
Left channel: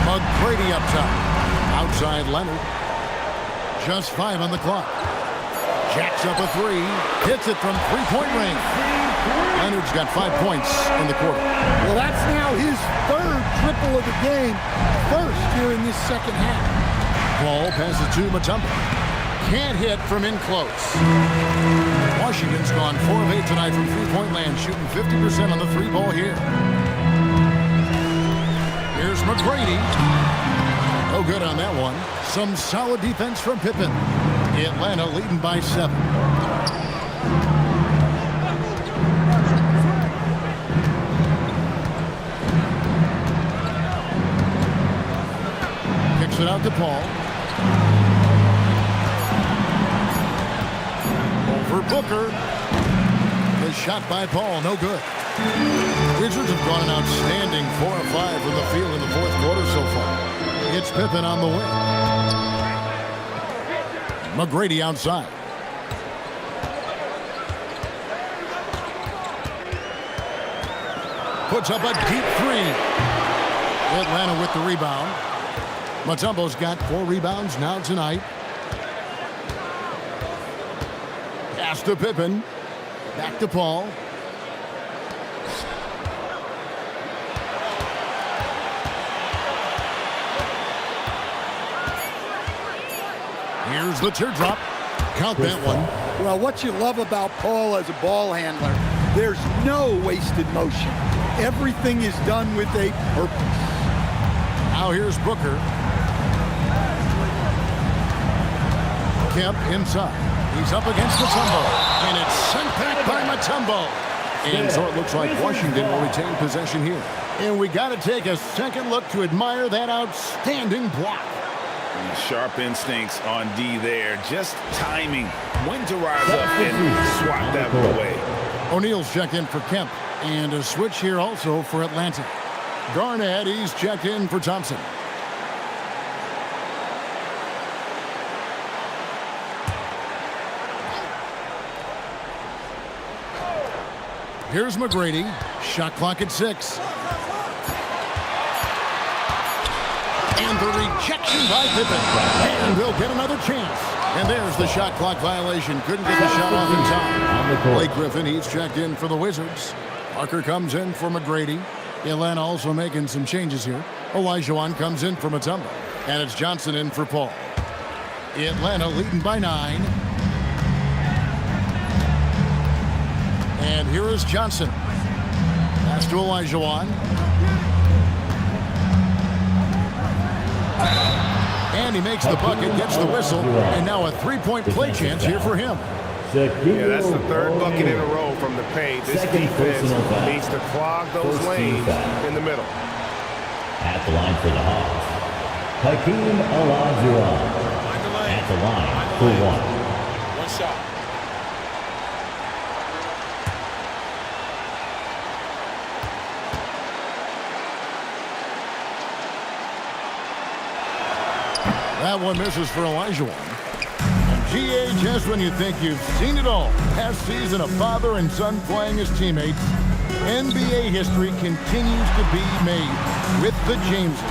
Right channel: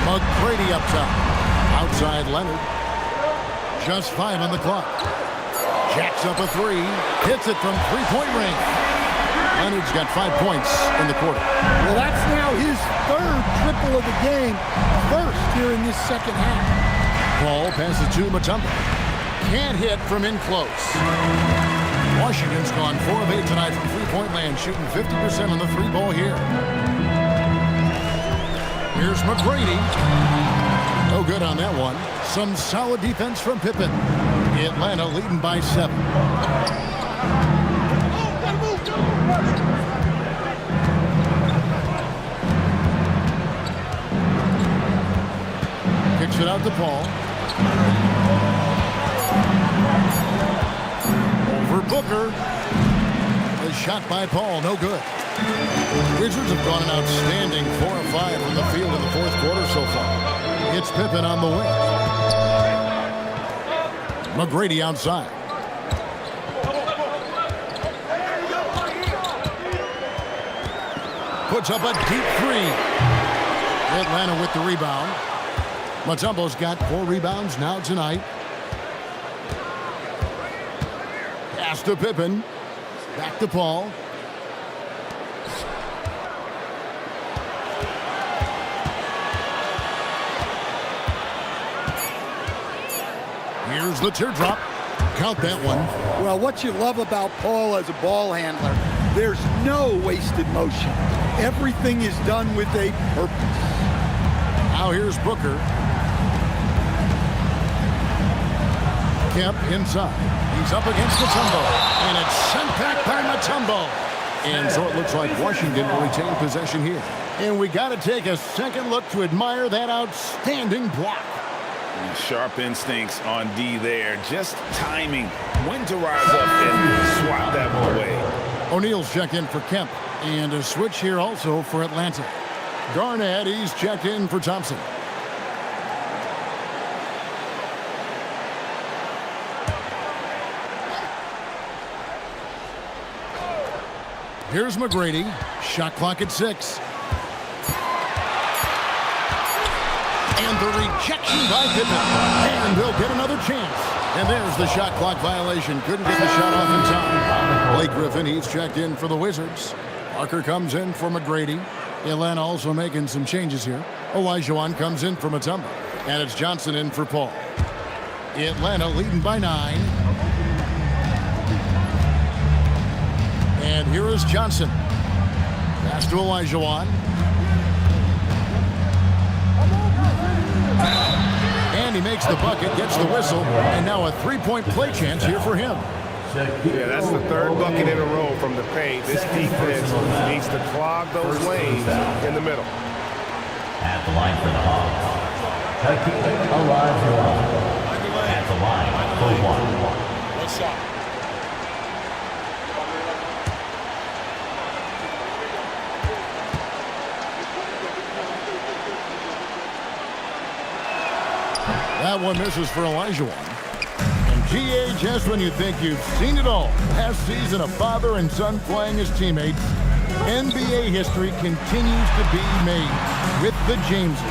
McGrady up top. Outside Leonard. Just 5 on the clock. Jacks up a 3. Hits it from three-point range. Leonard's got 5 points in the quarter. Well, that's now his 3rd triple of the game. First here in this second half. Paul passes to Mutombo. Can't hit from in close. Washington's gone 4 of 8 tonight from three-point land, shooting 50% on the 3-ball here. Here's McGrady. No good on that one. Some solid defense from Pippen. Atlanta leading by 7. Kicks it out to Paul. Over Booker. The shot by Paul, no good. Wizards have gone an outstanding 4 of 5 from the field in the 4th quarter so far. It's Pippen on the wing. McGrady outside. Puts up a deep 3. Atlanta with the rebound. Mutombo's got 4 rebounds now tonight. Pass to Pippen. Back to Paul. Here's the teardrop. Count that one. Well, what you love about Paul as a ball handler, there's no wasted motion. Everything is done with a purpose. Now here's Booker. Kemp inside. He's up against Mutombo. And it's sent back by Mutombo. And so it looks like Washington will retain possession here. And we got to take a second look to admire that outstanding block. Sharp instincts on D there. Just timing when to rise up and swat that one away. O'Neal's checked in for Kemp. And a switch here also for Atlanta. Garnett, he's checked in for Thompson. Here's McGrady. Shot clock at 6. And the rejection by Pippen. And they'll get another chance. And there's the shot clock violation. Couldn't get the shot off in time. Blake Griffin, he's checked in for the Wizards. Parker comes in for McGrady. Atlanta also making some changes here. Olajuwon comes in for Mutombo. And it's Johnson in for Paul. Atlanta leading by 9. And here is Johnson. Pass to Olajuwon. And he makes the bucket, gets the whistle, and now a three-point play chance here for him. Yeah, that's the third bucket in a row from the paint. This defense needs to clog those lanes in the middle. At the line for the Hawks, Hakeem Olajuwon. At the line for 1. One shot. That one misses for Olajuwon. And GA, just when you think you've seen it all, last season a father and son playing as teammates, NBA history continues to be made with the Jameses.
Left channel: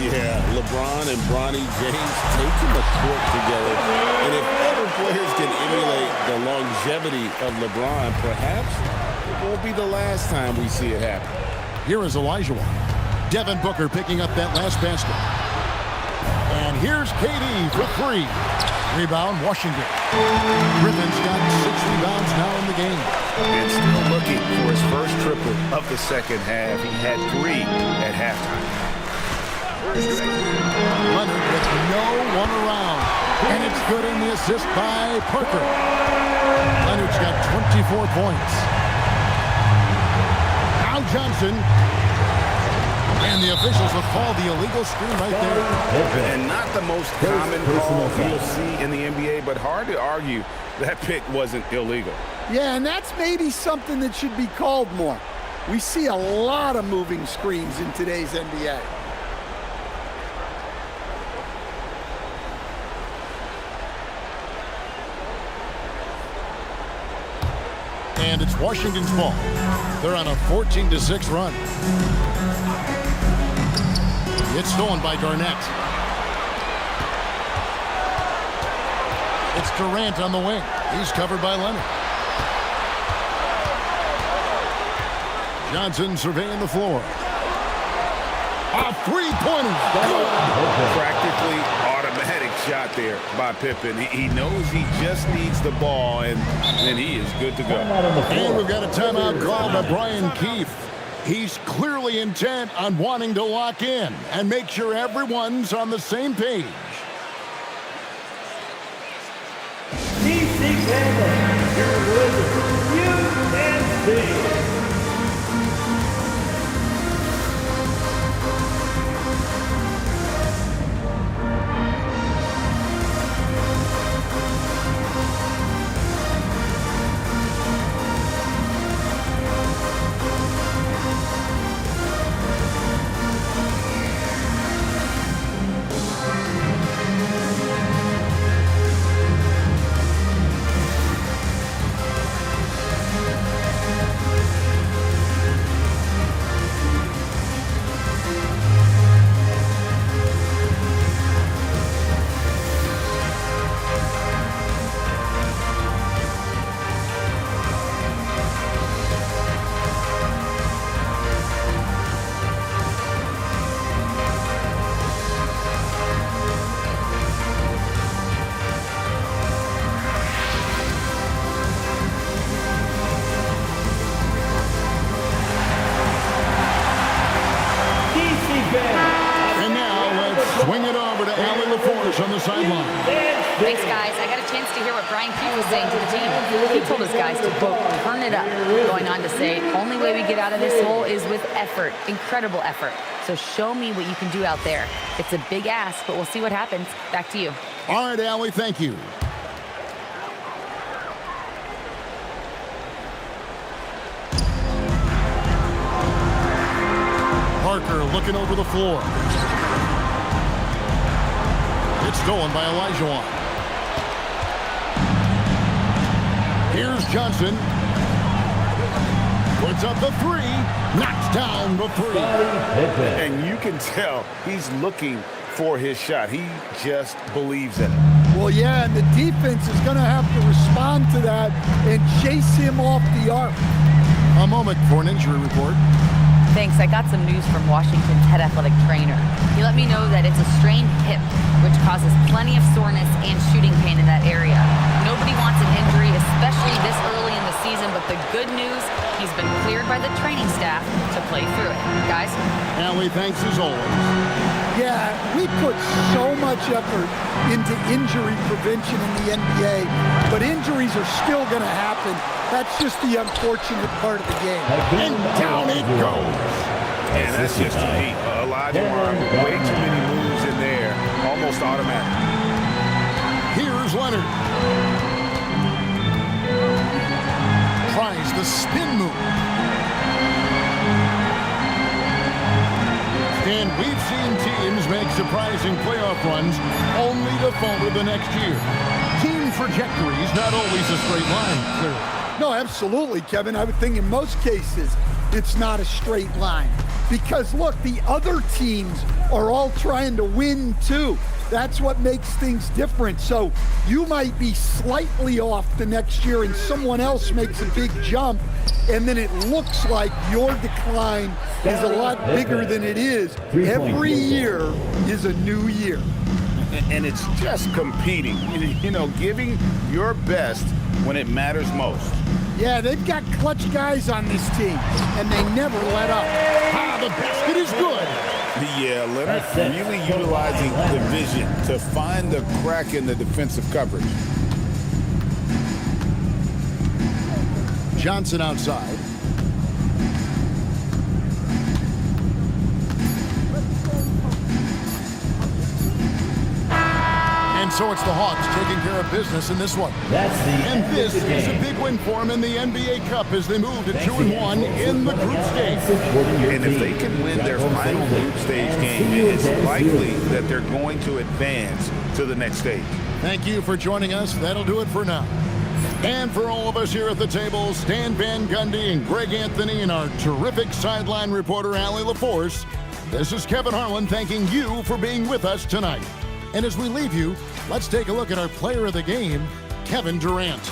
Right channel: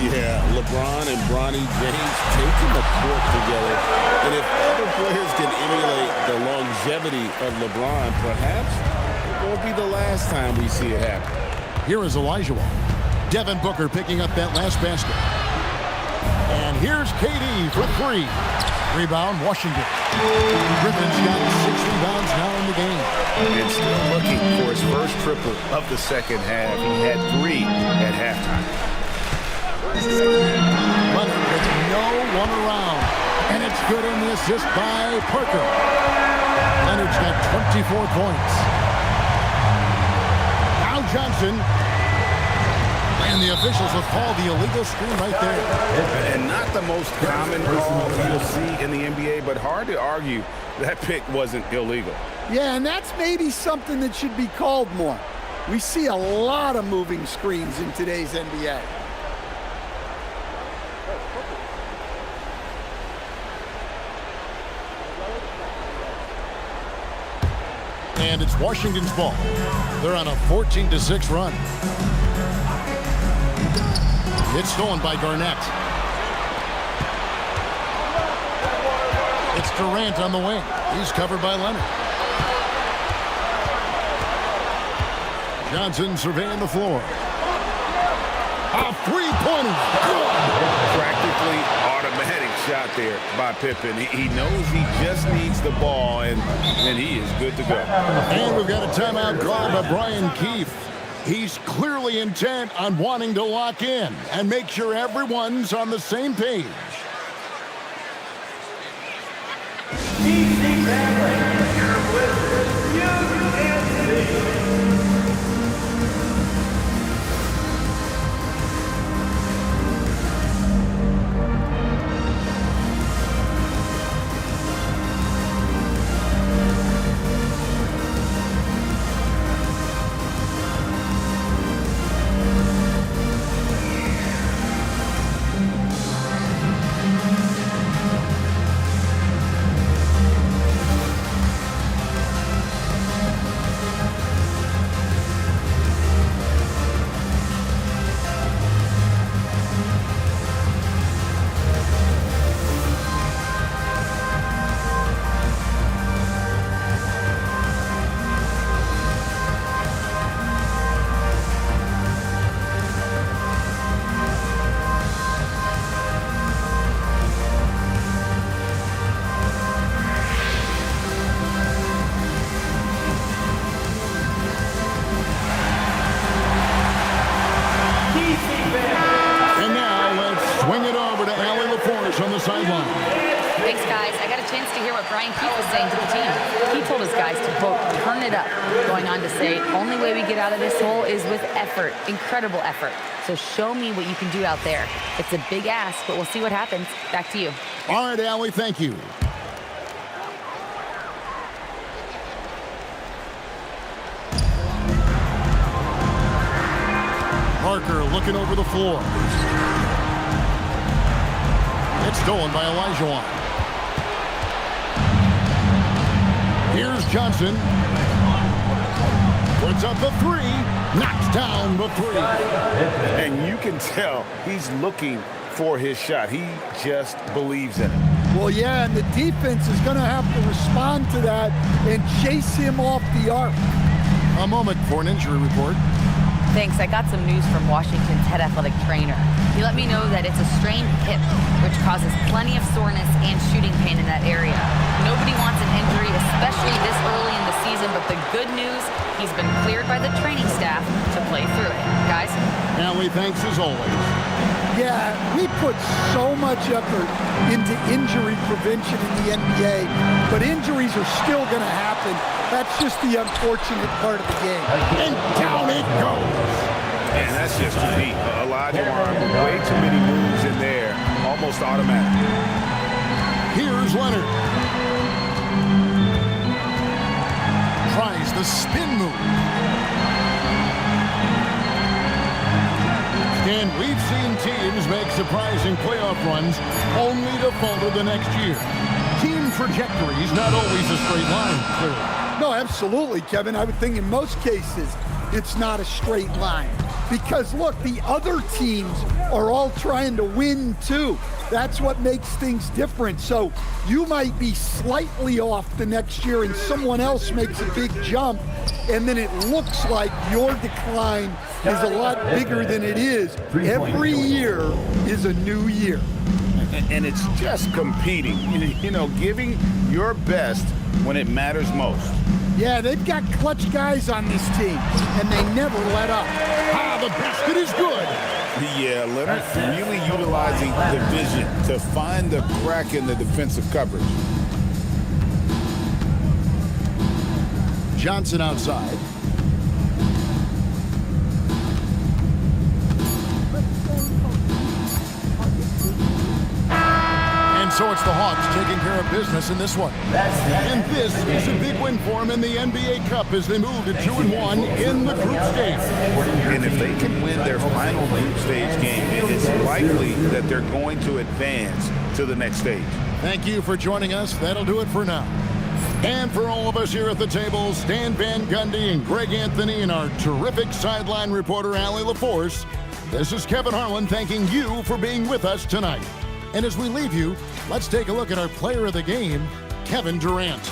Yeah, LeBron and Bronny James taking the court together. And if other players can emulate the longevity of LeBron, perhaps it won't be the last time we see it happen. Here is Olajuwon. Devin Booker picking up that last basket. And here's KD for 3. Rebound, Washington. Griffin's got 6 rebounds now in the game. And still looking for his first triple of the second half. He had 3 at halftime. Leonard with no one around. And it's good on the assist by Parker. Leonard's got 24 points. Now Johnson. And the officials have called the illegal screen right there. And not the most common call you'll see in the NBA, but hard to argue that pick wasn't illegal. Yeah, and that's maybe something that should be called more. We see a lot of moving screens in today's NBA. And it's Washington's ball. They're on a 14-6 run. It's stolen by Garnett. It's Durant on the wing. He's covered by Leonard. Johnson surveying the floor. A three-pointer. Good. Practically automatic shot there by Pippen. He knows he just needs the ball, and then he is good to go. And we've got a timeout called by Brian Keefe. He's clearly intent on wanting to lock in and make sure everyone's on the same page. DC family, your Wizards, UNC. Swing it over to Allie LaForge on the sideline. Thanks, guys. I got a chance to hear what Brian Keefe was saying to the team. He told his guys to, quote, turn it up, going on to say, only way we get out of this hole is with effort, incredible effort. So show me what you can do out there. It's a big ask, but we'll see what happens. Back to you. All right, Allie, thank you. Parker looking over the floor. It's stolen by Olajuwon. Here's Johnson. Puts up the three. Knocks down the three. And you can tell he's looking for his shot. He just believes in it. Well, yeah, and the defense is going to have to respond to that and chase him off the arc. A moment for an injury report. Thanks. I got some news from Washington's head athletic trainer. He let me know that it's a strained hip, which causes plenty of soreness and shooting pain in that area. Nobody wants an injury, especially this early in the season, but the good news, he's been cleared by the training staff to play through it. Guys? Allie, thanks as always. Yeah, we put so much effort into injury prevention in the NBA, but injuries are still going to happen. That's just the unfortunate part of the game. And down it goes. And that's just too deep. Elijah Warren with way too many moves in there, almost automatic. Here's Leonard. Tries the spin move. And we've seen teams make surprising playoff runs only to falter the next year. Team trajectory is not always a straight line, clearly. No, absolutely, Kevin. I would think in most cases it's not a straight line. Because, look, the other teams are all trying to win, too. That's what makes things different. So you might be slightly off the next year and someone else makes a big jump, and then it looks like your decline is a lot bigger than it is. Every year is a new year. And it's just competing, you know, giving your best when it matters most. Yeah, they've got clutch guys on this team, and they never let up. Ah, the basket is good. Yeah, Leonard really utilizing the vision to find the crack in the defensive coverage. Johnson outside. And so it's the Hawks taking care of business in this one. And this is a big win for them in the NBA Cup as they move to 2-1 in the group stage. And if they can win their final group stage game, it's likely that they're going to advance to the next stage. Thank you for joining us. That'll do it for now. And for all of us here at the table, Stan Van Gundy and Greg Anthony and our terrific sideline reporter, Allie LaForce, this is Kevin Harlan thanking you for being with us tonight. And as we leave you, let's take a look at our player of the game, Kevin Durant.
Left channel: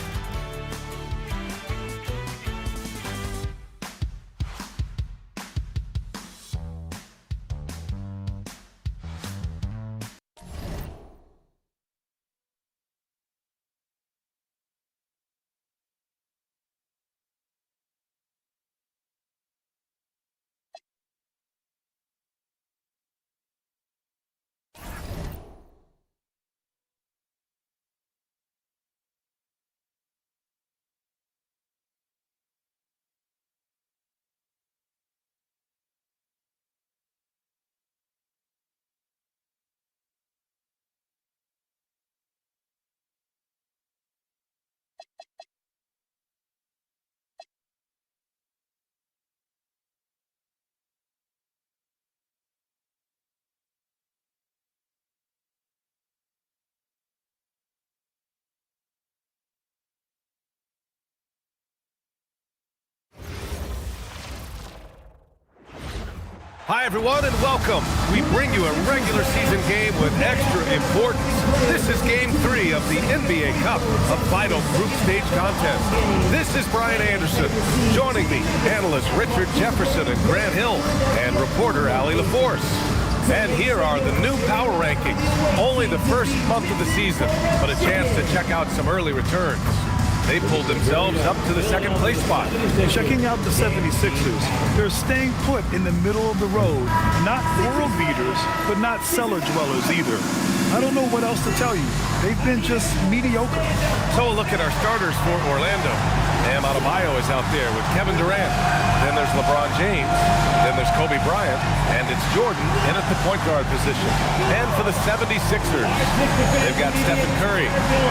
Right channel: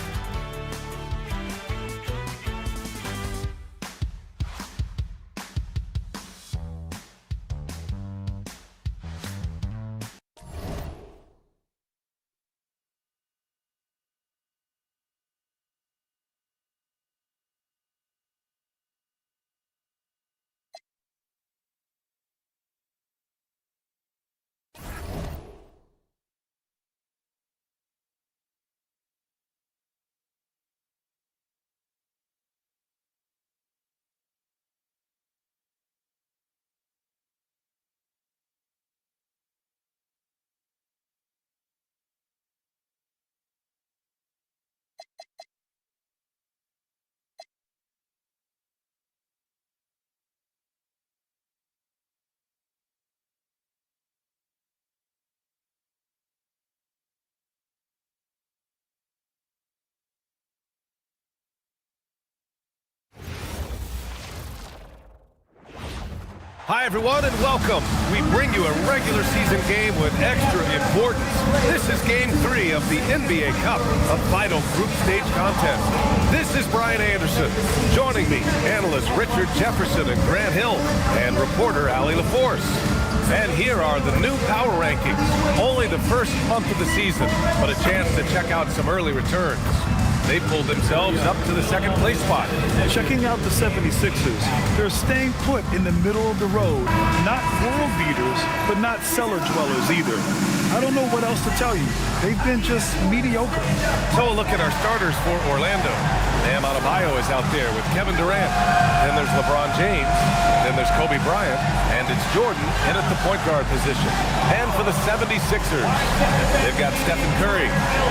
Hi, everyone, and welcome. We bring you a regular season game with extra importance. This is Game 3 of the NBA Cup, a vital group stage contest. This is Brian Anderson. Joining me, analysts Richard Jefferson and Grant Hill, and reporter Allie LaForce. And here are the new power rankings. Only the first month of the season, but a chance to check out some early returns. They pulled themselves up to the second place spot. Checking out the 76ers, they're staying put in the middle of the road. Not world beaters, but not cellar dwellers either. I don't know what else to tell you. They've been just mediocre. So a look at our starters for Orlando. Bam Adebayo is out there with Kevin Durant. Then there's LeBron James. Then there's Kobe Bryant. And it's Jordan in at the point guard position. And for the 76ers, they've got Stephen Curry.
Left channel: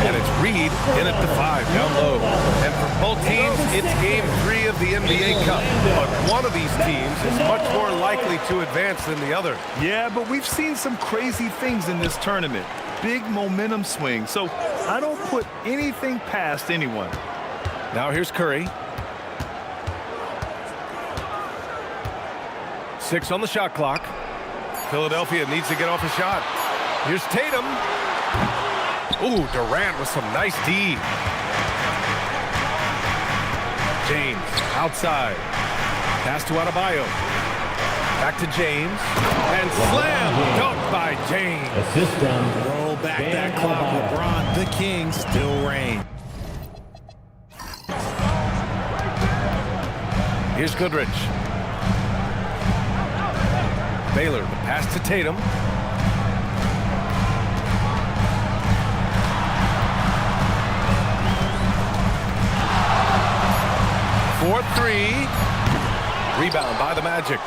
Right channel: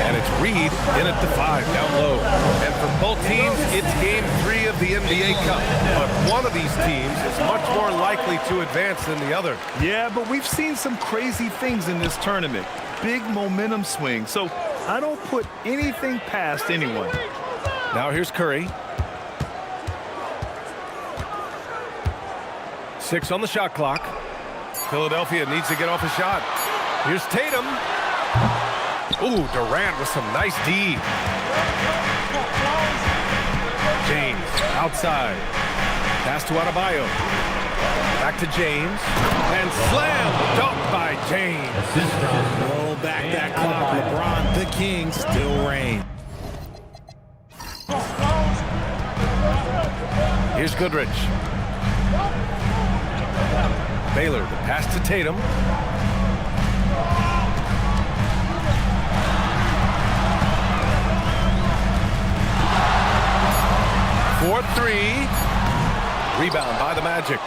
And it's Reed in at the 5 down low. And for both teams, it's Game 3 of the NBA Cup. But one of these teams is much more likely to advance than the other. Yeah, but we've seen some crazy things in this tournament. Big momentum swing. So I don't put anything past anyone. Now here's Curry. 6 on the shot clock. Philadelphia needs to get off a shot. Here's Tatum. Ooh, Durant with some nice D. James outside. Pass to Adebayo. Back to James. And slam dunk by James. Roll back that clock. LeBron, the king, still reign. Here's Goodrich. Baylor, the pass to Tatum. For 3. Rebound by the Magic.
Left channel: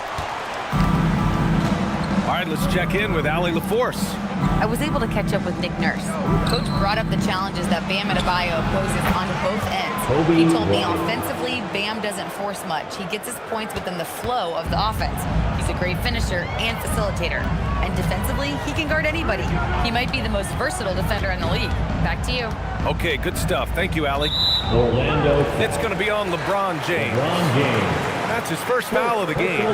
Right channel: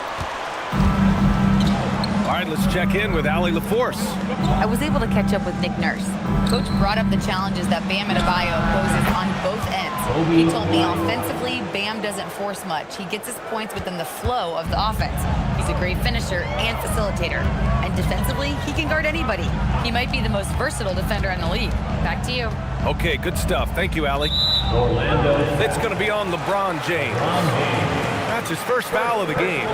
All right, let's check in with Allie LaForce. I was able to catch up with Nick Nurse. Coach brought up the challenges that Bam Adebayo poses on both ends. He told me offensively, Bam doesn't force much. He gets his points within the flow of the offense. He's a great finisher and facilitator. And defensively, he can guard anybody. He might be the most versatile defender in the league. Back to you. Okay, good stuff. Thank you, Allie. Orlando. It's going to be on LeBron James. That's his first foul of the game.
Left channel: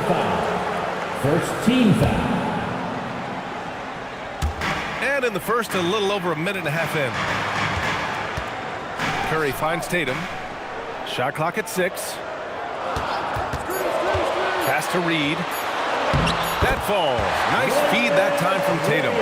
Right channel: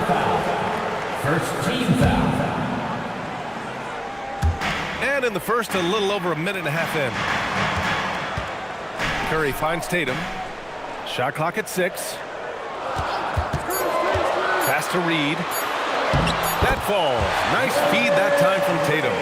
First team foul. And in the first, a little over a minute and a half in. Curry finds Tatum. Shot clock at 6. Pass to Reed. That falls. Nice feed that time from Tatum.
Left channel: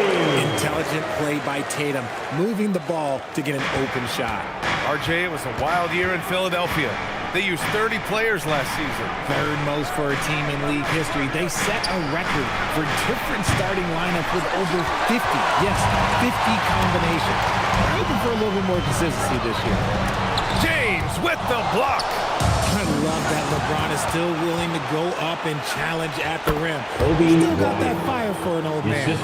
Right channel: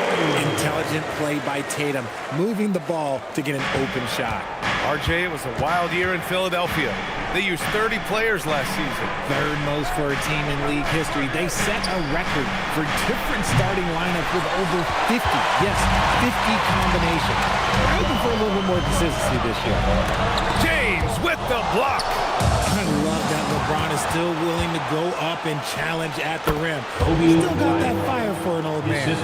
Intelligent play by Tatum, moving the ball to get an open shot. RJ, it was a wild year in Philadelphia. They used 30 players last season. Third most for a team in league history. They set a record for different starting lineups with over 50. Yes, 50 combinations. We're hoping for a little bit more consistency this year. James with the block. I love that LeBron is still willing to go up and challenge at the rim. He's still got that fire for an old man.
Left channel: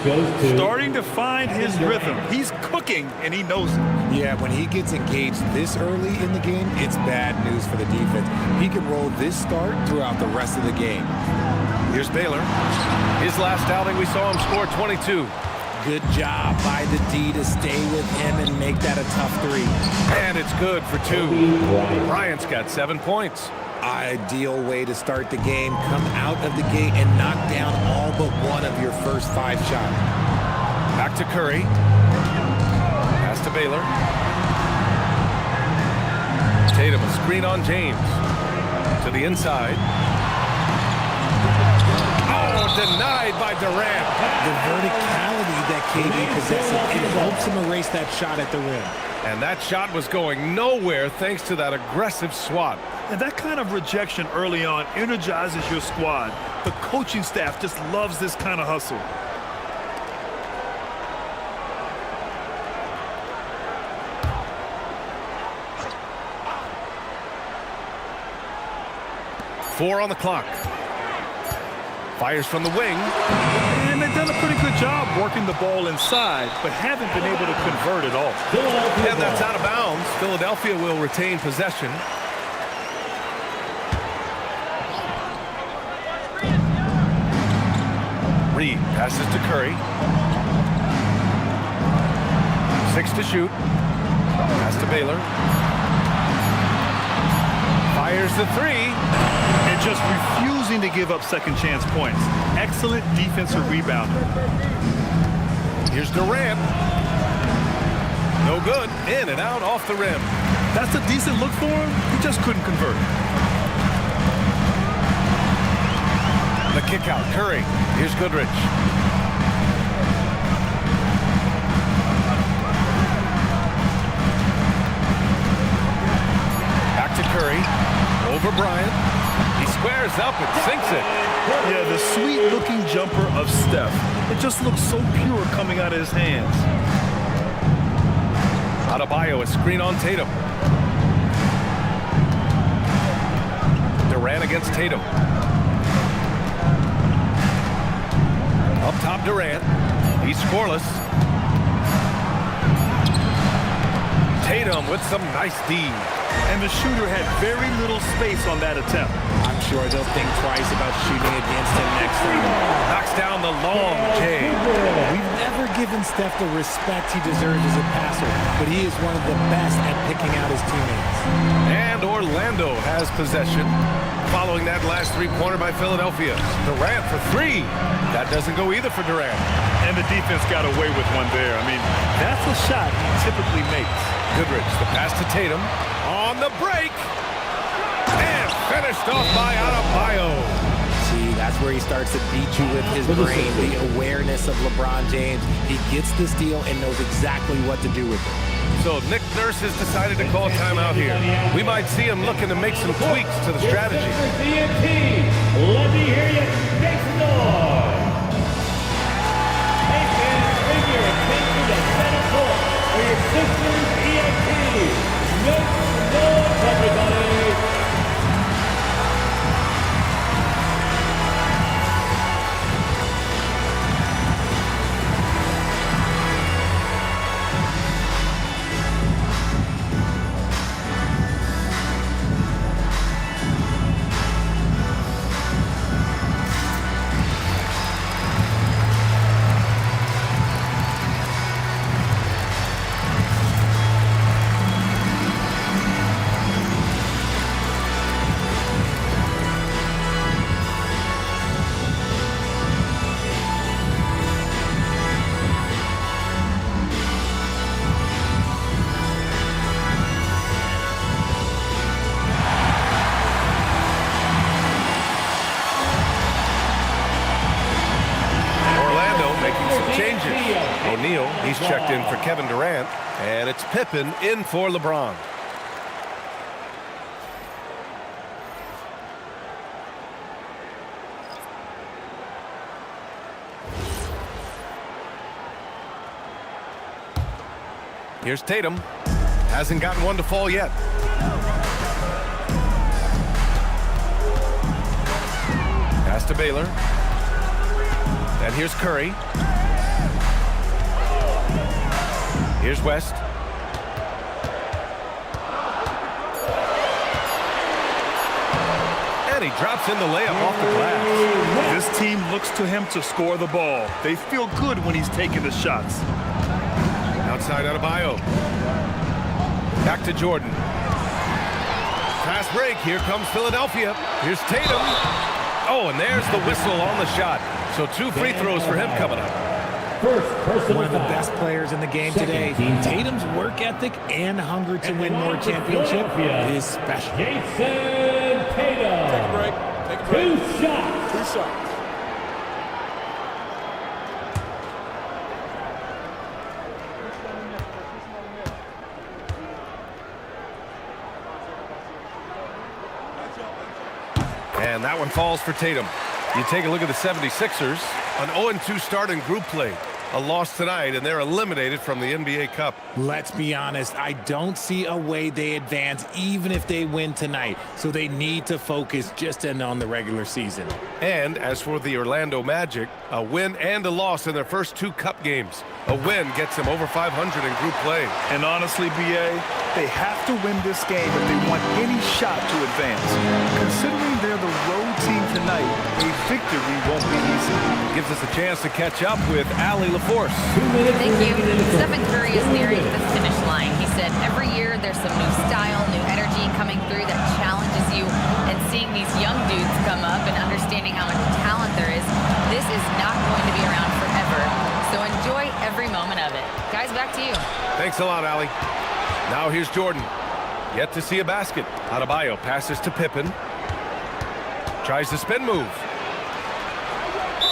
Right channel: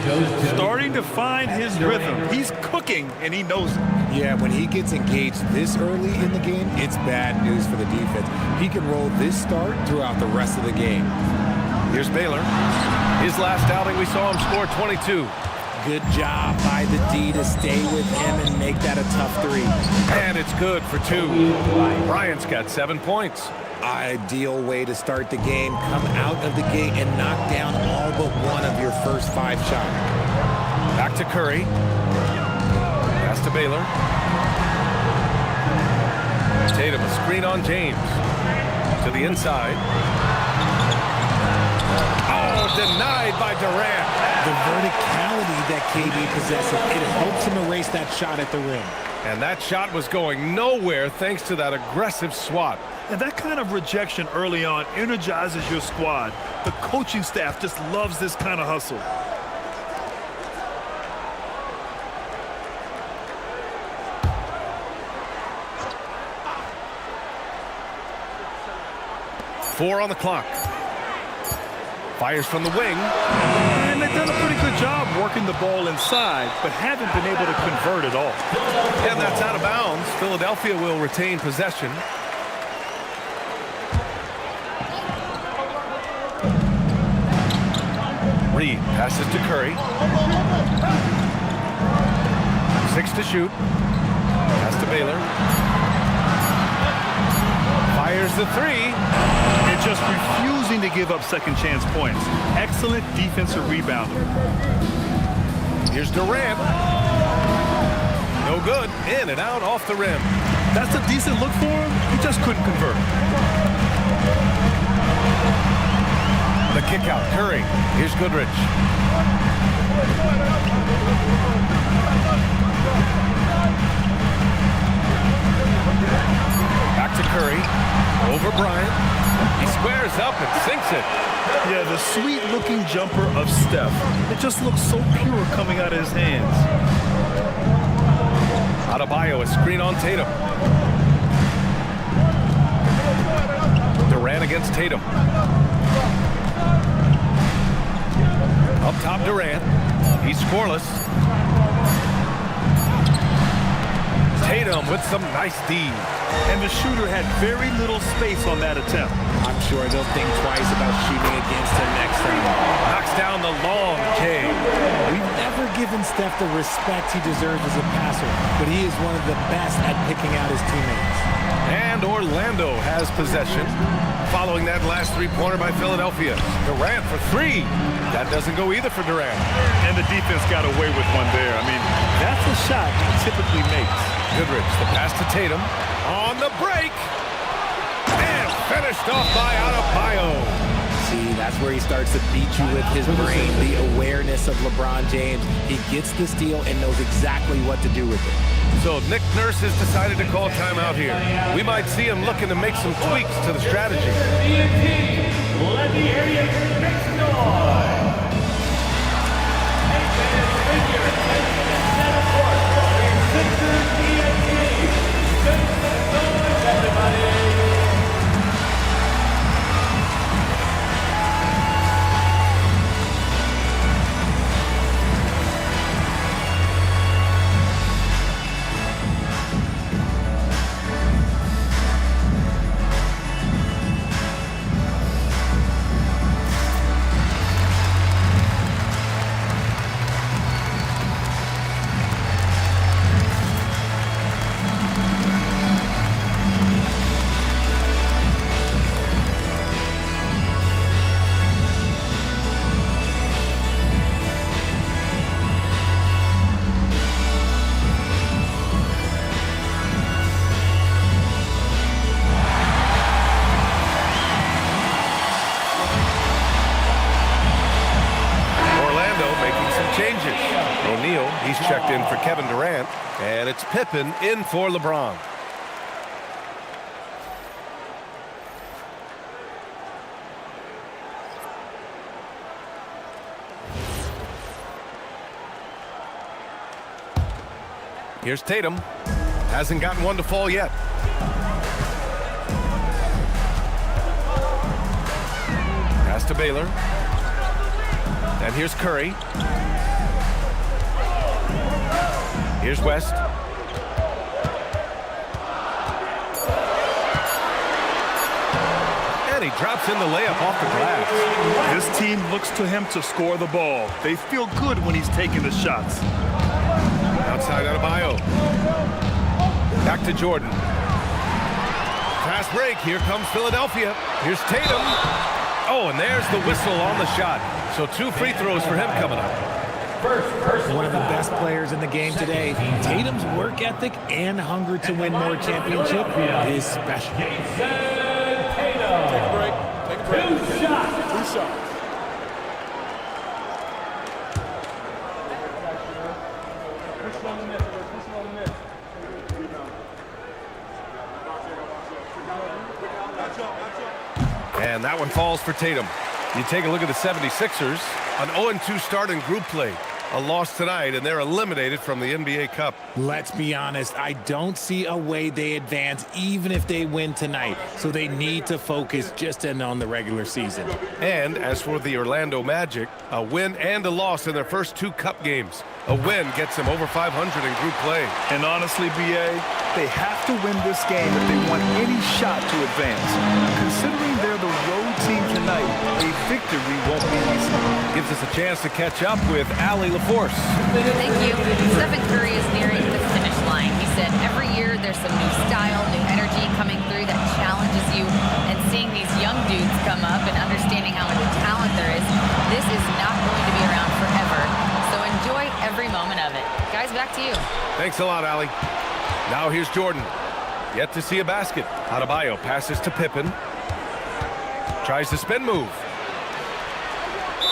Starting to find his rhythm. He's cooking, and he knows it. Yeah, when he gets engaged this early in the game, it's bad news for the defense. He can roll this start throughout the rest of the game. Here's Baylor. His last outing, we saw him score 22. Good job by the D to stay with him and make that a tough 3. And it's good for 2. Bryant's got 7 points. Ideal way to start the game. Come out of the gate and knock down all but one of your first 5 shots. Back to Curry. Pass to Baylor. Tatum, a screen on James. To the inside. Oh, denied by Durant. The verticality that KD possesses, it helps him erase that shot at the rim. And that shot was going nowhere thanks to that aggressive swat. And that kind of rejection early on energizes your squad. The coaching staff just loves this kind of hustle. Four on the clock. Fires from the wing. And they've done a pretty good job working the ball inside, but haven't been able to convert at all. And that's out of bounds. Philadelphia will retain possession. Reed passes to Curry. 6 to shoot. Pass to Baylor. Fires the 3. And just refusing to give up second chance points. Excellent defensive rebounder. Here's Durant. No good. In and out off the rim. That's a decent look for him. He just couldn't convert. The kick out. Curry. Here's Goodrich. Back to Curry. Over Bryant. He squares up and sinks it. Yeah, the sweet-looking jumper of Steph. It just looks so pure coming out of his hands. Adebayo, a screen on Tatum. Durant against Tatum. Up top, Durant. He's scoreless. Tatum with some nice D. And the shooter had very little space on that attempt. I'm sure they'll think twice about shooting against him next time. Knocks down the long J. We've never given Steph the respect he deserves as a passer, but he is one of the best at picking out his teammates. And Orlando has possession. following that last three-pointer by Philadelphia. Durant for three. That doesn't go either for Durant. And the defense got away with one there. I mean, that's a shot he typically makes. Goodrich, the pass to Tatum. On the break. And finished off by Adebayo. See, that's where he starts to beat you with his brain, the awareness of LeBron James. He gets the steal and knows exactly what to do with it. So Nick Nurse has decided to call timeout here. We might see him looking to make some tweaks to the strategy. Let me hear you make some noise. Hey fans, bring your attention to center court for your Pistons ENT. Make some noise, everybody. Making some changes. O'Neal, he's checked in for Kevin Durant, and it's Pippen in for LeBron. Here's Tatum. Hasn't gotten one to fall yet. Pass to Baylor. And here's Curry. Here's West. And he drops in the layup off the glass. This team looks to him to score the ball. They feel good when he's taking the shots. Outside Adebayo. Back to Jordan. Fast break. Here comes Philadelphia. Here's Tatum. Oh, and there's the whistle on the shot. So 2 free throws for him coming up. One of the best players in the game today. Tatum's work ethic and hunger to win more championship is special. Take a break. Take a break. 2 shots. 2 shots. And that one falls for Tatum. You take a look at the 76ers. An 0-2 start in group play. A loss tonight, and they're eliminated from the NBA Cup. Let's be honest, I don't see a way they advance even if they win tonight. So they need to focus just in on the regular season. And as for the Orlando Magic, a win and a loss in their first 2 Cup games. A win gets them over 500 in group play. And honestly, BA, they have to win this game if they want any shot to advance. Considering they're the road team tonight, a victory won't be easy. Gives us a chance to catch up with Allie LaForce. Thank you. Stephen Curry is nearing the finish line. He said every year there's some new style, new energy coming through that challenges you. And seeing these young dudes come up and understanding how much talent there is, this is not going to be around forever. So enjoy every moment of it. Guys, back to you. Thanks a lot, Allie. Now here's Jordan. Yet to see a basket. Adebayo passes to Pippen. Tries the spin move.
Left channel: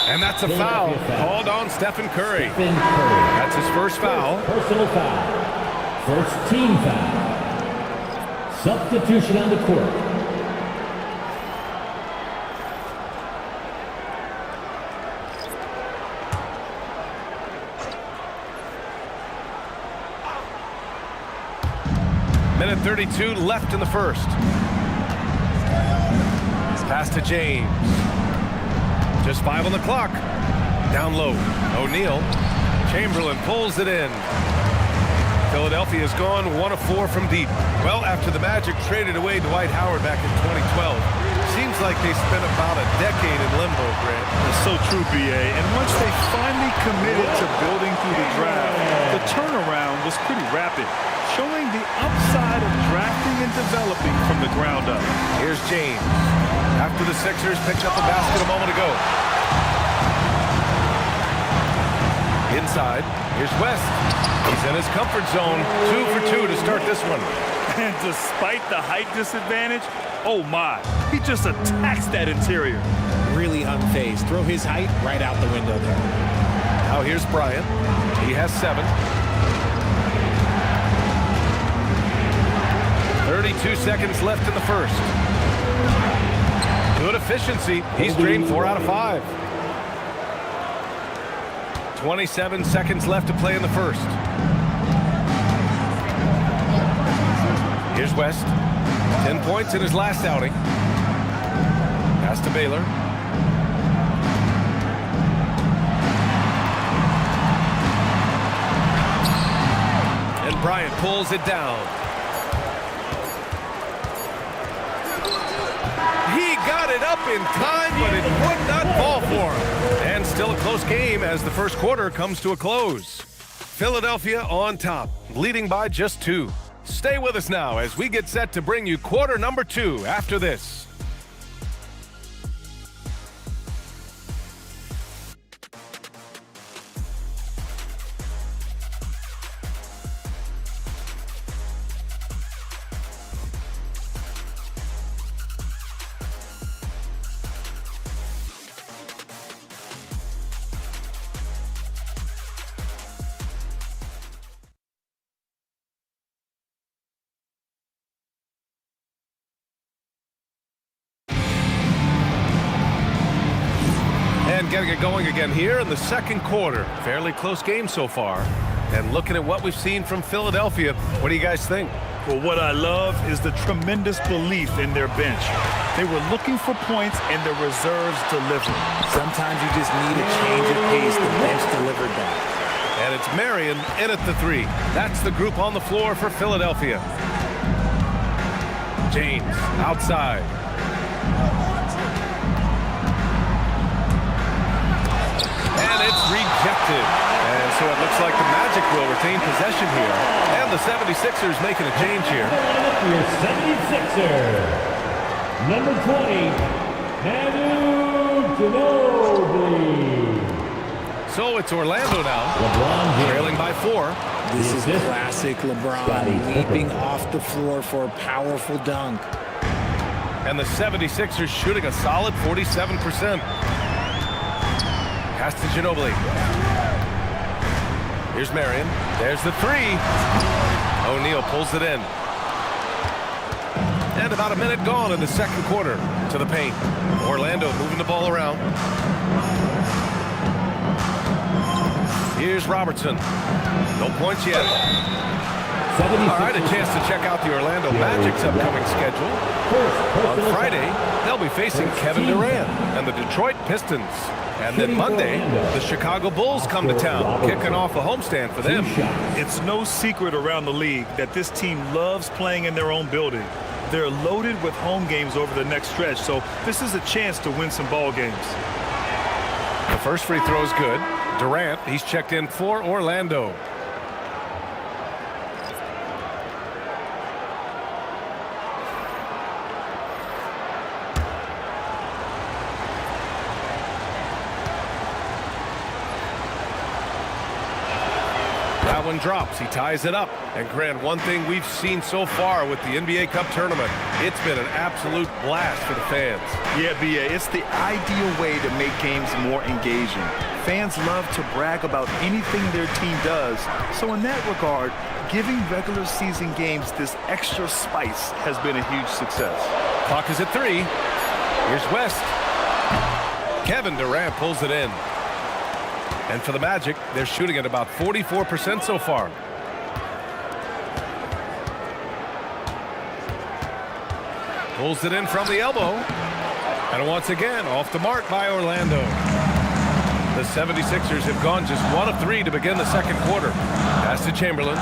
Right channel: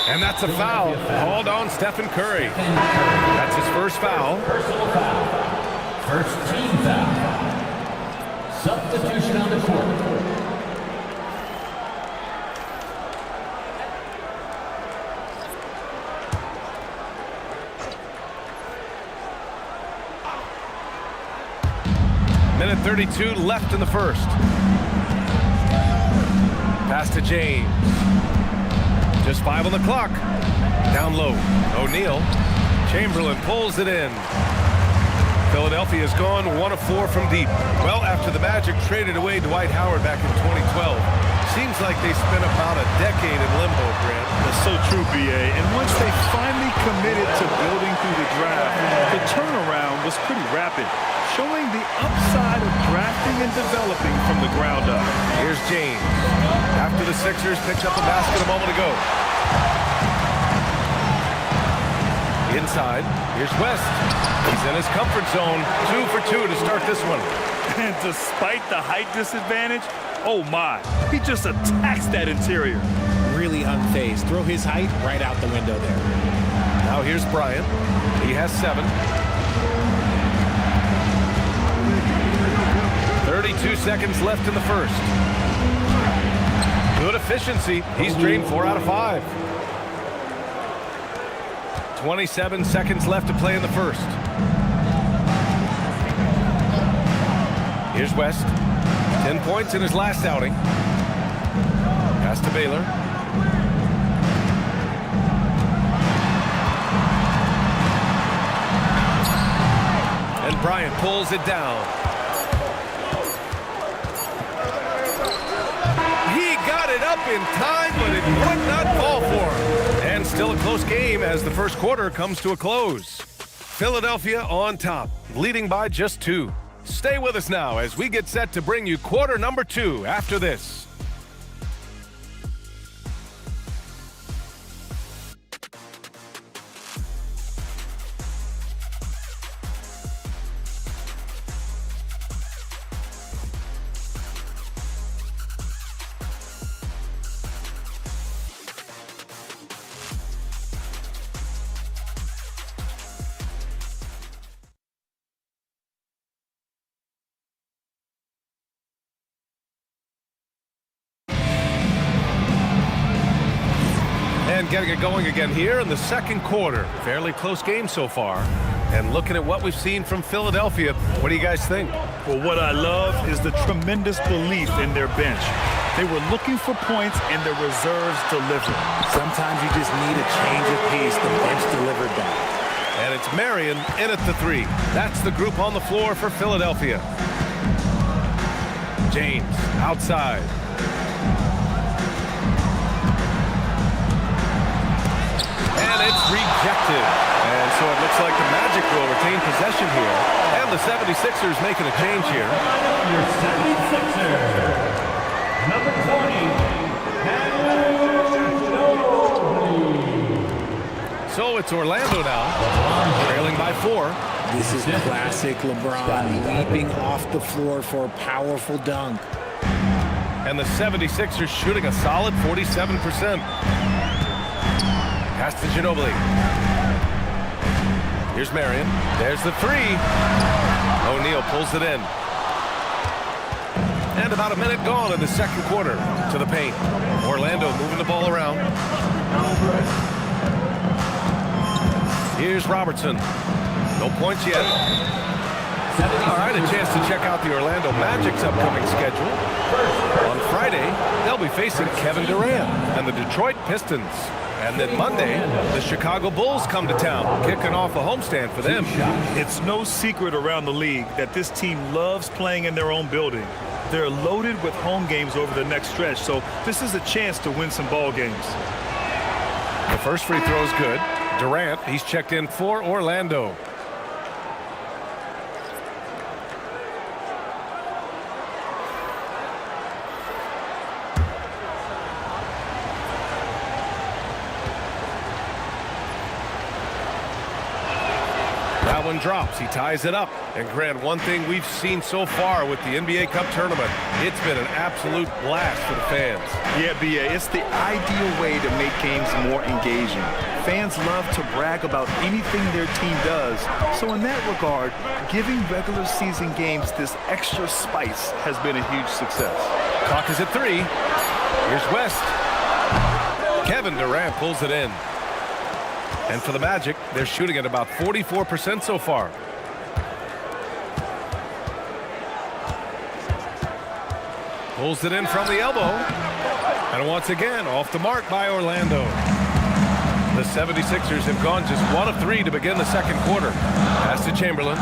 And that's a foul called on Stephen Curry. That's his first foul. Personal foul. First team foul. Substitution on the court. Minute 32 left in the first. Pass to James. Just 5 on the clock. Down low. O'Neal. Chamberlain pulls it in. Philadelphia's gone 1 of 4 from deep. Well, after the Magic traded away Dwight Howard back in 2012, seems like they spent about a decade in limbo, Grant. That's so true, BA. And once they finally committed to building through the draft, the turnaround was pretty rapid, showing the upside of drafting and developing from the ground up. Here's James. after the Sixers picked up a basket a moment ago. Inside, here's West. He's in his comfort zone. 2 for 2 to start this one. And despite the height disadvantage, oh my, he just attacks that interior. Really unfazed. Throw his height right out the window there. Now here's Bryant. He has 7. 32 seconds left in the first. Good efficiency. He's drained 4 out of 5. 27 seconds left to play in the first. Here's West. 10 points in his last outing. Pass to Baylor. And Bryant pulls it down. He got it up in time, but it would not fall for him. And still a close game as the first quarter comes to a close. Philadelphia on top, leading by just 2. Stay with us now as we get set to bring you quarter number 2 after this. And getting it going again here in the second quarter. Fairly close game so far. And looking at what we've seen from Philadelphia, what do you guys think? Well, what I love is the tremendous belief in their bench. They were looking for points and the reserves delivered. Sometimes you just need a change of pace. The bench delivered that. And it's Marion in at the 3. That's the group on the floor for Philadelphia. James outside. And it's rejected. And so it looks like the Magic will retain possession here. And the 76ers making a change here. Your 76er, number 20, Ginobili. So it's Orlando now, trailing by 4. This is classic LeBron, leaping off the floor for a powerful dunk. And the 76ers shooting a solid 47%. Pass to Ginobili. Here's Marion. There's the 3. O'Neal pulls it in. And about a minute gone in the second quarter to the paint. Orlando moving the ball around. Here's Robertson. No points yet. All right, a chance to check out the Orlando Magic's upcoming schedule. On Friday, they'll be facing Kevin Durant and the Detroit Pistons. And then Monday, the Chicago Bulls come to town, kicking off a homestand for them. It's no secret around the league that this team loves playing in their own building. They're loaded with home games over the next stretch, so this is a chance to win some ball games. The first free throw is good. Durant, he's checked in for Orlando. That one drops. He ties it up. And Grant, one thing we've seen so far with the NBA Cup tournament, it's been an absolute blast for the fans. Yeah, B.A., it's the ideal way to make games more engaging. Fans love to brag about anything their team does. So in that regard, giving regular season games this extra spice has been a huge success. Clock is at 3. Here's West. Kevin Durant pulls it in. And for the Magic, they're shooting at about 44% so far. Pulls it in from the elbow. And once again, off the mark by Orlando. The 76ers have gone just 1 of 3 to begin the second quarter. Pass to Chamberlain.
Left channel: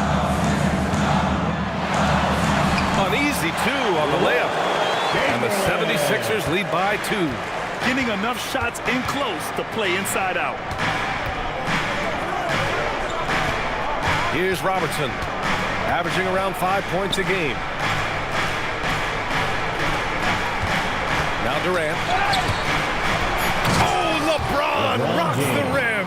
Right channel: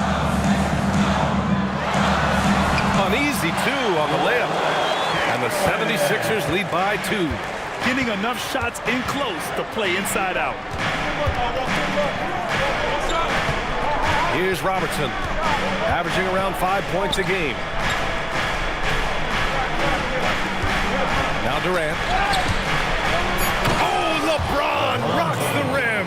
An easy 2 on the layup. And the 76ers lead by 2. Getting enough shots in close to play inside out. Here's Robertson, averaging around 5 points a game. Now Durant. Oh, LeBron rocks the rim.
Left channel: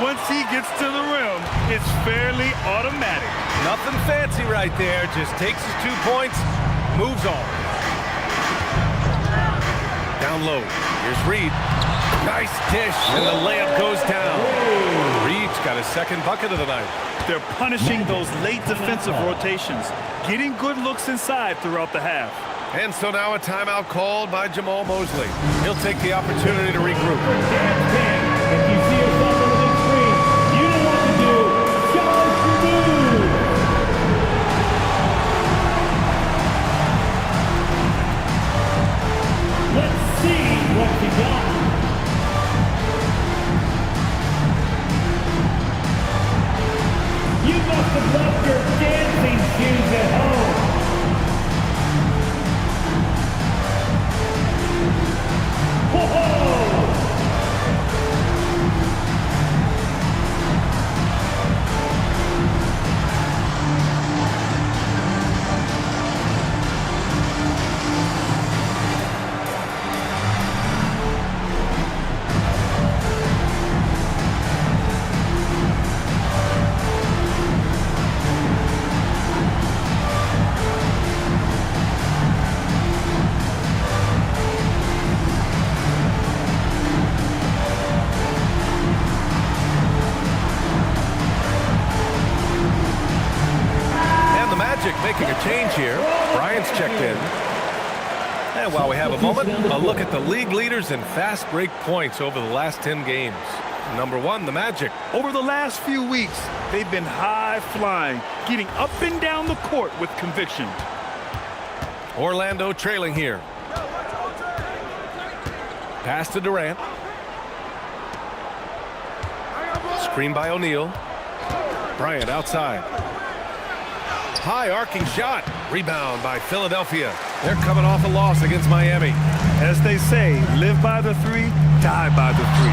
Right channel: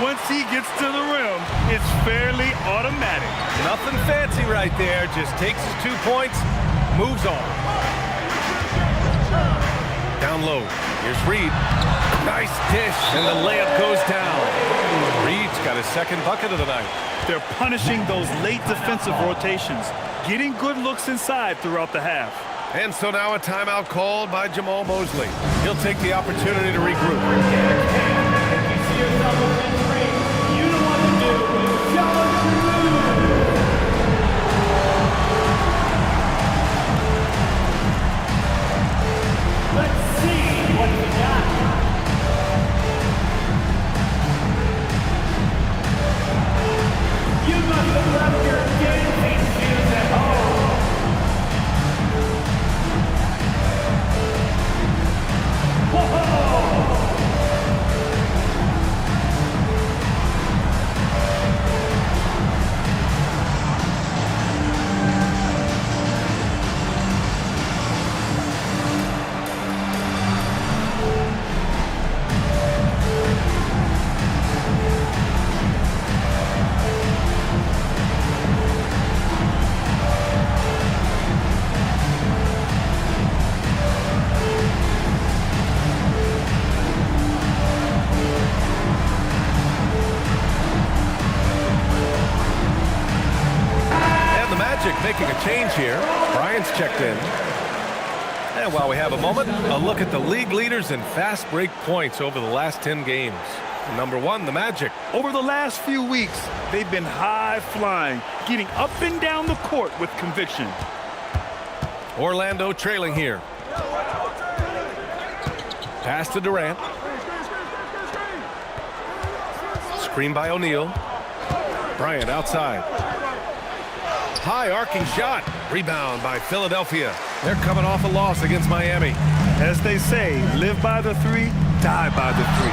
Once he gets to the rim, it's fairly automatic. Nothing fancy right there. Just takes his 2 points, moves on. Down low. Here's Reed. Nice dish, and the layup goes down. Reed's got his second bucket of the night. They're punishing those late defensive rotations, getting good looks inside throughout the half. And so now a timeout called by Jamal Mosley. He'll take the opportunity to regroup. Let's see what you got. You must have left your dancing shoes at home. Whoa! Making a change here. Bryant's checked in. And while we have a moment, a look at the league leaders in fast break points over the last 10 games. Number 1, the Magic. Over the last few weeks, they've been high flying, getting up and down the court with conviction. Orlando trailing here. Pass to Durant. Screen by O'Neal. Bryant outside. High arcing shot. Rebound by Philadelphia. They're coming off a loss against Miami. As they say, live by the 3, die by the 3.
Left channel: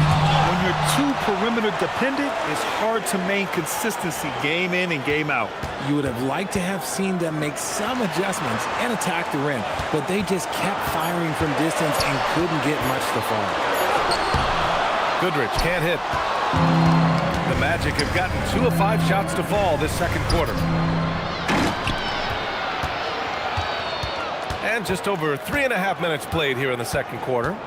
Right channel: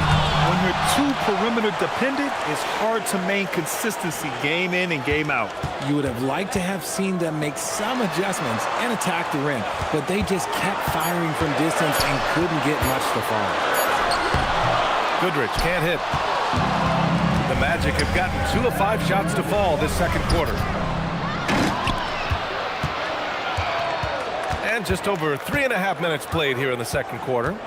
When you're too perimeter dependent, it's hard to maintain consistency game in and game out. You would have liked to have seen them make some adjustments and attack the rim, but they just kept firing from distance and couldn't get much to fall. Goodrich can't hit. The Magic have gotten 2 of 5 shots to fall this second quarter. And just over 3.5 minutes played here in the second quarter.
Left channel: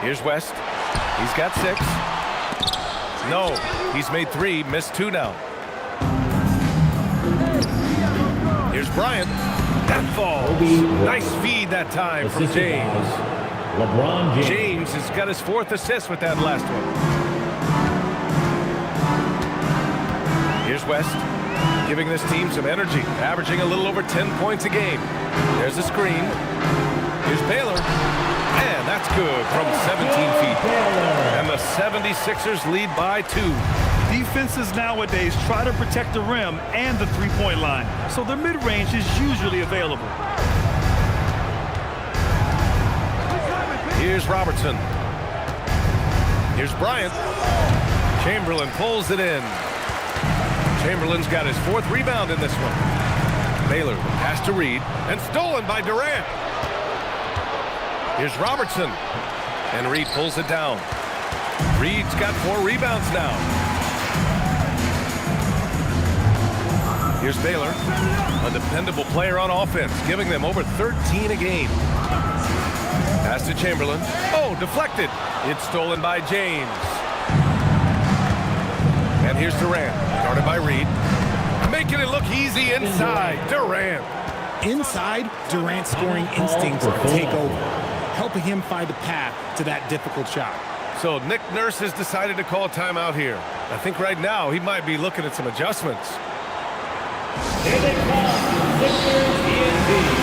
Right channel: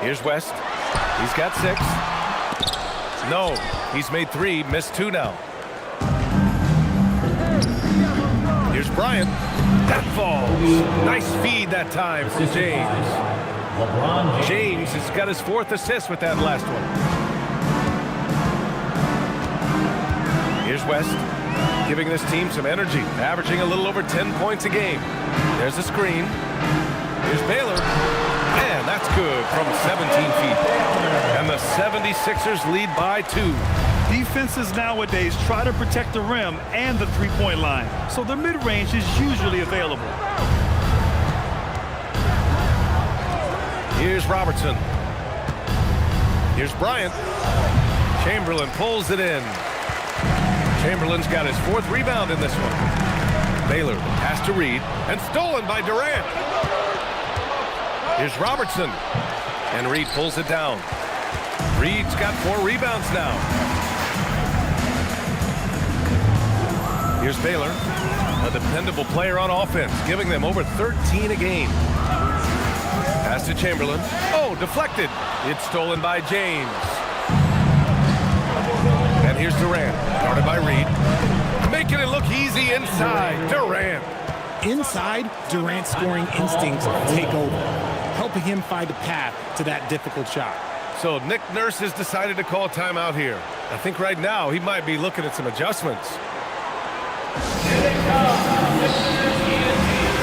Here's West. He's got 6. No, he's made 3, missed 2 now. Here's Bryant. That falls. Nice feed that time from James. LeBron James. James has got his 4th assist with that last one. Here's West, giving this team some energy, averaging a little over 10 points a game. There's a screen. Here's Baylor. And that's good from 17 feet. And the 76ers lead by 2. Defenses nowadays try to protect the rim and the three-point line, so their mid-range is usually available. Here's Robertson. Here's Bryant. Chamberlain pulls it in. Chamberlain's got his 4th rebound in this one. Baylor, the pass to Reed, and stolen by Durant. Here's Robertson, and Reed pulls it down. Reed's got 4 rebounds now. Here's Baylor, a dependable player on offense, giving them over 13 a game. Pass to Chamberlain. Oh, deflected. It's stolen by James. And here's Durant, guarded by Reed. Making it look easy inside. Durant. Inside, Durant's scoring instincts take over, helping him find a path to that difficult shot. So Nick Nurse has decided to call timeout here. I think right now he might be looking at some adjustments. Here they come, Sixers ENT.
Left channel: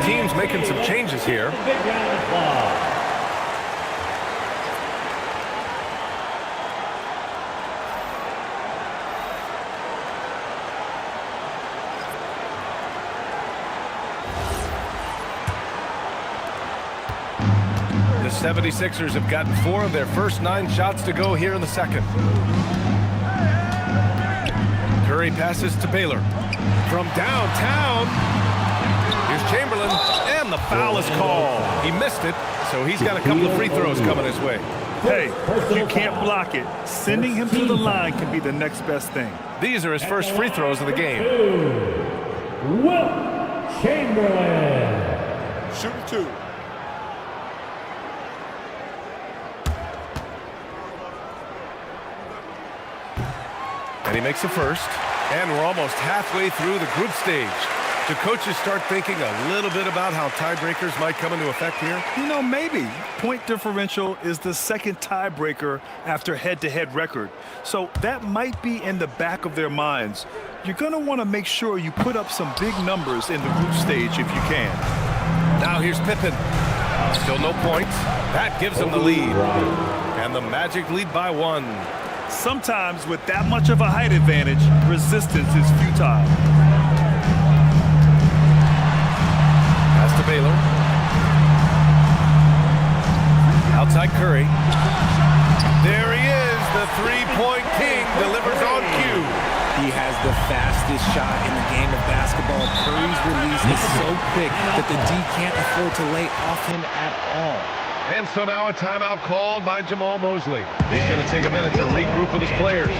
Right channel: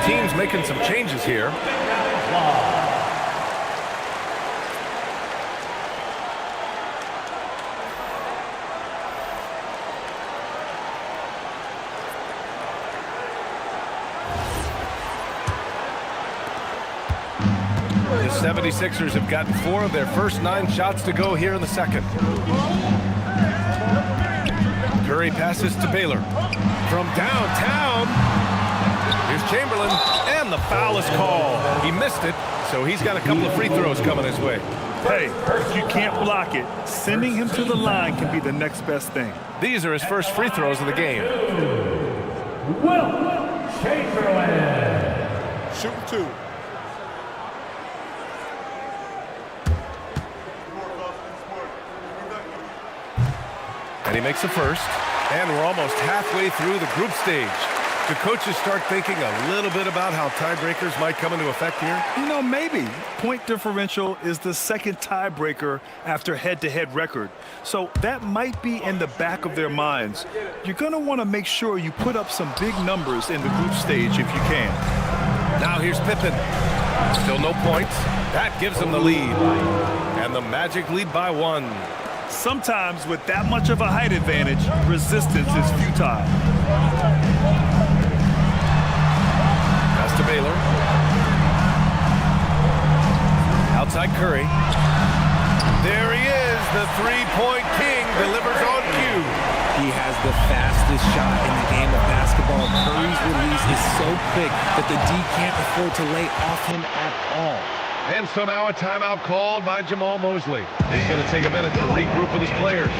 Both teams making some changes here. Big round of applause. The 76ers have gotten 4 of their first 9 shots to go here in the second. Curry passes to Baylor. From downtown, here's Chamberlain, and the foul is called. He missed it, so he's got a couple of free throws coming his way. Hey, if you can't block it, sending him to the line can be the next best thing. These are his first free throws of the game. Will Chamberlain. Shooting 2. And he makes the first. And we're almost halfway through the group stage. Do coaches start thinking a little bit about how tiebreakers might come into effect here? You know, maybe. Point differential is the second tiebreaker after head-to-head record. So that might be in the back of their minds. You're going to want to make sure you put up some big numbers in the group stage if you can. Now here's Pippen. Still no points. That gives them the lead. And the Magic lead by 1. Sometimes with that much of a height advantage, resistance is futile. Pass to Baylor. Outside Curry. There he is, the three-point king, delivers on cue. He has the fastest shot in the game of basketball. Curry's release is so quick that the D can't afford to lay off him at all. And so now a timeout called by Jamal Mosley. He's going to take a minute to regroup with his players.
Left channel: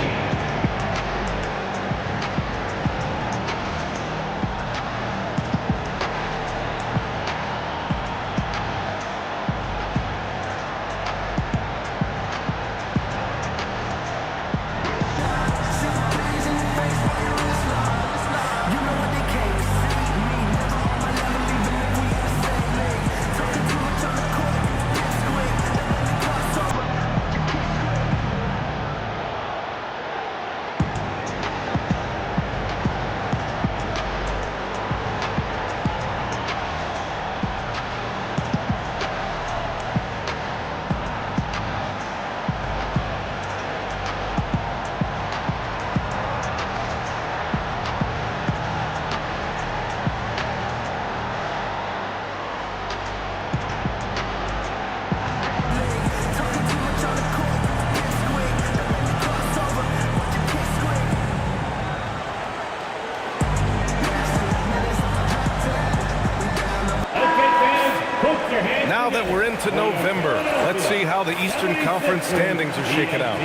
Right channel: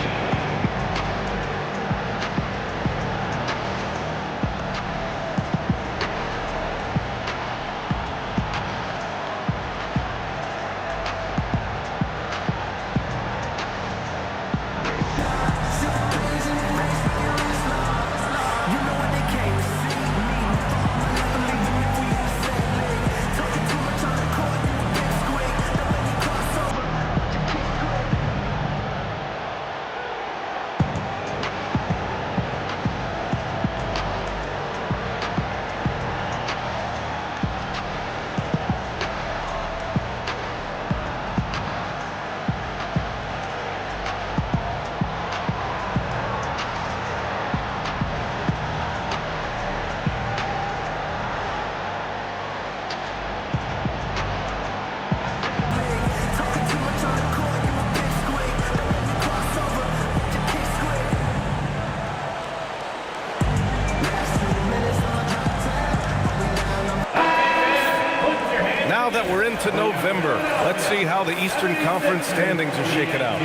Now that we're into November, let's see how the Eastern Conference standings are shaken out.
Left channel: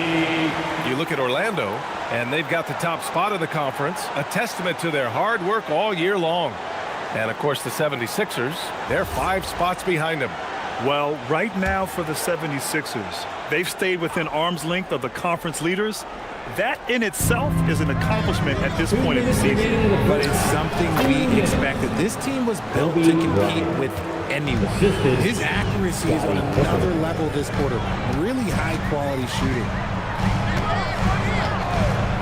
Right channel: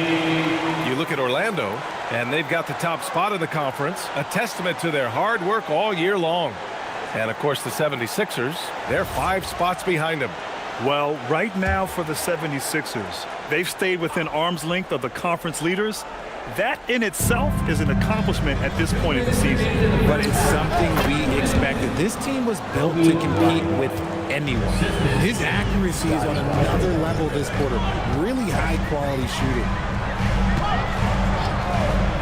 You look at Orlando, and they've got the top spot in the conference, a testament to their hard work all year long. And, of course, the 76ers, they're 5 spots behind them. Well, right now for the 76ers, they've stayed within arm's length of the conference leaders. That in itself is an accomplishment at this point in the season. But it's something we expected. This team was built to compete with anyone. His accuracy is on another level this quarter. Really high quality shooting.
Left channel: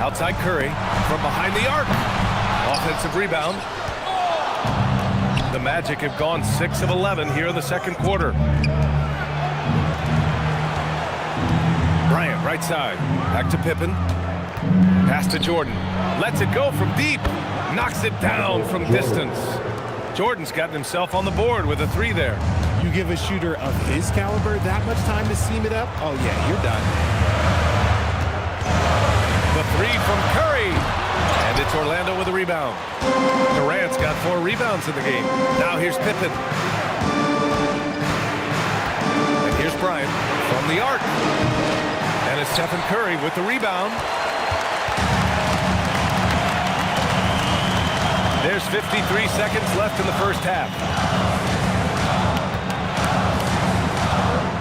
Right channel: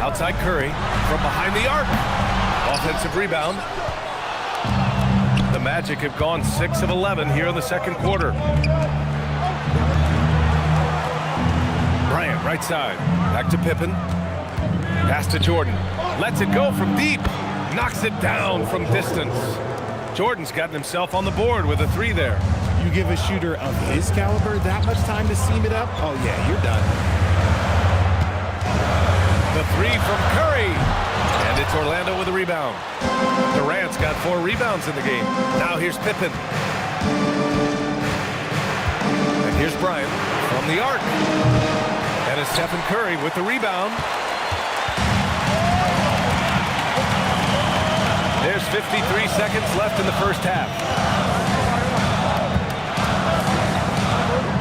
Outside Curry from behind the arc. Offensive rebound. The Magic have gone 6 of 11 here in the second quarter. Bryant, right side. Back to Pippen. Pass to Jordan. Lets it go from deep. Knocks it down from distance. Jordan's gotten himself on the board with a 3 there. You give a shooter of his caliber that much time to seam it up? Oh, yeah, you're done. The 3 from Curry. And it's Orlando with a rebound. Durant's got 4 rebounds in the game. Now here's Pippen. And here's Bryant from the arc. And it's Stephen Curry with the rebound. There's 53 seconds left in the first half.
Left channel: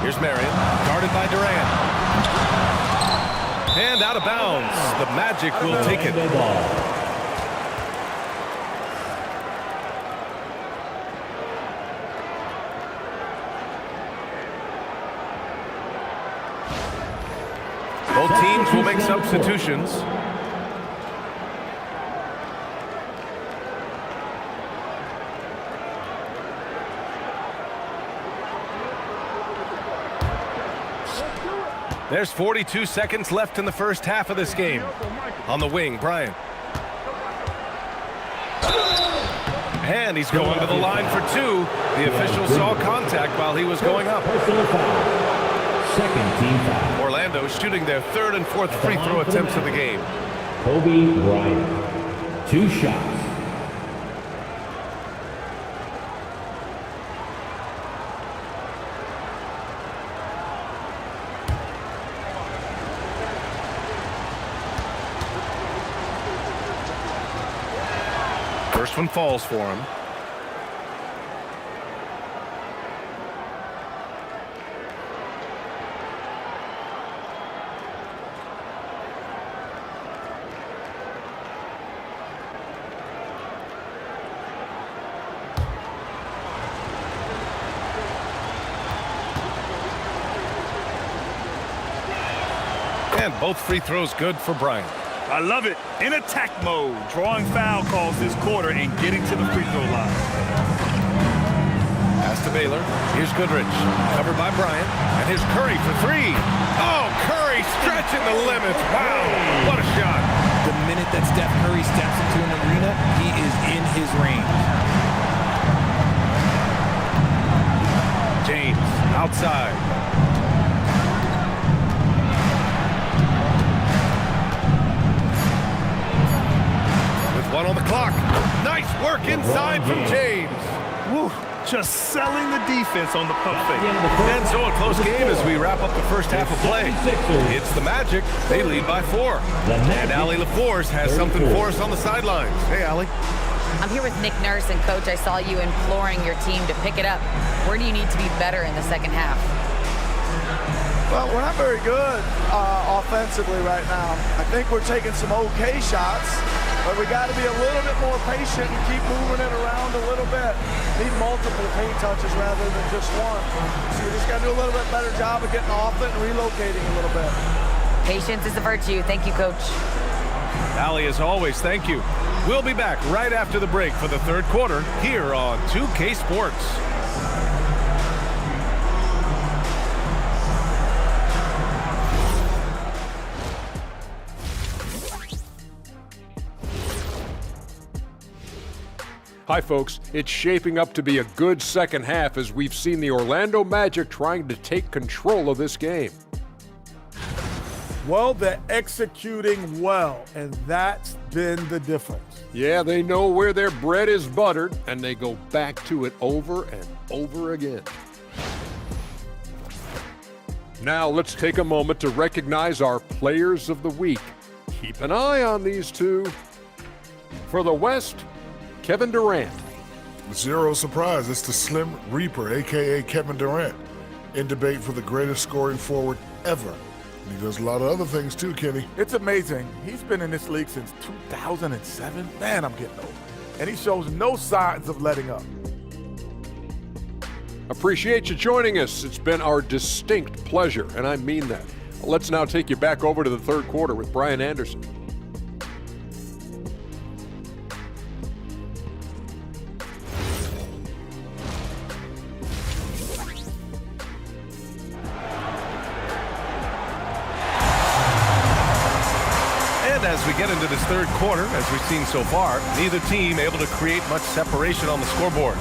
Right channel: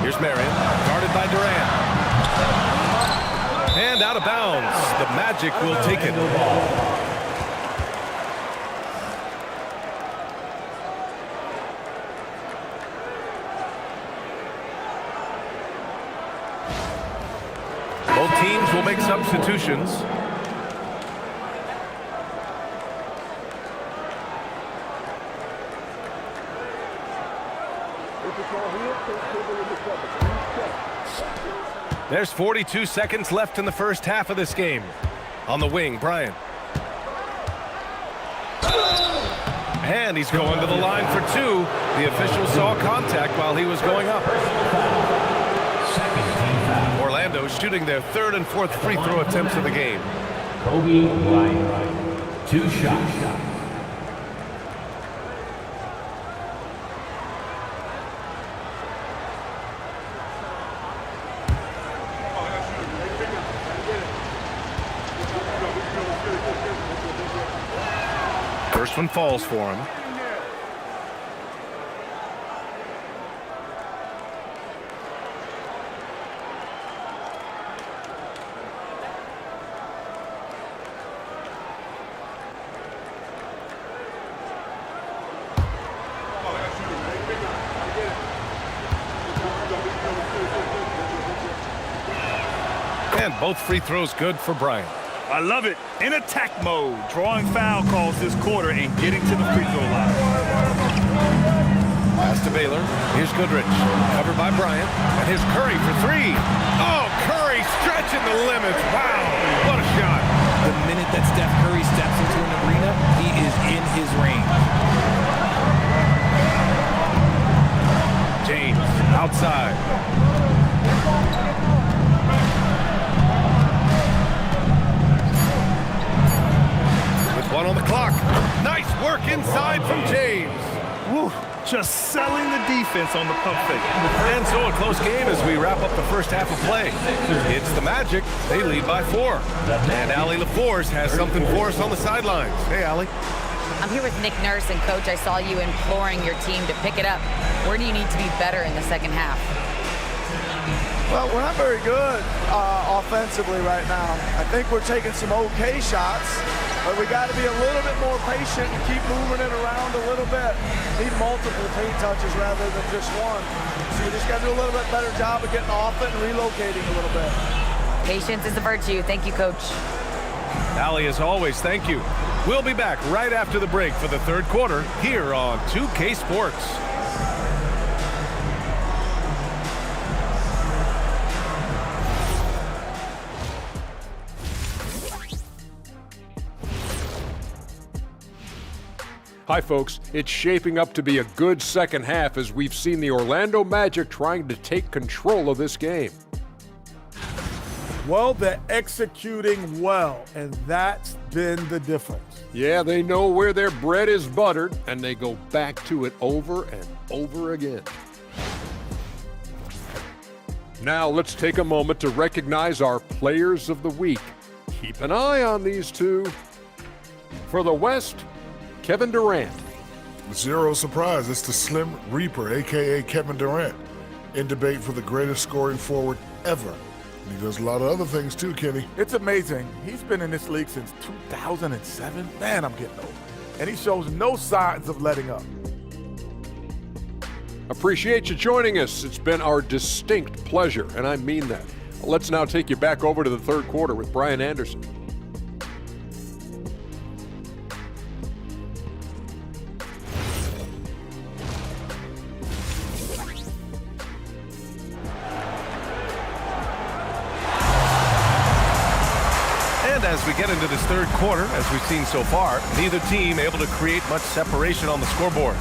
Here's Marion, guarded by Durant. And out of bounds. The Magic will take it. Both teams will make substitutions. There's 42 seconds left in the first half of this game. On the wing, Bryant. And he's going to the line for two. The official saw contact while he was going up. Personal foul. Second team foul. Orlando shooting their third and fourth free throw attempts of the game. Kobe Bryant. 2 shots. First one falls for him. And both free throws good for Bryant. I love it. In attack mode, drawing foul calls this quarter and getting to the free throw line. Pass to Baylor. Here's Goodrich. Covered by Bryant. And here's Curry for three. Oh, Curry stretching the limits. Wow, what a shot. The minute that Steph Curry steps into an arena, he is in his range. James outside. One on the clock. Nice work inside from James. Woo, just selling the defense on the pump fake. And so a close game as we wrap up the first half of play. It's the Magic. They lead by 4. And Allie LaForce has something for us on the sidelines. Hey, Allie. I'm here with Nick Nurse, and Coach, I saw you imploring your team to pick it up. Where do you need to be better in the second half? Well, we're not very good offensively right now. I think we're taking some okay shots. But we got to be a little bit more patient and keep moving it around a little bit. Need multiple paint touches rather than just one. So we just got to do a little bit better job of getting off it and relocating a little bit. Patience is a virtue. Thank you, Coach. Allie, as always, thank you. We'll be back right after the break for the third quarter here on 2K Sports. Hi, folks. It's shaping up to be a good second half as we've seen the Orlando Magic trying to take control of this game. Well, they're executing well, and that's been the difference. Yeah, they know where their bread is buttered, and they go back to it over and over again. Now, let's take a moment to recognize our Players of the Week. Keep an eye on these two. For the West, Kevin Durant. Zero surprise, it's the Slim Reaper, a.k.a. Kevin Durant, in debate for the greatest scoring forward ever. And he does a lot of other things too, Kenny. It's amazing. He's been in this league since 2007. Man, I'm getting old. And he shows no signs of letting up. Appreciate you joining us. It's been our distinct pleasure, and I mean that. Let's now take you back over to the third quarter with Brian Anderson. And as we get into this third quarter, as we've seen so far, neither team able to create much separation on the scoreboard.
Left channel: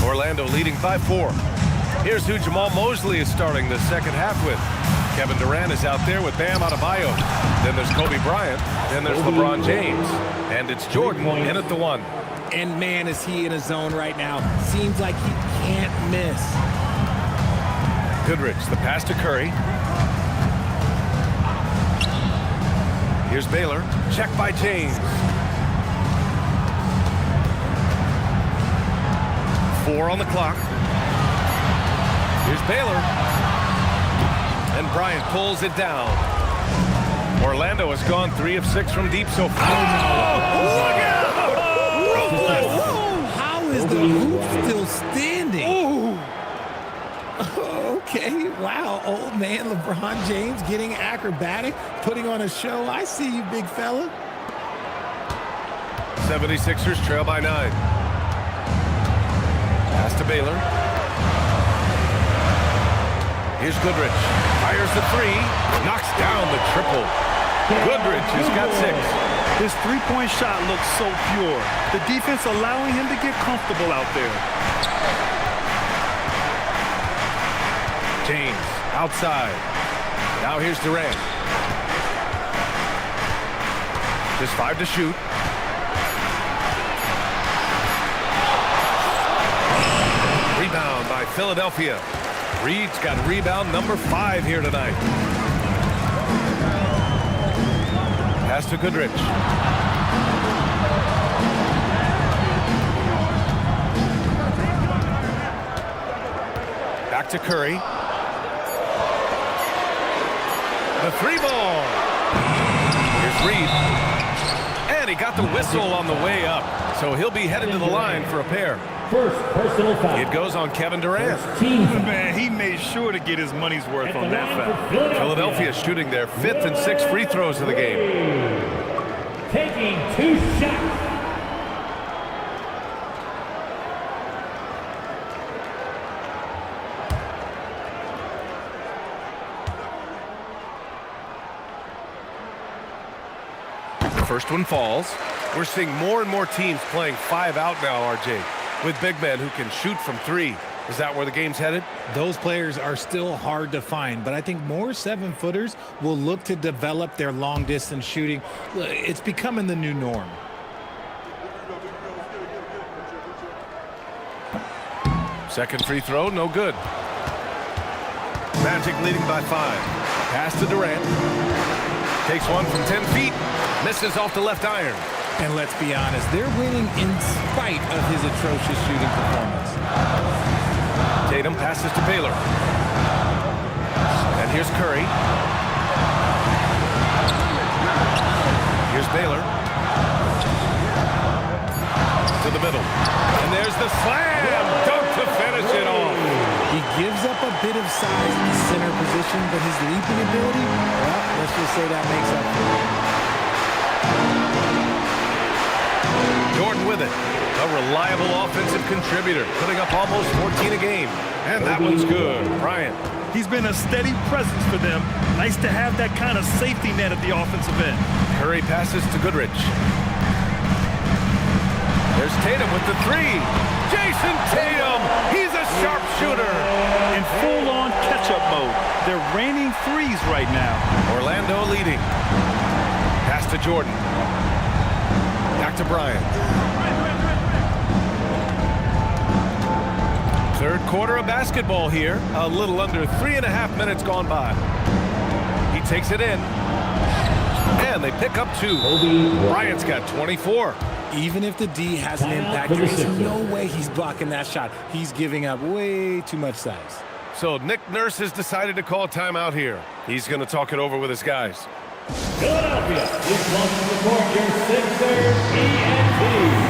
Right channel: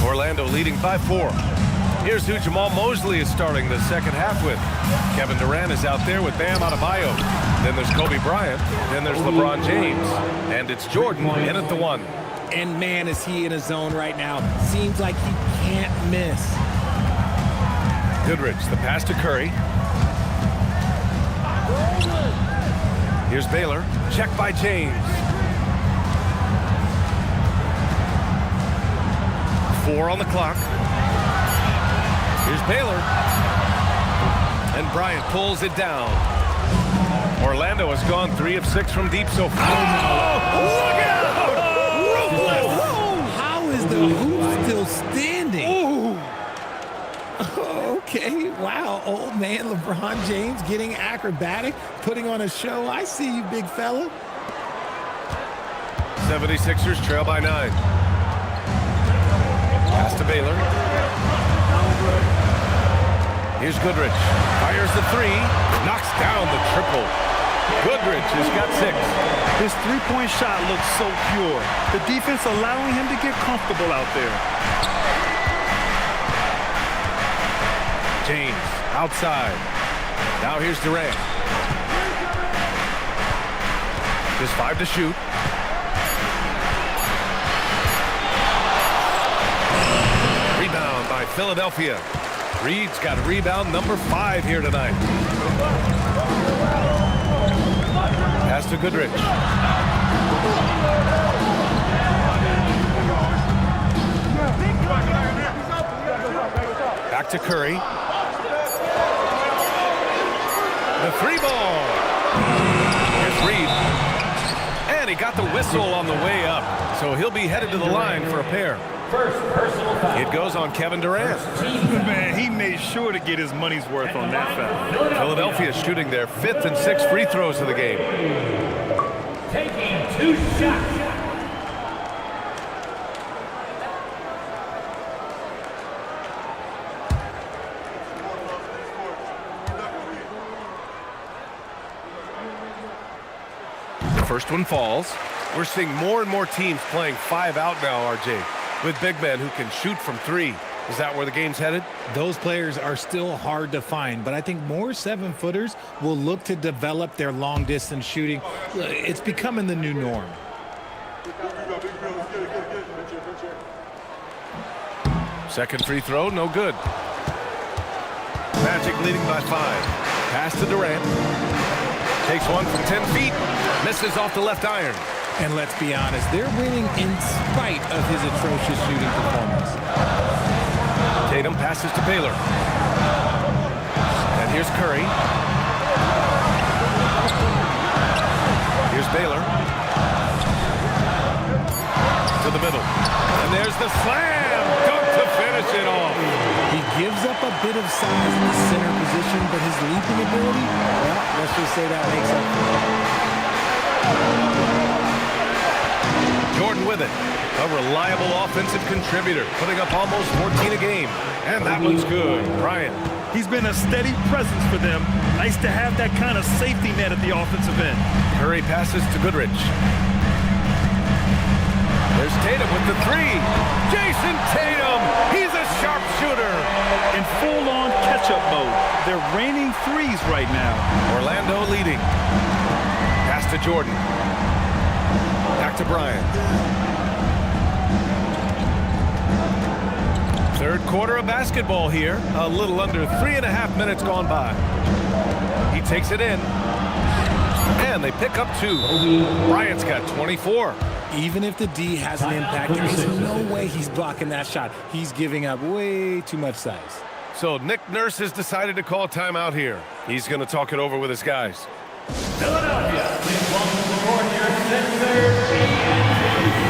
Orlando leading by 4. Here's who Jamal Mosley is starting the second half with. Kevin Durant is out there with Bam Adebayo. Then there's Kobe Bryant. Then there's LeBron James. And it's Jordan in at the 1. And man, is he in a zone right now. Seems like he can't miss. Goodrich, the pass to Curry. Here's Baylor. Check by James. 4 on the clock. Here's Baylor. And Bryant pulls it down. Orlando has gone 3 of 6 from deep so far. Oh, Look out! Ruthless! How is the hoop still standing? Ooh. Okay, wow. Old man LeBron James getting acrobatic, putting on a show. I see you, big fella. 76ers trail by 9. Pass to Baylor. Here's Goodrich. Fires the 3. Knocks down the triple. Goodrich has got 6. His three-point shot looks so pure. The defense allowing him to get comfortable out there. James outside. Now here's Durant. Just 5 to shoot. Rebound by Philadelphia. Reed's got rebound number 5 here tonight. Pass to Goodrich. Back to Curry. The 3 ball. Here's Reed. And he got the whistle on the way up. So he'll be headed to the line for a pair. First personal foul. It goes on Kevin Durant. Man, he made sure to get his money's worth on that foul. Philadelphia shooting their 5th and 6th free throws of the game. Taking 2 shots. The first one falls. We're seeing more and more teams playing 5 out now, RJ, with big men who can shoot from 3. Is that where the game's headed? Those players are still hard to find, but I think more 7-footers will look to develop their long-distance shooting. It's becoming the new norm. Second free throw, no good. Magic leading by 5. Pass to Durant. Takes one from 10 feet. Misses off the left iron. And let's be honest, they're winning in spite of his atrocious shooting performance. Tatum passes to Baylor. And here's Curry. Here's Baylor. To the middle. And there's the slam dunk to finish it off. He gives up a bit of size at the center position, but his leaping ability, well, let's just say that makes up for it. Jordan with it. A reliable offensive contributor, putting up almost 14 a game. And that one's good. Bryant. He's been a steady presence for them. Nice to have that kind of safety net at the offensive end. Curry passes to Goodrich. There's Tatum with the 3. Jason Tatum, he's a sharpshooter. In full-on catch-up mode. They're raining threes right now. Orlando leading. Pass to Jordan. Back to Bryant. Third quarter of basketball here. A little under 3.5 minutes gone by. He takes it in. And they pick up 2. Bryant's got 24. Even if the D has an impact, there is no way he's blocking that shot. He's giving up way too much size. So Nick Nurse has decided to call timeout here. He's going to talk it over with his guys. Philadelphia, please welcome to the court your center, ENT.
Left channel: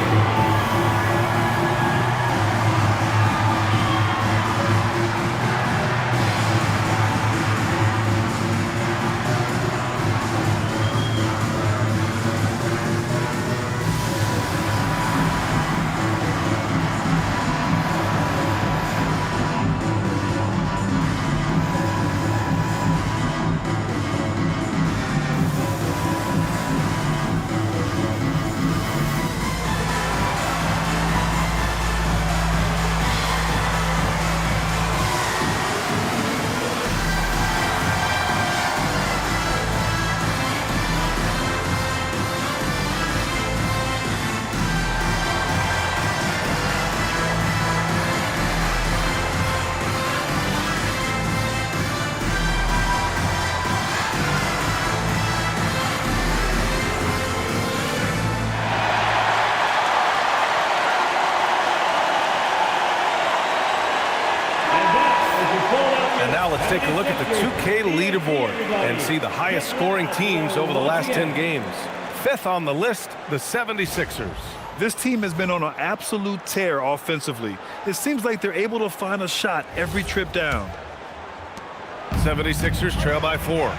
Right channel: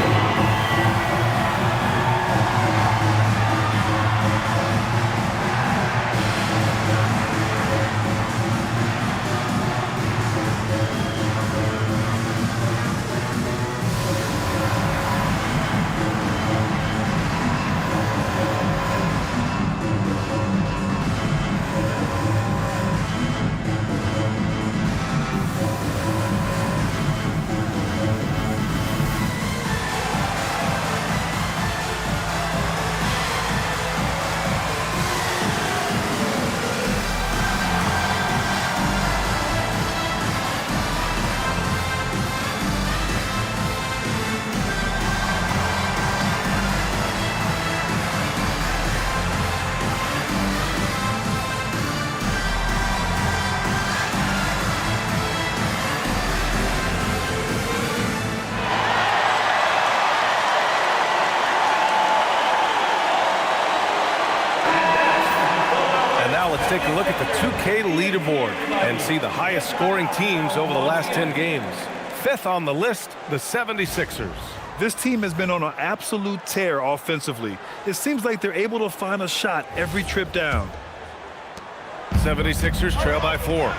And now let's take a look at the 2K leaderboard and see the highest scoring teams over the last 10 games. Fifth on the list, the 76ers. This team has been on an absolute tear offensively. It seems like they're able to find a shot every trip down. 76ers trail by 4.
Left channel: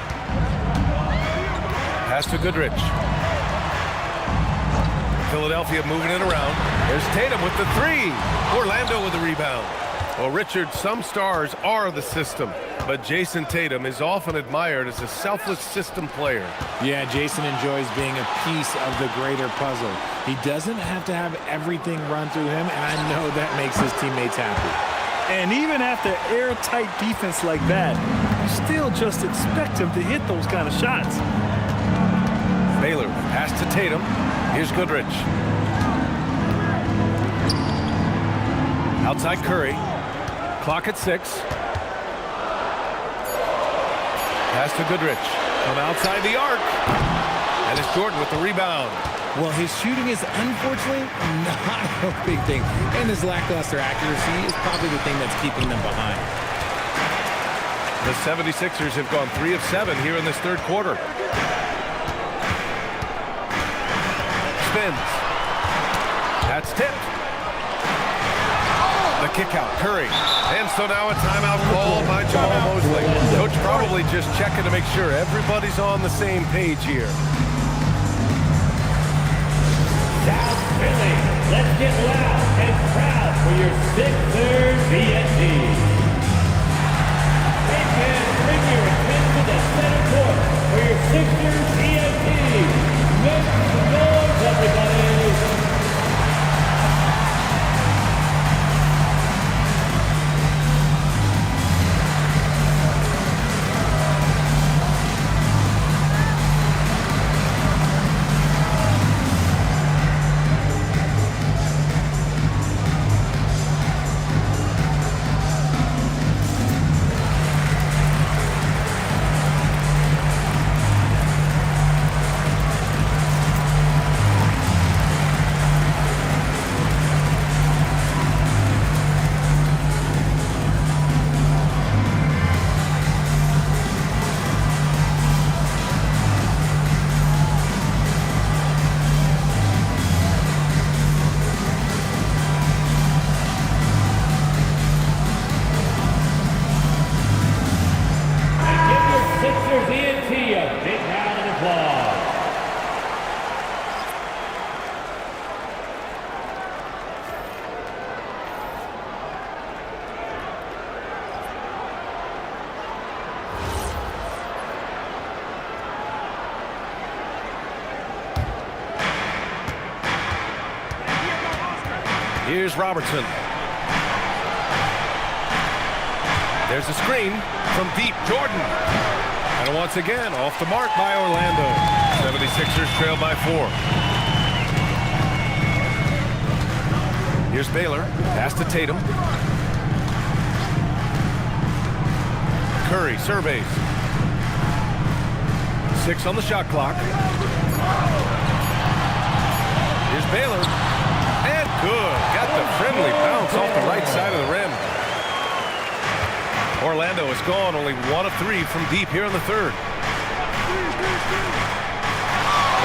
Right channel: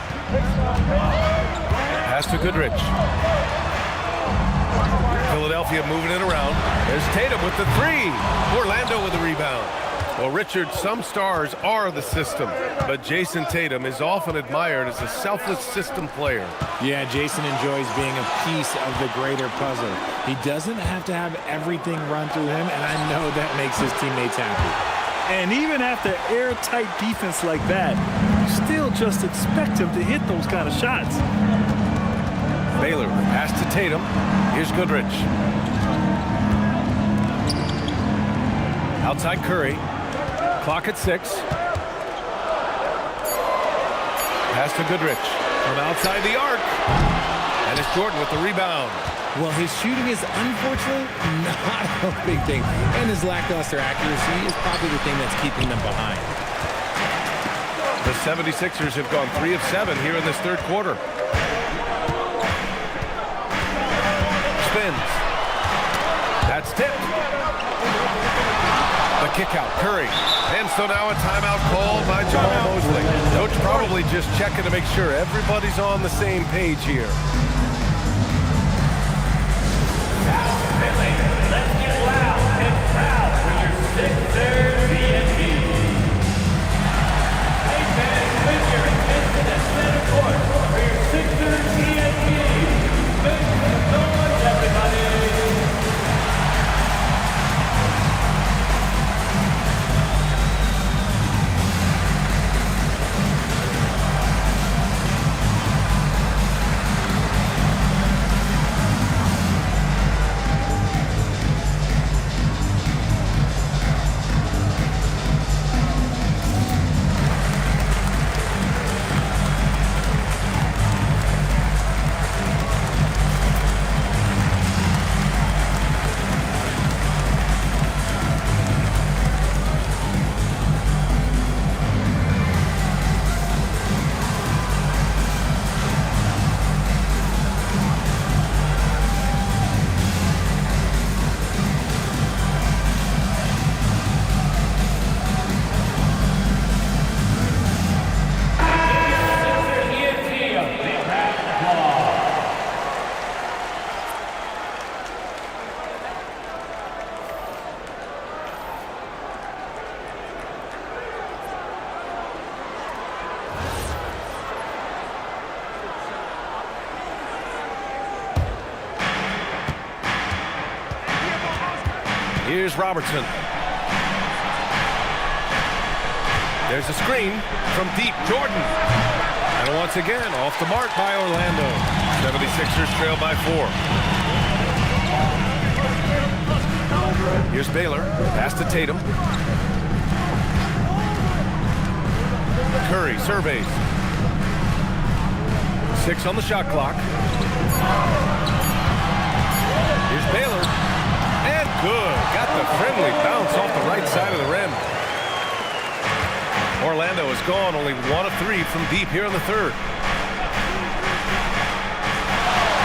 Pass to Goodrich. Philadelphia moving it around. There's Tatum with the 3. Orlando with the rebound. Well, Richard, some stars are the system, but Jason Tatum is often admired as a selfless system player. Yeah, Jason enjoys being a piece of the greater puzzle. He doesn't have to have everything run through him, and I know that makes his teammates happy. And even after airtight defense like that, you still just expect him to hit those kind of shots. Baylor, pass to Tatum. Here's Goodrich. Outside Curry. Clock at 6. Pass to Goodrich from outside the arc. And it's Jordan with the rebound. Well, his shooting is unfortunately not a big thing. And his lackluster accuracy is probably the thing that's keeping them behind. The 76ers have gone 3 of 7 here in this third quarter. Spins. That's tipped. The kick out, Curry. And so now a timeout called by Jamal Mosley. Coach probably just checking to make sure everybody's on the same page here. Let's get loud and proud for your Sixers ENT. Hey fans, bring your attention to center court for your Sixers ENT. Make some noise, everybody. Here's Robertson. There's a screen from deep. Jordan. And once again, off the mark by Orlando. 76ers trail by 4. Here's Baylor. Pass to Tatum. Curry surveys. 6 on the shot clock. Here's Baylor. And good. Got the friendly bounce off the right side of the rim. Orlando has gone only 1 of 3 from deep here in the third.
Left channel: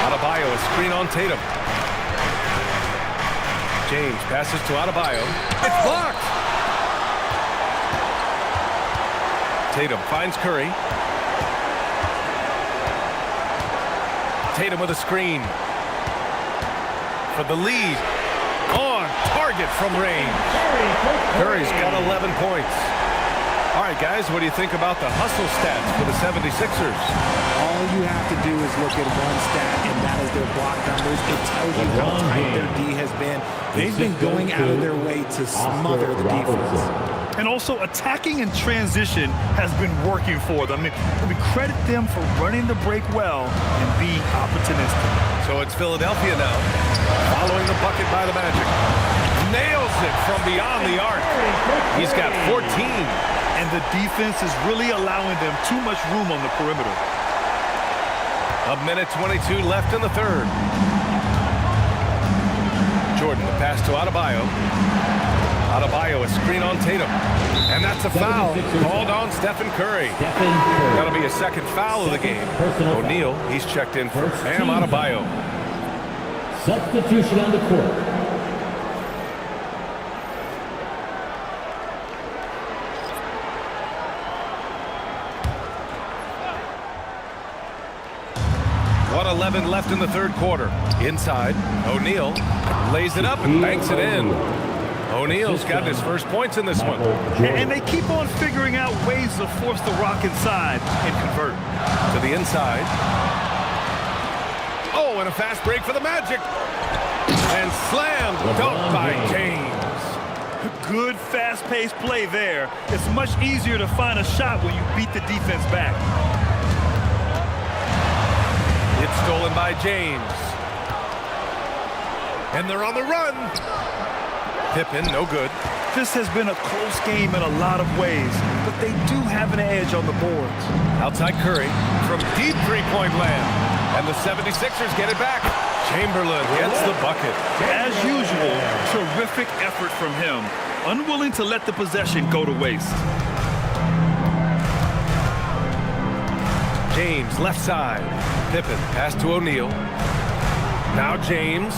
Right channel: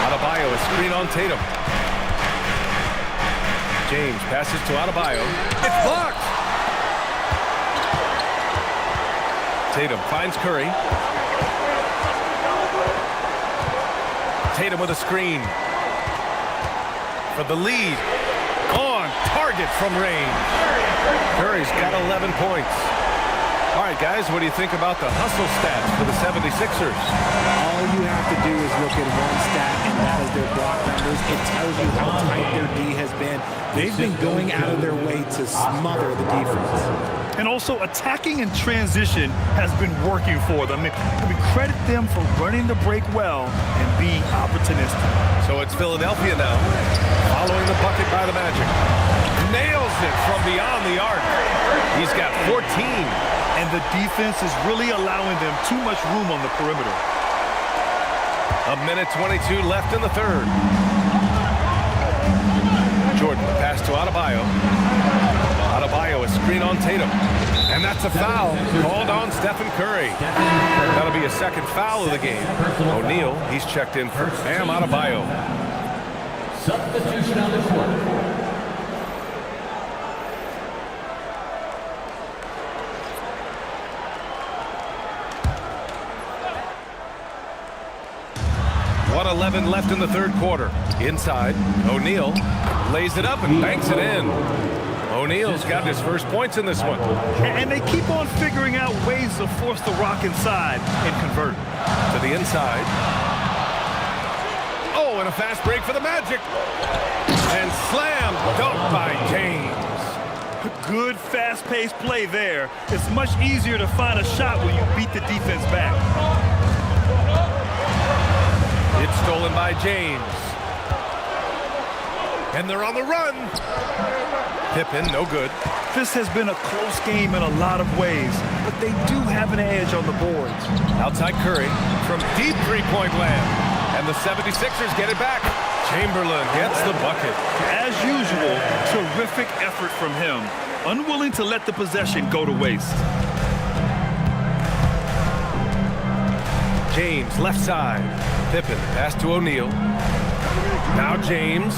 Adebayo, a screen on Tatum. James passes to Adebayo. It's blocked. Tatum finds Curry. Tatum with a screen. For the lead. On target from range. Curry's got 11 points. All right, guys, what do you think about the hustle stats for the 76ers? All you have to do is look at one stat, and that is their block numbers. It tells you how tight their D has been. They've been going out of their way to smother the defense. And also, attacking in transition has been working for them. I mean, credit them for running the break well and being opportunistic. So it's Philadelphia now, following the bucket by the Magic. Nails it from beyond the arc. He's got 14. And the defense is really allowing them too much room on the perimeter. A minute 22 left in the third. Jordan, the pass to Adebayo. Adebayo, a screen on Tatum. And that's a foul called on Stephen Curry. That'll be a second foul of the game. O'Neal, he's checked in for Bam Adebayo. Substitution on the court. .11 left in the third quarter. Inside, O'Neal lays it up and banks it in. O'Neal's got his first points in this one. And they keep on figuring out ways to force the rock inside and convert. To the inside. Oh, and a fast break for the Magic. And slam dunked by James. Good fast-paced play there. It's much easier to find a shot when you beat the defense back. It's stolen by James. And they're on the run. Pippen, no good. This has been a close game in a lot of ways, but they do have an edge on the boards. Outside Curry from deep three-point land. And the 76ers get it back. Chamberlain gets the bucket. As usual, terrific effort from him. Unwilling to let the possession go to waste. James, left side. Pippen, pass to O'Neal. Now James.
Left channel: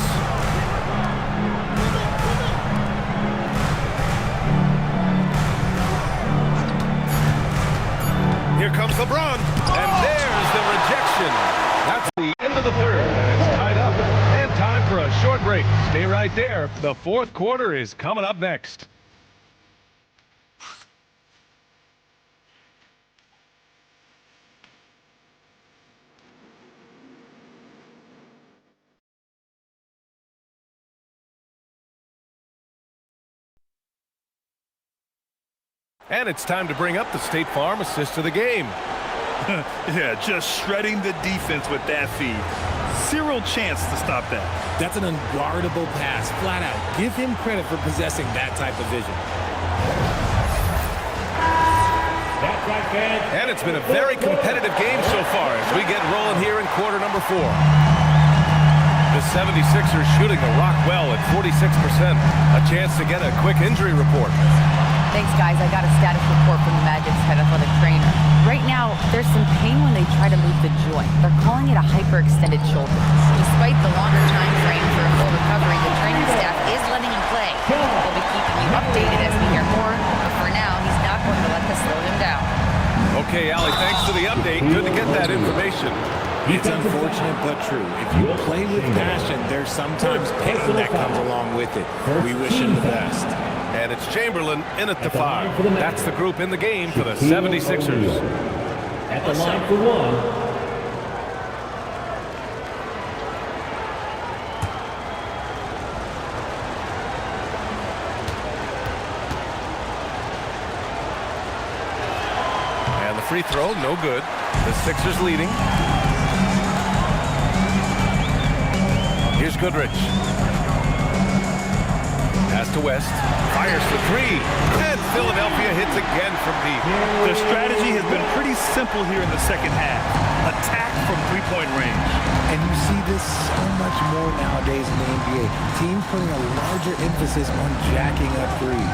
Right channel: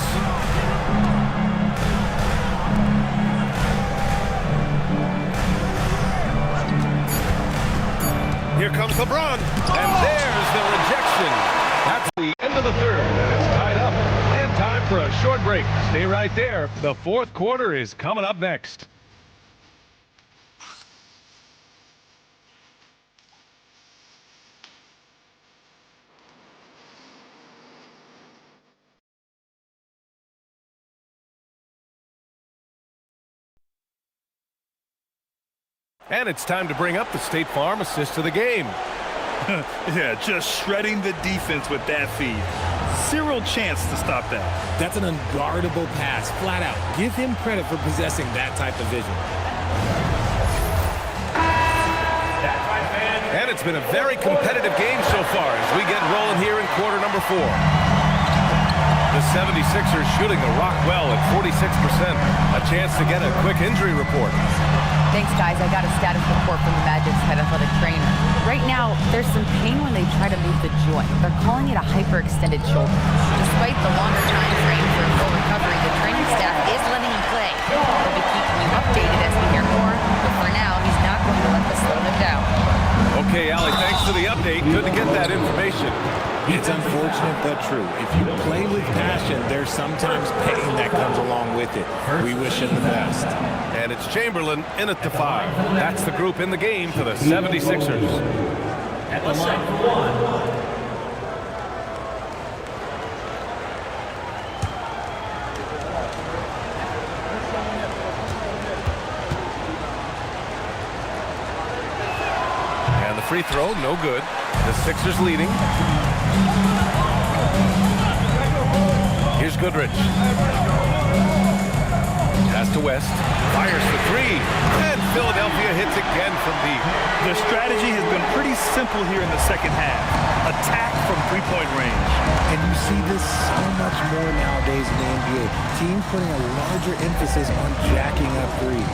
Here comes LeBron. And there's the rejection. That's the end of the third, and it's tied up. And time for a short break. Stay right there. The fourth quarter is coming up next. And it's time to bring up the State Farm assist of the game. Yeah, just shredding the defense with that feed. Zero chance to stop that. That's an unguardable pass, flat out. Give him credit for possessing that type of vision. That's right, fans. And it's been a very competitive game so far as we get rolling here in quarter number 4. The 76ers shooting the rock well at 46%. A chance to get a quick injury report. Thanks, guys. I got a status report from the Magic's head athletic trainer. Right now, there's some pain when they try to move the joint. They're calling it a hyperextended shoulder. Despite the longer time frame for a full recovery, the training staff is letting him play. We'll be keeping you updated as we hear more, but for now, he's not going to let this slow him down. Okay, Allie, thanks for the update. Good to get that information. It's unfortunate but true. If you play with passion, there's sometimes pain that comes along with it. We wish him the best. And it's Chamberlain in at the 5. That's the group in the game for the 76ers. At the line for one. And the free throw, no good. The Sixers leading. Here's Goodrich. Pass to West. Fires for 3. And Philadelphia hits again from deep. The strategy has been pretty simple here in the second half. Attack from three-point range. And you see this so much more nowadays in the NBA. Teams putting a larger emphasis on jacking up threes.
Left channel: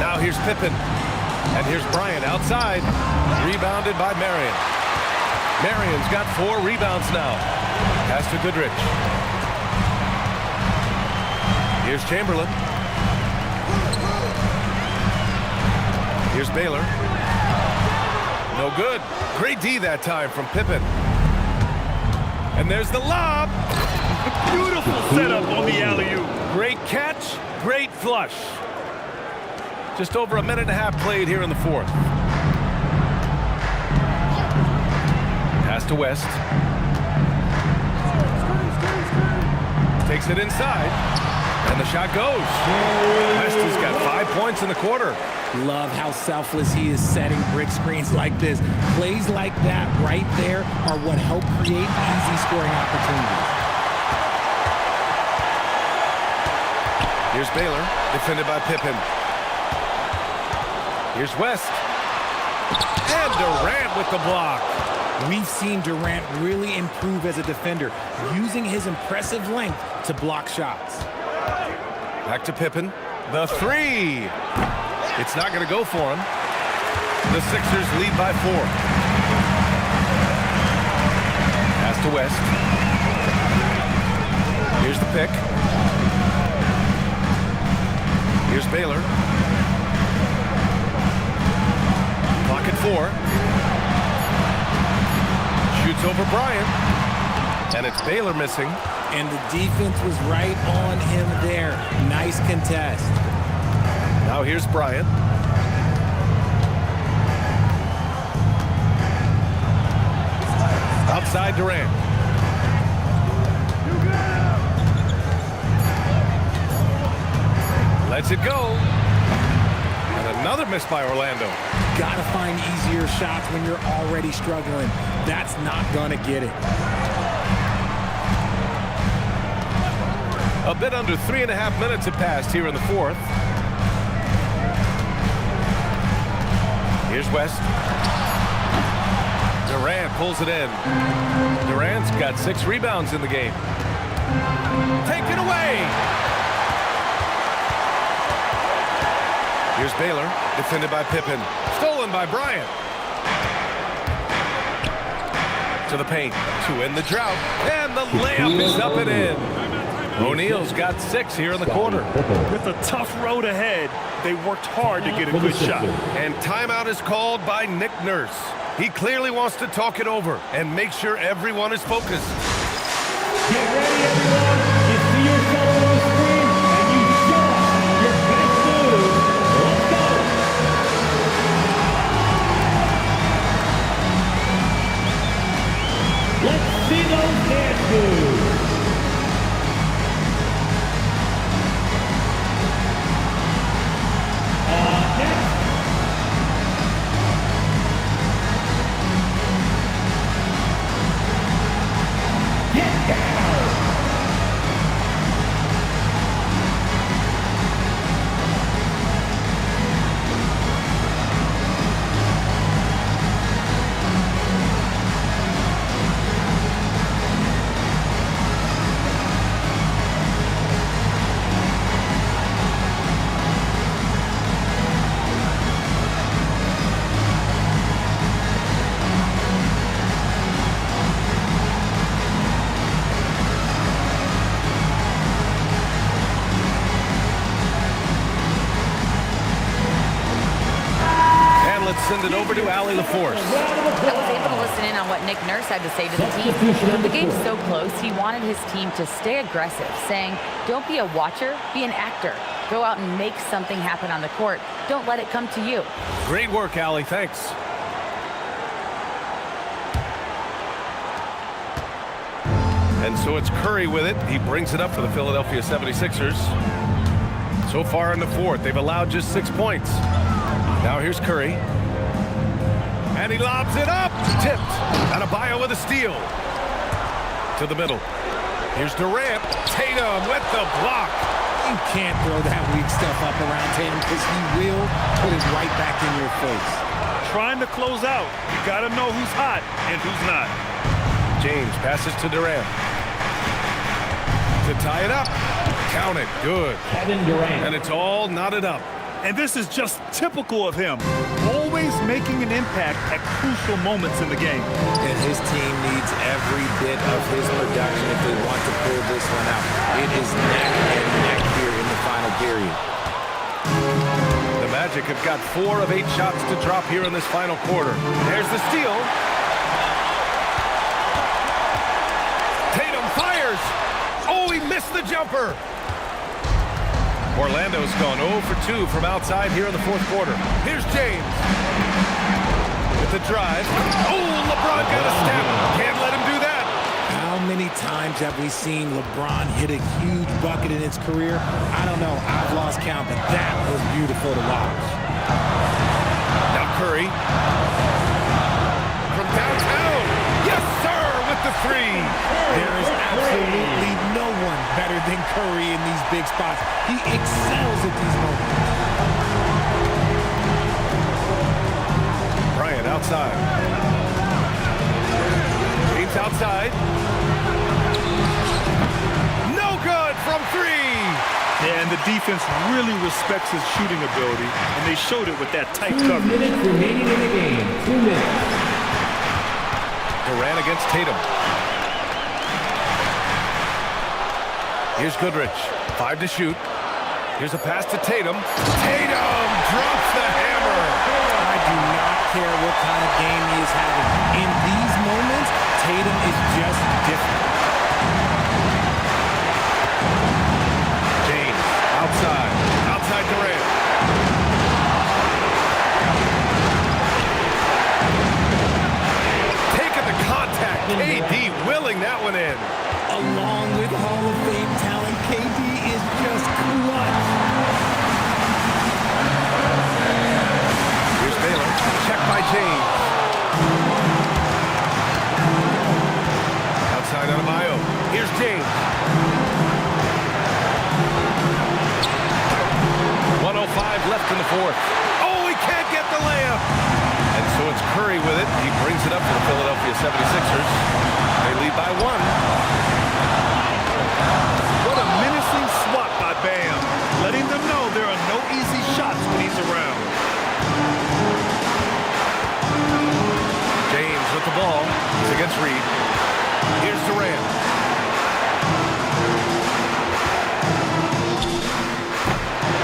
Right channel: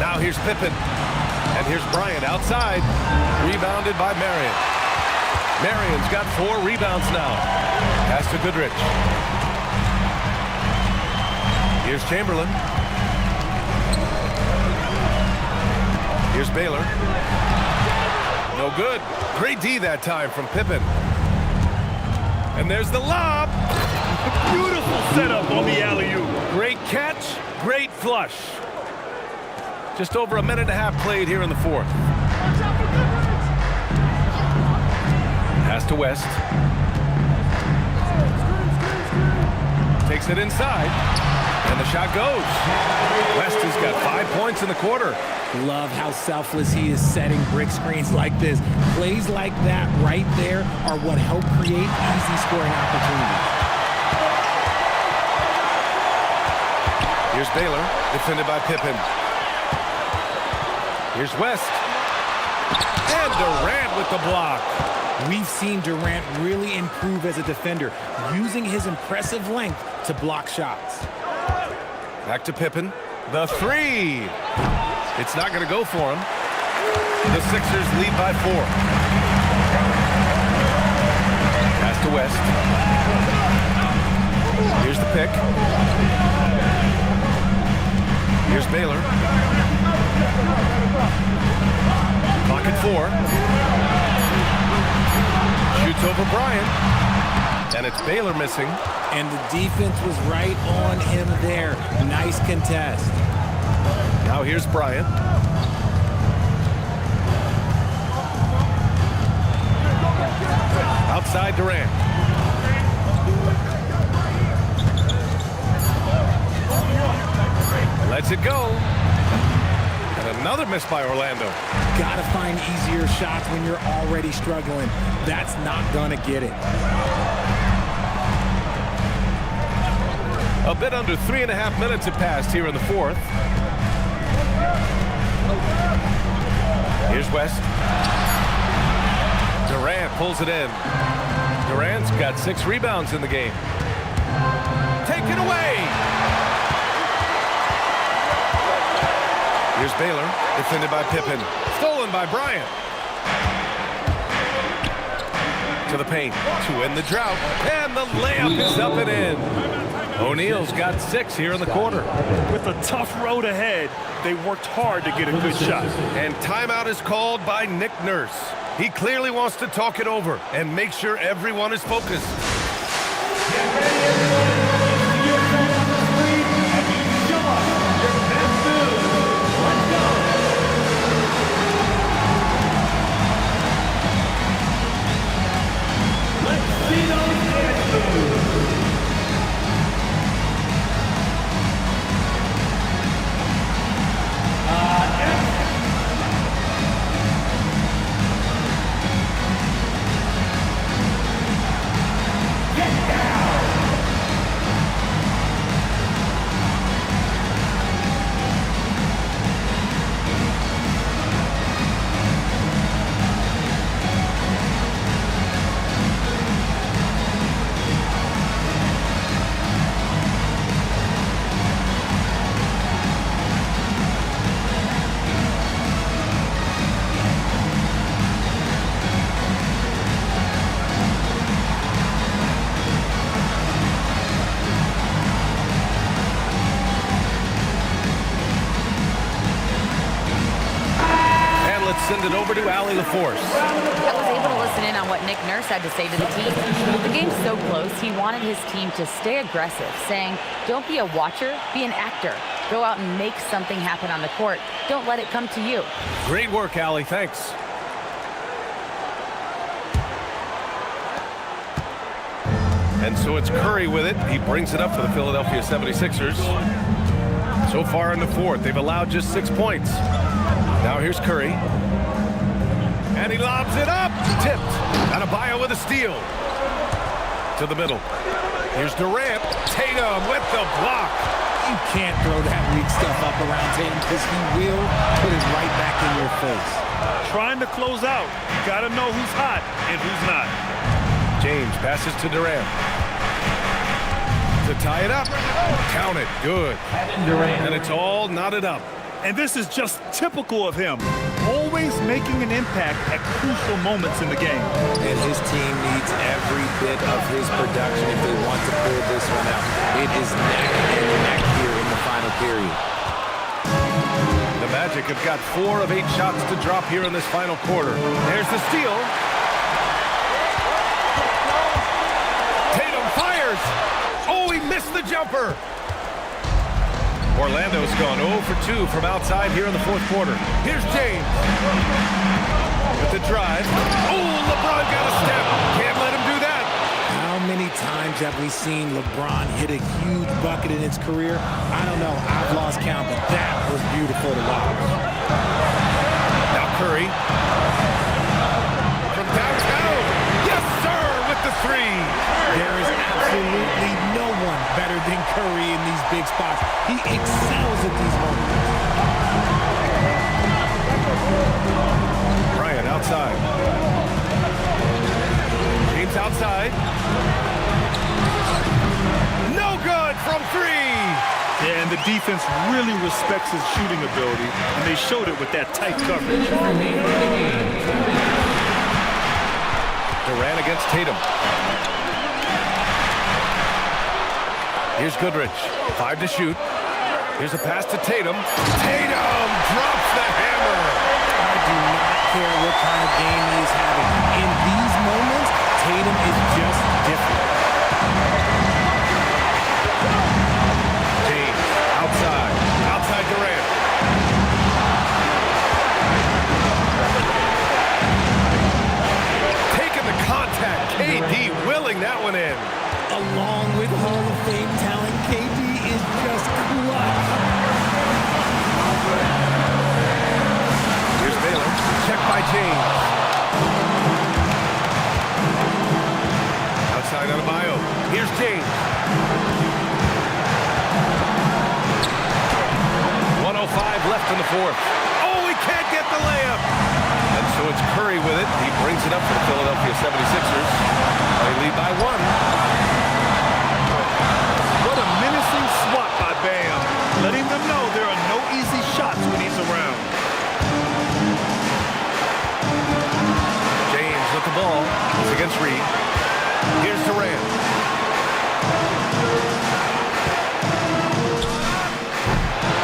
Now here's Pippen. And here's Bryant outside. Rebounded by Marion. Marion's got 4 rebounds now. Pass to Goodrich. Here's Chamberlain. Here's Baylor. No good. Great D that time from Pippen. And there's the lob. Beautiful setup on the alley-oop. Great catch, great flush. Just over a minute and a half played here in the fourth. Pass to West. Takes it inside. And the shot goes. West has got 5 points in the quarter. Love how selfless he is setting brick screens like this. Plays like that right there are what help create easy scoring opportunities. Here's Baylor, defended by Pippen. Here's West. And Durant with the block. We've seen Durant really improve as a defender, using his impressive length to block shots. Back to Pippen. The 3. It's not going to go for him. The Sixers lead by 4. Pass to West. Here's the pick. Here's Baylor. Clock at 4. Shoots over Bryant. And it's Baylor missing. And the defense was right on him there. Nice contest. Now here's Bryant. Outside Durant. Lets it go. And another miss by Orlando. Gotta find easier shots when you're already struggling. That's not gonna get it. A bit under 3.5 minutes have passed here in the 4th. Here's West. Durant pulls it in. Durant's got 6 rebounds in the game. Take it away! Here's Baylor, defended by Pippen. Stolen by Bryant. To the paint, to end the drought. And the layup is up and in. O'Neal's got 6 here in the quarter. With a tough road ahead, they worked hard to get a good shot. And timeout is called by Nick Nurse. He clearly wants to talk it over and make sure everyone is focused. Get ready, everyone. You see yourself on the screen, and you show us your best moves. Let's go. Let's see those dance moves. Let's send it over to Allie LaForce. I was able to listen in on what Nick Nurse had to say to the team. The game's so close, he wanted his team to stay aggressive, saying, don't be a watcher, be an actor. Go out and make something happen on the court. Don't let it come to you. Great work, Allie. Thanks. And so it's Curry with it. He brings it up for the Philadelphia 76ers. So far in the 4th, they've allowed just 6 points. Now here's Curry. And he lobs it up. Tipped. Adebayo with a steal. To the middle. Here's Durant. Tatum with the block. You can't throw that weak stuff up around Tatum because he will put it right back in your face. Trying to close out. You got to know who's hot and who's not. James passes to Durant. To tie it up. Count it. Good. Kevin Durant. And it's all knotted up. And this is just typical of him. Always making an impact at crucial moments in the game. And his team needs every bit of his production if they want to pull this one out. It is neck and neck here in the final period. The Magic have got 4 of 8 shots to drop here in this final quarter. There's the steal. Tatum fires. Oh, he missed the jumper. Orlando's gone 0 for 2 from outside here in the 4th quarter. Here's James. With the drive. Oh, LeBron got a step. Can't let him do that. How many times have we seen LeBron hit a huge bucket in his career? I don't know. I've lost count, but that was beautiful to watch. Now Curry. From downtown. Yes, sir, with the 3. There is absolutely no one better than Curry in these big spots. He excels at these moments. Bryant outside. James outside. No good from 3. Yeah, and the defense really respects his shooting ability, and they showed it with that tight coverage. Remaining in the game, 2 minutes. Durant against Tatum. Here's Goodrich, 5 to shoot. Here's a pass to Tatum. Tatum drops the hammer. I do not care what kind of game he is having. In these moments, Tatum is just different. James, outside Durant. Taking the contact, KD willing that one in. Along with Hall of Fame talent, KD is just clutch. Here's Baylor, checked by James. Outside Adebayo, here's James. 1:05 left in the fourth. Oh, he can't get the layup. And so it's Curry with it. He brings it up for the Philadelphia 76ers. They lead by 1. What a menacing swat by Bam, letting them know there are no easy shots when he's around. James with the ball. He's against Reed. Here's Durant.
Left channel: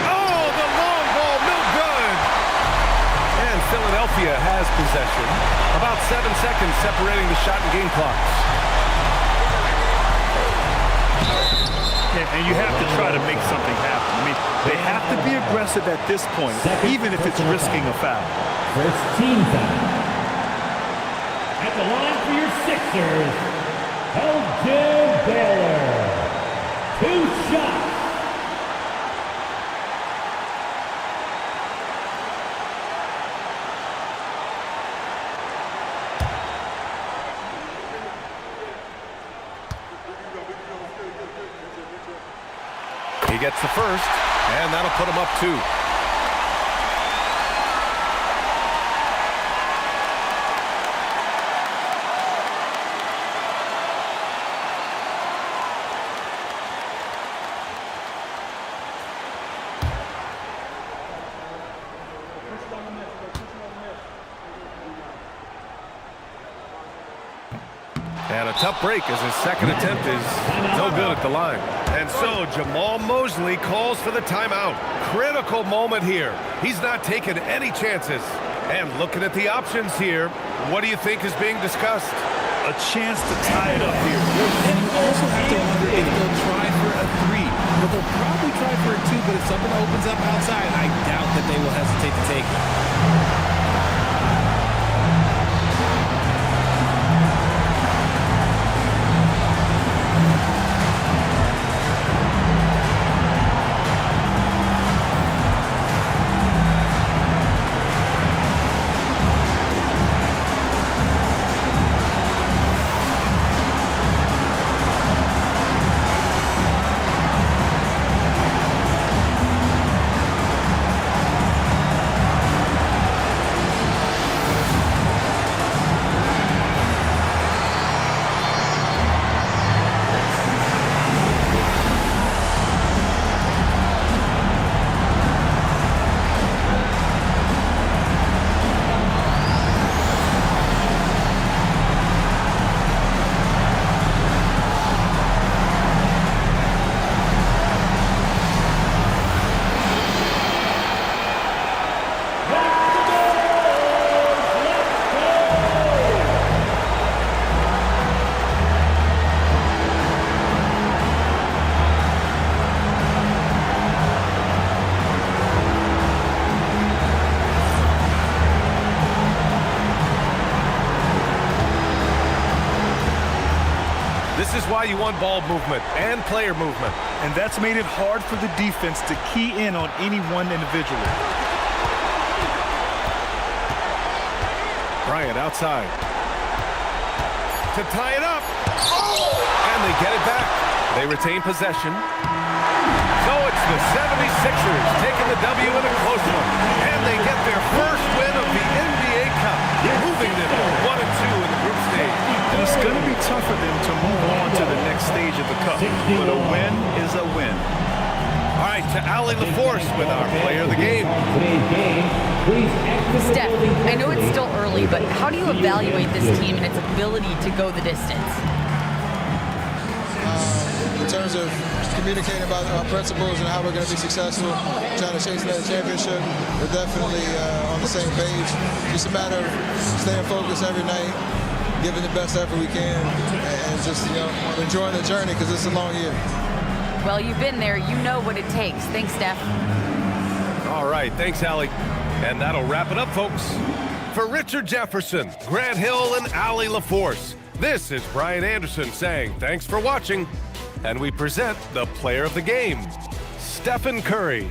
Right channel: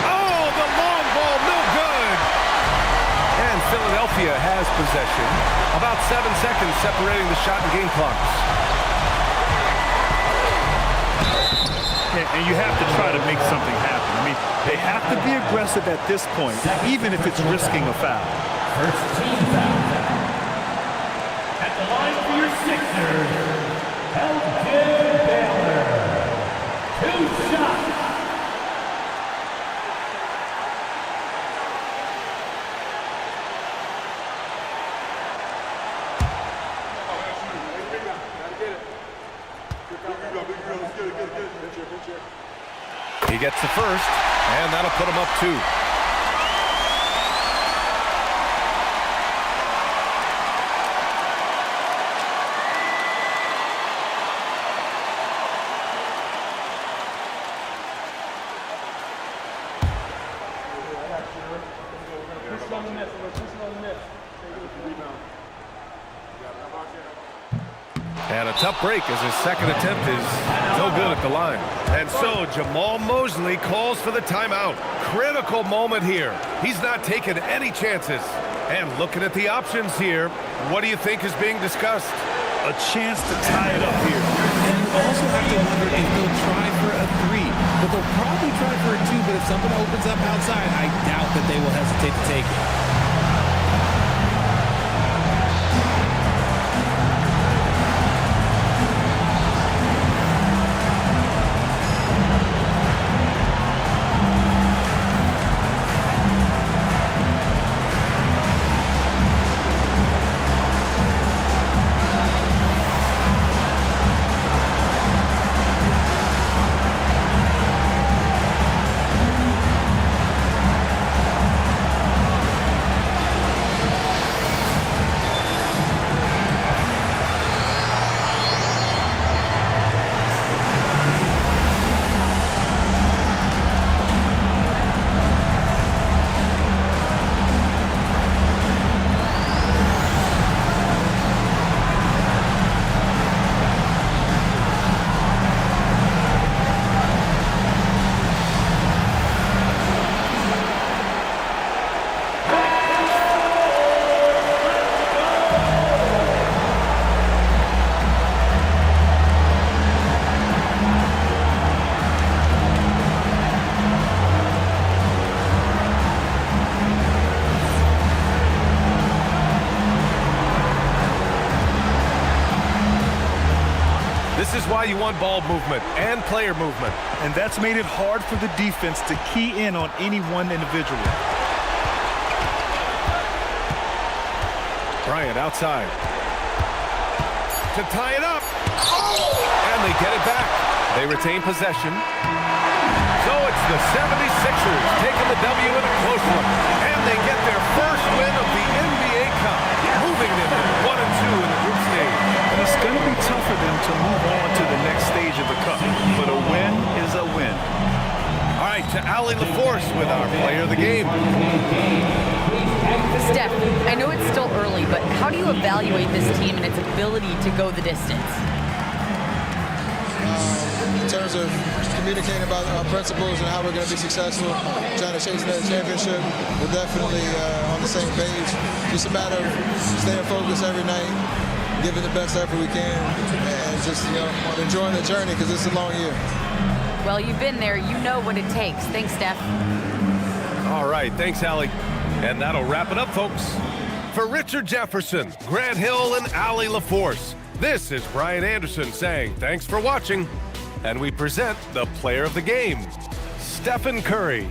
Oh, the long ball, no good. And Philadelphia has possession. About 7 seconds separating the shot and game clocks. Yeah, and you have to try to make something happen. I mean, they have to be aggressive at this point, even if it's risking a foul. First team foul. At the line for your Sixers, Elgin Baylor. 2 shots. He gets the first, and that'll put him up 2. And a tough break as his second attempt is no good at the line. And so Jamal Mosley calls for the timeout. Critical moment here. He's not taking any chances. And looking at the options here, what do you think is being discussed? A chance to tie it up here. And you also have to wonder if they'll try for a 3. But they'll probably try for a 2, but if something opens up outside, I doubt that they will hesitate to take it. This is why you want ball movement and player movement. And that's made it hard for the defense to key in on any one individual. Bryant outside. To tie it up. Oh! And they get it back. They retain possession. So it's the 76ers taking the W in a close one. And they get their first win of the NBA Cup. Moving moving them to 1-2 in the group stage. And it's going to be tough for them to move on to the next stage of the Cup. But a win is a win. All right, to Allie LaForce with our player of the game. Steph, I know it's still early, but how do you evaluate this team and its ability to go the distance? In terms of communicating about our principles and how we're going to be successful, trying to chase another championship, we're definitely on the same page. Just a matter of staying focused every night, giving the best effort we can, and just enjoying the journey because it's a long year. Well, you've been there. You know what it takes. Thanks, Steph. All right, thanks, Allie. And that'll wrap it up, folks. For Richard Jefferson, Grant Hill, and Allie LaForce, this is Brian Anderson saying thanks for watching. And we present the player of the game, Stephen Curry.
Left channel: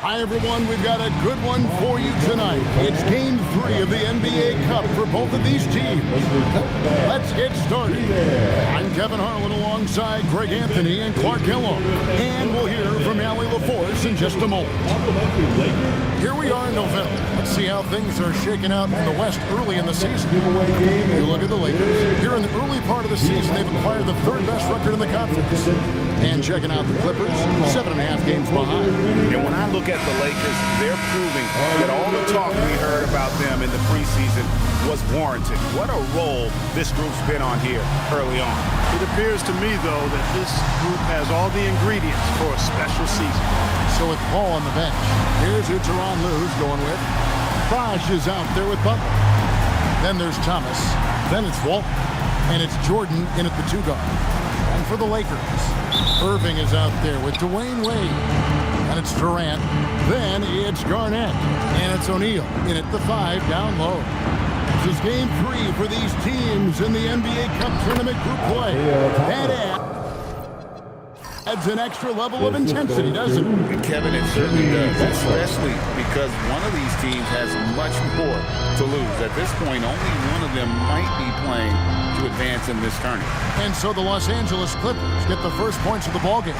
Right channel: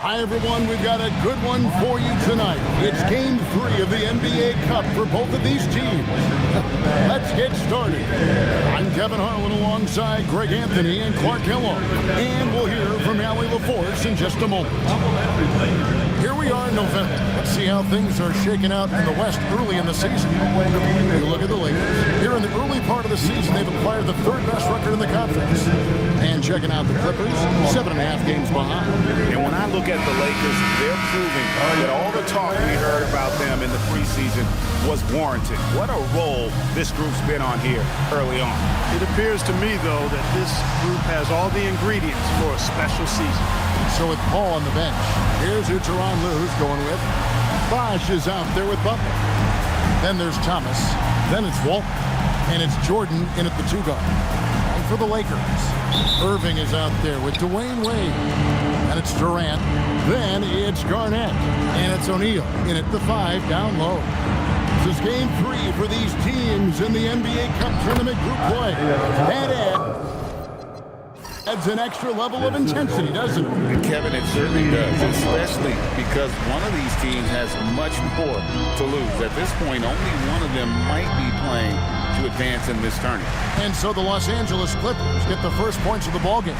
Hi, everyone. We've got a good one for you tonight. It's Game 3 of the NBA Cup for both of these teams. Let's get started. I'm Kevin Harlan alongside Greg Anthony and Clark Kellogg. And we'll hear from Allie LaForce in just a moment. Here we are in November. Let's see how things are shaking out in the West early in the season. You look at the Lakers. Here in the early part of the season, they've acquired the third best record in the conference. And checking out the Clippers, 7.5 games behind. And when I look at the Lakers, they're proving that all the talk we heard about them in the preseason was warranted. What a role this group's been on here early on. It appears to me, though, that this group has all the ingredients for a special season. So with Paul on the bench, here's who Tyronn Lue's going with. Bosh is out there with Butler. Then there's Thomas. Then it's Walton. And it's Jordan in at the 2 guard. And for the Lakers, Irving is out there with Dwayne Wade. And it's Durant. Then it's Garnett. And it's O'Neal in at the 5 down low. This is Game 3 for these teams in the NBA Cup Tournament group play. That adds an extra level of intensity, doesn't it? And Kevin, it certainly does, especially because one of these teams has much more to lose. At this point, only one of them might be playing to advance in this tournament. And so the Los Angeles Clippers get the first points of the ballgame.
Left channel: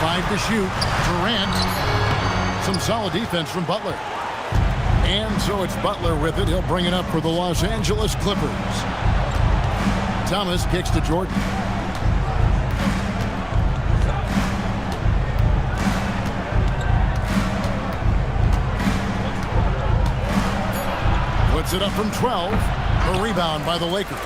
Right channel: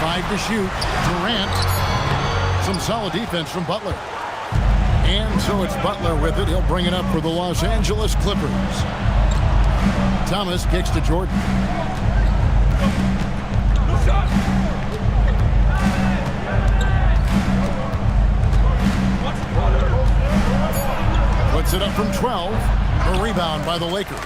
5 to shoot. Durant. Some solid defense from Butler. And so it's Butler with it. He'll bring it up for the Los Angeles Clippers. Thomas kicks to Jordan. Puts it up from 12. A rebound by the Lakers.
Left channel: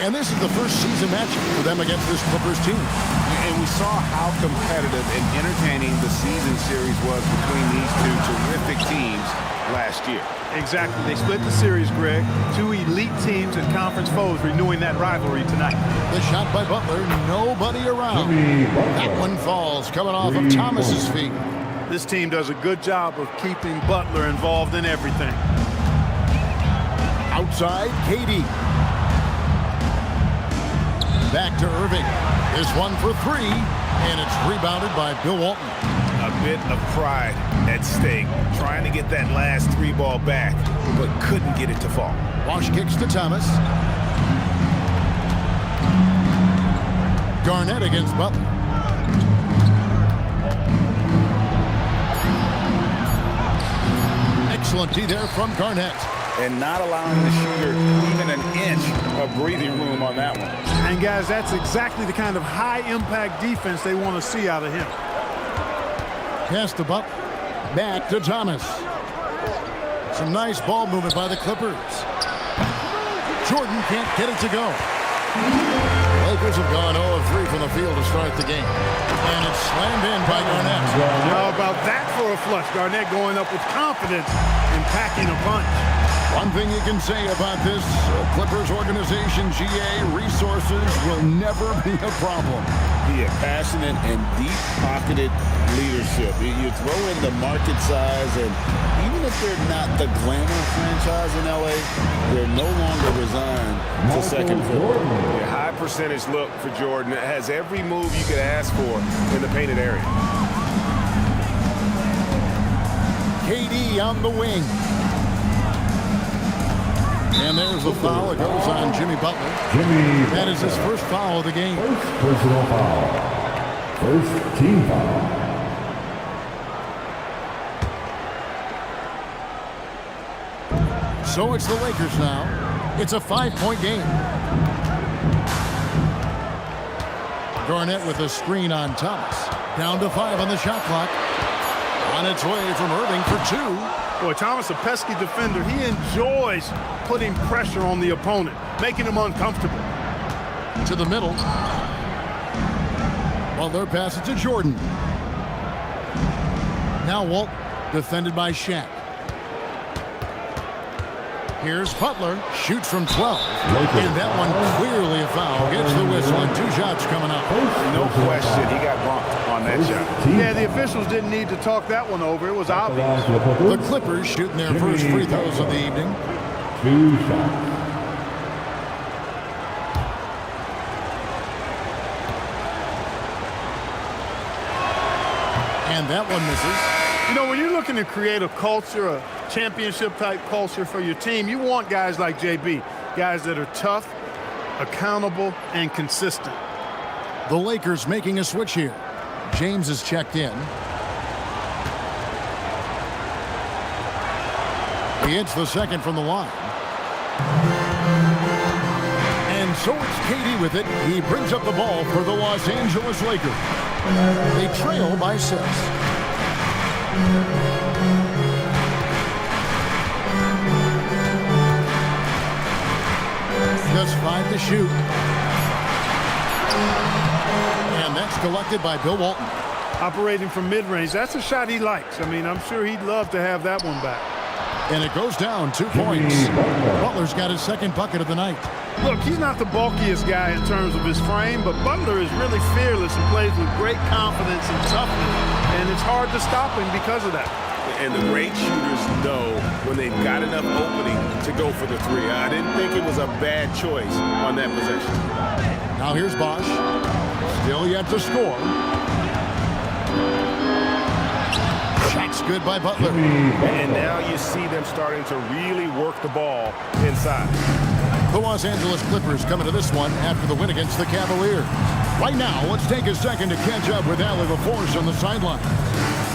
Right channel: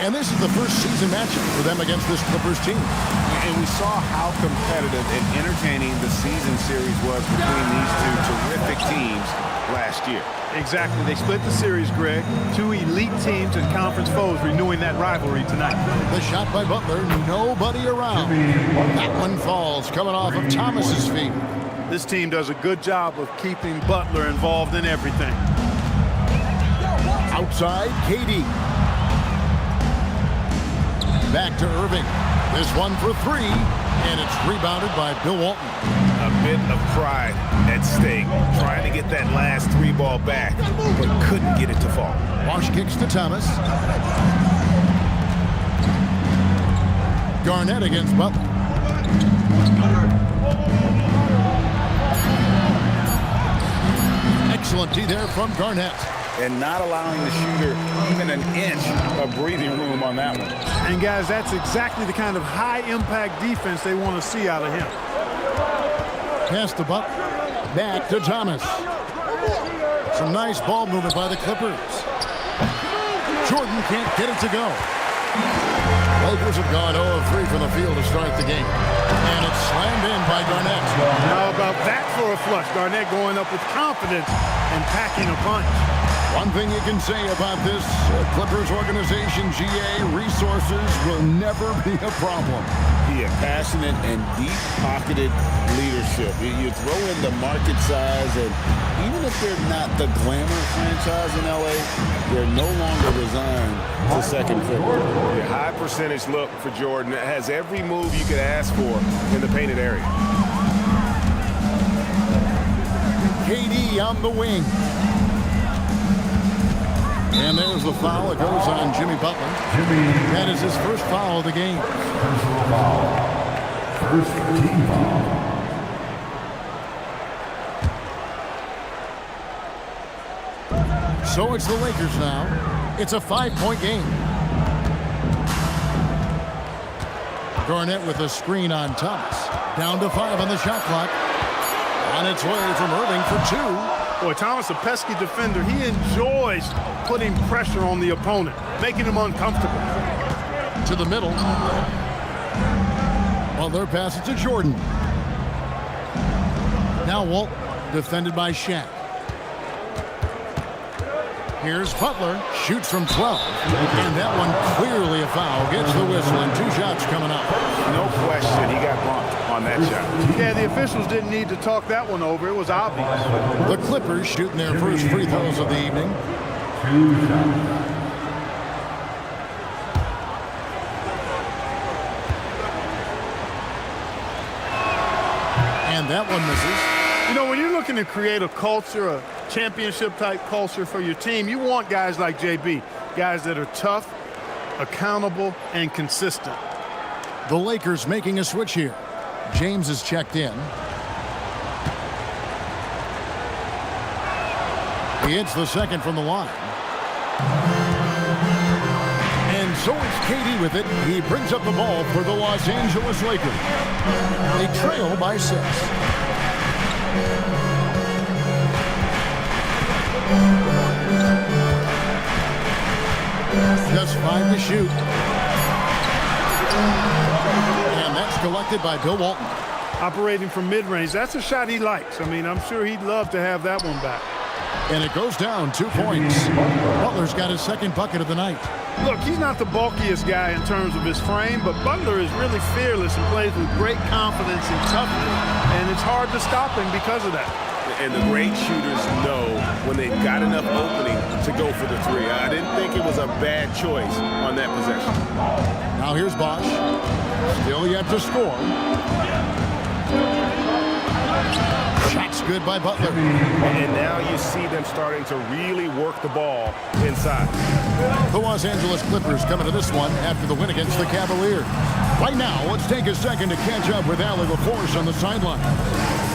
And this is the first season matchup for them against this Clippers team. And we saw how competitive and entertaining the season series was between these two terrific teams last year. Exactly. They split the series, Greg. 2 elite teams and conference foes renewing that rivalry tonight. The shot by Butler, nobody around. That one falls, coming off of Thomas's feet. This team does a good job of keeping Butler involved in everything. Outside, KD. Back to Irving. This one for 3, and it's rebounded by Bill Walton. A bit of pride at stake, trying to get that last 3 ball back, but couldn't get it to fall. Bosh kicks to Thomas. Garnett against Butler. Excellent D there from Garnett. And not allowing the shooter even an inch of breathing room on that one. And guys, that's exactly the kind of high-impact defense they want to see out of him. Pass to Butler. Back to Thomas. Some nice ball movement by the Clippers. Jordan can't get it to go. Lakers have gone 0 of 3 from the field to start the game. And it's slammed in by Garnett. How about that for a flush? Garnett going up with confidence and packing a punch. One thing you can say about this Clippers organization, GA, resources will never be a problem. Yeah, passionate and deep-pocketed leadership. You throw in the market size, and even if they're not the glamour franchise in L.A., they're no longer resigned to second fiddle. Yeah, high percentage look for Jordan. It has every move you could ask for in the painted area. KD on the wing. And there's the foul. It goes on Jimmy Butler. That is his first foul of the game. First personal foul. First team foul. So it's the Lakers now. It's a 5-point game. Garnett with a screen on Thomas. Down to 5 on the shot clock. On its way from Irving for 2. Boy, Thomas, a pesky defender. He enjoys putting pressure on the opponent, making him uncomfortable. To the middle. Butler passes to Jordan. Now Walt, defended by Shaq. Here's Butler, shoots from 12, and that one clearly a foul. Gets the whistle, and 2 shots coming up. No question, he got bumped on that shot. Yeah, the officials didn't need to talk that one over. It was obvious. The Clippers shooting their first free throws of the evening. 2 shots. And that one misses. You know, when you're looking to create a culture, a championship-type culture for your team, you want guys like JB, guys that are tough, accountable, and consistent. The Lakers making a switch here. James is checked in. He hits the second from the line. And so it's KD with it. He brings up the ball for the Los Angeles Lakers. They trail by 6. Just 5 to shoot. And that's collected by Bill Walton. Operating from mid-range, that's a shot he likes. I mean, I'm sure he'd love to have that one back. And it goes down 2 points. Butler's got his second bucket of the night. Look, he's not the bulkiest guy in terms of his frame, but Butler is really fearless and plays with great confidence and toughness, and it's hard to stop him because of that. And the great shooters know when they've got enough opening to go for the 3. I didn't think it was a bad choice on that possession. Now here's Bosch. Still yet to score. Shot's good by Butler. And now you see them starting to really work the ball inside. The Los Angeles Clippers coming to this one after the win against the Cavaliers. Right now, let's take a second to catch up with Allie LaForce on the sideline.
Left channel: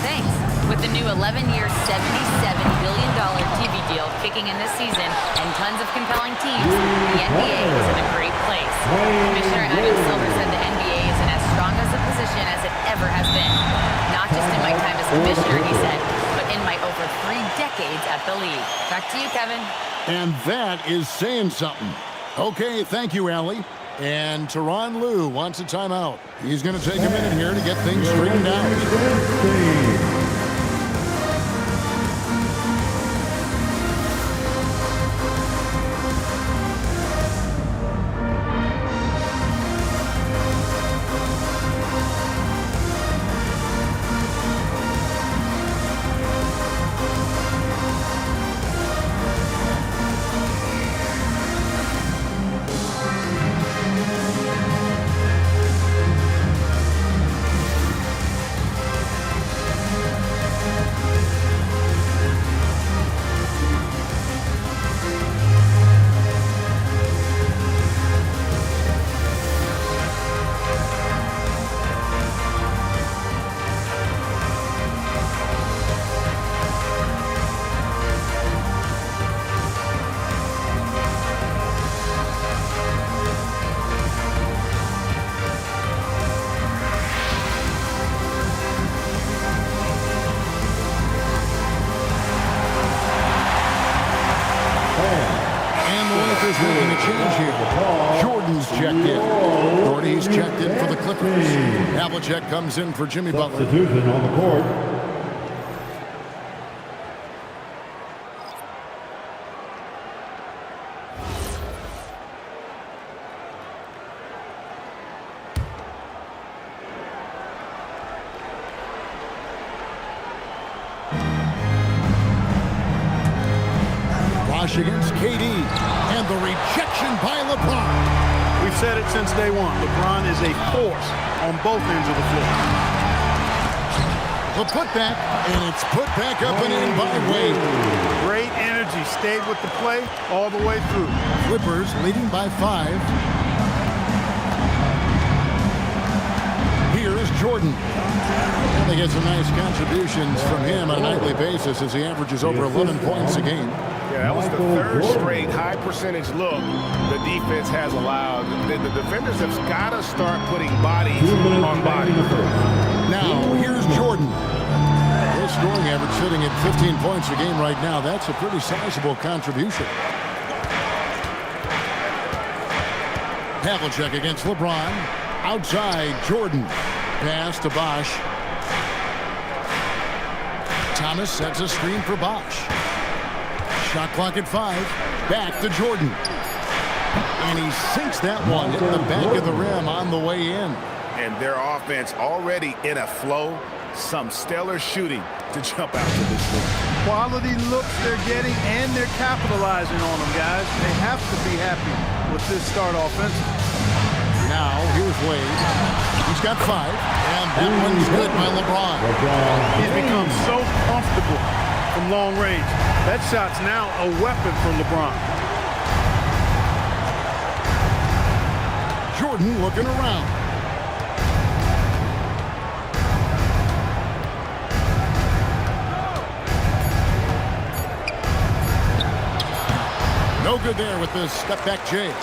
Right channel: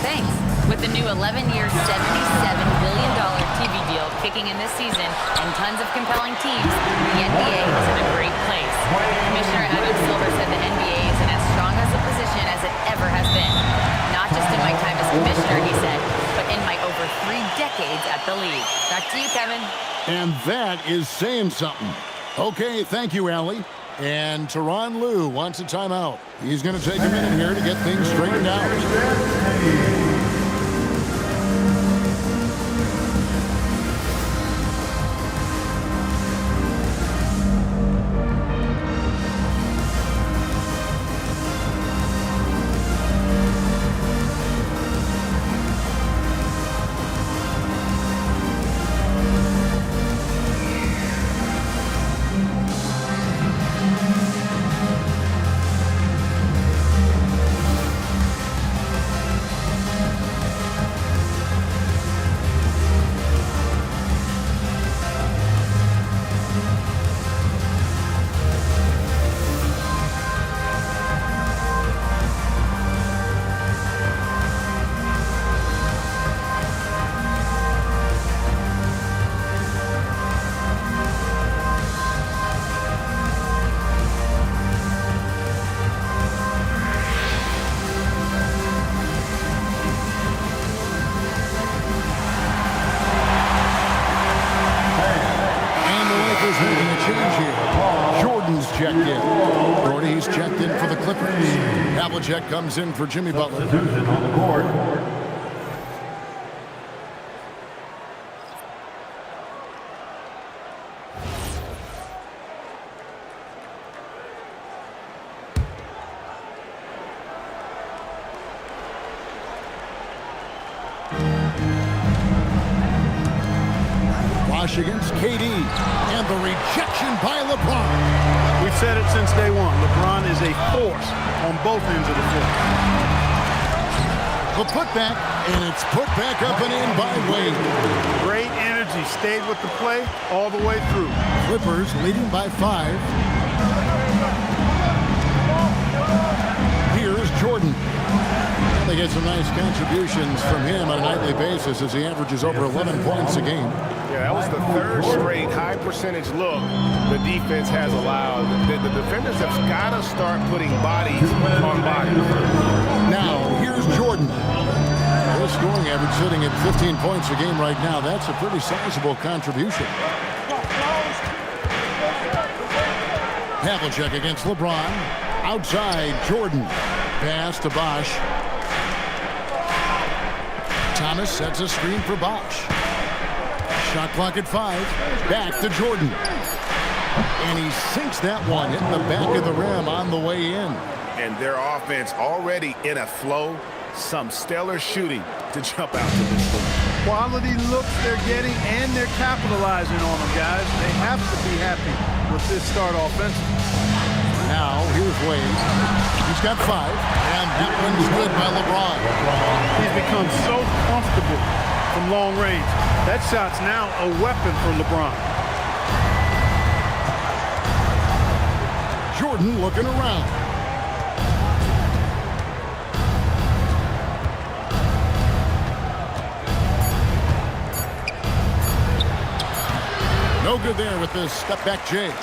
Thanks. With the new 11-year, $77 billion TV deal kicking in this season and tons of compelling teams, the NBA is in a great place. Commissioner Adam Silver said the NBA is in as strong as a position as it ever has been. Not just in my time as commissioner, he said, but in my over 3 decades at the league. Back to you, Kevin. And that is saying something. Okay, thank you, Allie. And Tyronn Lue wants a timeout. He's going to take a minute here to get things straightened out. Making a change here. Jordan's checked in. Gordy's checked in for the Clippers. Havlicek comes in for Jimmy Butler. Substitution on the court. Bosh against KD. And the rejection by LeBron. We've said it since day one. LeBron is a force on both ends of the floor. The putback, and it's put back up and in by Wade. Great energy. Stayed with the play all the way through. Clippers leading by 5. Here's Jordan. And they get some nice contributions from him on a nightly basis as he averages over 11 points a game. Yeah, that was the third straight high percentage look the defense has allowed. The defenders have got to start putting bodies on bodies. Now, here's Jordan. His scoring average sitting at 15 points a game right now. That's a pretty sizable contribution. Havlicek against LeBron. Outside, Jordan. Pass to Bosh. Thomas sets a screen for Bosh. Shot clock at 5. Back to Jordan. And he sinks that one, hitting the back of the rim on the way in. And their offense already in a flow. Some stellar shooting to jump out to this league. Quality looks they're getting, and they're capitalizing on them, guys. They have to be happy with this start offensively. Now, here's Wade. He's got 5, and that one's good by LeBron. He's become so comfortable from long range. That shot's now a weapon for LeBron. Jordan looking around. No good there with the step back J.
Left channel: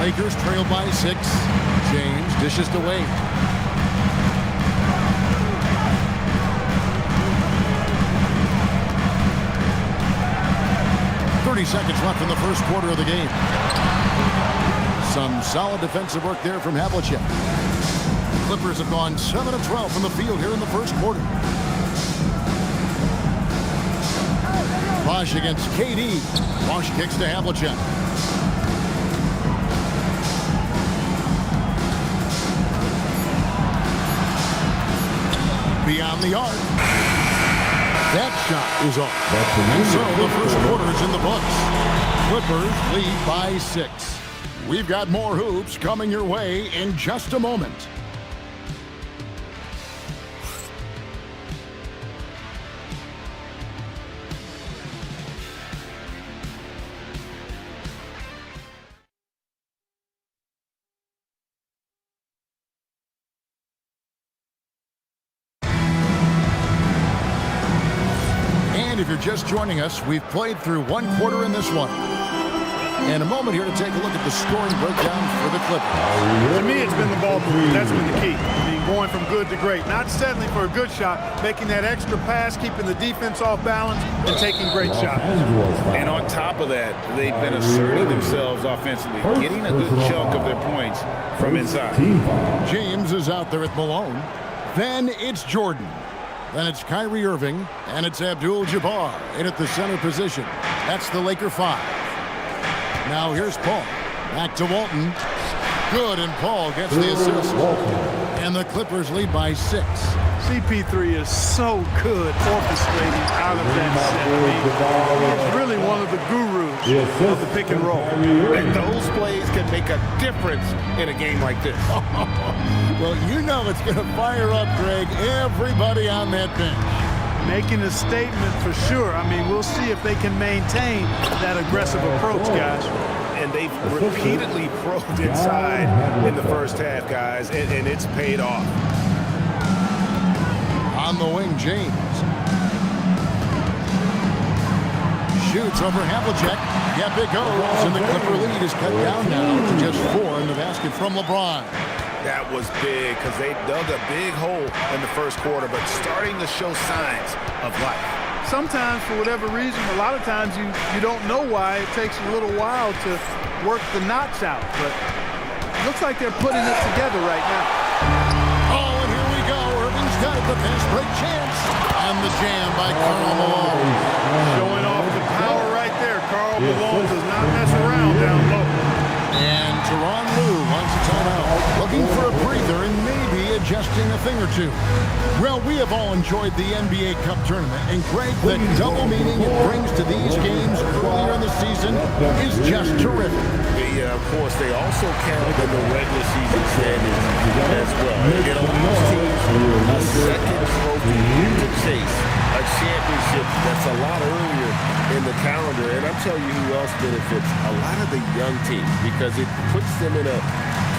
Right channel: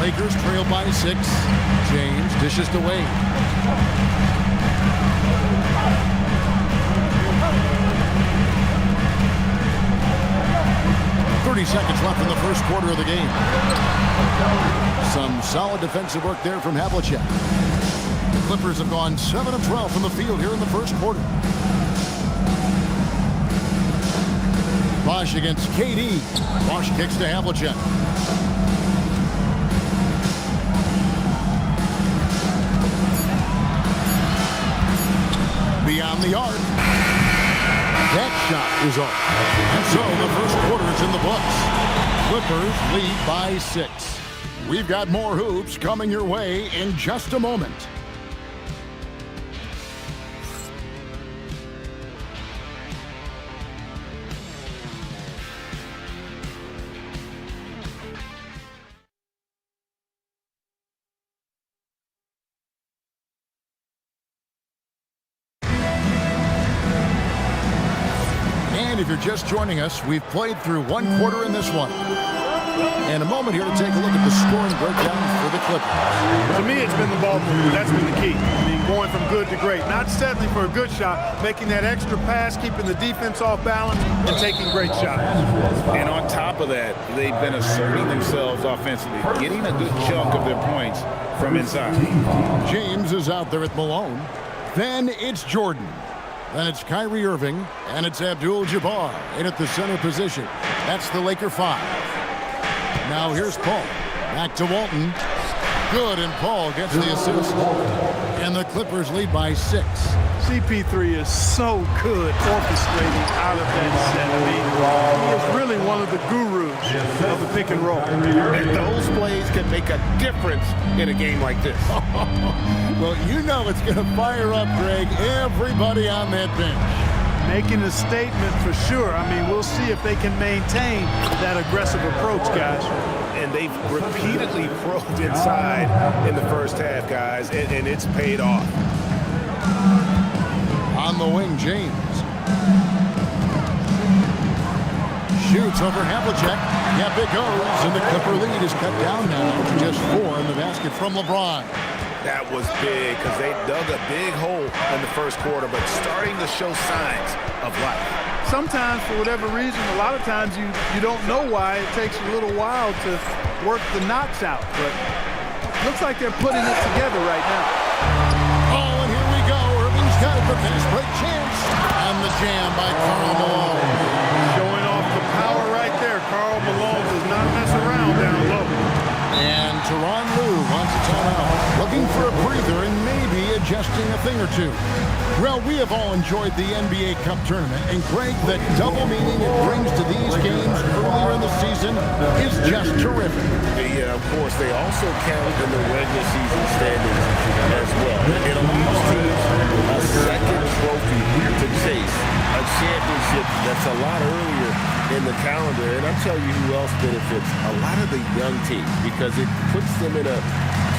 Lakers trail by 6. James dishes to Wade. .30 seconds left in the first quarter of the game. Some solid defensive work there from Havlicek. The Clippers have gone 7 of 12 from the field here in the first quarter. Bosh against KD. Bosh kicks to Havlicek. Beyond the arc. That shot is off. And so the first quarter is in the books. Clippers lead by 6. We've got more hoops coming your way in just a moment. And if you're just joining us, we've played through one quarter in this one. And a moment here to take a look at the scoring breakdown for the Clippers. To me, it's been the ball movement. That's been the key. I mean, going from good to great. Not settling for a good shot, making that extra pass, keeping the defense off balance, and taking great shots. And on top of that, they've been asserting themselves offensively, getting a good chunk of their points from inside. James is out there at Malone. Then it's Jordan. Then it's Kyrie Irving, and it's Abdul-Jabbar in at the center position. That's the Laker 5. Now here's Paul. Back to Walton. Good, and Paul gets the assist. And the Clippers lead by 6. CP3 is so good orchestrating out of that set. I mean, he is really one of the gurus of the pick and roll. And those plays can make a difference in a game like this. Well, you know it's going to fire up, Greg, everybody on that bench. Making a statement for sure. I mean, we'll see if they can maintain that aggressive approach, guys. And they've repeatedly probed inside in the first half, guys, and it's paid off. On the wing, James. Shoots over Havlicek. Yep, it goes, and the Clipper lead is cut down now to just 4 in the basket from LeBron. That was big because they dug a big hole in the first quarter, but starting to show signs of life. Sometimes, for whatever reason, a lot of times you don't know why. It takes a little while to work the knots out, but looks like they're putting it together right now. Oh, and here we go. Irving's got it, the fast break chance. And the jam by Karl Malone. Showing off the power right there. Karl Malone does not mess around down low. And Tyronn Lue wants a timeout. Looking for a breather and maybe adjusting a thing or two. Well, we have all enjoyed the NBA Cup tournament, and Greg, the double meaning it brings to these games earlier in the season is just terrific. Yeah, of course, they also count in the regular season standings as well. It allows teams a second trophy to chase, a championship that's a lot earlier in the calendar. And I'm telling you who else benefits, a lot of the young teams, because it puts them in a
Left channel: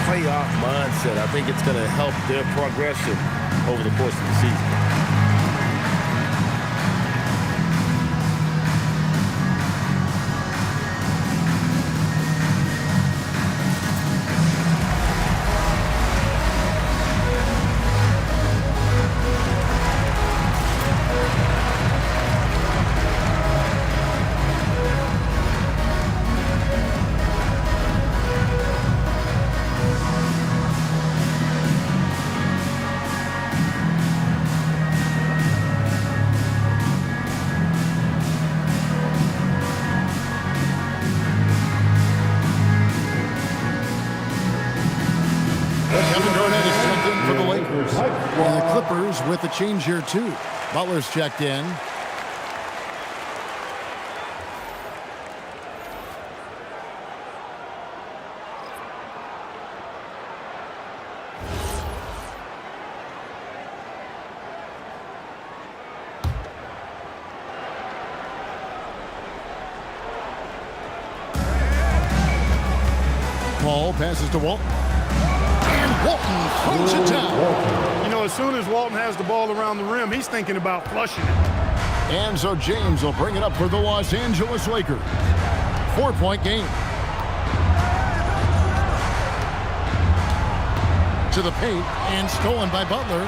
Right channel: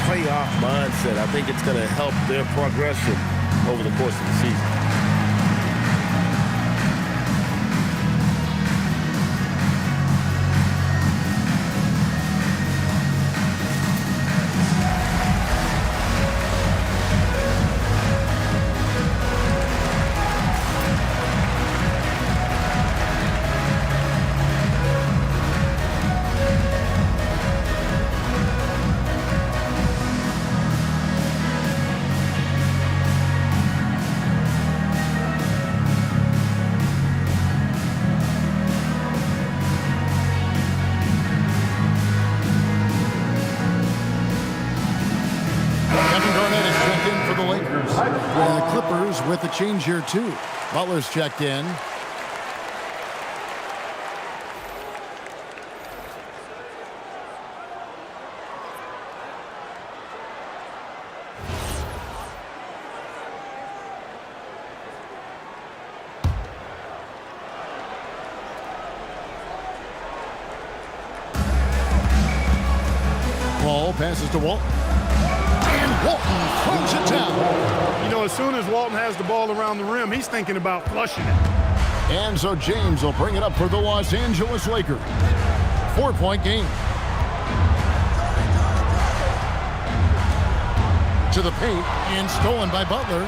playoff mindset. I think it's going to help their progression over the course of the season. For the Lakers. And the Clippers with the change here, too. Butler's checked in. Paul passes to Walton. And Walton throws it down. You know, as soon as Walton has the ball around the rim, he's thinking about flushing it. And so James will bring it up for the Los Angeles Lakers. 4-point game. To the paint and stolen by Butler.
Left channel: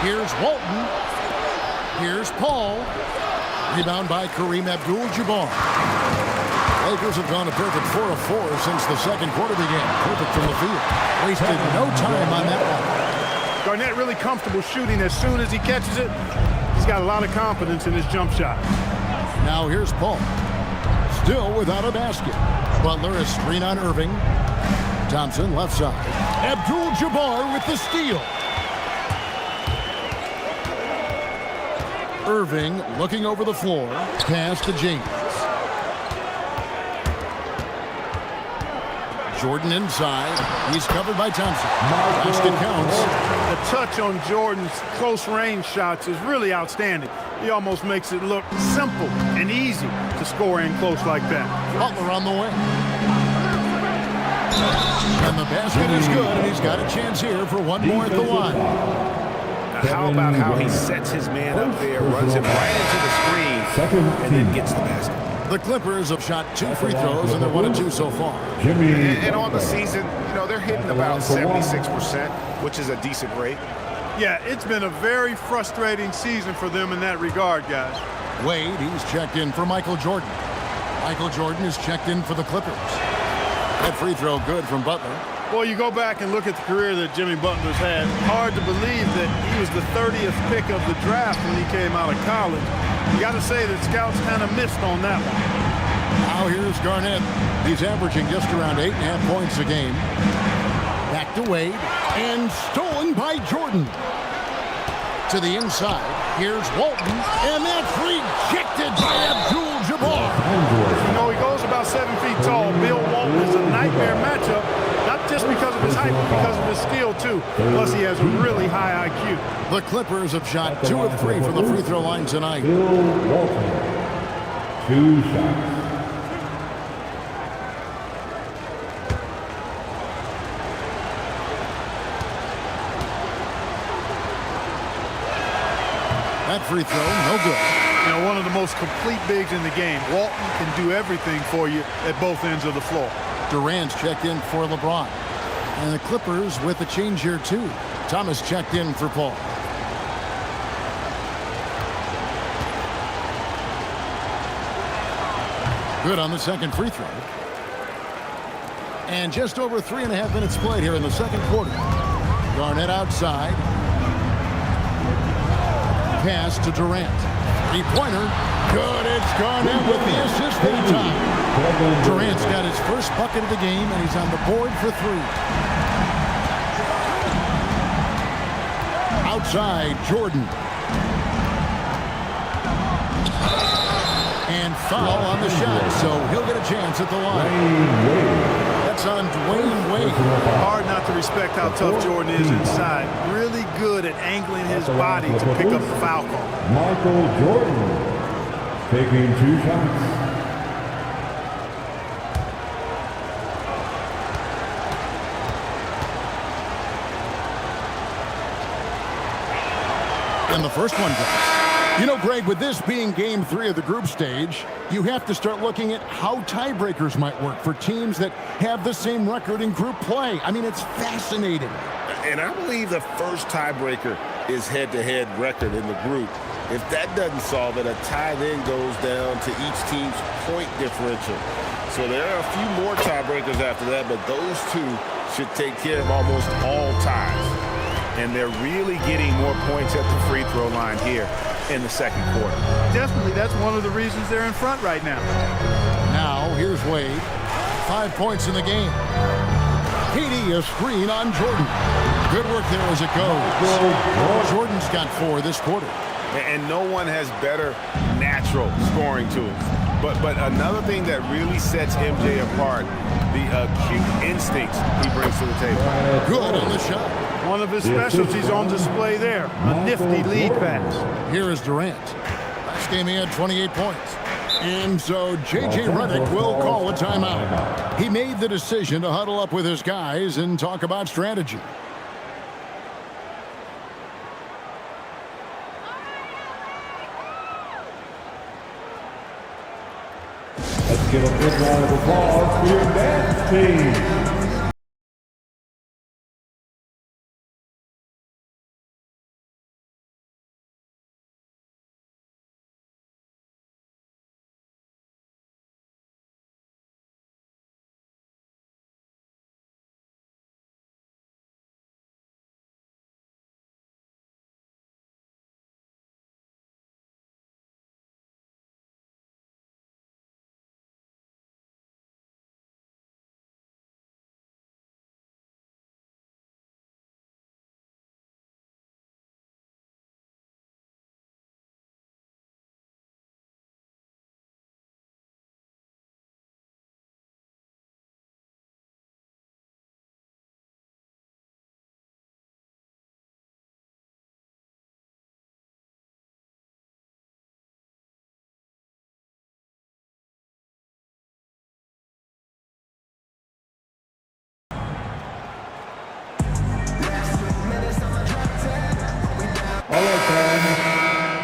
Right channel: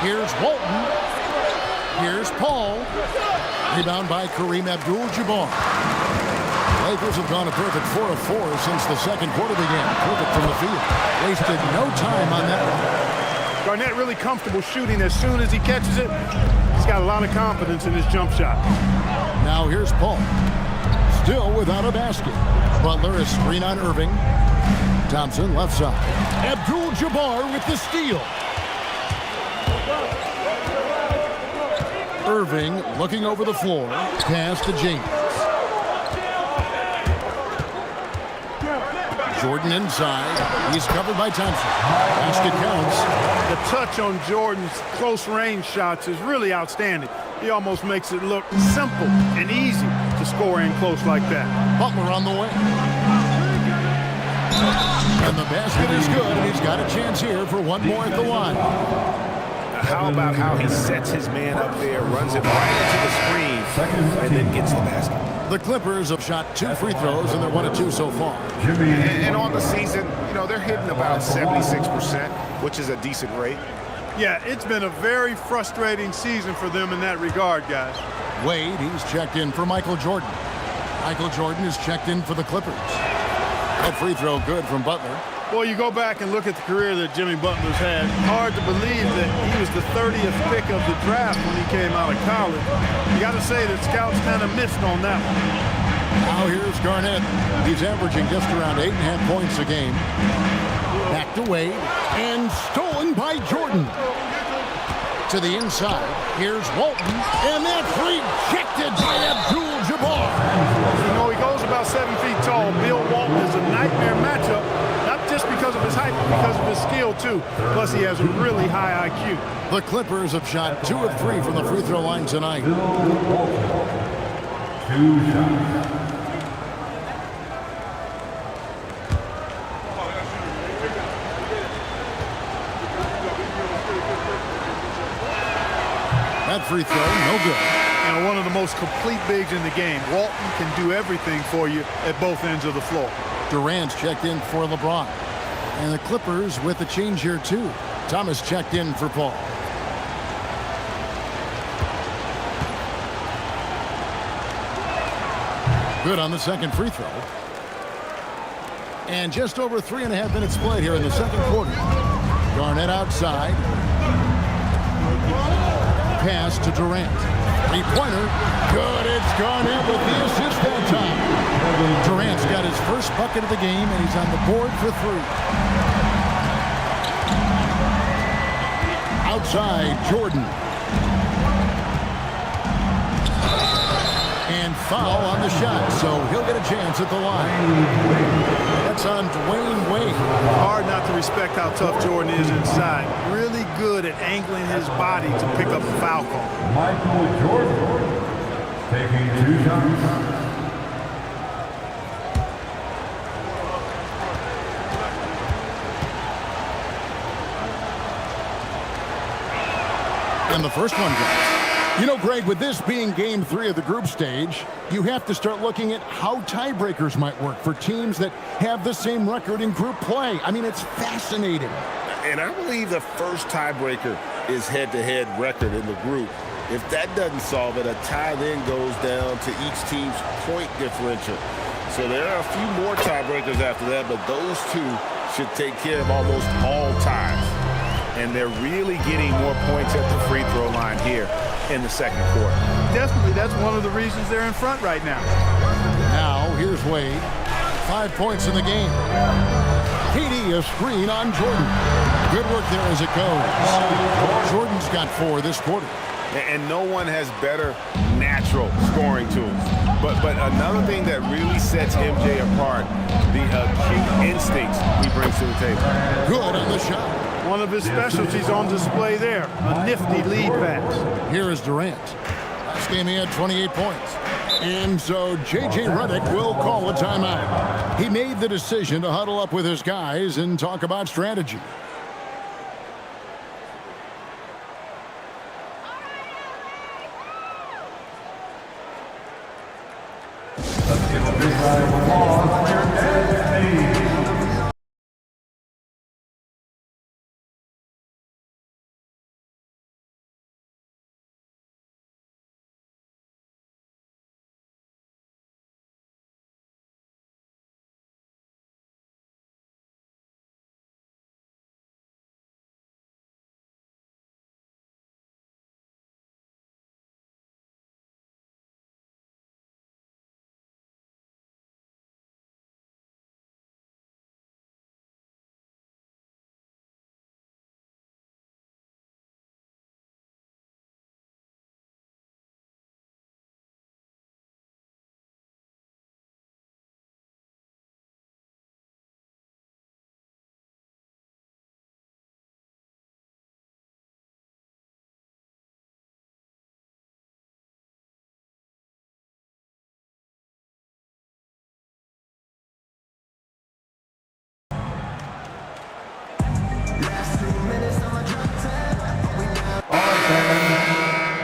Here's Walton. Here's Paul. Rebound by Kareem Abdul-Jabbar. Lakers have gone a perfect 4 of 4 since the second quarter began. Perfect from the field. Wasted no time on that one. Garnett really comfortable shooting as soon as he catches it. He's got a lot of confidence in his jump shot. Now here's Paul. Still without a basket. Butler is screen on Irving. Thompson left side. Abdul-Jabbar with the steal. Irving looking over the floor. Pass to James. Jordan inside. He's covered by Thompson. Basket counts. The touch on Jordan's close range shots is really outstanding. He almost makes it look simple and easy to score in close like that. Butler on the way. And the basket is good, and he's got a chance here for one more at the line. Now, how about how he sets his man up there, runs him right into the screen, and then gets the basket. The Clippers have shot 2 free throws, and they're 1 of 2 so far. And on the season, you know, they're hitting about 76%, which is a decent rate. Yeah, it's been a very frustrating season for them in that regard, guys. Wade, he's checked in for Michael Jordan. Michael Jordan is checked in for the Clippers. That free throw good from Butler. Well, you go back and look at the career that Jimmy Butler's had. Hard to believe that he was the 30th pick of the draft when he came out of college. You got to say that scouts kind of missed on that one. Now here's Garnett. He's averaging just around 8.5 points a game. Back to Wade, and stolen by Jordan. To the inside, here's Walton, and that's rejected by Abdul-Jabbar. You know, he goes about 7 feet tall. Bill Walton is a nightmare matchup, not just because of his height, but because of his skill, too. Plus, he has a really high IQ. The Clippers have shot 2 of 3 from the free throw line tonight. Bill Walton, 2 shots. That free throw, no good. You know, one of the most complete bigs in the game. Walton can do everything for you at both ends of the floor. Durant's checked in for LeBron. And the Clippers with a change here, too. Thomas checked in for Paul. Good on the second free throw. And just over 3.5 minutes played here in the second quarter. Garnett outside. Pass to Durant. Three-pointer. Good. It's Garnett with the assist that time. Durant's got his first bucket of the game, and he's on the board for 3. Outside, Jordan. And foul on the shot, so he'll get a chance at the line. That's on Dwayne Wade. Hard not to respect how tough Jordan is inside. Really good at angling his body to pick up the foul call. Michael Jordan taking 2 shots. And the first one drops. You know, Greg, with this being game 3 of the group stage, you have to start looking at how tiebreakers might work for teams that have the same record in group play. I mean, it's fascinating. And I believe the first tiebreaker is head-to-head record in the group. If that doesn't solve it, a tie then goes down to each team's point differential. So there are a few more tiebreakers after that, but those 2 should take care of almost all ties. And they're really getting more points at the free throw line here in the second quarter. Definitely, that's one of the reasons they're in front right now. Now, here's Wade. 5 points in the game. KD, a screen on Jordan. Good work there as it goes. Jordan's got 4 this quarter. And no one has better natural scoring tools. But another thing that really sets MJ apart, the acute instincts he brings to the table. Good on the shot. One of his specialties on display there, a nifty lead pass. Here is Durant. Last game he had 28 points. And so J.J. Redick will call a timeout. He made the decision to huddle up with his guys and talk about strategy. Let's give a big round of applause for your dance team.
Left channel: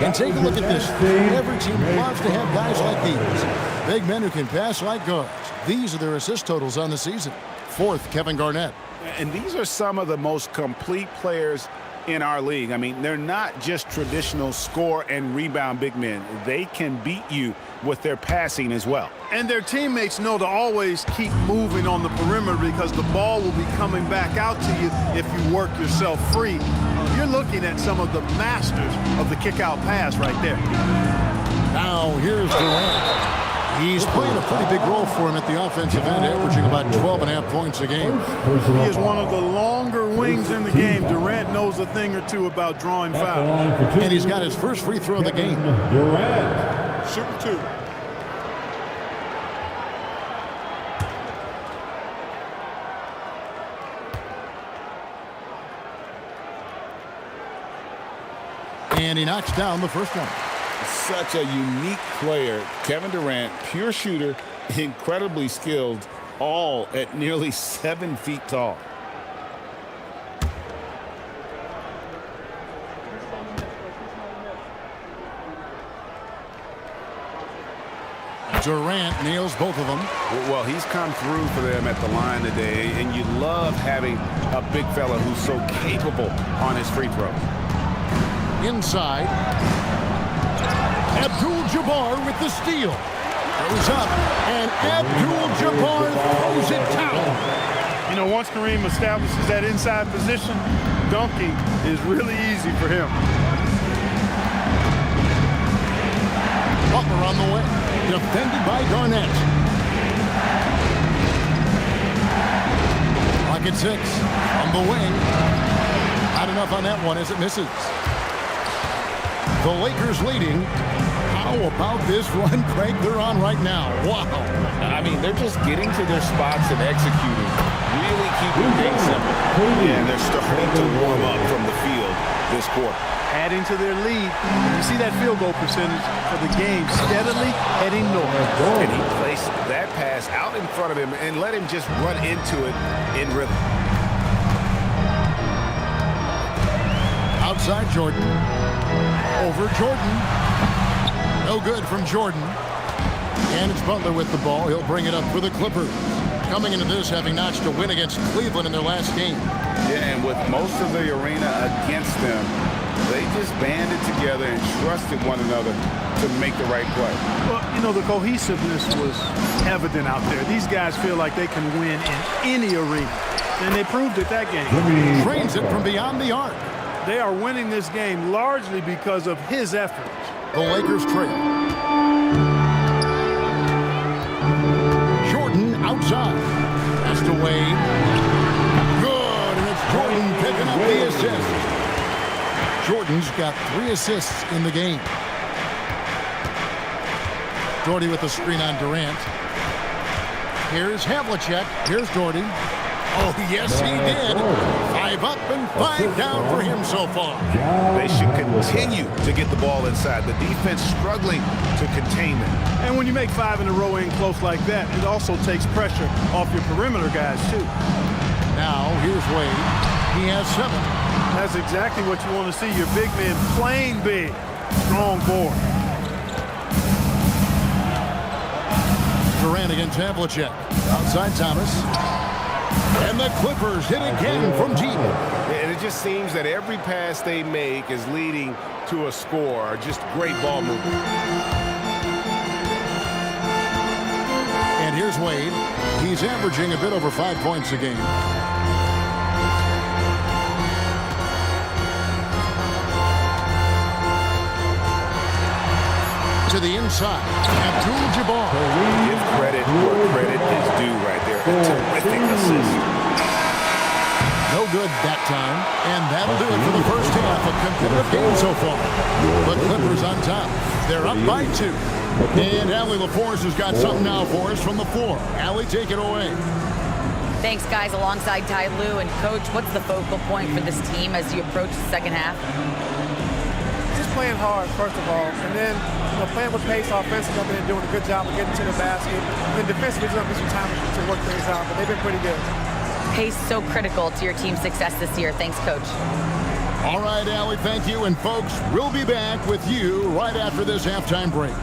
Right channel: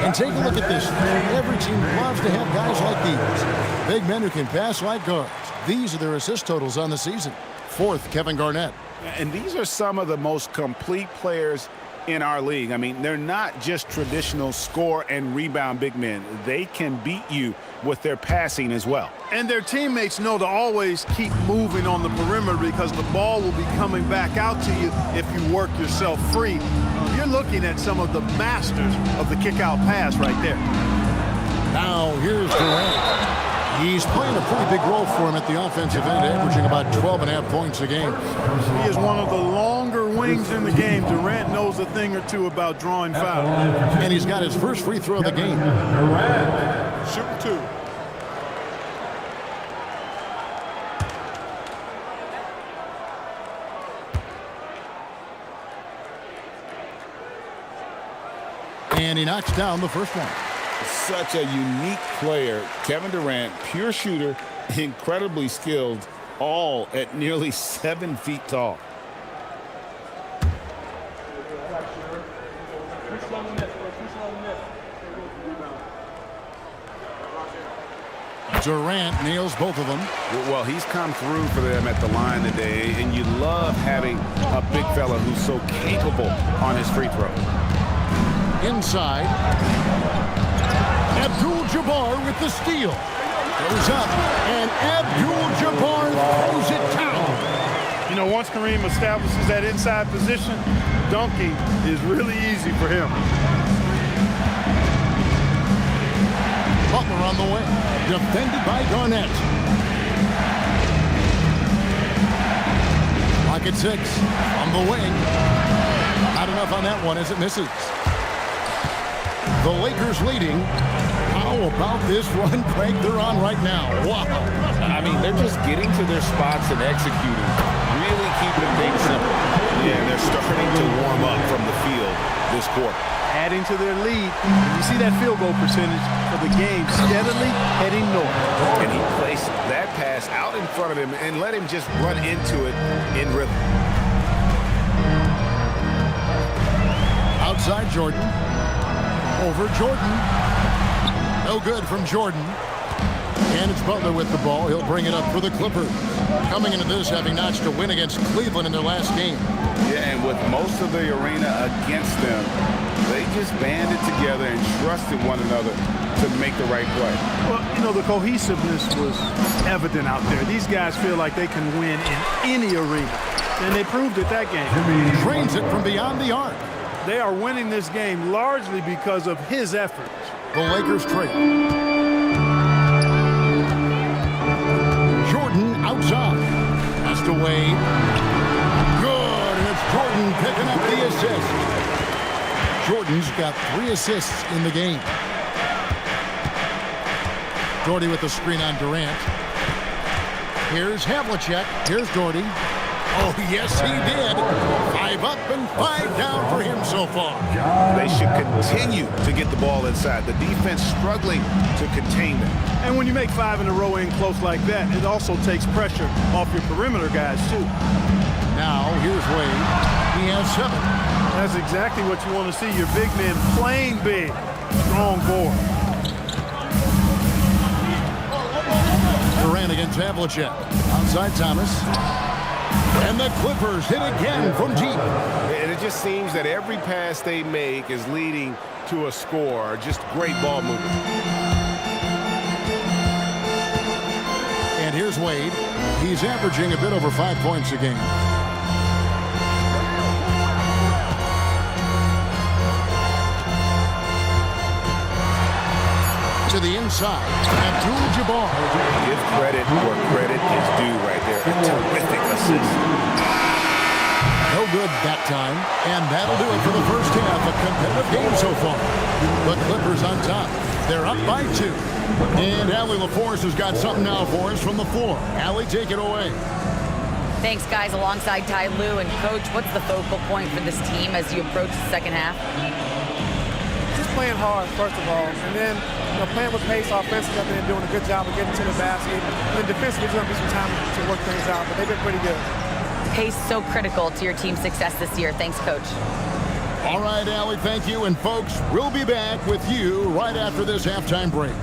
And take a look at this. Every team loves to have guys like these. Big men who can pass like guards. These are their assist totals on the season. 4th, Kevin Garnett. And these are some of the most complete players in our league. I mean, they're not just traditional score and rebound big men. They can beat you with their passing as well. And their teammates know to always keep moving on the perimeter because the ball will be coming back out to you if you work yourself free. You're looking at some of the masters of the kick-out pass right there. Now here's Durant. He's playing a pretty big role for him at the offensive end, averaging about 12.5 points a game. He is one of the longer wings in the game. Durant knows a thing or two about drawing fouls. And he's got his first free throw of the game. Durant. Shooting 2. And he knocks down the first one. Such a unique player. Kevin Durant, pure shooter, incredibly skilled, all at nearly 7 feet tall. Durant nails both of them. Well, he's come through for them at the line today, and you love having a big fella who's so capable on his free throws. Inside. Abdul-Jabbar with the steal. Goes up, and Abdul-Jabbar throws it down. You know, once Kareem establishes that inside position, dunking is really easy for him. Butler on the way. Defended by Garnett. Clock at 6. From the wing. Not enough on that one as it misses. The Lakers leading. How about this run, Craig, they're on right now? Wow. I mean, they're just getting to their spots and executing, really keeping things simple. Yeah, and they're starting to warm up from the field this quarter. Adding to their lead. And you see that field goal percentage for the game steadily heading north. And he placed that pass out in front of him and let him just run into it in rhythm. Outside Jordan. Over Jordan. No good from Jordan. And it's Butler with the ball. He'll bring it up for the Clippers. Coming into this, having notched a win against Cleveland in their last game. Yeah, and with most of the arena against them, they just banded together and trusted one another to make the right play. Well, you know, the cohesiveness was evident out there. These guys feel like they can win in any arena. And they proved it that game. Drains it from beyond the arc. They are winning this game largely because of his efforts. The Lakers trail. Jordan outside. Pass to Wade. Good, and it's Jordan picking up the assist. Jordan's got 3 assists in the game. Doherty with the screen on Durant. Here's Havlicek. Here's Doherty. Oh, yes, he did. 5 up and 5 down for him so far. They should continue to get the ball inside. The defense struggling to contain them. And when you make 5 in a row in close like that, it also takes pressure off your perimeter guys, too. Now, here's Wade. He has 7. That's exactly what you want to see. Your big man playing big. Strong board. Durant against Havlicek. Outside Thomas. And the Clippers hit again from deep. And it just seems that every pass they make is leading to a score. Just great ball movement. And here's Wade. He's averaging a bit over 5 points a game. To the inside. Abdul-Jabbar. Give credit where credit is due right there. A terrific assist. No good that time. And that'll do it for the first half. A competitive game so far. The Clippers on top. They're up by 2. And Allie LaForce has got something now for us from the floor. Allie, take it away. Thanks, guys. Alongside Ty Lue and Coach, what's the focal point for this team as you approach the second half? Just playing hard, first of all, and then playing with pace offensively. I've been doing a good job of getting to the basket. And then defensively, there's going to be some time to work things out, but they've been pretty good. Pace so critical to your team's success this year. Thanks, Coach. All right, Allie, thank you. And folks, we'll be back with you right after this halftime break.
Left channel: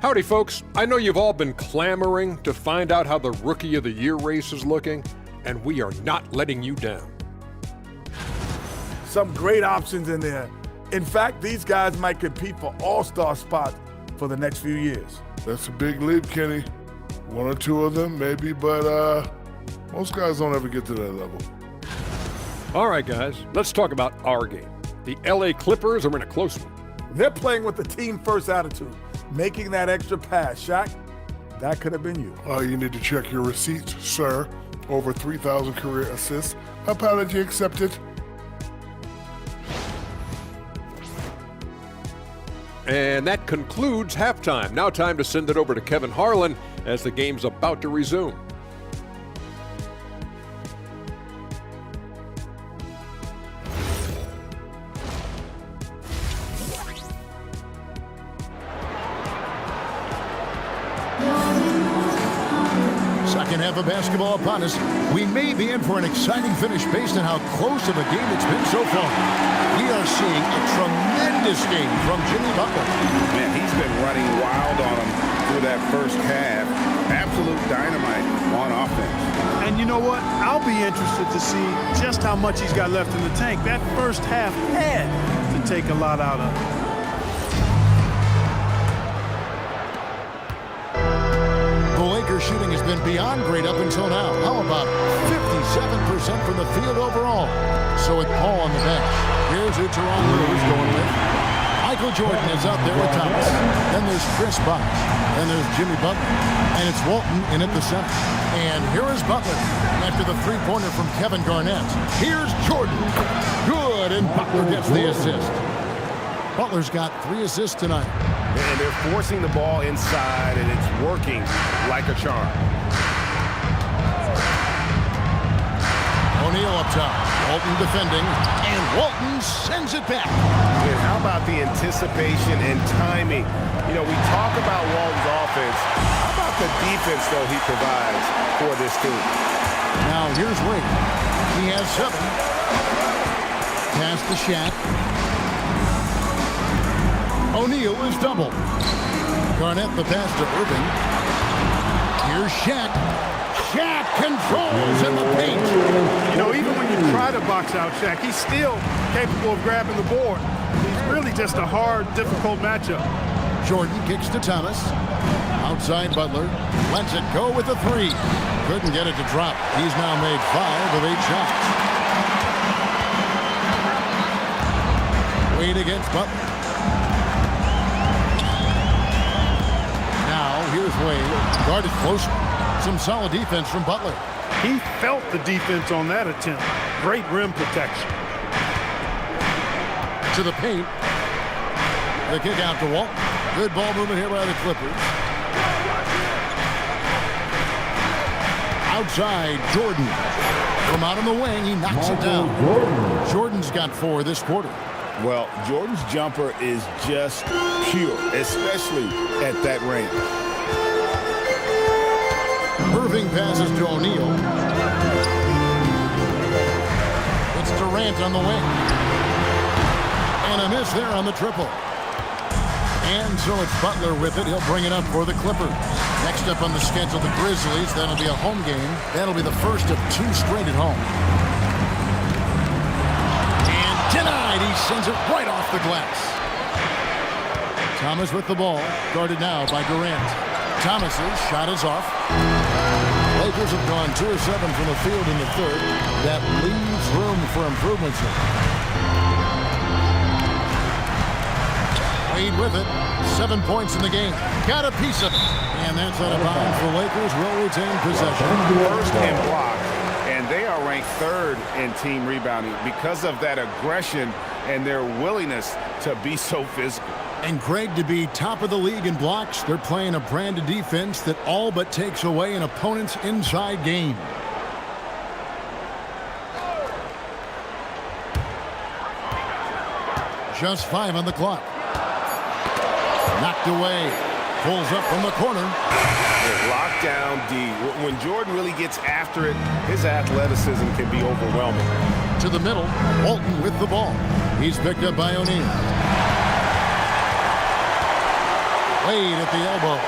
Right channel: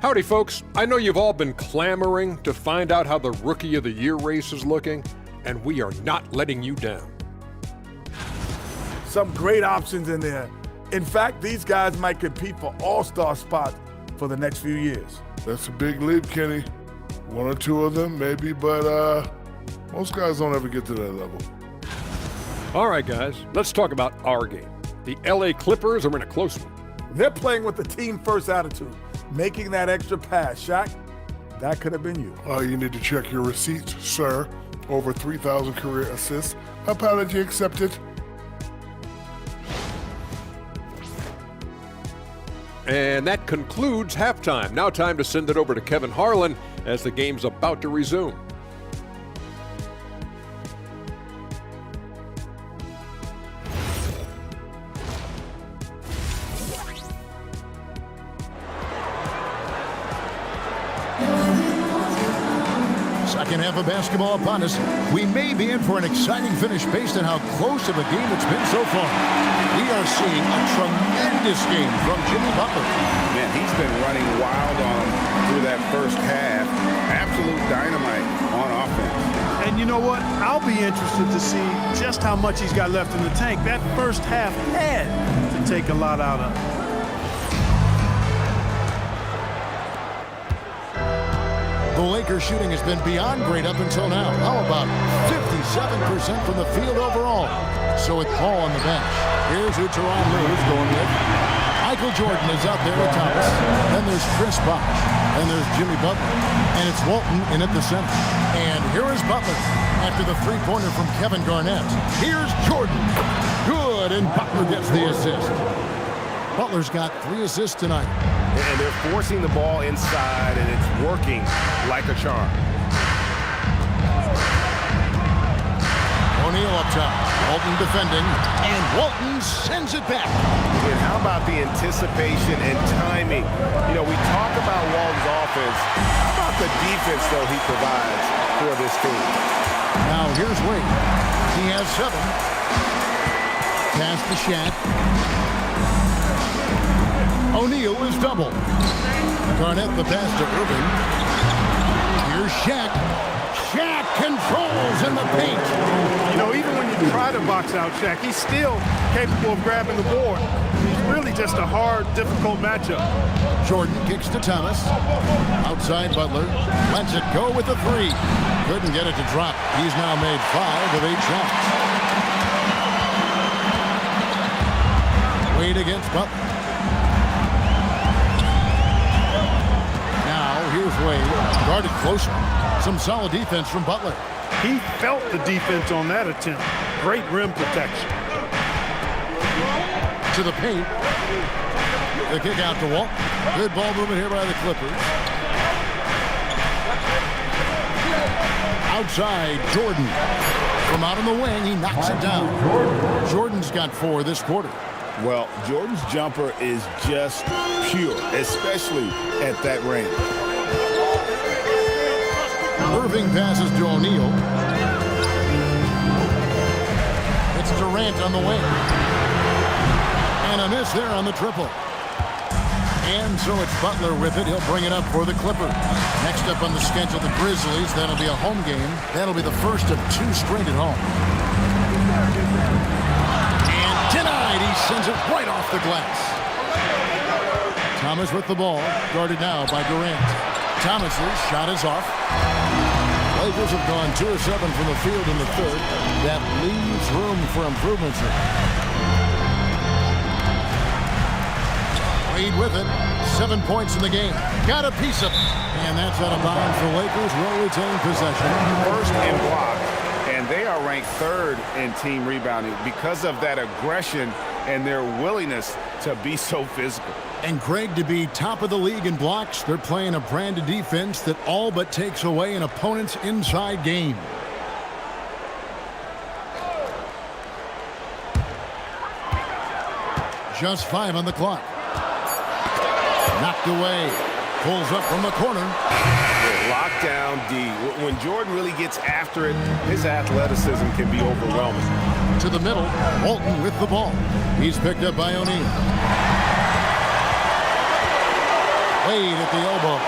Howdy, folks. I know you've all been clamoring to find out how the Rookie of the Year race is looking, and we are not letting you down. Some great options in there. In fact, these guys might compete for all-star spots for the next few years. That's a big leap, Kenny. 1 or 2 of them, maybe, but most guys don't ever get to that level. All right, guys, let's talk about our game. The LA Clippers are in a close one. They're playing with the team-first attitude. Making that extra pass, Shaq, that could have been you. You need to check your receipts, sir. Over 3,000 career assists. Apology accepted. And that concludes halftime. Now time to send it over to Kevin Harlan as the game's about to resume. Second half of basketball upon us. We may be in for an exciting finish based on how close of a game it's been so far. We are seeing a tremendous game from Jimmy Butler. Man, he's been running wild on them through that first half. Absolute dynamite on offense. And you know what? I'll be interested to see just how much he's got left in the tank. That first half had to take a lot out of him. The Lakers shooting has been beyond great up until now. How about 57% from the field overall? So with Paul on the bench, here's who Tyronn Lue is going with. Michael Jordan is out there with Thomas. Then there's Chris Bosh. Then there's Jimmy Butler. And it's Walton in at the center. And here is Butler after the three-pointer from Kevin Garnett. Here's Jordan. Good, and Butler gets the assist. Butler's got 3 assists tonight. And they're forcing the ball inside, and it's working like a charm. O'Neal up top. Walton defending, and Walton sends it back. And how about the anticipation and timing? You know, we talk about Walton's offense. How about the defense, though, he provides for this team? Now, here's Wade. He has 7. Pass to Shaq. O'Neal is double. Garnett the pass to Irving. Here's Shaq. Shaq controls in the paint. You know, even when you try to box out Shaq, he's still capable of grabbing the board. He's really just a hard, difficult matchup. Jordan kicks to Thomas. Outside Butler. Lets it go with the 3. Couldn't get it to drop. He's now made 5 of 8 shots. Wade against Butler. Now, here's Wade. Guarded closer. Some solid defense from Butler. He felt the defense on that attempt. Great rim protection. To the paint. The kick out to Walt. Good ball movement here by the Clippers. Outside, Jordan. From out on the wing, he knocks it down. Jordan's got 4 this quarter. Well, Jordan's jumper is just pure, especially at that range. Irving passes to O'Neal. It's Durant on the wing. And a miss there on the triple. And so it's Butler with it. He'll bring it up for the Clippers. Next up on the schedule, the Grizzlies. That'll be a home game. That'll be the first of 2 straight at home. And denied. He sends it right off the glass. Thomas with the ball. Guarded now by Durant. Thomas's shot is off. Lakers have gone 2 of 7 from the field in the third. That leaves room for improvements here. Wade with it. 7 points in the game. Got a piece of it. And that's out of bounds. The Lakers will retain possession. First in blocks, and they are ranked 3rd in team rebounding because of that aggression and their willingness to be so physical. And Greg, to be top of the league in blocks, they're playing a brand of defense that all but takes away an opponent's inside game. Just 5 on the clock. Knocked away. Pulls up from the corner. Lockdown D. When Jordan really gets after it, his athleticism can be overwhelming. To the middle. Walton with the ball. He's picked up by O'Neal. Wade at the elbow.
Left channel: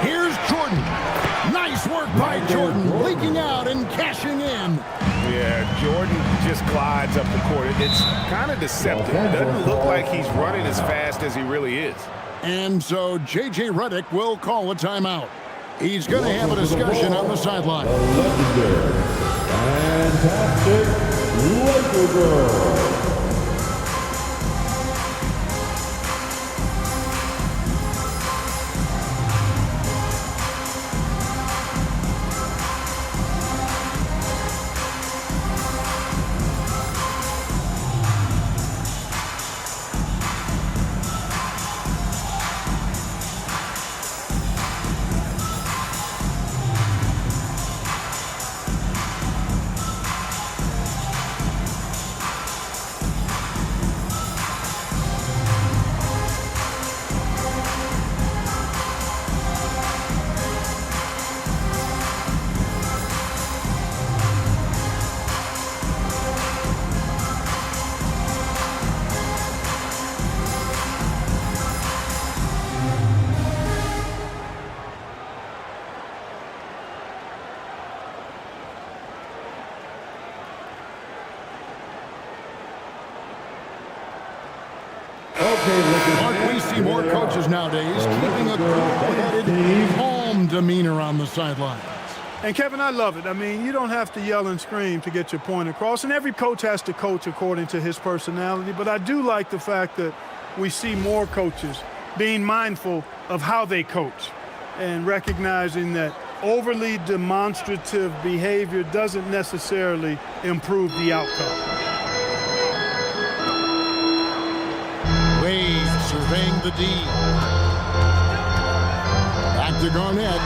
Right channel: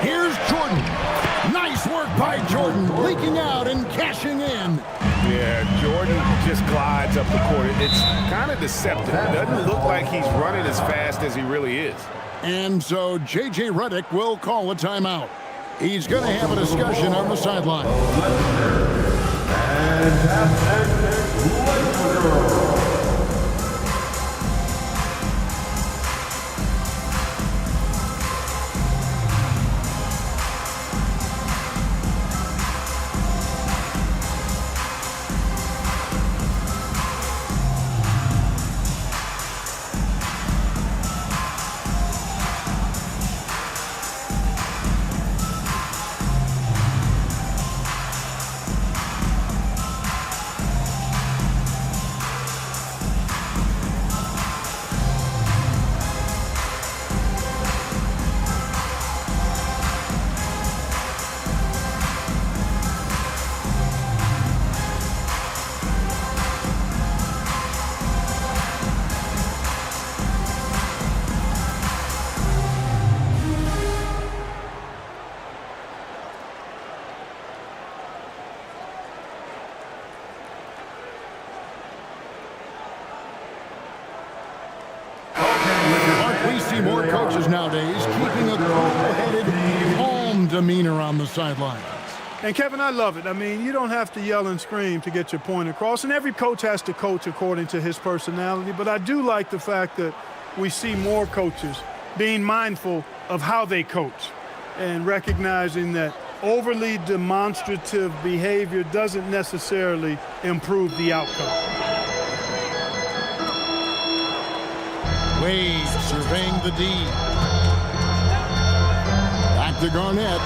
Here's Jordan. Nice work by Jordan. Leaking out and cashing in. Yeah, Jordan just glides up the court. It's kind of deceptive. It doesn't look like he's running as fast as he really is. And so J.J. Redick will call a timeout. He's going to have a discussion on the sideline. Fantastic Laker girl. Mark, we see more coaches nowadays keeping a cool-headed, calm demeanor on the sidelines. And, Kevin, I love it. I mean, you don't have to yell and scream to get your point across, and every coach has to coach according to his personality. But I do like the fact that we see more coaches being mindful of how they coach and recognizing that overly demonstrative behavior doesn't necessarily improve the outcome. Wade surveying the D. Back to Garnett.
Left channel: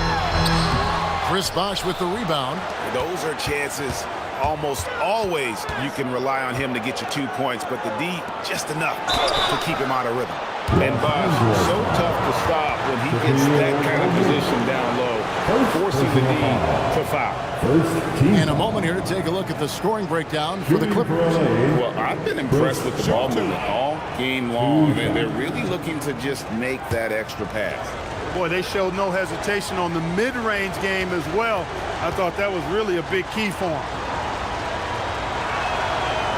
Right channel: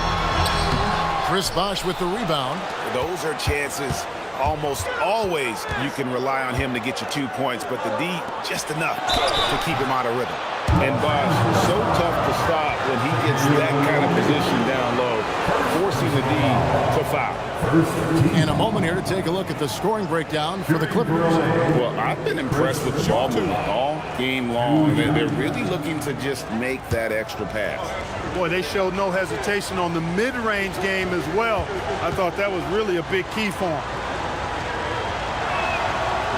Chris Bosh with the rebound. Those are chances almost always you can rely on him to get you 2 points, but the D just enough to keep him out of rhythm. And Bosh, so tough to stop when he gets that kind of position down low, forcing the D to foul. And a moment here to take a look at the scoring breakdown for the Clippers. Well, I've been impressed with the ball movement all game long. They're really looking to just make that extra pass. Boy, they showed no hesitation on the mid-range game as well. I thought that was really a big key for him.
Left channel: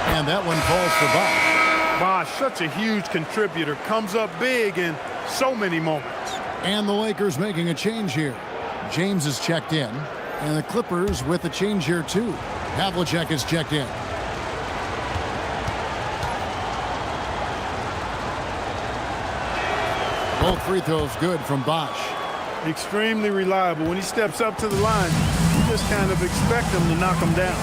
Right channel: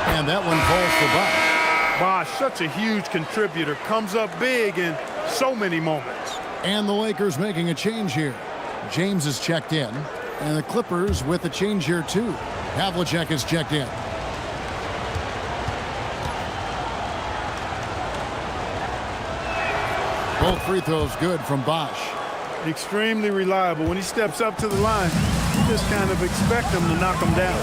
And that one falls for Bosh. Bosh, such a huge contributor, comes up big in so many moments. And the Lakers making a change here. James is checked in, and the Clippers with a change here too. Havlicek is checked in. Both free throws good from Bosh. Extremely reliable. When he steps up to the line, you just kind of expect him to knock him down.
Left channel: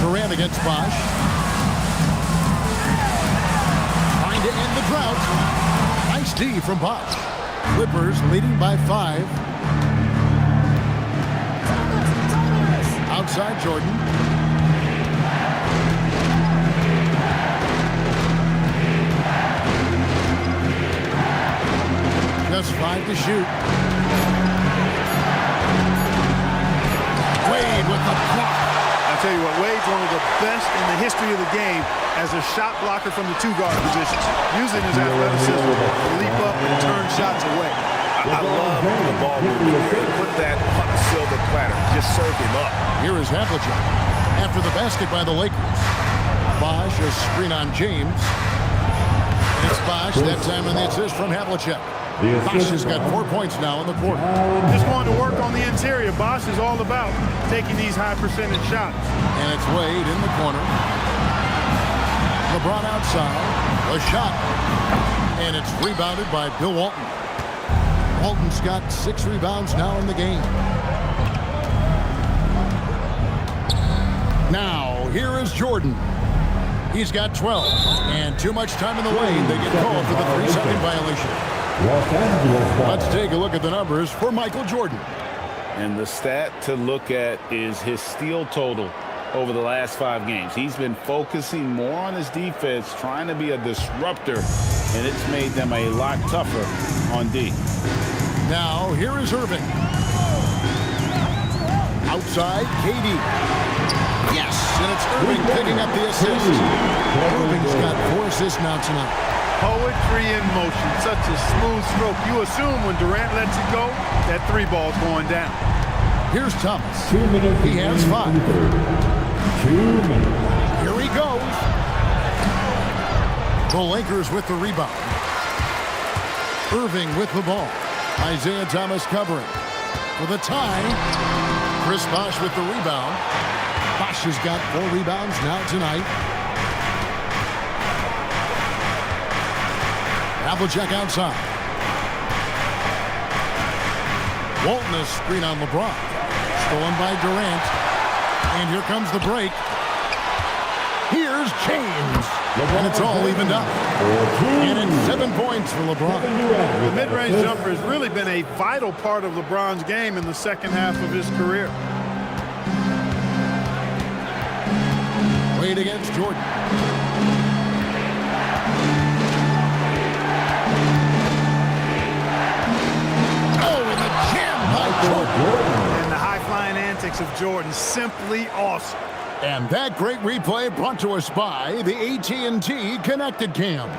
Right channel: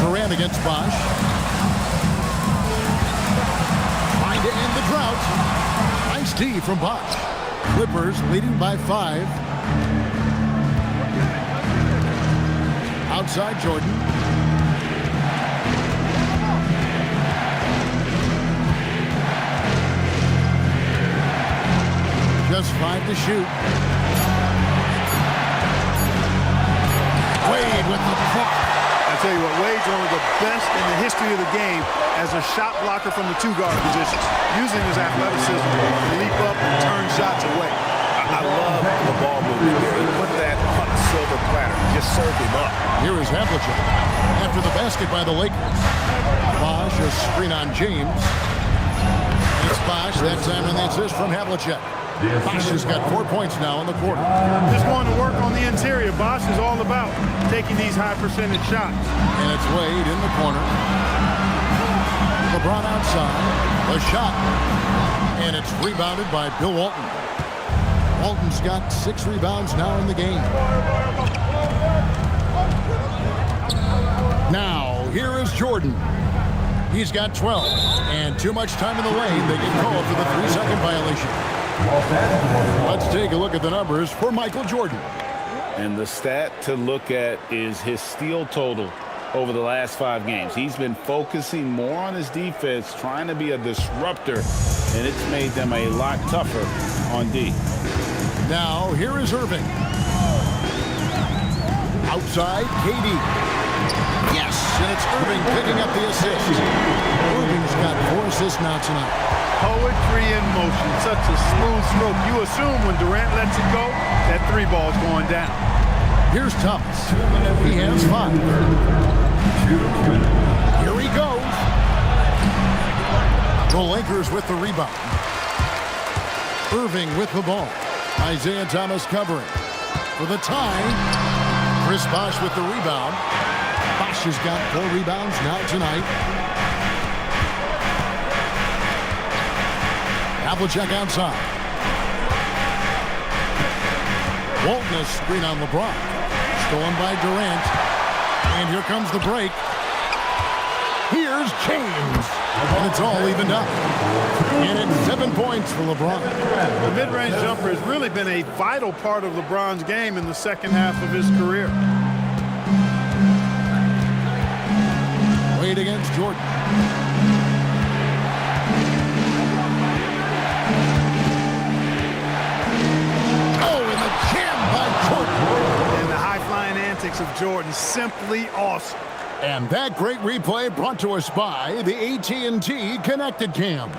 Durant against Bosh. Trying to end the drought. Nice D from Bosh. Clippers leading by 5. Outside Jordan. Just 5 to shoot. Wade with the block. I tell you what, Wade's one of the best in the history of the game as a shot blocker from the 2-guard position, using his athleticism to leap up and turn shots away. I love the ball movement there. He put that on a silver platter, just served him up. Here is Havlicek after the basket by the Lakers. Bosh, a screen on James. And it's Bosh, that time on the assist from Havlicek. Bosh has got 4 points now in the quarter. Just wanting to work on the interior. Bosh is all about taking these high percentage shots. And it's Wade in the corner. LeBron outside. The shot. And it's rebounded by Bill Walton. Walton's got 6 rebounds now in the game. Now, here is Jordan. He's got 12. And too much time in the lane. They get called for the 3-second violation. Let's take a look at the numbers for Michael Jordan. And the stat to look at is his steal total over the last 5 games. He's been focusing more on his defense, trying to be a disruptor, and it's made them a lot tougher on D. Now, here is Irving. Outside, KD. Yes, and it's Irving picking up the assist. Irving's got 4 assists now tonight. Poetry in motion, such a smooth stroke. You assume when Durant lets it go, that 3 ball's going down. Here's Thomas. He has 5. 2 minutes. Here he goes. The Lakers with the rebound. Irving with the ball. Isaiah Thomas covering. For the tie, Chris Bosh with the rebound. Bosh has got 4 rebounds now tonight. Havlicek outside. Walton has screen on LeBron. Stolen by Durant. And here comes the break. Here's James. And it's all evened up. And it's 7 points for LeBron. The mid-range jumper has really been a vital part of LeBron's game in the second half of his career. Wade against Jordan. Oh, and the jam by Jordan. And the high-flying antics of Jordan, simply awesome. And that great replay brought to us by the AT&T Connected Cam.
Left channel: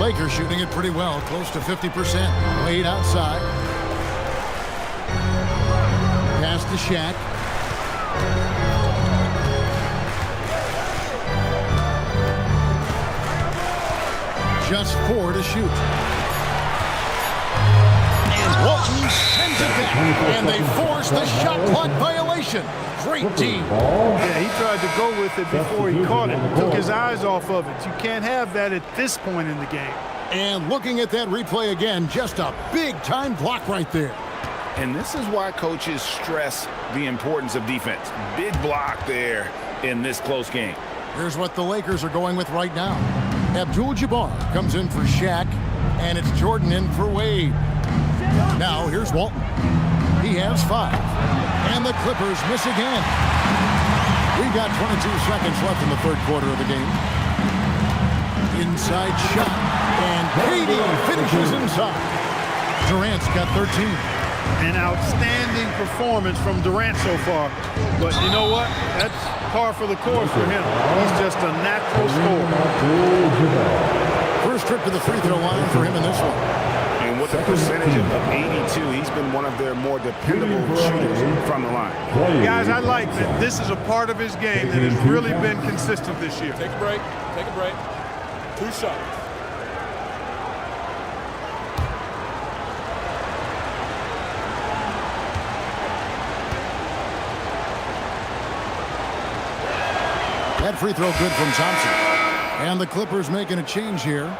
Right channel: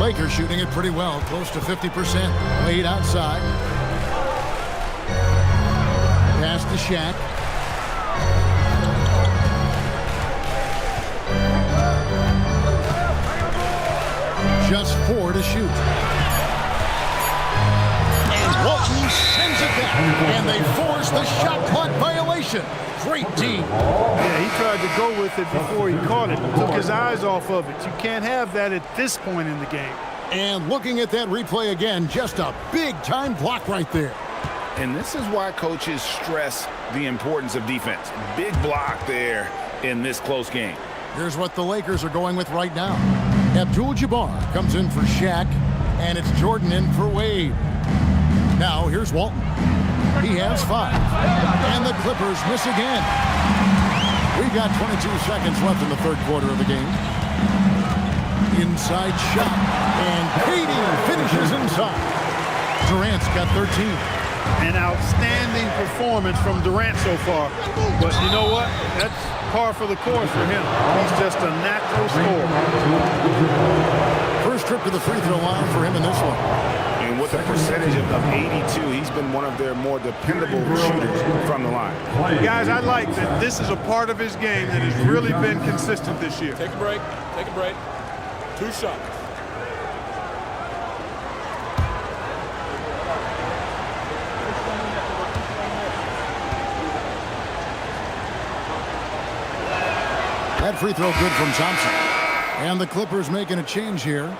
Lakers shooting it pretty well, close to 50%. Wade outside. Pass to Shaq. Just 4 to shoot. And Walton sends it back. And they force the shot clock violation. Great team. Yeah, he tried to go with it before he caught it. Took his eyes off of it. You can't have that at this point in the game. And looking at that replay again, just a big-time block right there. And this is why coaches stress the importance of defense. Big block there in this close game. Here's what the Lakers are going with right now. Abdul-Jabbar comes in for Shaq, and it's Jordan in for Wade. Now here's Walton. He has 5. And the Clippers miss again. We've got 22 seconds left in the third quarter of the game. Inside shot. And KD finishes inside. Durant's got 13. An outstanding performance from Durant so far. But you know what? That's par for the course for him. He's just a natural scorer. First trip to the free throw line for him in this one. And with a percentage of 82, he's been one of their more dependable shooters from the line. Guys, I like that this is a part of his game that has really been consistent this year. Take a break. Take a break. 2 shots. That free throw good from Thompson. And the Clippers making a change here.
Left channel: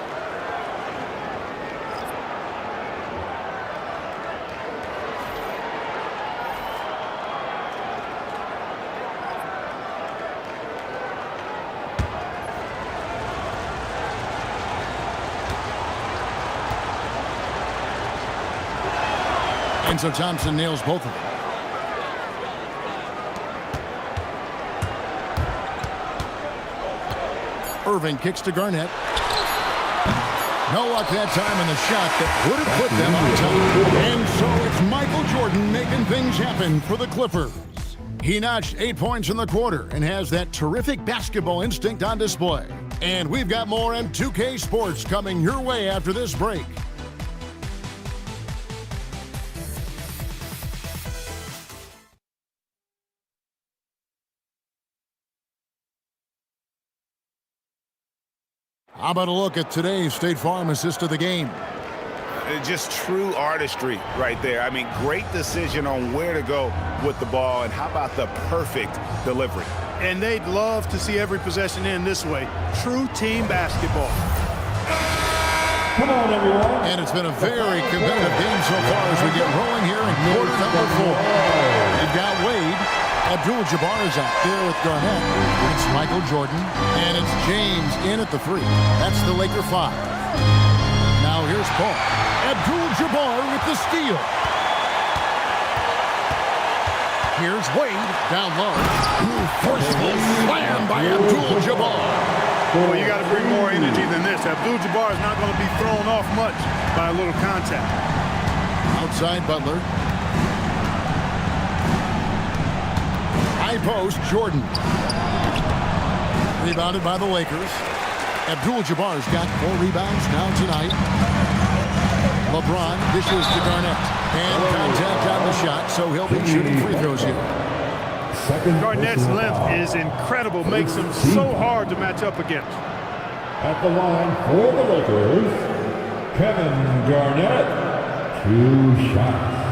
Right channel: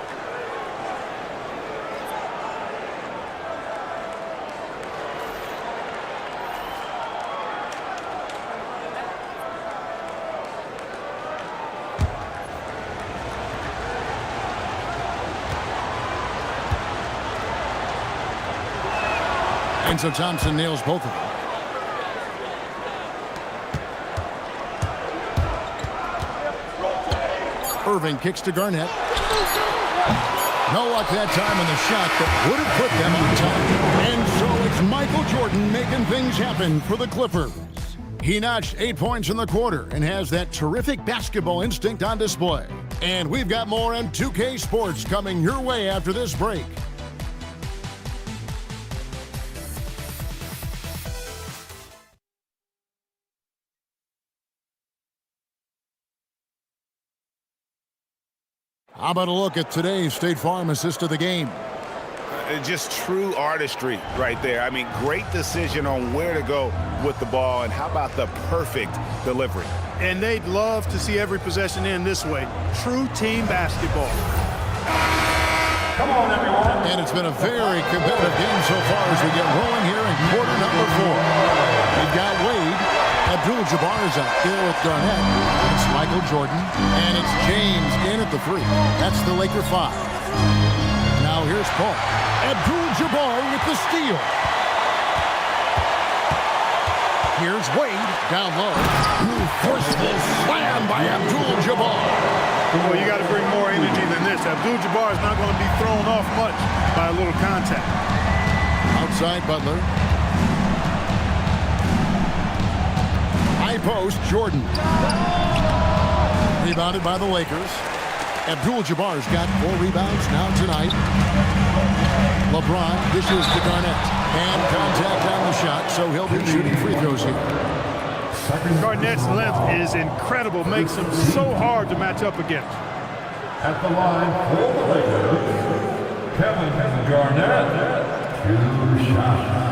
And so Thompson nails both of them. Irving kicks to Garnett. No luck that time in the shot that would have put them on top. And so it's Michael Jordan making things happen for the Clippers. He notched 8 points in the quarter and has that terrific basketball instinct on display. And we've got more M2K Sports coming your way after this break. How about a look at today's State Farm assist of the game? Just true artistry right there. I mean, great decision on where to go with the ball, and how about the perfect delivery? And they'd love to see every possession end this way. True team basketball. Come on, everyone. And it's been a very competitive game so far as we get rolling here in quarter number 4. We've got Wade. Abdul-Jabbar is out there with Garnett. It's Michael Jordan. And it's James in at the 3. That's the Laker 5. Now here's Paul. Abdul-Jabbar with the steal. Here's Wade down low. Forceful slam by Abdul-Jabbar. Well, you got to bring more energy than this. Abdul-Jabbar is not going to be thrown off much by a little contact. Outside Butler. High post, Jordan. Rebounded by the Lakers. Abdul-Jabbar's got 4 rebounds now tonight. LeBron dishes to Garnett. And contact on the shot, so he'll be shooting free throws here. Garnett's length is incredible. Makes him so hard to match up against. At the line for the Lakers, Kevin Garnett. 2 shots.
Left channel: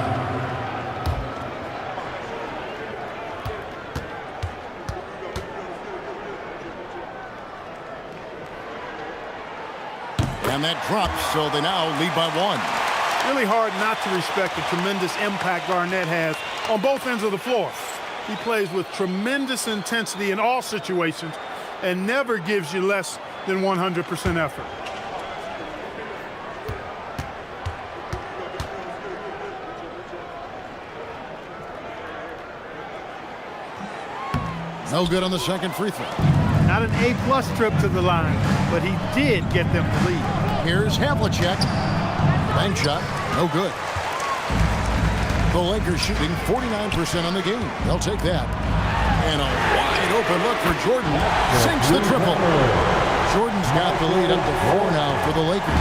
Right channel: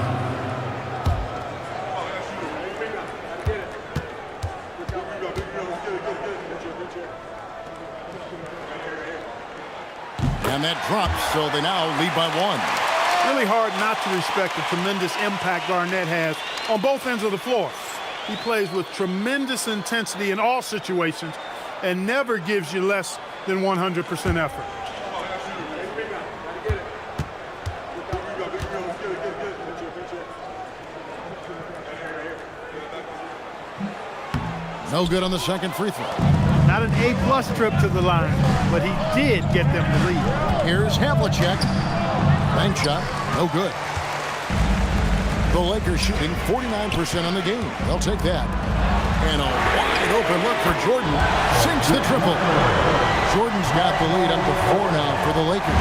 And that drops, so they now lead by 1. Really hard not to respect the tremendous impact Garnett has on both ends of the floor. He plays with tremendous intensity in all situations and never gives you less than 100% effort. No good on the second free throw. Not an A+ trip to the line, but he did get them to lead. Here's Havlicek. Bank shot, no good. The Lakers shooting 49% on the game. They'll take that. And a wide open look for Jordan. Sinks the triple. Jordan's got the lead up to 4 now for the Lakers.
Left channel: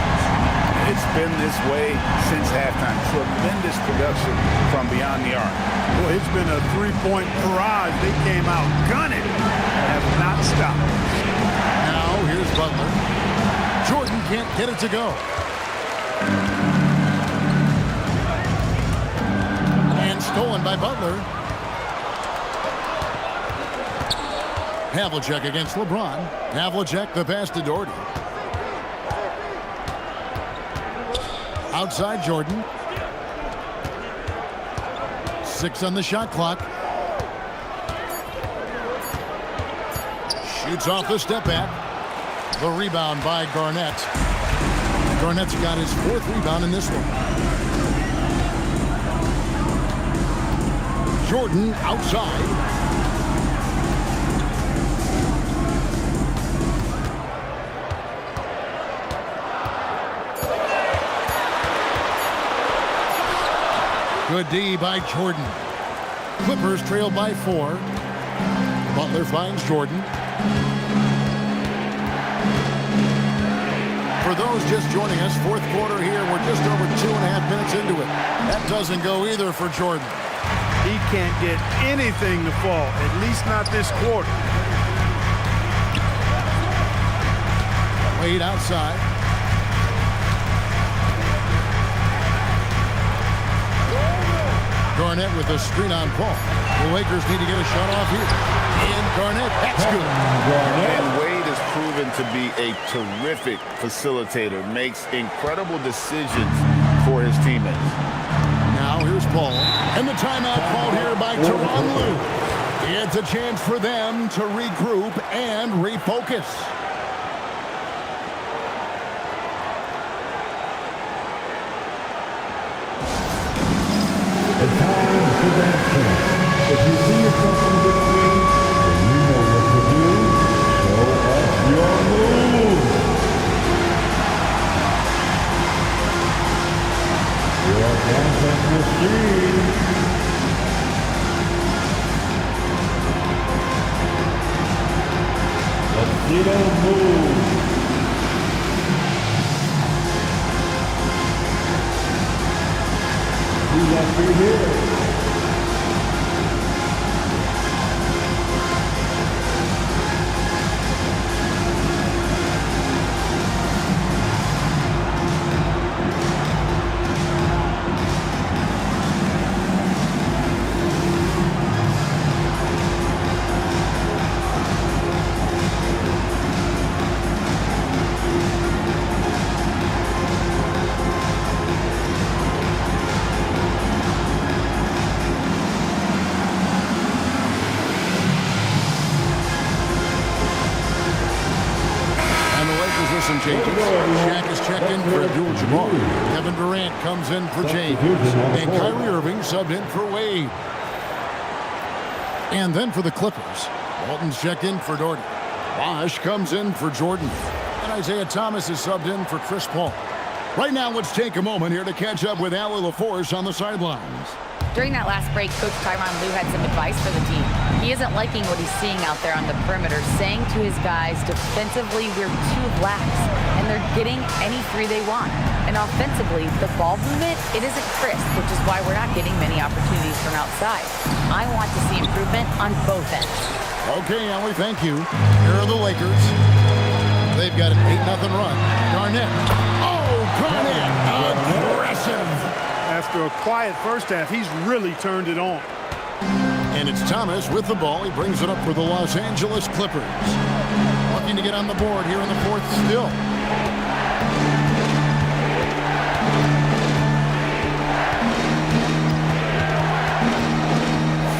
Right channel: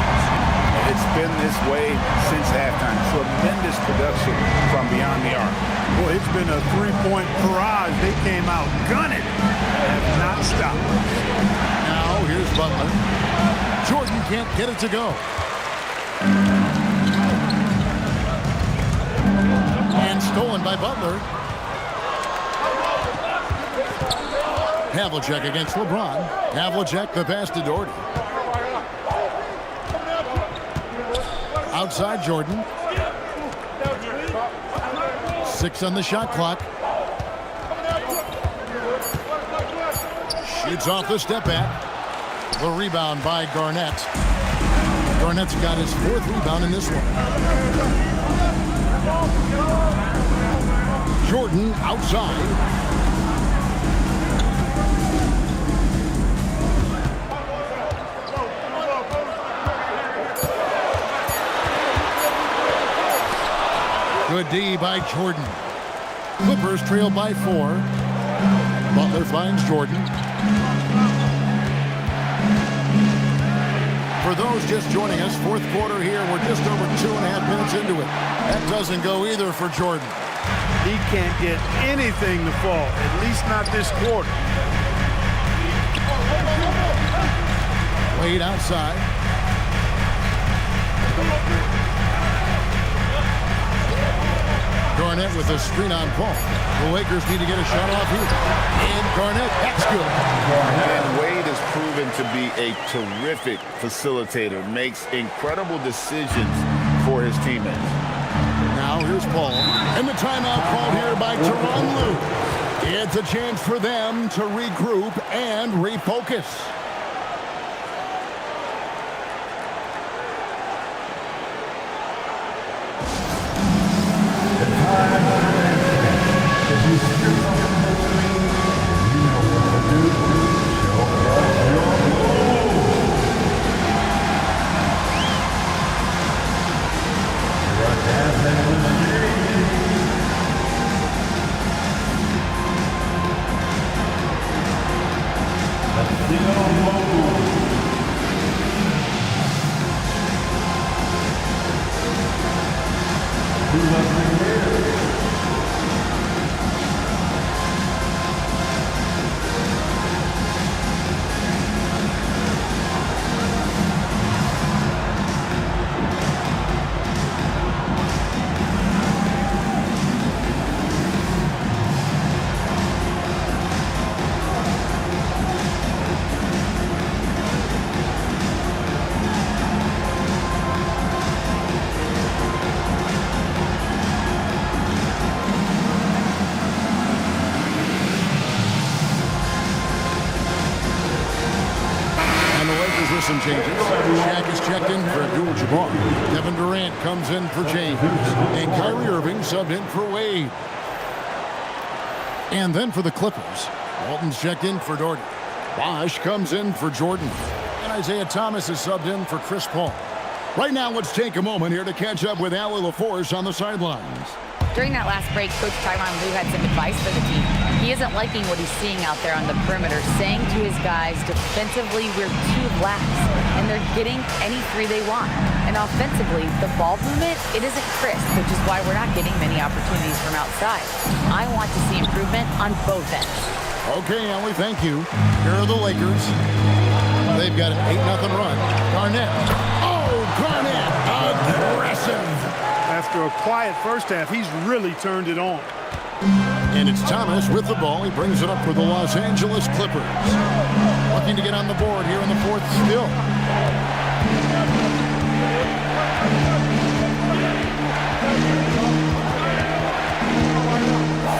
It's been this way since halftime. Tremendous production from beyond the arc. Boy, it's been a 3-point barrage. They came out gunning and have not stopped. Now here's Butler. Jordan can't get it to go. And stolen by Butler. Havlicek against LeBron. Havlicek the pass to Doherty. Outside Jordan. 6 on the shot clock. Shoots off the step back. The rebound by Garnett. Garnett's got his 4th rebound in this one. Jordan outside. Good D by Jordan. Clippers trail by 4. Butler finds Jordan. For those just joining us, 4th quarter here. We're just over 2.5 minutes into it. That doesn't go either for Jordan. He can't get anything to fall, at least not this quarter. Wade outside. Garnett with a screen on Paul. The Lakers need to get a shot off here. And Garnett, that's good. And Wade has proven to be a terrific facilitator, makes incredible decisions for his teammates. Now here's Paul. And the timeout called here by Tyronn Lue. It's a chance for them to regroup and refocus. If you see yourself on the screen and you know what to do, show us your move. Here are dance and the screen. Let's see your move. Who left me here? With some changes. Shaq is checked in for Abdul-Jabbar. Kevin Durant comes in for James. And Kyrie Irving subbed in for Wade. And then for the Clippers, Walton's checked in for Doherty. Bosh comes in for Jordan. And Isaiah Thomas is subbed in for Chris Paul. Right now, let's take a moment here to catch up with Allie LaForce on the sidelines. During that last break, Coach Tyronn Lue had some advice for the team. He isn't liking what he's seeing out there on the perimeter, saying to his guys, defensively, we're too lax, and they're getting any 3 they want. And offensively, the ball movement, it isn't crisp, which is why we're not getting many opportunities from outside. I want to see improvement on both ends. Okay, Allie, thank you. Here are the Lakers. They've got an 8-0 run. Garnett. Oh, Garnett, aggressive. After a quiet first half, he's really turned it on. And it's Thomas with the ball. He brings it up for the Los Angeles Clippers. Looking to get on the board here in the 4th still.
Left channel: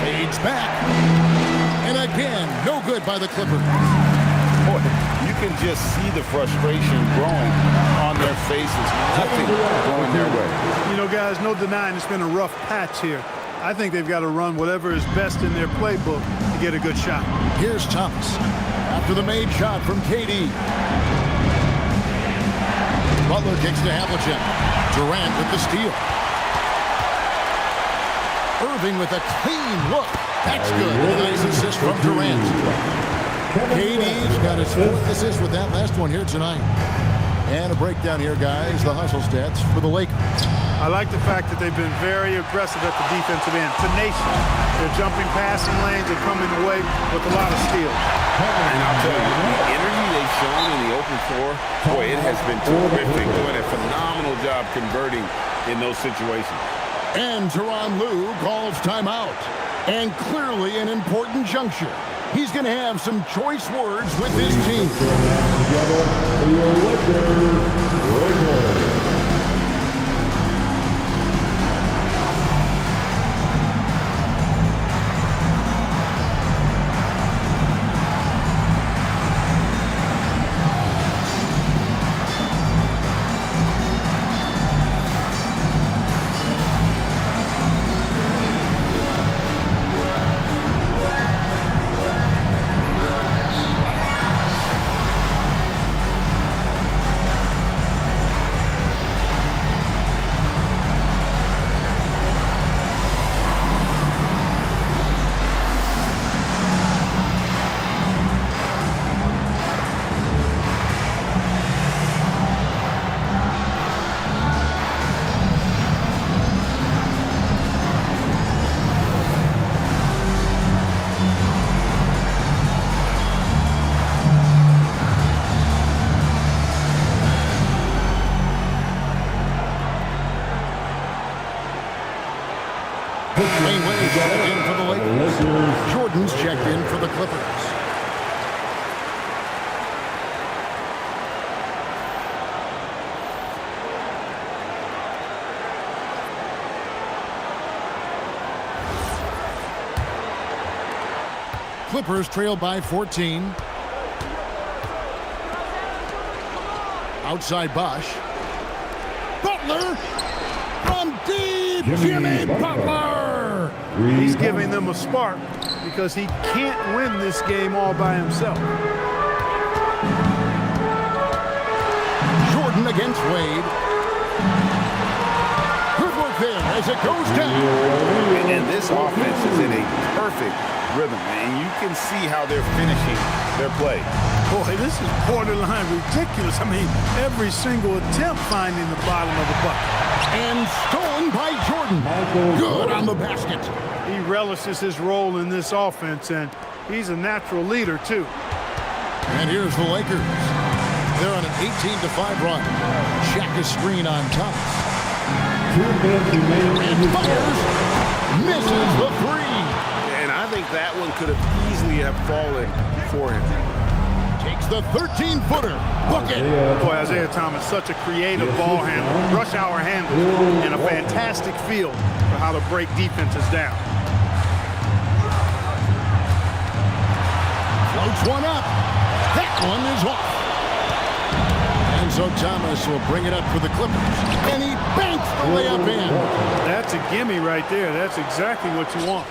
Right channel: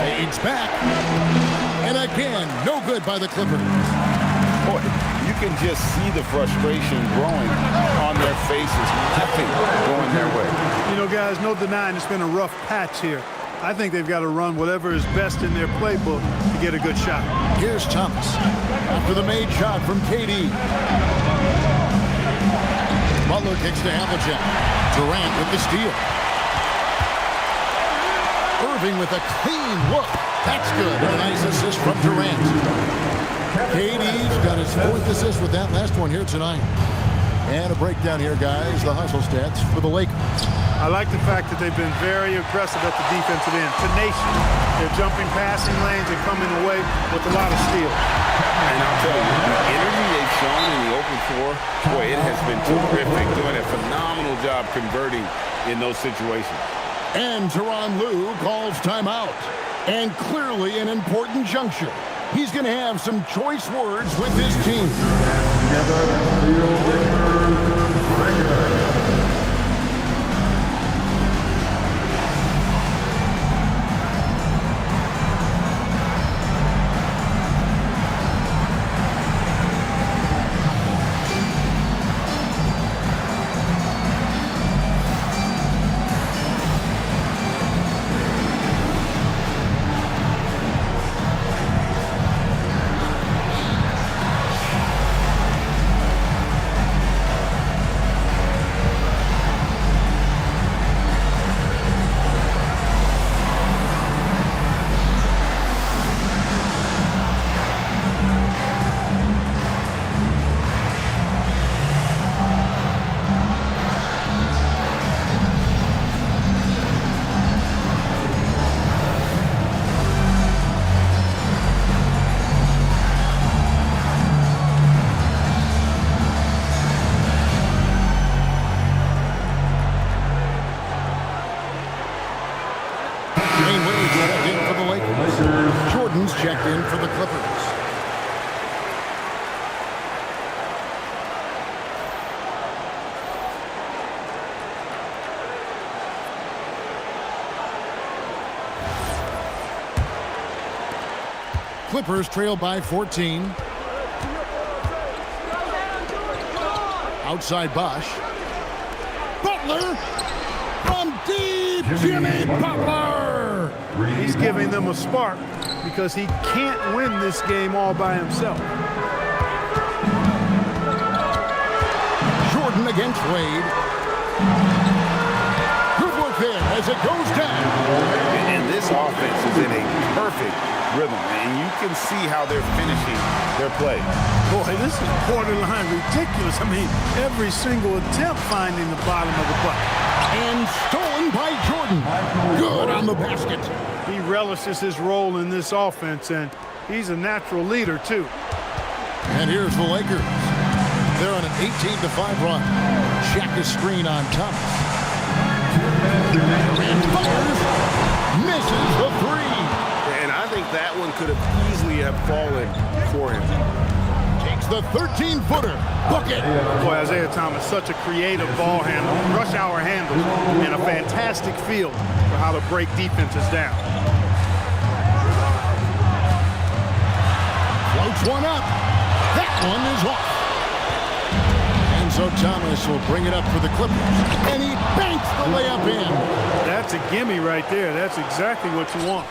Fades back. And again, no good by the Clippers. Boy, you can just see the frustration growing on their faces. Nothing going their way. You know, guys, no denying it's been a rough patch here. I think they've got to run whatever is best in their playbook to get a good shot. Here's Thomas after the made shot from KD. Butler kicks to Havlicek. Durant with the steal. Irving with a clean look. That's good. And a nice assist from Durant. KD's got his 4th assist with that last one here tonight. And a breakdown here, guys. The hustle stats for the Lakers. I like the fact that they've been very aggressive at the defensive end. Tenacious. They're jumping passing lanes and coming away with a lot of steals. And I'll tell you, the energy they've shown in the open floor, boy, it has been terrific. Doing a phenomenal job converting in those situations. And Tyronn Lue calls timeout. And clearly an important juncture. He's going to have some choice words with his team. Together for your Lakers, Grizzlies. Dwayne Wade checked in for the Lakers. Jordan's checked in for the Clippers. Clippers trail by 14. Outside Bosch. Butler from deep. Jimmy Butler. He's giving them a spark because he can't win this game all by himself. Jordan against Wade. Good work there as it goes down. And this offense is in a perfect rhythm, and you can see how they're finishing their play. Boy, this is borderline ridiculous. I mean, every single attempt finding the bottom of the bucket. And stolen by Jordan. Good on the basket. He relishes his role in this offense, and he's a natural leader, too. And here's the Lakers. They're on an 18-5 run. Shaq screen on Thomas. And fires. Misses the three. And I think that one could have easily have fallen for him. Takes the 13-footer. Bucket. Boy, Isaiah Thomas, such a creative ball handler. Rush hour handles and a fantastic feel for how to break defenses down. Floats one up. That one is off. And so Thomas will bring it up for the Clippers. And he banks the layup in. That's a gimme right there. That's exactly what you want.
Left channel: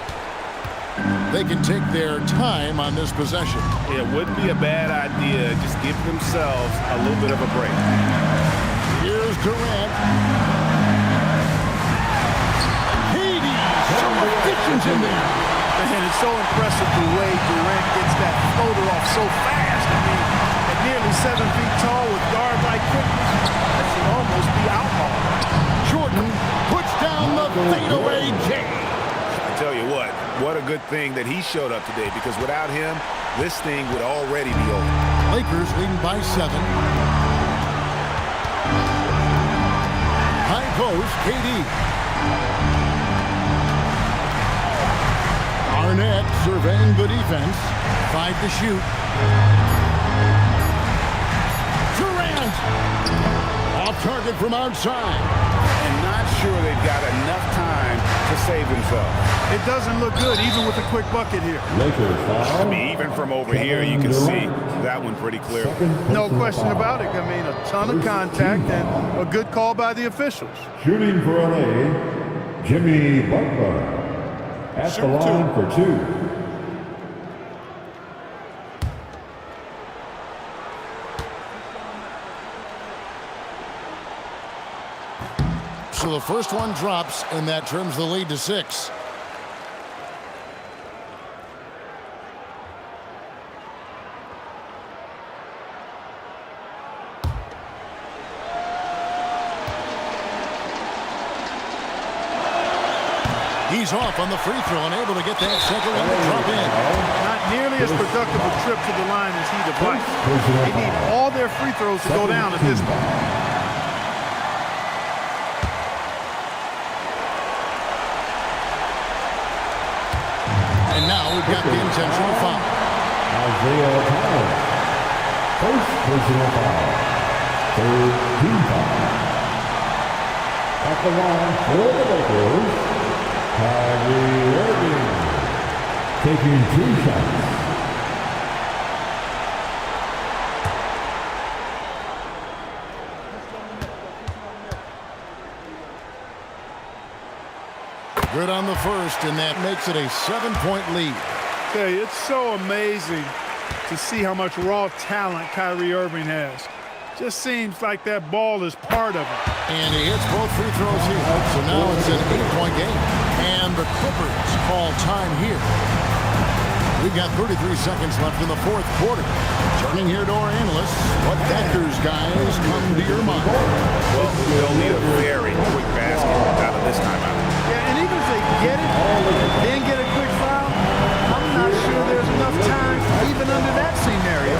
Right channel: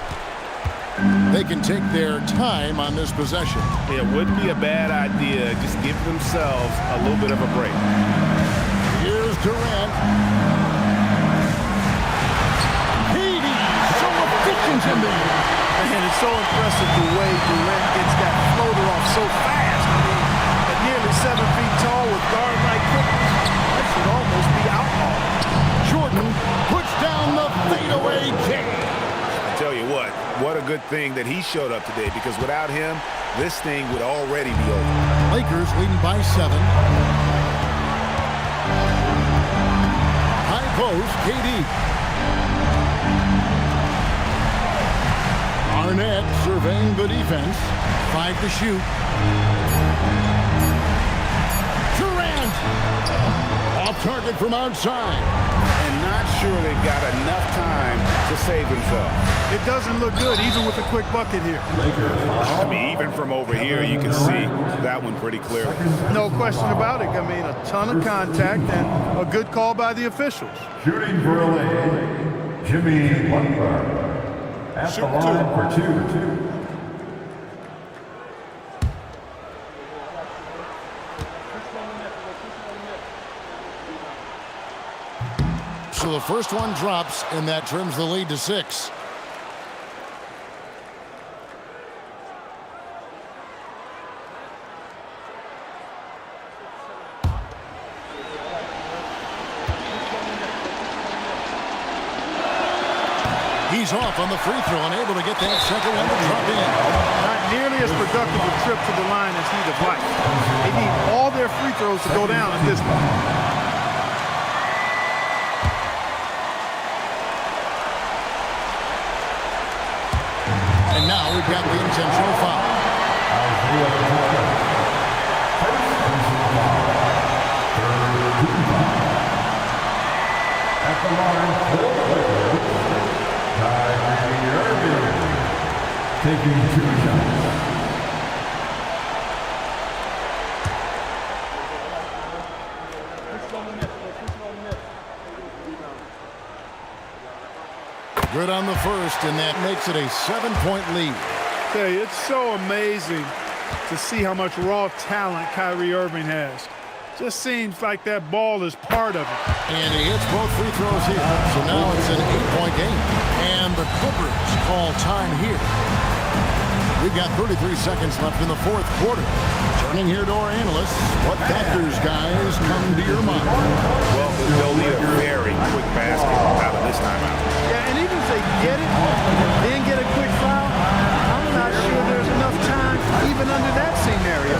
They can take their time on this possession. It wouldn't be a bad idea. Just give themselves a little bit of a break. Here's Durant. Hades, so efficient in there. Man, it's so impressive the way Durant gets that floater off so fast. I mean, at nearly 7 feet tall with guard-like quickness, that should almost be outlawed. Jordan puts down the fadeaway J. I tell you what a good thing that he showed up today, because without him, this thing would already be over. Lakers leading by 7. High post, KD. Arnett surveying the defense. 5 to shoot. Durant. Off target from outside. And not sure they've got enough time to save themselves. It doesn't look good, even with a quick bucket here. I mean, even from over here, you can see that one pretty clearly. No question about it. I mean, a ton of contact and a good call by the officials. Shooting for LA, Jimmy Butler. At the line for 2. So the first one drops, and that trims the lead to 6. He's off on the free throw and able to get that second one to drop in. Not nearly as productive a trip to the line as he'd have liked. They need all their free throws to go down at this point. And now we've got the intentional foul. Isaiah Thomas. First personal foul. Third team foul. At the line for the Lakers, Kyrie Irving taking 2 shots. Good on the first, and that makes it a 7-point lead. Tell you, it's so amazing to see how much raw talent Kyrie Irving has. Just seems like that ball is part of it. And he hits both free throws here. So now it's an 8-point game. And the Clippers call time here. We've got 33 seconds left in the fourth quarter. Turning here to our analysts, what factors, guys, come to your mind? Well, they'll need a very quick basket out of this timeout. Yeah, and even if they get it and then get a quick foul, I'm not sure there's enough time even under that scenario.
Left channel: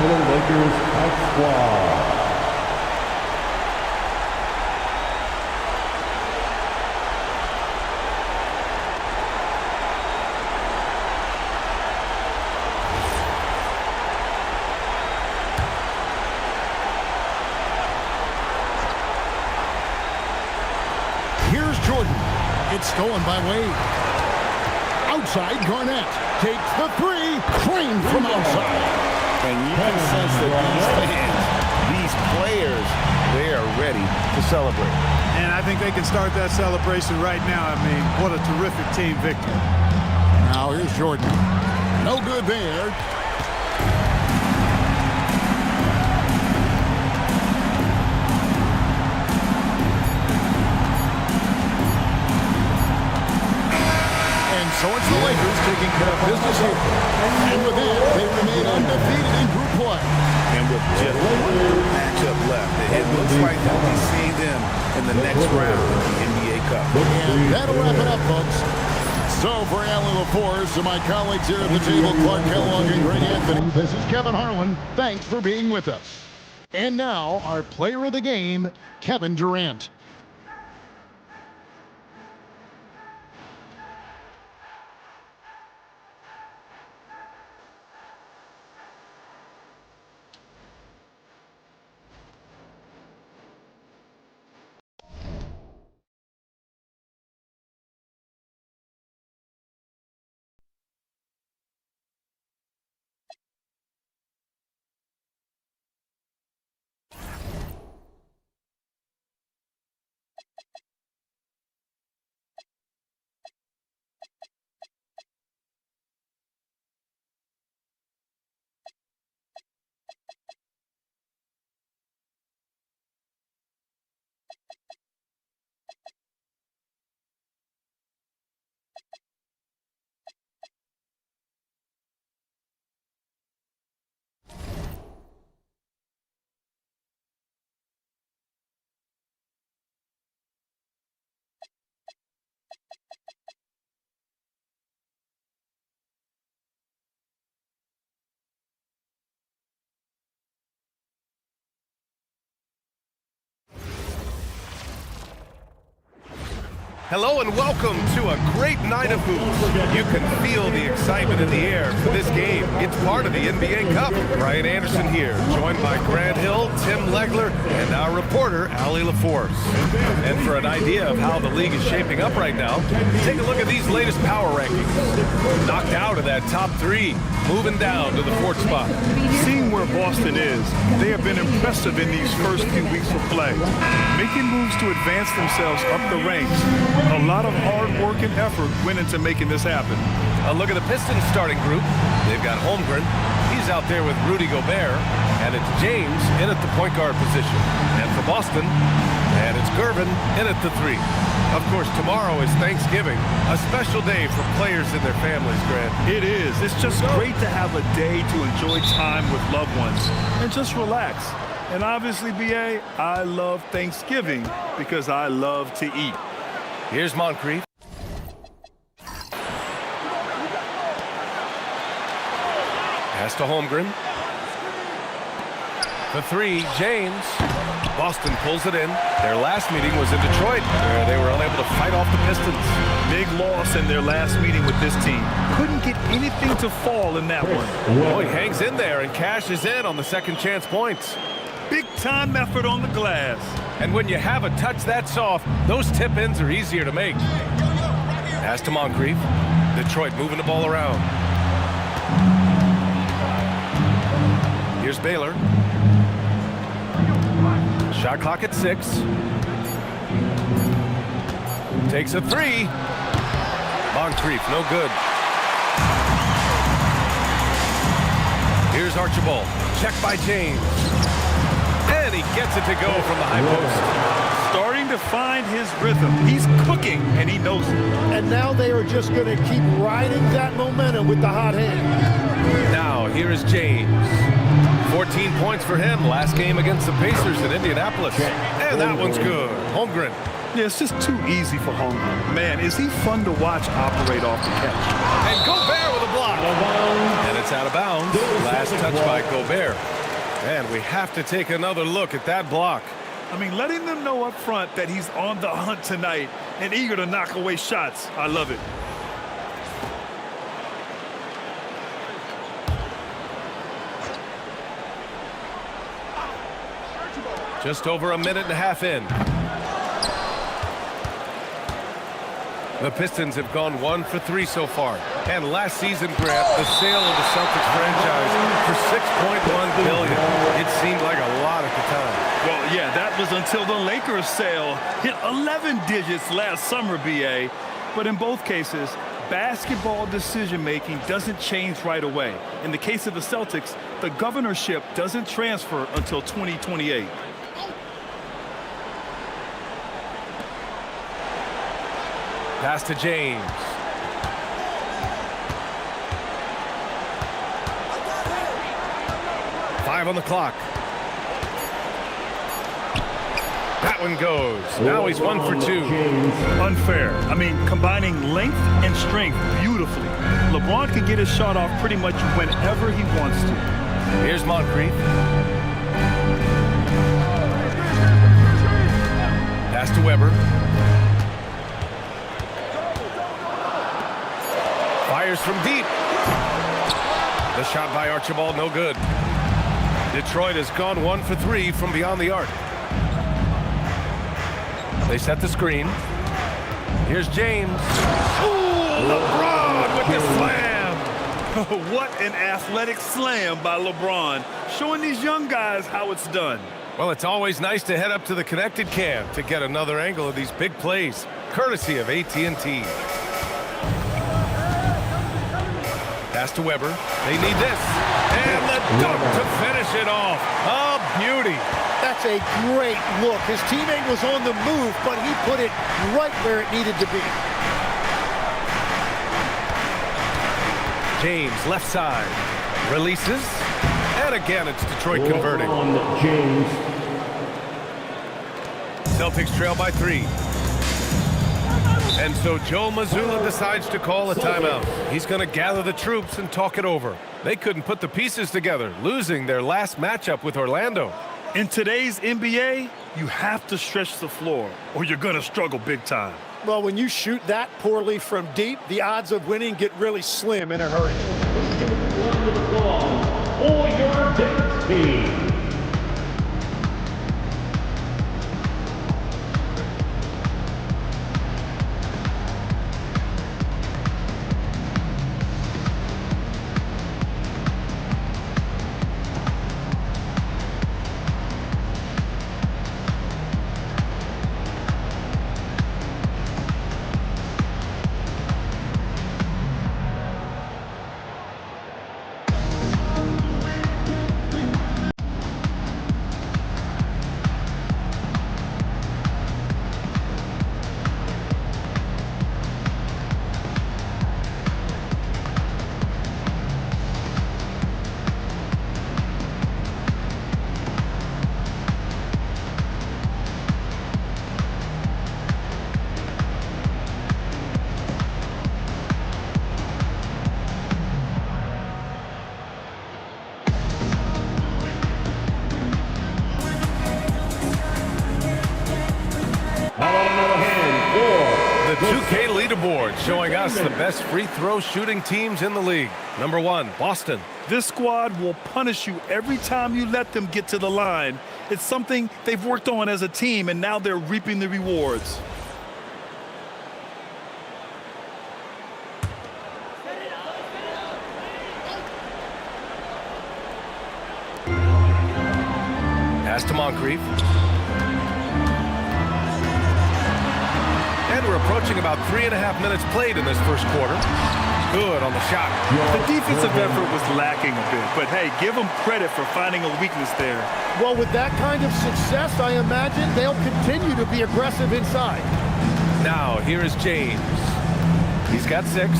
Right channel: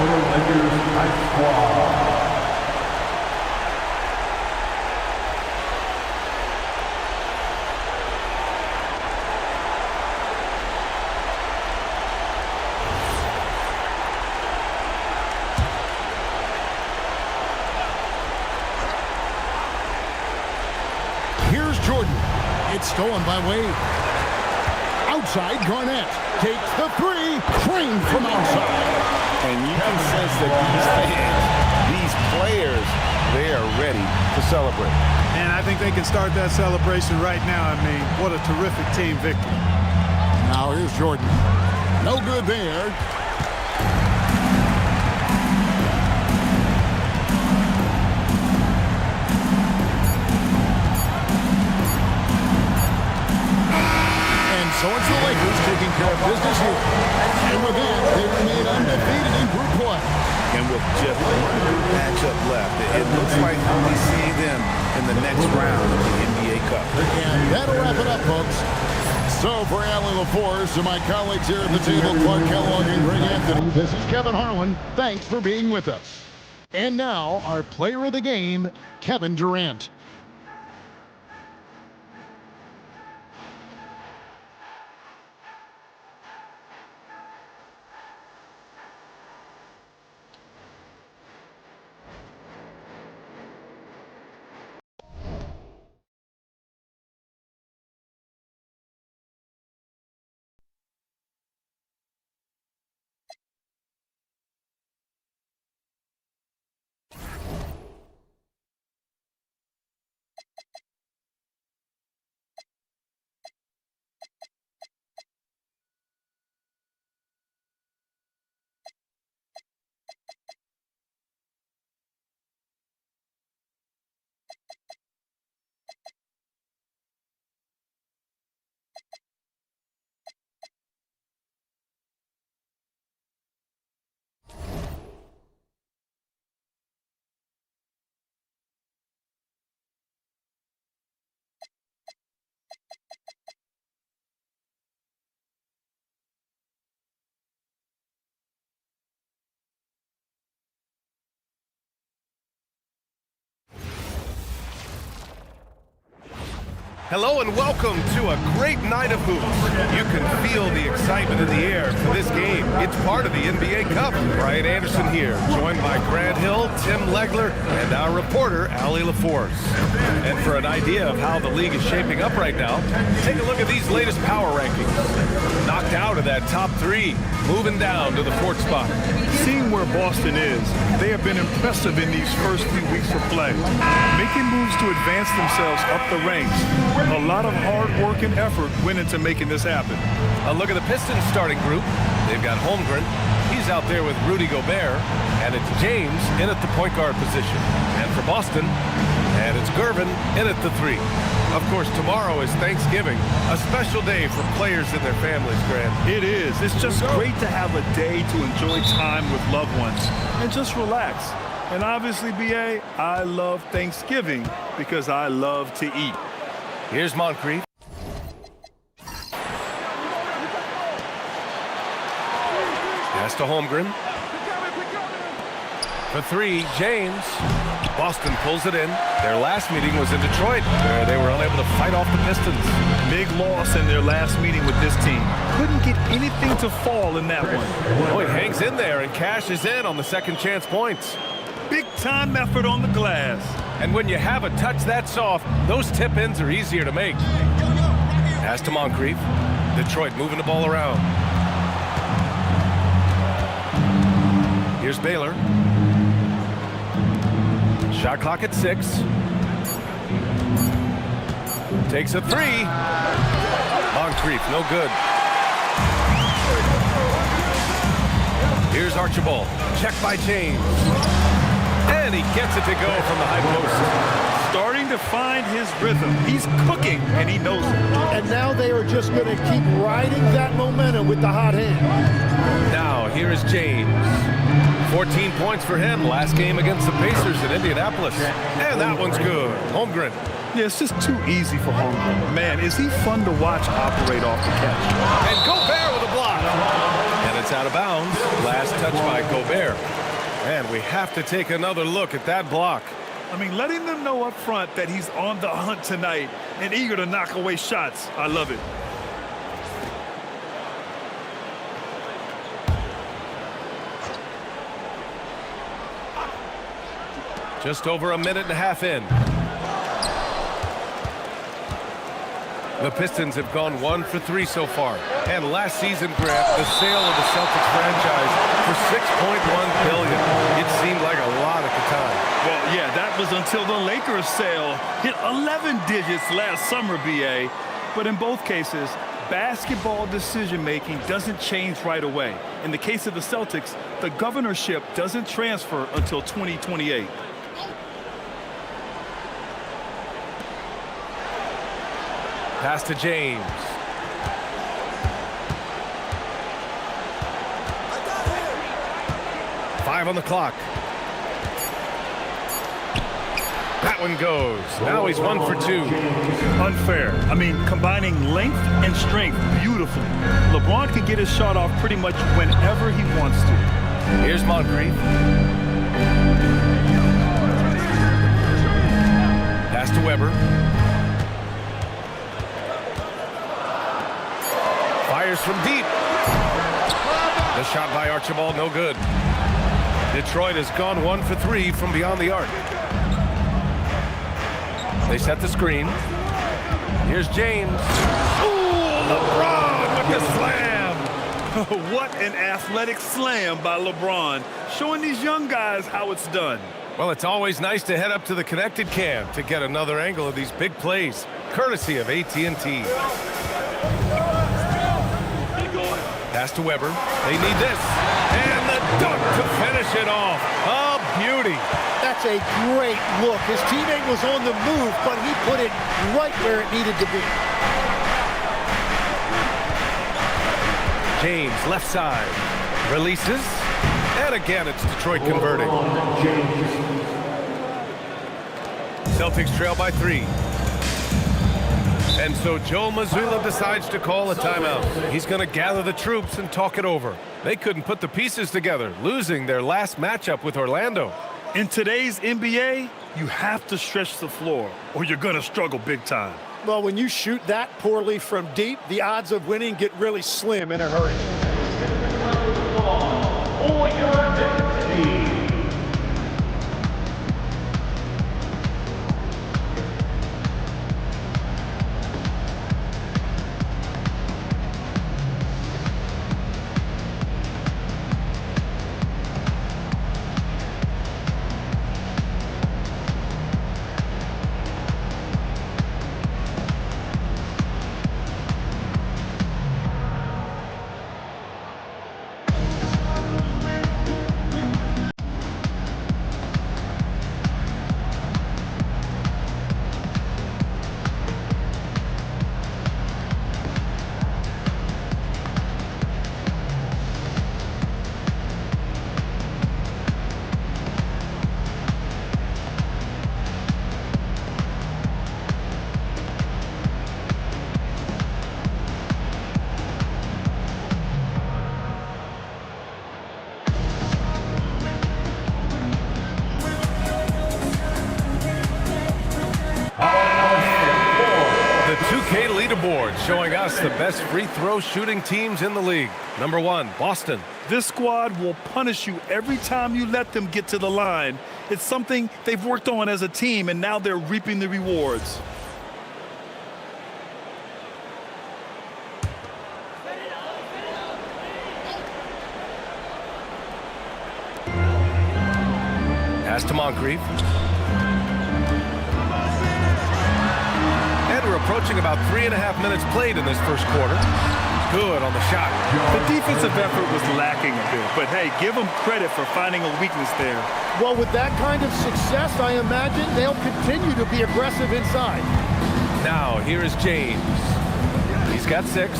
For the Lakers Ice Squad. Here's Jordan. It's stolen by Wade. Outside, Garnett takes the three, trained from outside. And you can sense that these fans, these players, they are ready to celebrate. And I think they can start that celebration right now. I mean, what a terrific team victory. Now here's Jordan. No good there. And so it's the Lakers taking care of business here. And with that, they remain undefeated in group play. And with just one group matchup left, it looks like we'll be seeing them in the next round of the NBA Cup. And that'll wrap it up, folks. So for Alan LaForce and my colleagues here at the table, Clark Kellogg and Greg Anthony, this is Kevin Harlan. Thanks for being with us. And now, our player of the game, Kevin Durant. Hello and welcome to a great night of hoops. You can feel the excitement in the air for this game. It's part of the NBA Cup. Brian Anderson here, joined by Grant Hill, Tim Legler, and our reporter, Allie LaForce. And for an idea of how the league is shaping up right now, take a look at these latest power rankings. Knocked out of that top 3, moving down to the 4th spot. Seeing where Boston is, they have been impressive in these first few weeks of play, making moves to advance themselves up the ranks. A lot of hard work and effort went into making this happen. A look at the Pistons starting group. They've got Holmgren. He's out there with Rudy Gobert. And it's James in at the point guard position. And for Boston, and it's Gervin in at the 3. Of course, tomorrow is Thanksgiving, a special day for players and their families, Grant. It is. It's just great to have a day to enjoy time with loved ones and just relax. And obviously, BA, I love Thanksgiving because I love to eat. Here's Moncrief. Pass to Holmgren. For 3, James. Boston pulls it in. Their last meeting was in Detroit, where they were unable to fight off the Pistons. Big loss in their last meeting with this team. Couldn't get anything to fall in that one. Oh, he hangs in there and cashes in on the second chance points. Big time effort on the glass. And when you have a touch that soft, those tip-ins are easier to make. Pass to Moncrief. Detroit moving the ball around. Here's Baylor. Shot clock at 6. Takes a 3. Moncrief, no good. Here's Archibald. Check by James. And he gets it to go from the high post. Starting to find his rhythm. He's cooking, and he knows it. And now they are just going to keep riding that momentum with the hot hand. Now, here is James. 14 points for him last game against the Pacers in Indianapolis. And that one's good. Holmgren. Yeah, it's just too easy for Holmgren. Man, is he fun to watch operate off the catch. And Gobert with a block. And it's out of bounds. Last touch by Gobert. And we have to take another look at that block. I mean, letting them know up front that he's on the hunt tonight and eager to knock away shots. I love it. Just over a minute and a half in. The Pistons have gone 1 for 3 so far. And last season, Grant, the sale of the Celtics franchise for $6.1 billion. It seemed like a lot at the time. Well, yeah, that was until the Lakers sale hit 11 digits last summer, BA. But in both cases, basketball decision-making doesn't change right away. In the case of the Celtics, the governorship doesn't transfer until 2028. Pass to James. Five on the clock. That one goes. Now he's 1 for 2. Unfair. I mean, combining length and strength beautifully. LeBron can get his shot off pretty much whenever he wants to. Here's Moncrief. Pass to Weber. Fires from deep. The shot by Archibald, no good. Detroit has gone 1 for 3 from beyond the arc. They set the screen. Here's James. Ooh, LeBron with the slam. What an athletic slam by LeBron, showing these young guys how it's done. Well, it's always nice to head up to the connected cam to get another angle of these big plays, courtesy of AT&T. Pass to Weber. They need this. And the dunk to finish it off. A beauty. That's a great look. His teammate was on the move, but he put it right where it needed to be. James, left side. Releases. And again, it's Detroit converting. Celtics trail by 3. And so Joe Mazzulla decides to call a timeout. He's going to gather the troops and talk it over. They couldn't put the pieces together, losing their last matchup with Orlando. In today's NBA, You have to stretch the floor or you're going to struggle big time. Well, when you shoot that poorly from deep, the odds of winning get really slim in a hurry. For your Knicks team. The 2K leaderboard showing us the best free throw shooting teams in the league. Number 1, Boston. This squad will punish you every time you let them get to the line. It's something they've worked on as a team, and now they're reaping the rewards. Pass to Moncrief. And we're approaching about 3.5 minutes played in this first quarter. Good on the shot. The defensive effort was lacking a bit, but hey, give them credit for finding a weakness there. Well, with that kind of success, I imagine they'll continue to be aggressive inside. Now, here is James. He's got 6.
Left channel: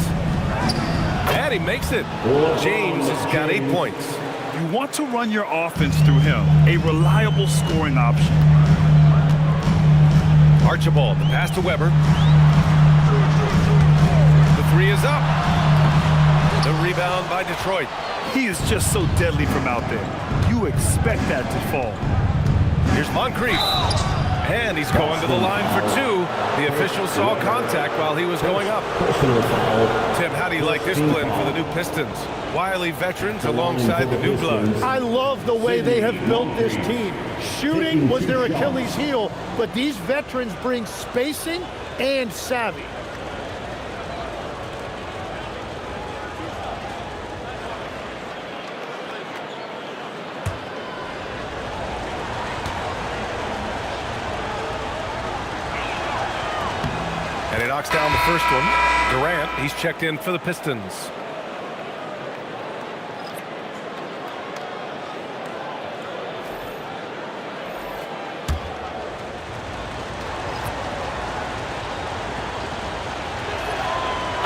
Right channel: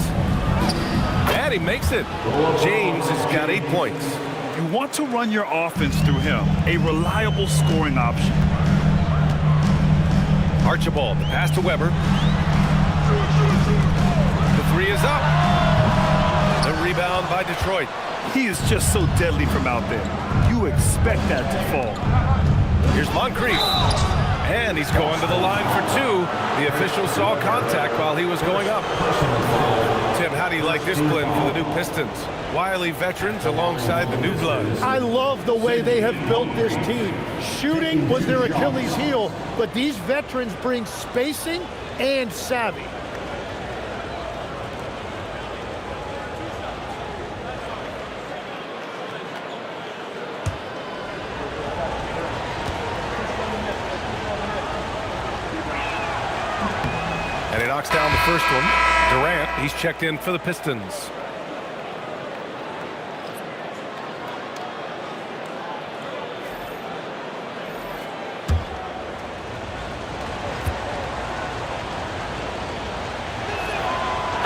And he makes it. James has got 8 points. You want to run your offense through him, a reliable scoring option. Archibald, the pass to Weber. The 3 is up. The rebound by Detroit. He is just so deadly from out there. You expect that to fall. Here's Moncrief. And he's going to the line for 2. The official saw contact while he was going up. Tim, how do you like this blend for the new Pistons? Wily veterans alongside the new bloods. I love the way they have built this team. Shooting was their Achilles heel, but these veterans bring spacing and savvy. And he knocks down the first one. Durant, he's checked in for the Pistons.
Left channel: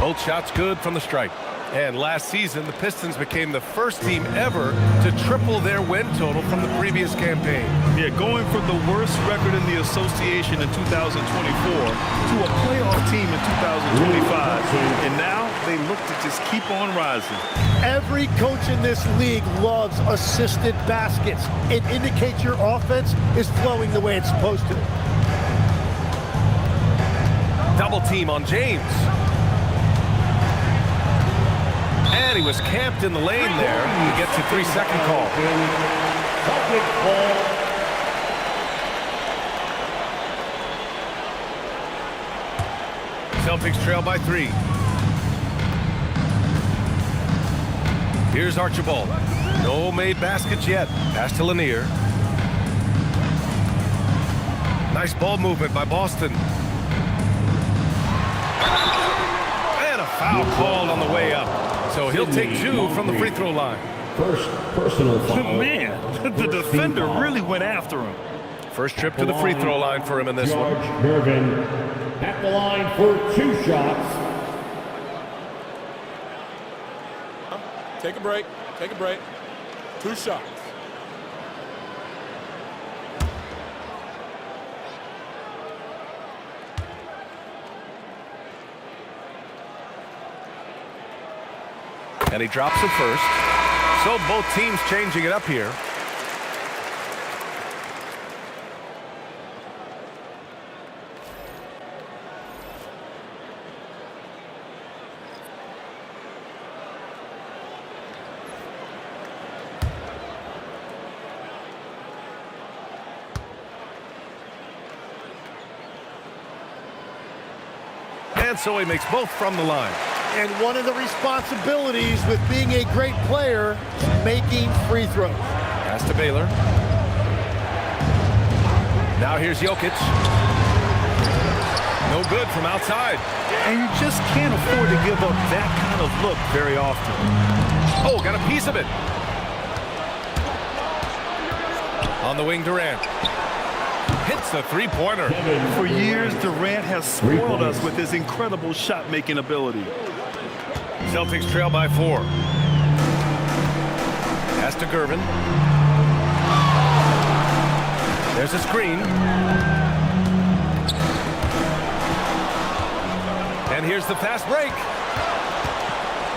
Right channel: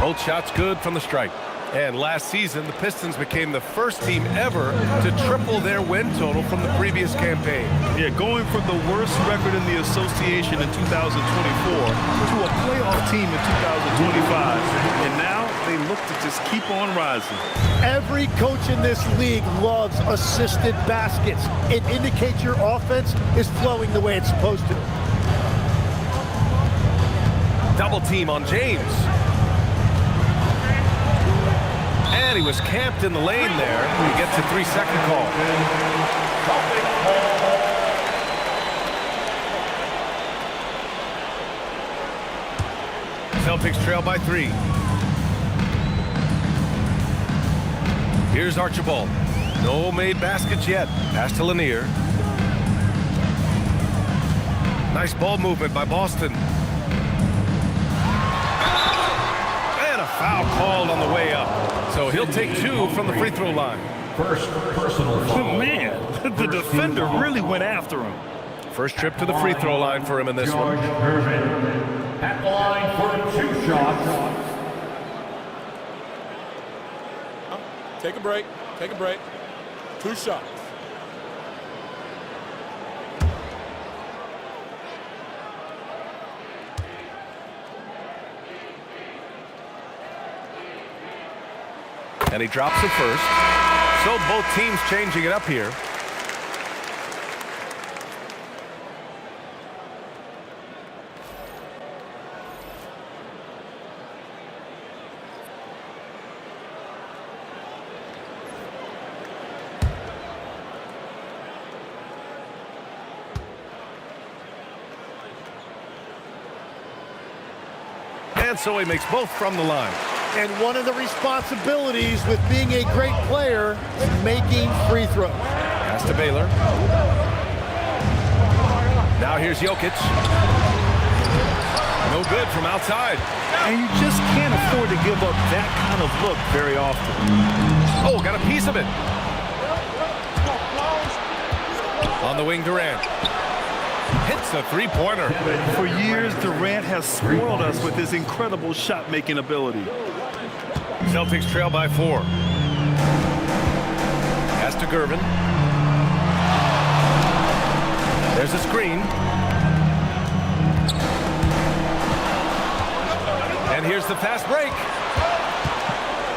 Both shots good from the stripe. And last season, the Pistons became the first team ever to triple their win total from the previous campaign. Yeah, going from the worst record in the association in 2024 to a playoff team in 2025. And now they look to just keep on rising. Every coach in this league loves assisted baskets. It indicates your offense is flowing the way it's supposed to. Double team on James. And he was camped in the lane there. He gets a 3-second call. Celtics trail by 3. Here's Archibald. No made baskets yet. Pass to Lanier. Nice ball movement by Boston. And a foul called on the way up. So he'll take 2 from the free throw line. First personal foul. Man, the defender really went after him. First trip to the free throw line for him in this one. George Irvin at the line for 2 shots. Take a break. Take a break. 2 shots. And he drops it first. So both teams changing it up here. And so he makes both from the line. And one of the responsibilities with being a great player is making free throws. Pass to Baylor. Now here's Jokic. No good from outside. And you just can't afford to give up that kind of look very often. Oh, got a piece of it. On the wing, Durant. Hits the three-pointer. For years, Durant has spoiled us with his incredible shot-making ability. Celtics trail by 4. Pass to Gervin. There's a screen. And here's the fast break.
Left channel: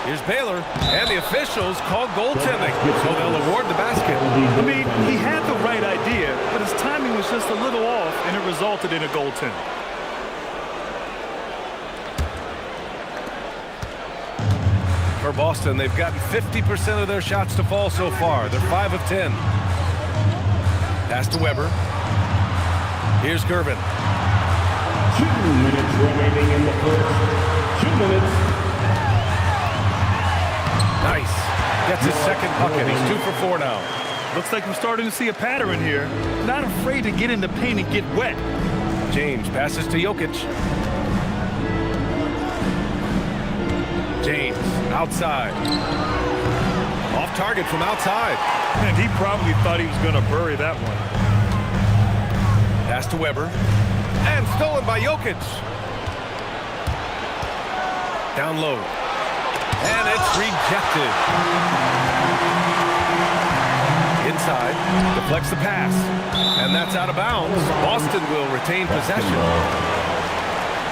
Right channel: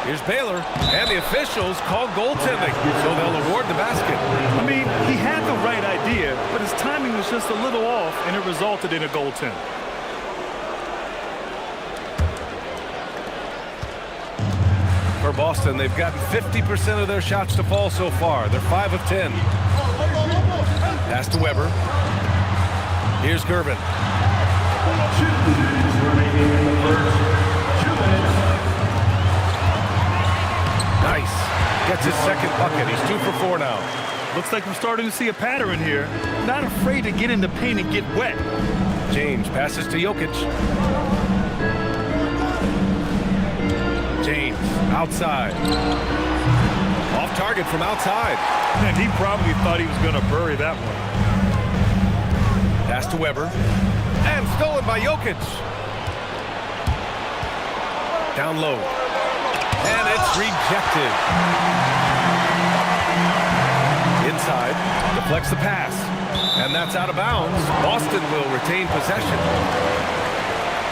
Here's Baylor, and the officials called goaltending, so they'll award the basket. I mean, he had the right idea, but his timing was just a little off, and it resulted in a goaltend. For Boston, they've gotten 50% of their shots to fall so far. They're 5 of 10. Pass to Weber. Here's Gervin. 2 minutes remaining in the first. 2 minutes. Nice. Gets his second bucket. He's 2 for 4 now. Looks like we're starting to see a pattern here. Not afraid to get in the paint and get wet. James passes to Jokic. James outside. Off target from outside. And he probably thought he was going to bury that one. Pass to Weber. And stolen by Jokic. Down low. And it's rejected. Inside. Deflects the pass. And that's out of bounds. Boston will retain possession.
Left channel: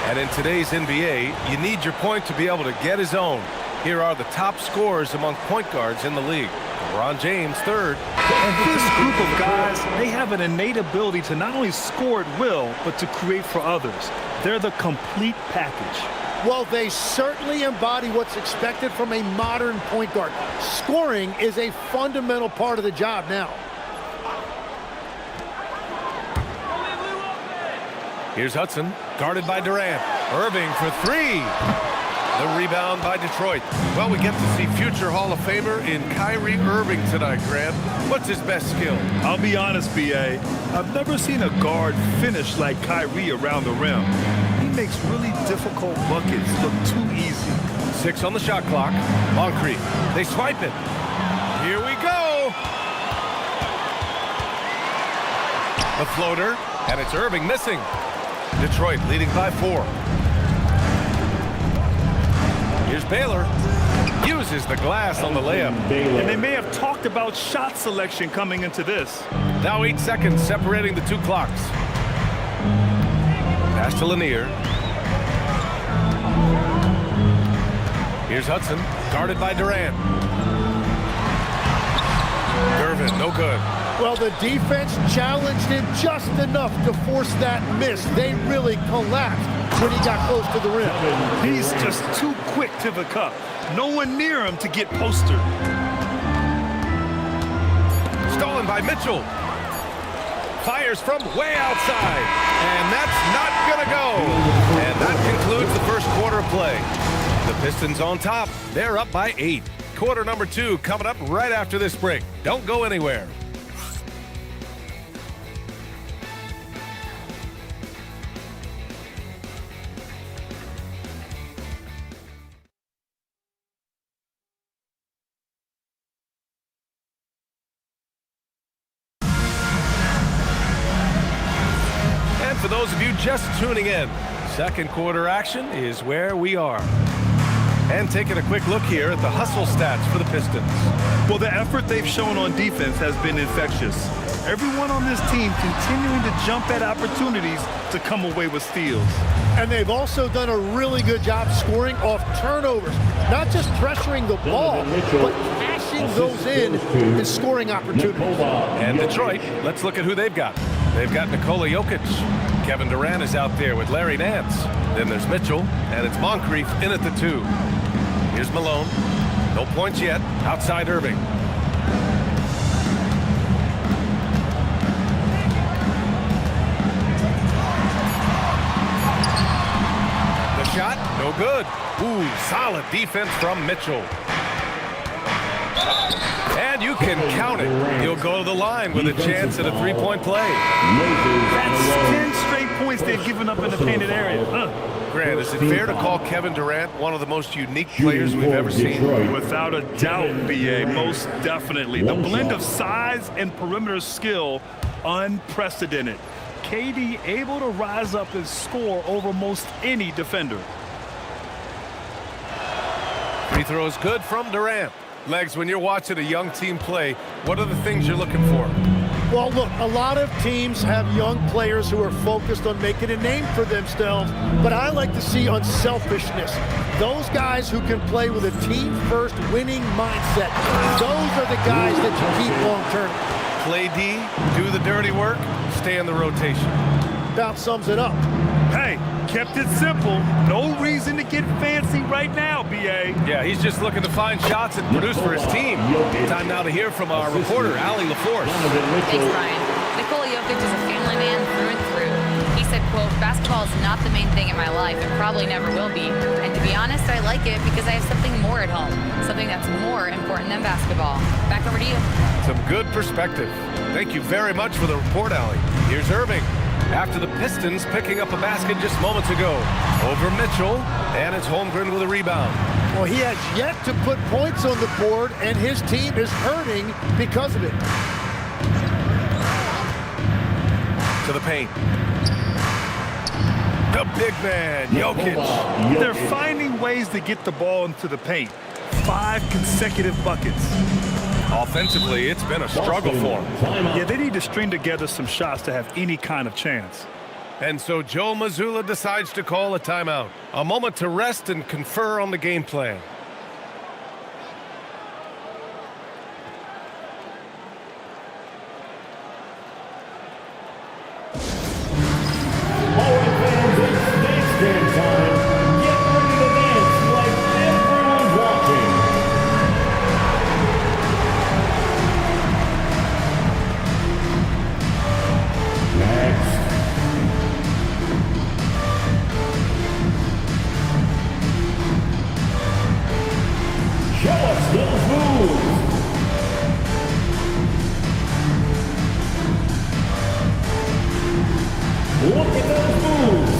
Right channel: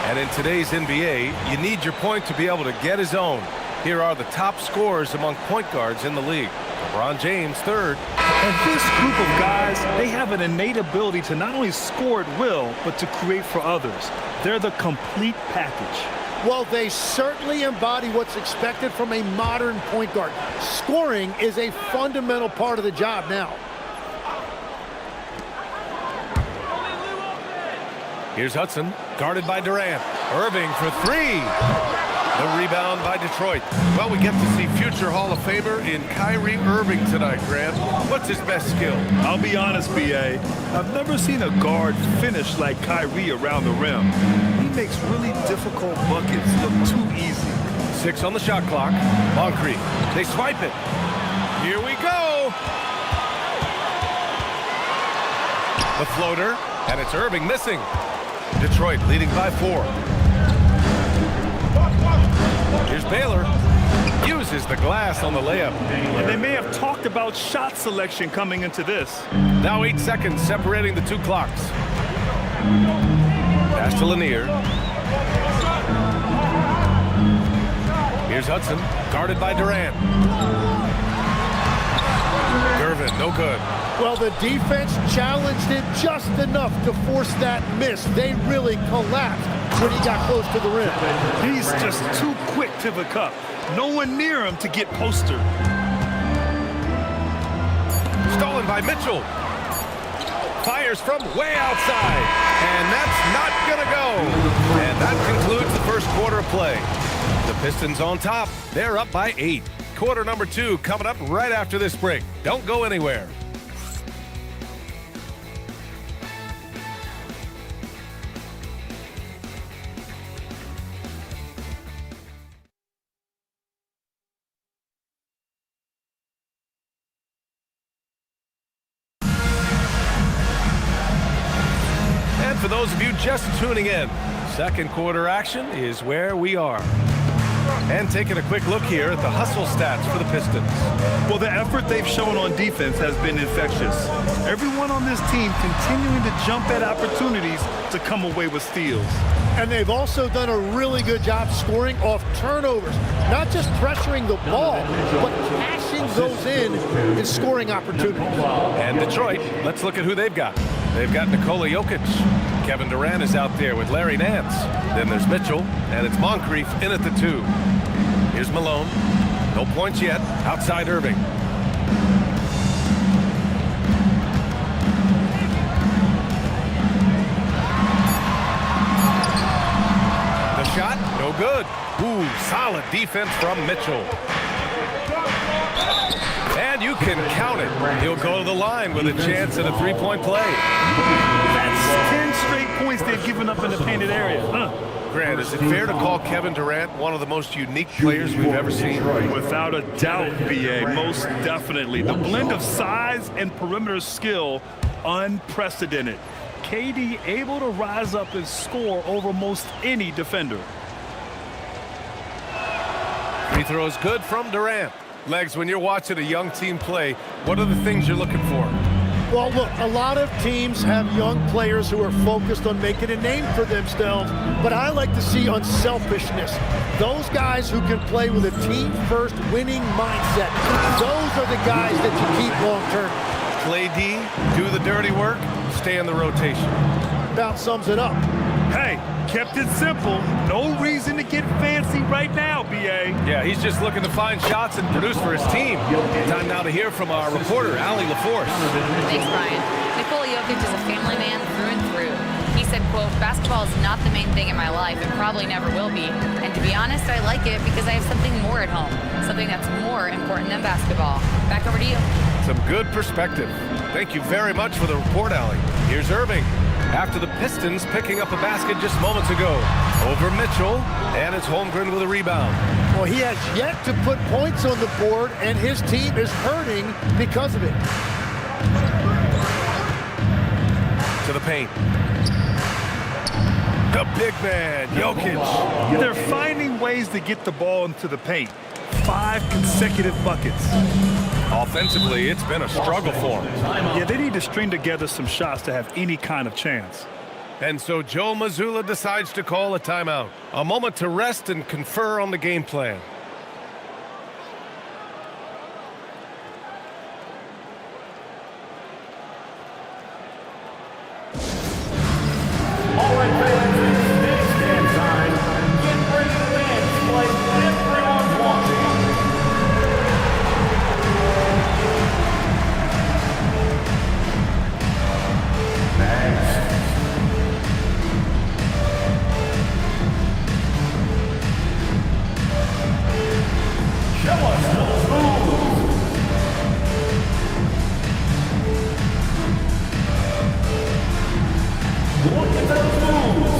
And in today's NBA, you need your point to be able to get his own. Here are the top scorers among point guards in the league. LeBron James, 3rd. And this group of guys, they have an innate ability to not only score at will, but to create for others. They're the complete package. Well, they certainly embody what's expected from a modern point guard. Scoring is a fundamental part of the job now. Here's Hudson, guarded by Durant. Irving for 3. The rebound by Detroit. Well, we get to see future Hall of Famer in Kyrie Irving tonight, Grant. What's his best skill? I'll be honest, B.A. I've never seen a guard finish like Kyrie around the rim. He makes really difficult buckets look too easy. 6 on the shot clock. Moncrief. They swipe it. Here we go. The floater, and it's Irving missing. Detroit leading by 4. Here's Baylor. Uses the glass on the layup. And they may have talked about shot selection coming into this. Now 8 seconds separating the 2 clocks. Pass to Lanier. Here's Hudson, guarded by Durant. Gervin, no good. Well, the defense challenged him just enough to force that miss. They really collapsed when he got close to the rim. He's just too quick to the cup. No one near him to get postered. Stolen by Mitchell. Fires from way outside. And that's not going to go. And that concludes the first quarter of play. The Pistons on top. They're up by 8. Quarter number 2 coming up right after this break. Don't go anywhere. And for those of you just tuning in, second quarter action is where we are. And taking a quick look here at the hustle stats for the Pistons. Well, the effort they've shown on defense has been infectious. Everyone on this team continuing to jump at opportunities to come away with steals. And they've also done a really good job scoring off turnovers. Not just pressuring the ball, but cashing those in scoring opportunities. And Detroit, let's look at who they've got. They've got Nikola Jokic. Kevin Durant is out there with Larry Nance. Then there's Mitchell, and it's Moncrief in at the 2. Here's Malone. No points yet. Outside Irving. The shot, no good. Ooh, solid defense from Mitchell. And you can count it. He'll go to the line with a chance at a three-point play. That's 10 straight points they've given up in the painted area. Grant, is it fair to call Kevin Durant one of the most unique players we've ever seen? Without a doubt, BA, most definitely. The blend of size and perimeter skill, unprecedented. KD able to rise up and score over most any defender. Free throw is good from Durant. Legs, when you're watching a young team play, what are the things you're looking for? Well, look, a lot of teams have young players who are focused on making a name for themselves, but I like to see unselfishness. Those guys who can play with a team-first winning mindset, those are the guys that you keep long-term. Play D, do the dirty work, stay in the rotation. About sums it up. Hey, kept it simple. No reason to get fancy right now, BA. Yeah, he's just looking to find shots and produce for his team. Time now to hear from our reporter, Allie LaForce. Thanks, Brian. Nikola Jokic is a family man through and through. He said, quote, basketball is not the main thing in my life and probably never will be. And to be honest, I like it because I have something more at home, something that's more important than basketball. Back over to you. Some good perspective. Thank you very much for the report, Allie. Here's Irving. After the Pistons picking up a basket just moments ago. Over Mitchell, and it's Holmgren with a rebound. Well, he has yet to put points on the board, and his team is hurting because of it. To the paint. The big man, Jokic. They're finding ways to get the ball into the paint. 5 consecutive buckets. Offensively, it's been a struggle for them. Yeah, they need to string together some shots to have any kind of chance. And so Joe Mazzulla decides to call a timeout. A moment to rest and confer on the game plan. All right, fans, it's dance dance time. Get ready to dance like everyone's watching. Next. Show us those moves. Look at those moves.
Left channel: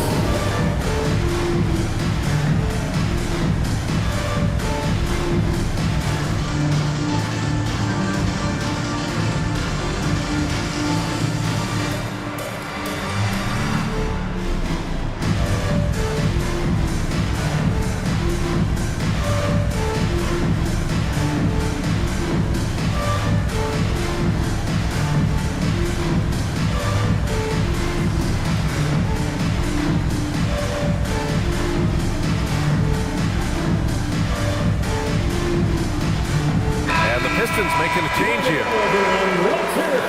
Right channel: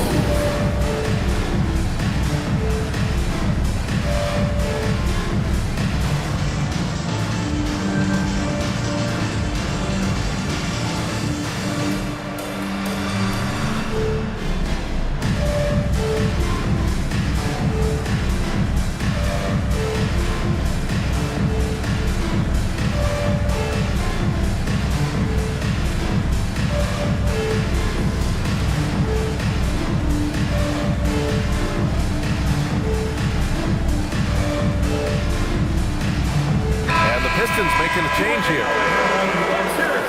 Pistons making a change here.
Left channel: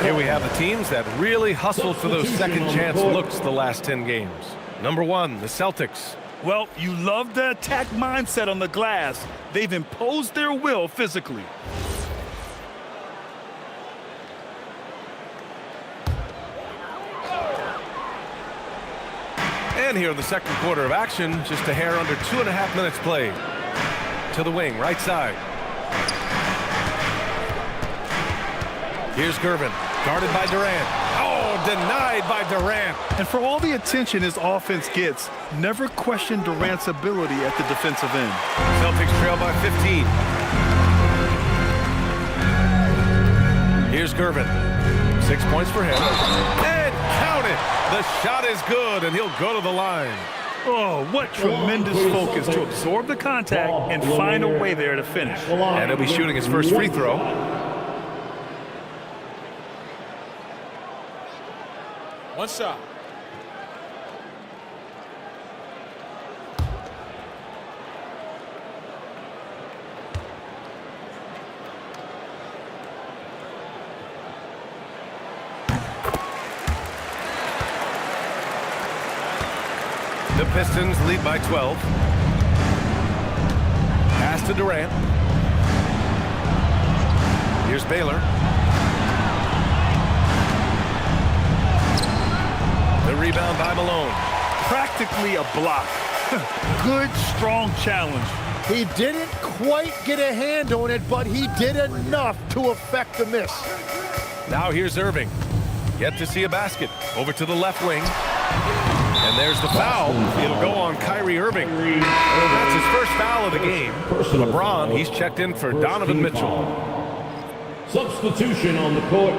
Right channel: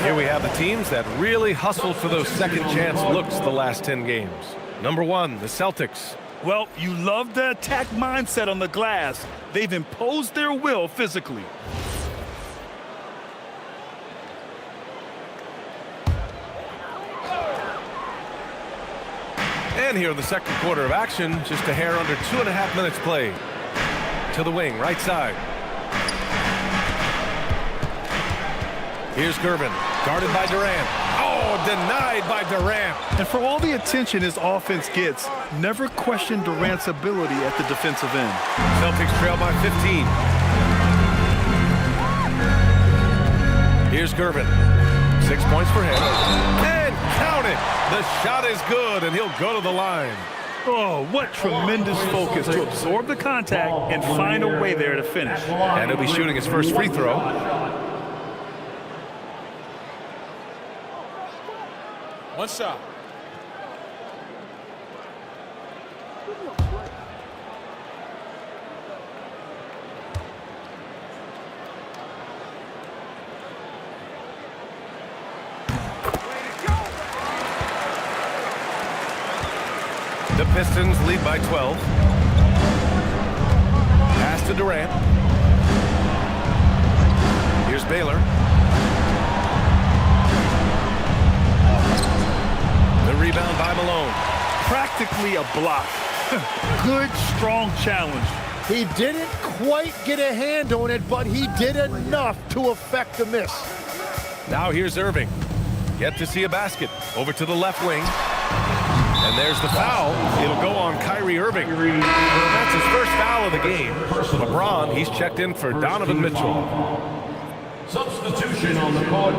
Here we have the teams that really hustled for those second chance looks the last 10 games. Number 1, the Celtics. Well, you love the attack mindset on the glass. They've imposed their will physically. And here in the second quarter of action, just a hair under 2.5 minutes played. To the wing, right side. Here's Gervin, guarded by Durant. Oh, denied by Durant. And for all the attention his offense gets, never question Durant's ability at the defensive end. Celtics trail by 15. Here's Gervin. 6 points for him. And count it. The shot is good, and he'll go to the line. Oh, what tremendous focus to absorb the contact and find a way there to finish. And he'll be shooting his first free throw. One shot. The Pistons lead by 12. Pass to Durant. Here's Baylor. The rebound by Malone. Practically a block. Good, strong challenge. He didn't quite get a hand on it, but he did enough to affect the miss. Now here's Irving. Yet to see a basket. Over to the left wing. And there's the foul. It'll go on Kyrie Irving. That's his first foul of the game. LeBron, he's checked in for Donovan Mitchell. Substitution on the court.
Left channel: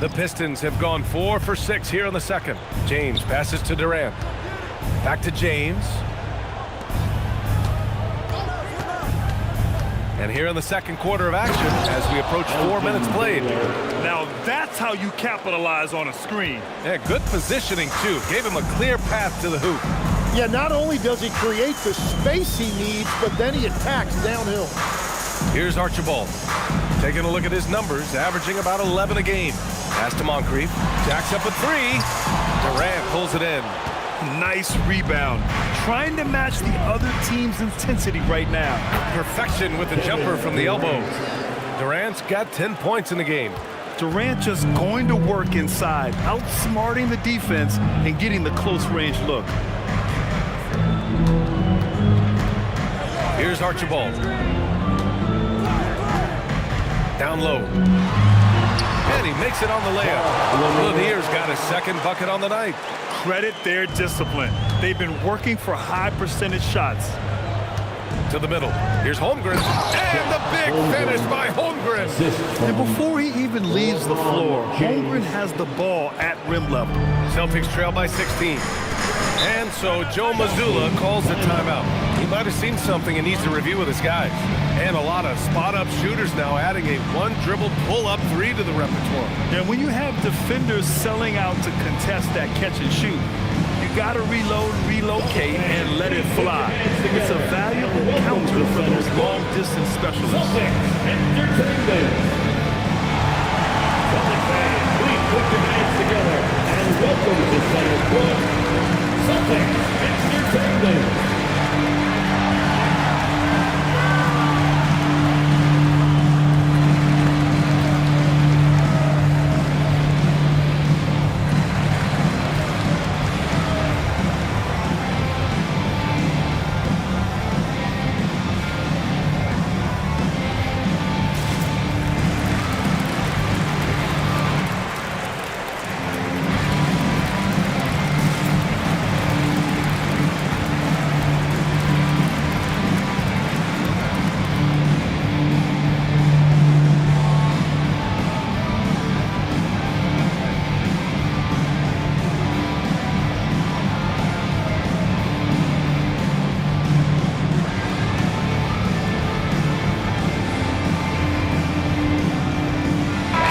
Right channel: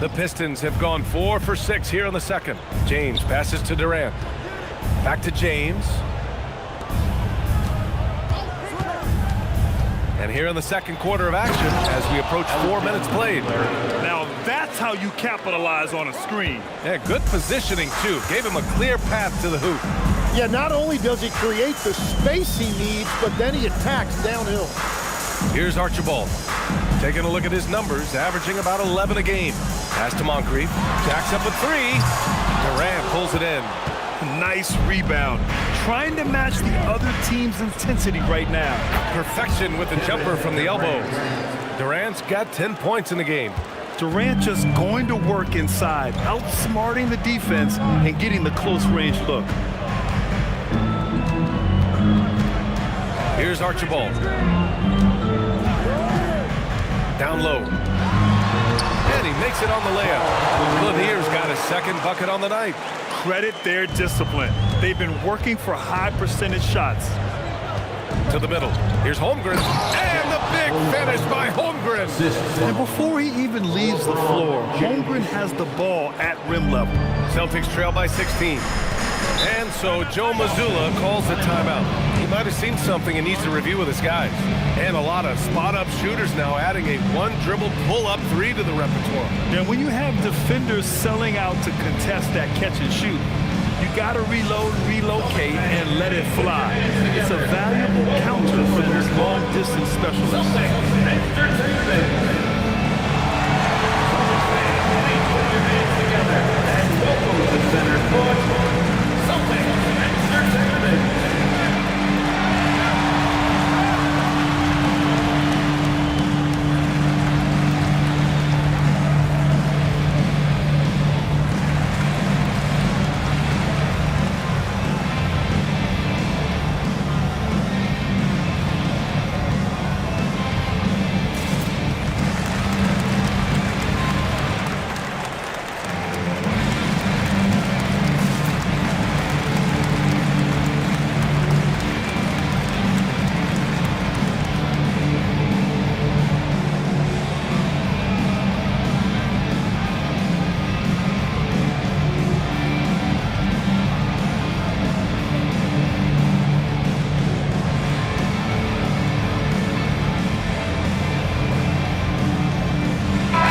The Pistons have gone 4 for 6 here in the second. James passes to Durant. Back to James. And here in the second quarter of action as we approach 4 minutes played. Now that's how you capitalize on a screen. Yeah, good positioning too. Gave him a clear path to the hoop. Yeah, not only does he create the space he needs, but then he attacks downhill. Here's Archibald. Taking a look at his numbers, averaging about 11 a game. Pass to Moncrief. Jacks up a 3. Durant pulls it in. Nice rebound. Trying to match the other team's intensity right now. Perfection with the jumper from the elbow. Durant's got 10 points in the game. Durant just going to work inside, outsmarting the defense and getting the close range look. Here's Archibald. Down low. And he makes it on the layup. Lanier's got his second bucket on the night. Credit their discipline. They've been working for high percentage shots. To the middle. Here's Holmgren. And the big finish by Holmgren. And before he even leaves the floor, Holmgren has the ball at rim level. Celtics trail by 16. And so Joe Mazzulla calls the timeout. He might have seen something and needs to review with his guys. And a lot of spot-up shooters now adding a one-dribble pull-up 3 to the repertoire. And when you have defenders selling out to contest that catch and shoot, you got to reload, relocate, and let it fly. It's a valuable counter for those long-distance specialists. Please put your hands together and welcome to center court, Celtics Entertainment.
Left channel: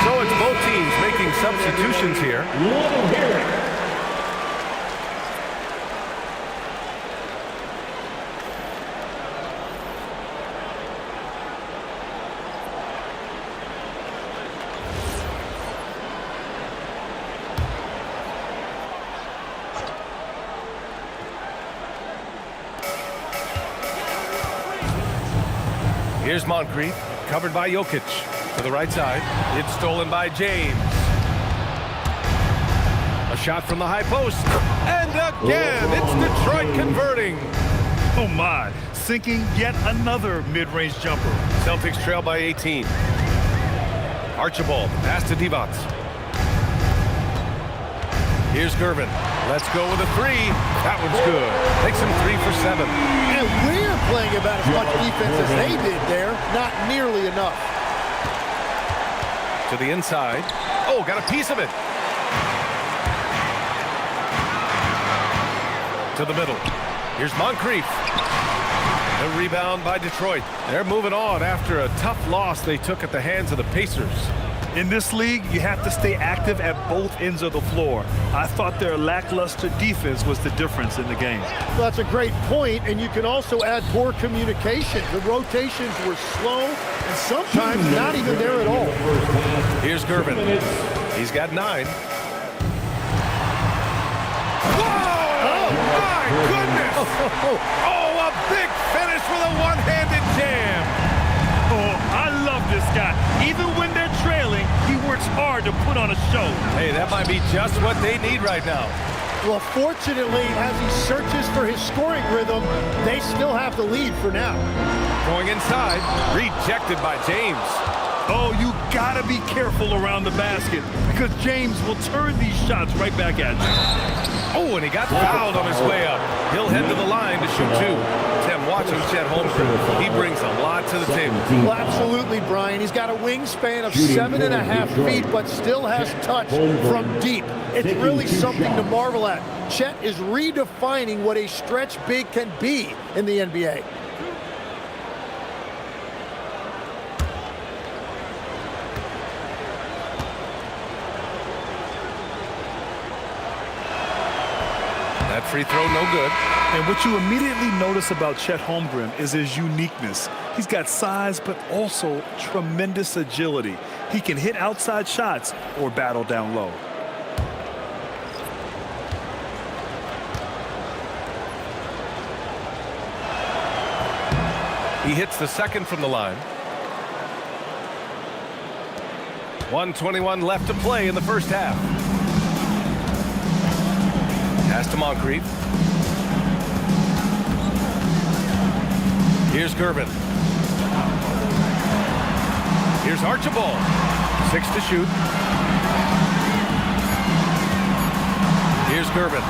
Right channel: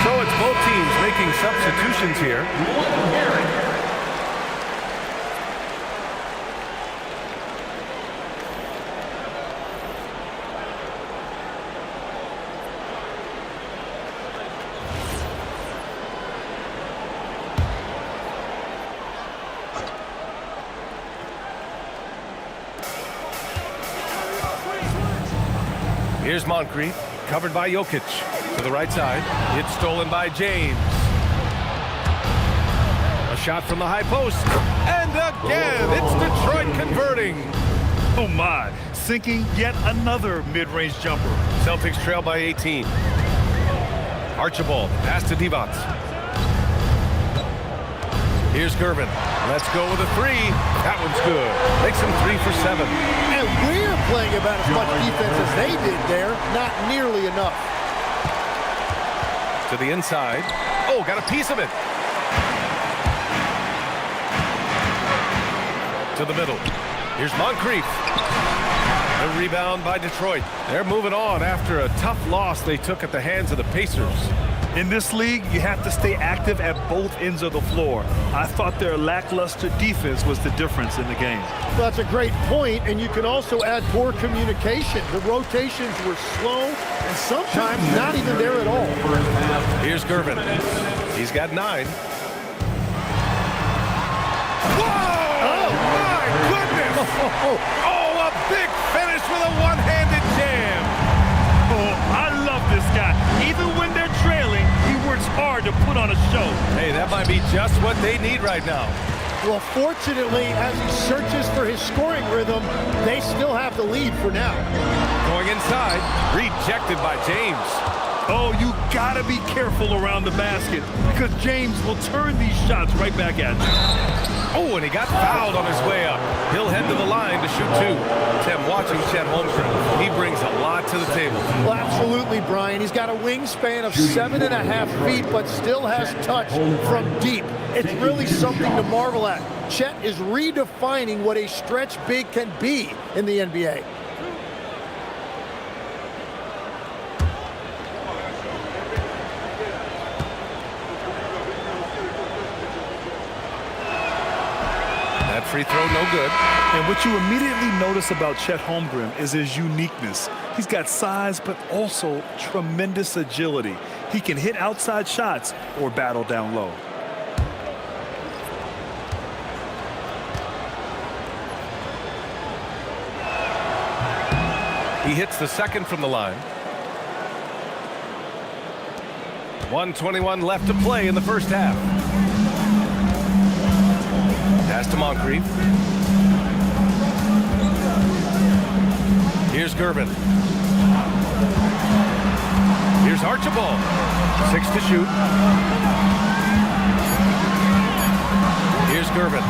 So it's both teams making substitutions here. Let them hear it. Here's Moncrief, covered by Jokic. To the right side, it's stolen by James. A shot from the high post, and again, it's Detroit converting. Oh my, sinking yet another mid-range jumper. Celtics trail by 18. Archibald, pass to Divac. Here's Gervin. Let's go with a 3. That one's good. Makes him 3 for 7. And we're playing about as much defense as they did there. Not nearly enough. To the inside. Oh, got a piece of it. To the middle. Here's Moncrief. The rebound by Detroit. They're moving on after a tough loss they took at the hands of the Pacers. In this league, you have to stay active at both ends of the floor. I thought their lackluster defense was the difference in the game. Well, that's a great point, and you can also add poor communication. The rotations were slow and sometimes not even there at all. Here's Gervin. He's got 9. Whoa! Oh, my goodness! Oh, a big finish with a one-handed jam. Oh, I love this guy. Even when they're trailing, he works hard to put on a show. Hey, that might be just what they need right now. Well, fortunately, as he searches for his scoring rhythm, they still have the lead for now. Going inside, rejected by James. Oh, you gotta be careful around the basket because James will turn these shots right back at you. Oh, and he got fouled on his way up. He'll head to the line to shoot 2. Tim, watching Chet Holmgren, he brings a lot to the table. Well, absolutely, Brian. He's got a wingspan of 7.5 feet, but still has touch from deep. It's really something to marvel at. Chet is redefining what a stretch big can be in the NBA. That free throw, no good. And what you immediately notice about Chet Holmgren is his uniqueness. He's got size, but also tremendous agility. He can hit outside shots or battle down low. He hits the second from the line. 1:21 left to play in the first half. Pass to Moncrief. Here's Gervin. Here's Archibald. 6 to shoot. Here's Gervin.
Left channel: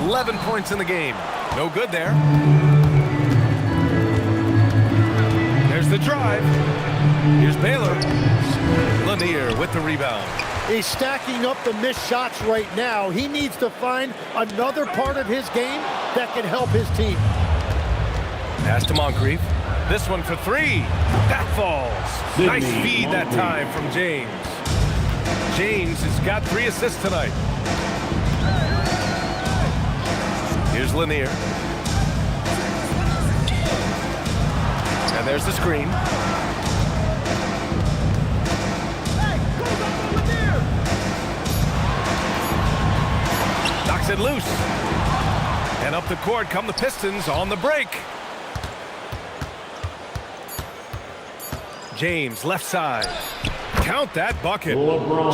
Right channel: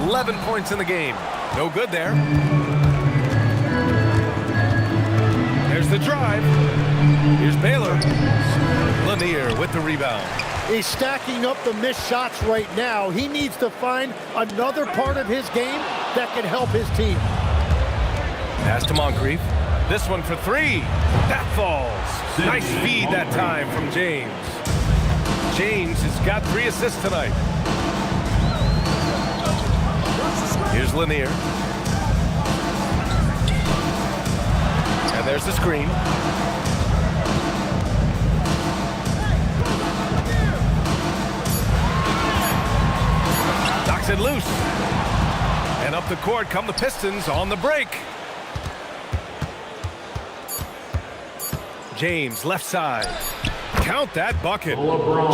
11 points in the game. No good there. There's the drive. Here's Baylor. Lanier with the rebound. He's stacking up the missed shots right now. He needs to find another part of his game that can help his team. Pass to Moncrief. This one for 3. That falls. Nice feed that time from James. James has got 3 assists tonight. Here's Lanier. And there's the screen. Knocks it loose. And up the court come the Pistons on the break. James, left side. Count that bucket.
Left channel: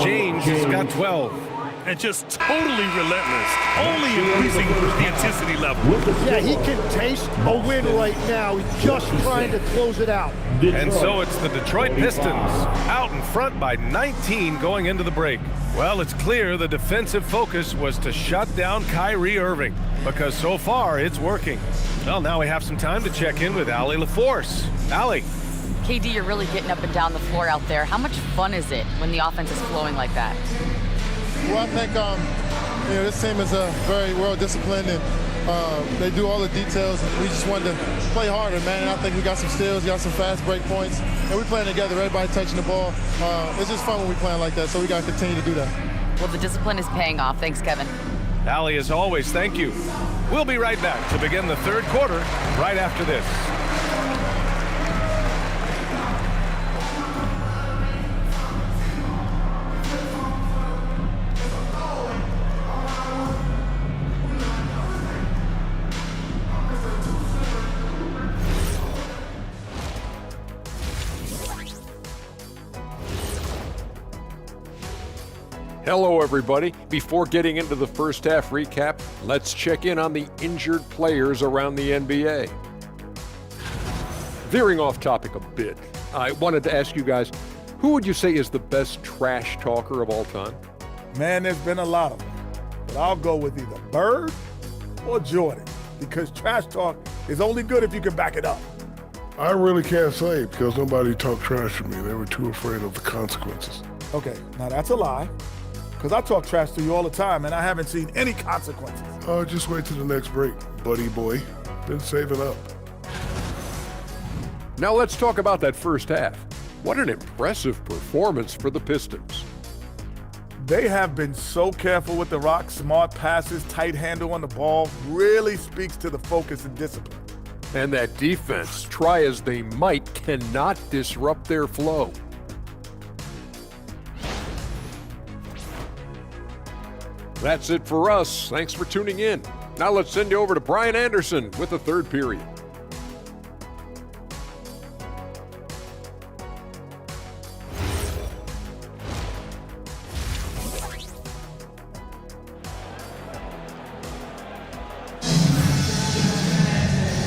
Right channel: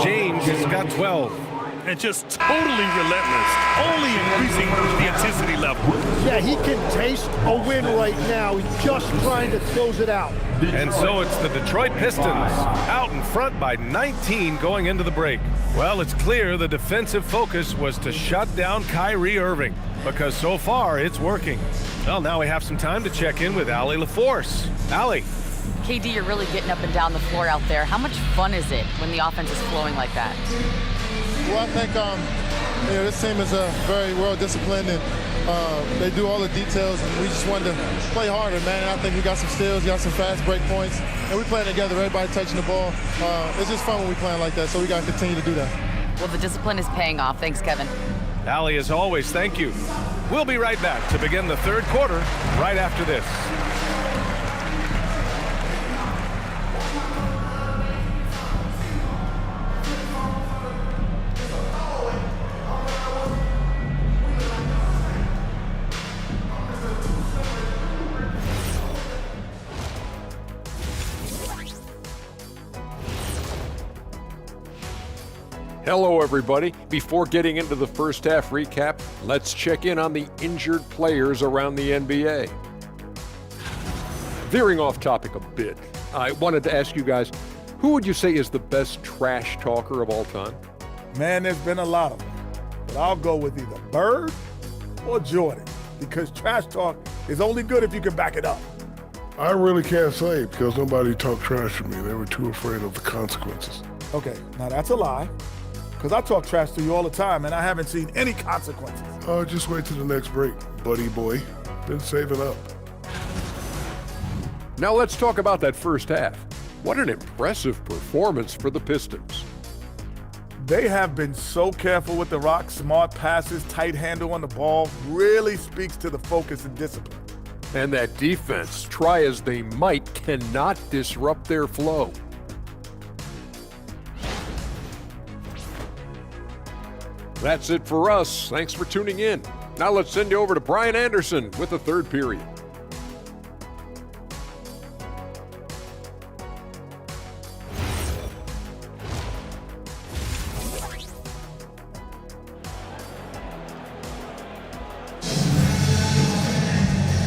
James has got 12. And just totally relentless, only increasing the intensity level. Yeah, he can taste a win right now. He's just trying to close it out. And so it's the Detroit Pistons out in front by 19 going into the break. Well, it's clear the defensive focus was to shut down Kyrie Irving because so far it's working. Well, now we have some time to check in with Allie LaForce. Allie. KD, you're really getting up and down the floor out there. How much fun is it when the offense is flowing like that? Well, I think this team is very well disciplined and they do all the details, and we just wanted to play harder, man. And I think we got some steals, got some fast break points, and we're playing together. Everybody touching the ball. It's just fun when we playing like that, so we got to continue to do that. Well, the discipline is paying off. Thanks, Kevin. Allie, as always, thank you. We'll be right back to begin the third quarter right after this. Hello, everybody. Before getting into the first half recap, let's check in on the injured players around the NBA. Veering off topic a bit, I wanted to ask you guys, who would you say is the best trash talker of all time? Man, there's been a lot of them. But I'll go with either Bird or Jordan, because trash talk is only good if you can back it up. I really can't say because nobody talked trash to me. They were too afraid of the consequences. Okay, now that's a lie. Because I talk trash to you all the time, and I haven't seen any consequences. Oh, just wait till the next break, buddy boy. Been saving up. Now let's talk about that first half. What an impressive performance for the Pistons. They have been so careful with the rock. Smart passes, tight handle on the ball, really speaks to the focus and discipline. And that defense, try as they might, cannot disrupt their flow. That's it for us. Thanks for tuning in. Now let's send you over to Brian Anderson with the third period.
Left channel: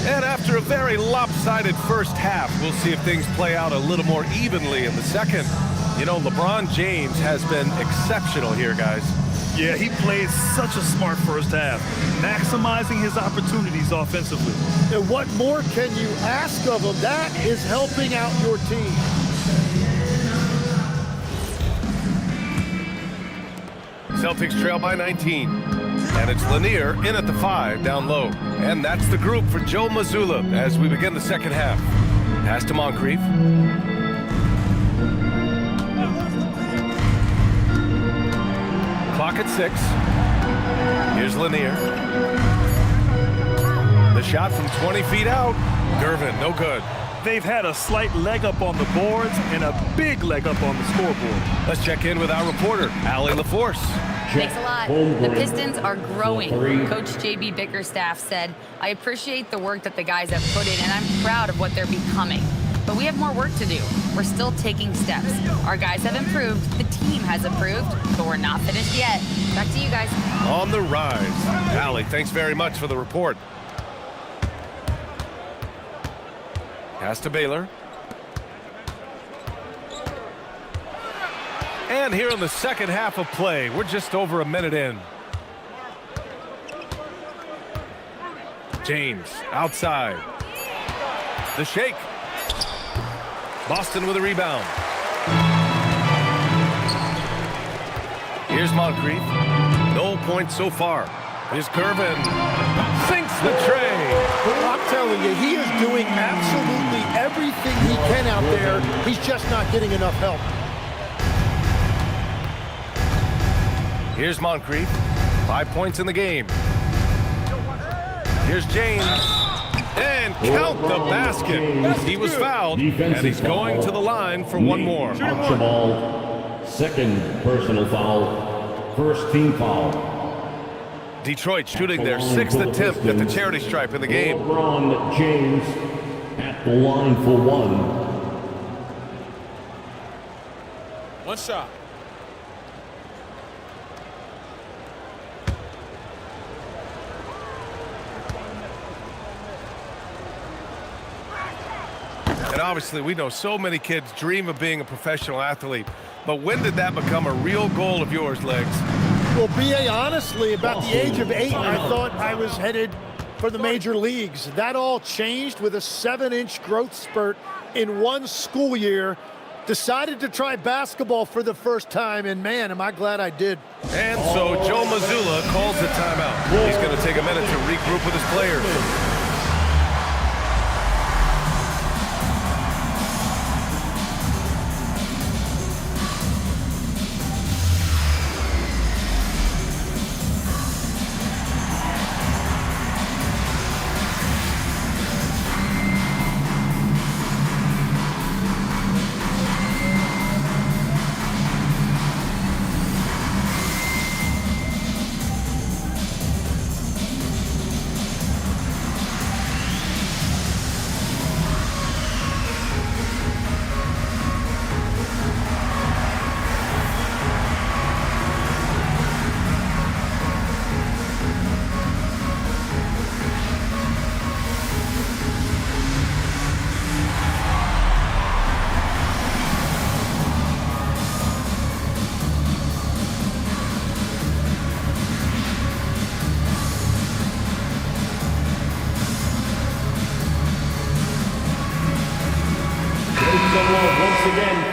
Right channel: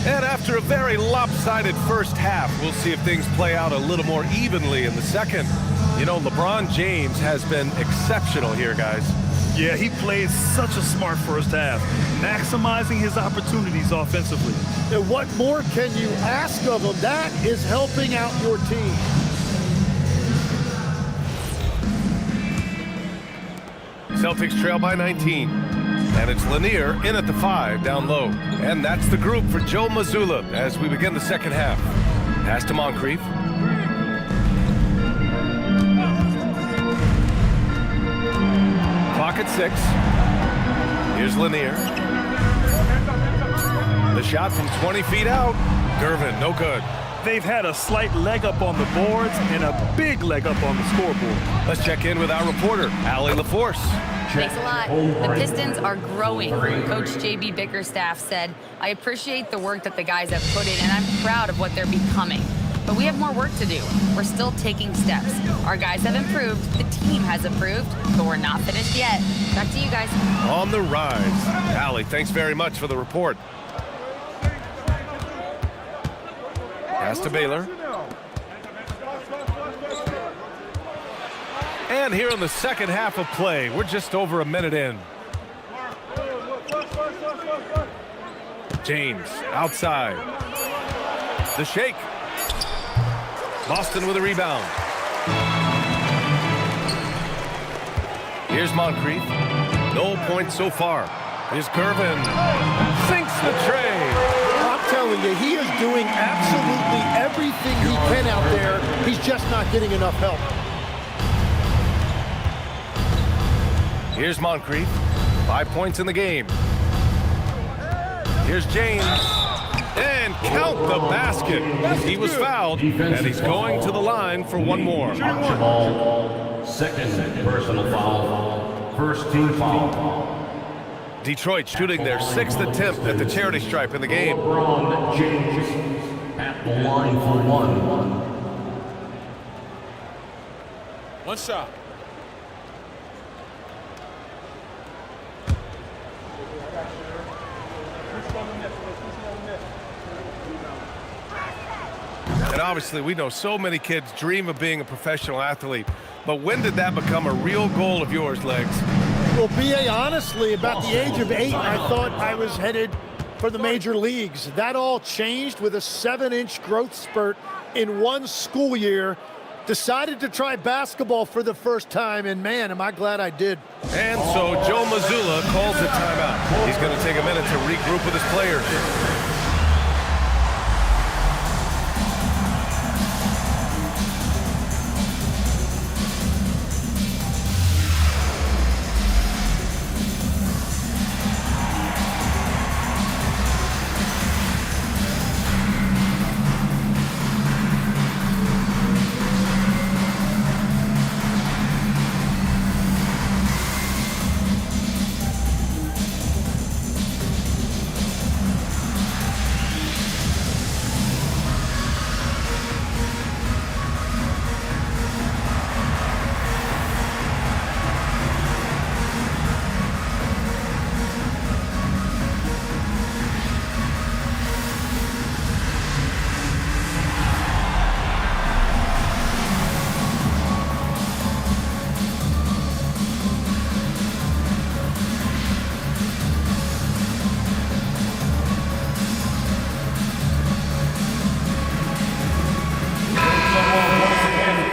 And after a very lopsided first half, we'll see if things play out a little more evenly in the second. You know, LeBron James has been exceptional here, guys. Yeah, he played such a smart first half, maximizing his opportunities offensively. And what more can you ask of him? That is helping out your team. Celtics trail by 19. And it's Lanier in at the 5, down low. And that's the group for Joe Mazzulla as we begin the second half. Pass to Moncrief. Clock at 6. Here's Lanier. The shot from 20 feet out. Gervin, no good. They've had a slight leg up on the boards and a big leg up on the scoreboard. Let's check in with our reporter, Allie LaForce. Thanks a lot. The Pistons are growing. Coach J.B. Bickerstaff said, I appreciate the work that the guys have put in, and I'm proud of what they're becoming. But we have more work to do. We're still taking steps. Our guys have improved, the team has improved, but we're not finished yet. Back to you guys. On the rise. Allie, thanks very much for the report. Pass to Baylor. And here in the second half of play, we're just over a minute in. James outside. The shake. Boston with a rebound. Here's Moncrief. No points so far. Here's Gervin. Sinks the tray. I'm telling you, he is doing absolutely everything he can out there. He's just not getting enough help. Here's Moncrief. 5 points in the game. Here's James. And count the basket. He was fouled, and he's going to the line for one more. Archibald, second personal foul, first team foul. Detroit shooting their 6th attempt at the charity stripe in the game. LeBron James at the line for one. One shot. And obviously, we know so many kids dream of being a professional athlete. But when did that become a real goal of yours, Legs? Well, B.A., honestly, about the age of 8, I thought I was headed for the major leagues. That all changed with a 7-inch growth spurt in one school year. Decided to try basketball for the first time, and man, am I glad I did. And so Joe Mazzulla calls a timeout. He's going to take a minute to regroup with his players.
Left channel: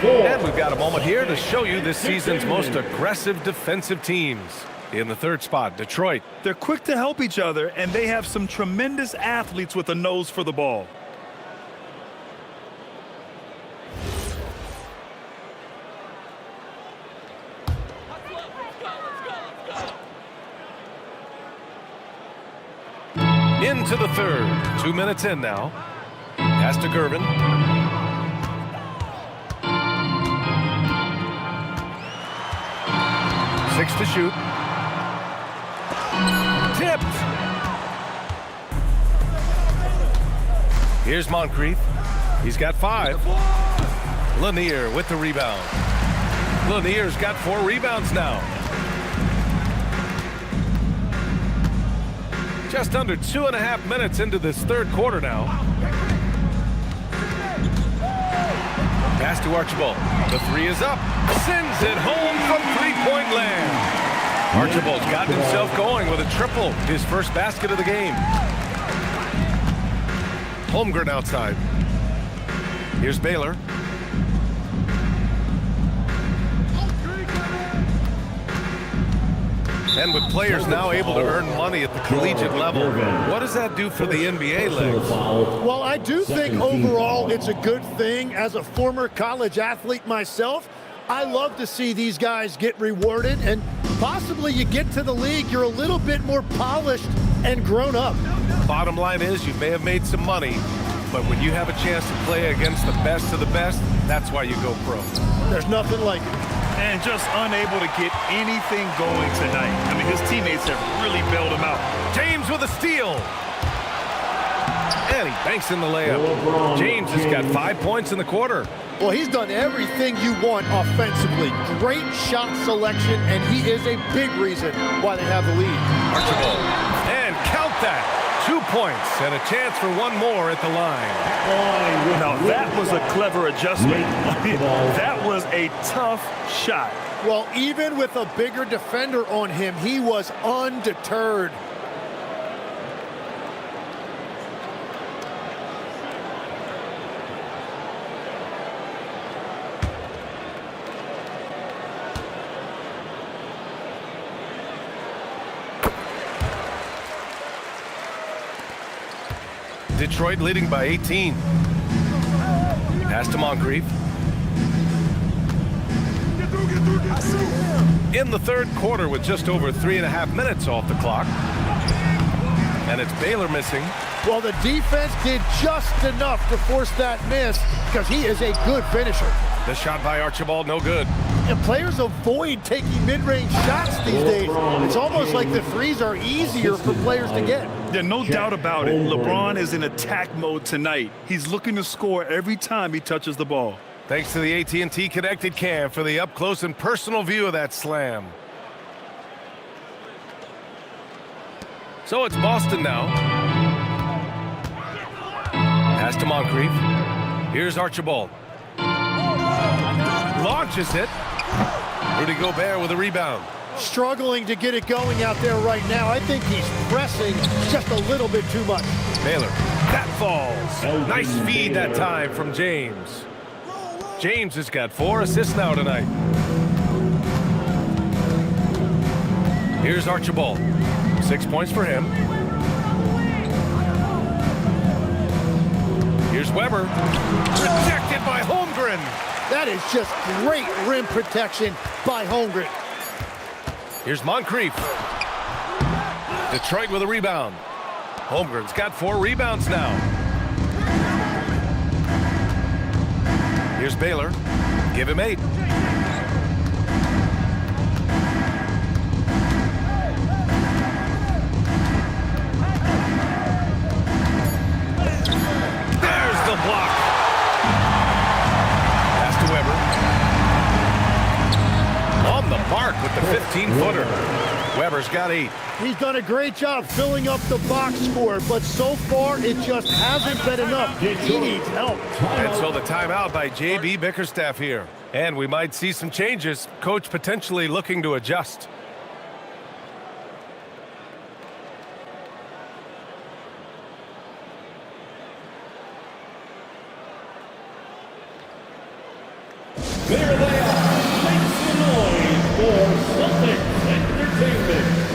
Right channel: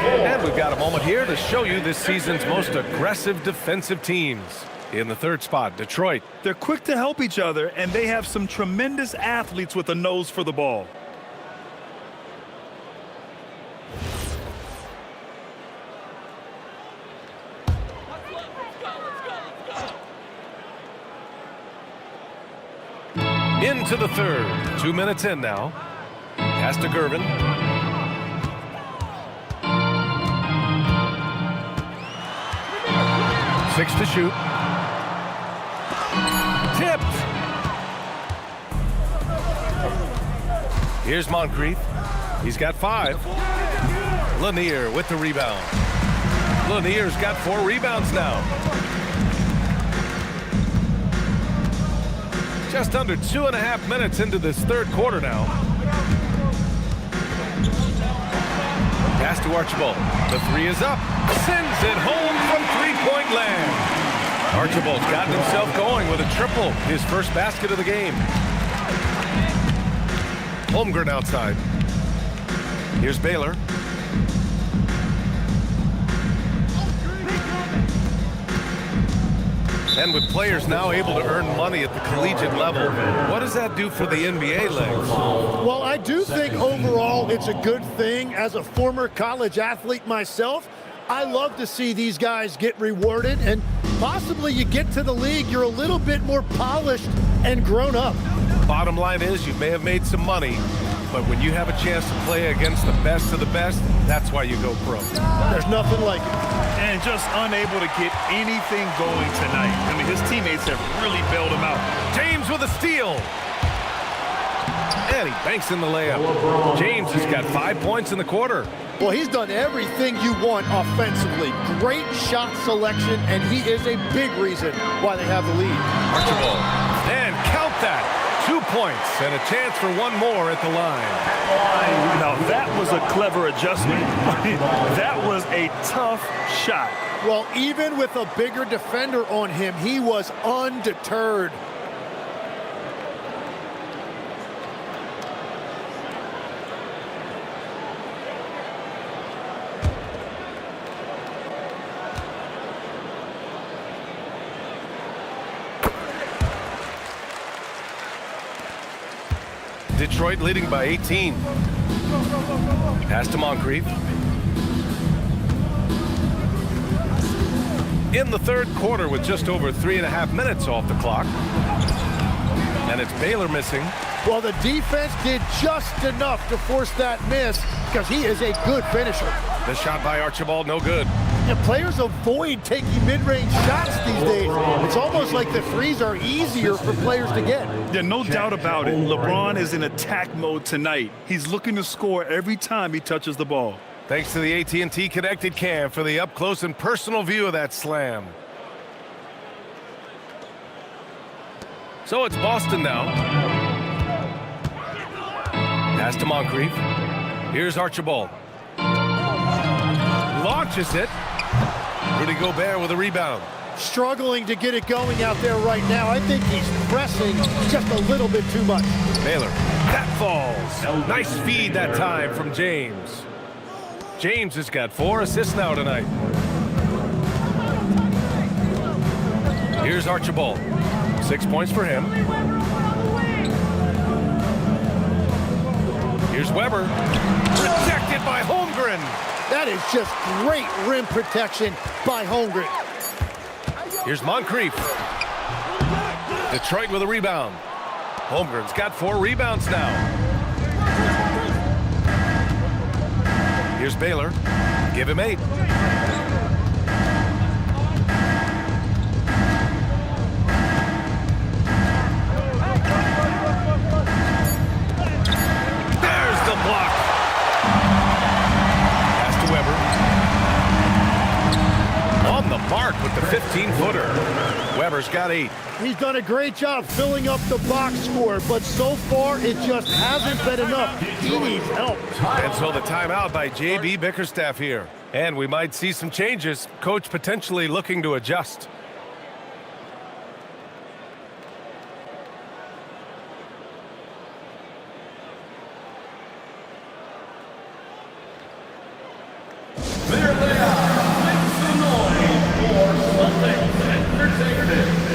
And we've got a moment here to show you this season's most aggressive defensive teams. In the third spot, Detroit. They're quick to help each other, and they have some tremendous athletes with a nose for the ball. Into the third. 2 minutes in now. Pass to Gervin. Six to shoot. Tipped. Here's Moncrief. He's got 5. Lanier with the rebound. Lanier's got 4 rebounds now. Just under 2.5 minutes into this third quarter now. Pass to Archibald. The three is up. Sends it home from three-point land. Archibald's gotten himself going with a triple, his first basket of the game. Holmgren outside. Here's Baylor. And with players now able to earn money at the collegiate level, what does that do for the NBA legs? Well, I do think overall it's a good thing. As a former college athlete myself, I love to see these guys get rewarded, and possibly you get to the league, you're a little bit more polished and grown up. Bottom line is you may have made some money, but when you have a chance to play against the best of the best, that's why you go pro. There's nothing like it. And just unable to get anything going tonight. I mean, his teammates have really bailed him out. James with a steal. And he banks in the layup. James has got 5 points in the quarter. Well, he's done everything you want offensively. Great shot selection, and he is a big reason why they have the lead. Archibald. And count that. 2 points and a chance for one more at the line. Now, that was a clever adjustment. That was a tough shot. Well, even with a bigger defender on him, he was undeterred. Detroit leading by 18. Pass to Moncrief. In the third quarter with just over 3.5 minutes off the clock. And it's Baylor missing. Well, the defense did just enough to force that miss because he is a good finisher. The shot by Archibald, no good. And players avoid taking mid-range shots these days. It's almost like the threes are easier for players to get. Yeah, no doubt about it. LeBron is in attack mode tonight. He's looking to score every time he touches the ball. Thanks to the AT&T Connected Cam for the up-close and personal view of that slam. So it's Boston now. Pass to Moncrief. Here's Archibald. Launches it. Rudy Gobert with a rebound. Struggling to get it going out there right now. I think he's pressing just a little bit too much. Baylor. That falls. Nice feed that time from James. James has got 4 assists now tonight. Here's Archibald. 6 points for him. Here's Weber. Rejected by Holmgren. That is just great rim protection by Holmgren. Here's Moncrief. Detroit with a rebound. Holmgren's got 4 rebounds now. Here's Baylor. Give him 8. There's the block. Pass to Weber. On the mark with the 15-footer. Weber's got 8. He's done a great job filling up the box score, but so far it just hasn't been enough. He needs help. And so the timeout by J.B. Bickerstaff here. And we might see some changes. Coach potentially looking to adjust. There they are. Make some noise for Celtics Entertainment.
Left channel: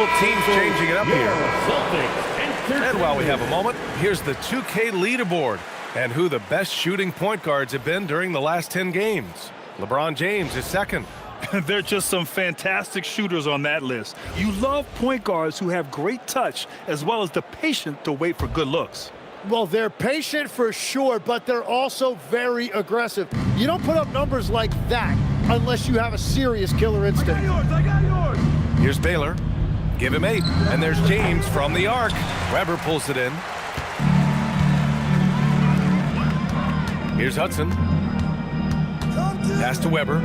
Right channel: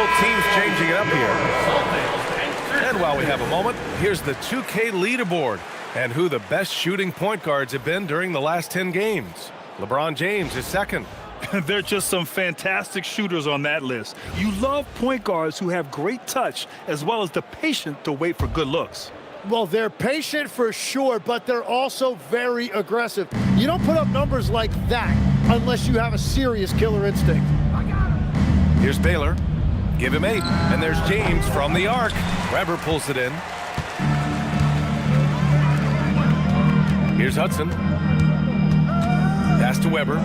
Both teams changing it up here. And while we have a moment, here's the 2K leaderboard and who the best shooting point guards have been during the last 10 games. LeBron James is second. There are just some fantastic shooters on that list. You love point guards who have great touch as well as the patience to wait for good looks. Well, they're patient for sure, but they're also very aggressive. You don't put up numbers like that unless you have a serious killer instinct. Here's Baylor. Give him 8. And there's James from the arc. Weber pulls it in. Here's Hudson. Pass to Weber.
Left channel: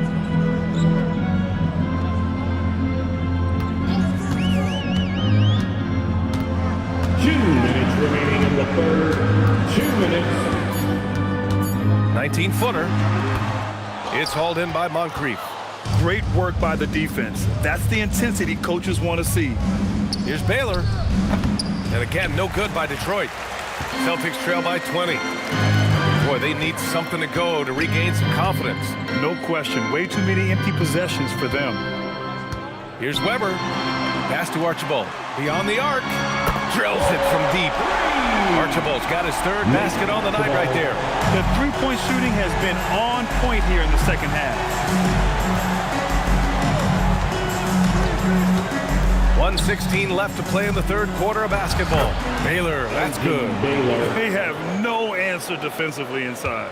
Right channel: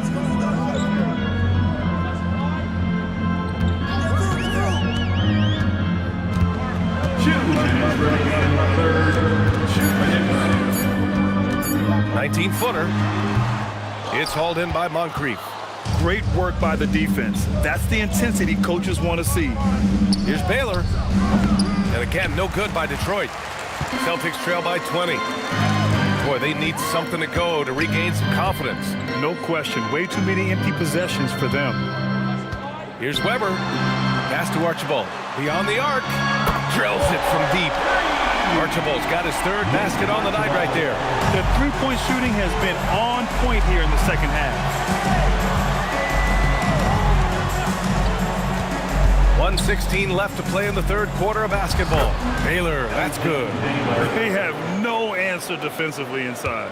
Remaining in the third, 2 minutes. 19-footer. It's hauled in by Moncrief. Great work by the defense. That's the intensity coaches want to see. Here's Baylor. And again, no good by Detroit. Celtics trail by 20. Boy, they need something to go to regain some confidence. No question. Way too many empty possessions for them. Here's Weber. Pass to Archibald. Beyond the arc. Drills it from deep. Archibald's got his third basket on the night right there. The three-point shooting has been on point here in the second half. 1:16 left to play in the third quarter of basketball. Baylor, that's good. They have no answer defensively inside.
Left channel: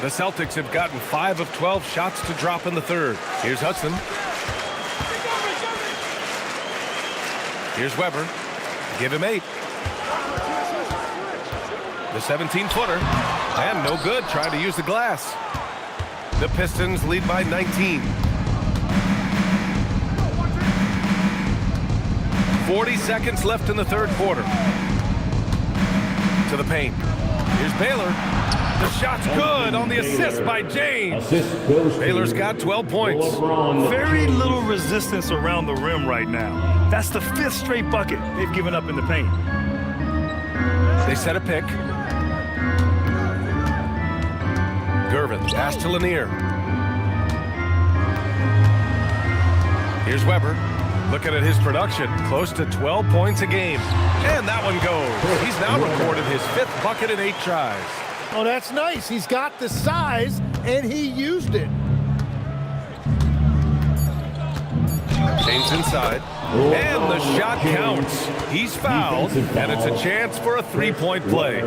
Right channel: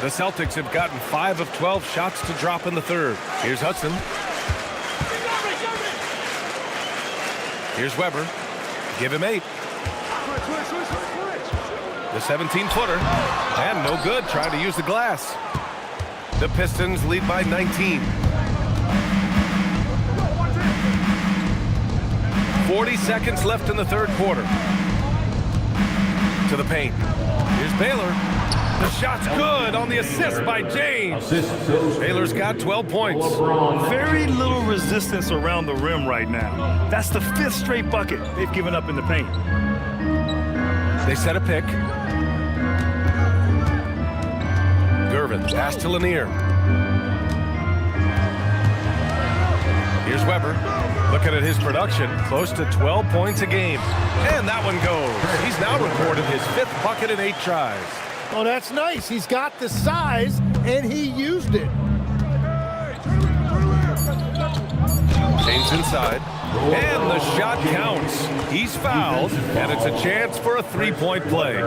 The Celtics have gotten 5 of 12 shots to drop in the third. Here's Hudson. Here's Weber. Give him 8. The 17-footer. And no good, trying to use the glass. The Pistons lead by 19. 40 seconds left in the third quarter. To the paint. Here's Baylor. The shot's good on the assist by James. Baylor's got 12 points. Very little resistance around the rim right now. That's the 5th straight bucket they've given up in the paint. They set a pick. Gervin, pass to Lanier. Here's Weber. Looking at his production, close to 12 points a game. And that one goes. He's now recorded his 5th bucket in 8 tries. Oh, that's nice. He's got the size, and he used it. James inside. And the shot counts. He's fouled, and it's a chance for a 3-point play.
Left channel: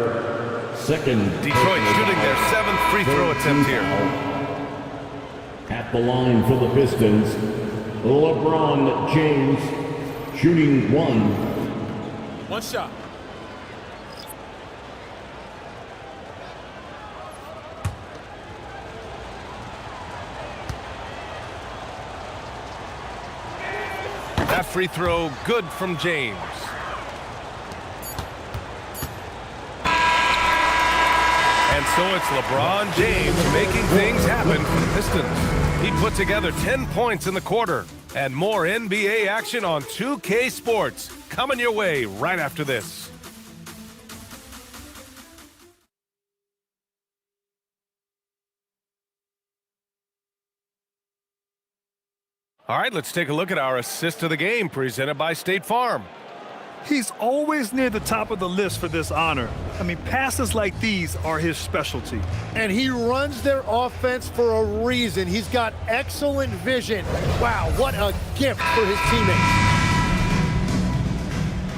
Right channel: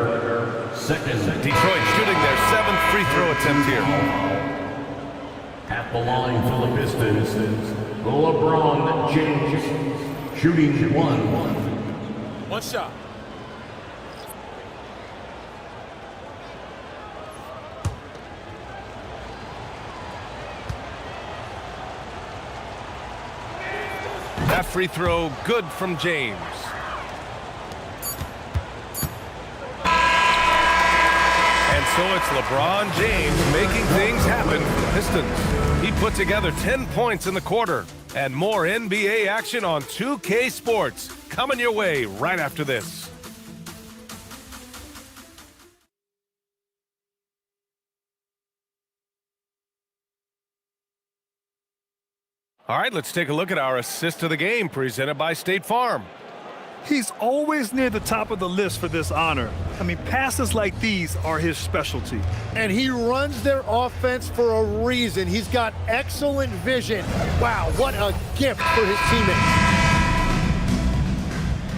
Detroit shooting their 7th free throw attempt here. At the line for the Pistons, LeBron James shooting 1. One shot. That free throw good from James. And so it's LeBron James making things happen for the Pistons. He put together 10 points in the quarter. And more NBA action on 2K Sports coming your way right after this. All right, let's take a look at our assist of the game presented by State Farm. He's always near the top of the list for this honor. I mean, passes like these are his specialty. And he runs their offense for a reason. He's got excellent vision. Wow, what a gift for his teammates.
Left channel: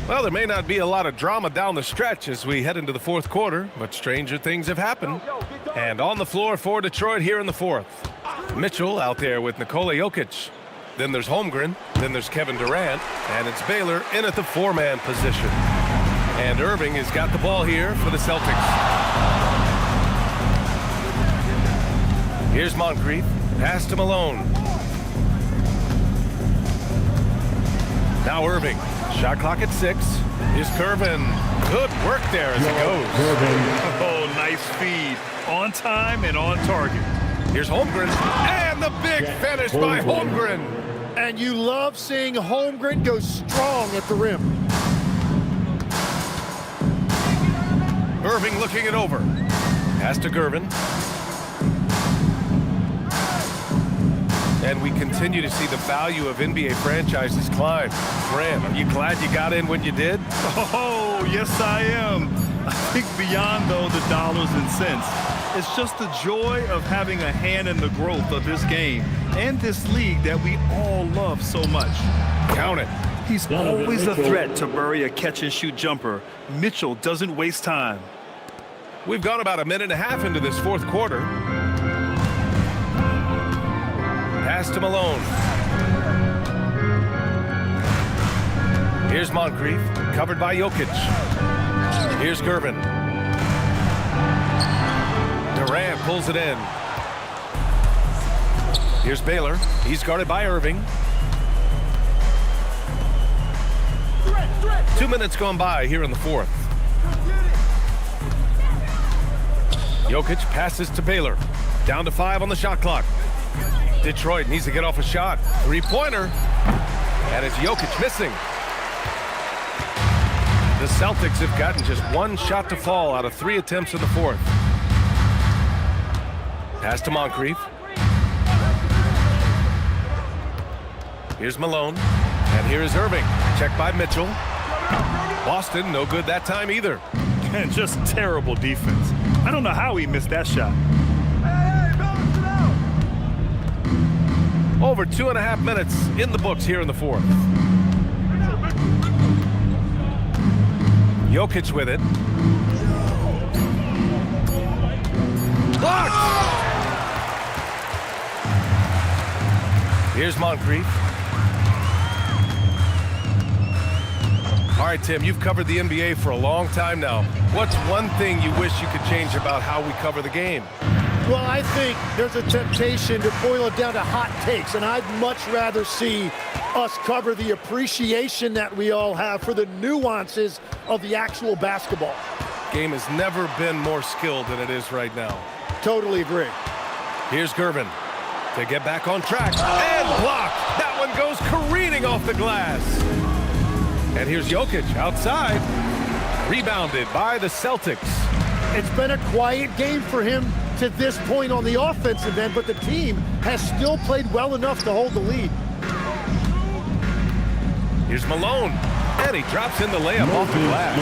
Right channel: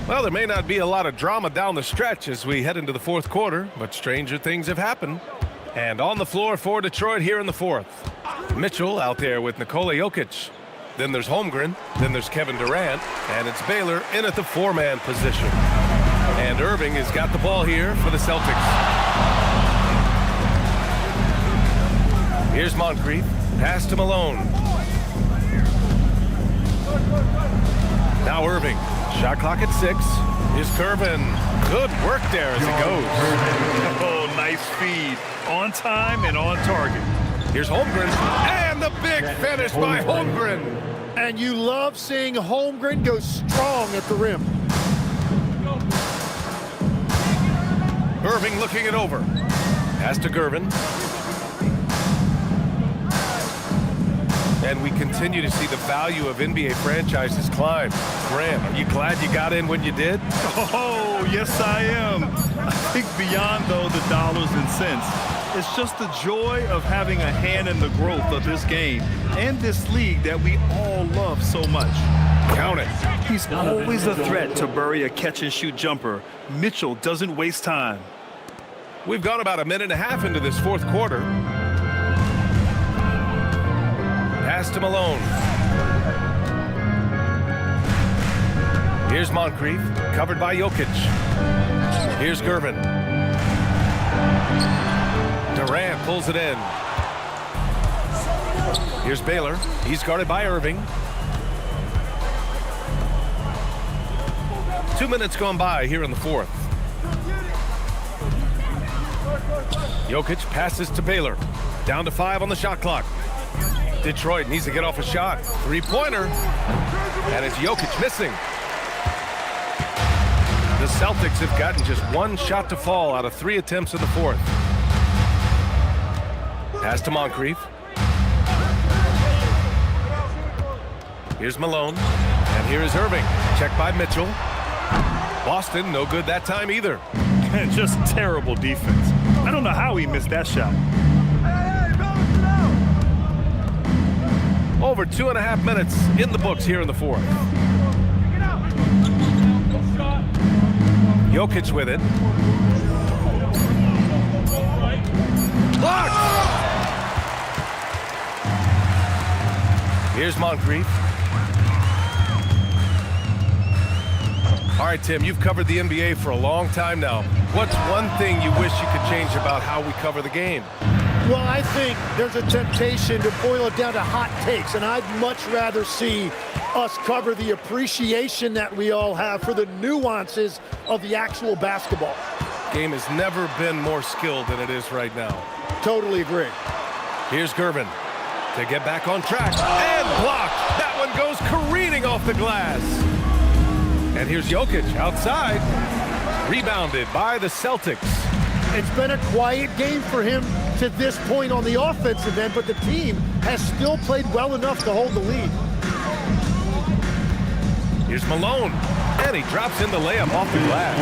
Well, there may not be a lot of drama down the stretch as we head into the fourth quarter, but stranger things have happened. And on the floor for Detroit here in the fourth. Mitchell out there with Nikola Jokic. Then there's Holmgren, then there's Kevin Durant, and it's Baylor in at the 4-man position. And Irving has got the ball here for the Celtics. Here's Moncrief, pass to Malone. Now Irving, shot clock at 6. Here's Curvin, good work there as it goes. Oh, nice feed, on time and on target. Here's Holmgren, and the big finish by Holmgren. And you love seeing Holmgren go strong at the rim. Irving looking it over. Pass to Gervin. And we continue to see the value of NBA franchises climb. Graham, are you glad you got in when you did? Oh, yes, I am. I think beyond, though, the dollars and cents, it's just the joy of having a hand in the growth of this game and this league that we all love so much. Count it. He's always a threat to bury a catch-and-shoot jumper. Mitchell doesn't waste time. We've gone about a minute and a half into this fourth quarter. Pass to Malone. Here's Moncrief, covered by Jokic. Here's Gervin. Durant pulls it in. Here's Baylor. He's guarded by Irving. 2 minutes gone by here in the fourth. Jokic passes to Baylor. Down to 5 on the shot clock. Detroit needs to get off a shot. Three-pointer. And it's Jokic missing. The Celtics have gotten just one shot to fall out of 3 attempts in the fourth. Pass to Moncrief. Here's Malone. And here is Irving. Checked by Mitchell. Boston, no good that time either. And just terrible defense. I don't know how he missed that shot. Over 2.5 minutes in the books here in the fourth. Jokic with it. Blocked! Here's Moncrief. All right, Tim, you've covered the NBA for a long time now. What's one thing you wish you could change about how we cover the game? Well, I think there's a temptation to boil it down to hot takes, and I'd much rather see us cover the appreciation that we all have for the nuances of the actual basketball. Game has never been more skilled than it is right now. Totally agree. Here's Gervin to get back on track and blocked. That one goes careening off the glass. And here's Jokic outside, rebounded by the Celtics. It's been a quiet game for him to this point on the offensive end, but the team has still played well enough to hold the lead. Here's Malone, and he drops in the layup off the glass.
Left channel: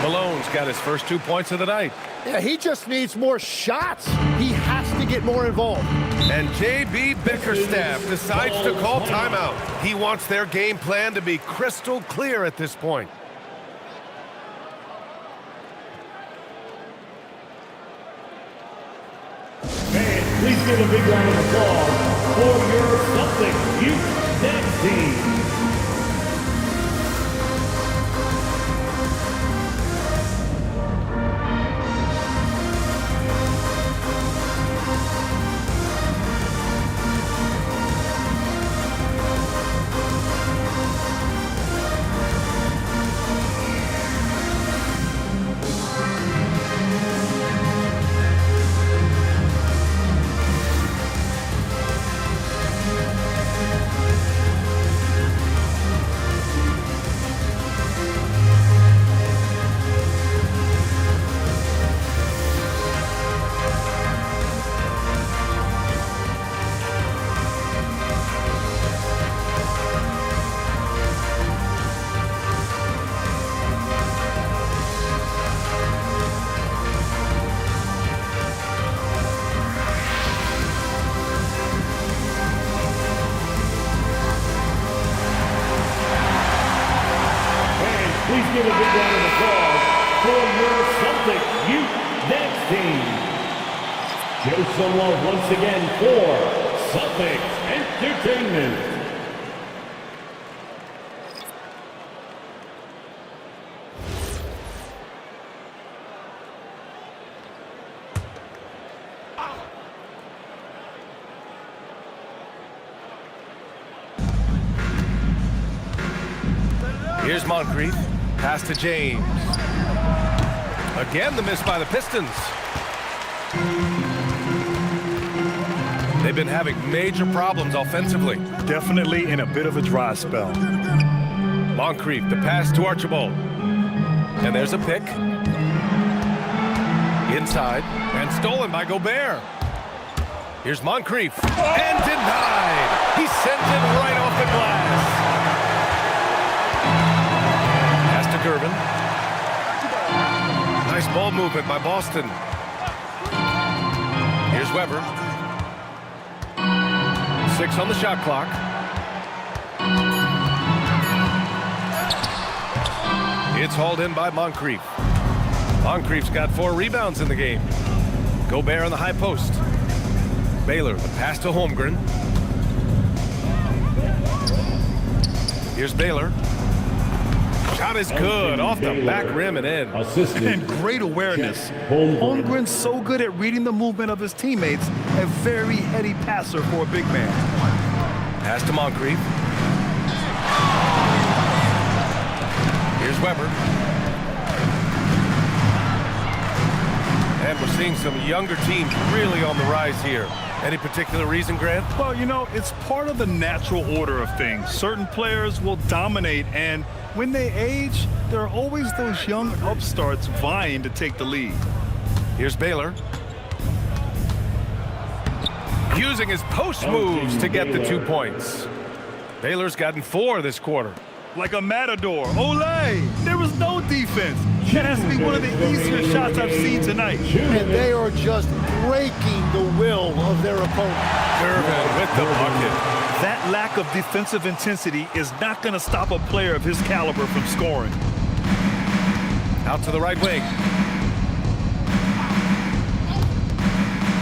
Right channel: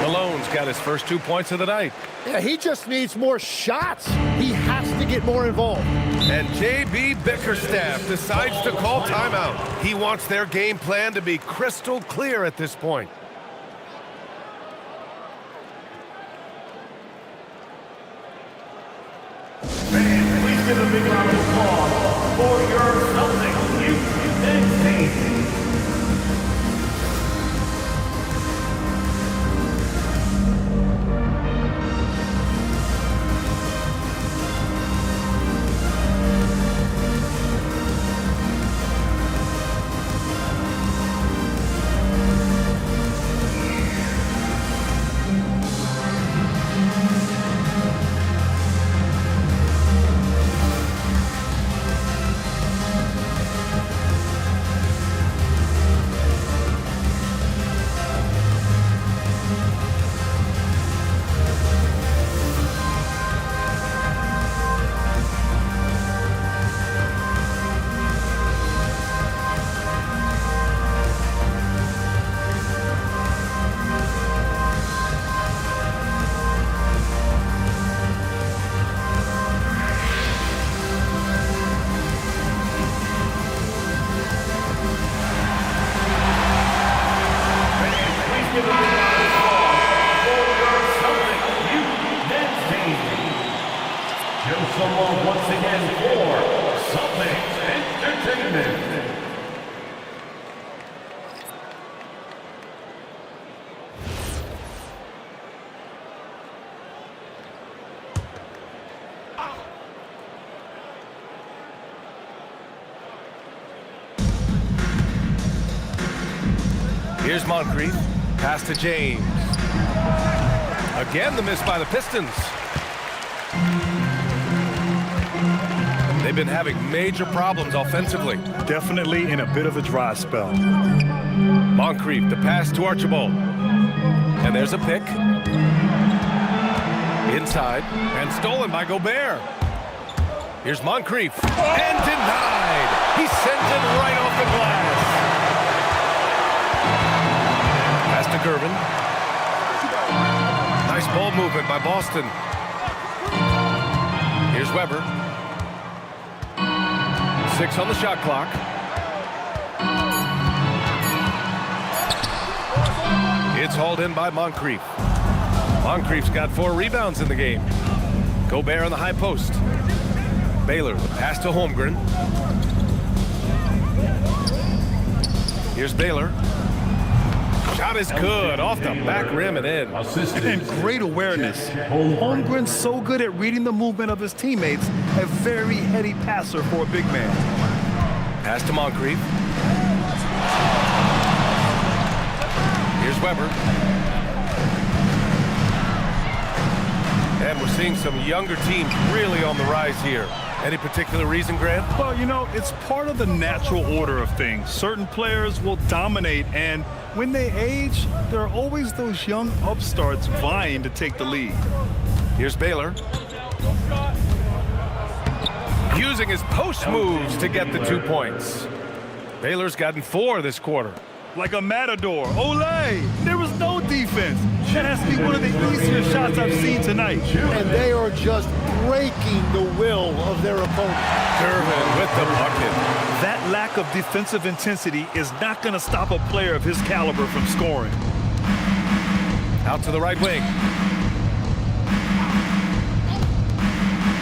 Malone's got his first 2 points of the night. Yeah, he just needs more shots. He has to get more involved. And J.B. Bickerstaff decides to call timeout. He wants their game plan to be crystal clear at this point. Fans, please give a big round of applause for your Celtics youth men's team. Show some love once again for Celtics Entertainment. Here's Moncrief. Pass to James. Again, the miss by the Pistons. They've been having major problems offensively. Definitely in a bit of a dry spell. Moncrief, the pass to Archibald. And there's a pick. Inside, and stolen by Gobert. Here's Moncrief, and denied. sends it right off the glass. Pass to Gervin. Nice ball movement by Boston. Here's Weber. 6 on the shot clock. It's hauled in by Moncrief. Moncrief's got 4 rebounds in the game. Gobert on the high post. Baylor, the pass to Holmgren. Here's Baylor. Shot is good, off the back rim and in. And great awareness. Holmgren's so good at reading the movement of his teammates, a very heady passer for a big man. Pass to Moncrief. Here's Weber. And we're seeing some younger teams really on the rise here. Any particular reason, Grant? Well, you know, it's part of the natural order of things. Certain players will dominate, and when they age, there are always those young upstarts vying to take the lead. Here's Baylor. Using his post moves to get the 2 points. Baylor's gotten 4 this quarter. Like a matador. Olay! There was no defense. That has to be one of the easier shots I've seen tonight. And they are just breaking the will of their opponent. Gervin with the bucket. That lack of defensive intensity is not going to stop a player of his caliber from scoring. Out to the right wing.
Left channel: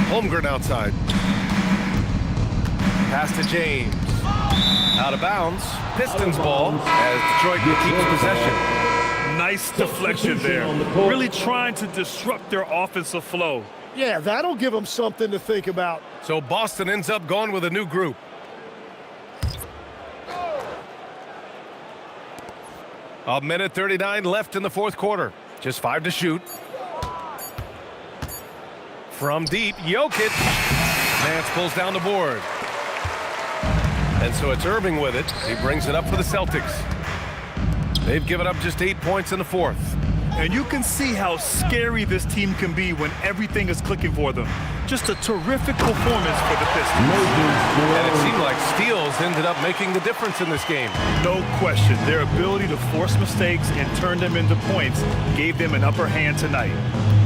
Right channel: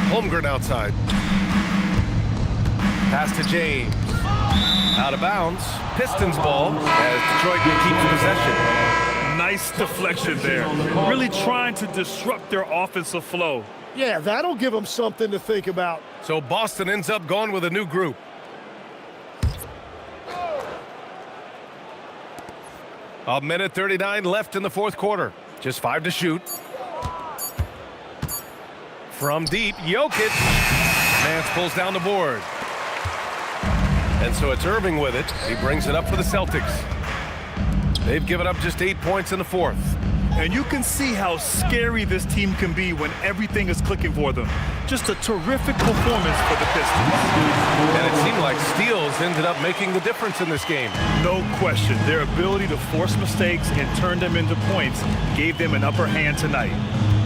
Holmgren outside. Pass to James. Out of bounds. Pistons ball as Detroit keeps possession. Nice deflection there. Really trying to disrupt their offensive flow. Yeah, that'll give them something to think about. So Boston ends up going with a new group. A minute 39 left in the fourth quarter. Just 5 to shoot. From deep, Jokic. Nance pulls down the board. And so it's Irving with it. He brings it up for the Celtics. They've given up just 8 points in the fourth. And you can see how scary this team can be when everything is clicking for them. Just a terrific performance for the Pistons. And it seemed like steals ended up making the difference in this game. No question. Their ability to force mistakes and turn them into points gave them an upper hand tonight.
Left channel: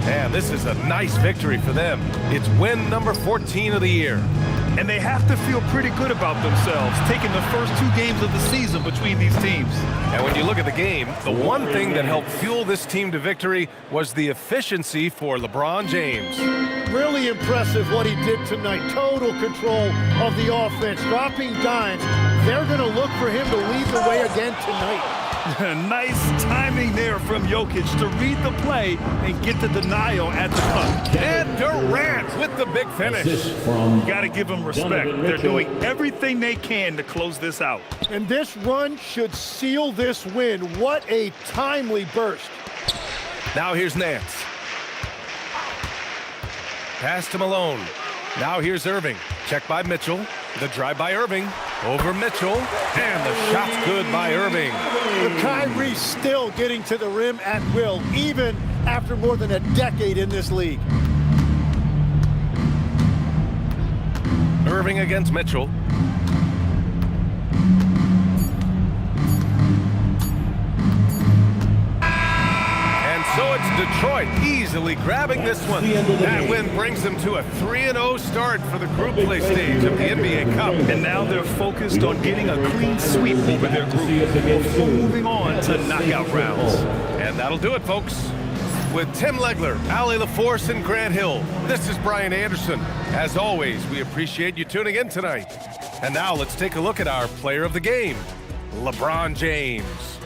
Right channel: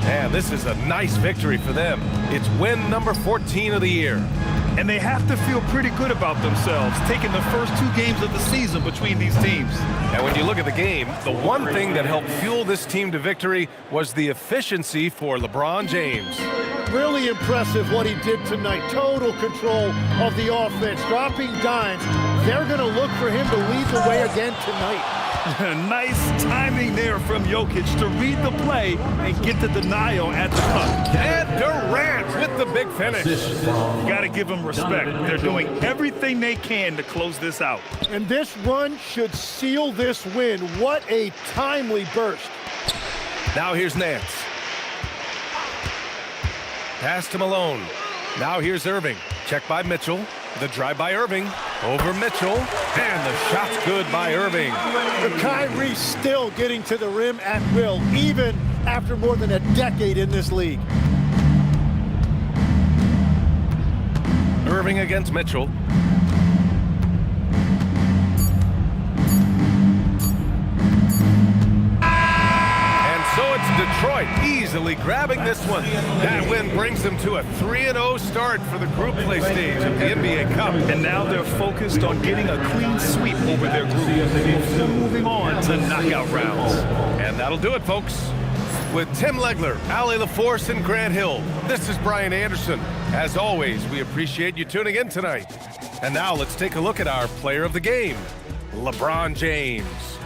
And this is a nice victory for them. It's win number 14 of the year. And they have to feel pretty good about themselves, taking the first 2 games of the season between these teams. And when you look at the game, the one thing that helped fuel this team to victory was the efficiency for LeBron James. Really impressive what he did tonight. Total control of the offense, dropping dimes. They're going to look for him to lead the way again tonight. Nice timing there from Jokic to read the play and get the denial at the cup. And Durant with the big finish. You got to give them respect. They're doing everything they can to close this out. And this run should seal this win. What a timely burst. Now here's Nance. Pass to Malone. Now here's Irving. Check by Mitchell. The drive by Irving. Over Mitchell. And the shot's good by Irving. The Kyrie still getting to the rim at will, even after more than a decade in this league. Irving against Mitchell. And so it's Detroit easily grabbing this one. That win brings them to a 3-0 start for the group play stage of the NBA Cup. And now they're focused on getting a clean sweep over their group before moving on to knockout rounds. And that'll do it, folks. With Tim Legler, Allie LaForce, and Grant Hill, this is Brian Anderson. As always, we appreciate you tuning in tonight. And now let's take a look at our player of the game, LeBron James.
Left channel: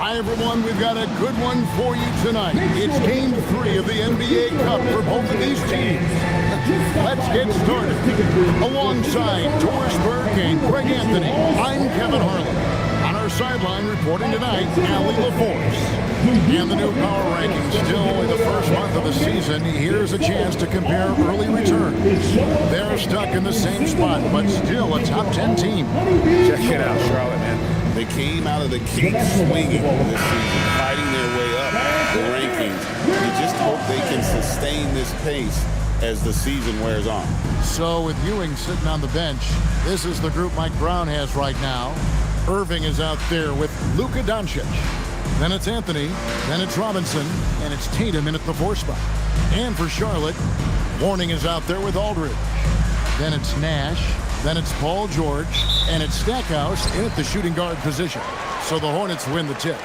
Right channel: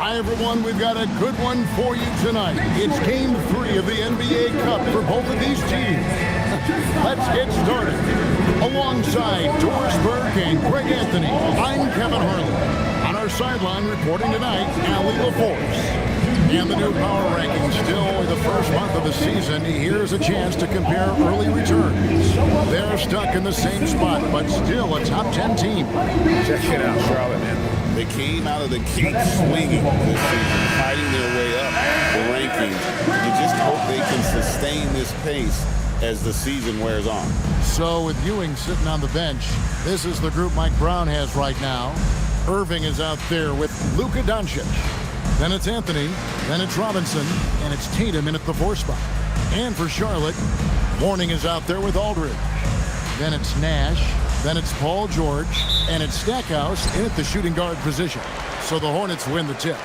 Hi, everyone. We've got a good one for you tonight. It's Game 3 of the NBA Cup for both of these teams. Let's get started. Alongside Doris Burke and Greg Anthony, I'm Kevin Harlan. On our sideline reporting tonight, Allie LaForce. And the new power rankings, still only the first month of the season. Here's a chance to compare early returns. They're stuck in the same spot, but still a top 10 team. Check it out, Charlotte, man. They came out of the gate swinging this season, fighting their way up the rankings. You just hope they can sustain this pace as the season wears on. So with Ewing sitting on the bench, this is the group Mike Brown has right now. Irving is out there with Luka Doncic. Then it's Anthony, then it's Robinson, and it's Tatum in at the 4 spot. And for Charlotte, Warning is out there with Aldridge. Then it's Nash, then it's Paul George, and it's Stackhouse in at the shooting guard position. So the Hornets win the tip.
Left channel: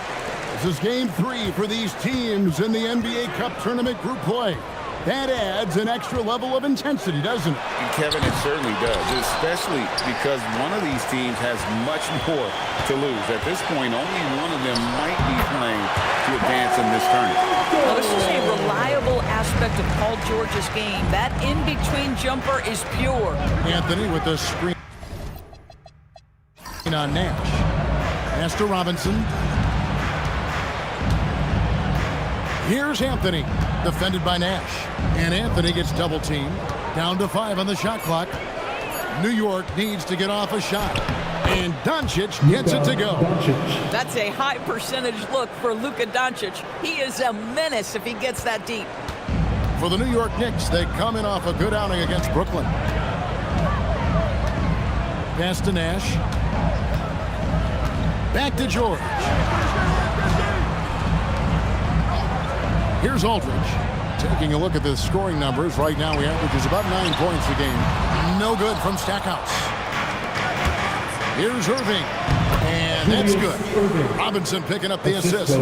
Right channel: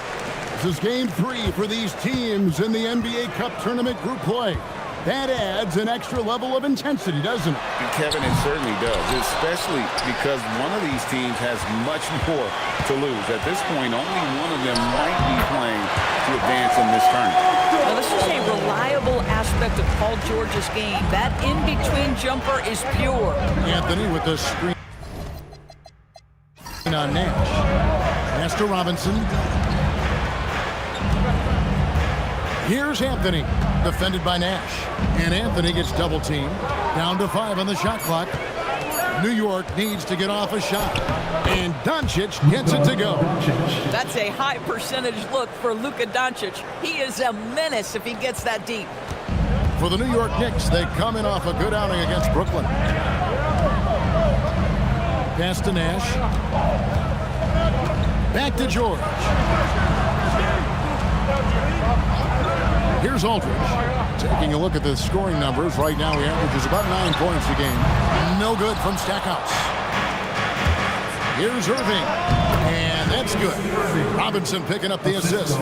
This is Game 3 for these teams in the NBA Cup Tournament group play. That adds an extra level of intensity, doesn't it? And Kevin, it certainly does, especially because one of these teams has much more to lose. At this point, only one of them might be playing to advance in this tournament. Now, this is a reliable aspect of Paul George's game. That in-between jumper is pure. Anthony with the screen on Nash. Pass to Robinson. Here's Anthony, defended by Nash. And Anthony gets double teamed. Down to 5 on the shot clock. New York needs to get off a shot. And Doncic gets it to go. That's a high percentage look for Luka Doncic. He is a menace if he gets that deep. For the New York Knicks, they come in off a good outing against Brooklyn. Pass to Nash. Back to George. Here's Aldridge. Taking a look at the scoring numbers, right now he averages about 9 points a game. No good from Stackhouse. Here's Irving, and that's good. Robinson picking up the assist.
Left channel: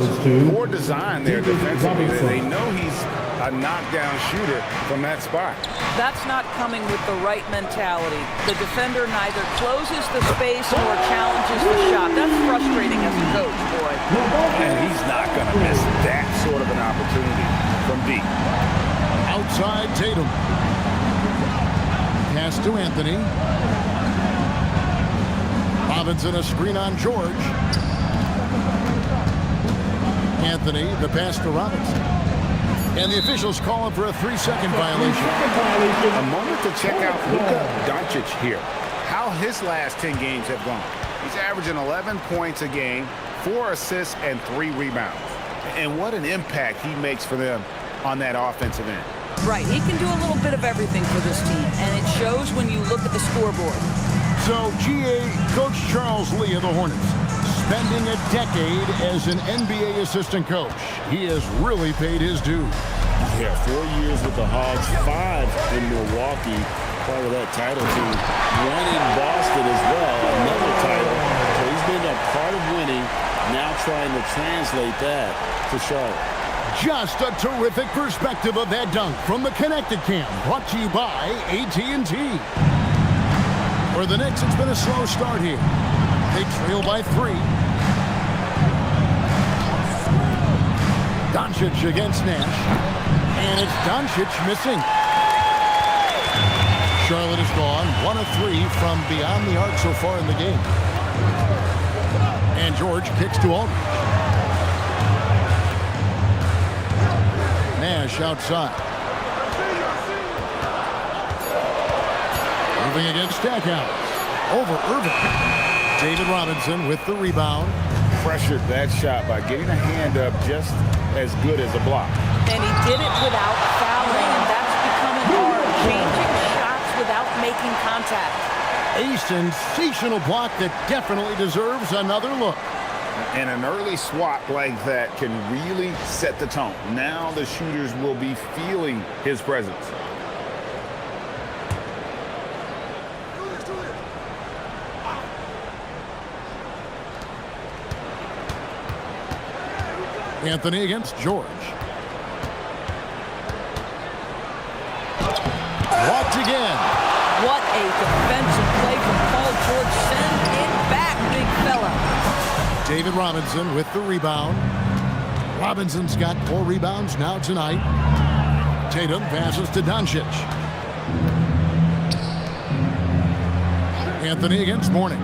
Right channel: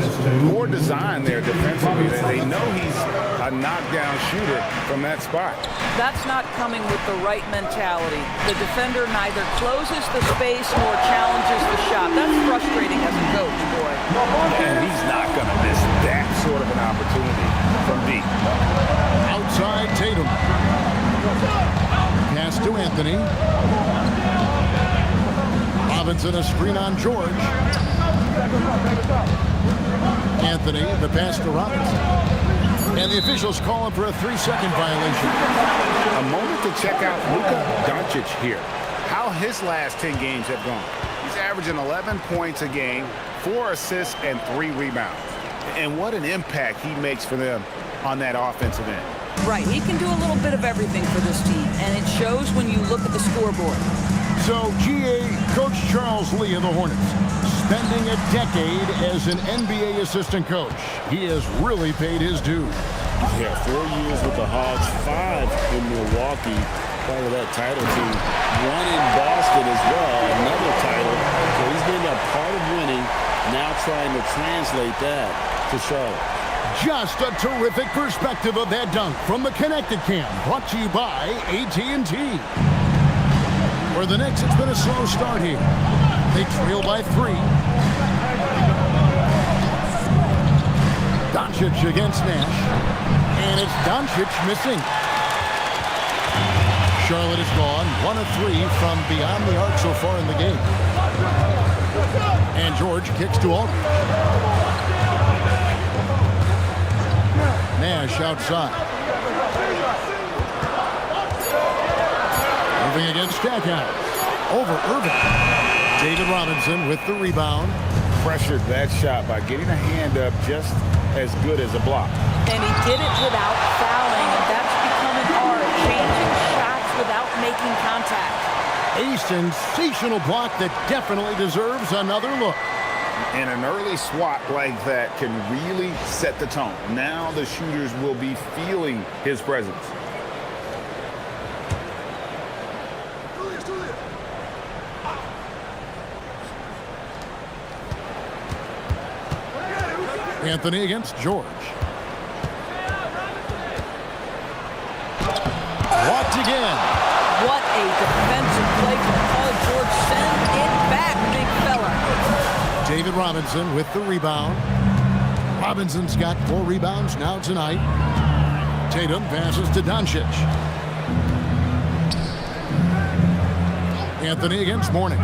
Poor design there defensively. They know he's a knockdown shooter from that spot. That's not coming with the right mentality. The defender neither closes the space nor challenges the shot. That's frustrating as a coach, boy. And he's not going to miss that sort of an opportunity from deep. Outside Tatum. Pass to Anthony. Robinson, a screen on George. Anthony, the pass to Robinson. And the officials call him for a 3-second violation. A moment to check out Luka Doncic here. How his last 10 games have gone. He's averaging 11 points a game, 4 assists, and 3 rebounds. And what an impact he makes for them on that offensive end. Right, he can do a little bit of everything for this team, and it shows when you look at the scoreboard. So, GA, Coach Charles Lee of the Hornets, spending a decade as an NBA assistant coach. He has really paid his dues. Yeah, 4 years with the Hawks, 5 in Milwaukee, part of that title team. 1 in Boston as well, another title. So he's been a part of winning, now trying to translate that to Charlotte. Just a terrific perspective of that dunk from the Connected Cam, brought to you by AT&T. For the Knicks, it's been a slow start here. They trail by 3. Doncic against Nash. And it's Doncic missing. Charlotte is gone. 1 of 3 from beyond the arc so far in the game. And George kicks to Aldridge. Nash outside. Irving against Stackhouse. Over Irving. David Robinson with the rebound. Pressured that shot by getting a hand up just as good as a block. And he did it without fouling, and that's become an art, changing shots without making contact. A sensational block that definitely deserves another look. And an early swat like that can really set the tone. Now the shooters will be feeling his presence. Anthony against George. Blocked again. What a defensive play from Paul George. Send it back, big fella. David Robinson with the rebound. Robinson's got 4 rebounds now tonight. Tatum passes to Doncic. Anthony against Mourning.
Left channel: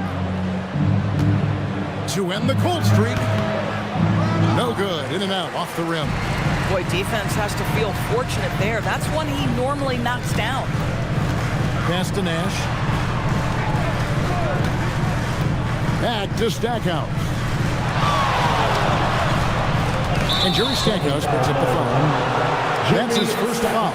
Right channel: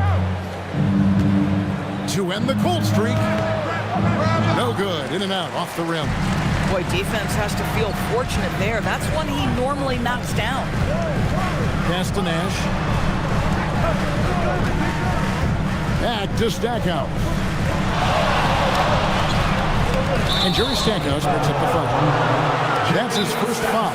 To end the cold streak. No good. In and out. Off the rim. Boy, defense has to feel fortunate there. That's one he normally knocks down. Pass to Nash. Back to Stackhouse. And Jerry Stackhouse picks up the foul. That's his first foul.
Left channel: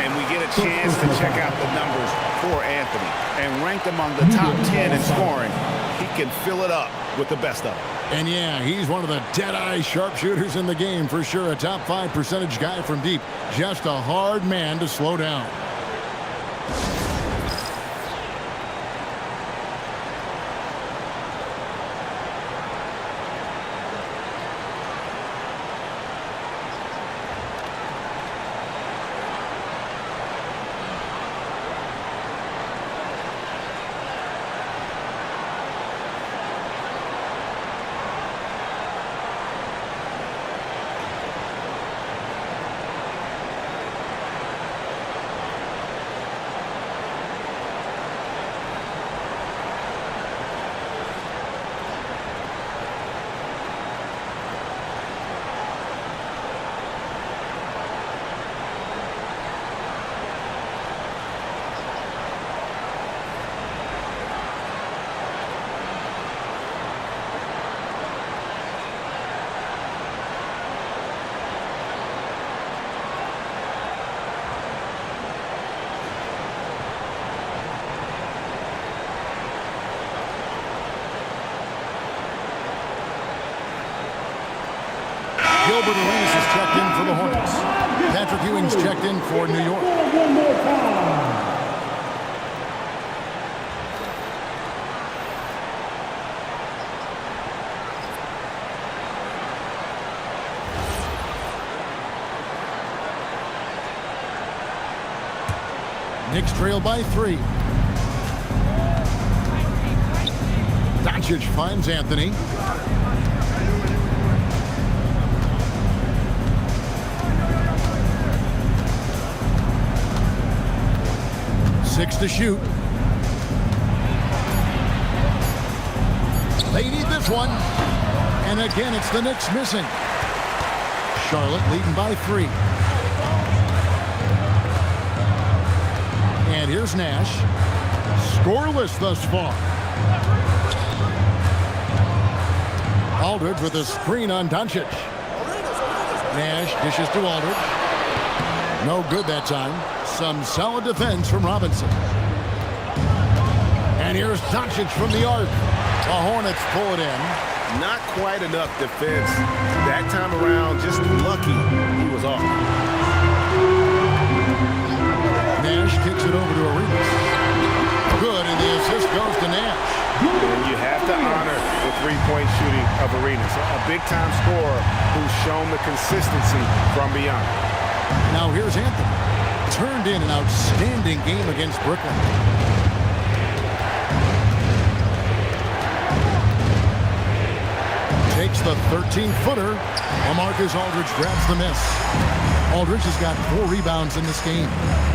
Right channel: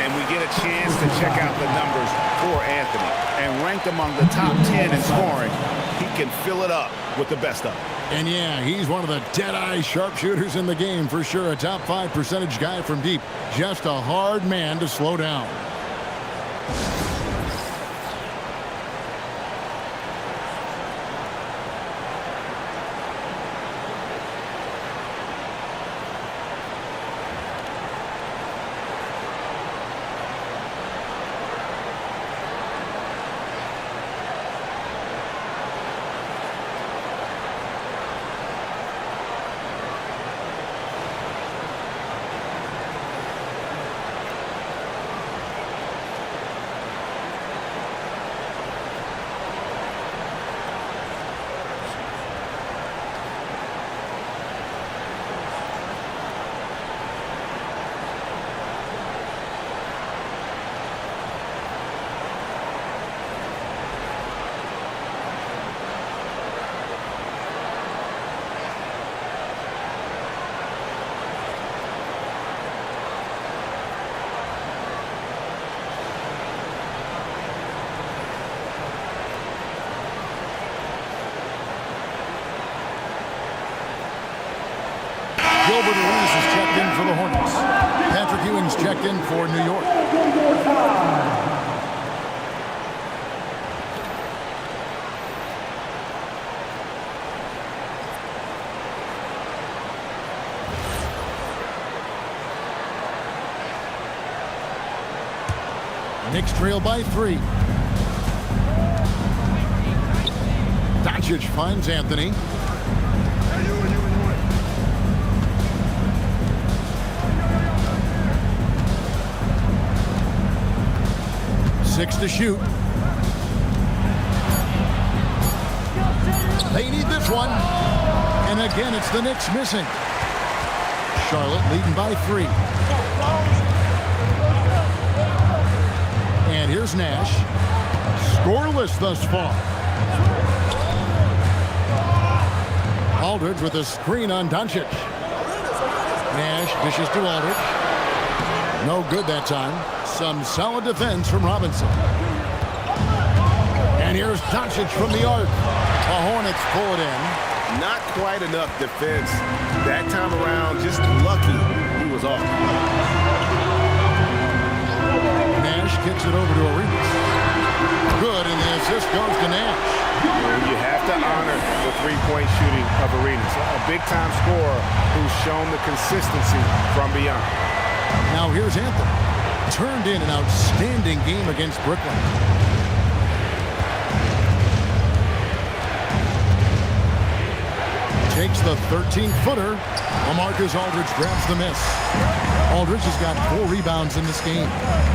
And we get a chance to check out the numbers for Anthony. And ranked among the top 10 in scoring, he can fill it up with the best of them. And yeah, he's one of the dead-eye sharpshooters in the game for sure. A top 5 percentage guy from deep. Just a hard man to slow down. Gilbert Arenas is checked in for the Hornets. Patrick Ewing's checked in for New York. Knicks trail by 3. Doncic finds Anthony. Six to shoot. They need this one. And again, it's the Knicks missing. Charlotte leading by 3. And here's Nash. Scoreless thus far. Aldridge with a screen on Doncic. Nash dishes to Aldridge. No good that time. Some solid defense from Robinson. And here's Doncic from the arc. The Hornets pull it in. Not quite enough defense. That time around, just lucky he was off. Nash kicks it over to Arenas. Good, and the assist goes to Nash. And you have to honor the three-point shooting of Arenas. A big-time scorer who's shown the consistency from beyond. Now here's Anthony. Turned in an outstanding game against Brooklyn. Takes the 13-footer. LaMarcus Aldridge grabs the miss. Aldridge has got 4 rebounds in this game.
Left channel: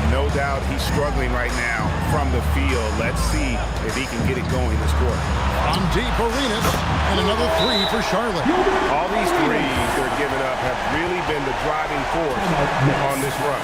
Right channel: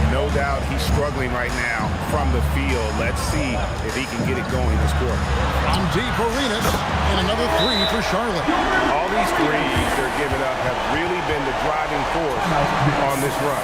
No doubt he's struggling right now from the field. Let's see if he can get it going this quarter. On deep, Arenas, and another 3 for Charlotte. All these threes they're giving up have really been the driving force on this run.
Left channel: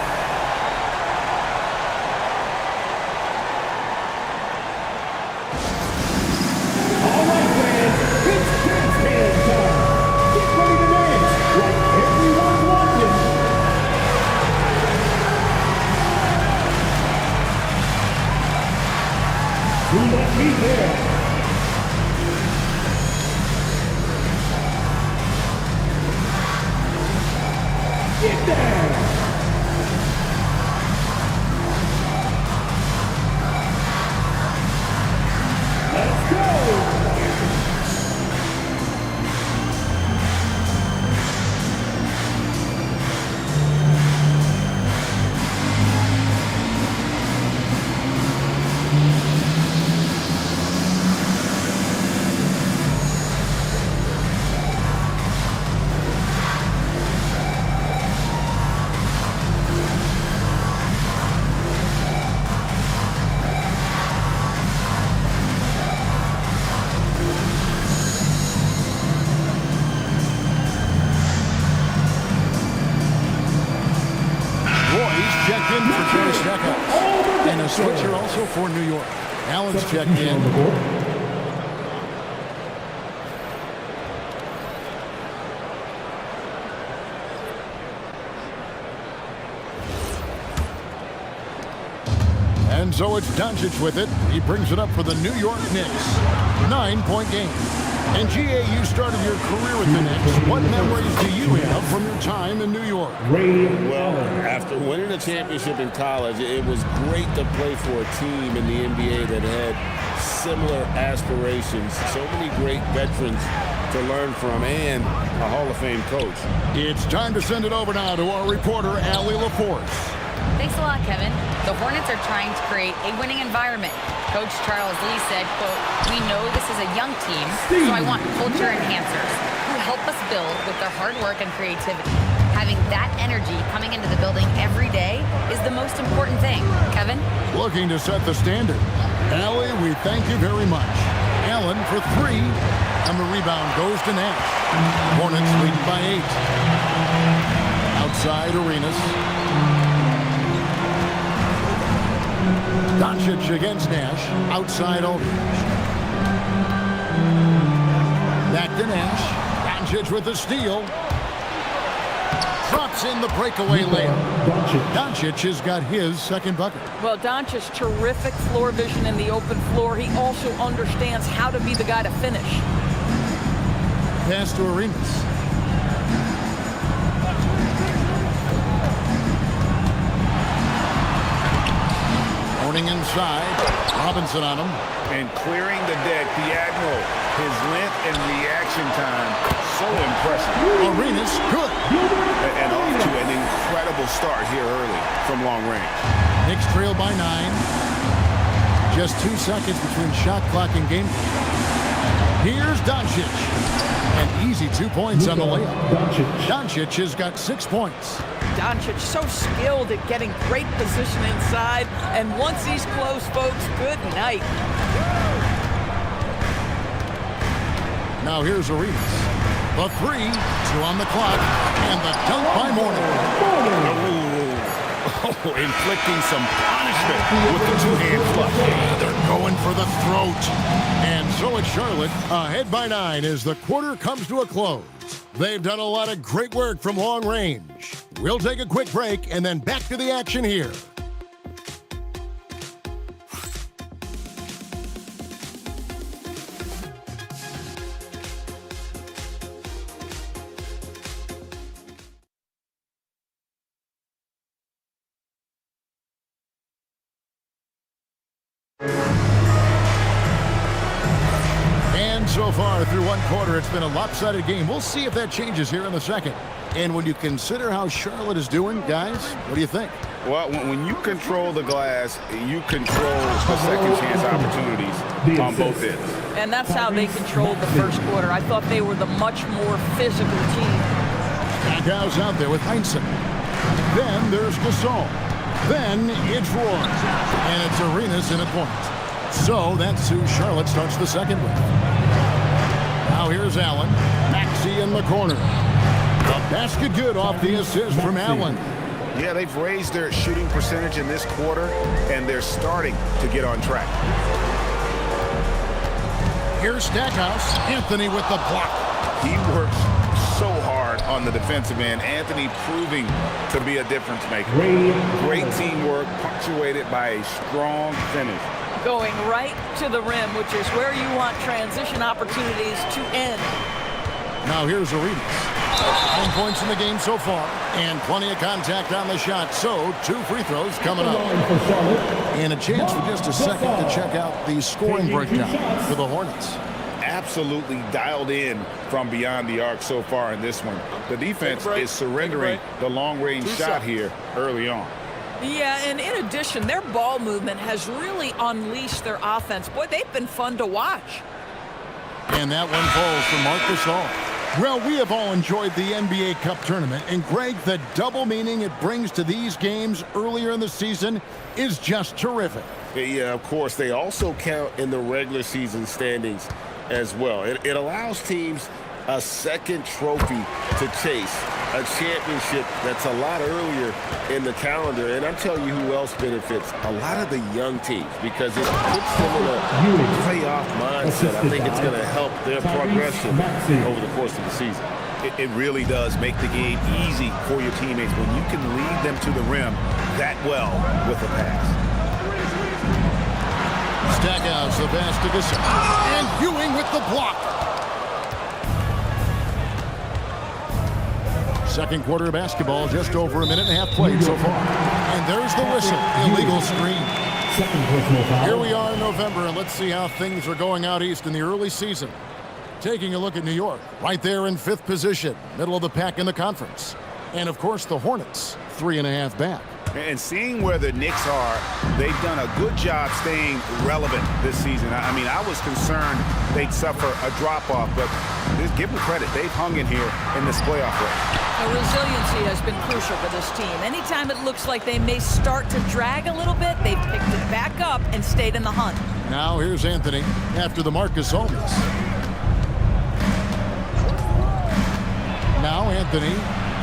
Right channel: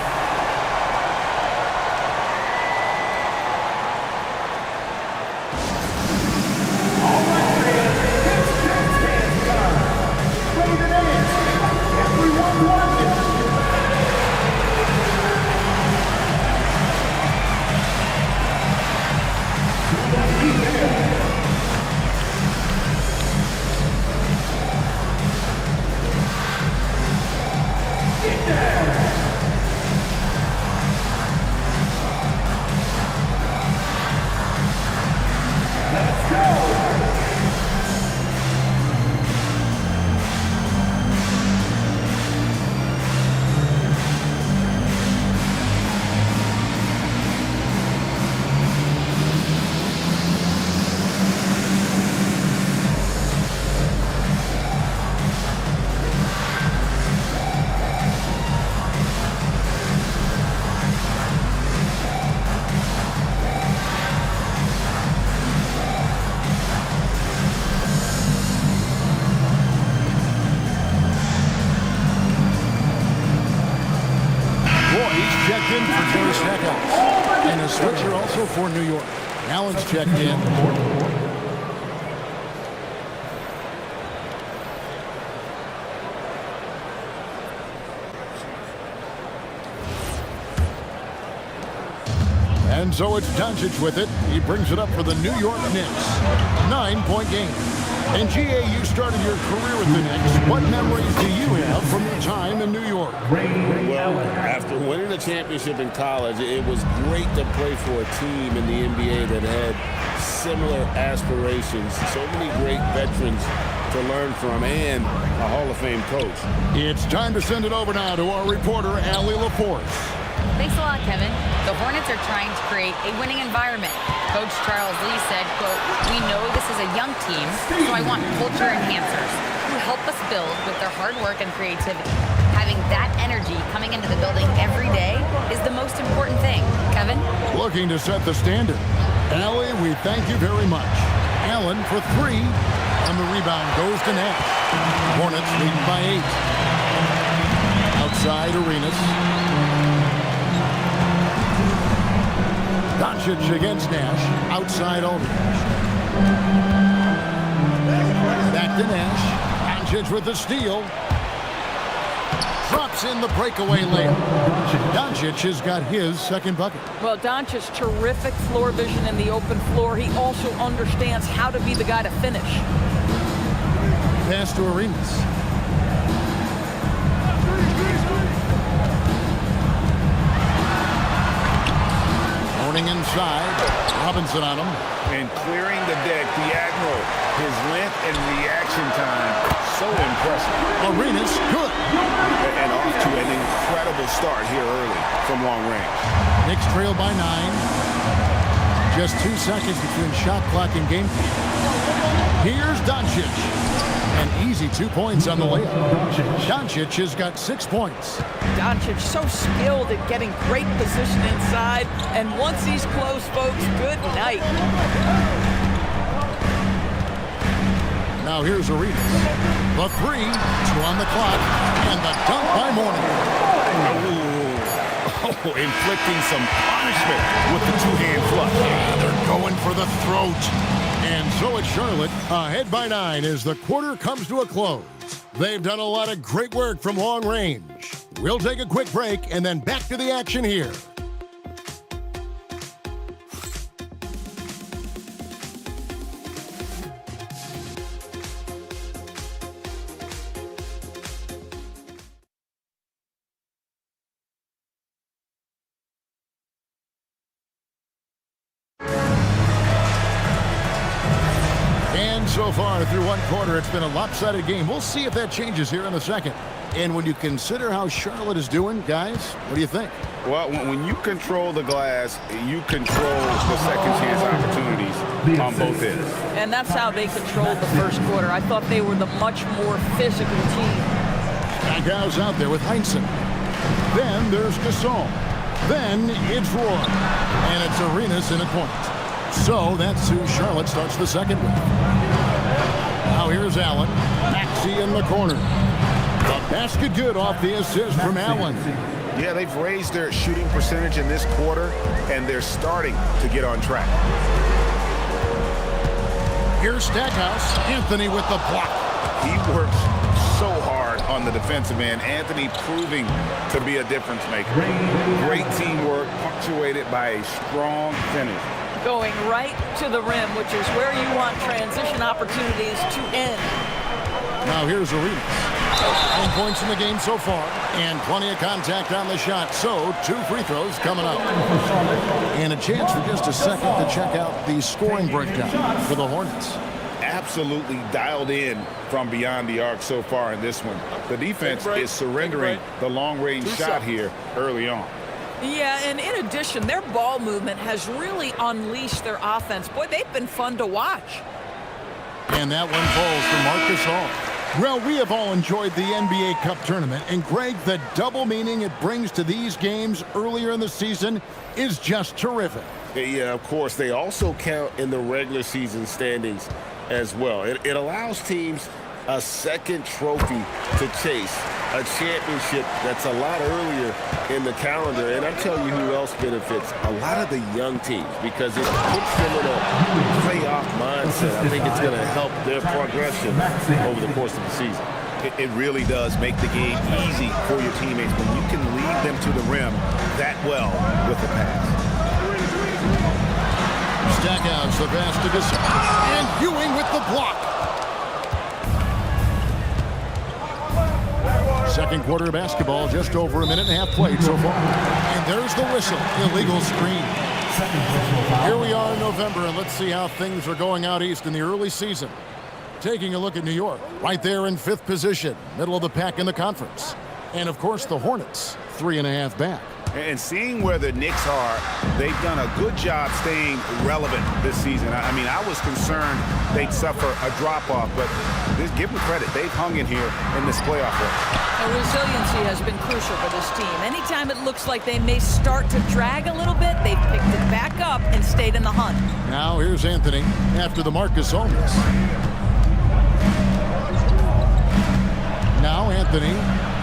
Roy's checked in for Jerry Stackhouse. And a switcher also for New York. Allen's checked in. And so it's Doncic with it. He brings it up for the New York Knicks. 9-point game. And GA, you started your career with the Knicks. What memories do you have from your time in New York? Well, after winning a championship in college, it was great to play for a team in the NBA that had similar aspirations. So many great veterans to learn from and a Hall of Fame coach. It's time to send it over now to our reporter, Allie LaForce. Thanks a lot, Kevin. The Hornets are trying to create a winning environment. Coach Charles Lee said, quote, "We know this is a young team, so I want culture enhancers who help us build with their hard work and creativity. Having that energy coming into the building every day is the most important thing." Kevin? Looking to set the standard. Allie, we thank you very much. Allen for 3, and the rebound goes to Nash. Hornets lead by 8. Outside Arenas. Doncic against Nash. Outside Aldridge. Back to Nash. Doncic with the steal. Drops in the breakaway layup. Doncic has got his second bucket. Well, Doncic, terrific floor vision in the open floor. He also understands how to be the guy to finish. Pass to Arenas. Morning inside. Robinson on him. And clearing the deck, the Admiral. His length and reaction time, so impressive. Arenas, good. And off to an incredible start here early from long range. Knicks trail by 9. Just 2 seconds between shot clock and game clock. Here's Doncic. An easy 2 points on the layup. Doncic has got 6 points. Doncic so skilled at getting great position inside, and once he's close, folks, good night. Now here's Arenas. The 3, 2 on the clock, and the dunk by Mourning. Oh, inflicting some punishment with the two-hand flush. Yeah, they're going for the throat. And so it's Charlotte, ahead by 9 as the quarter comes to a close. They've done a lot of great work from long range. We'll take a quick break and then back to the action here. And so far through one quarter, it's been a lopsided game. We'll see if that changes here in the second. And when you consider how Charlotte is doing, guys, what do you think? Well, when you control the glass, you control the second chance opportunities on both ends. And that's how they controlled the first quarter. I thought they were the much more physical team. Stackhouse out there with Heinsohn. Then there's Gasol. Then it's Roy. And it's Arenas in a point. So that's who Charlotte starts the second with. Now here's Allen. Maxey in the corner. The basket good off the assist from Allen. Yeah, they've raised their shooting percentage in this quarter, and they're starting to get on track. Here's Stackhouse. Anthony with the block. He works so hard on the defensive end. Anthony proving to be a difference maker. Great teamwork, punctuated by a strong finish. Going right to the rim, which is where you want transition opportunities to end. Now here's Arenas. 9 points in the game so far, and plenty of contact on the shot. So 2 free throws coming up. And a chance for just a second to check out the scoring breakdown for the Hornets. Absolutely dialed in from beyond the arc so far in this one. The defense is surrendering the long-range shot here early on. Yeah, and in addition, their ball movement has really unleashed their offense. Boy, they've been fun to watch. And that one falls for Marcus Hall. Well, we have all enjoyed the NBA Cup tournament, and Greg, the double meaning it brings to these games earlier in the season is just terrific. Yeah, of course, they also count in the regular season standings as well. It allows teams a second trophy to chase a championship that's a lot earlier in the calendar. And I'll tell you who else benefits. A lot of the young teams, because it puts them in a playoff mindset. I think it's going to help their progression over the course of the season. It really does make the game easy for your teammates when you can lead them to the rim that well with a pass. Stackhouse, the pass to Gasol. And Ewing with the block. Second quarter of basketball, just over a minute and a half played so far. And there's the whistle. Illegal screen. Here we are in November, and let's see how things are going out east in the early season. Taking a look at New York, right there in 5th position, middle of the pack in the conference. And, of course, the Hornets, 3.5 back. And seeing where the Knicks are, they've done a good job staying relevant this season. I mean, I was concerned they'd suffer a drop-off, but give them credit. They've hung in here in this playoff race. Now, resiliency has been crucial for this team. Anytime it looks like they may start to drag a little bit, they've picked it back up and stayed in the hunt. Now here's Anthony after the Marcus Holmes. Now Anthony,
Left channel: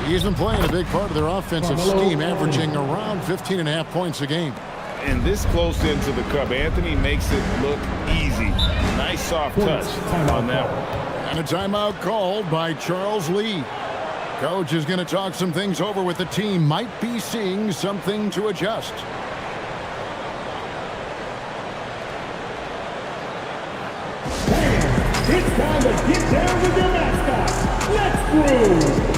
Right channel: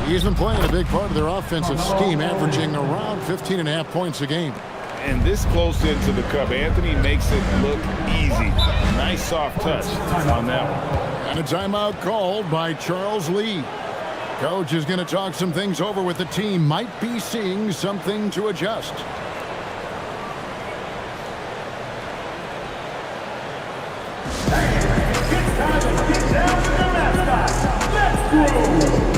he's been playing a big part of their offensive scheme, averaging around 15.5 points a game. And this close into the cup, Anthony makes it look easy. Nice soft touch on that one. And a timeout called by Charles Lee. Coach is going to talk some things over with the team. Might be seeing something to adjust. It's time to get down with your mascot. Let's go!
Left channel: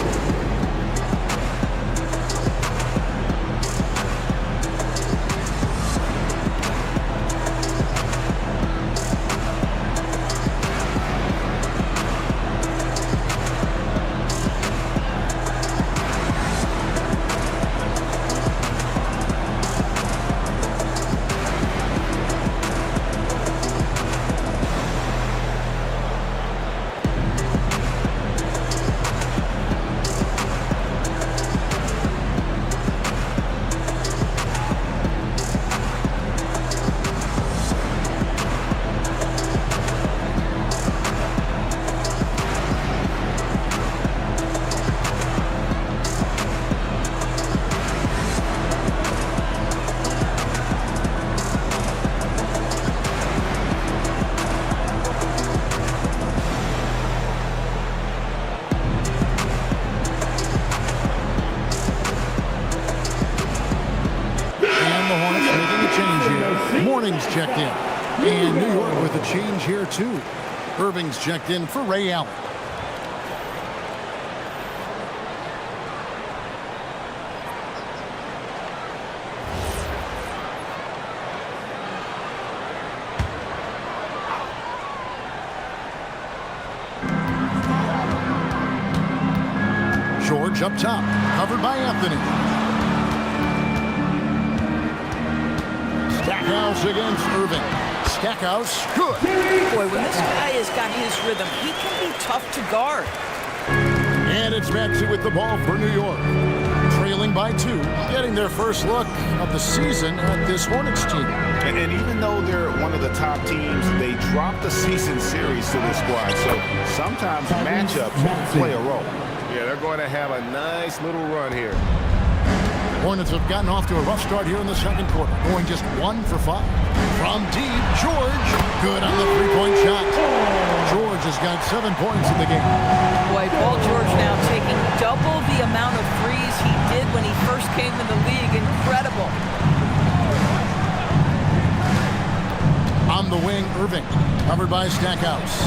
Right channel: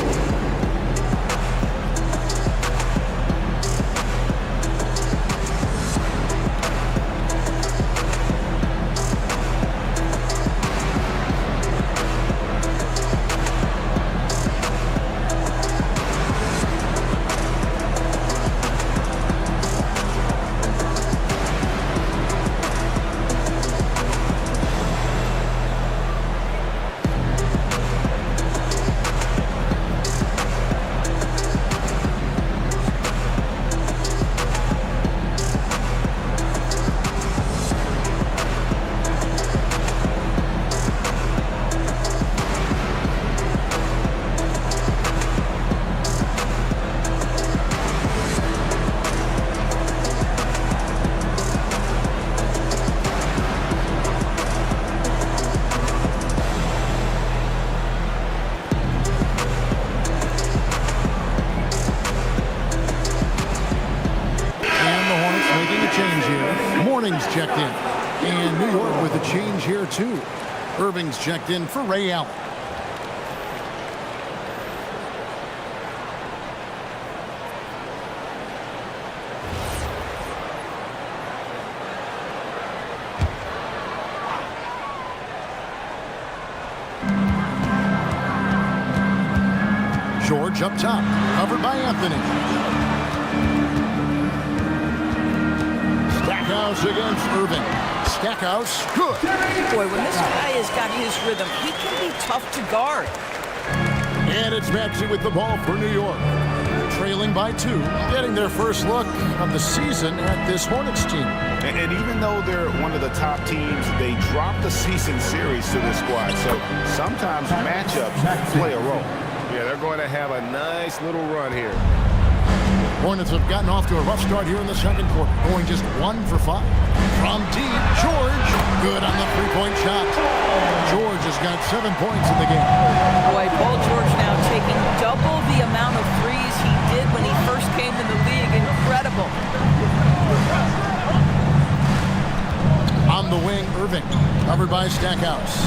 Morning's checked in. And New York with a change here, too. Irving's checked in for Ray Allen. George up top, covered by Anthony. Stackhouse against Irving. Stackhouse, good. Boy, when this guy has got his rhythm, he can be tough to guard. And it's Maxey with the ball for New York. Trailing by 2, getting their first look of the season at this Hornets team. And even though they're one of the top teams, they dropped the season series to this squad. So sometimes matchups play a role. Yeah, they're going to have a nice little run here. Hornets have gotten off to a rough start here in the second quarter, going just 1 for 5. From deep, George, good on the three-point shot. George has got 7 points in the game. Boy, Paul George now taking double the amount of threes he did when he first came in the league. Incredible. On the wing, Irving, covered by Stackhouse.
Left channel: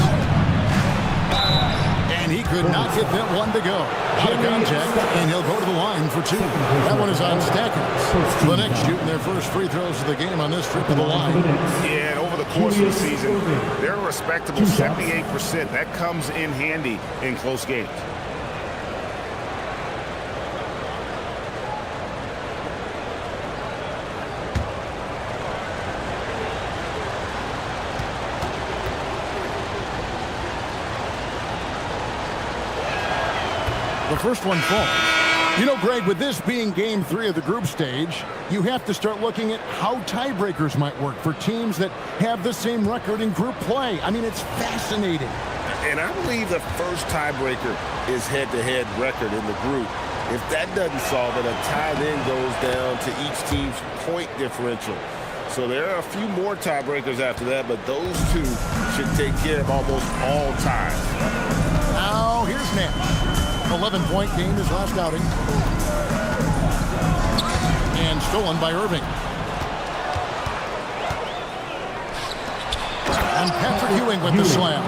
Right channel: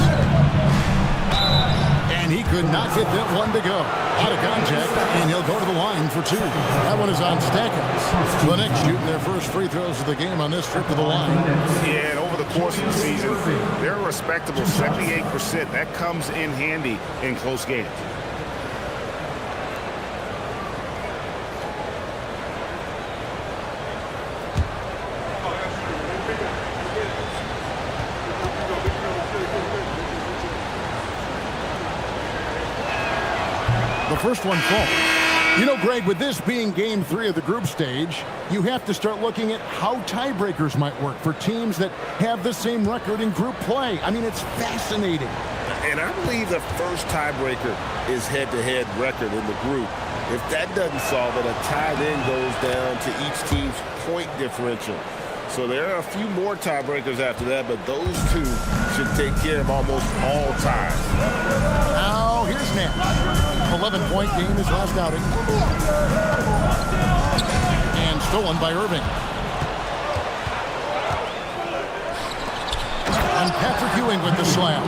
And he could not get that one to go. Out of contact, and he'll go to the line for 2. That one is on Stackhouse. The Knicks shooting their first free throws of the game on this trip to the line. Yeah, and over the course of the season, they're a respectable 78%. That comes in handy in close games. The first one falls. You know, Greg, with this being game 3 of the group stage, you have to start looking at how tiebreakers might work for teams that have the same record in group play. I mean, it's fascinating. And I believe the first tiebreaker is head-to-head record in the group. If that doesn't solve it, a tie then goes down to each team's point differential. So there are a few more tiebreakers after that, but those two should take care of almost all ties. Now here's Nash. 11-point game his last outing. And stolen by Irving. And Patrick Ewing with the slam.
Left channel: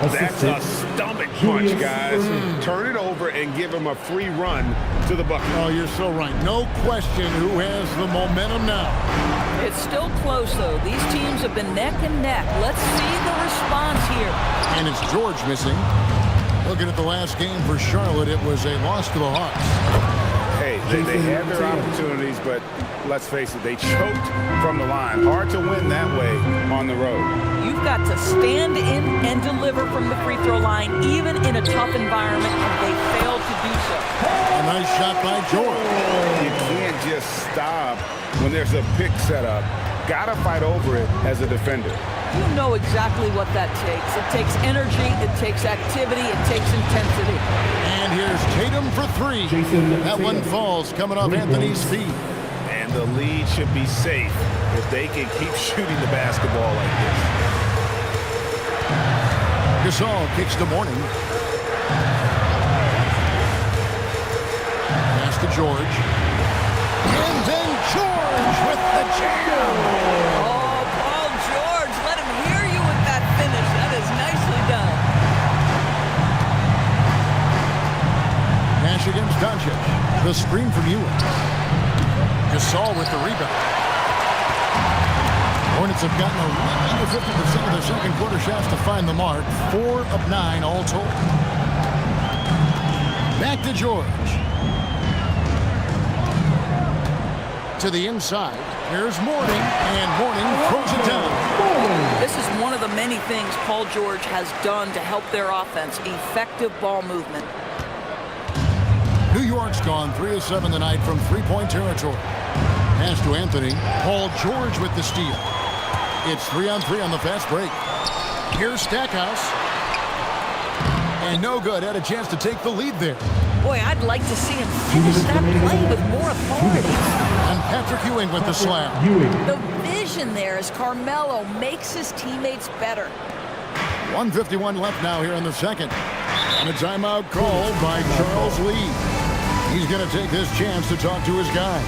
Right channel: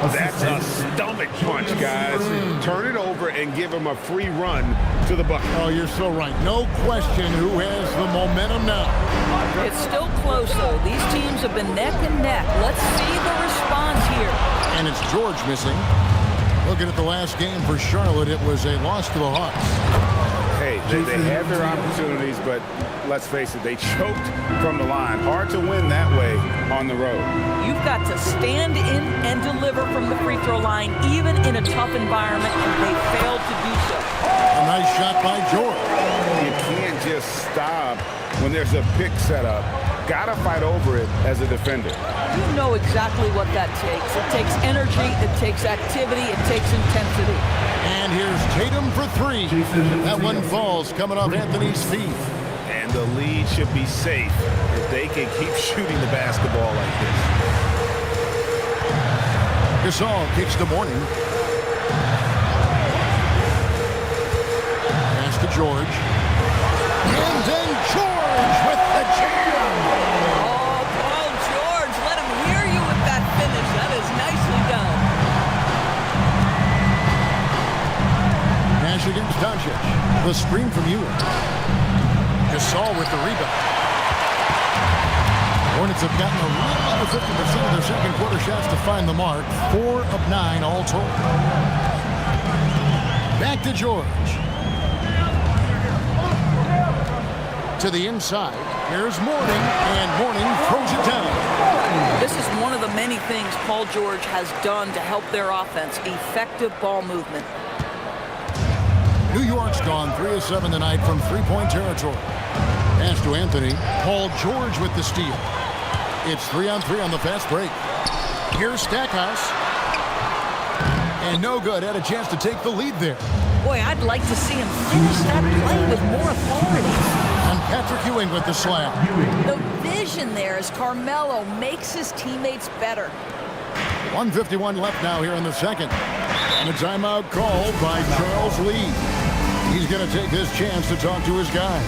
That's a stomach punch, guys. Turn it over and give him a free run to the bucket. Oh, you're so right. No question who has the momentum now. It's still close, though. These teams have been neck and neck. Let's see the response here. And it's George missing. Looking at the last game for Charlotte, it was a loss to the Hawks. Hey, they had their opportunities, but let's face it, they choked from the line. Hard to win that way on the road. You've got to stand in and deliver from the free throw line, even in a tough environment, and they failed to do so. A nice shot by George. You can't just stop when there's a pick set up. Gotta fight over it as a defender. You know exactly what that takes. It takes energy, it takes activity, it takes intensity. And here's Tatum for three. That one falls coming off Anthony's feet. And the lead should be safe if they can keep shooting the basketball like this. Gasol kicks to Morning. Pass to George. And then George with the jam. Oh, Paul George, let him hear you with that finish. That is nicely done. Nash against Doncic. The screen from Ewing. Gasol with the rebound. Hornets have gotten a little under 50% of their second quarter shots to find the mark. 4 of 9 all told. Back to George. To the inside. Here's Morning, and Morning throws it down. This is one of the many things Paul George has done to help their offense. Effective ball movement. New York's gone 3 of 7 tonight from three-point territory. Pass to Anthony. Paul George with the steal. It's 3-on-3 on the fast break. Here's Stackhouse. And no good. Had a chance to take the lead there. Boy, I'd like to see him finish that play with more authority. And Patrick Ewing with the slam. The vision there as Carmelo makes his teammates better. 1:51 left now here in the second. And a timeout called by Charles Lee. He's going to take this chance to talk to his guys.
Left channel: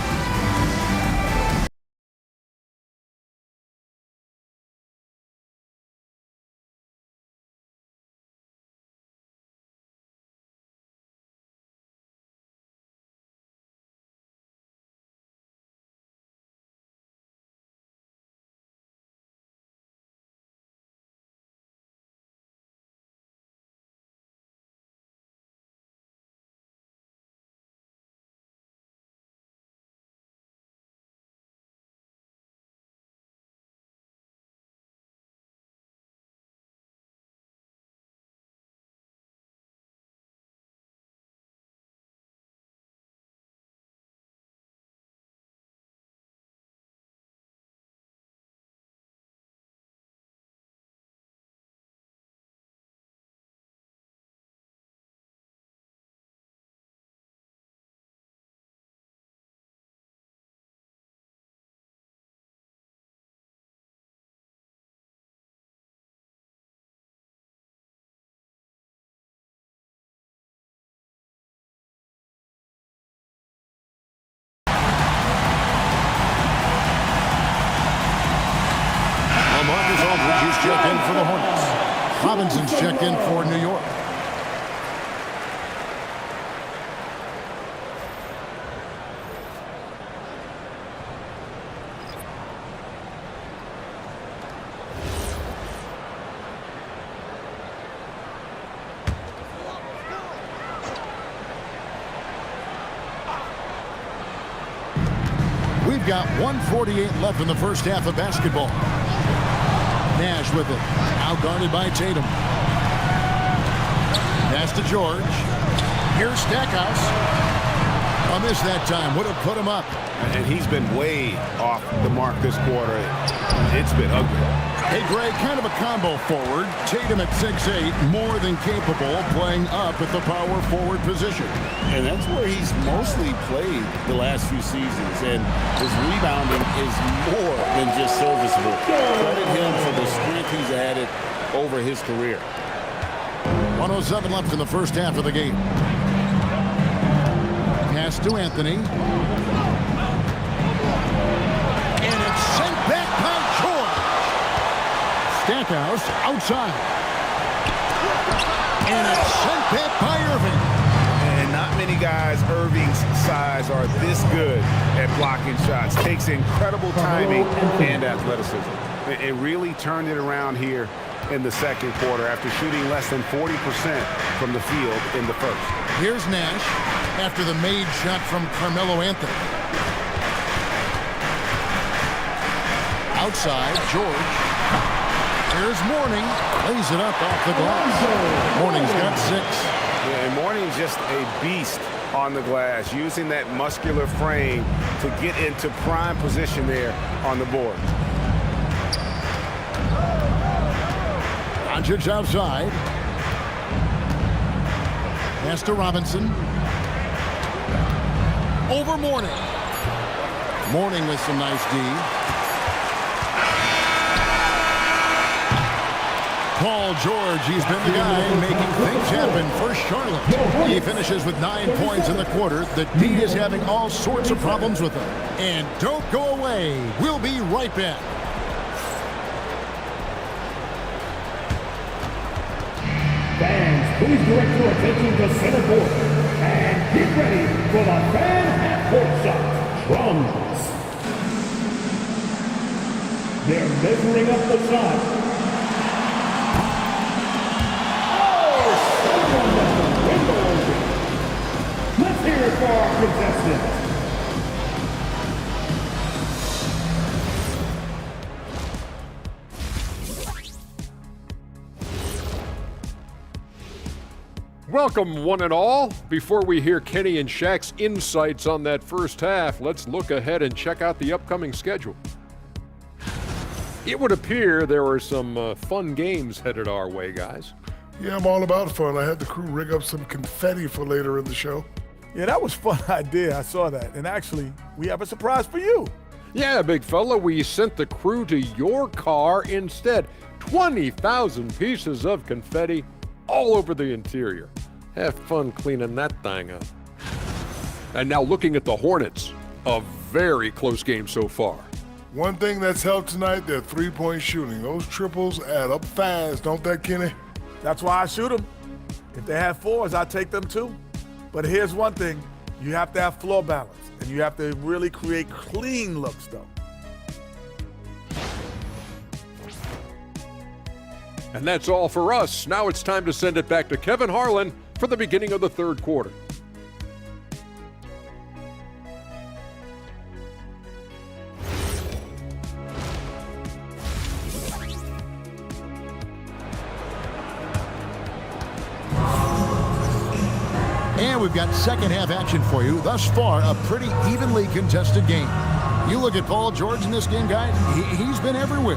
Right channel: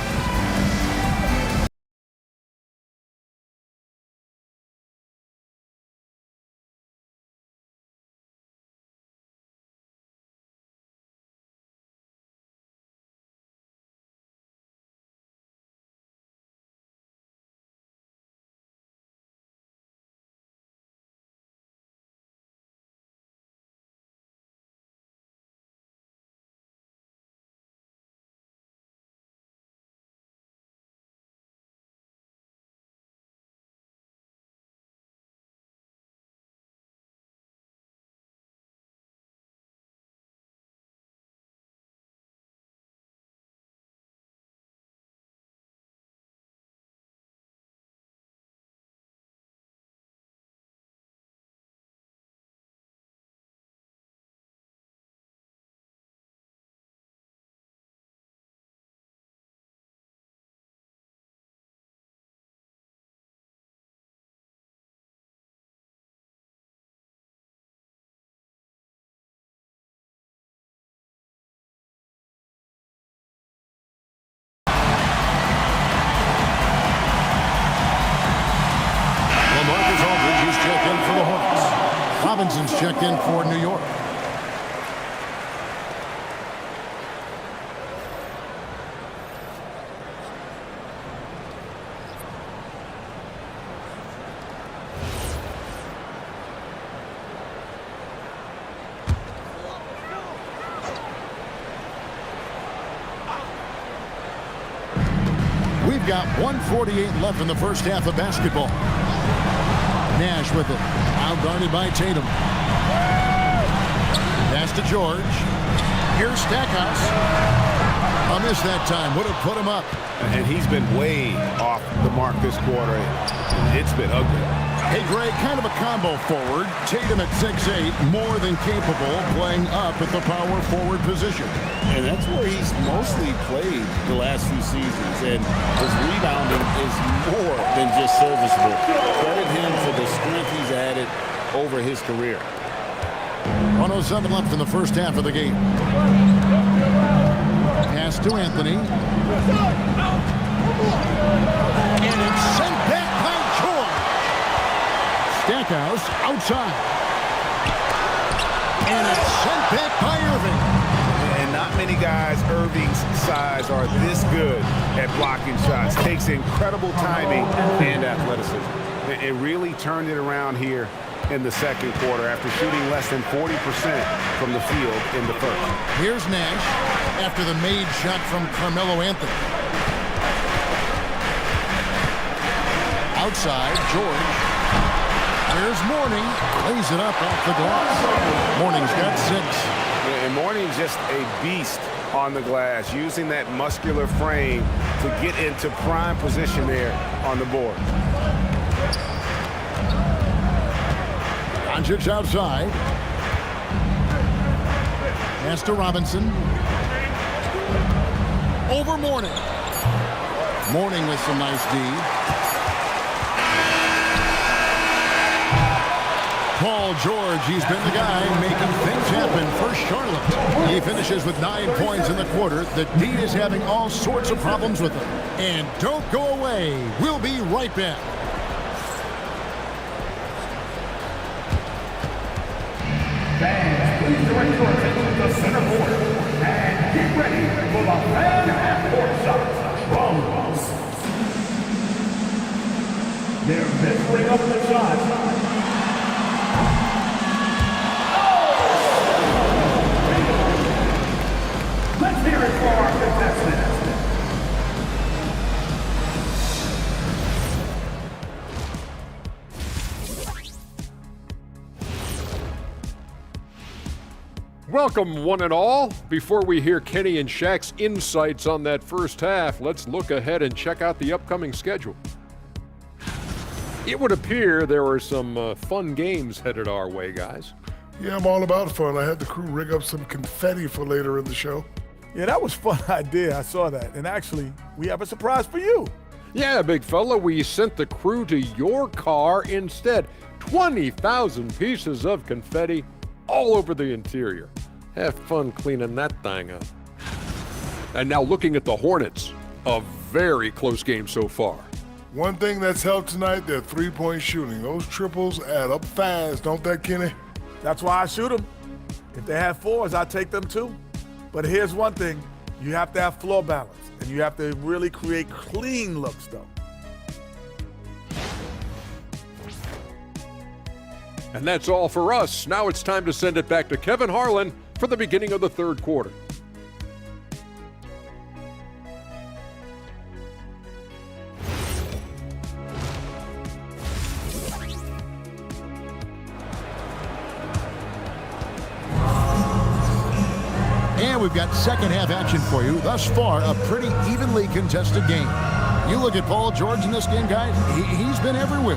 Marcus Aldridge, he's checked in for the Hornets. Robinson's checked in for New York. We've got 1:48 left in the first half of basketball. Nash with it. Out guarded by Tatum. Pass to George. Here's Stackhouse. A miss that time. Would have put him up. And he's been way off the mark this quarter. It's been ugly. Hey, Greg, kind of a combo forward. Tatum at 6'8", more than capable, playing up at the power forward position. And that's where he's mostly played the last few seasons. And his rebounding is more than just serviceable. Credit him for the strength he's added over his career. 1:07 left in the first half of the game. Pass to Anthony. And it's sent back by George. Stackhouse outside. And it's sent back by Irving. And not many guys Irving's size are this good at blocking shots. Takes incredible timing and athleticism. It really turned it around here in the second quarter after shooting less than 40% from the field in the first. Here's Nash after the made shot from Carmelo Anthony. Outside, George. Here's Mourning. Lays it up off the glass. Mourning's got 6. And Mourning just a beast on the glass, using that muscular frame to get into prime position there on the board. Doncic outside. Pass to Robinson. Over Mourning. Mourning with some nice D. Paul George, he's been the guy making things happen for Charlotte. He finishes with 9 points in the quarter. The D is having all sorts of problems with him. And don't go away. We'll be right back. Fans, please direct your attention to center court and get ready for the fan half-court shot. Drums. They're measuring up the shot. Let's hear it for our contestants. Welcome, one and all. Before we hear Kenny and Shaq's insights on that first half, let's look ahead and check out the upcoming schedule. It would appear there are some fun games headed our way, guys. Yeah, I'm all about fun. I had the crew rig up some confetti for later in the show. Yeah, that was a fun idea. I saw that. And actually, we have a surprise for you. Yeah, big fella, we sent the crew to your car instead. 20,000 pieces of confetti all over the interior. Have fun cleaning that thing up. And now looking at the Hornets, a very close game so far. One thing that's helped tonight, their three-point shooting. Those triples add up fast, don't they, Kenny? That's why I shoot them. If they have 4s, I take them too. But here's one thing. You have to have floor balance, and you have to really create clean looks, though. And that's all for us. Now it's time to send it back to Kevin Harlan for the beginning of the third quarter. And we've got second half action for you. Thus far, a pretty evenly contested game. You look at Paul George in this game, guys, he's been everywhere.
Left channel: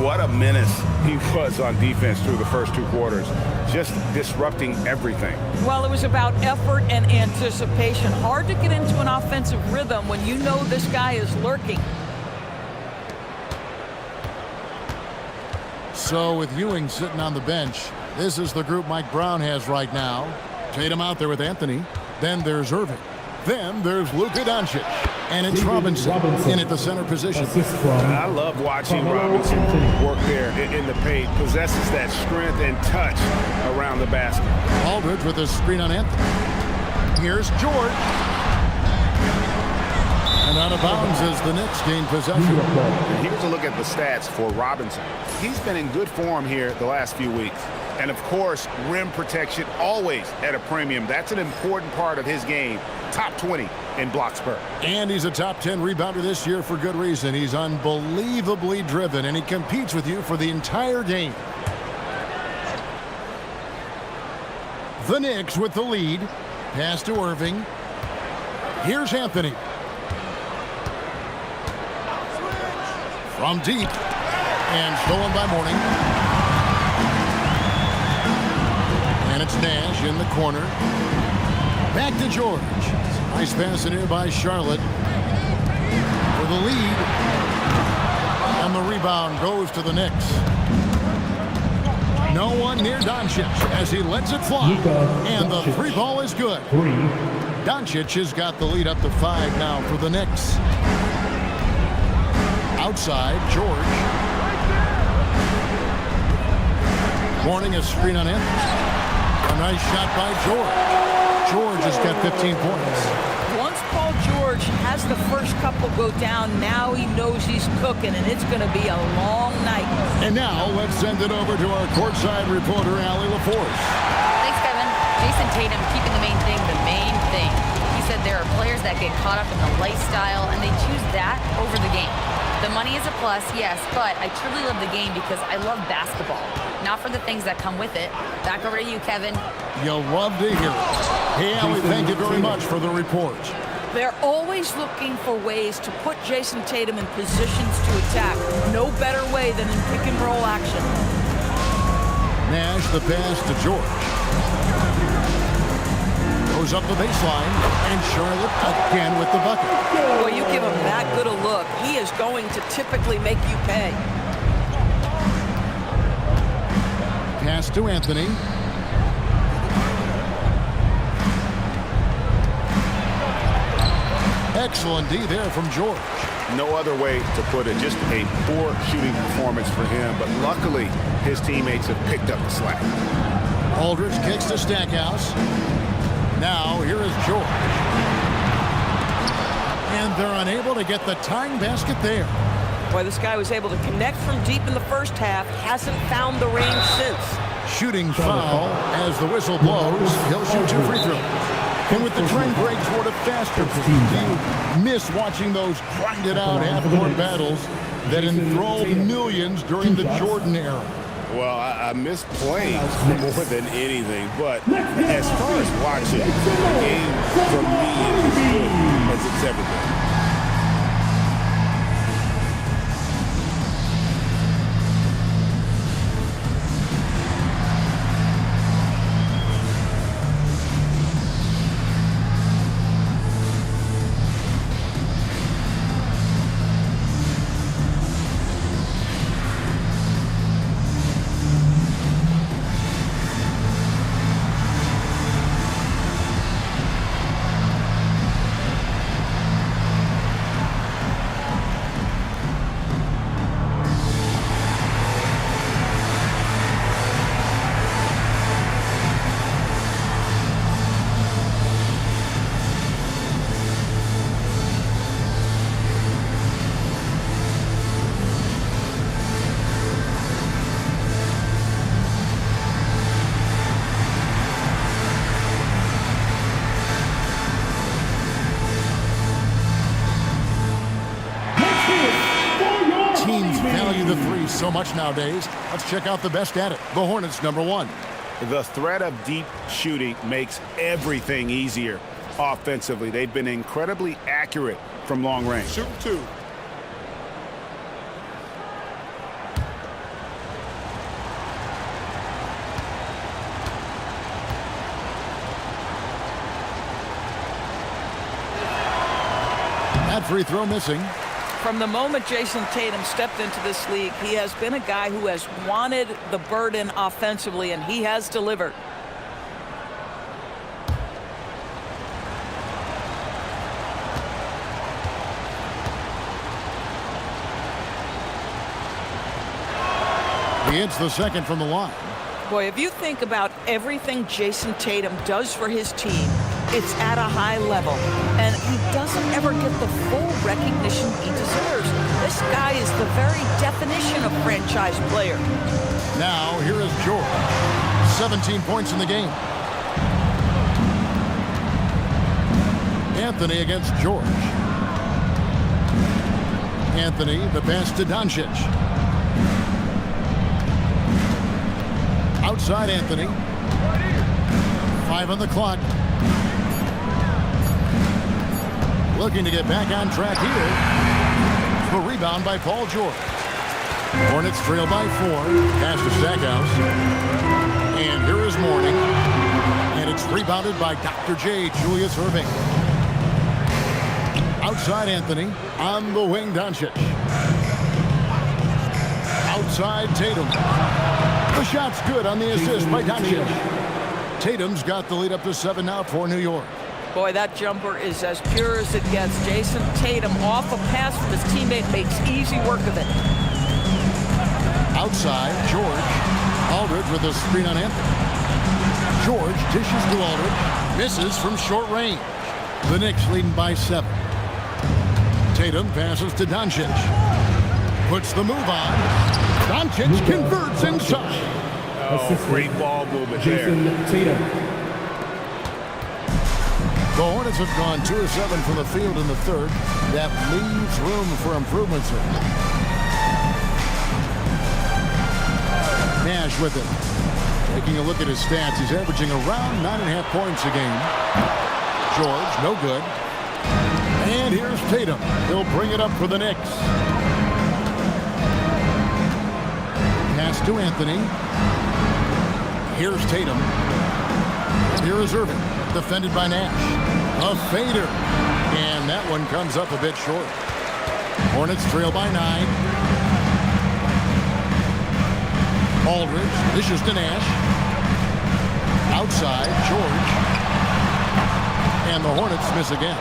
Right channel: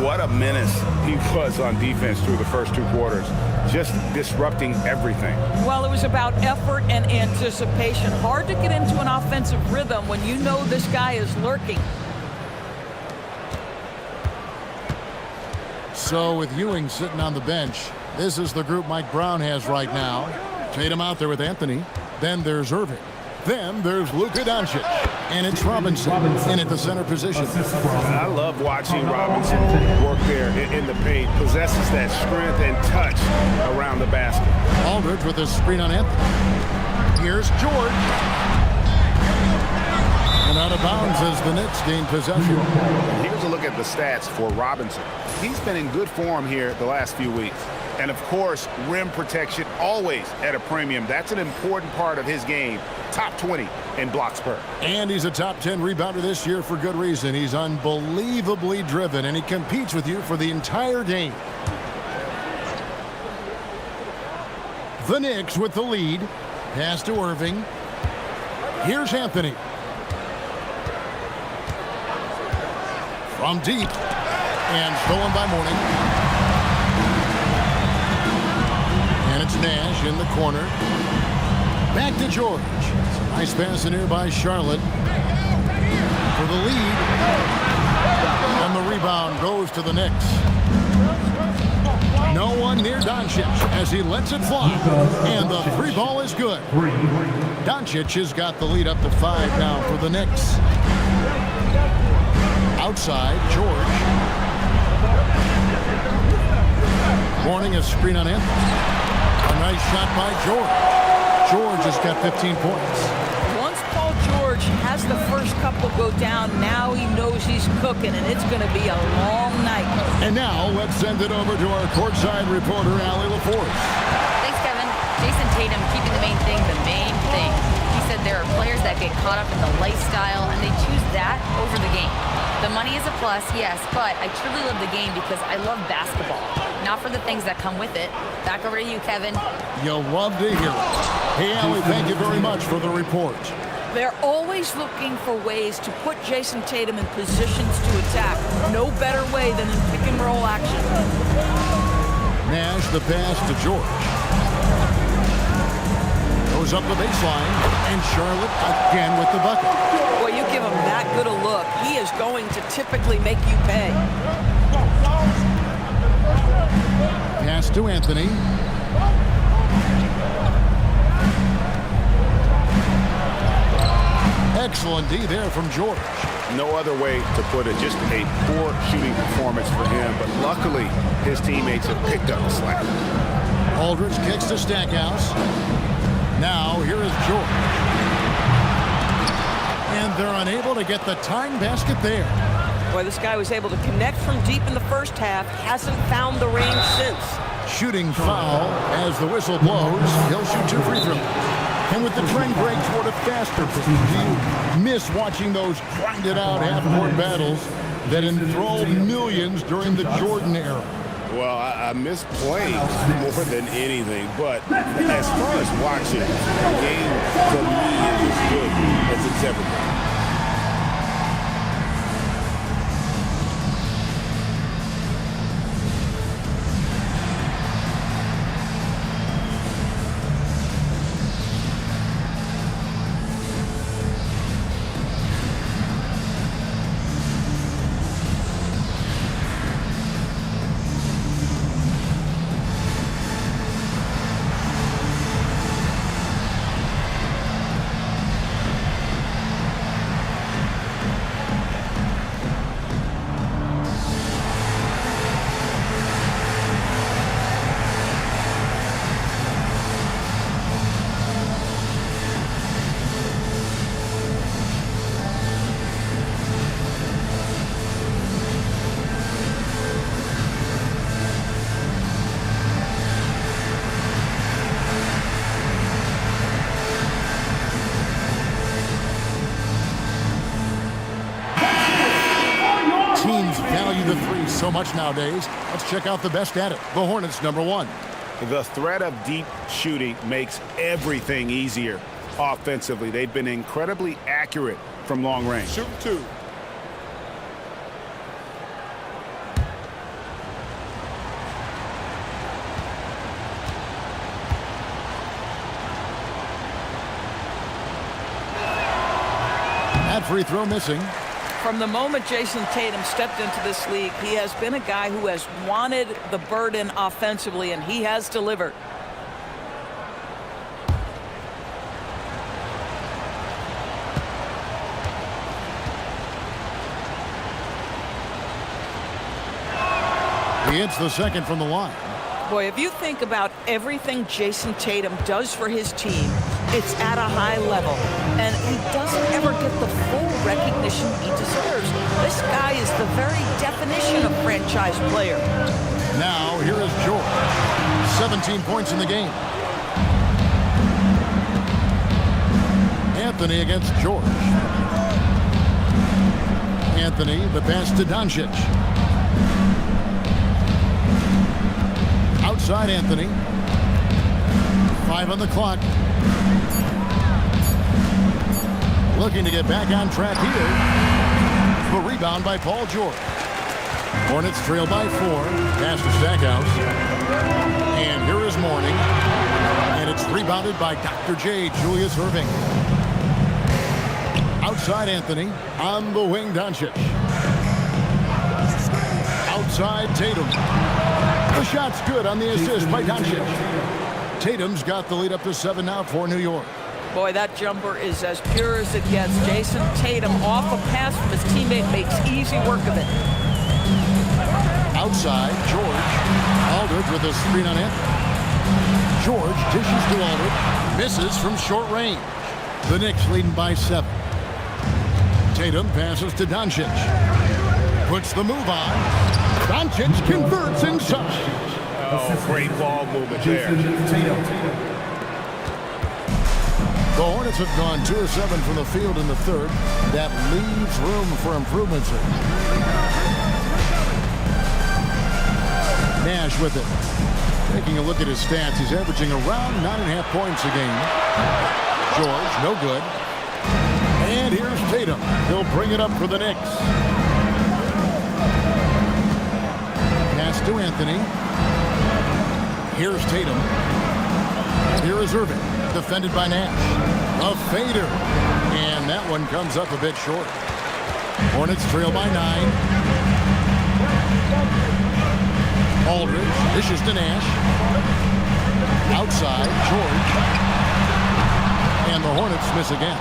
What a menace he was on defense through the first 2 quarters, just disrupting everything. Well, it was about effort and anticipation. Hard to get into an offensive rhythm when you know this guy is lurking. So with Ewing sitting on the bench, this is the group Mike Brown has right now. Tatum out there with Anthony. Then there's Irving. Then there's Luka Doncic. And it's Robinson in at the center position. I love watching Robinson work there in the paint. Possesses that strength and touch around the basket. Aldridge with a screen on Anthony. Here's George. And out of bounds as the Knicks gain possession. And here's a look at the stats for Robinson. He's been in good form here the last few weeks. And of course, rim protection always at a premium. That's an important part of his game. Top 20 in blocks per. And he's a top 10 rebounder this year for good reason. He's unbelievably driven, and he competes with you for the entire game. The Knicks with the lead. Pass to Irving. Here's Anthony. From deep. And stolen by Mourning. And it's Nash in the corner. Back to George. It's a nice pass in here by Charlotte for the lead. And the rebound goes to the Knicks. No one near Doncic as he lets it fly. And the three ball is good. Doncic has got the lead up to 5 now for the Knicks. Outside, George. Mourning a screen on him. A nice shot by George. George has got 15 points. Once Paul George has the first couple go down, now he knows he's cooking, and it's going to be a long night. And now let's send it over to our courtside reporter, Allie LaForce. Thanks, Kevin. Jason Tatum keeping the main thing the main thing. He said there are players that get caught up in the lifestyle, and they choose that over the game. The money is a plus, yes, but I truly love the game because I love basketball, not for the things that come with it. Back over to you, Kevin. You'll love to hear it. Hey, Allie, thank you very much for the report. They're always looking for ways to put Jason Tatum in positions to attack. No better way than in pick and roll action. Nash the pass to George. Goes up the baseline, and Charlotte again with the bucket. Boy, you give him that good a look, he is going to typically make you pay. Pass to Anthony. Excellent D there from George. No other way to put it. Just a poor shooting performance for him, but luckily his teammates have picked up the slack. Aldridge kicks to Stackhouse. Now here is George. And they're unable to get the tying basket there. Boy, this guy was able to connect from deep in the first half, hasn't found the range since. Shooting foul as the whistle blows. He'll shoot 2 free throws. And with the trend break toward a faster pace, do you miss watching those grinded-out half-court battles that enthralled millions during the Jordan era? Well, I miss playing more than anything, but as far as watching, the game for me is as good as it's ever been. Teams value the three so much nowadays. Let's check out the best at it. The Hornets, number 1. The threat of deep shooting makes everything easier offensively. They've been incredibly accurate from long range. Shoot 2. That free throw missing. From the moment Jason Tatum stepped into this league, he has been a guy who has wanted the burden offensively, and he has delivered. He hits the second from the line. Boy, if you think about everything Jason Tatum does for his team, it's at a high level, and he doesn't ever get the full recognition he deserves. This guy is the very definition of franchise player. Now, here is George. 17 points in the game. Anthony against George. Anthony, the pass to Doncic. Outside Anthony. 5 on the clock. Looking to get back on track here. The rebound by Paul George. Hornets trail by 4. Pass to Stackhouse. And here is Mourning. And it's rebounded by Dr. J, Julius Irving. Outside Anthony. On the wing, Doncic. Outside Tatum. The shot's good on the assist by Doncic. Tatum's got the lead up to 7 now for New York. Boy, that jumper is as pure as it gets. Jason Tatum off a pass from his teammate makes easy work of it. Outside, George. Aldridge with a screen on Anthony. George dishes to Aldridge. Misses from short range. The Knicks leading by 7. Tatum passes to Doncic. Puts the move on. Doncic converts inside. Oh, great ball movement there. The Hornets have gone 2 of 7 from the field in the third. That leaves room for improvement, sir. Nash with it. Taking a look at his stats, he's averaging around 9.5 points a game. George, no good. And here's Tatum. He'll bring it up for the Knicks. Pass to Anthony. Here's Tatum. And here is Irving. Defended by Nash. A fader. And that one comes up a bit short. Hornets trail by 9. Aldridge dishes to Nash. Outside, George. And the Hornets miss again.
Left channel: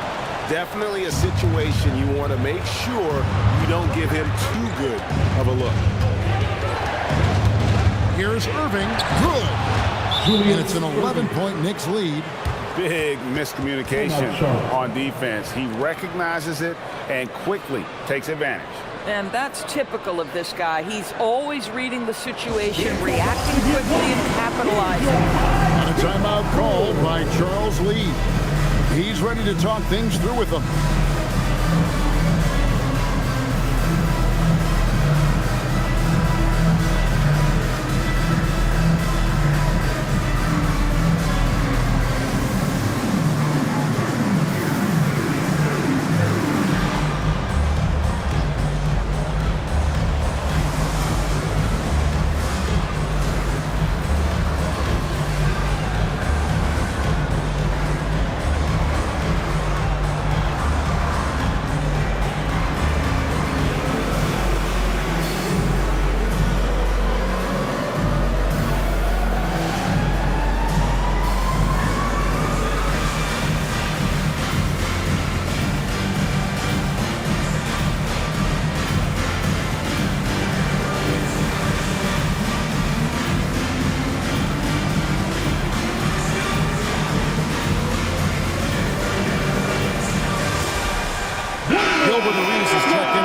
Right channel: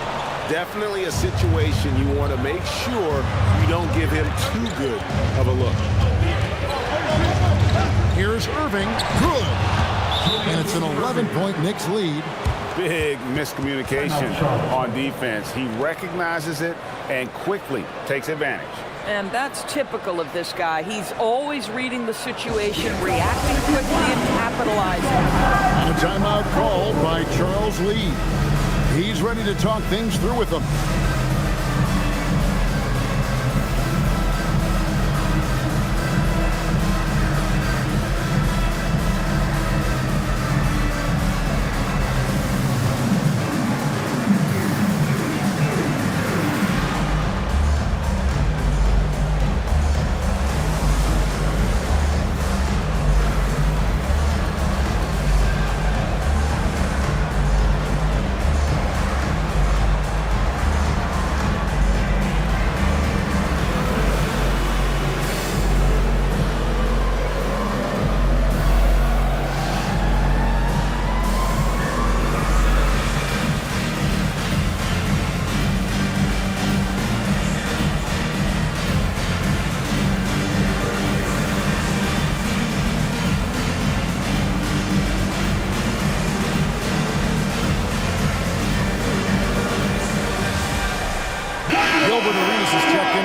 Definitely a situation you want to make sure you don't give him too good of a look. Here's Irving. Good. And it's an 11-point Knicks lead. Big miscommunication on defense. He recognizes it and quickly takes advantage. And that's typical of this guy. He's always reading the situation, reacting quickly, and capitalizing. And a timeout called by Charles Lee. He's ready to talk things through with them.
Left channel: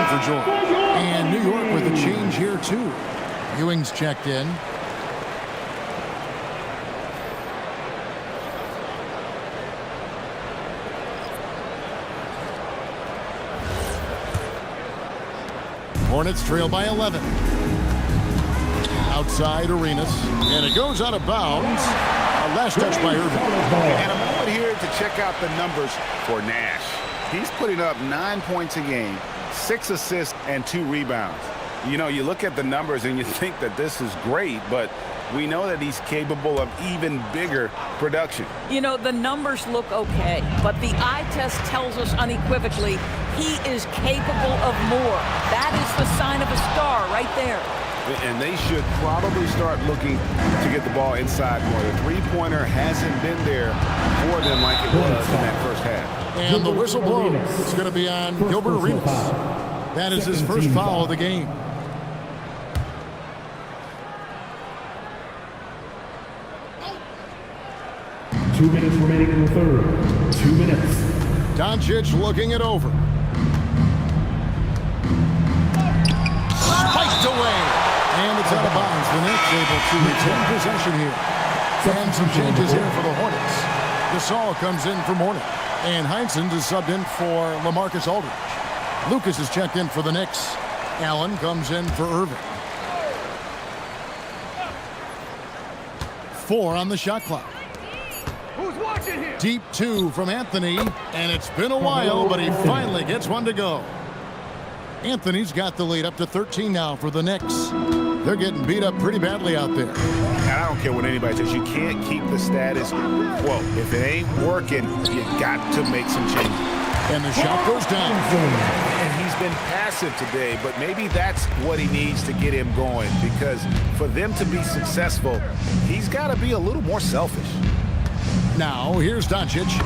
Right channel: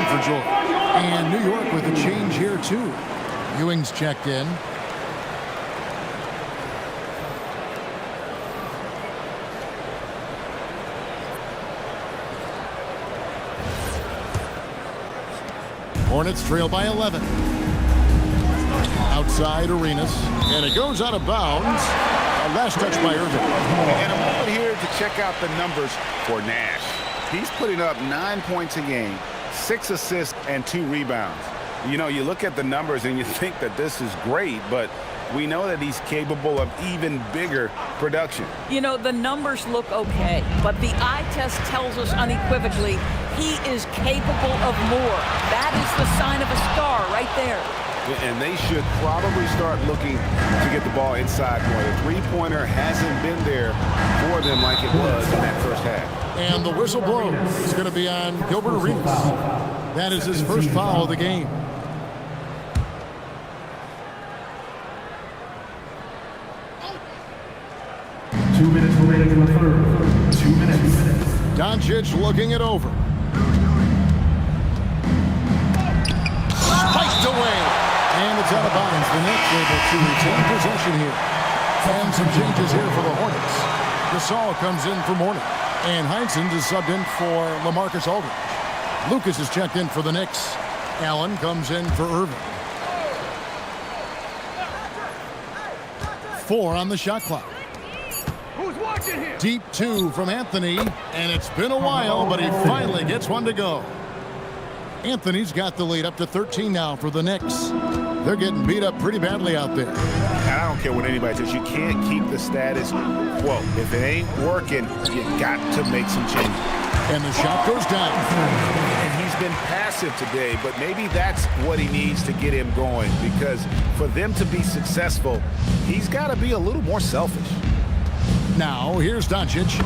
For George. And New York with a change here too. Ewing's checked in. Hornets trail by 11. Outside Arenas. And it goes out of bounds. Last touch by Irving. And a moment here to check out the numbers for Nash. He's putting up 9 points a game. 6 assists and 2 rebounds. You know, you look at the numbers and you think that this is great, but we know that he's capable of even bigger production. You know, the numbers look okay, but the eye test tells us unequivocally he is capable of more. That is the sign of a star right there. And they should probably start looking to get the ball inside more. The three-pointer hasn't been there for them like it was in that first half. And the whistle blows. It's going to be on Gilbert Arenas. That is his first foul of the game. Two minutes remaining in the third. 2 minutes. Doncic looking it over. Spiked away. And it's out of bounds. The Knicks able to retain possession here. And some changes here for the Hornets. Gasol comes in for Mourning. And Heinsohn is subbed in for LaMarcus Aldridge. Lucas is checked in for the Knicks. Allen comes in for Irving. 4 on the shot clock. Who's watching here? Deep 2 from Anthony. And it's been a while, but he finally gets one to go. Anthony's got the lead up to 13 now for the Knicks. They're getting beat up pretty badly out there. And I don't care what anybody says. You can't keep the status quo. If it ain't working, you got to make some changes. And the shot goes down. And he's been passive today, but maybe that's what he needs to get him going, because for them to be successful, he's got to be a little more selfish. Now, here's Doncic.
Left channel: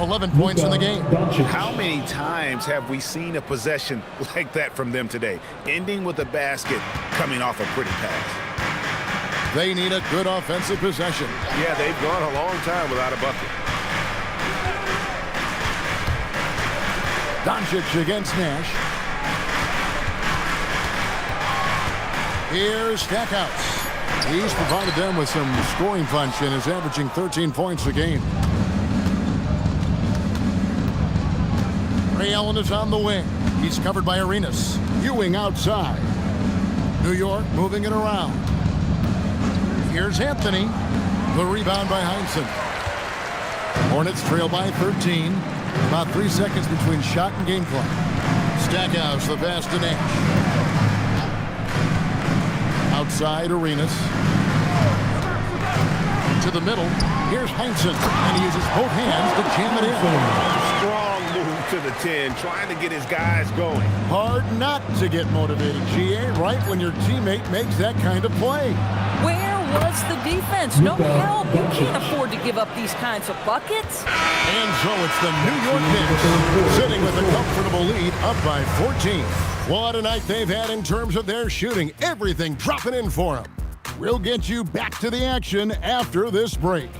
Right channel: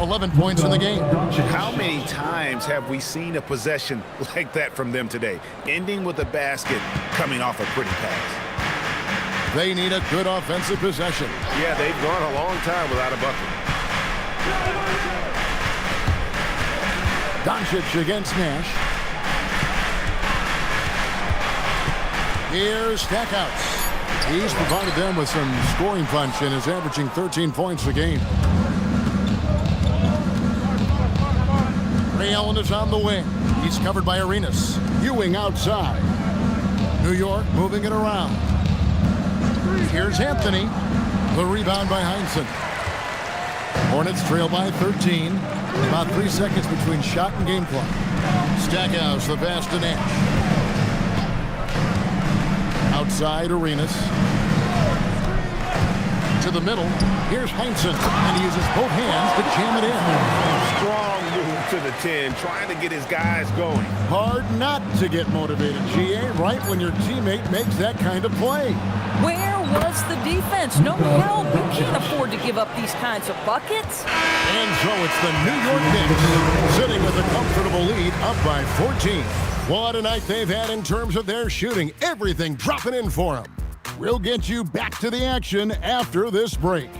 11 points in the game. How many times have we seen a possession like that from them today, ending with a basket coming off a pretty pass? They need a good offensive possession. Yeah, they've gone a long time without a bucket. Doncic against Nash. Here's Stackhouse. He's provided them with some scoring punch and is averaging 13 points a game. Ray Allen is on the wing. He's covered by Arenas. Ewing outside. New York moving it around. Here's Anthony. The rebound by Heinsohn. Hornets trail by 13. About 3 seconds between shot and game clock. Stackhouse, the pass to Nash. Outside Arenas. To the middle. Here's Heinsohn, and he uses both hands to jam it in. Strong move to the 10, trying to get his guys going. Hard not to get motivated, GA, right when your teammate makes that kind of play. Where was the defense? No help. You can't afford to give up these kinds of buckets. And so it's the New York Knicks sitting with a comfortable lead up by 14. What a night they've had in terms of their shooting. Everything dropping in for them. We'll get you back to the action after this break.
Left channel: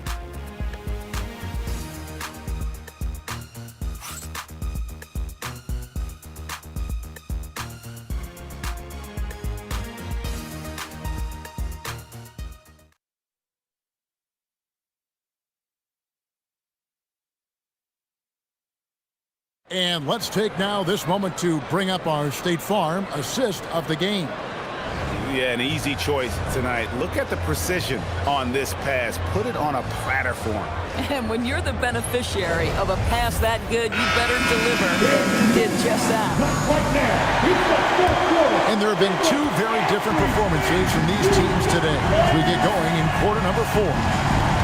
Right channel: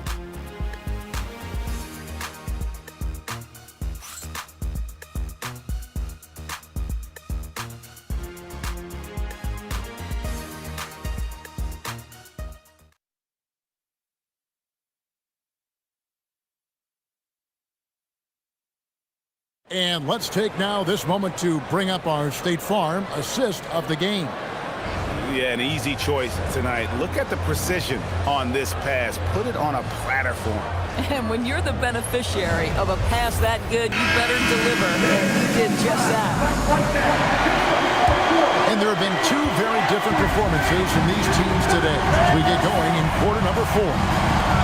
And let's take now this moment to bring up our State Farm assist of the game. Yeah, an easy choice tonight. Look at the precision on this pass. Put it on a platter for him. And when you're the beneficiary of a pass that good, you better deliver. And he did just that. And there have been two very different performances from these teams today as we get going in quarter number 4.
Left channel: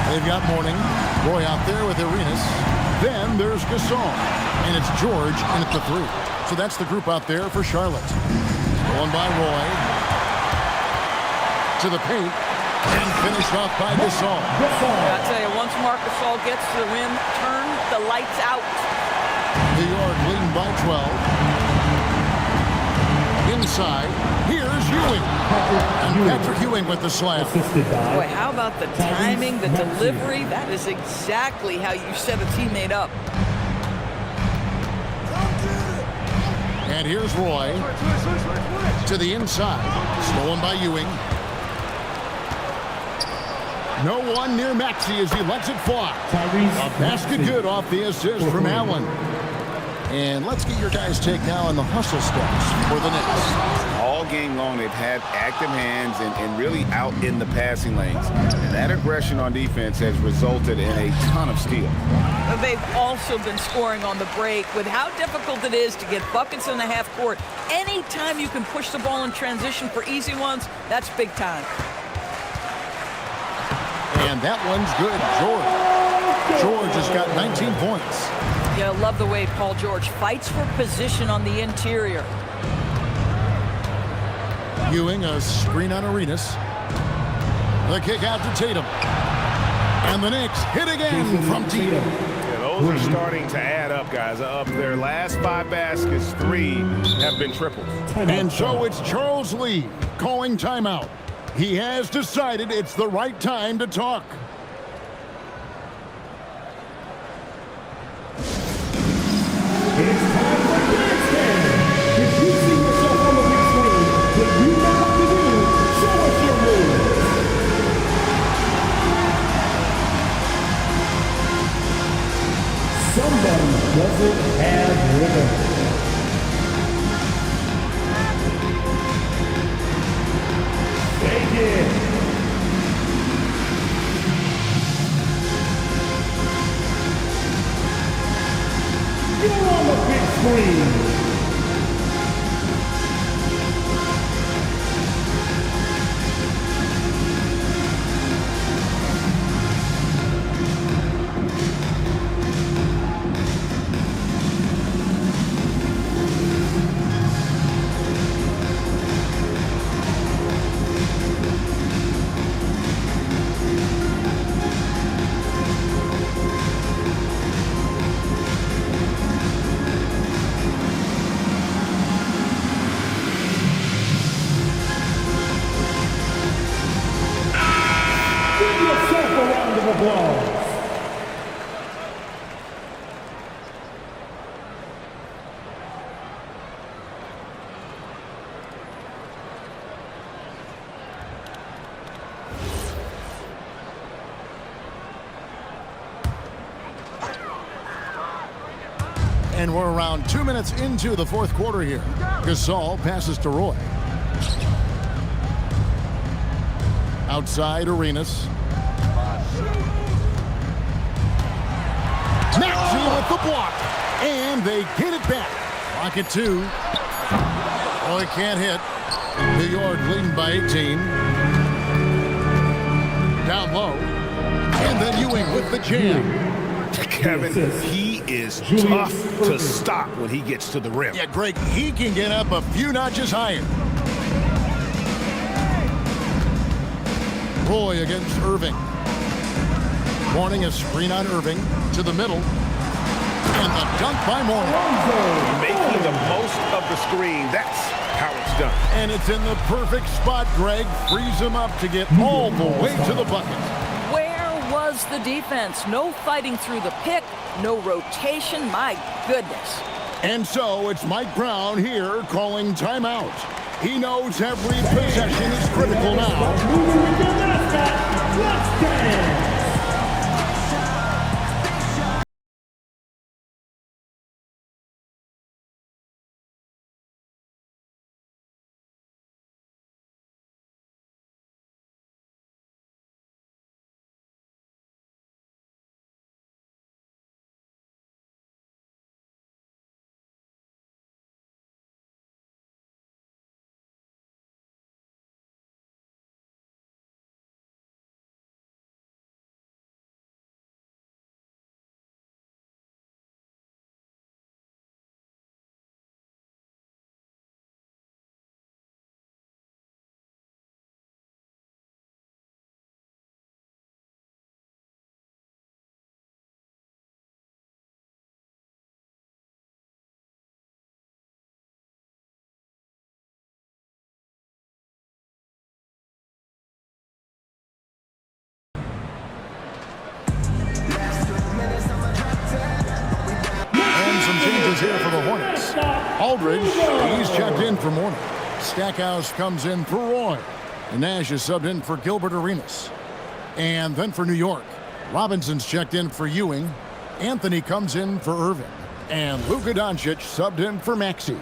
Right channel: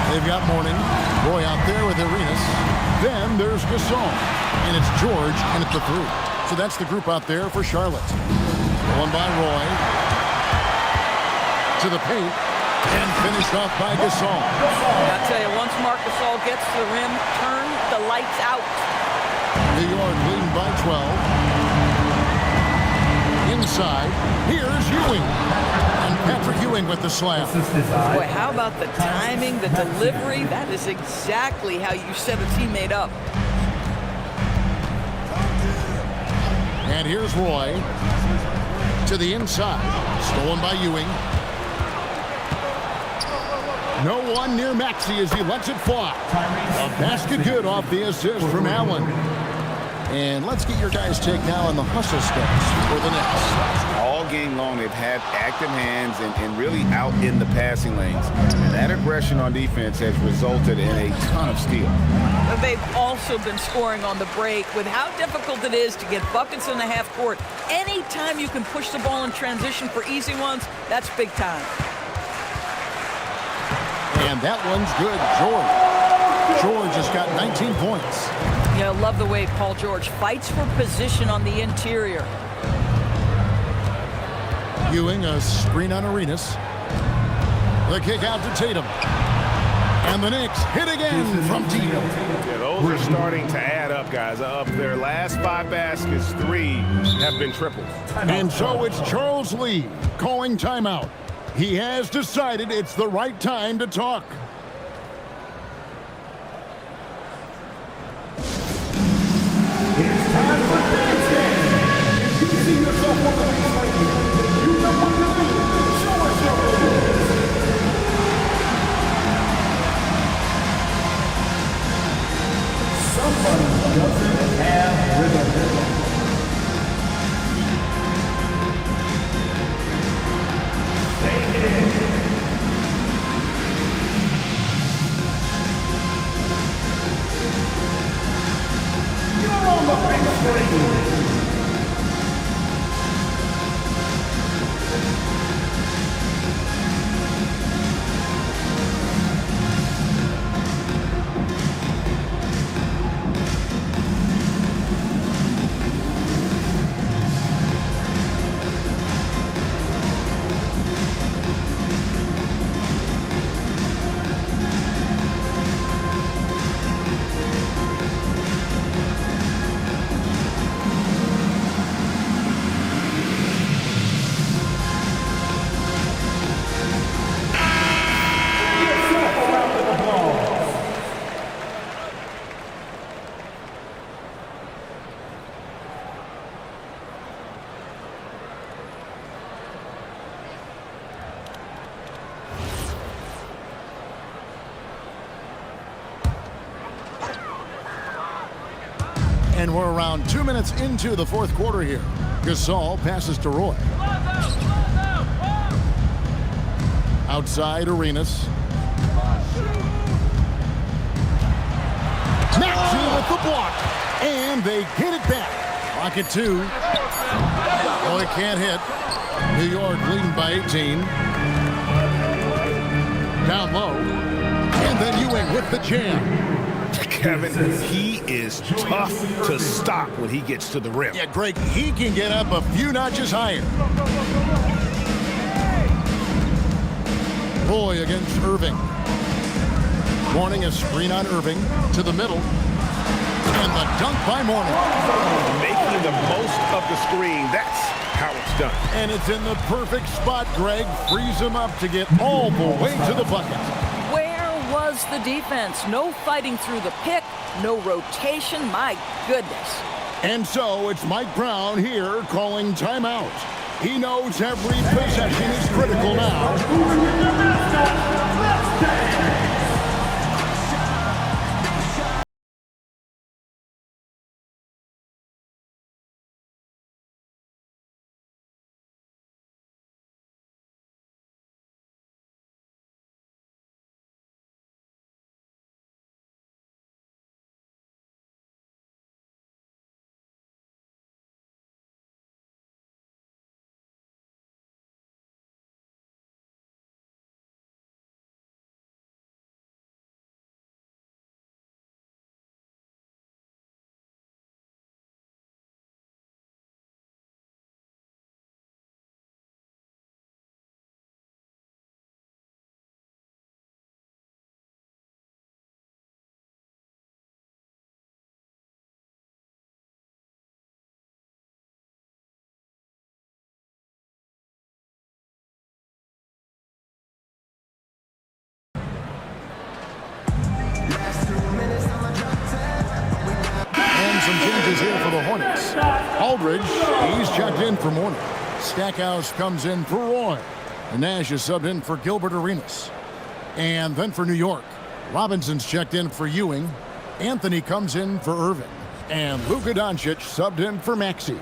They've got Mourning, Roy out there with Arenas. Then there's Gasol. And it's George in at the 3. So that's the group out there for Charlotte. Stolen by Roy. To the paint. And finished off by Gasol. I tell you, once Marc Gasol gets to the rim, turn the lights out. New York leading by 12. Inside, here's Ewing. And Patrick Ewing with the slam. Boy, how about the timing, the delivery? That is exactly how you set a teammate up. And here's Roy to the inside. Stolen by Ewing. No one near Maxey as he lets it fly. A basket good off the assist from Allen. And let's get your guys' take now on the hustle stats for the Knicks. All game long, they've had active hands and really out in the passing lanes. And that aggression on defense has resulted in a ton of steals. They've also been scoring on the break. With how difficult it is to get buckets in the half court, anytime you can push the ball in transition for easy ones, that's big time. And that one's good. George has got 19 points. Yeah, I love the way Paul George fights for position on the interior. Ewing, a screen on Arenas. The kick out to Tatum. And the Knicks hit again from deep. Yeah, those are starting to add up, guys. Of their last 5 baskets, 3 have been triples. And so it's Charles Lee calling timeout. He has decided it's the right time to talk. It's time for dance day. If you see yourself on the big screen, then you know what to do. Show us your moves. Somebody doesn't have rhythm. Take it. You're on the big screen. And we're around 2 minutes into the fourth quarter here. Gasol passes to Roy. Outside Arenas. Maxey with the block. And they get it back. Clock at 2. Roy can't hit. New York leading by 18. Down low. And then Ewing with the jam. Kevin, he is tough to stop when he gets to the rim. Yeah, Greg, he can get up a few notches higher. Roy against Irving. Mourning a screen on Irving to the middle. And the dunk by Mourning. Making the most of the screen. That's how it's done. And it's in the perfect spot, Greg. Frees him up to get all the way to the bucket. Was the defense. No fighting through the pick, no rotation. My goodness. And so it's Mike Brown here calling timeout. He knows every possession is critical now. And some changes here for the Hornets. Aldridge, he's checked in for Mourning. Stackhouse comes in for Roy. And Nash is subbed in for Gilbert Arenas. And then for New York, Robinson's checked in for Ewing. Anthony comes in for Irving. And Luka Doncic subbed in for Maxey.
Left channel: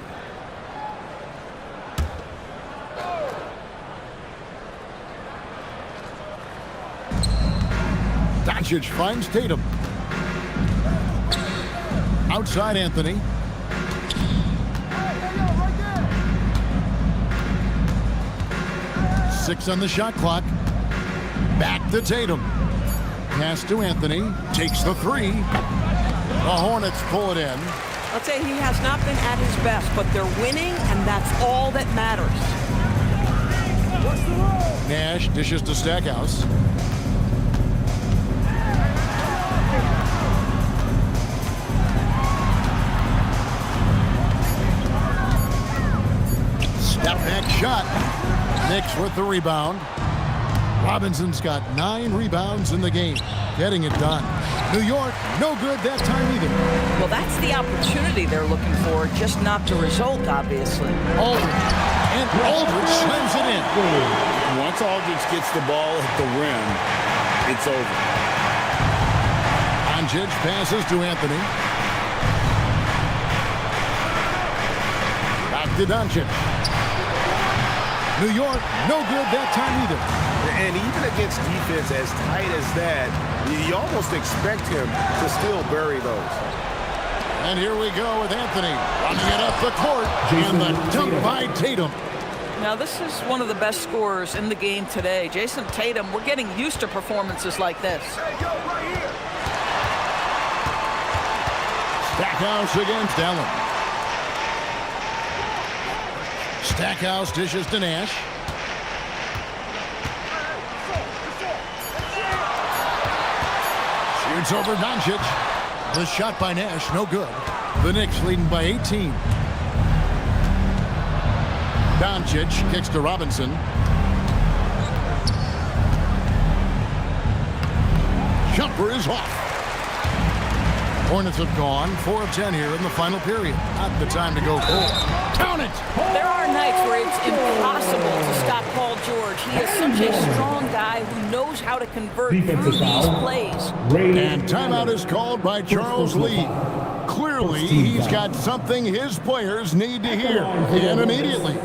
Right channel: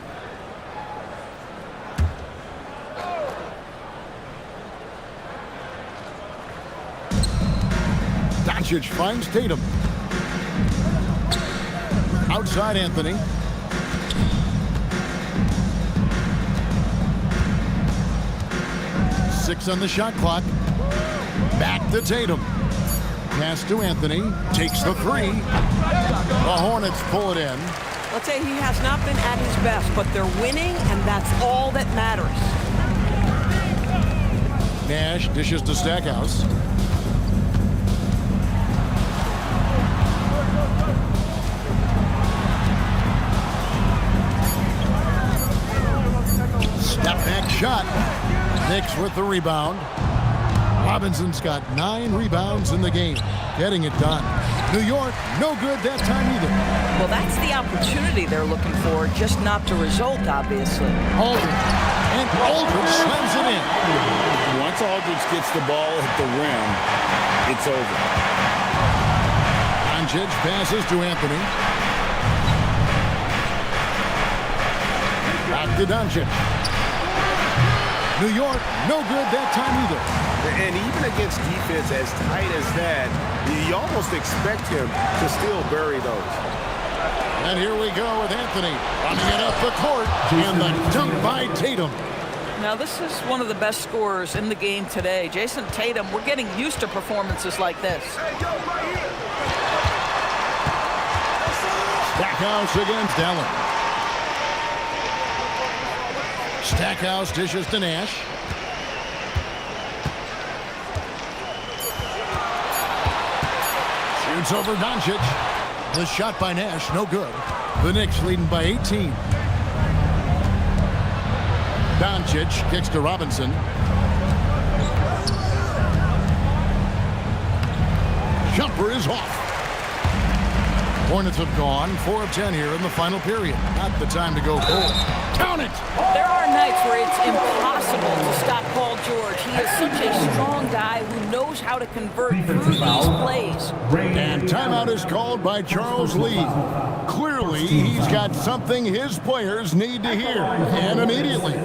Doncic finds Tatum. Outside Anthony. Six on the shot clock. Back to Tatum. Pass to Anthony. Takes the three. The Hornets pull it in. Let's say he has not been at his best, but they're winning, and that's all that matters. Nash dishes to Stackhouse. Step back shot. Knicks with the rebound. Robinson's got 9 rebounds in the game. Getting it done. New York, no good that time either. Well, that's the opportunity they're looking for, just not the result, obviously. Aldridge. And Aldridge slams it in. Once Aldridge gets the ball at the rim, it's over. Doncic passes to Anthony. Back to Doncic. New York, no good that time either. And even against defense as tight as that, you almost expect him to still bury those. And here we go with Anthony running it up the court. And the dunk by Tatum. Now, this is one of the best scorers in the game today. Jason Tatum, we're getting used to performances like this. Stackhouse against Allen. Stackhouse dishes to Nash. Shoots over Doncic. The shot by Nash, no good. The Knicks leading by 18. Doncic kicks to Robinson. Jumper is off. Hornets have gone 4 of 10 here in the final period. Not the time to go cold. Count it! There are nights where it's impossible to stop Paul George. He is such a strong guy who knows how to convert through these plays. And timeout is called by Charles Lee. Clearly, he's got something his players need to hear, and immediately.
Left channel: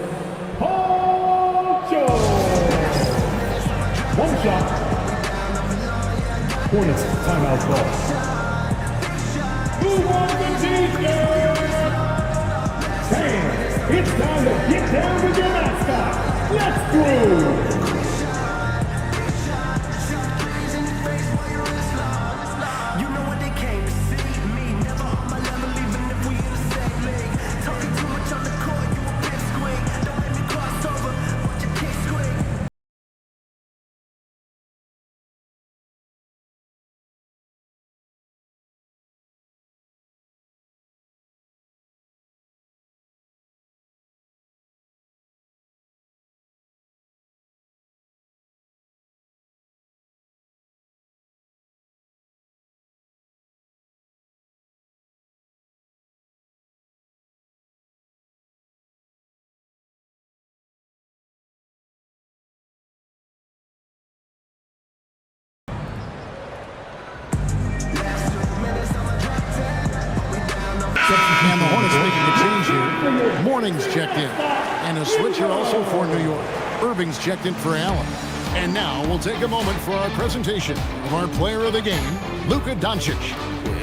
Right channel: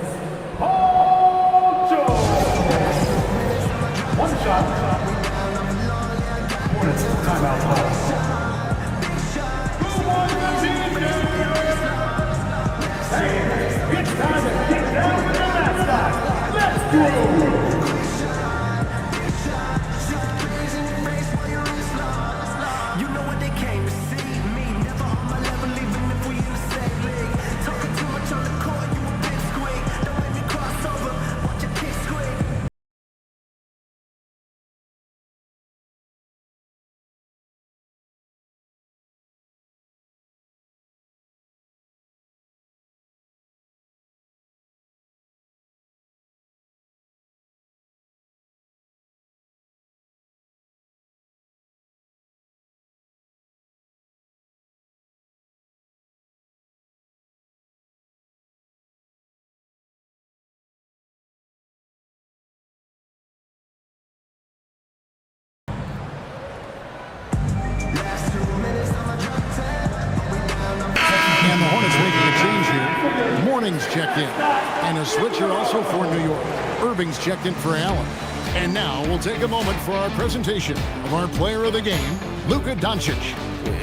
Paul George. One shot. Hornets timeout call. Who won the defense? Hey, it's time to get down with your mascot. Let's go. You know what they came to see. Me, never on my level, even if we in the same league. Talking too much on the court, you a big squeak. Don't make me cross over, watch your kick squeak. And the Hornets making a change here. Morning's checked in. And a switcher also for New York. Irving's checked in for Allen. And now we'll take a moment for our presentation of our player of the game, Luka Doncic.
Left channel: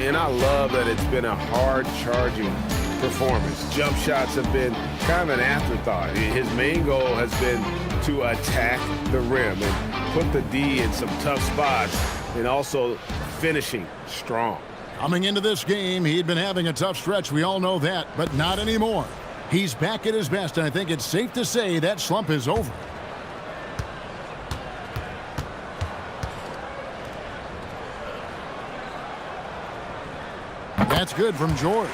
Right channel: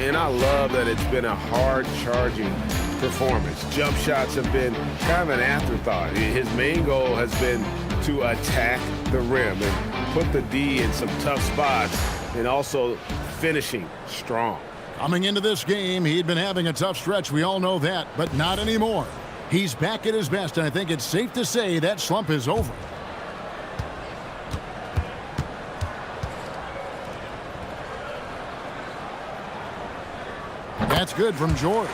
And I love that it's been a hard-charging performance. Jump shots have been kind of an afterthought. His main goal has been to attack the rim and put the D in some tough spots and also finishing strong. Coming into this game, he'd been having a tough stretch. We all know that, but not anymore. He's back at his best, and I think it's safe to say that slump is over. That's good from George.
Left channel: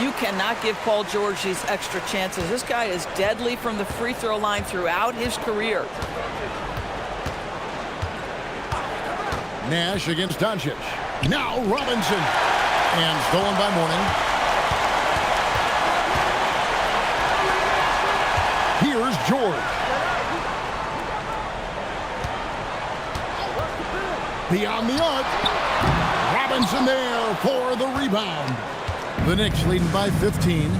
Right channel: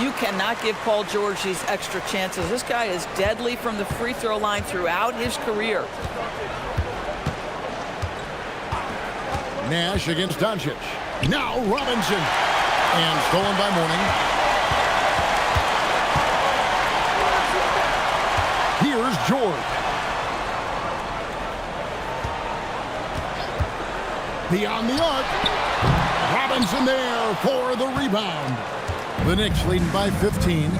You cannot give Paul George these extra chances. This guy is deadly from the free throw line throughout his career. Nash against Doncic. Now Robinson. And stolen by Morning. Here's George. Beyond the arc. Robinson there for the rebound. The Knicks leading by 15.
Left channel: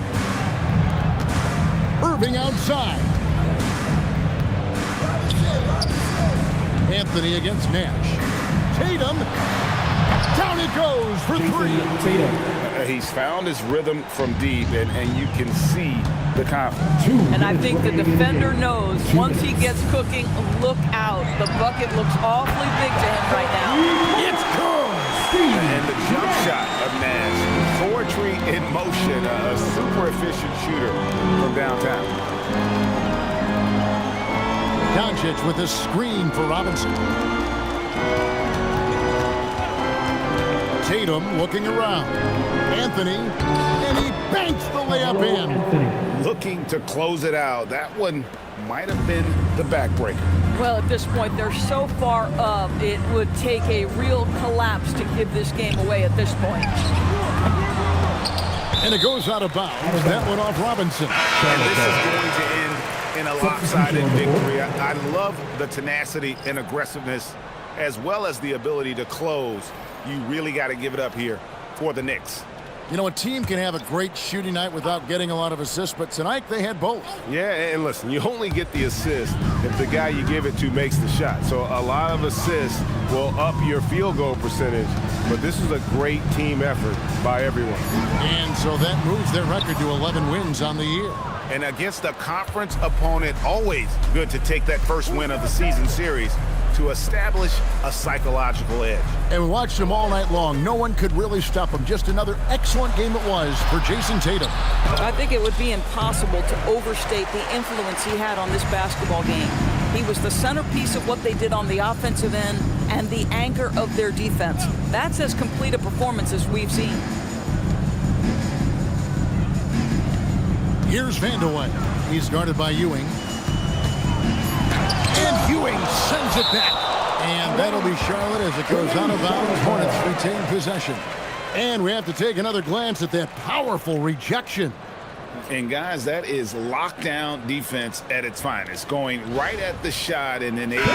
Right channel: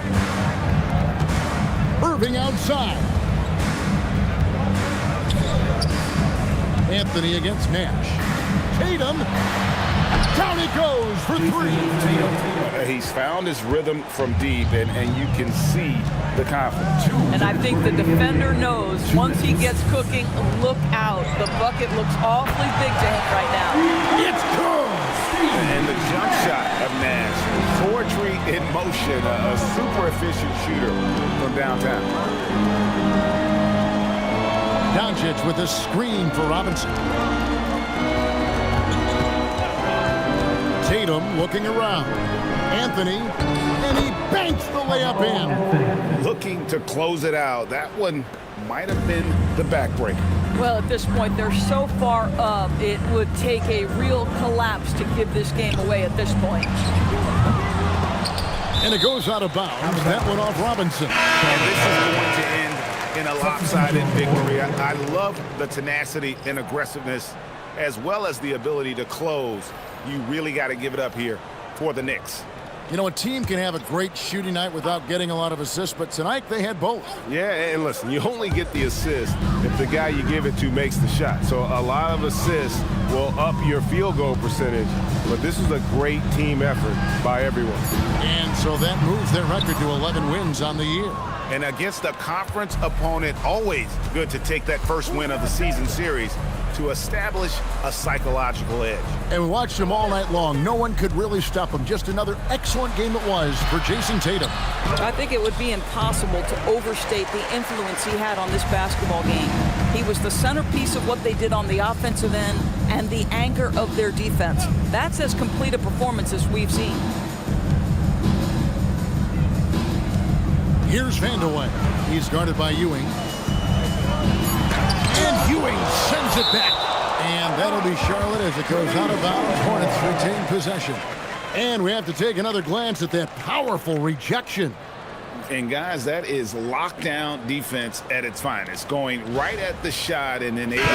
Irving outside. Anthony against Nash. Tatum. Down it goes for three. He's found his rhythm from deep, and you can see the confidence. And I think the defender knows once he gets cooking, look out. The bucket looks awfully big to him right now. It's good. And the jump shot of Nash. Poetry in motion. A super efficient shooter from downtown. Doncic with a screen for Robinson. Tatum looking around. Anthony, and he banks the layup in. Looking to close it out. That one might have been the backbreaker. Well, at this point, they're so far up, it would take a real collapse to give this game away at this point. And it goes out of bounds. That one off Robinson. And this is going to end in a lopsided victory. I love the tenacity and aggressiveness as well as the ability to close. You really got to give it up here for the Knicks. You know, a team can have a great shooting night without getting a lot of assists, but tonight they had both. Yeah, and listen, you only get the assist if the guy you give it to makes the shot. So a lot of assists will up your field goal percentage, but this is a great team effort by everyone. And so that moves their record to 11 wins on the year. And against a conference opponent, always good to take that first win of the season series to establish a psychological edge. And we watched him all night long. No one could really stop him. Just another excellent game it was for Jason Tatum. I think it would be impossible to overstate the influence he had on this basketball game. He was the centerpiece of what they did on the offensive end and the anchor of their defense. That's as complete a performance as we've seen. Here's Vandeweghe. He's guarded by Ewing. And Ewing sends it back. And that'll be Charlotte as it goes out of bounds. Hornets retain possession. And we have to take another glance at that powerful rejection. And guys, that is lockdown defense at its finest. Going right at the shot and then able to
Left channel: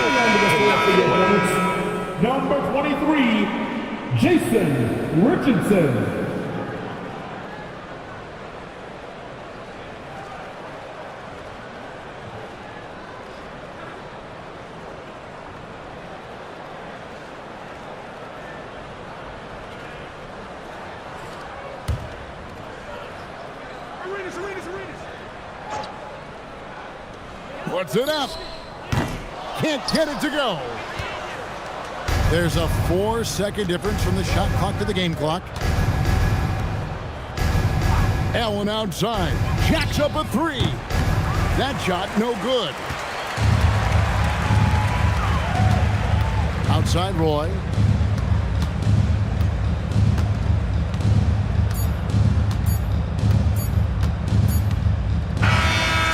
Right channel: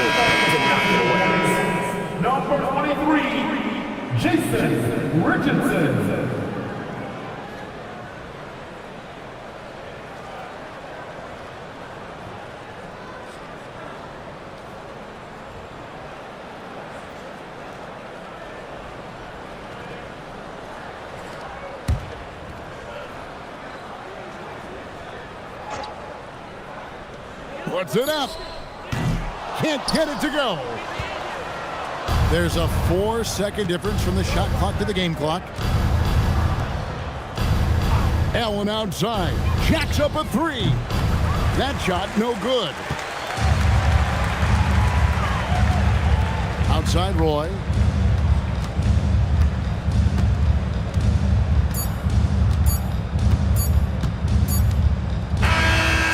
knock it away. Number 23, Jason Richardson. Puts it up. Can't get it to go. There's a 4-second difference from the shot clock to the game clock. Allen outside. Jacks up a 3. That shot no good. Outside Roy.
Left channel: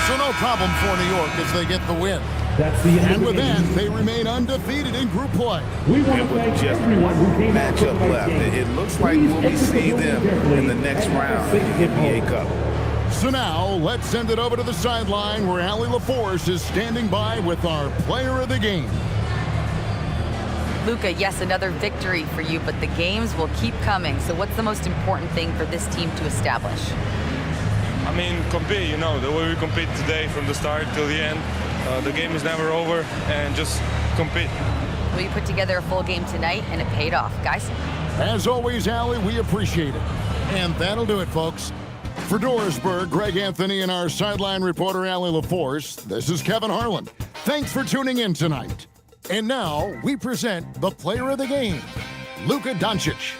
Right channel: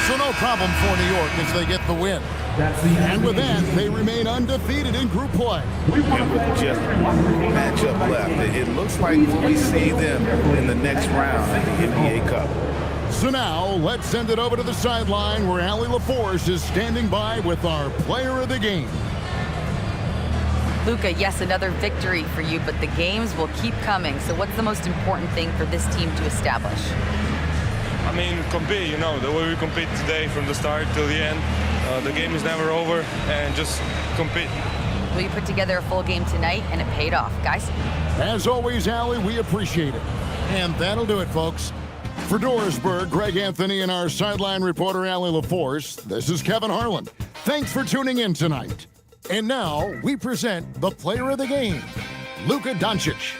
So no problem for New York as they get the win. And with that, they remain undefeated in group play. And with just one matchup left, it looks like we'll be seeing them in the next round of the NBA Cup. So now, let's send it over to the sideline where Allie LaForce is standing by with our player of the game. Luka, yes, another victory for you, but the games will keep coming. So what's the most important thing for this team to establish? I mean, compete, you know, the way we compete today from the start till the end. The game is never over, and just compete. Well, you put together a full game tonight, and it paid off, guys. As always, Allie, we appreciate it. And that'll do it, folks. For Dorisburg, Greg Anthony, and our sideline reporter, Allie LaForce, this is Kevin Harlan. Thanks for tuning in tonight. And now, we present the player of the game, Luka Doncic.